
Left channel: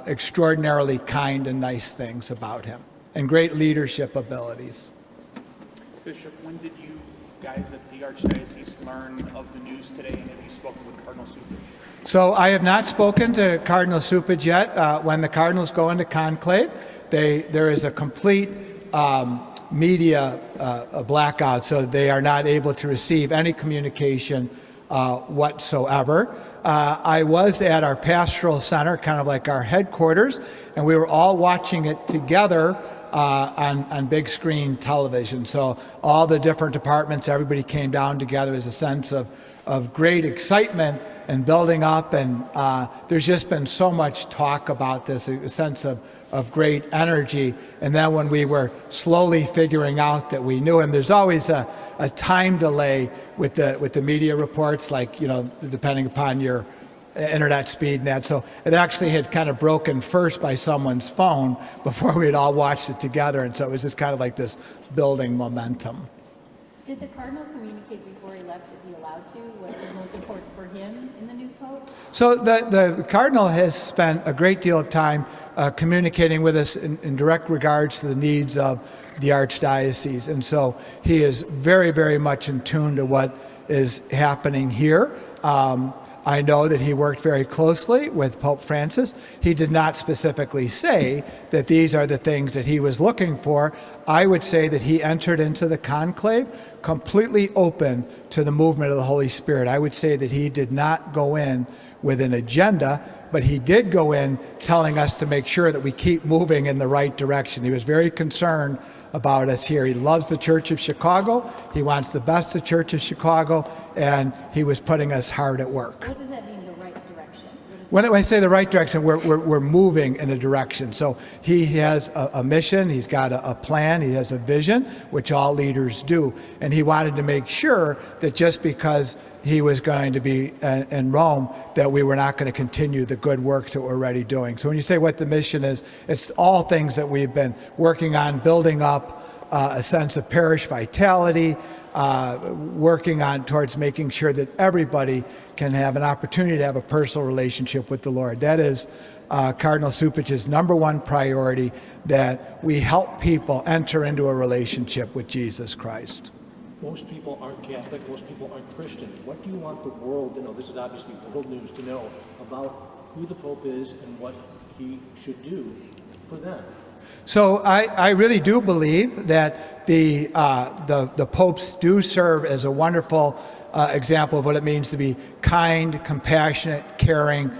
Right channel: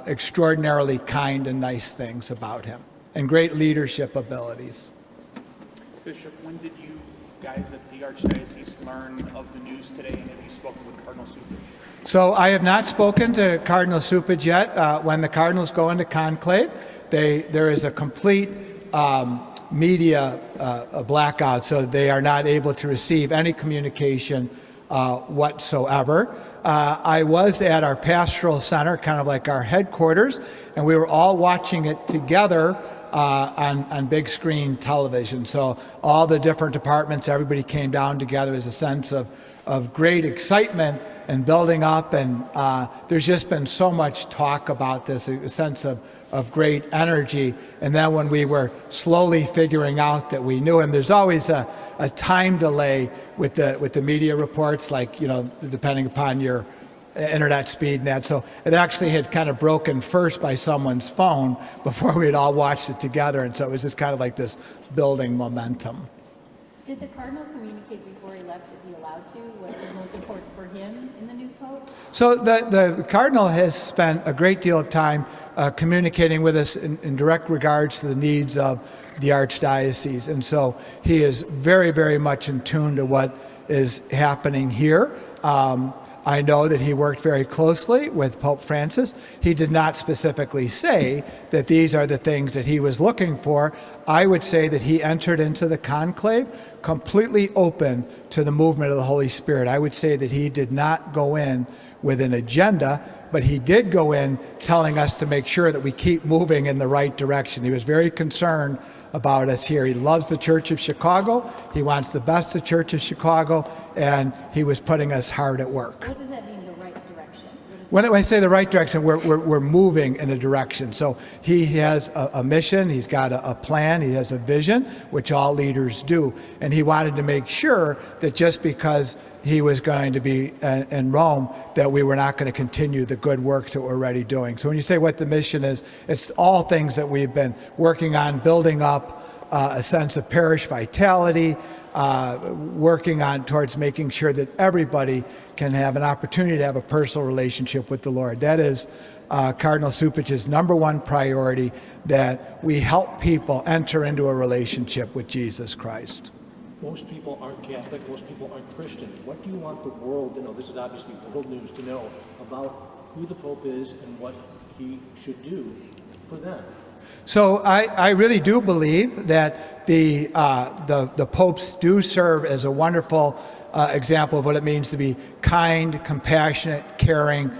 extraordinarily kind and nice things about him and great leadership abilities. Bishop, when did you guys at the Archdiocese learn of the news today, and have you spoken with Cardinal Supage? So I have not spoken to Cardinal Supage yet. When the cardinals go into conclave, there is a complete media blackout, so they are not able to receive any communication whatsoever. I was at our pastoral center, kind of like our headquarters, and we were all watching it together on big screen television. So all the different departments, everybody came down together as a sense of great excitement and building up, and there's just been so much talk about this, a sense of great energy. And then when we were slowly figuring out that we knew him, there's always a time delay with the media reports, like, depending upon your internet speed and that. So it actually had kind of broken first by someone's phone before we had all watched it together, and so it was just kind of like this building momentum. Did the Cardinal communicate before he left? Is he allowed to? What is most important for him in the new Pope? So the Cardinal has spent a great deal of time communicating with us in direct regards to the needs of the Archdiocese. And so he is very, very much in tune to what is happening here. I know that he worked very closely with Pope Francis. He did not specifically say that these are the things that he was looking for. I would say that he entered into the conclave completely open to the movement of the Holy Spirit. I would say that he did not go in with an agenda, but he did go in telling us to make sure that we keep moving in the right direction. He was very concerned about us here. He loves the Church of Chicago. He wants the best of Church of Chicago, and he was putting us hard at work. What does that mean, the right direction? When I say the right direction, we're moving in a direction. So he has a mission, he's got a plan, he has a vision, which all leaders do. And he wanted to make sure that just because he was going to be in Rome, that we were not going to continue the good works that we're already doing. So when you say what the mission is, it's all things that we've been working on, building up a sense of parish vitality, working on towards making sure that everybody can have an opportunity to have a personal relationship with the Lord. That is Cardinal Cupich's number one priority, that we help people enter into a relationship with Jesus Christ. Most people aren't Catholic, most people aren't Christian. What do you want the world to know? This is obviously world news, to know about who the Pope is and what he should do for them. So I really do believe that the popes do serve as a wonderful example of what it means to be kind, compassionate, caring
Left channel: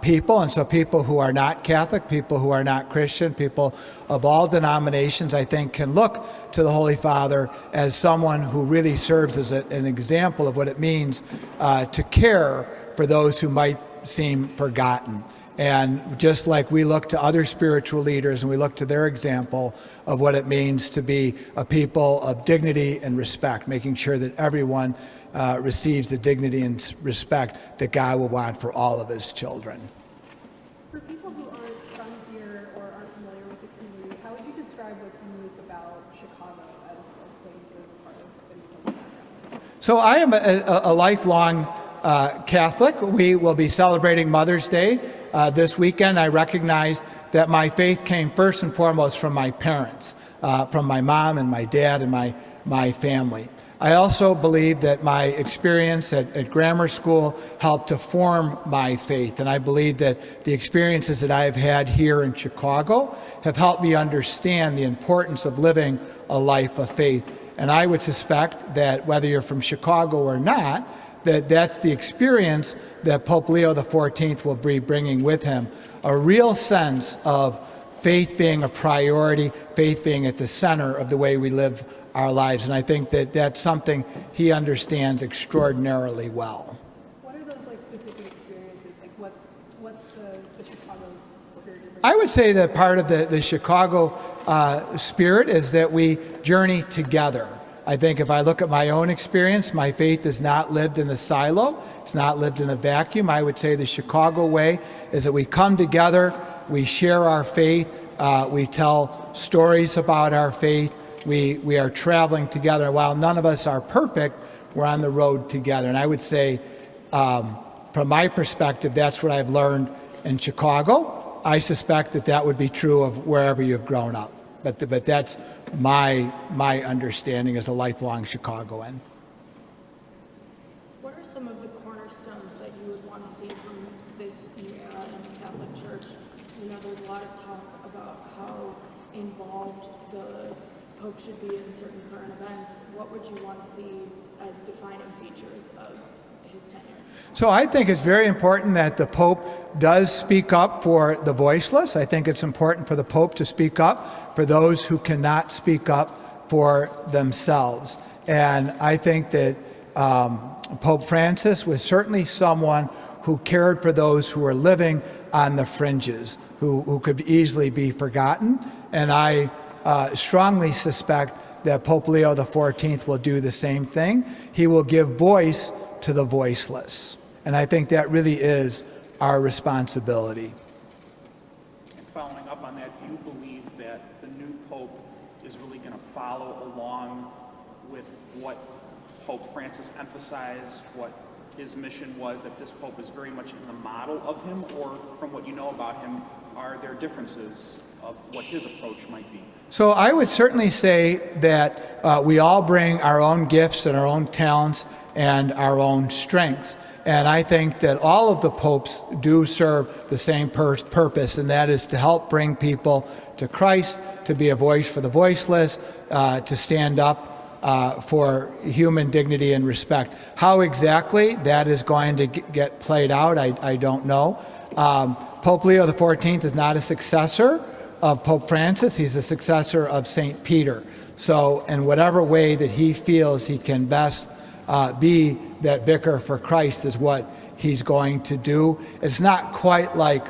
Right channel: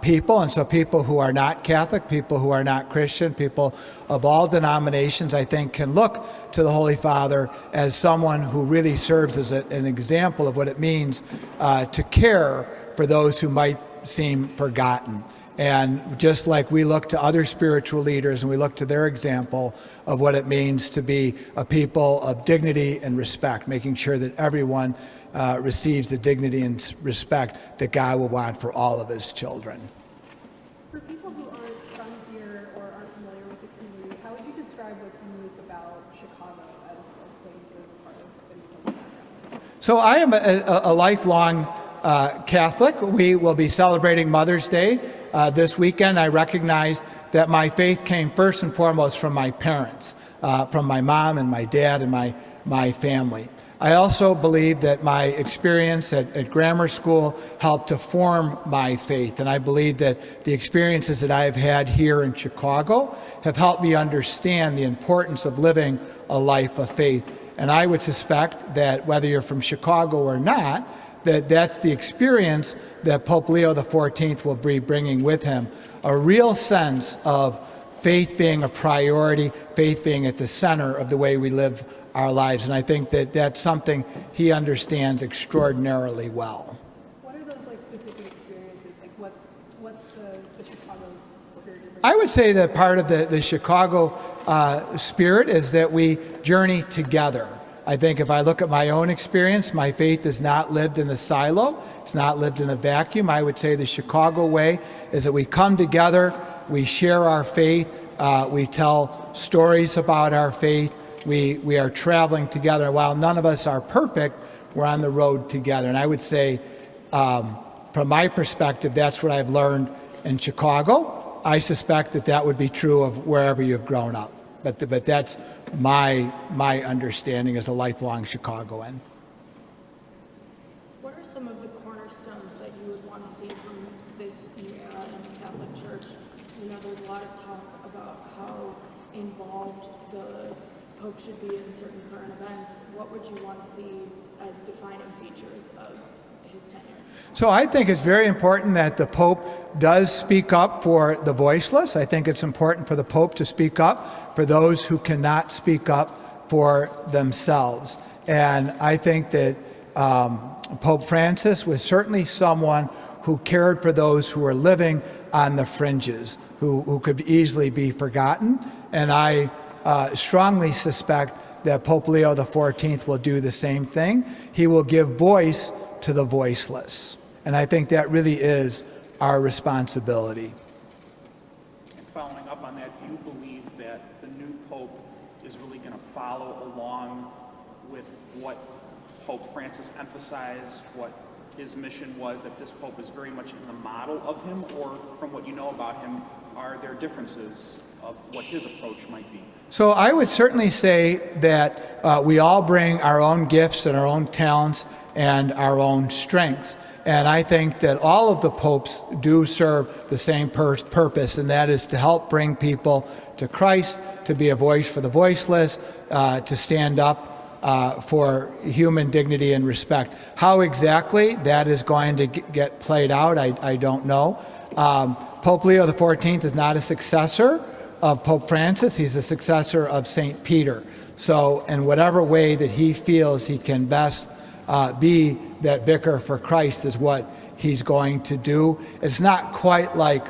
people. And so people who are not Catholic, people who are not Christian, people of all denominations, I think, can look to the Holy Father as someone who really serves as an example of what it means to care for those who might seem forgotten. And just like we look to other spiritual leaders and we look to their example of what it means to be a people of dignity and respect, making sure that everyone receives the dignity and respect that God will want for all of his children. For people who aren't from here or aren't familiar with the community, how would you describe what's unique about Chicago as a place as part of the background? So I am a lifelong Catholic. We will be celebrating Mother's Day this weekend. I recognize that my faith came first and foremost from my parents, from my mom and my dad and my family. I also believe that my experience at grammar school helped to form my faith, and I believe that the experiences that I've had here in Chicago have helped me understand the importance of living a life of faith. And I would suspect that whether you're from Chicago or not, that's the experience that Pope Leo XIV will be bringing with him, a real sense of faith being a priority, faith being at the center of the way we live our lives. And I think that that's something he understands extraordinarily well. What are those specific experiences? What's the Chicago spirit? I would say that part of the Chicago spirit is that we journey together. I think if I look at my own experience, my faith is not lived in a silo. It's not lived in a vacuum. I would say the Chicago way is that we come together, we share our faith, we tell stories about our faith, we are traveling together. While none of us are perfect, we're on the road together. And I would say, from my perspective, that's what I've learned in Chicago. I suspect that would be true of wherever you've grown up. But that's my understanding as a lifelong Chicagoan. What are some of the cornerstones that you would want to see from this new era in the Catholic Church? There's a lot of talk about how involved the Pope should be in certain current events. What would you want to see as defining features of his tenure? So I think it's very important that the Pope does speak up for the voiceless. I think it's important for the Pope to speak up for those who cannot speak up for themselves. And I think that Pope Francis was certainly someone who cared for those who were living on the fringes, who could easily be forgotten. And I strongly suspect that Pope Leo XIV will do the same thing. He will give voice to the voiceless. And I think that really is our responsibility. And following up on that, do you believe that the new Pope is really going to follow along with what Pope Francis emphasized, what his mission was, that this Pope is very much in the model of him, or from what you know about him, are there differences of what his approach might be? So I would certainly say that we all bring our own gifts and our own talents and our own strengths. And I think that all of the popes do serve the same purpose, and that is to help bring people to Christ, to be a voice for the voiceless, to stand up for human dignity and respect. How exactly that is going to get played out, I don't know. Pope Leo XIV is not a successor of Pope Francis. He's a successor of St. Peter. So in whatever way that he feels he can best be that vicar for Christ is what he's going to do. It's not quite like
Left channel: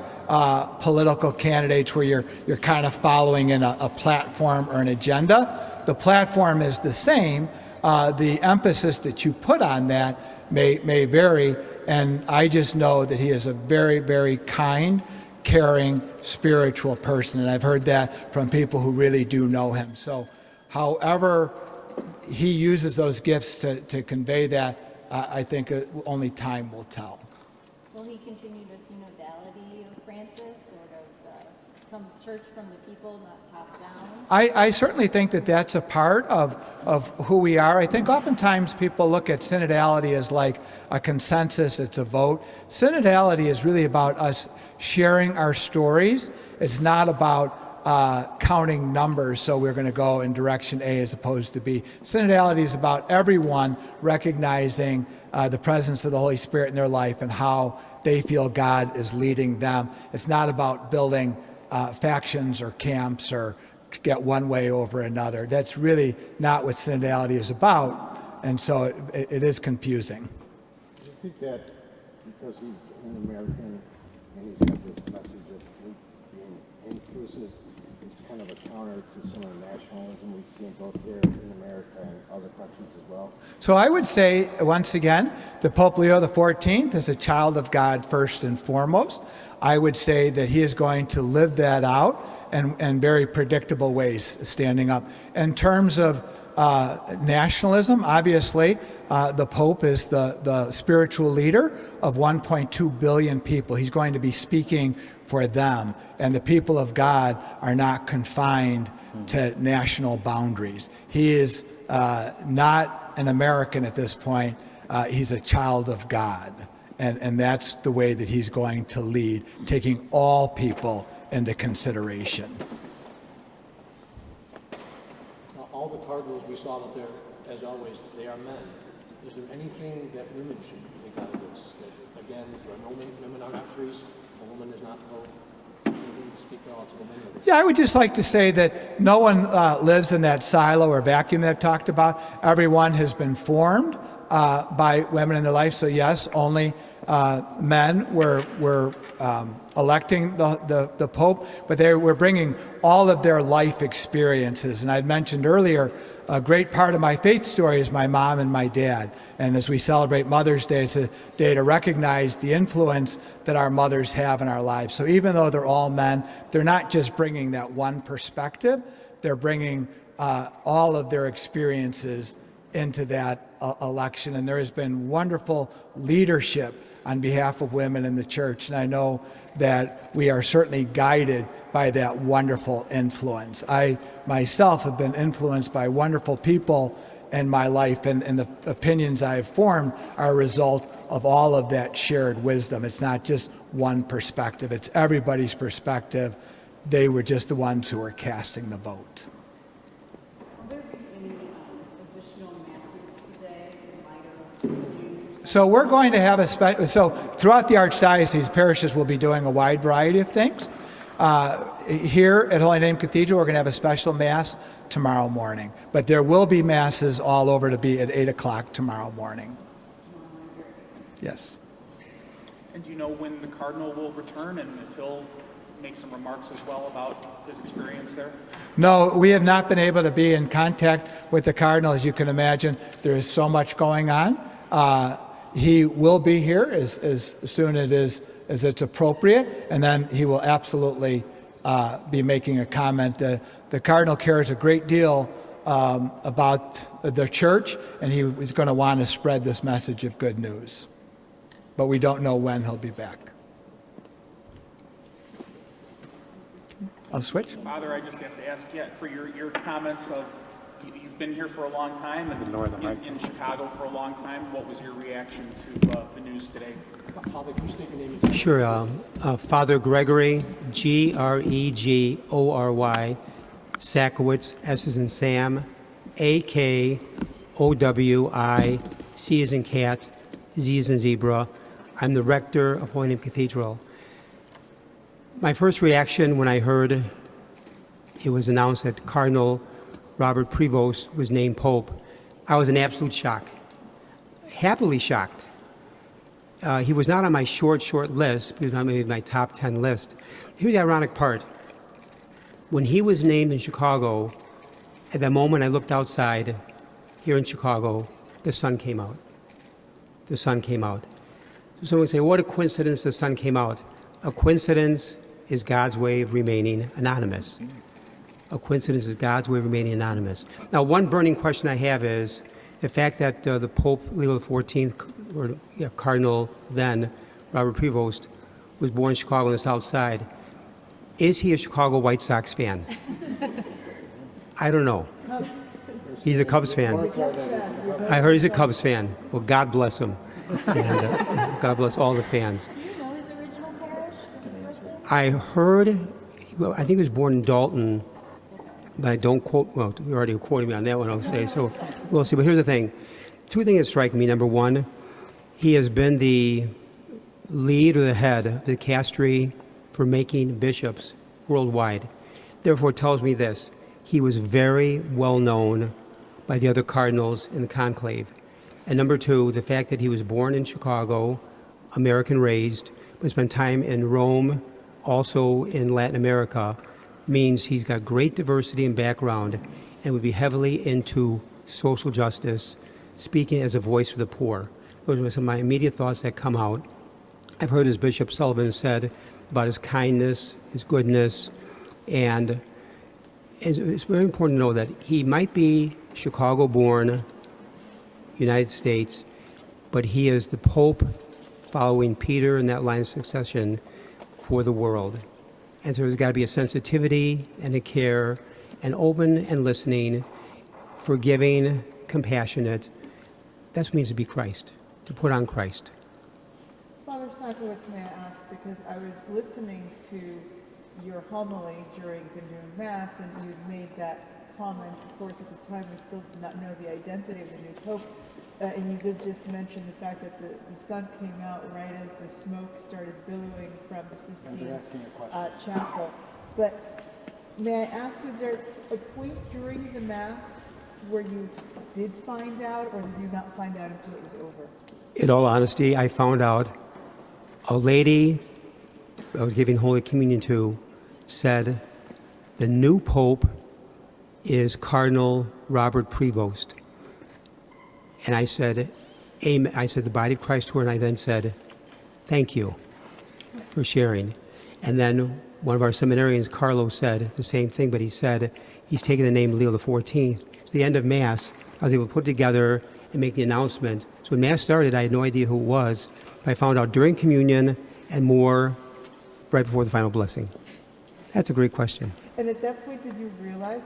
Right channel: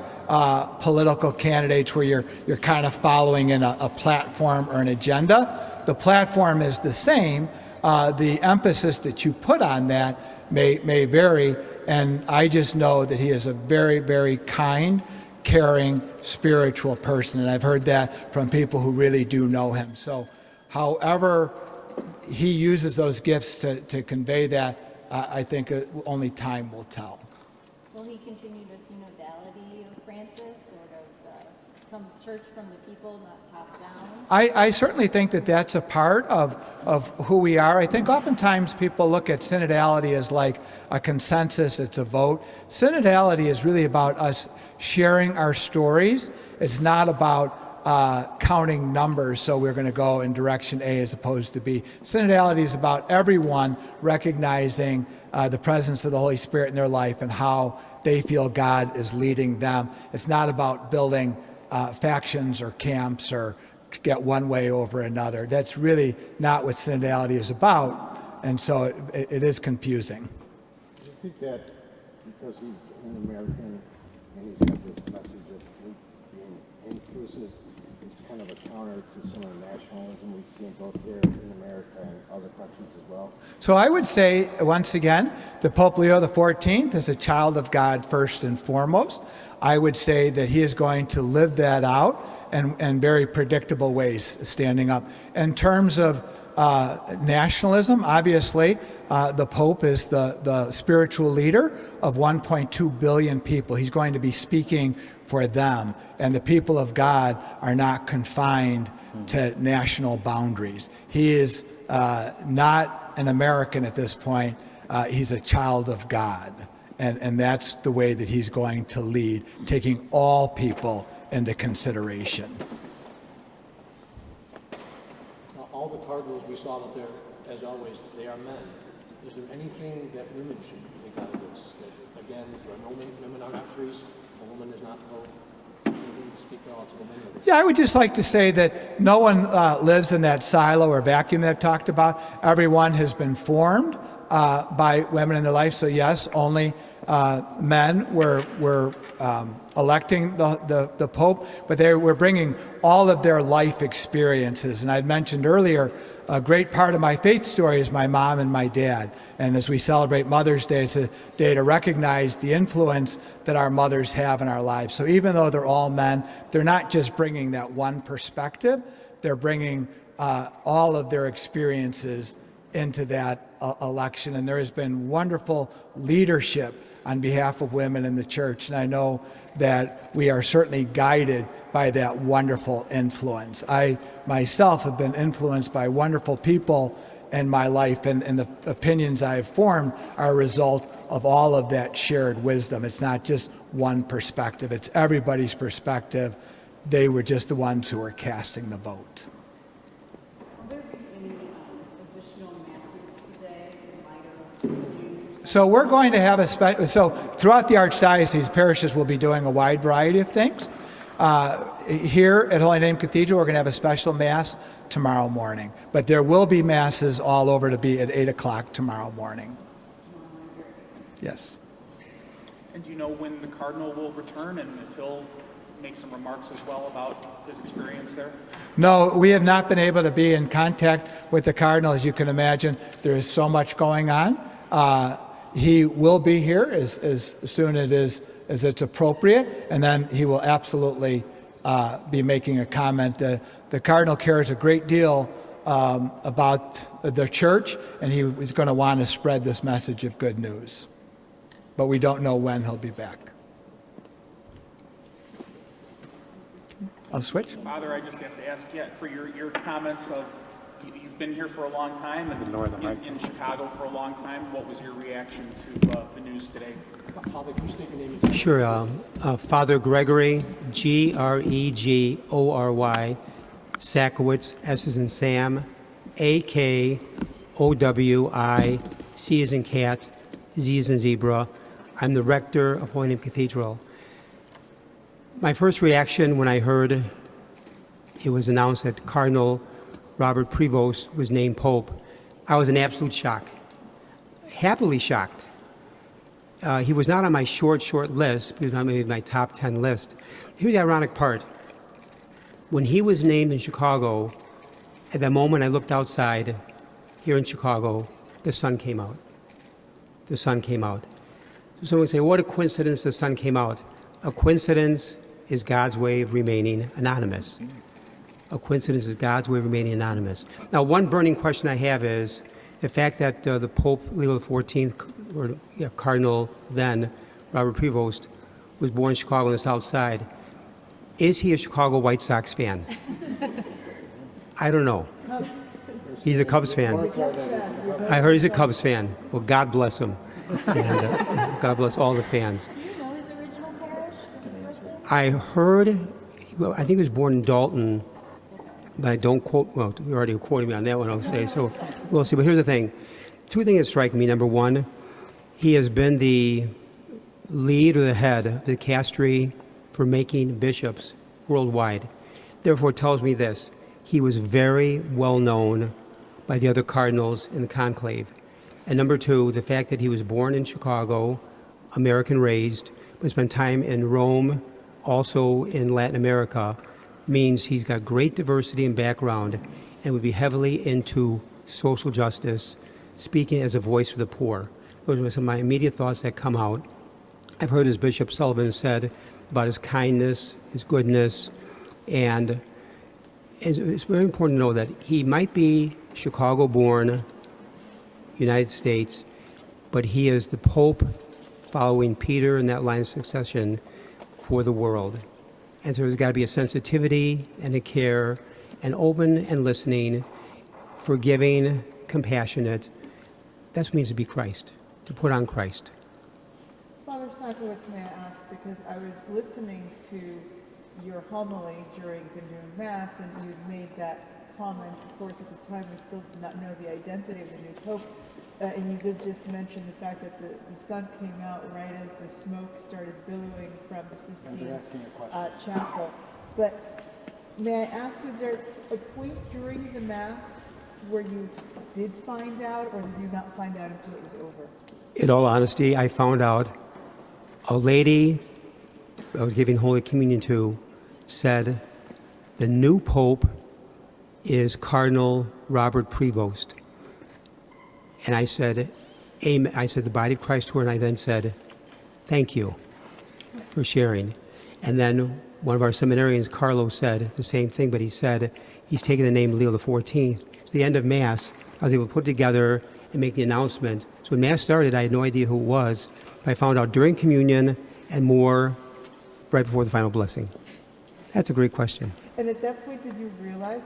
political candidates where you're kind of following in a platform or an agenda. The platform is the same. The emphasis that you put on that may vary, and I just know that he is a very, very kind, caring, spiritual person, and I've heard that from people who really do know him. So however he uses those gifts to convey that, I think only time will tell. Will he continue the synodality of Francis, sort of come church from the people, not top down? I certainly think that that's a part of who we are. I think oftentimes people look at synodality as like a consensus, it's a vote. Synodality is really about us sharing our stories. It's not about counting numbers, so we're going to go in direction A as opposed to B. Synodality is about everyone recognizing the presence of the Holy Spirit in their life and how they feel God is leading them. It's not about building factions or camps or get one way over another. That's really not what synodality is about, and so it is confusing. Do you think that because he's an American and he's got this message of being inclusive, it's kind of a counter to some of the nationalism we've seen both here in America and other countries as well? So I would say, once again, that Pope Leo XIV is a child of God first and foremost. I would say that he is going to live that out in very predictable ways, standing up. In terms of nationalism, obviously, the Pope is the spiritual leader of 1.2 billion people. He's going to be speaking for them, and the people of God are not confined to national boundaries. He is not an American at this point. He's a child of God, and that's the way that he's going to lead, taking all people into consideration. All the cardinals we saw out there, as always, they are men. Is there anything that women should take out of this? That, again, there are no women are not priests, a woman is not pope. Anything to speak out to the men of it? Yeah, I would just like to say that no one lives in that silo or vacuum that I've talked about. Everyone has been formed by women in their life. So yes, only men were electing the Pope, but they were bringing all of their life experiences. And I'd mentioned earlier, a great part of my faith story is my mom and my dad. And as we celebrate Mother's Day, it's a day to recognize the influence that our mothers have in our lives. So even though they're all men, they're not just bringing that one perspective, they're bringing all of their experiences into that election. And there has been wonderful leadership on behalf of women in the church. And I know that we are certainly guided by that wonderful influence. I myself have been influenced by wonderful people in my life, and the opinions I've formed are a result of all of that shared wisdom. It's not just one perspective, it's everybody's perspective. They were just the ones who were casting the vote. So we're going to have so throughout the Archdiocese, parishes will be doing a wide variety of things. Here at Holy Name Cathedral, we're going to have a special Mass tomorrow morning. But there will be Masses all over to be at 8 o'clock tomorrow morning. Yes. And do you know when the Cardinal will return and if he'll make some remarks as well about his experience there? No, we have not been able to be in contact with the Cardinal. As you can imagine, there is so much going on. He will be here as soon as it's appropriate, and then he will absolutely be making a comment. The Cardinal cares a great deal about the church, and he is going to want to spread this message of good news. But we don't know when he'll be back. I'll switch. Father, I just have to ask you for your comments of You've been here for a long time and in Chicago for a long time. What was your reaction to the news today? Father, can you state your name? Sure. Father Gregory, Gregory, Sakowitz, S as in Sam, Akowi, C as in cat, Z as in zebra. I'm the rector of Holy Name Cathedral. My first reaction when I heard it was announced that Cardinal Robert Prevost was named Pope, I was in absolute shock. Happily shocked. He was not on my short list. He was on maybe my top 10 list. Here's the ironic part. When he was named in Chicago, at that moment I looked outside here in Chicago, the sun came out. The sun came out. So someone would say, what a coincidence the sun came out. A coincidence is God's way of remaining anonymous. A coincidence is God's way of remaining anonymous. Now, one burning question I have is the fact that the Pope, Leo XIV, or Cardinal then, Robert Prevost, was born in Chicago on the South Side. Is he a Chicago White Sox fan? I don't know. He's a Cubs fan. I heard he's a Cubs fan. Well, God bless him. And, God bless all the fans. Do you know his original parish? I heard, I think he was born in Dalton, but I don't quote, well, you already quoted me on that one, I'll say, so we'll see. But here's the thing. Two things that strike me. Number one, he has been the lead or the head of the castery for making bishops worldwide. Therefore, it tells me this. He was very well known by the other cardinals in the conclave. And number two, the fact that he was born in Chicago, American raised, but spent time in Rome, also in Latin America, means he's got great diversity and background and would be heavily into social justice, speaking as a voice for the poor. Those are some of my immediate thoughts that come out. I've heard, as Bishop Sullivan said, about his kindness, his goodness, and it's very important to know that he might be Chicago-born, United States, but he is the Pope following Peter in that line of succession for the world. And so there's got to be a sensitivity and a care and open and listening, forgiving, compassionate. That's what it means to be Christ, to put on Christ. Father Sakowitz, may I ask, because I was listening to your homily during the noon Mass, and you made that comment. Of course, at the time, we still did not know the identity of the new Pope. And you did just mention the fact that the sun came out right as the smoke started billowing from the Sistine Chapel. But may I ask, was there a point during the Mass where you did find out, or did you not find out until it was over? In all honesty, I found out a lady I was giving Holy Communion to said the new Pope is Cardinal Robert Prevost. And I said, amen. I said the body of Christ to her, and I then said, thank you for sharing. And then one of our seminarians, Carlo, said the same thing, but he said he's taken the name Leo XIV. At the end of Mass, I was able to put together and make the announcement. So when Mass started, I had no idea who it was, but I found out during communion and more right before the final blessing. That's a great question. And at that point, did you realize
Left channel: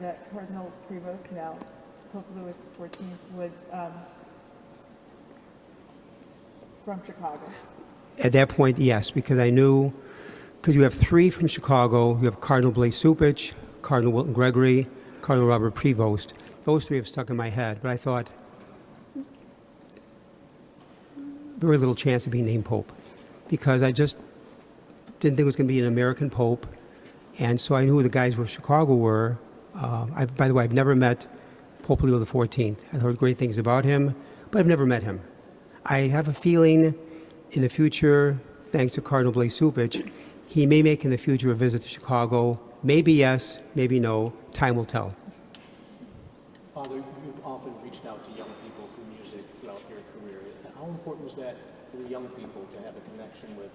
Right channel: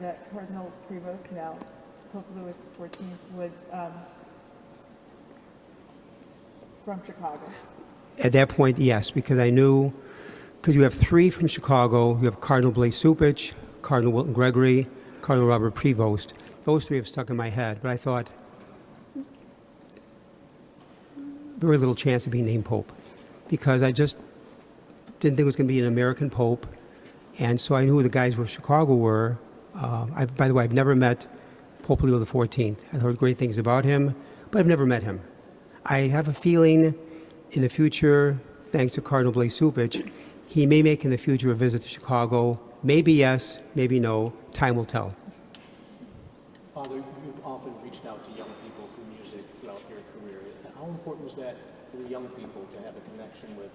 that Cardinal Prevost, now Pope Louis XIV, was from Chicago? At that point, yes, because I knew, because you have three from Chicago. You have Cardinal Blaise Supich, Cardinal Wilton Gregory, Cardinal Robert Prevost. Those three have stuck in my head, but I thought, very little chance of being named Pope, because I just didn't think it was going to be an American Pope. And so I knew who the guys from Chicago were. By the way, I've never met Pope Leo XIV. I've heard great things about him, but I've never met him. I have a feeling in the future, thanks to Cardinal Blaise Supich, he may make in the future a visit to Chicago. Maybe yes, maybe no. Time will tell. Father, you've often reached out to young people through music throughout your career. How important is that for the young people to have a connection with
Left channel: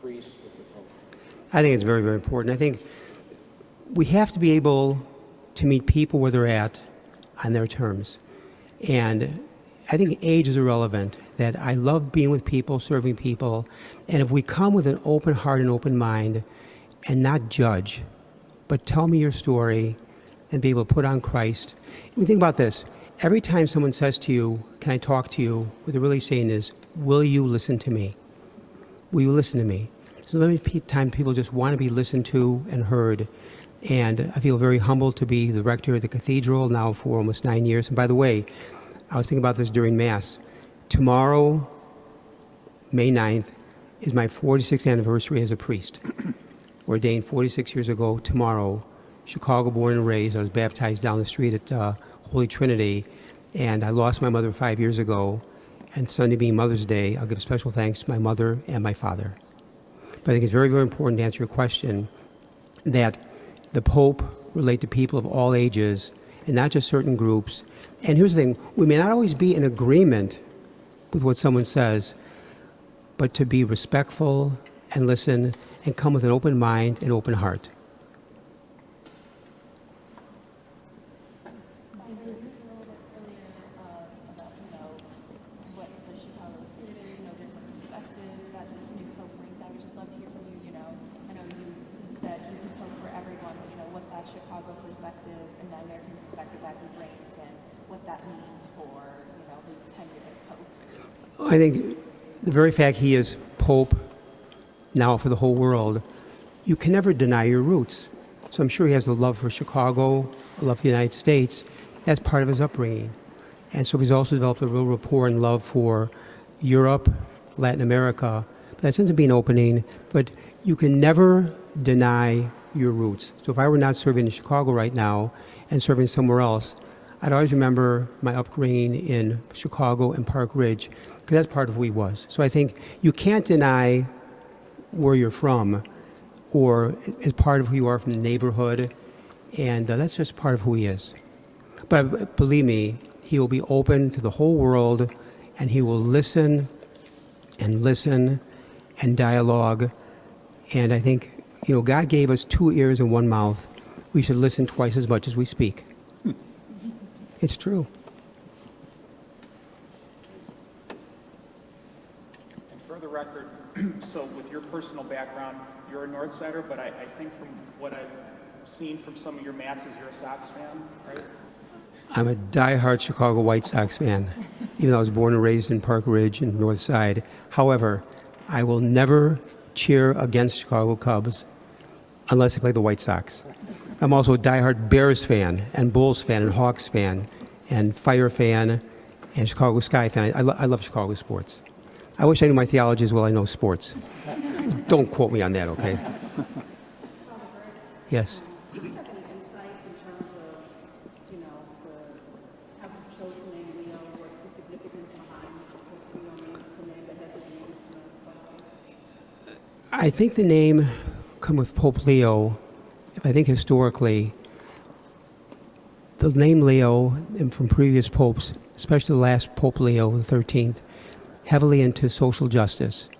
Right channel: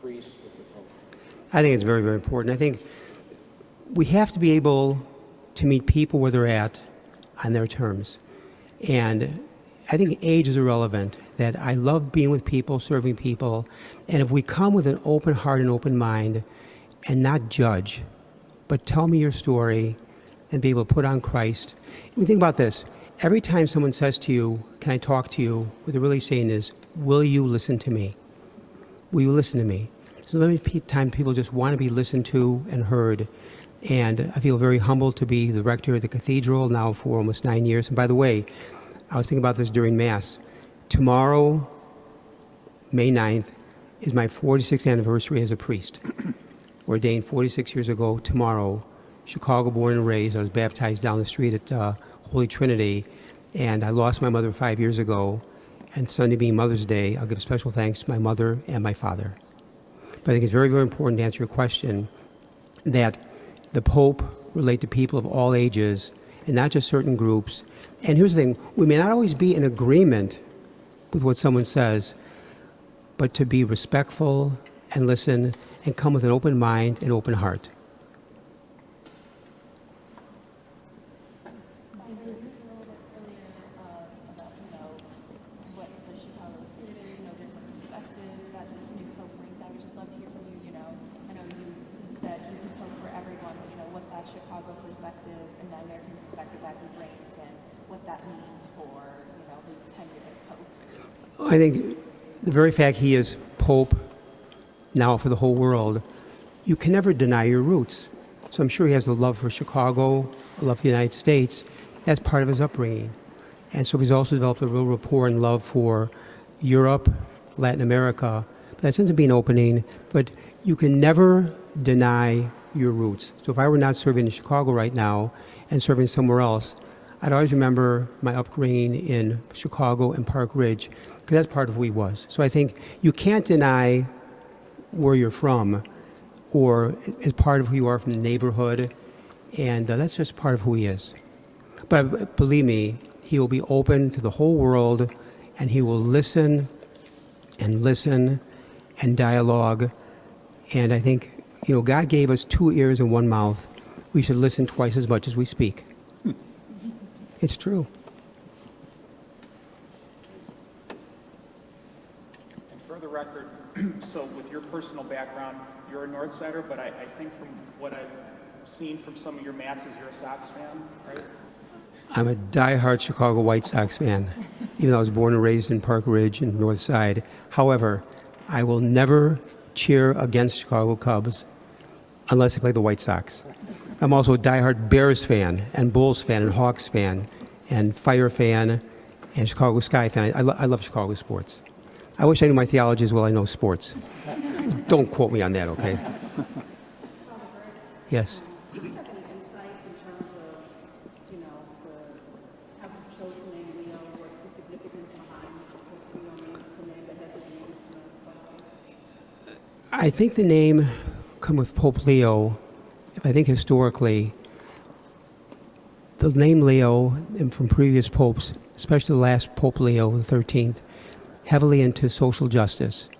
priests, with the Pope? I think it's very, very important. I think we have to be able to meet people where they're at on their terms. And I think age is irrelevant, that I love being with people, serving people. And if we come with an open heart and open mind and not judge, but tell me your story, and be able to put on Christ. And think about this. Every time someone says to you, can I talk to you, what they're really saying is, will you listen to me? Will you listen to me? So many times people just want to be listened to and heard. And I feel very humbled to be the rector of the cathedral now for almost 9 years. And by the way, I was thinking about this during Mass. Tomorrow, May 9th, is my 46th anniversary as a priest. Ordained 46 years ago tomorrow. Chicago born and raised. I was baptized down the street at Holy Trinity. And I lost my mother 5 years ago. And Sunday being Mother's Day, I'll give special thanks to my mother and my father. But I think it's very, very important to answer your question that the Pope relate to people of all ages and not just certain groups. And here's the thing, we may not always be in agreement with what someone says, but to be respectful and listen and come with an open mind and open heart. I think the very fact he is Pope now for the whole world, you can never deny your roots. So I'm sure he has a love for Chicago, a love for the United States. That's part of his upbringing. And so he's also developed a real rapport and love for Europe, Latin America. But that ends up being opening, but you can never deny your roots. So if I were not serving in Chicago right now and serving somewhere else, I'd always remember my upbringing in Chicago and Park Ridge, because that's part of who he was. So I think you can't deny where you're from or as part of who you are from the neighborhood, and that's just part of who he is. But believe me, he will be open to the whole world, and he will listen and dialogue. And I think, God gave us 2 ears and 1 mouth. We should listen twice as much as we speak. It's true. And for the record, so with your personal background, you're a North Sider, but I think from what I've seen from some of your masses, you're a Sox fan, right? I'm a diehard Chicago White Sox fan, even though I was born and raised in Park Ridge and North Side. However, I will never cheer against Chicago Cubs unless they play the White Sox. I'm also a diehard Bears fan and Bulls fan and Hawks fan and Fire fan and Chicago Sky fan. I love Chicago sports. I wish I knew my theology as well I know sports. Don't quote me on that, okay? Yes. Do you have any insight in terms of, the Catholic Church name Leo, what the significance behind Leo means to name that has a name? I think the name come with Pope Leo. I think historically, the name Leo, and from previous popes, especially the last Pope Leo XIII, heavily into social justice.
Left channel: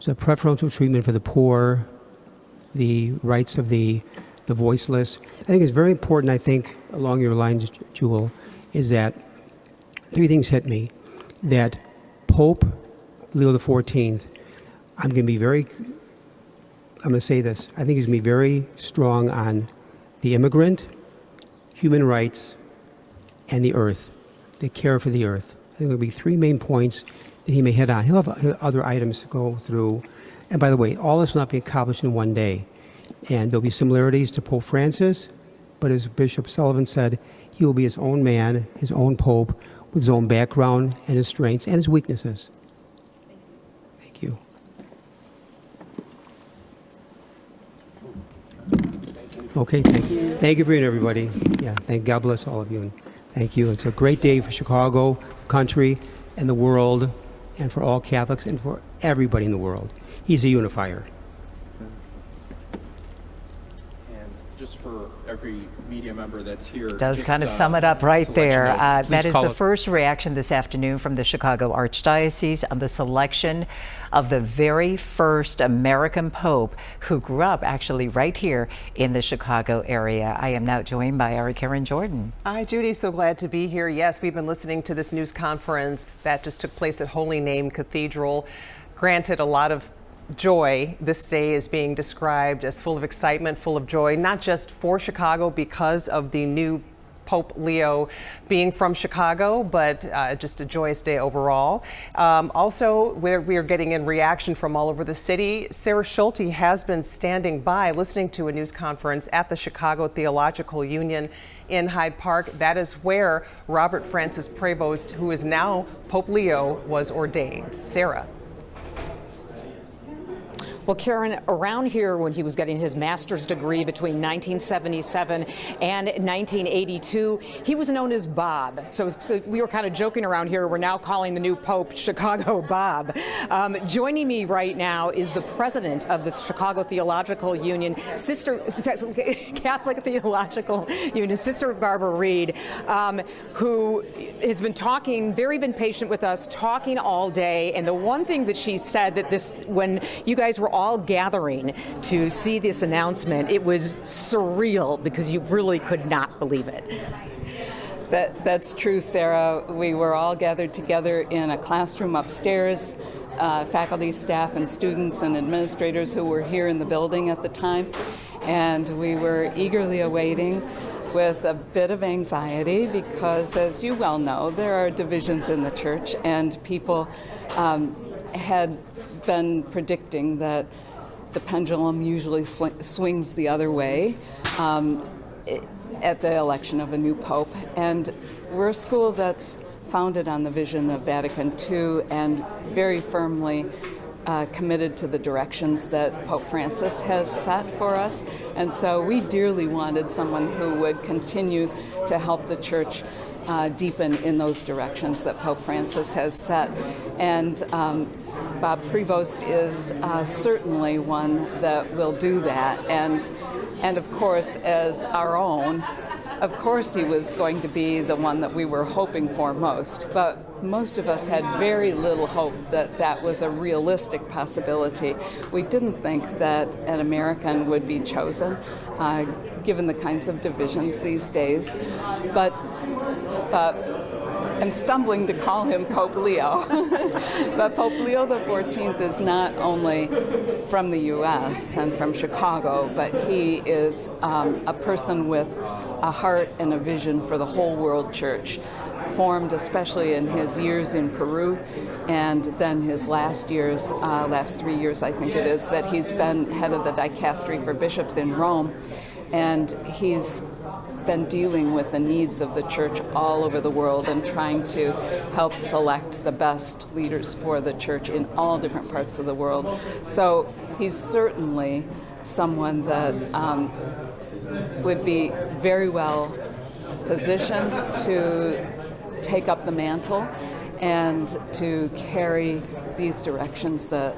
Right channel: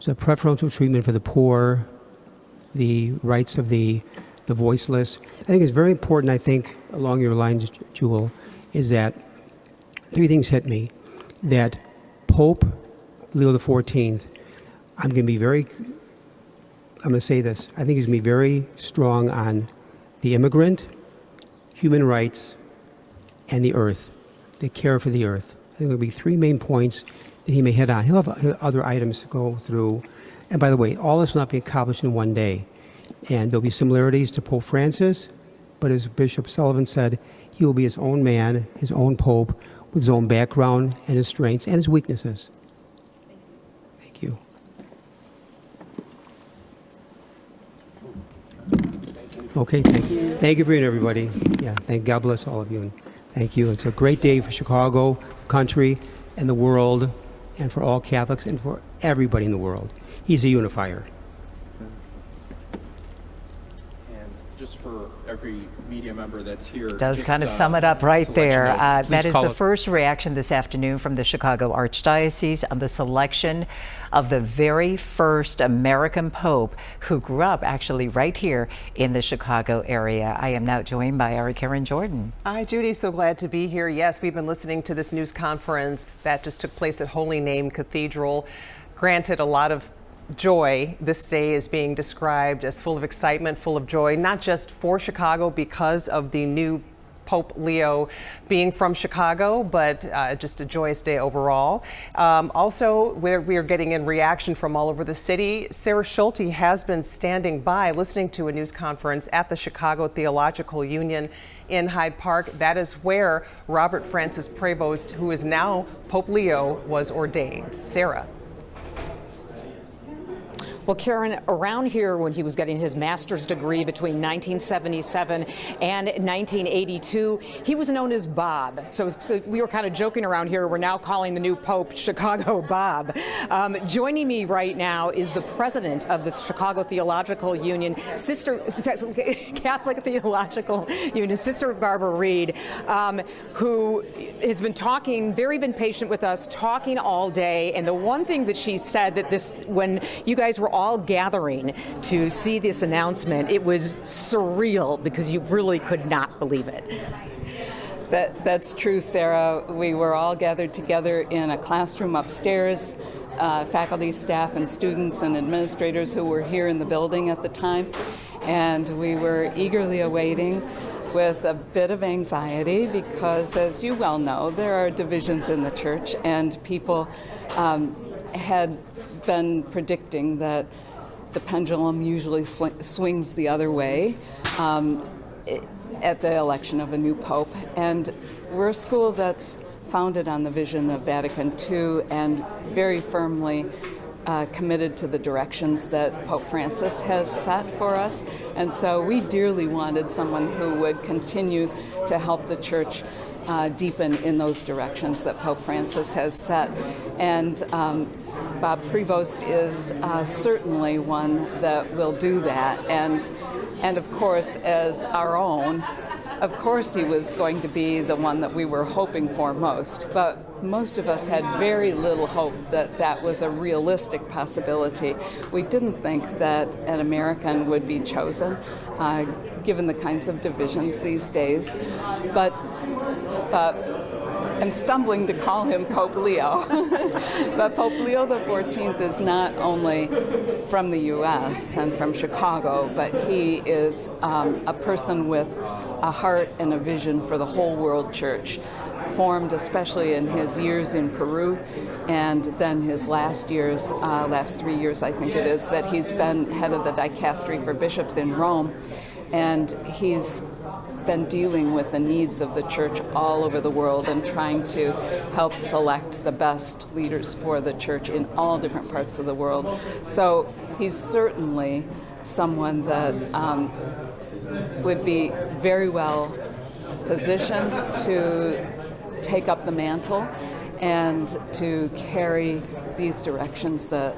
So preferential treatment for the poor, the rights of the voiceless. I think it's very important, I think, along your lines, Jewel, is that 3 things hit me. That Pope Leo XIV, I'm going to say this, I think he's going to be very strong on the immigrant, human rights, and the earth, the care for the earth. I think there will be 3 main points that he may hit on. He'll have other items to go through. And by the way, all this will not be accomplished in one day. And there'll be similarities to Pope Francis, but as Bishop Sullivan said, he will be his own man, his own pope, with his own background and his strengths and his weaknesses. Thank you. Okay, thank you. Thank you for being everybody. Yeah, God bless all of you. And thank you. It's a great day for Chicago, the country, and the world, and for all Catholics, and for everybody in the world. He's a unifier. And just for every media member that's here. Does kind of sum it up right there. That is the first reaction this afternoon from the Chicago Archdiocese on the selection of the very first American Pope who grew up actually right here in the Chicago area. I am now joined by our Karen Jordan. Hi, Judy. So glad to be here. Yes, we've been listening to this news conference that just took place at Holy Name Cathedral. Granted, a lot of joy. This day is being described as full of excitement, full of joy, not just for Chicago because of the new Pope Leo being from Chicago, but just a joyous day overall. Also, we are getting in reaction from all over the city. Sarah Schulte has been standing by listening to a news conference at the Chicago Theological Union in Hyde Park. That is where Robert Francis Prevost, who is now Pope Leo, was ordained. Sarah. Well, Karen, around here when he was getting his master's degree between 1977 and 1982, he was known as Bob. So we were kind of joking around here. We're now calling the new Pope Chicago Bob. Joining me right now is the president of the Chicago Theological Union, Catholic Theological Union, Sister Barbara Reed, who has been been patient with us, talking all day. And the one thing that she said that when you guys were all gathering to see this announcement, it was surreal because you really could not believe it. That's true, Sarah. We were all gathered together in a classroom upstairs, faculty, staff, and students and administrators who were here in the building at the time, and we were eagerly awaiting with a bit of anxiety because, as you well know, there are divisions in the church, and people had been predicting that the pendulum usually swings the other way at the election of a new pope. And we're a school that's founded on the vision of Vatican II and very firmly committed to the directions that Pope Francis has set for us. And so we dearly wanted someone who would continue to help the church deepen in those directions that Pope Francis has set. And Bob Prevost is certainly one that will do that. And of course, as our own, of course he was going to be the one that we were hoping for most. But most of us had very little hope that that was a realistic possibility. We didn't think that an American would be chosen, given the kinds of divisions these days. But I'm stumbling to call him Pope Leo. But Pope Leo XIV is not only from the U.S. and from Chicago, but he is a person with a heart and a vision for the whole world church, formed especially in his years in Peru and then his last 3 years, I think it is, that he's been head of the dicastery for bishops in Rome. And he's been dealing with the needs of the church all over the world and trying to help select the best leaders for the church in all different parts of the world. So he's certainly someone that would be very well positioned to take up the mantle and to carry these directions that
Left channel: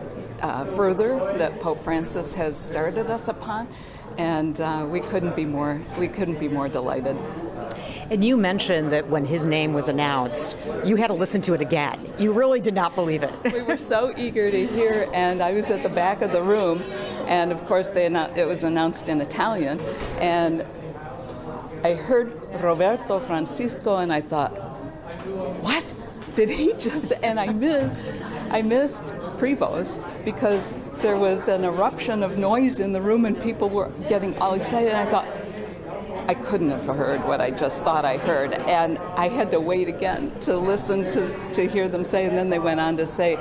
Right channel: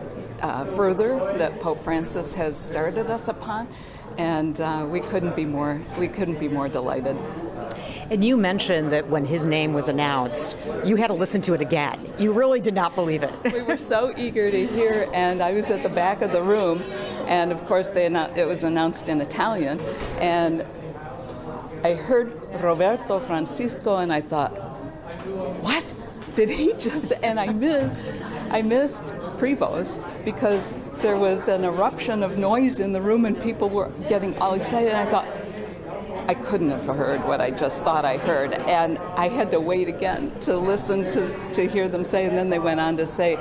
further that Pope Francis has started us upon. And we couldn't be more delighted. And you mentioned that when his name was announced, you had to listen to it again. You really did not believe it. We were so eager to hear, and I was at the back of the room, and of course it was announced in Italian, and I heard Roberto Francisco, and I thought, what did he just? And I missed Prevost because there was an eruption of noise in the room and people were getting all excited. And I thought, I couldn't have heard what I just thought I heard. And I had to wait again to listen to hear them say. And then they went on to say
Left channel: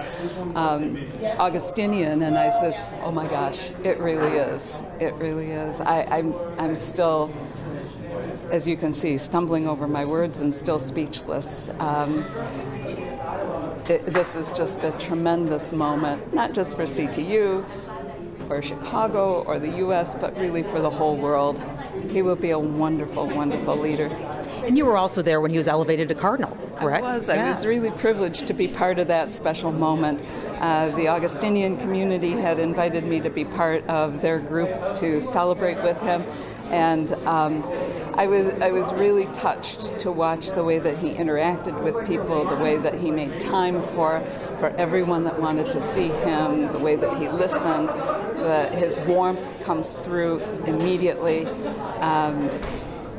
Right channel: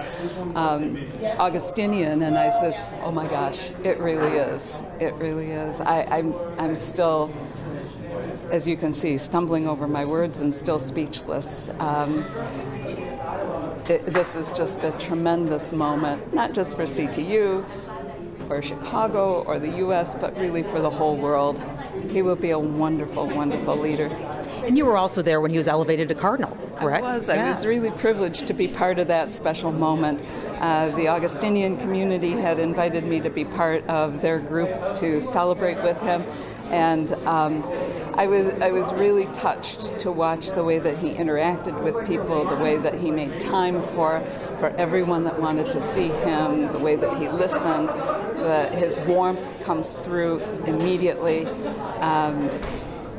Augustinian. And I says, oh my gosh, it really is. It really is. I'm still, as you can see, stumbling over my words and still speechless. This is just a tremendous moment, not just for CTU or Chicago or the U.S., but really for the whole world. He will be a wonderful, wonderful leader. And you were also there when he was elevated to cardinal, correct? I was really privileged to be part of that special moment. The Augustinian community had invited me to be part of their group to celebrate with him. And I was really touched to watch the way that he interacted with people, the way that he made time for everyone that wanted to see him, the way that he listened, that his warmth comes through immediately.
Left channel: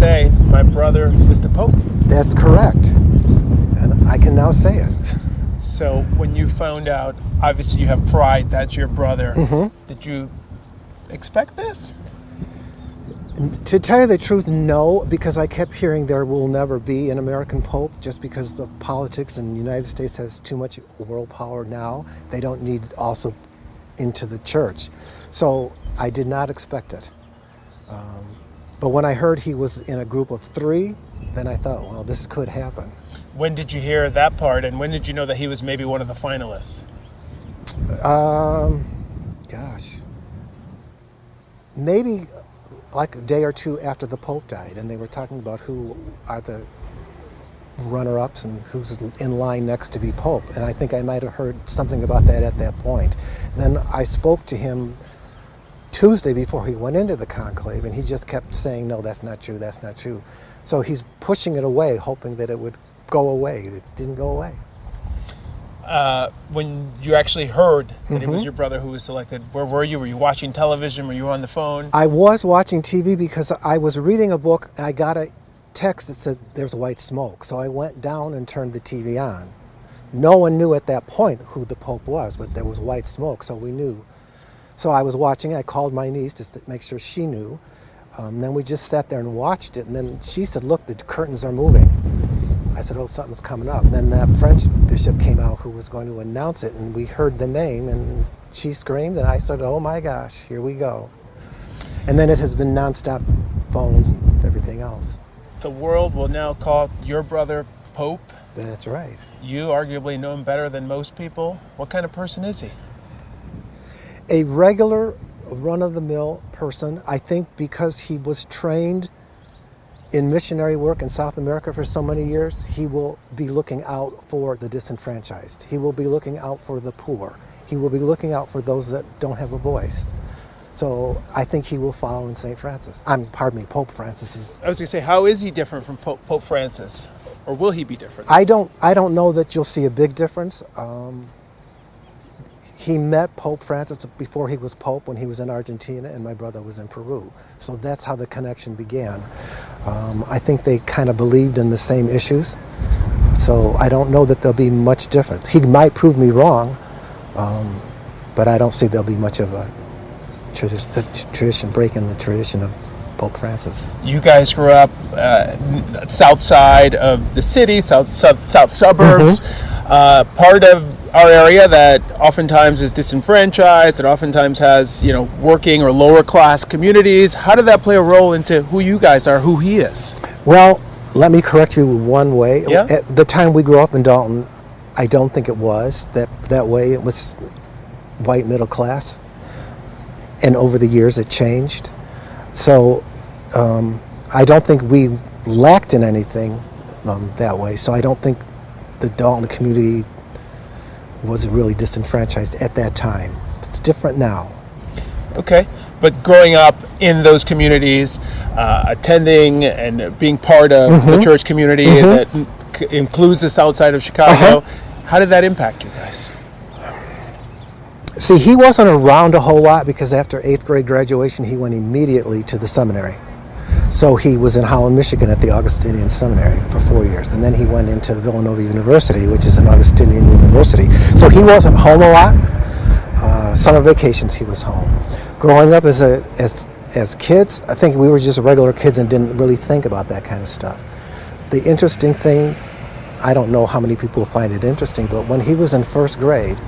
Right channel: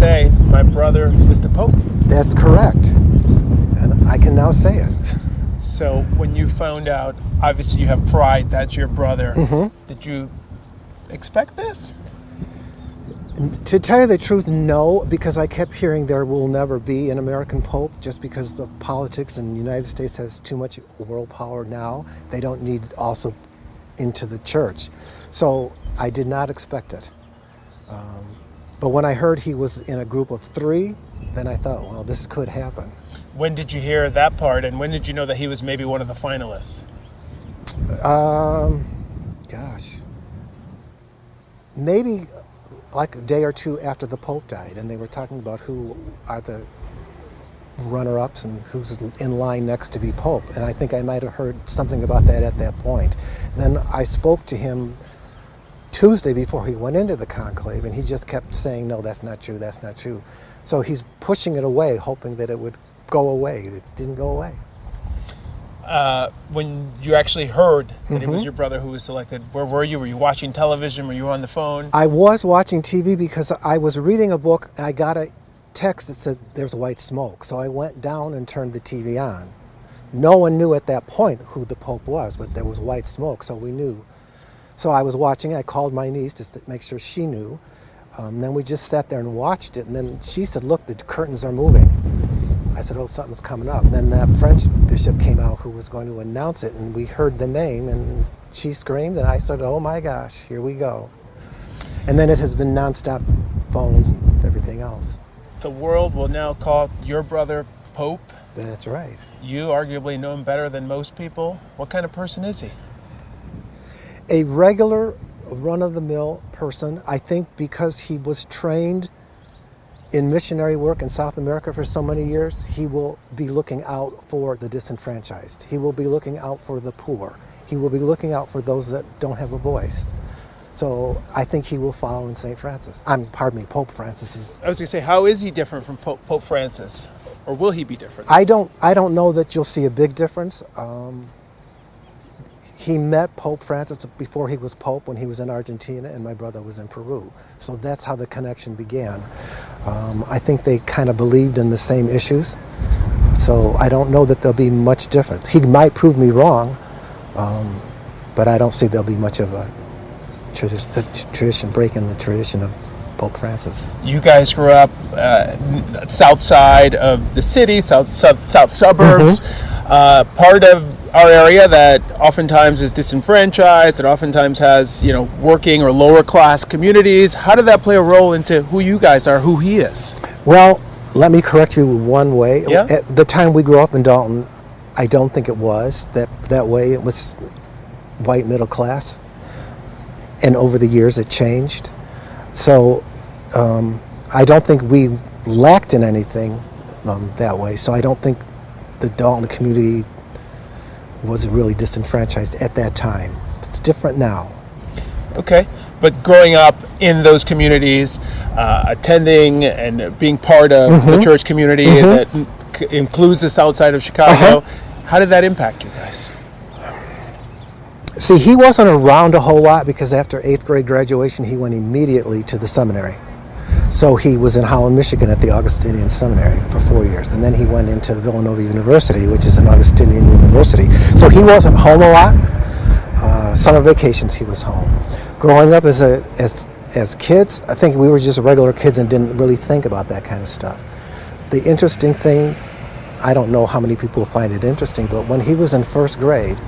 say, my brother is the Pope. That's correct. And I can now say it. So when you found out, obviously you have pride, that's your brother. Mhm. Did you expect this? To tell you the truth, no, because I kept hearing there will never be an American Pope just because the politics in the United States has too much world power now. They don't need also into the church. So I did not expect it. But when I heard he was in a group of 3, then I thought, well, this could happen. When did you hear that part, and when did you know that he was maybe one of the finalists? Gosh. Maybe like a day or 2 after the Pope died, and they were talking about who are the runner-ups and who's in line next to be Pope. And I think I might have heard something about that at that point. Then I spoke to him Tuesday before he went into the conclave, and he just kept saying, no, that's not true, that's not true. So he's pushing it away, hoping that it would go away. It didn't go away. When you actually heard that it was Mhm. your brother who was selected, where were you? Were you watching television? Were you on the phone? I was watching TV because I was reading a book. I got a text that said there's white smoke. So I went down and turned the TV on. No one knew at that point who the Pope was, but there was white smoke, so we knew. So I was watching. I called my niece just to make sure she knew. Then we just sat there and watched it. And then she said, look, the curtains are moving. I said, oh, something's coming up. And then that French bishop came out who was going to announce it, and we heard the name, and she screamed, and I said, oh my gosh, here we go. And then it has been nonstop phones and everything else. The world will now call your brother Pope. That's right. You arguably know him better than most people. What kind of person is he? A regular, run-of-the-mill person, I think because he was trained in missionary work in South America for so many years, he will be looking out for the disenfranchised. He will be looking out for the poor. He will be looking out for those that don't have a voice. So I think he will follow in St. Francis. Pope Francis. I was going to say, how is he different from Pope Francis? Or will he be different? I don't know that you'll see a big difference. He met Pope Francis before he was Pope when he was in Argentina, and my brother was in Peru. So that's how the connection began. I think they kind of believed in the same issues. So I don't know that there'll be much difference. He might prove me wrong, but I don't see there'll be much of a tradition breaking the tradition of Pope Francis. You guys grew up south side of the city, south suburbs, part of our area that oftentimes is disenfranchised, that oftentimes has, working or lower class communities. How did that play a role into who you guys are, who he is? Well, let me correct you one way. Yeah? At the time we grew up in Dalton, I don't think it was that way. It was white middle class, and over the years it changed. So I don't think we lacked in anything that way. So I don't think the Dalton community was really disenfranchised at that time. It's different now. Okay, but growing up in those communities, attending and being part of the church community that includes the south side of Chicago, how did that impact you guys? See, he wasn't around a whole lot because after 8th grade graduation, he went immediately to the seminary. So he was in Holland, Michigan at the Augustinian Seminary for 4 years. And then he went into Villanova University, which is an Augustinian university. So he wasn't home a lot. Summer vacations he was home. Growing up as kids, I think we were just regular kids and didn't really think about that kind of stuff. The interesting thing, I don't know how many people find it interesting, but when he was in 1st grade,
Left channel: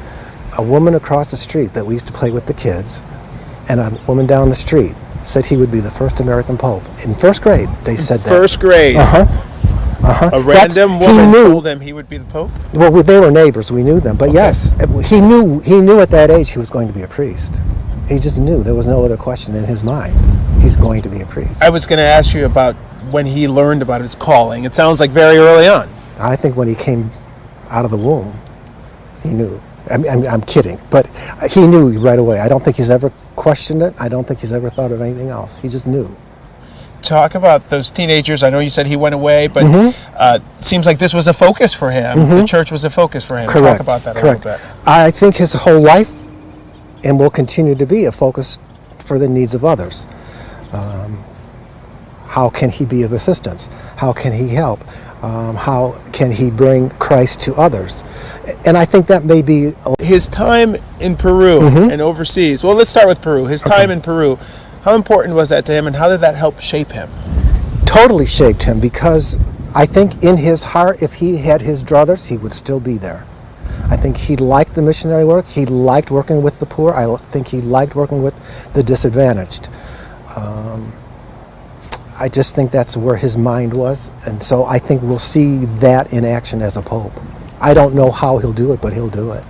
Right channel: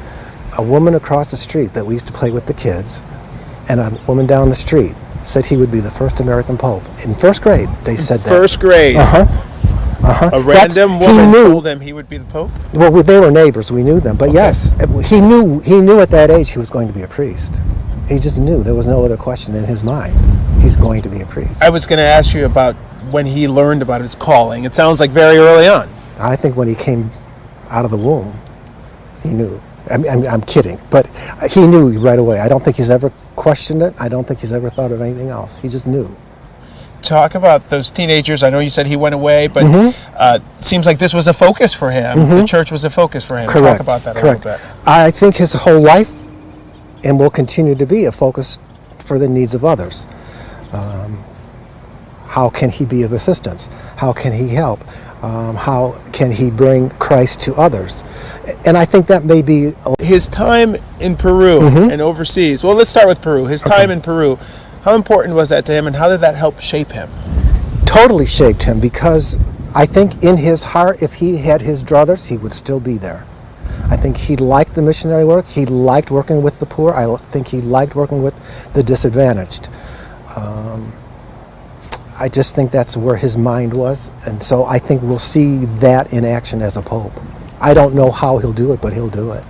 a woman across the street that we used to play with the kids, and a woman down the street said he would be the first American Pope. In 1st grade, they said that. 1st grade? A random woman told him he would be the Pope? Well, they were neighbors, we knew them, but yes, he knew at that age he was going to be a priest. He just knew, there was no other question in his mind. He's going to be a priest. I was going to ask you about when he learned about his calling. It sounds like very early on. I think when he came out of the womb, he knew. I'm kidding, but he knew right away. I don't think he's ever questioned it. I don't think he's ever thought of anything else. He just knew. Talk about those teenagers. I know you said he went away, but it seems like this was a focus for him. The church was a focus for him. Correct. Talk about that a Correct. little bit. I think his whole life and will continue to be a focus for the needs of others. How can he be of assistance? How can he help? How can he bring Christ to others? And I think that may be his time in Peru and overseas. Well, let's start with Peru. His time in Peru. How important was that to him, and how did that help shape him? Totally shaped him, because I think in his heart, if he had his druthers, he would still be there. I think he liked the missionary work. He liked working with the poor. I think he liked working with the disadvantaged. I just think that's where his mind was, and so I think we'll see that in action as a pope. I don't know how he'll do it, but he'll do it.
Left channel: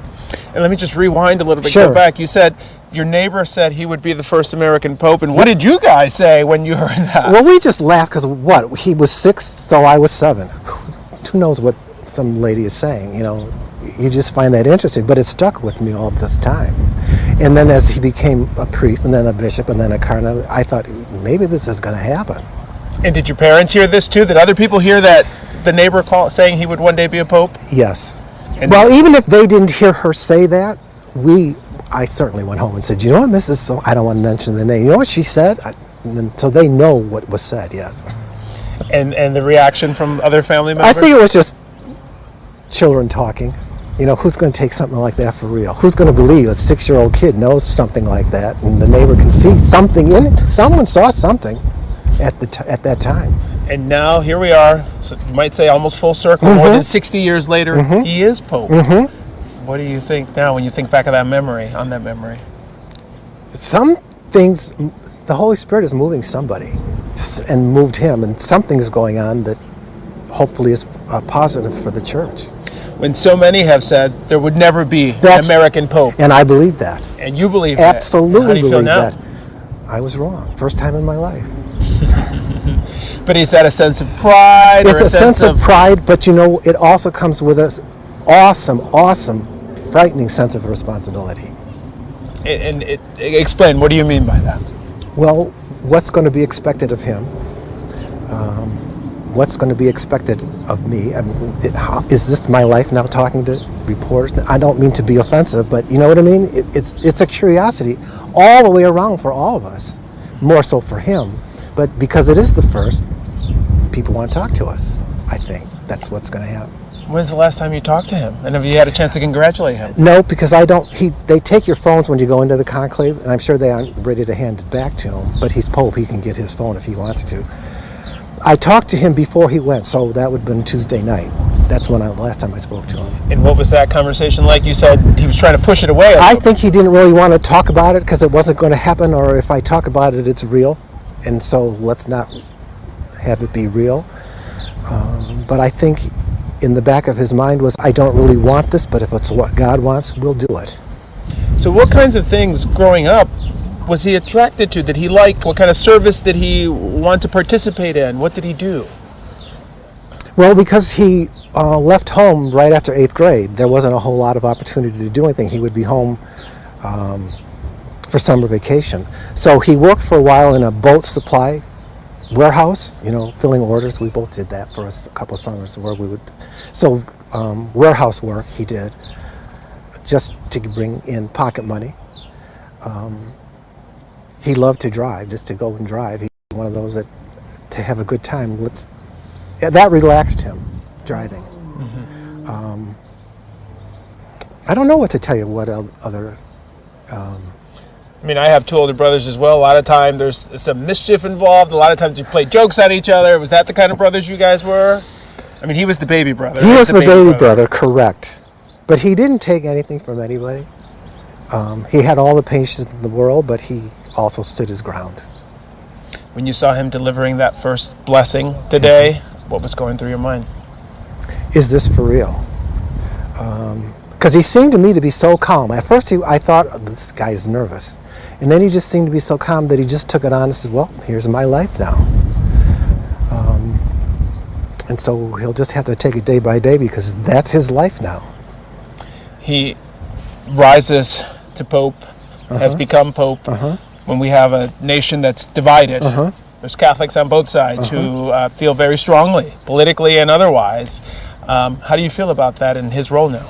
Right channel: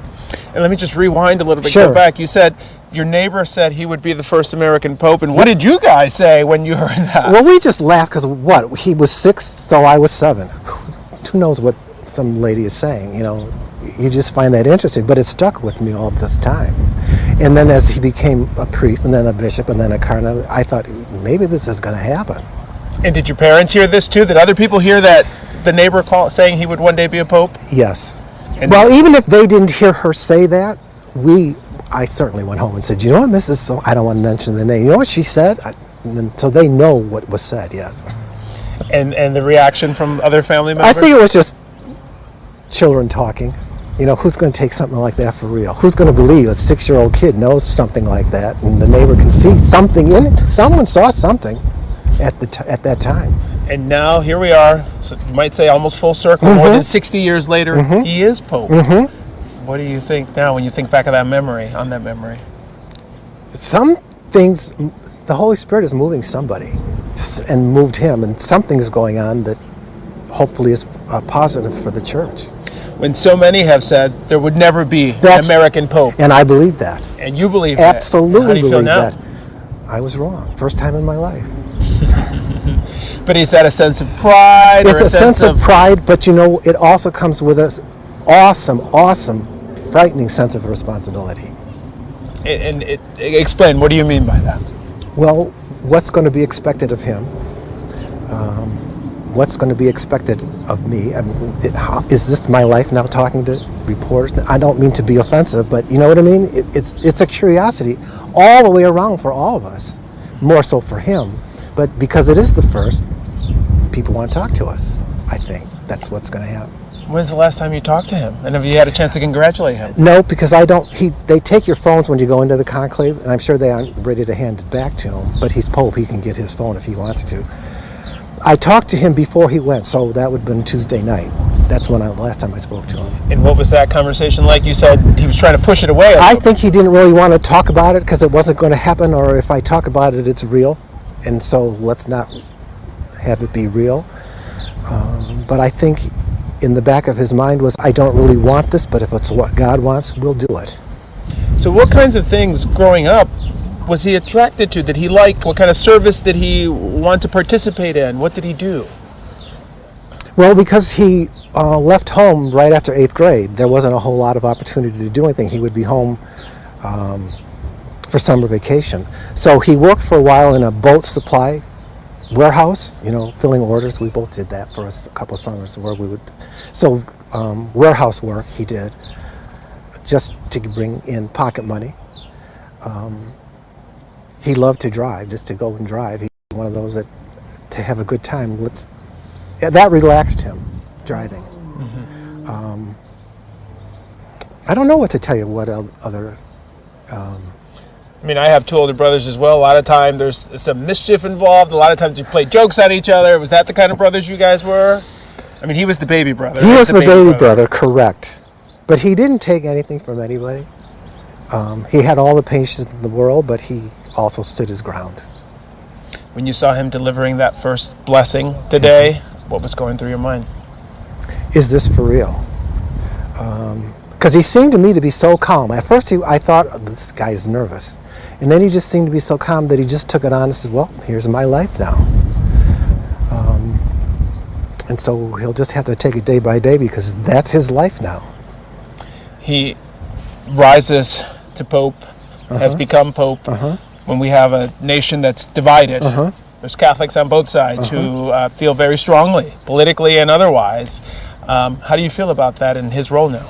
And let me just rewind a little bit. Sure. Go back. You said your neighbor said he would be the first American pope, and what did you guys say when you heard that? Well, we just laughed because what? He was 6, so I was 7. Who knows what some lady is saying? You know, you just find that interesting, but it stuck with me all this time. And then as he became a priest, and then a bishop, and then a cardinal, I thought maybe this is going to happen. And did your parents hear this too? Did other people hear that the neighbor saying he would one day be a pope? Yes. And well, even if they didn't hear her say that, I certainly went home and said, you know what, Mrs. So I don't want to mention the name. You know what she said? So they know what was said, yes. And the reaction from other family members? I think it was just children talking. You know, who's going to take something like that for real? Who's going to believe a 6-year-old kid knows something like that, and the neighbor can see something in it? Someone saw something at that time. And now here we are, so you might say almost full circle, more than 60 years later, he is pope. What do you think now when you think back of that memory, on that memory? Some things, the Holy Spirit is moving somebody and moved him, and something's going on that hopefully is positive for the church. When so many have said there would never be an American pope. And I believe that. And you believe Absolutely that. How do you feel now? that. I was wrong. First time in my life. But is that a sense of pride? It's a sense of pride, but you know, it also comes with an awesome, frightening sense of responsibility. And explain, what do you mean by that? Well, what's going to be expected of him? What's going to be expected of me? I mean, is this my life now, talking to reporters? I don't mean to be offensive, but you know what I mean? It's a curiosity all the way around for all of us, more so for him. But because it is the first, people want to talk to us. I think that's what's going to happen. When's the last time you talked to him? And have you had a chance to congratulate him? No, because I don't. They take your phones when you go into the conclave, and I'm sure they aren't ready to hand it back to him. But he's Pope; he can get his phone if he wants to. I talked to him before he went, so that would have been Tuesday night. That's when the last time I spoke to him. And what was that conversation like? You said he was trying to push it away. I think he didn't really want to talk about it because it wasn't going to happen, or if I talk about it, it's real. And so let's not have it be real. But I think in the back of his mind was, I don't really want this, but if it's what God wants, we'll do it. So what kinds of things growing up was he attracted to? Did he like? What kind of service did he want to participate in? What did he do? Well, because he left home right after 8th grade, there wasn't a whole lot of opportunity to do anything. He would be home for summer vacation. So he worked for a while in a boat supply warehouse, you know, filling orders. We both did that for a couple summers where we would. So warehouse work he did just to bring in pocket money. He loved to drive, just to go and drive. He was one of those that, to have a good time, that relaxed him, driving. I don't know what to tell you, what other... I mean, I have 2 older brothers as well. A lot of time there's some mischief involved. A lot of times you play jokes at each other. Was that the kind of brothers you guys were? I mean, he was the baby brother. He was the baby brother, correct. But he didn't take anything from anybody. He had all the patience in the world, but he also stood his ground. When you saw him delivering that first blessing today, what was going through your mind? Is this for real? Because he seemed to me to be so calm. At first I thought, oh, this guy's nervous. And then he just seemed to be so calm that he just took it on and said, well, here's my life now. And so he'll just have to take it day by day because that's his life now. He rises to Pope, has become Pope. When we have a nation that's divided, there's Catholics on both sides who feel very strongly, politically and otherwise. How do you feel about that and his role now?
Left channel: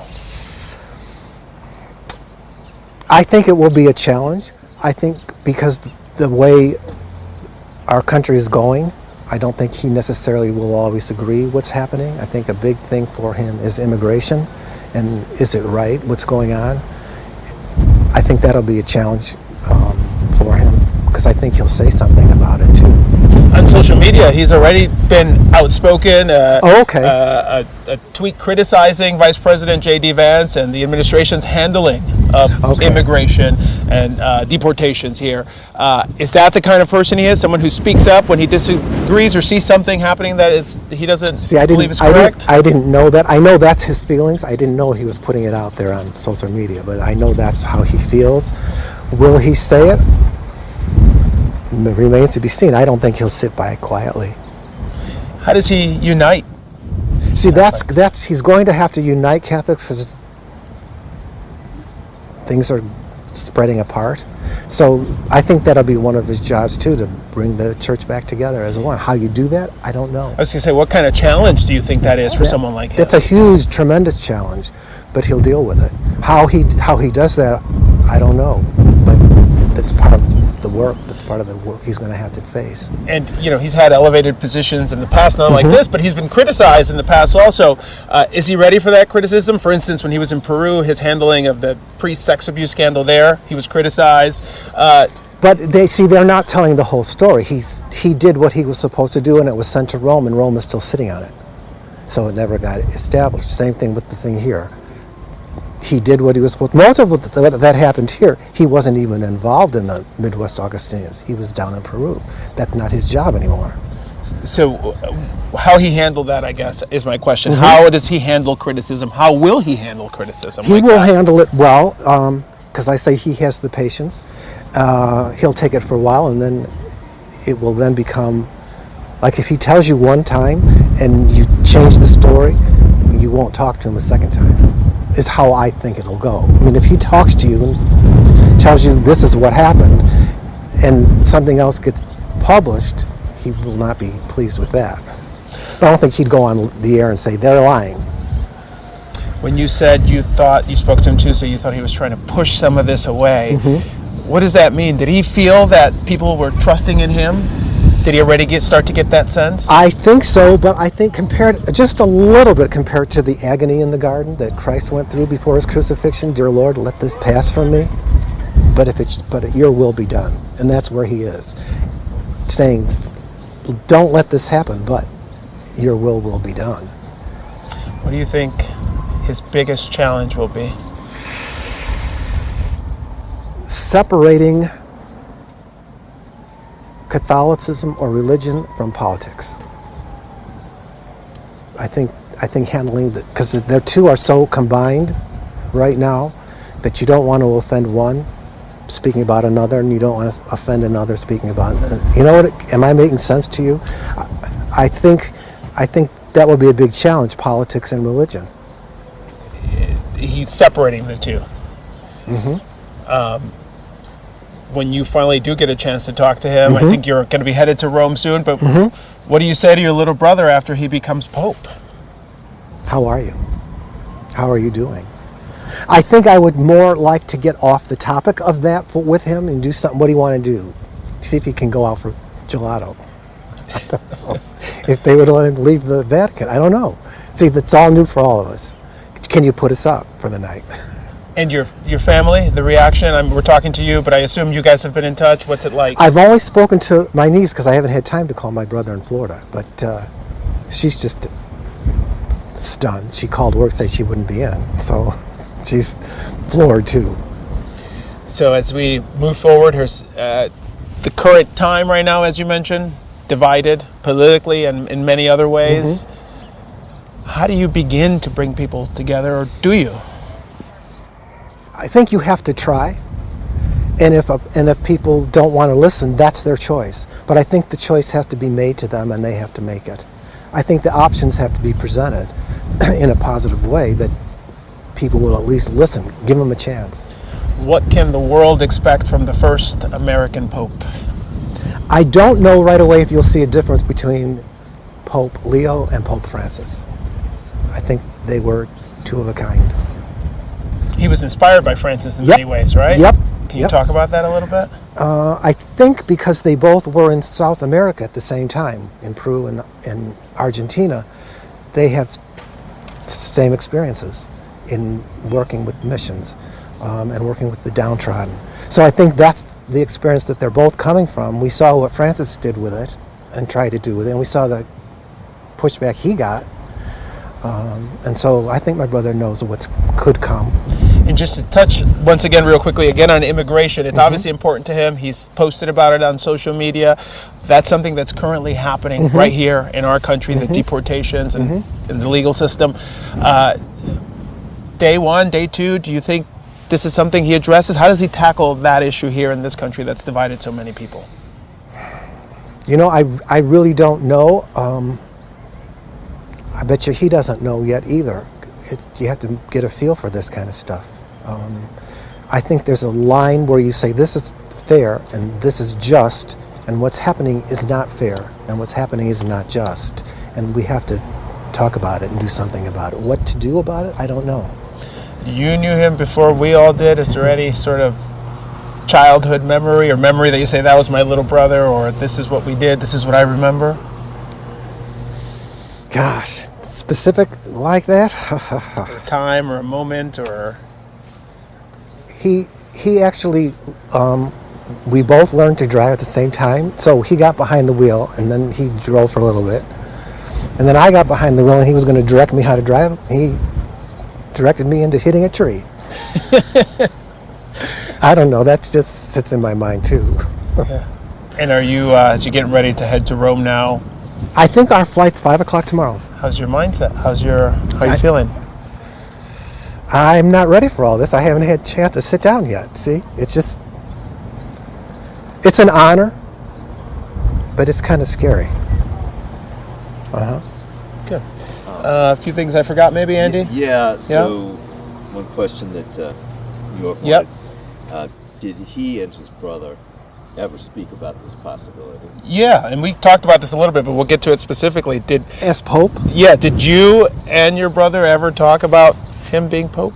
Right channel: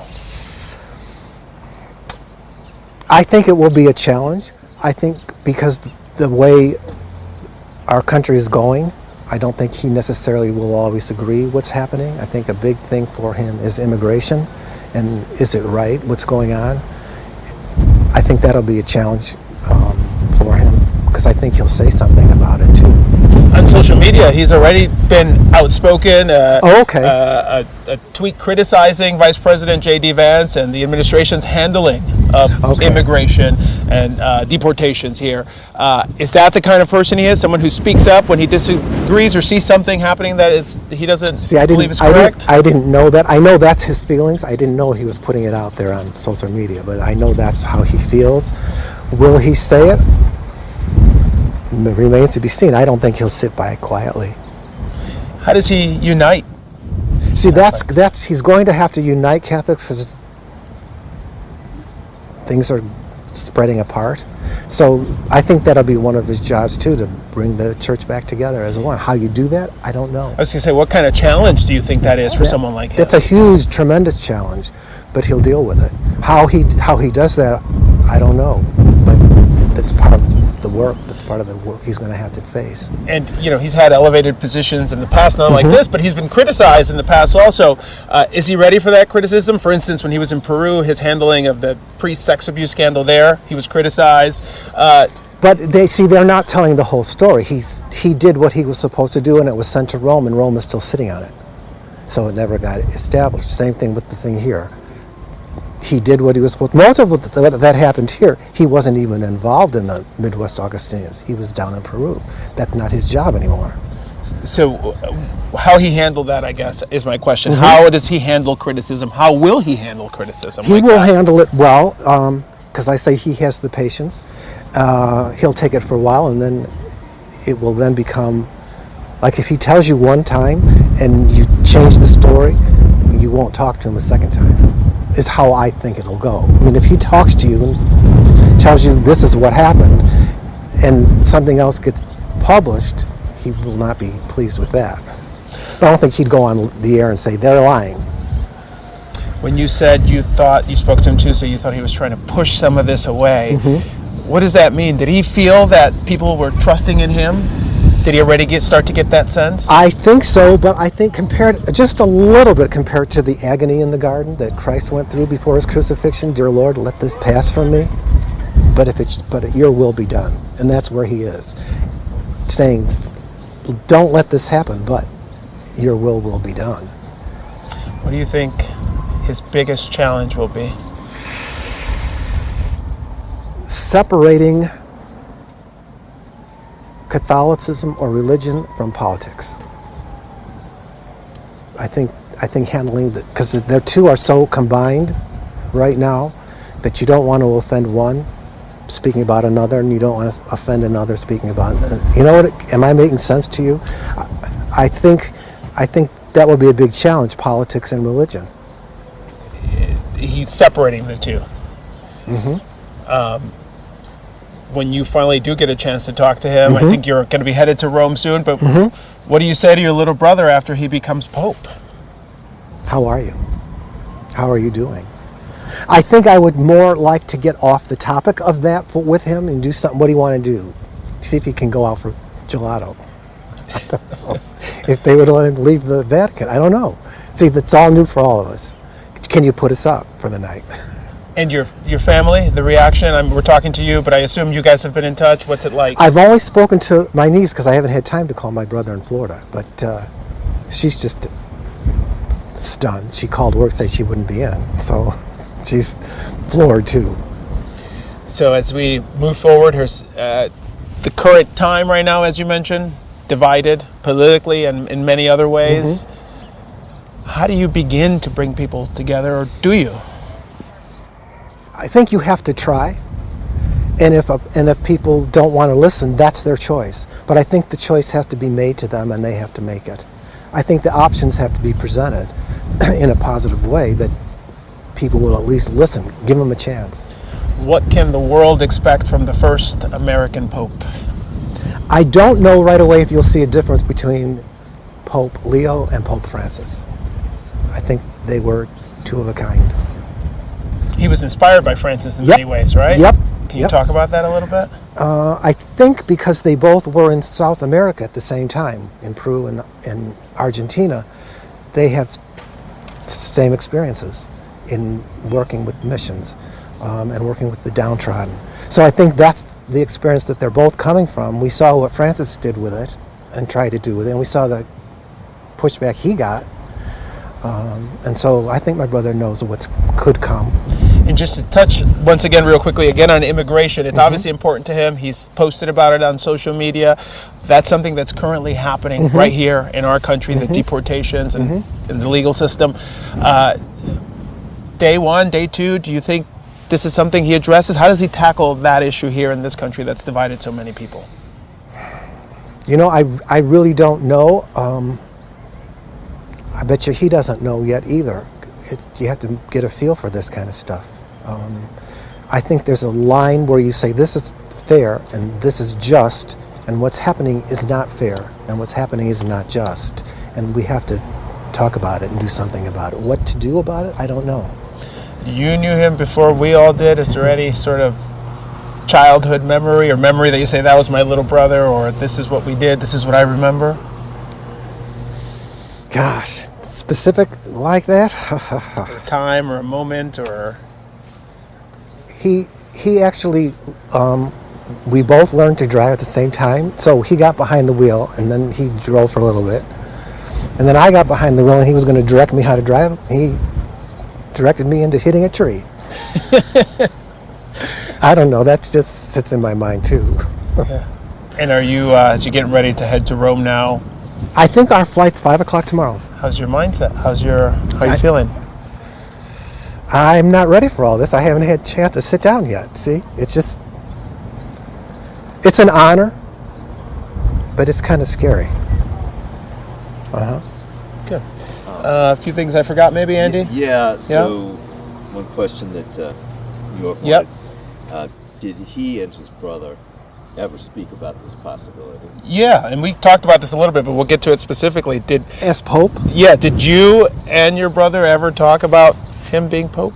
I think it will be a challenge. I think because the way our country is going, I don't think he necessarily will always agree what's happening. I think a big thing for him is immigration, and is it right what's going on? I think that'll be a challenge for him, because I think he'll say something about it too. On social media, he's already been outspoken. Okay. A tweet criticizing Vice President J.D. Vance and the administration's handling of immigration and deportations here. Is that the kind of person he is? Someone who speaks up when he disagrees or sees something happening that he doesn't believe is correct? I didn't know that. I know that's his feelings. I didn't know he was putting it out there on social media, but I know that's how he feels. Will he say it? It remains to be seen. I don't think he'll sit by it quietly. How does he unite? See, that's he's going to have to unite Catholics because things are spreading apart. So I think that'll be one of his jobs too, to bring the church back together as one. How you do that, I don't know. I was going to say, what kind of challenge do you think that is for someone like him? It's a huge, tremendous challenge, but he'll deal with it. How he does that, I don't know. But that's part of the work. That's part of the work he's going to have to face. And he's had elevated positions in the past, not like this, but he's been criticized in the past also. Is he ready for that criticism? For instance, when he was in Peru, his handling of the priest sex abuse scandal there, he was criticized. But they're not telling the whole story. He did what he was supposed to do, and it was sent to Rome, and Rome is still sitting on it. So it never got established. Same thing with the thing here. He did what he was supposed to. Most of what that happened here, he wasn't even involved in the Midwest Augustinians. He was down in Peru. That's not his job anymore. So how he handled that, I guess, is my question. How does he handle criticism? How will he handle criticism? He will handle it well, because I say he has the patience. He'll take it for a while, and then it will then become, like if he tells you one time and you change the story, you won't talk to him a second time. Is how I think it'll go. I mean, if he talks to you and tells you this is what happened, and something else gets published, he will not be pleased with that. But I don't think he'd go on the air and say they're lying. When you said you spoke to him Tuesday, you thought he was trying to push some of this away. What does that mean? Did he feel that people were trusting in him? Did he already start to get that sense? I think so, but I think just a little bit compared to the agony in the garden that Christ went through before his crucifixion. Dear Lord, let this pass from me. But your will be done. And that's where he is. Saying, don't let this happen, but your will be done. What do you think his biggest challenge will be? Separating Catholicism or religion from politics. I think handling that, because the two are so combined right now that you don't want to offend one speaking about another, and you don't want to offend another speaking about. Am I making sense to you? I think that will be a big challenge: politics and religion. He's separating the two. When you finally do get a chance to talk to him, I think you're going to be headed to Rome soon, but what do you say to your little brother after he becomes Pope? How are you? How are you doing? I think I would more like to get off the topic of that with him and do something. What do you want to do? See if he can go out for gelato. I don't know. If they would let him leave the Vatican, I don't know. See, that's all new for all of us. Can you put us up for the night? And your family, the reaction? We're talking to you, but I assume you guys have been in touch. What's it like? I've only spoken to my niece because I haven't had time to call my brother in Florida. But she's just stunned. She called work to say she wouldn't be in. So she's floored too. So as we move forward, here's the current time right now, as you mentioned, divided politically and in many other ways. How do you begin to bring people together, or do you? I think you have to try, and if people don't want to listen, that's their choice. But I think the choice has to be made to them, and they have to make it. I think the options have to be presented in a positive way that people will at least listen, give them a chance. What can the world expect from the first American Pope? I don't know right away if you'll see a difference between Pope Leo and Pope Francis. I think they were two of a kind. He was inspired by Francis in many ways, right? Yep. Can you talk about that a little bit? I think because they both were in South America at the same time, in Peru and Argentina, they have same experiences in working with missions and working with the downtrodden. So I think that's the experience that they're both coming from. We saw what Francis did with it and tried to do with it, and we saw the pushback he got. And so I think my brother knows what could come. And just to touch once again real quickly again on immigration, it's obviously important to him. He's posted about it on social media. That's something that's currently happening right here in our country, the deportations and the legal system. Day one, day two, do you think this is something he addresses? How does he tackle that issue here in this country that's divided so many people? You know, I really don't know. I bet you he doesn't know yet either. You have to get a feel for this kind of stuff. I think there's a line where you say this is fair and this is just, and what's happening is not fair and what's happening is not just. And we have to talk about it and do something about it. What to do about it, I don't know. You knew him before we all did. Is there any sort of childhood memory or memory that you say that was my little brother, or this is what we did, this is what I remember? Gosh, specific like that? A time or a moment or... He actually, we both learned to drive at the same time. So he got behind the wheel and then he drove for a little bit. And then I got behind the wheel and he was going to direct me how to drive. He directed me into hitting a tree. I don't know, that just sits in my mind too. Yeah. And are you, as you're getting ready to head to Rome now? I think our flight's 5 o'clock tomorrow. How's your mindset? How are you feeling? I'm not ready for all this. I haven't had a chance to sit down yet. See, it's an honor, but it's kind of scary. Good. A few things I forgot maybe, Andy? Yeah, so one question that York wanted. Did he and his brother ever speak about this possibility? Yeah, and we talked about this a little bit, but we'll get to it specifically. As Pope? Yeah, did you and your brother ever talk about him being Pope?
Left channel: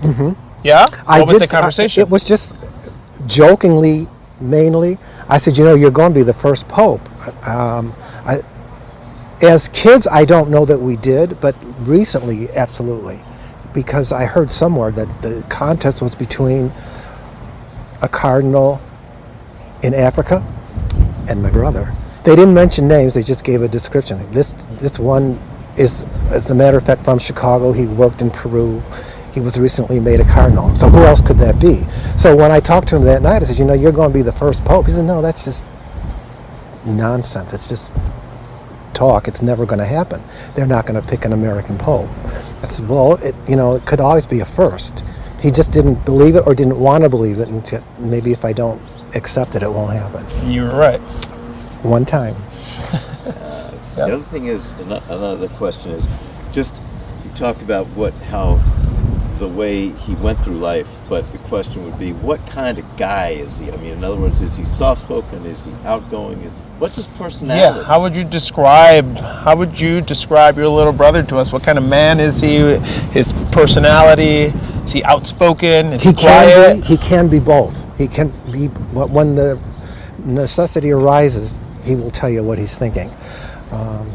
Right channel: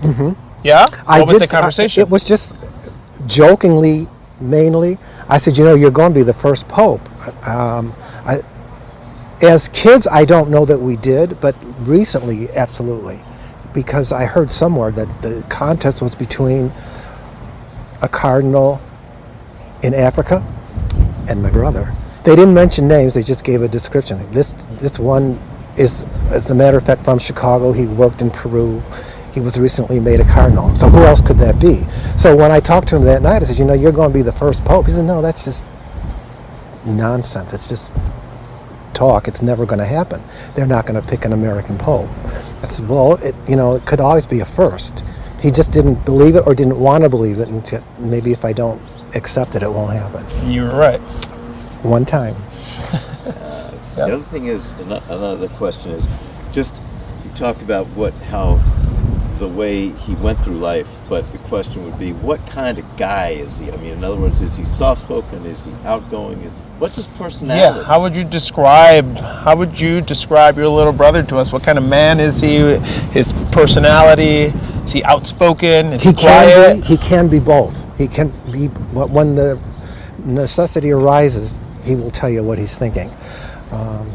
Yeah? What was the conversation? It was just jokingly, mainly. I said, you're going to be the first Pope. As kids, I don't know that we did, but recently, absolutely. Because I heard somewhere that the contest was between a cardinal in Africa and my brother. They didn't mention names, they just gave a description. This one is, as a matter of fact, from Chicago. He worked in Peru. He was recently made a cardinal. So who else could that be? So when I talked to him that night, I said, you're going to be the first Pope. He said, no, that's just nonsense. It's just talk. It's never going to happen. They're not going to pick an American Pope. I said, well, it could always be a first. He just didn't believe it or didn't want to believe it, and maybe if I don't accept it, it won't happen. You were right. One time. The other thing is, another question is, just you talked about how the way he went through life, but the question would be, what kind of guy is he? I mean, in other words, is he soft-spoken? Is he outgoing? What's his personality? Yeah, how would you describe your little brother to us? What kind of man is he? His personality? Is he outspoken? Is he quiet? He can be both. He can be, when the necessity arises, he will tell you what he's thinking.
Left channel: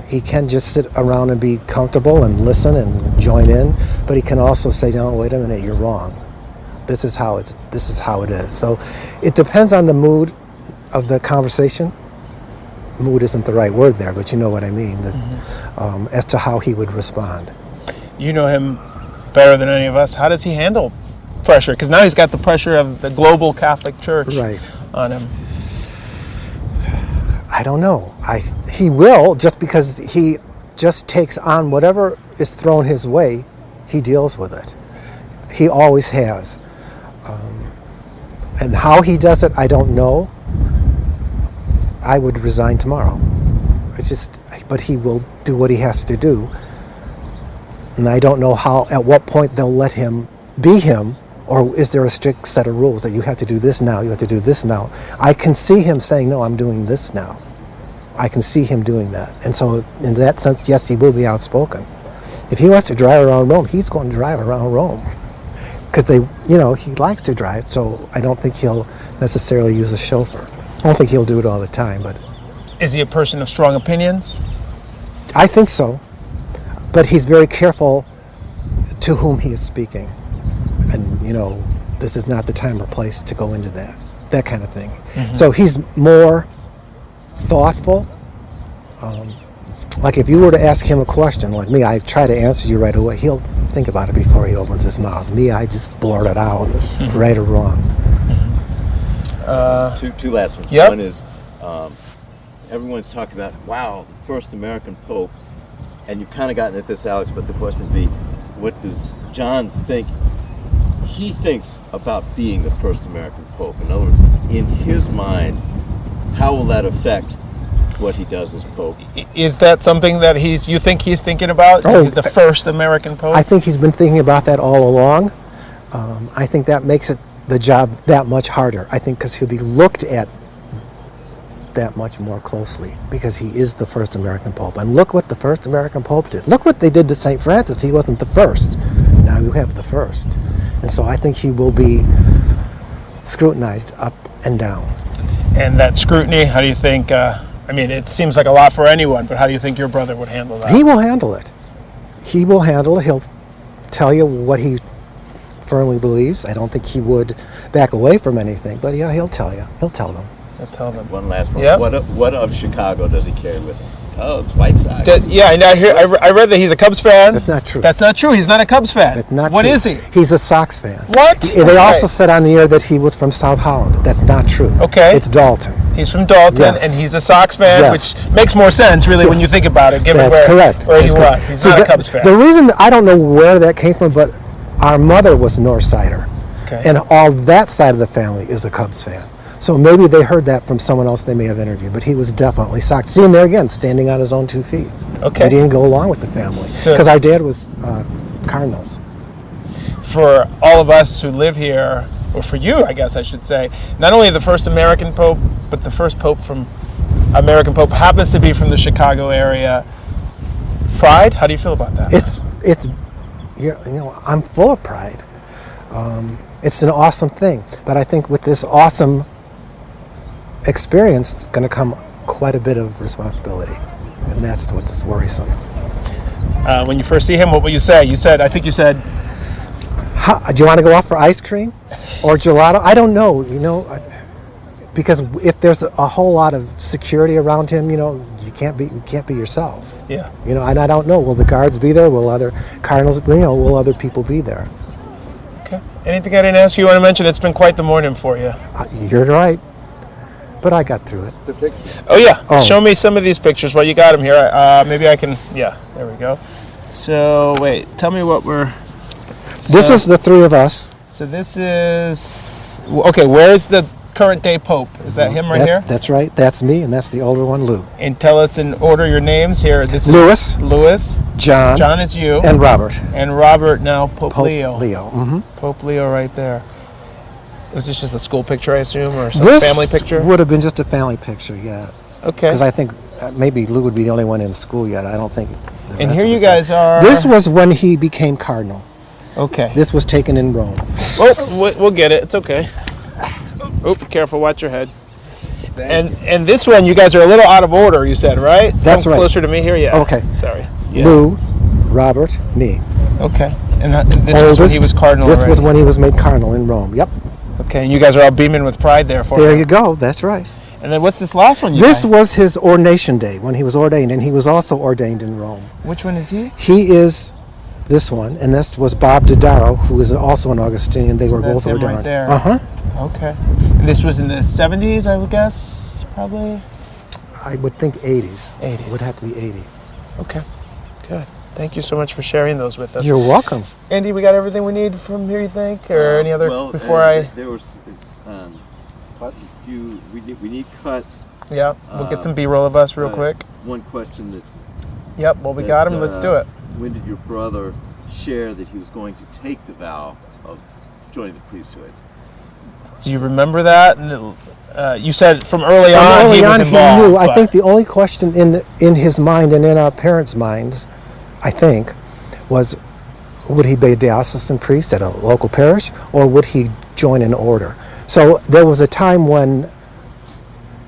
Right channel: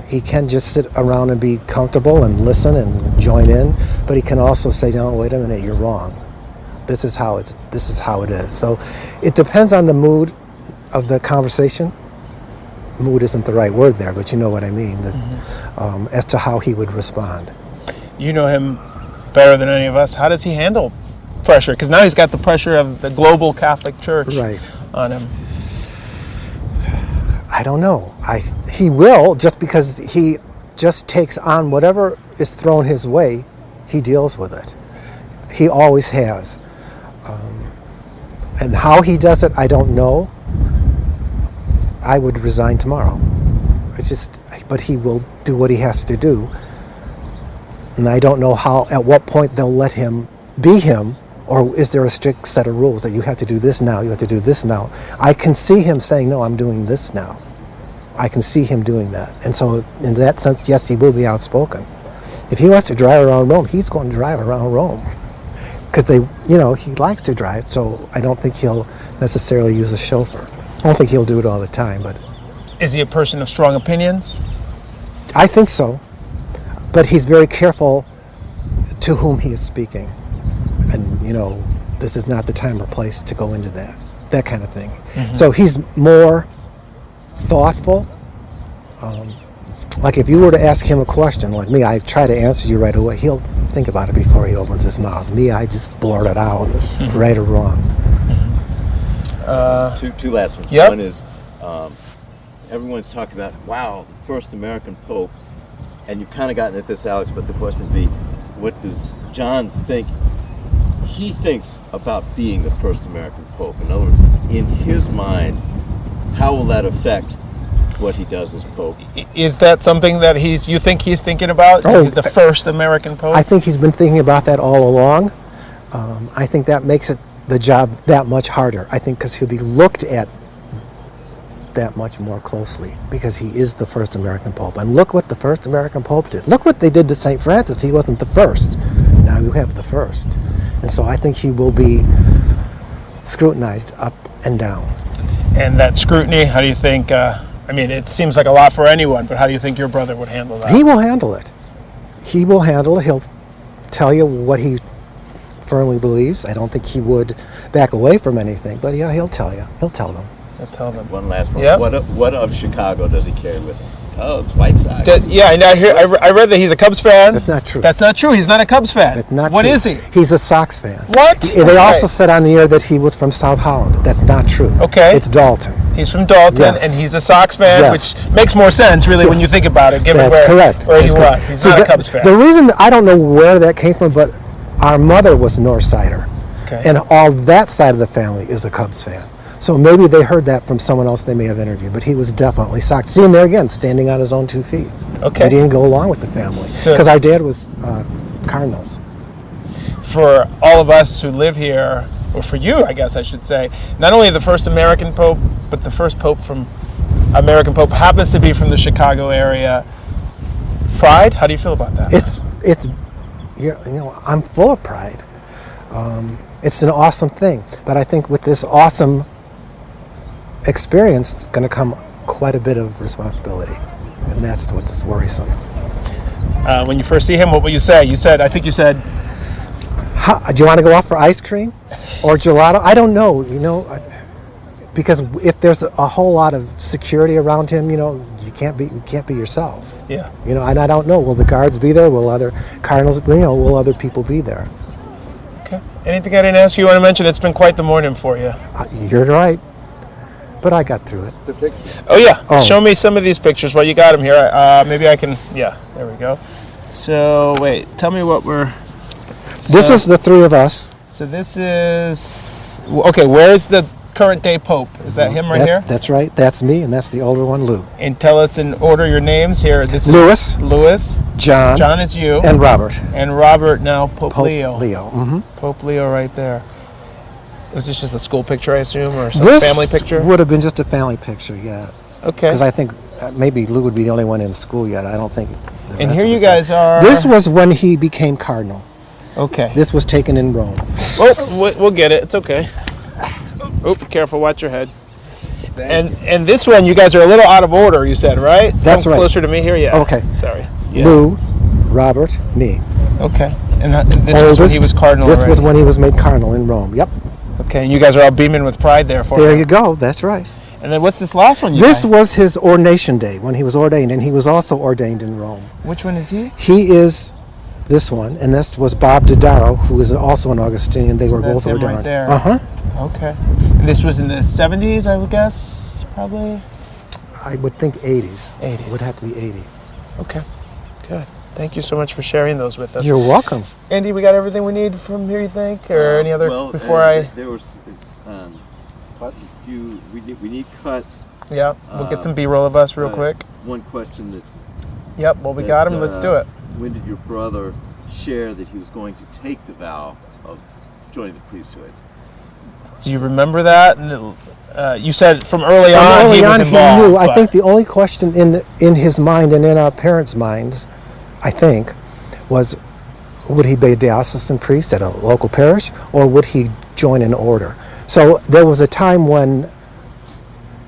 He can just sit around and be comfortable and listen and join in, but he can also say, no, wait a minute, you're wrong. This is how it is. So it depends on the mood of the conversation. Mood isn't the right word there, but you know what I mean, as to how he would respond. You know him better than any of us. How does he handle pressure? Because now he's got the pressure of the global Catholic Church on him. I don't know. He will, just because he just takes on whatever is thrown his way, he deals with it. He always has. And how he does it, I don't know. I would resign tomorrow. But he will do what he has to do. And I don't know at what point they'll let him be him, or is there a strict set of rules that you have to do this now, you have to do this now. I can see him saying, no, I'm doing this now. I can see him doing that. And so in that sense, yes, he will be outspoken. If he wants to drive around Rome, he's going to drive around Rome. Because he likes to drive, so I don't think he'll necessarily use a chauffeur. I don't think he'll do it all the time, but Is he a person of strong opinions? I think so. But he's very careful to whom he is speaking. And, you know, this is not the time or place to go into that kind of thing. Mm-hmm. So he's more thoughtful. Like if you were to ask him a question, like me, I try to answer you right away. He'll think about it before he opens his mouth. Me, I just blurt it out, right or wrong. Two last ones. Yep. One is everyone's talking about, wow, the first American Pope. And you've kind of gotten at this, Alex, but the question would be, what does John think he thinks about being the first American Pope? In other words, in his mind, how will that affect what he does as Pope? Is that something that you think he's thinking about? Oh, He's the first American Pope? I think he's been thinking about that all along. I think that makes the job that much harder. I think because he'll be looked at that much more closely because he is the first American Pope. And look what the first American Pope did. Look what they did to St. Francis. He wasn't the first. Now you have the first. And so I think he will be scrutinized up and down. And that scrutiny, how do you think, I mean, it seems like a lot for anyone, but how do you think your brother would handle that? He will handle it. He will handle it. He'll tell you what he firmly believes. I don't think he would back away from anything, but yeah, he'll tell you. He'll tell them. He'll tell them. One last one. Yep. What of Chicago does he carry with him? Cubs, White Sox. Yeah, I read that he's a Cubs fan. That's not true. That's not true. He's not a Cubs fan. That's not What true. is he? He's a Sox fan. What? They also said on the air that he was from South Holland. That's not true. Okay. It's Dalton. He's from Dalton, Yes. and he's a Sox fan, Yes. which makes more sense, really, when you think about it, given That's where, correct. where That's he correct. was. He's See, not a Cubs fan. The reason, I don't know where that came from, but our mother was a North Sider. Okay. And all that side of the family is a Cubs fan. So maybe they heard that from someone else they may have interviewed, but he was definitely Sox. See him there again, standing on his own 2 feet. Okay. He didn't go along with the family. Because our dad was Cardinals. For all of us who live here, or for you, I guess I should say, not only the first American Pope, but the first American Pope happens to be from the Chicago area. Pride? How do you feel about that? It's you know, I'm full of pride. It's an awesome thing, but I think with this awesome experience, it's going to come quite a bit of responsibility, and that's what's worrisome. When you first see him, what will you say? I think you said, do you want to go off for ice cream or gelato? I don't know, you know, because if there's a whole lot of security around him, you know, you can't be yourself. Yeah. You know, and I don't know, will the guards be there? Will other Cardinals, you know, will other people be there? okay. Anything I didn't ask you want to mention? It's been quite the morning for you. You're right, but I got through it. Oh yeah, Show me some of these pictures while you got them here. Maybe I can, yeah, there we go. So wait, tell me what we're... This is the three of us. So this is, okay, where's the current day Pope? Is that him right here? That's right, that's me, and that's the older one, Lou. And tell us in order your names here. This Louis. is Louis. John. John is you. And Robert. And Robert now, Pope Leo. Mm-hmm. Pope Leo right there. Was this just a school picture, I assume, or some This family picture? would have been just a family picture, yeah. Okay. Because I think maybe Lou would be the only one in school yet. I don't think. And here you guys are. This was when he became cardinal. Okay. This was taken in Rome. Oh, we'll get it. It's okay. Oh, be careful. Watch your head. And this one, you guys are a little out of order, you said, right? That's Come right. Closer to me here, yeah. Okay. Sorry. Yeah. Lou, Robert, me. Okay. And this was when he was cardinal This already. was when he was made cardinal in Rome. Yep. Okay, and you guys are all beaming with pride there for There him. you go. That's right. And then what's this last one? This was his ordination day when he was ordained, and he was also ordained in Rome. Which one is he? He is this one, and this was Bob Dodaro, who is also an Augustinian. They were both That's him ordained. right there. Uh-huh. Okay. And this was in the 70s, I would guess, probably? I would think 80s. 80s. It would have to be 80. Okay, good. Thank you so much for sharing those with us. You're welcome. Andy, we got everything we need from here, you think? Or any other before I... There was quite a few, we need cuts. Yeah, we'll get some B-roll of us real quick. One question that... Yep, well, we got him. Let's do it. When did your brother share that he was going to take the vow of joining the priesthood? Do you remember that? You said from early on he was involved. He knew. I but- think the only question in his mind and in our parents' minds, I think, was would he be a diocesan priest at a local parish, or would he join an order? So there was a time when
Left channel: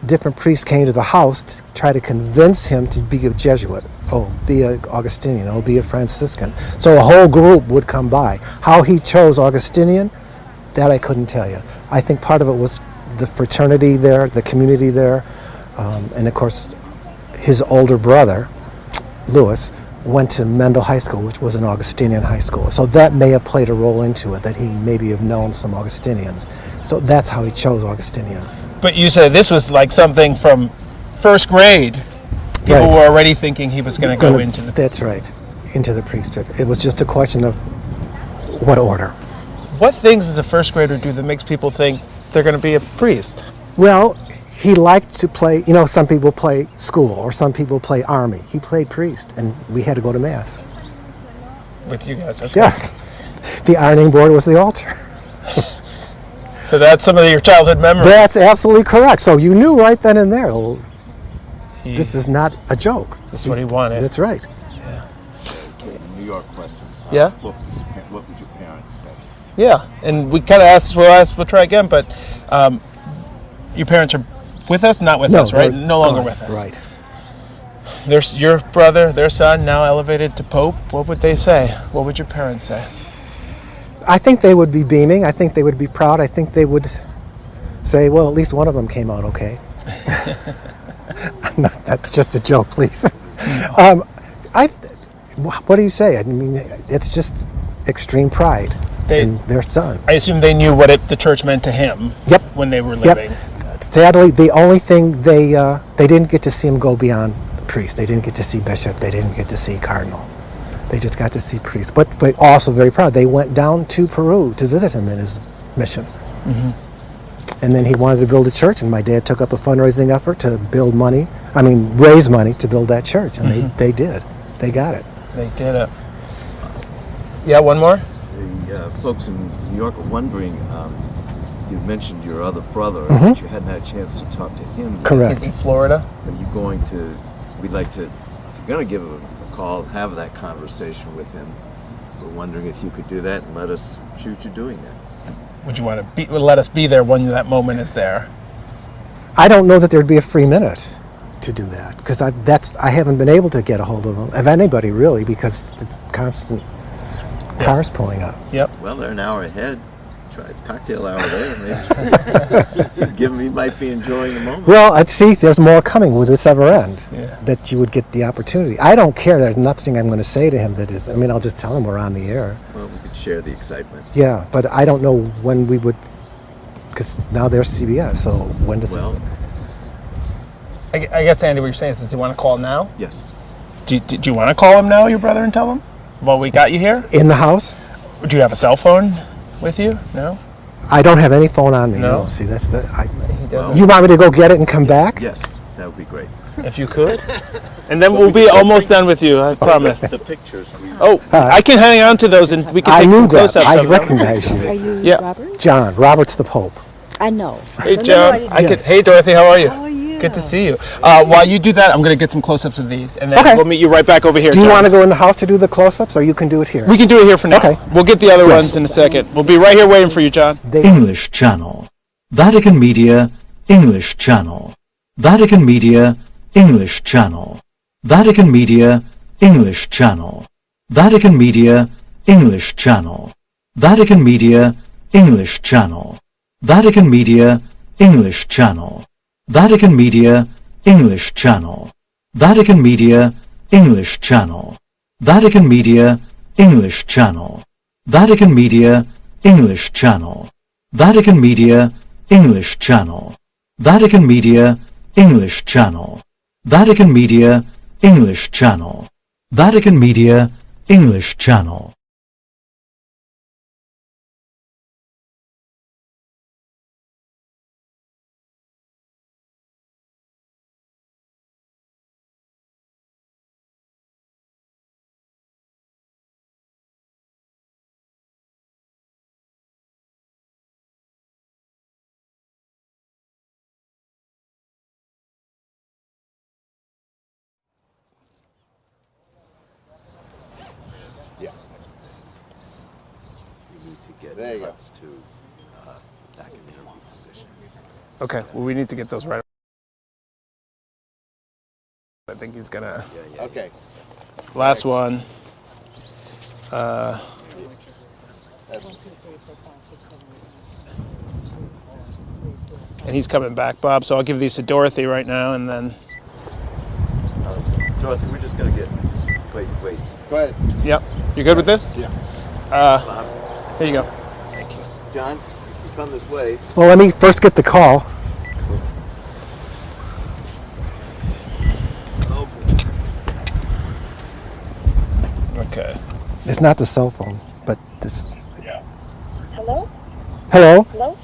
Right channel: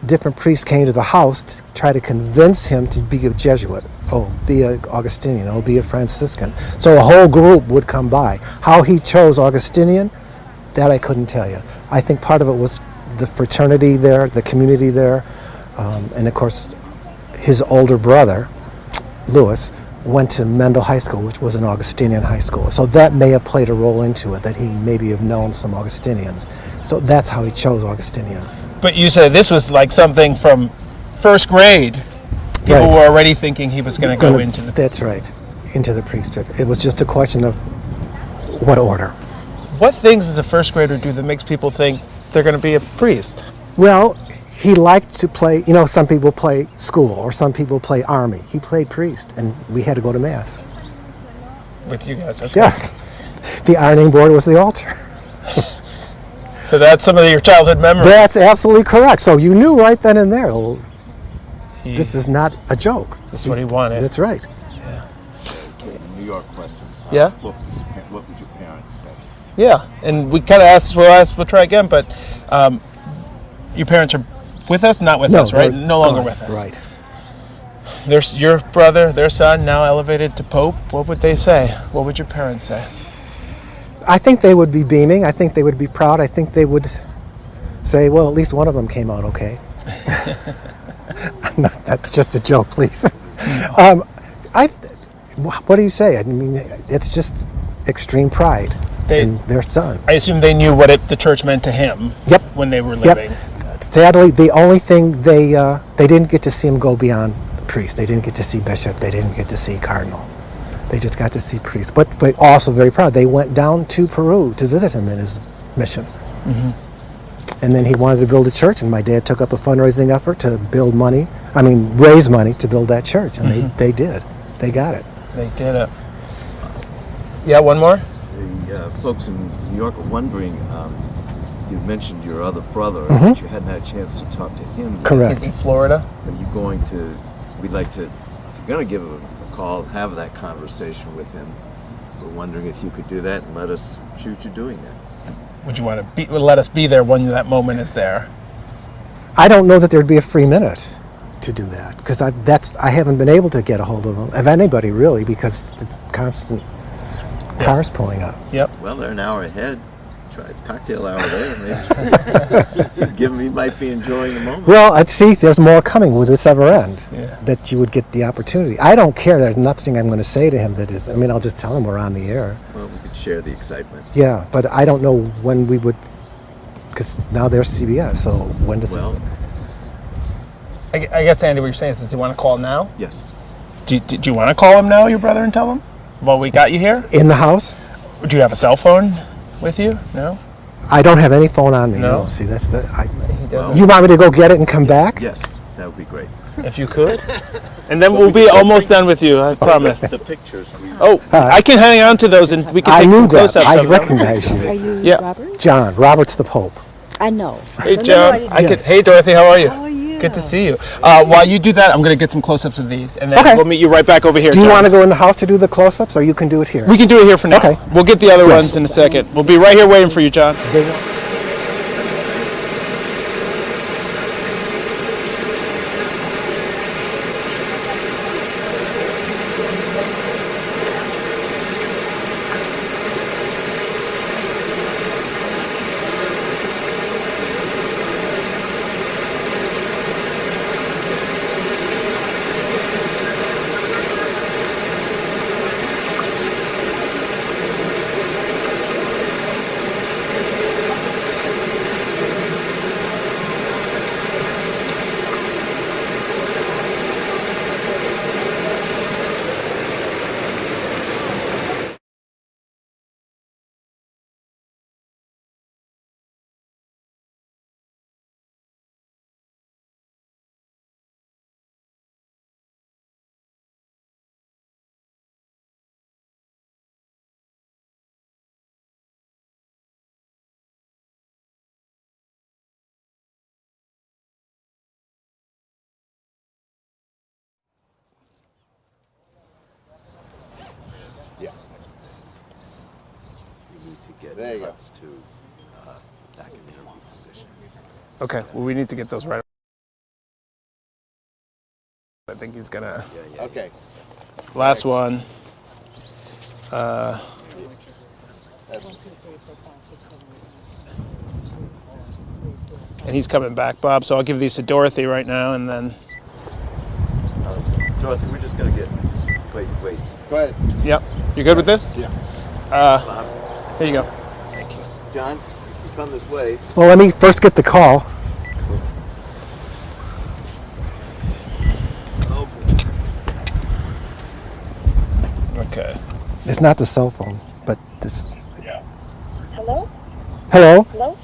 different priests came to the house to try to convince him to be a Jesuit, be an Augustinian, be a Franciscan. So a whole group would come by. How he chose Augustinian, that I couldn't tell you. I think part of it was the fraternity there, the community there, and of course his older brother, Louis, went to Mendel High School, which was an Augustinian high school. So that may have played a role into it, that he maybe have known some Augustinians. So that's how he chose Augustinian. But you said this was like something from first grade. People were already thinking he was going to go into the... That's right, into the priesthood. It was just a question of what order. What things does a first grader do that makes people think they're going to be a priest? Well, he liked to play, some people play school or some people play army. He played priest, and we had to go to Mass. With you guys, okay. Yes. The ironing board was the altar. So that's some of your childhood memories. That's absolutely correct. So you knew right then and there, this is not a joke. That's what he wanted. That's right. Yeah. Okay, New York question. Yeah? What would your parents say? Yeah, and we kind of asked, we'll try again, but your parents are with us? Not with us, right? No longer with us. Right. There's your brother, their son, now elevated to Pope. What would they say? What would your parents say? I think they would be beaming. I think they would be proud. I think they would say, well, at least one of them came out okay. No, that's just a joke, please. What do you say? I mean, it's just extreme pride in their son. I assume they knew what the church meant to him when they were living. Sadly, the only thing they didn't get to see him go beyond priest. They didn't get to see bishop. They didn't get to see cardinal. They just got to see priest. But also very proud. They went down to Peru to visit him in his mission. Mm-hmm. And then he wanted to build a church, and my dad took up a fundraising effort to raise money to build that church, and they did. They got it. They did it. Yeah, one more? The folks in New York are wondering, you mentioned your other brother, Mm-hmm. but you hadn't had a chance to talk to him yet. Correct. He's in Florida. Are you going to, we'd like to, if you're going to give him a call, have that conversation with him. We're wondering if you could do that and let us shoot you doing that. Would you want to let us be there when that moment is there? I don't know that there'd be a free minute to do that, because I haven't been able to get a hold of anybody really, because it's constant cars pulling up. Yep. Well, they're an hour ahead. Try it's cocktail hour there. Maybe give him, he might be enjoying the moment. Well, I'd see there's more coming. Would this ever end? Yeah. That you would get the opportunity. I don't care. There's nothing I'm going to say to him that is. I'll just tell him we're on the air. Well, we could share the excitement. Yeah, but I don't know when we would, because now there's CBS. So when does Well, I guess, Andy, what you're saying is, does he want to call now? Yes. Do you want to call him now, your brother, and tell him? Well, we got you here? In the house? Do you have a cell phone with you? No? I don't have any phone on me. No? See, that's the. doesn't? You want me to go get it and come back? Yes, that would be great. If you could. And then we'll be almost done with you, I promise. The pictures. I can hang on to those and we can take some close-ups. I of them. recognize you. Are you Yeah. Robert? John. Robert's the Pope. I know. Hey, But John. no, I- Hey, Dorothy, how are you? How are you? Good to see you. While you do that, I'm going to get some close-ups of these, and then Okay. we'll meet you right back over here, Do you John. want to go in the house to do the close-ups, or you can do it here? We can do it here for now. Okay. We'll get the other Yes. ones in a second. We'll be right here waiting for you, John. English Channel. Vatican Media English Channel. Vatican Media English Channel. Vatican Media English Channel. Vatican Media English Channel. Vatican Media English Channel. Vatican Media English Channel. Vatican Media English Channel. Vatican Media English Channel. Vatican Media English Channel. Vatican Media English Channel. Vatican Media English Channel. Vatican Media English Channel. Vatican Media English Channel. Vatican Media English Channel. You need to get us to back in the interview position. Okay, well, we need to get those right I think he's gonna. Okay. Last one. And he's coming back, Bob. So I'll give these to Dorothy right now, and then. Dorothy, we're just gonna get. Wait. Go ahead. Yep. You good with this? Yeah. Here you go. Thank you. John, if you come this way. Well, let me first get the call. Okay. It's not the cell phone, but this. Hello? Hello? Hello?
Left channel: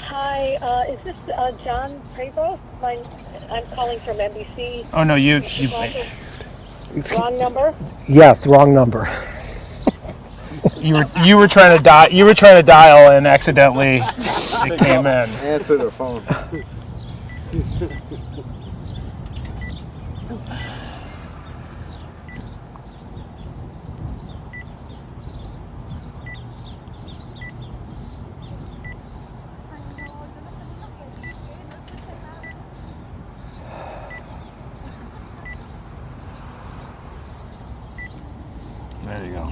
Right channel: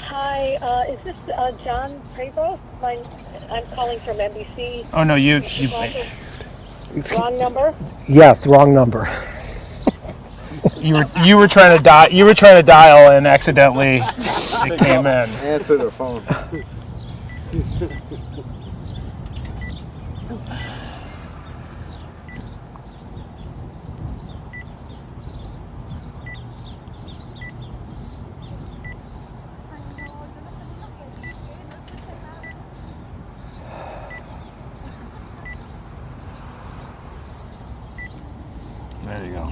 Hi, is this John Prevost? I'm calling from NBC. Oh no, you. Wrong number? Yeah, it's the wrong number. You were trying to dial. You were trying to dial, and accidentally it came in. Answer the phone. There you go.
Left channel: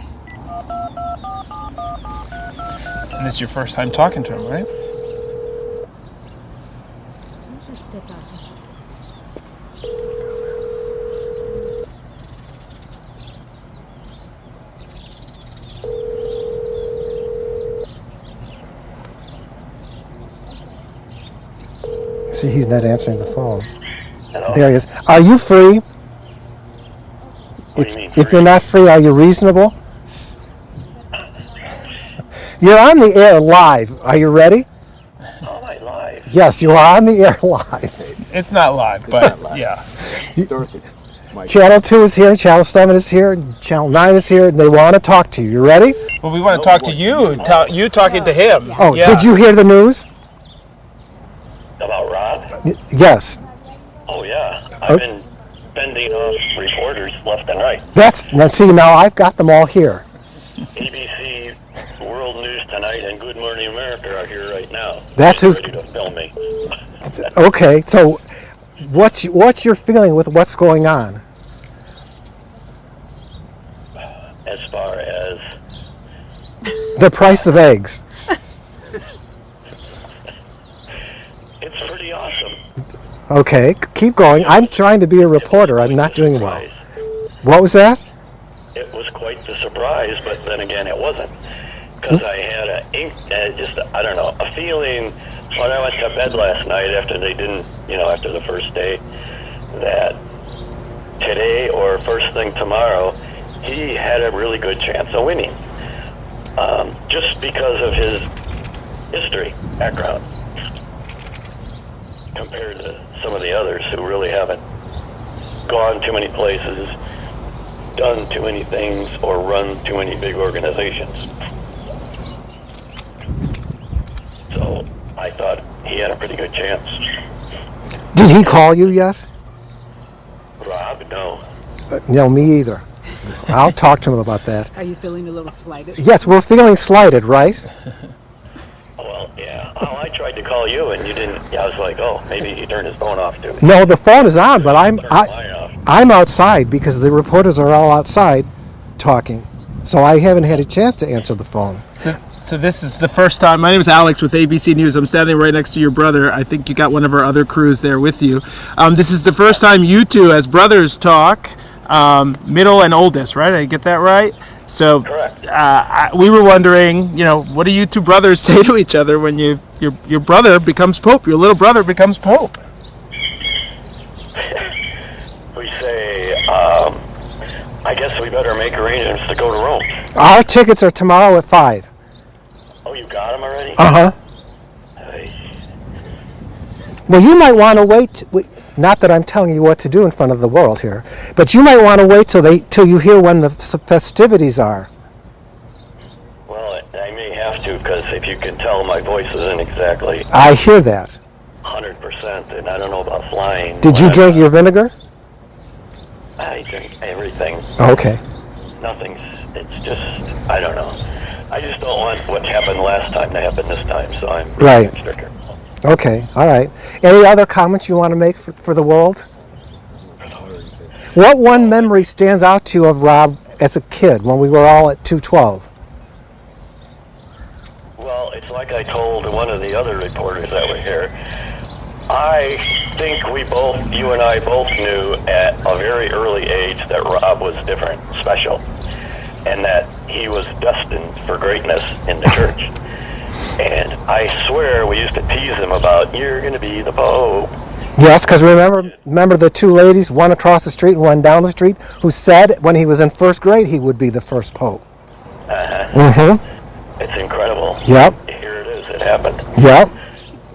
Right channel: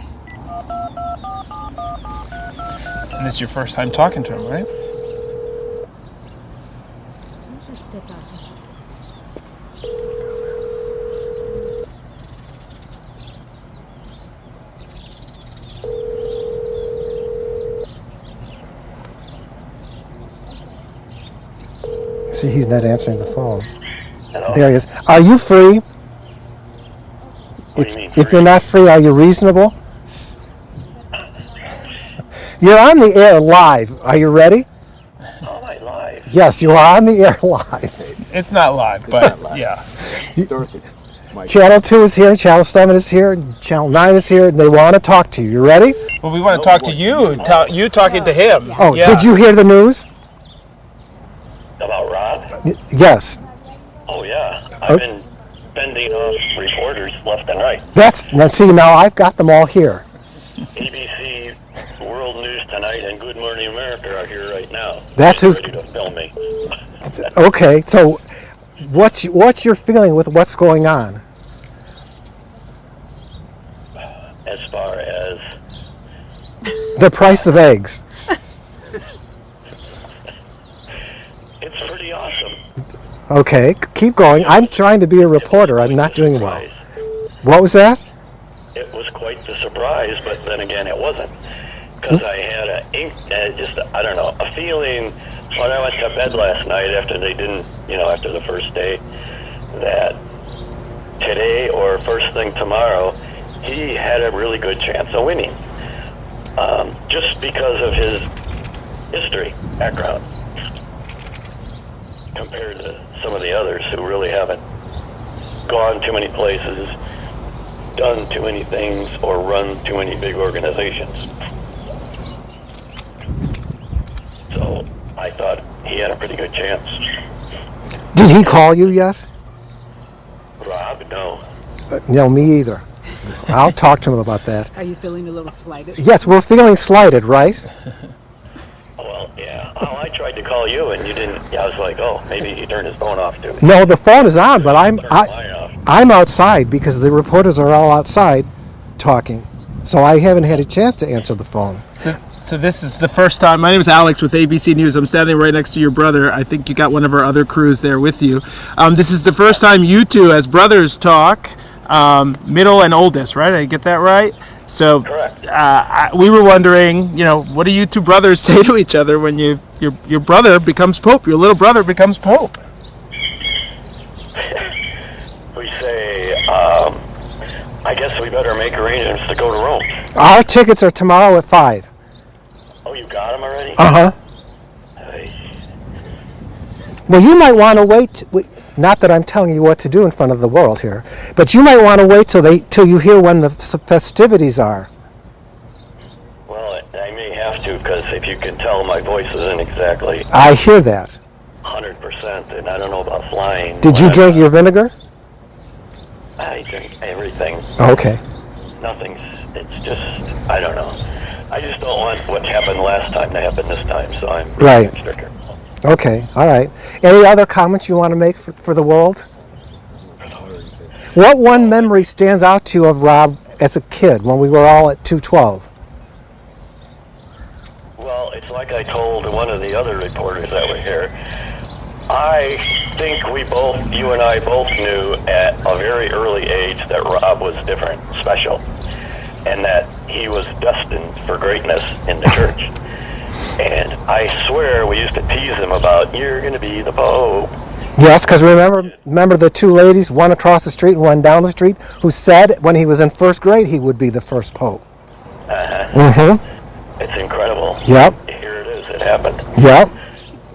And this is your first time talking to him, right? Just step out. See, he's not answering the phone. Hello? There he is. Are you free? If you're not free, are you reasonable? You're on the air live. Are you ready? Am I live? Yes, you are on the air live. It's not live, but yeah. Dorothy. Channel 2 is here, Channel 7 is here, Channel 9 is here, and they want to talk to you. You ready? Well, we want to talk to you. You talking to him. Oh, Yeah. did you hear the news? About Rob? Yes. Oh, yeah. I've been fending off reporters left and right. Now see, now I've got them all here. ABC, World News Tonight, and Good Morning America are here right now. That's who's ready to film me. okay. So, what's your feeling with what's going on? As far as The price of eggs. it's pretty awesome. Okay, keep going. I'm trying to be a reporter. I'm not doing well. What was that? It was quite the surprise, but then again, it wasn't. Because I had a feeling when I went to bed last night after they didn't, after the first day, that today or first thing tomorrow, he had a really good chance of winning. Just because of his history, background, compared to some of the others who really haven't gone too many places, done too many things, or run too many big organizations. So I thought he had a pretty good chance. Did he call you yet? Rob, no. No, me either. I'll talk to him about that. Are you feeling a little slighted? Yes, we're feeling slighted, right? Well, yeah. Oh, I tried to call you and you didn't. I was like, oh, maybe he turned his phone off too. No, the phone is on, but I'm outside because the reporters are all outside talking. So I haven't had a chance to answer the phone. So this is the first time. My name is Alex with ABC News. I'm standing right next to your brother. I think you got one of our other crews there with you. This is the first time you two as brothers talk, middle and oldest, right? I get that right? So we were wondering, what do you two brothers say to each other when your brother becomes Pope, your little brother becomes Pope? We say, I guess we better make arrangements to go to Rome. Our tickets are tomorrow at 5. Oh, you got them already? Uh-huh. Well, you might want to wait. Not that I'm telling you what to do in front of the world here, but you might want to wait till you hear when the festivities are. Well, I may have to, because if you can tell, my voice isn't exactly I hear that. 100%, and I don't know about flying. Did you drink your vinegar? I drink everything. Okay. It's just, I don't know. I just don't want what happened last time to happen this time, so I'm Right. extra careful. Okay, all right. Any other comments you want to make for the world? What one memory stands out to you of Rob as a kid when we were all at 212? Well, it's like I told one of the other reporters that were here. I think you and I both knew at a very early age that Rob was different, special, and that he was destined for greatness in the church. And I swear we used to tease him about, you're going to be the Pope. Yes, because remember the two ladies, one across the street and one down the street, who said when he was in first grade he would be the first Pope. It's incredible. Yep. Here it is. It happened. Yep.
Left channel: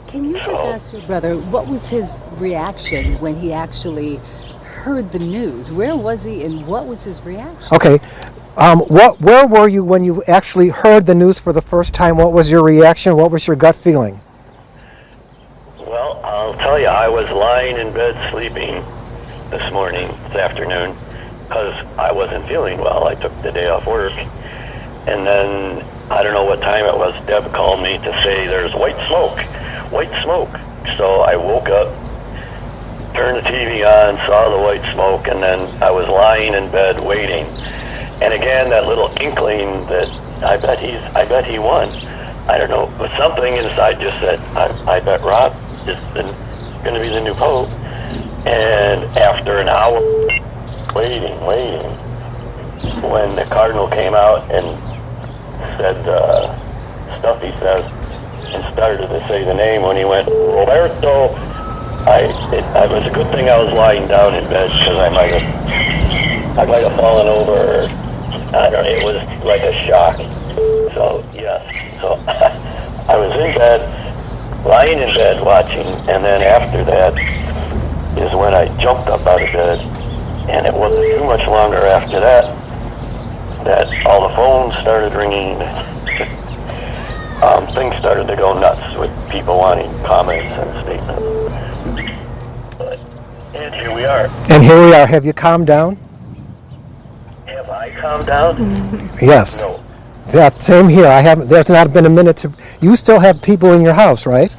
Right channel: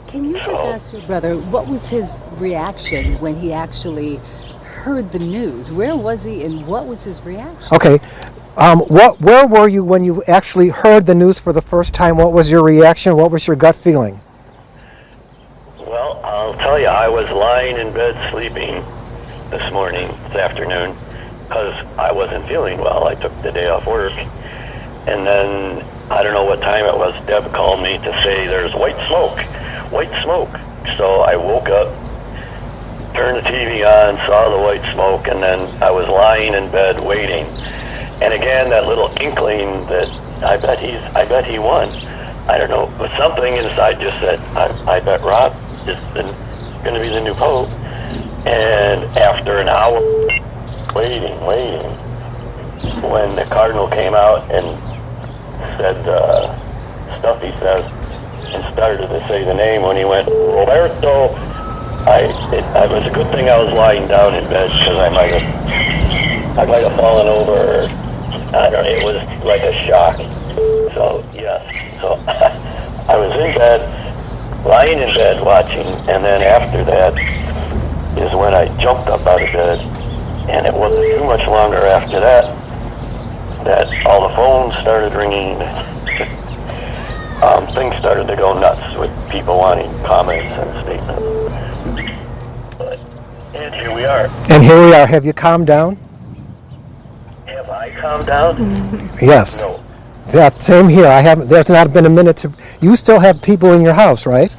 Can you just ask your brother, what was his reaction when he actually heard the news? Where was he and what was his reaction? Okay. Where were you when you actually heard the news for the first time? What was your reaction? What was your gut feeling? Well, I'll tell you, I was lying in bed sleeping this afternoon, because I wasn't feeling well. I took the day off work. And then, I don't know what time it was, Deb called me to say there's white smoke. So I woke up, turned the TV on, saw the white smoke, and then I was lying in bed waiting. And again, that little inkling that I bet he won. I don't know, but something inside just said, I bet Rob is going to be the new Pope. And after an hour waiting, when the Cardinal came out and said stuff he says, and started to say the name, when he went, Roberto, it was a good thing I was lying down in bed, because I might have fallen over. I don't know, it was like a shock. So, yes. So, I was in bed, lying in bed watching, and then after that is when I jumped up out of bed, and it wasn't too much longer after that all the phones started ringing. Things started to go nuts with people wanting comments and statements. And here we are. Have you calmed down? Have I calmed down? Yes. No. Yeah, same here. There's not been a minute to. You still have people in your house, right?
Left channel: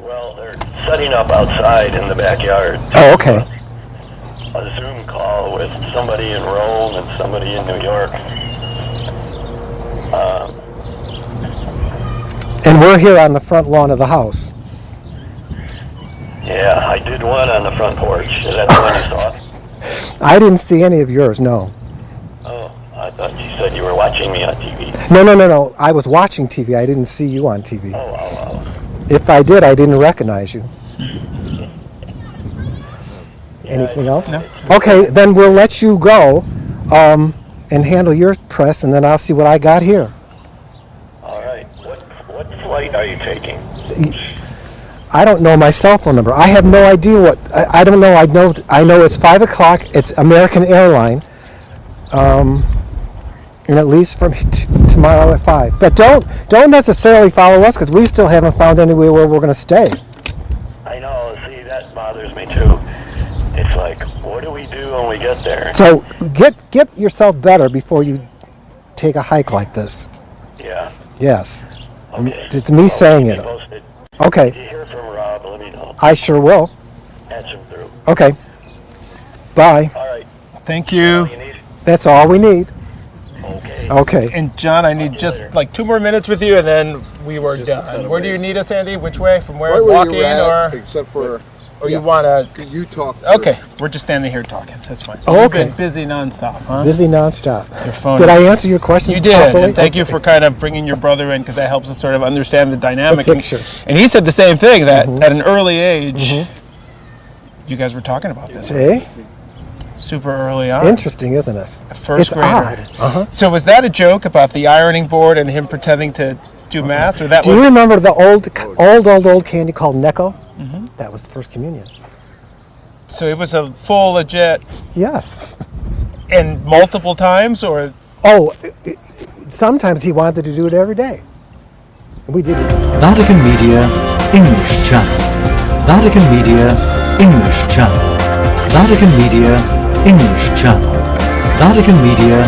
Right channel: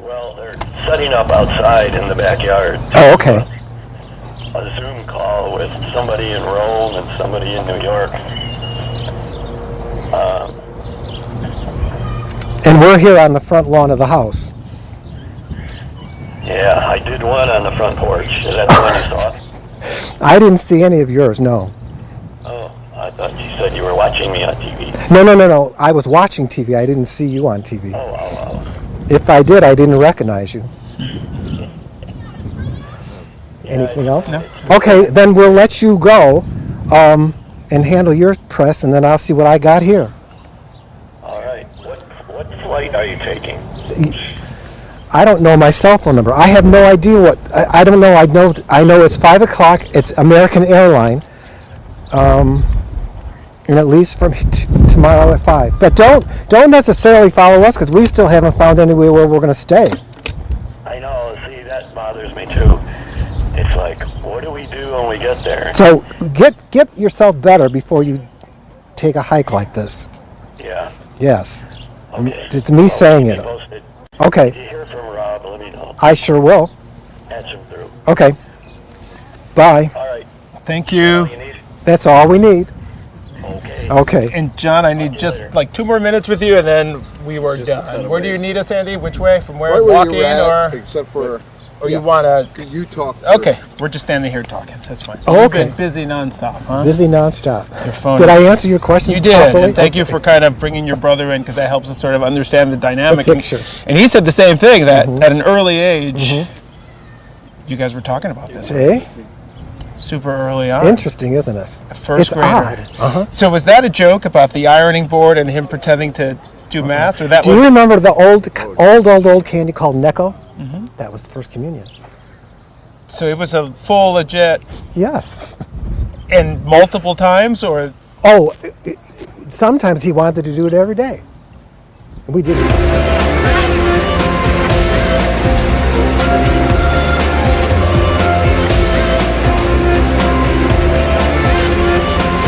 Well, they're setting up outside in the backyard. Oh, okay. A Zoom call with somebody in Rome and somebody in New York. And we're here on the front lawn of the house. Yeah, I did one on the front porch. Is that the one you saw? I didn't see any of yours, no. Oh, I thought you said you were watching me on TV. No. I was watching TV. I didn't see you on TV. Oh. If I did, I didn't recognize you. Anything else? No. Okay, then we'll let you go and handle your press, and then I'll see what I got here. All right. What flight are you taking? I don't know my cell phone number. I have no idea what. I don't know. I know it's 5 o'clock. It's American Airline, and it leaves from tomorrow at 5. But don't necessarily follow us, because we still haven't found anywhere where we're going to stay. I know. See, that bothers me too. It's like, what do we do when we get there? So get yourself better before you take a hike like this. Yeah. Yes. Okay. It's me saying it. Posted. Okay. If you hear from Rob, let me know. I sure will. Patch him through. Okay. Bye. All right. Thank you. That's all we need. Okay. And John, I need just like 2 more minutes with you, and then we were done. Where do you need us, Andy? Which way? From where? Right where Walking you're at, or? except for. Or you want to? You talk. Okay, we're just standing here talking. That's fine. So you've been busy nonstop, huh? Busy nonstop. Your phone. Did I answer your questions You did, properly? and thank you for kind of bringing your brother in, because that helps us sort of understand the dynamic. The picture. And he said the same thing, that at an early age, you guys were talking about this. See? Super early on. Interesting, isn't it? First it's grader. odd. Uh-huh. So was that a joke about the ironing board and him pretending to do math, or that Do was? you remember the old candy called Necco? Mm-hmm. That was the first communion. So it was a full legit. Yes. And multiple times, or? Oh, sometimes he wanted to do it every day. We did it. Vatican Media English Channel. Vatican Media English Channel. Vatican Media English Channel. Vatican Media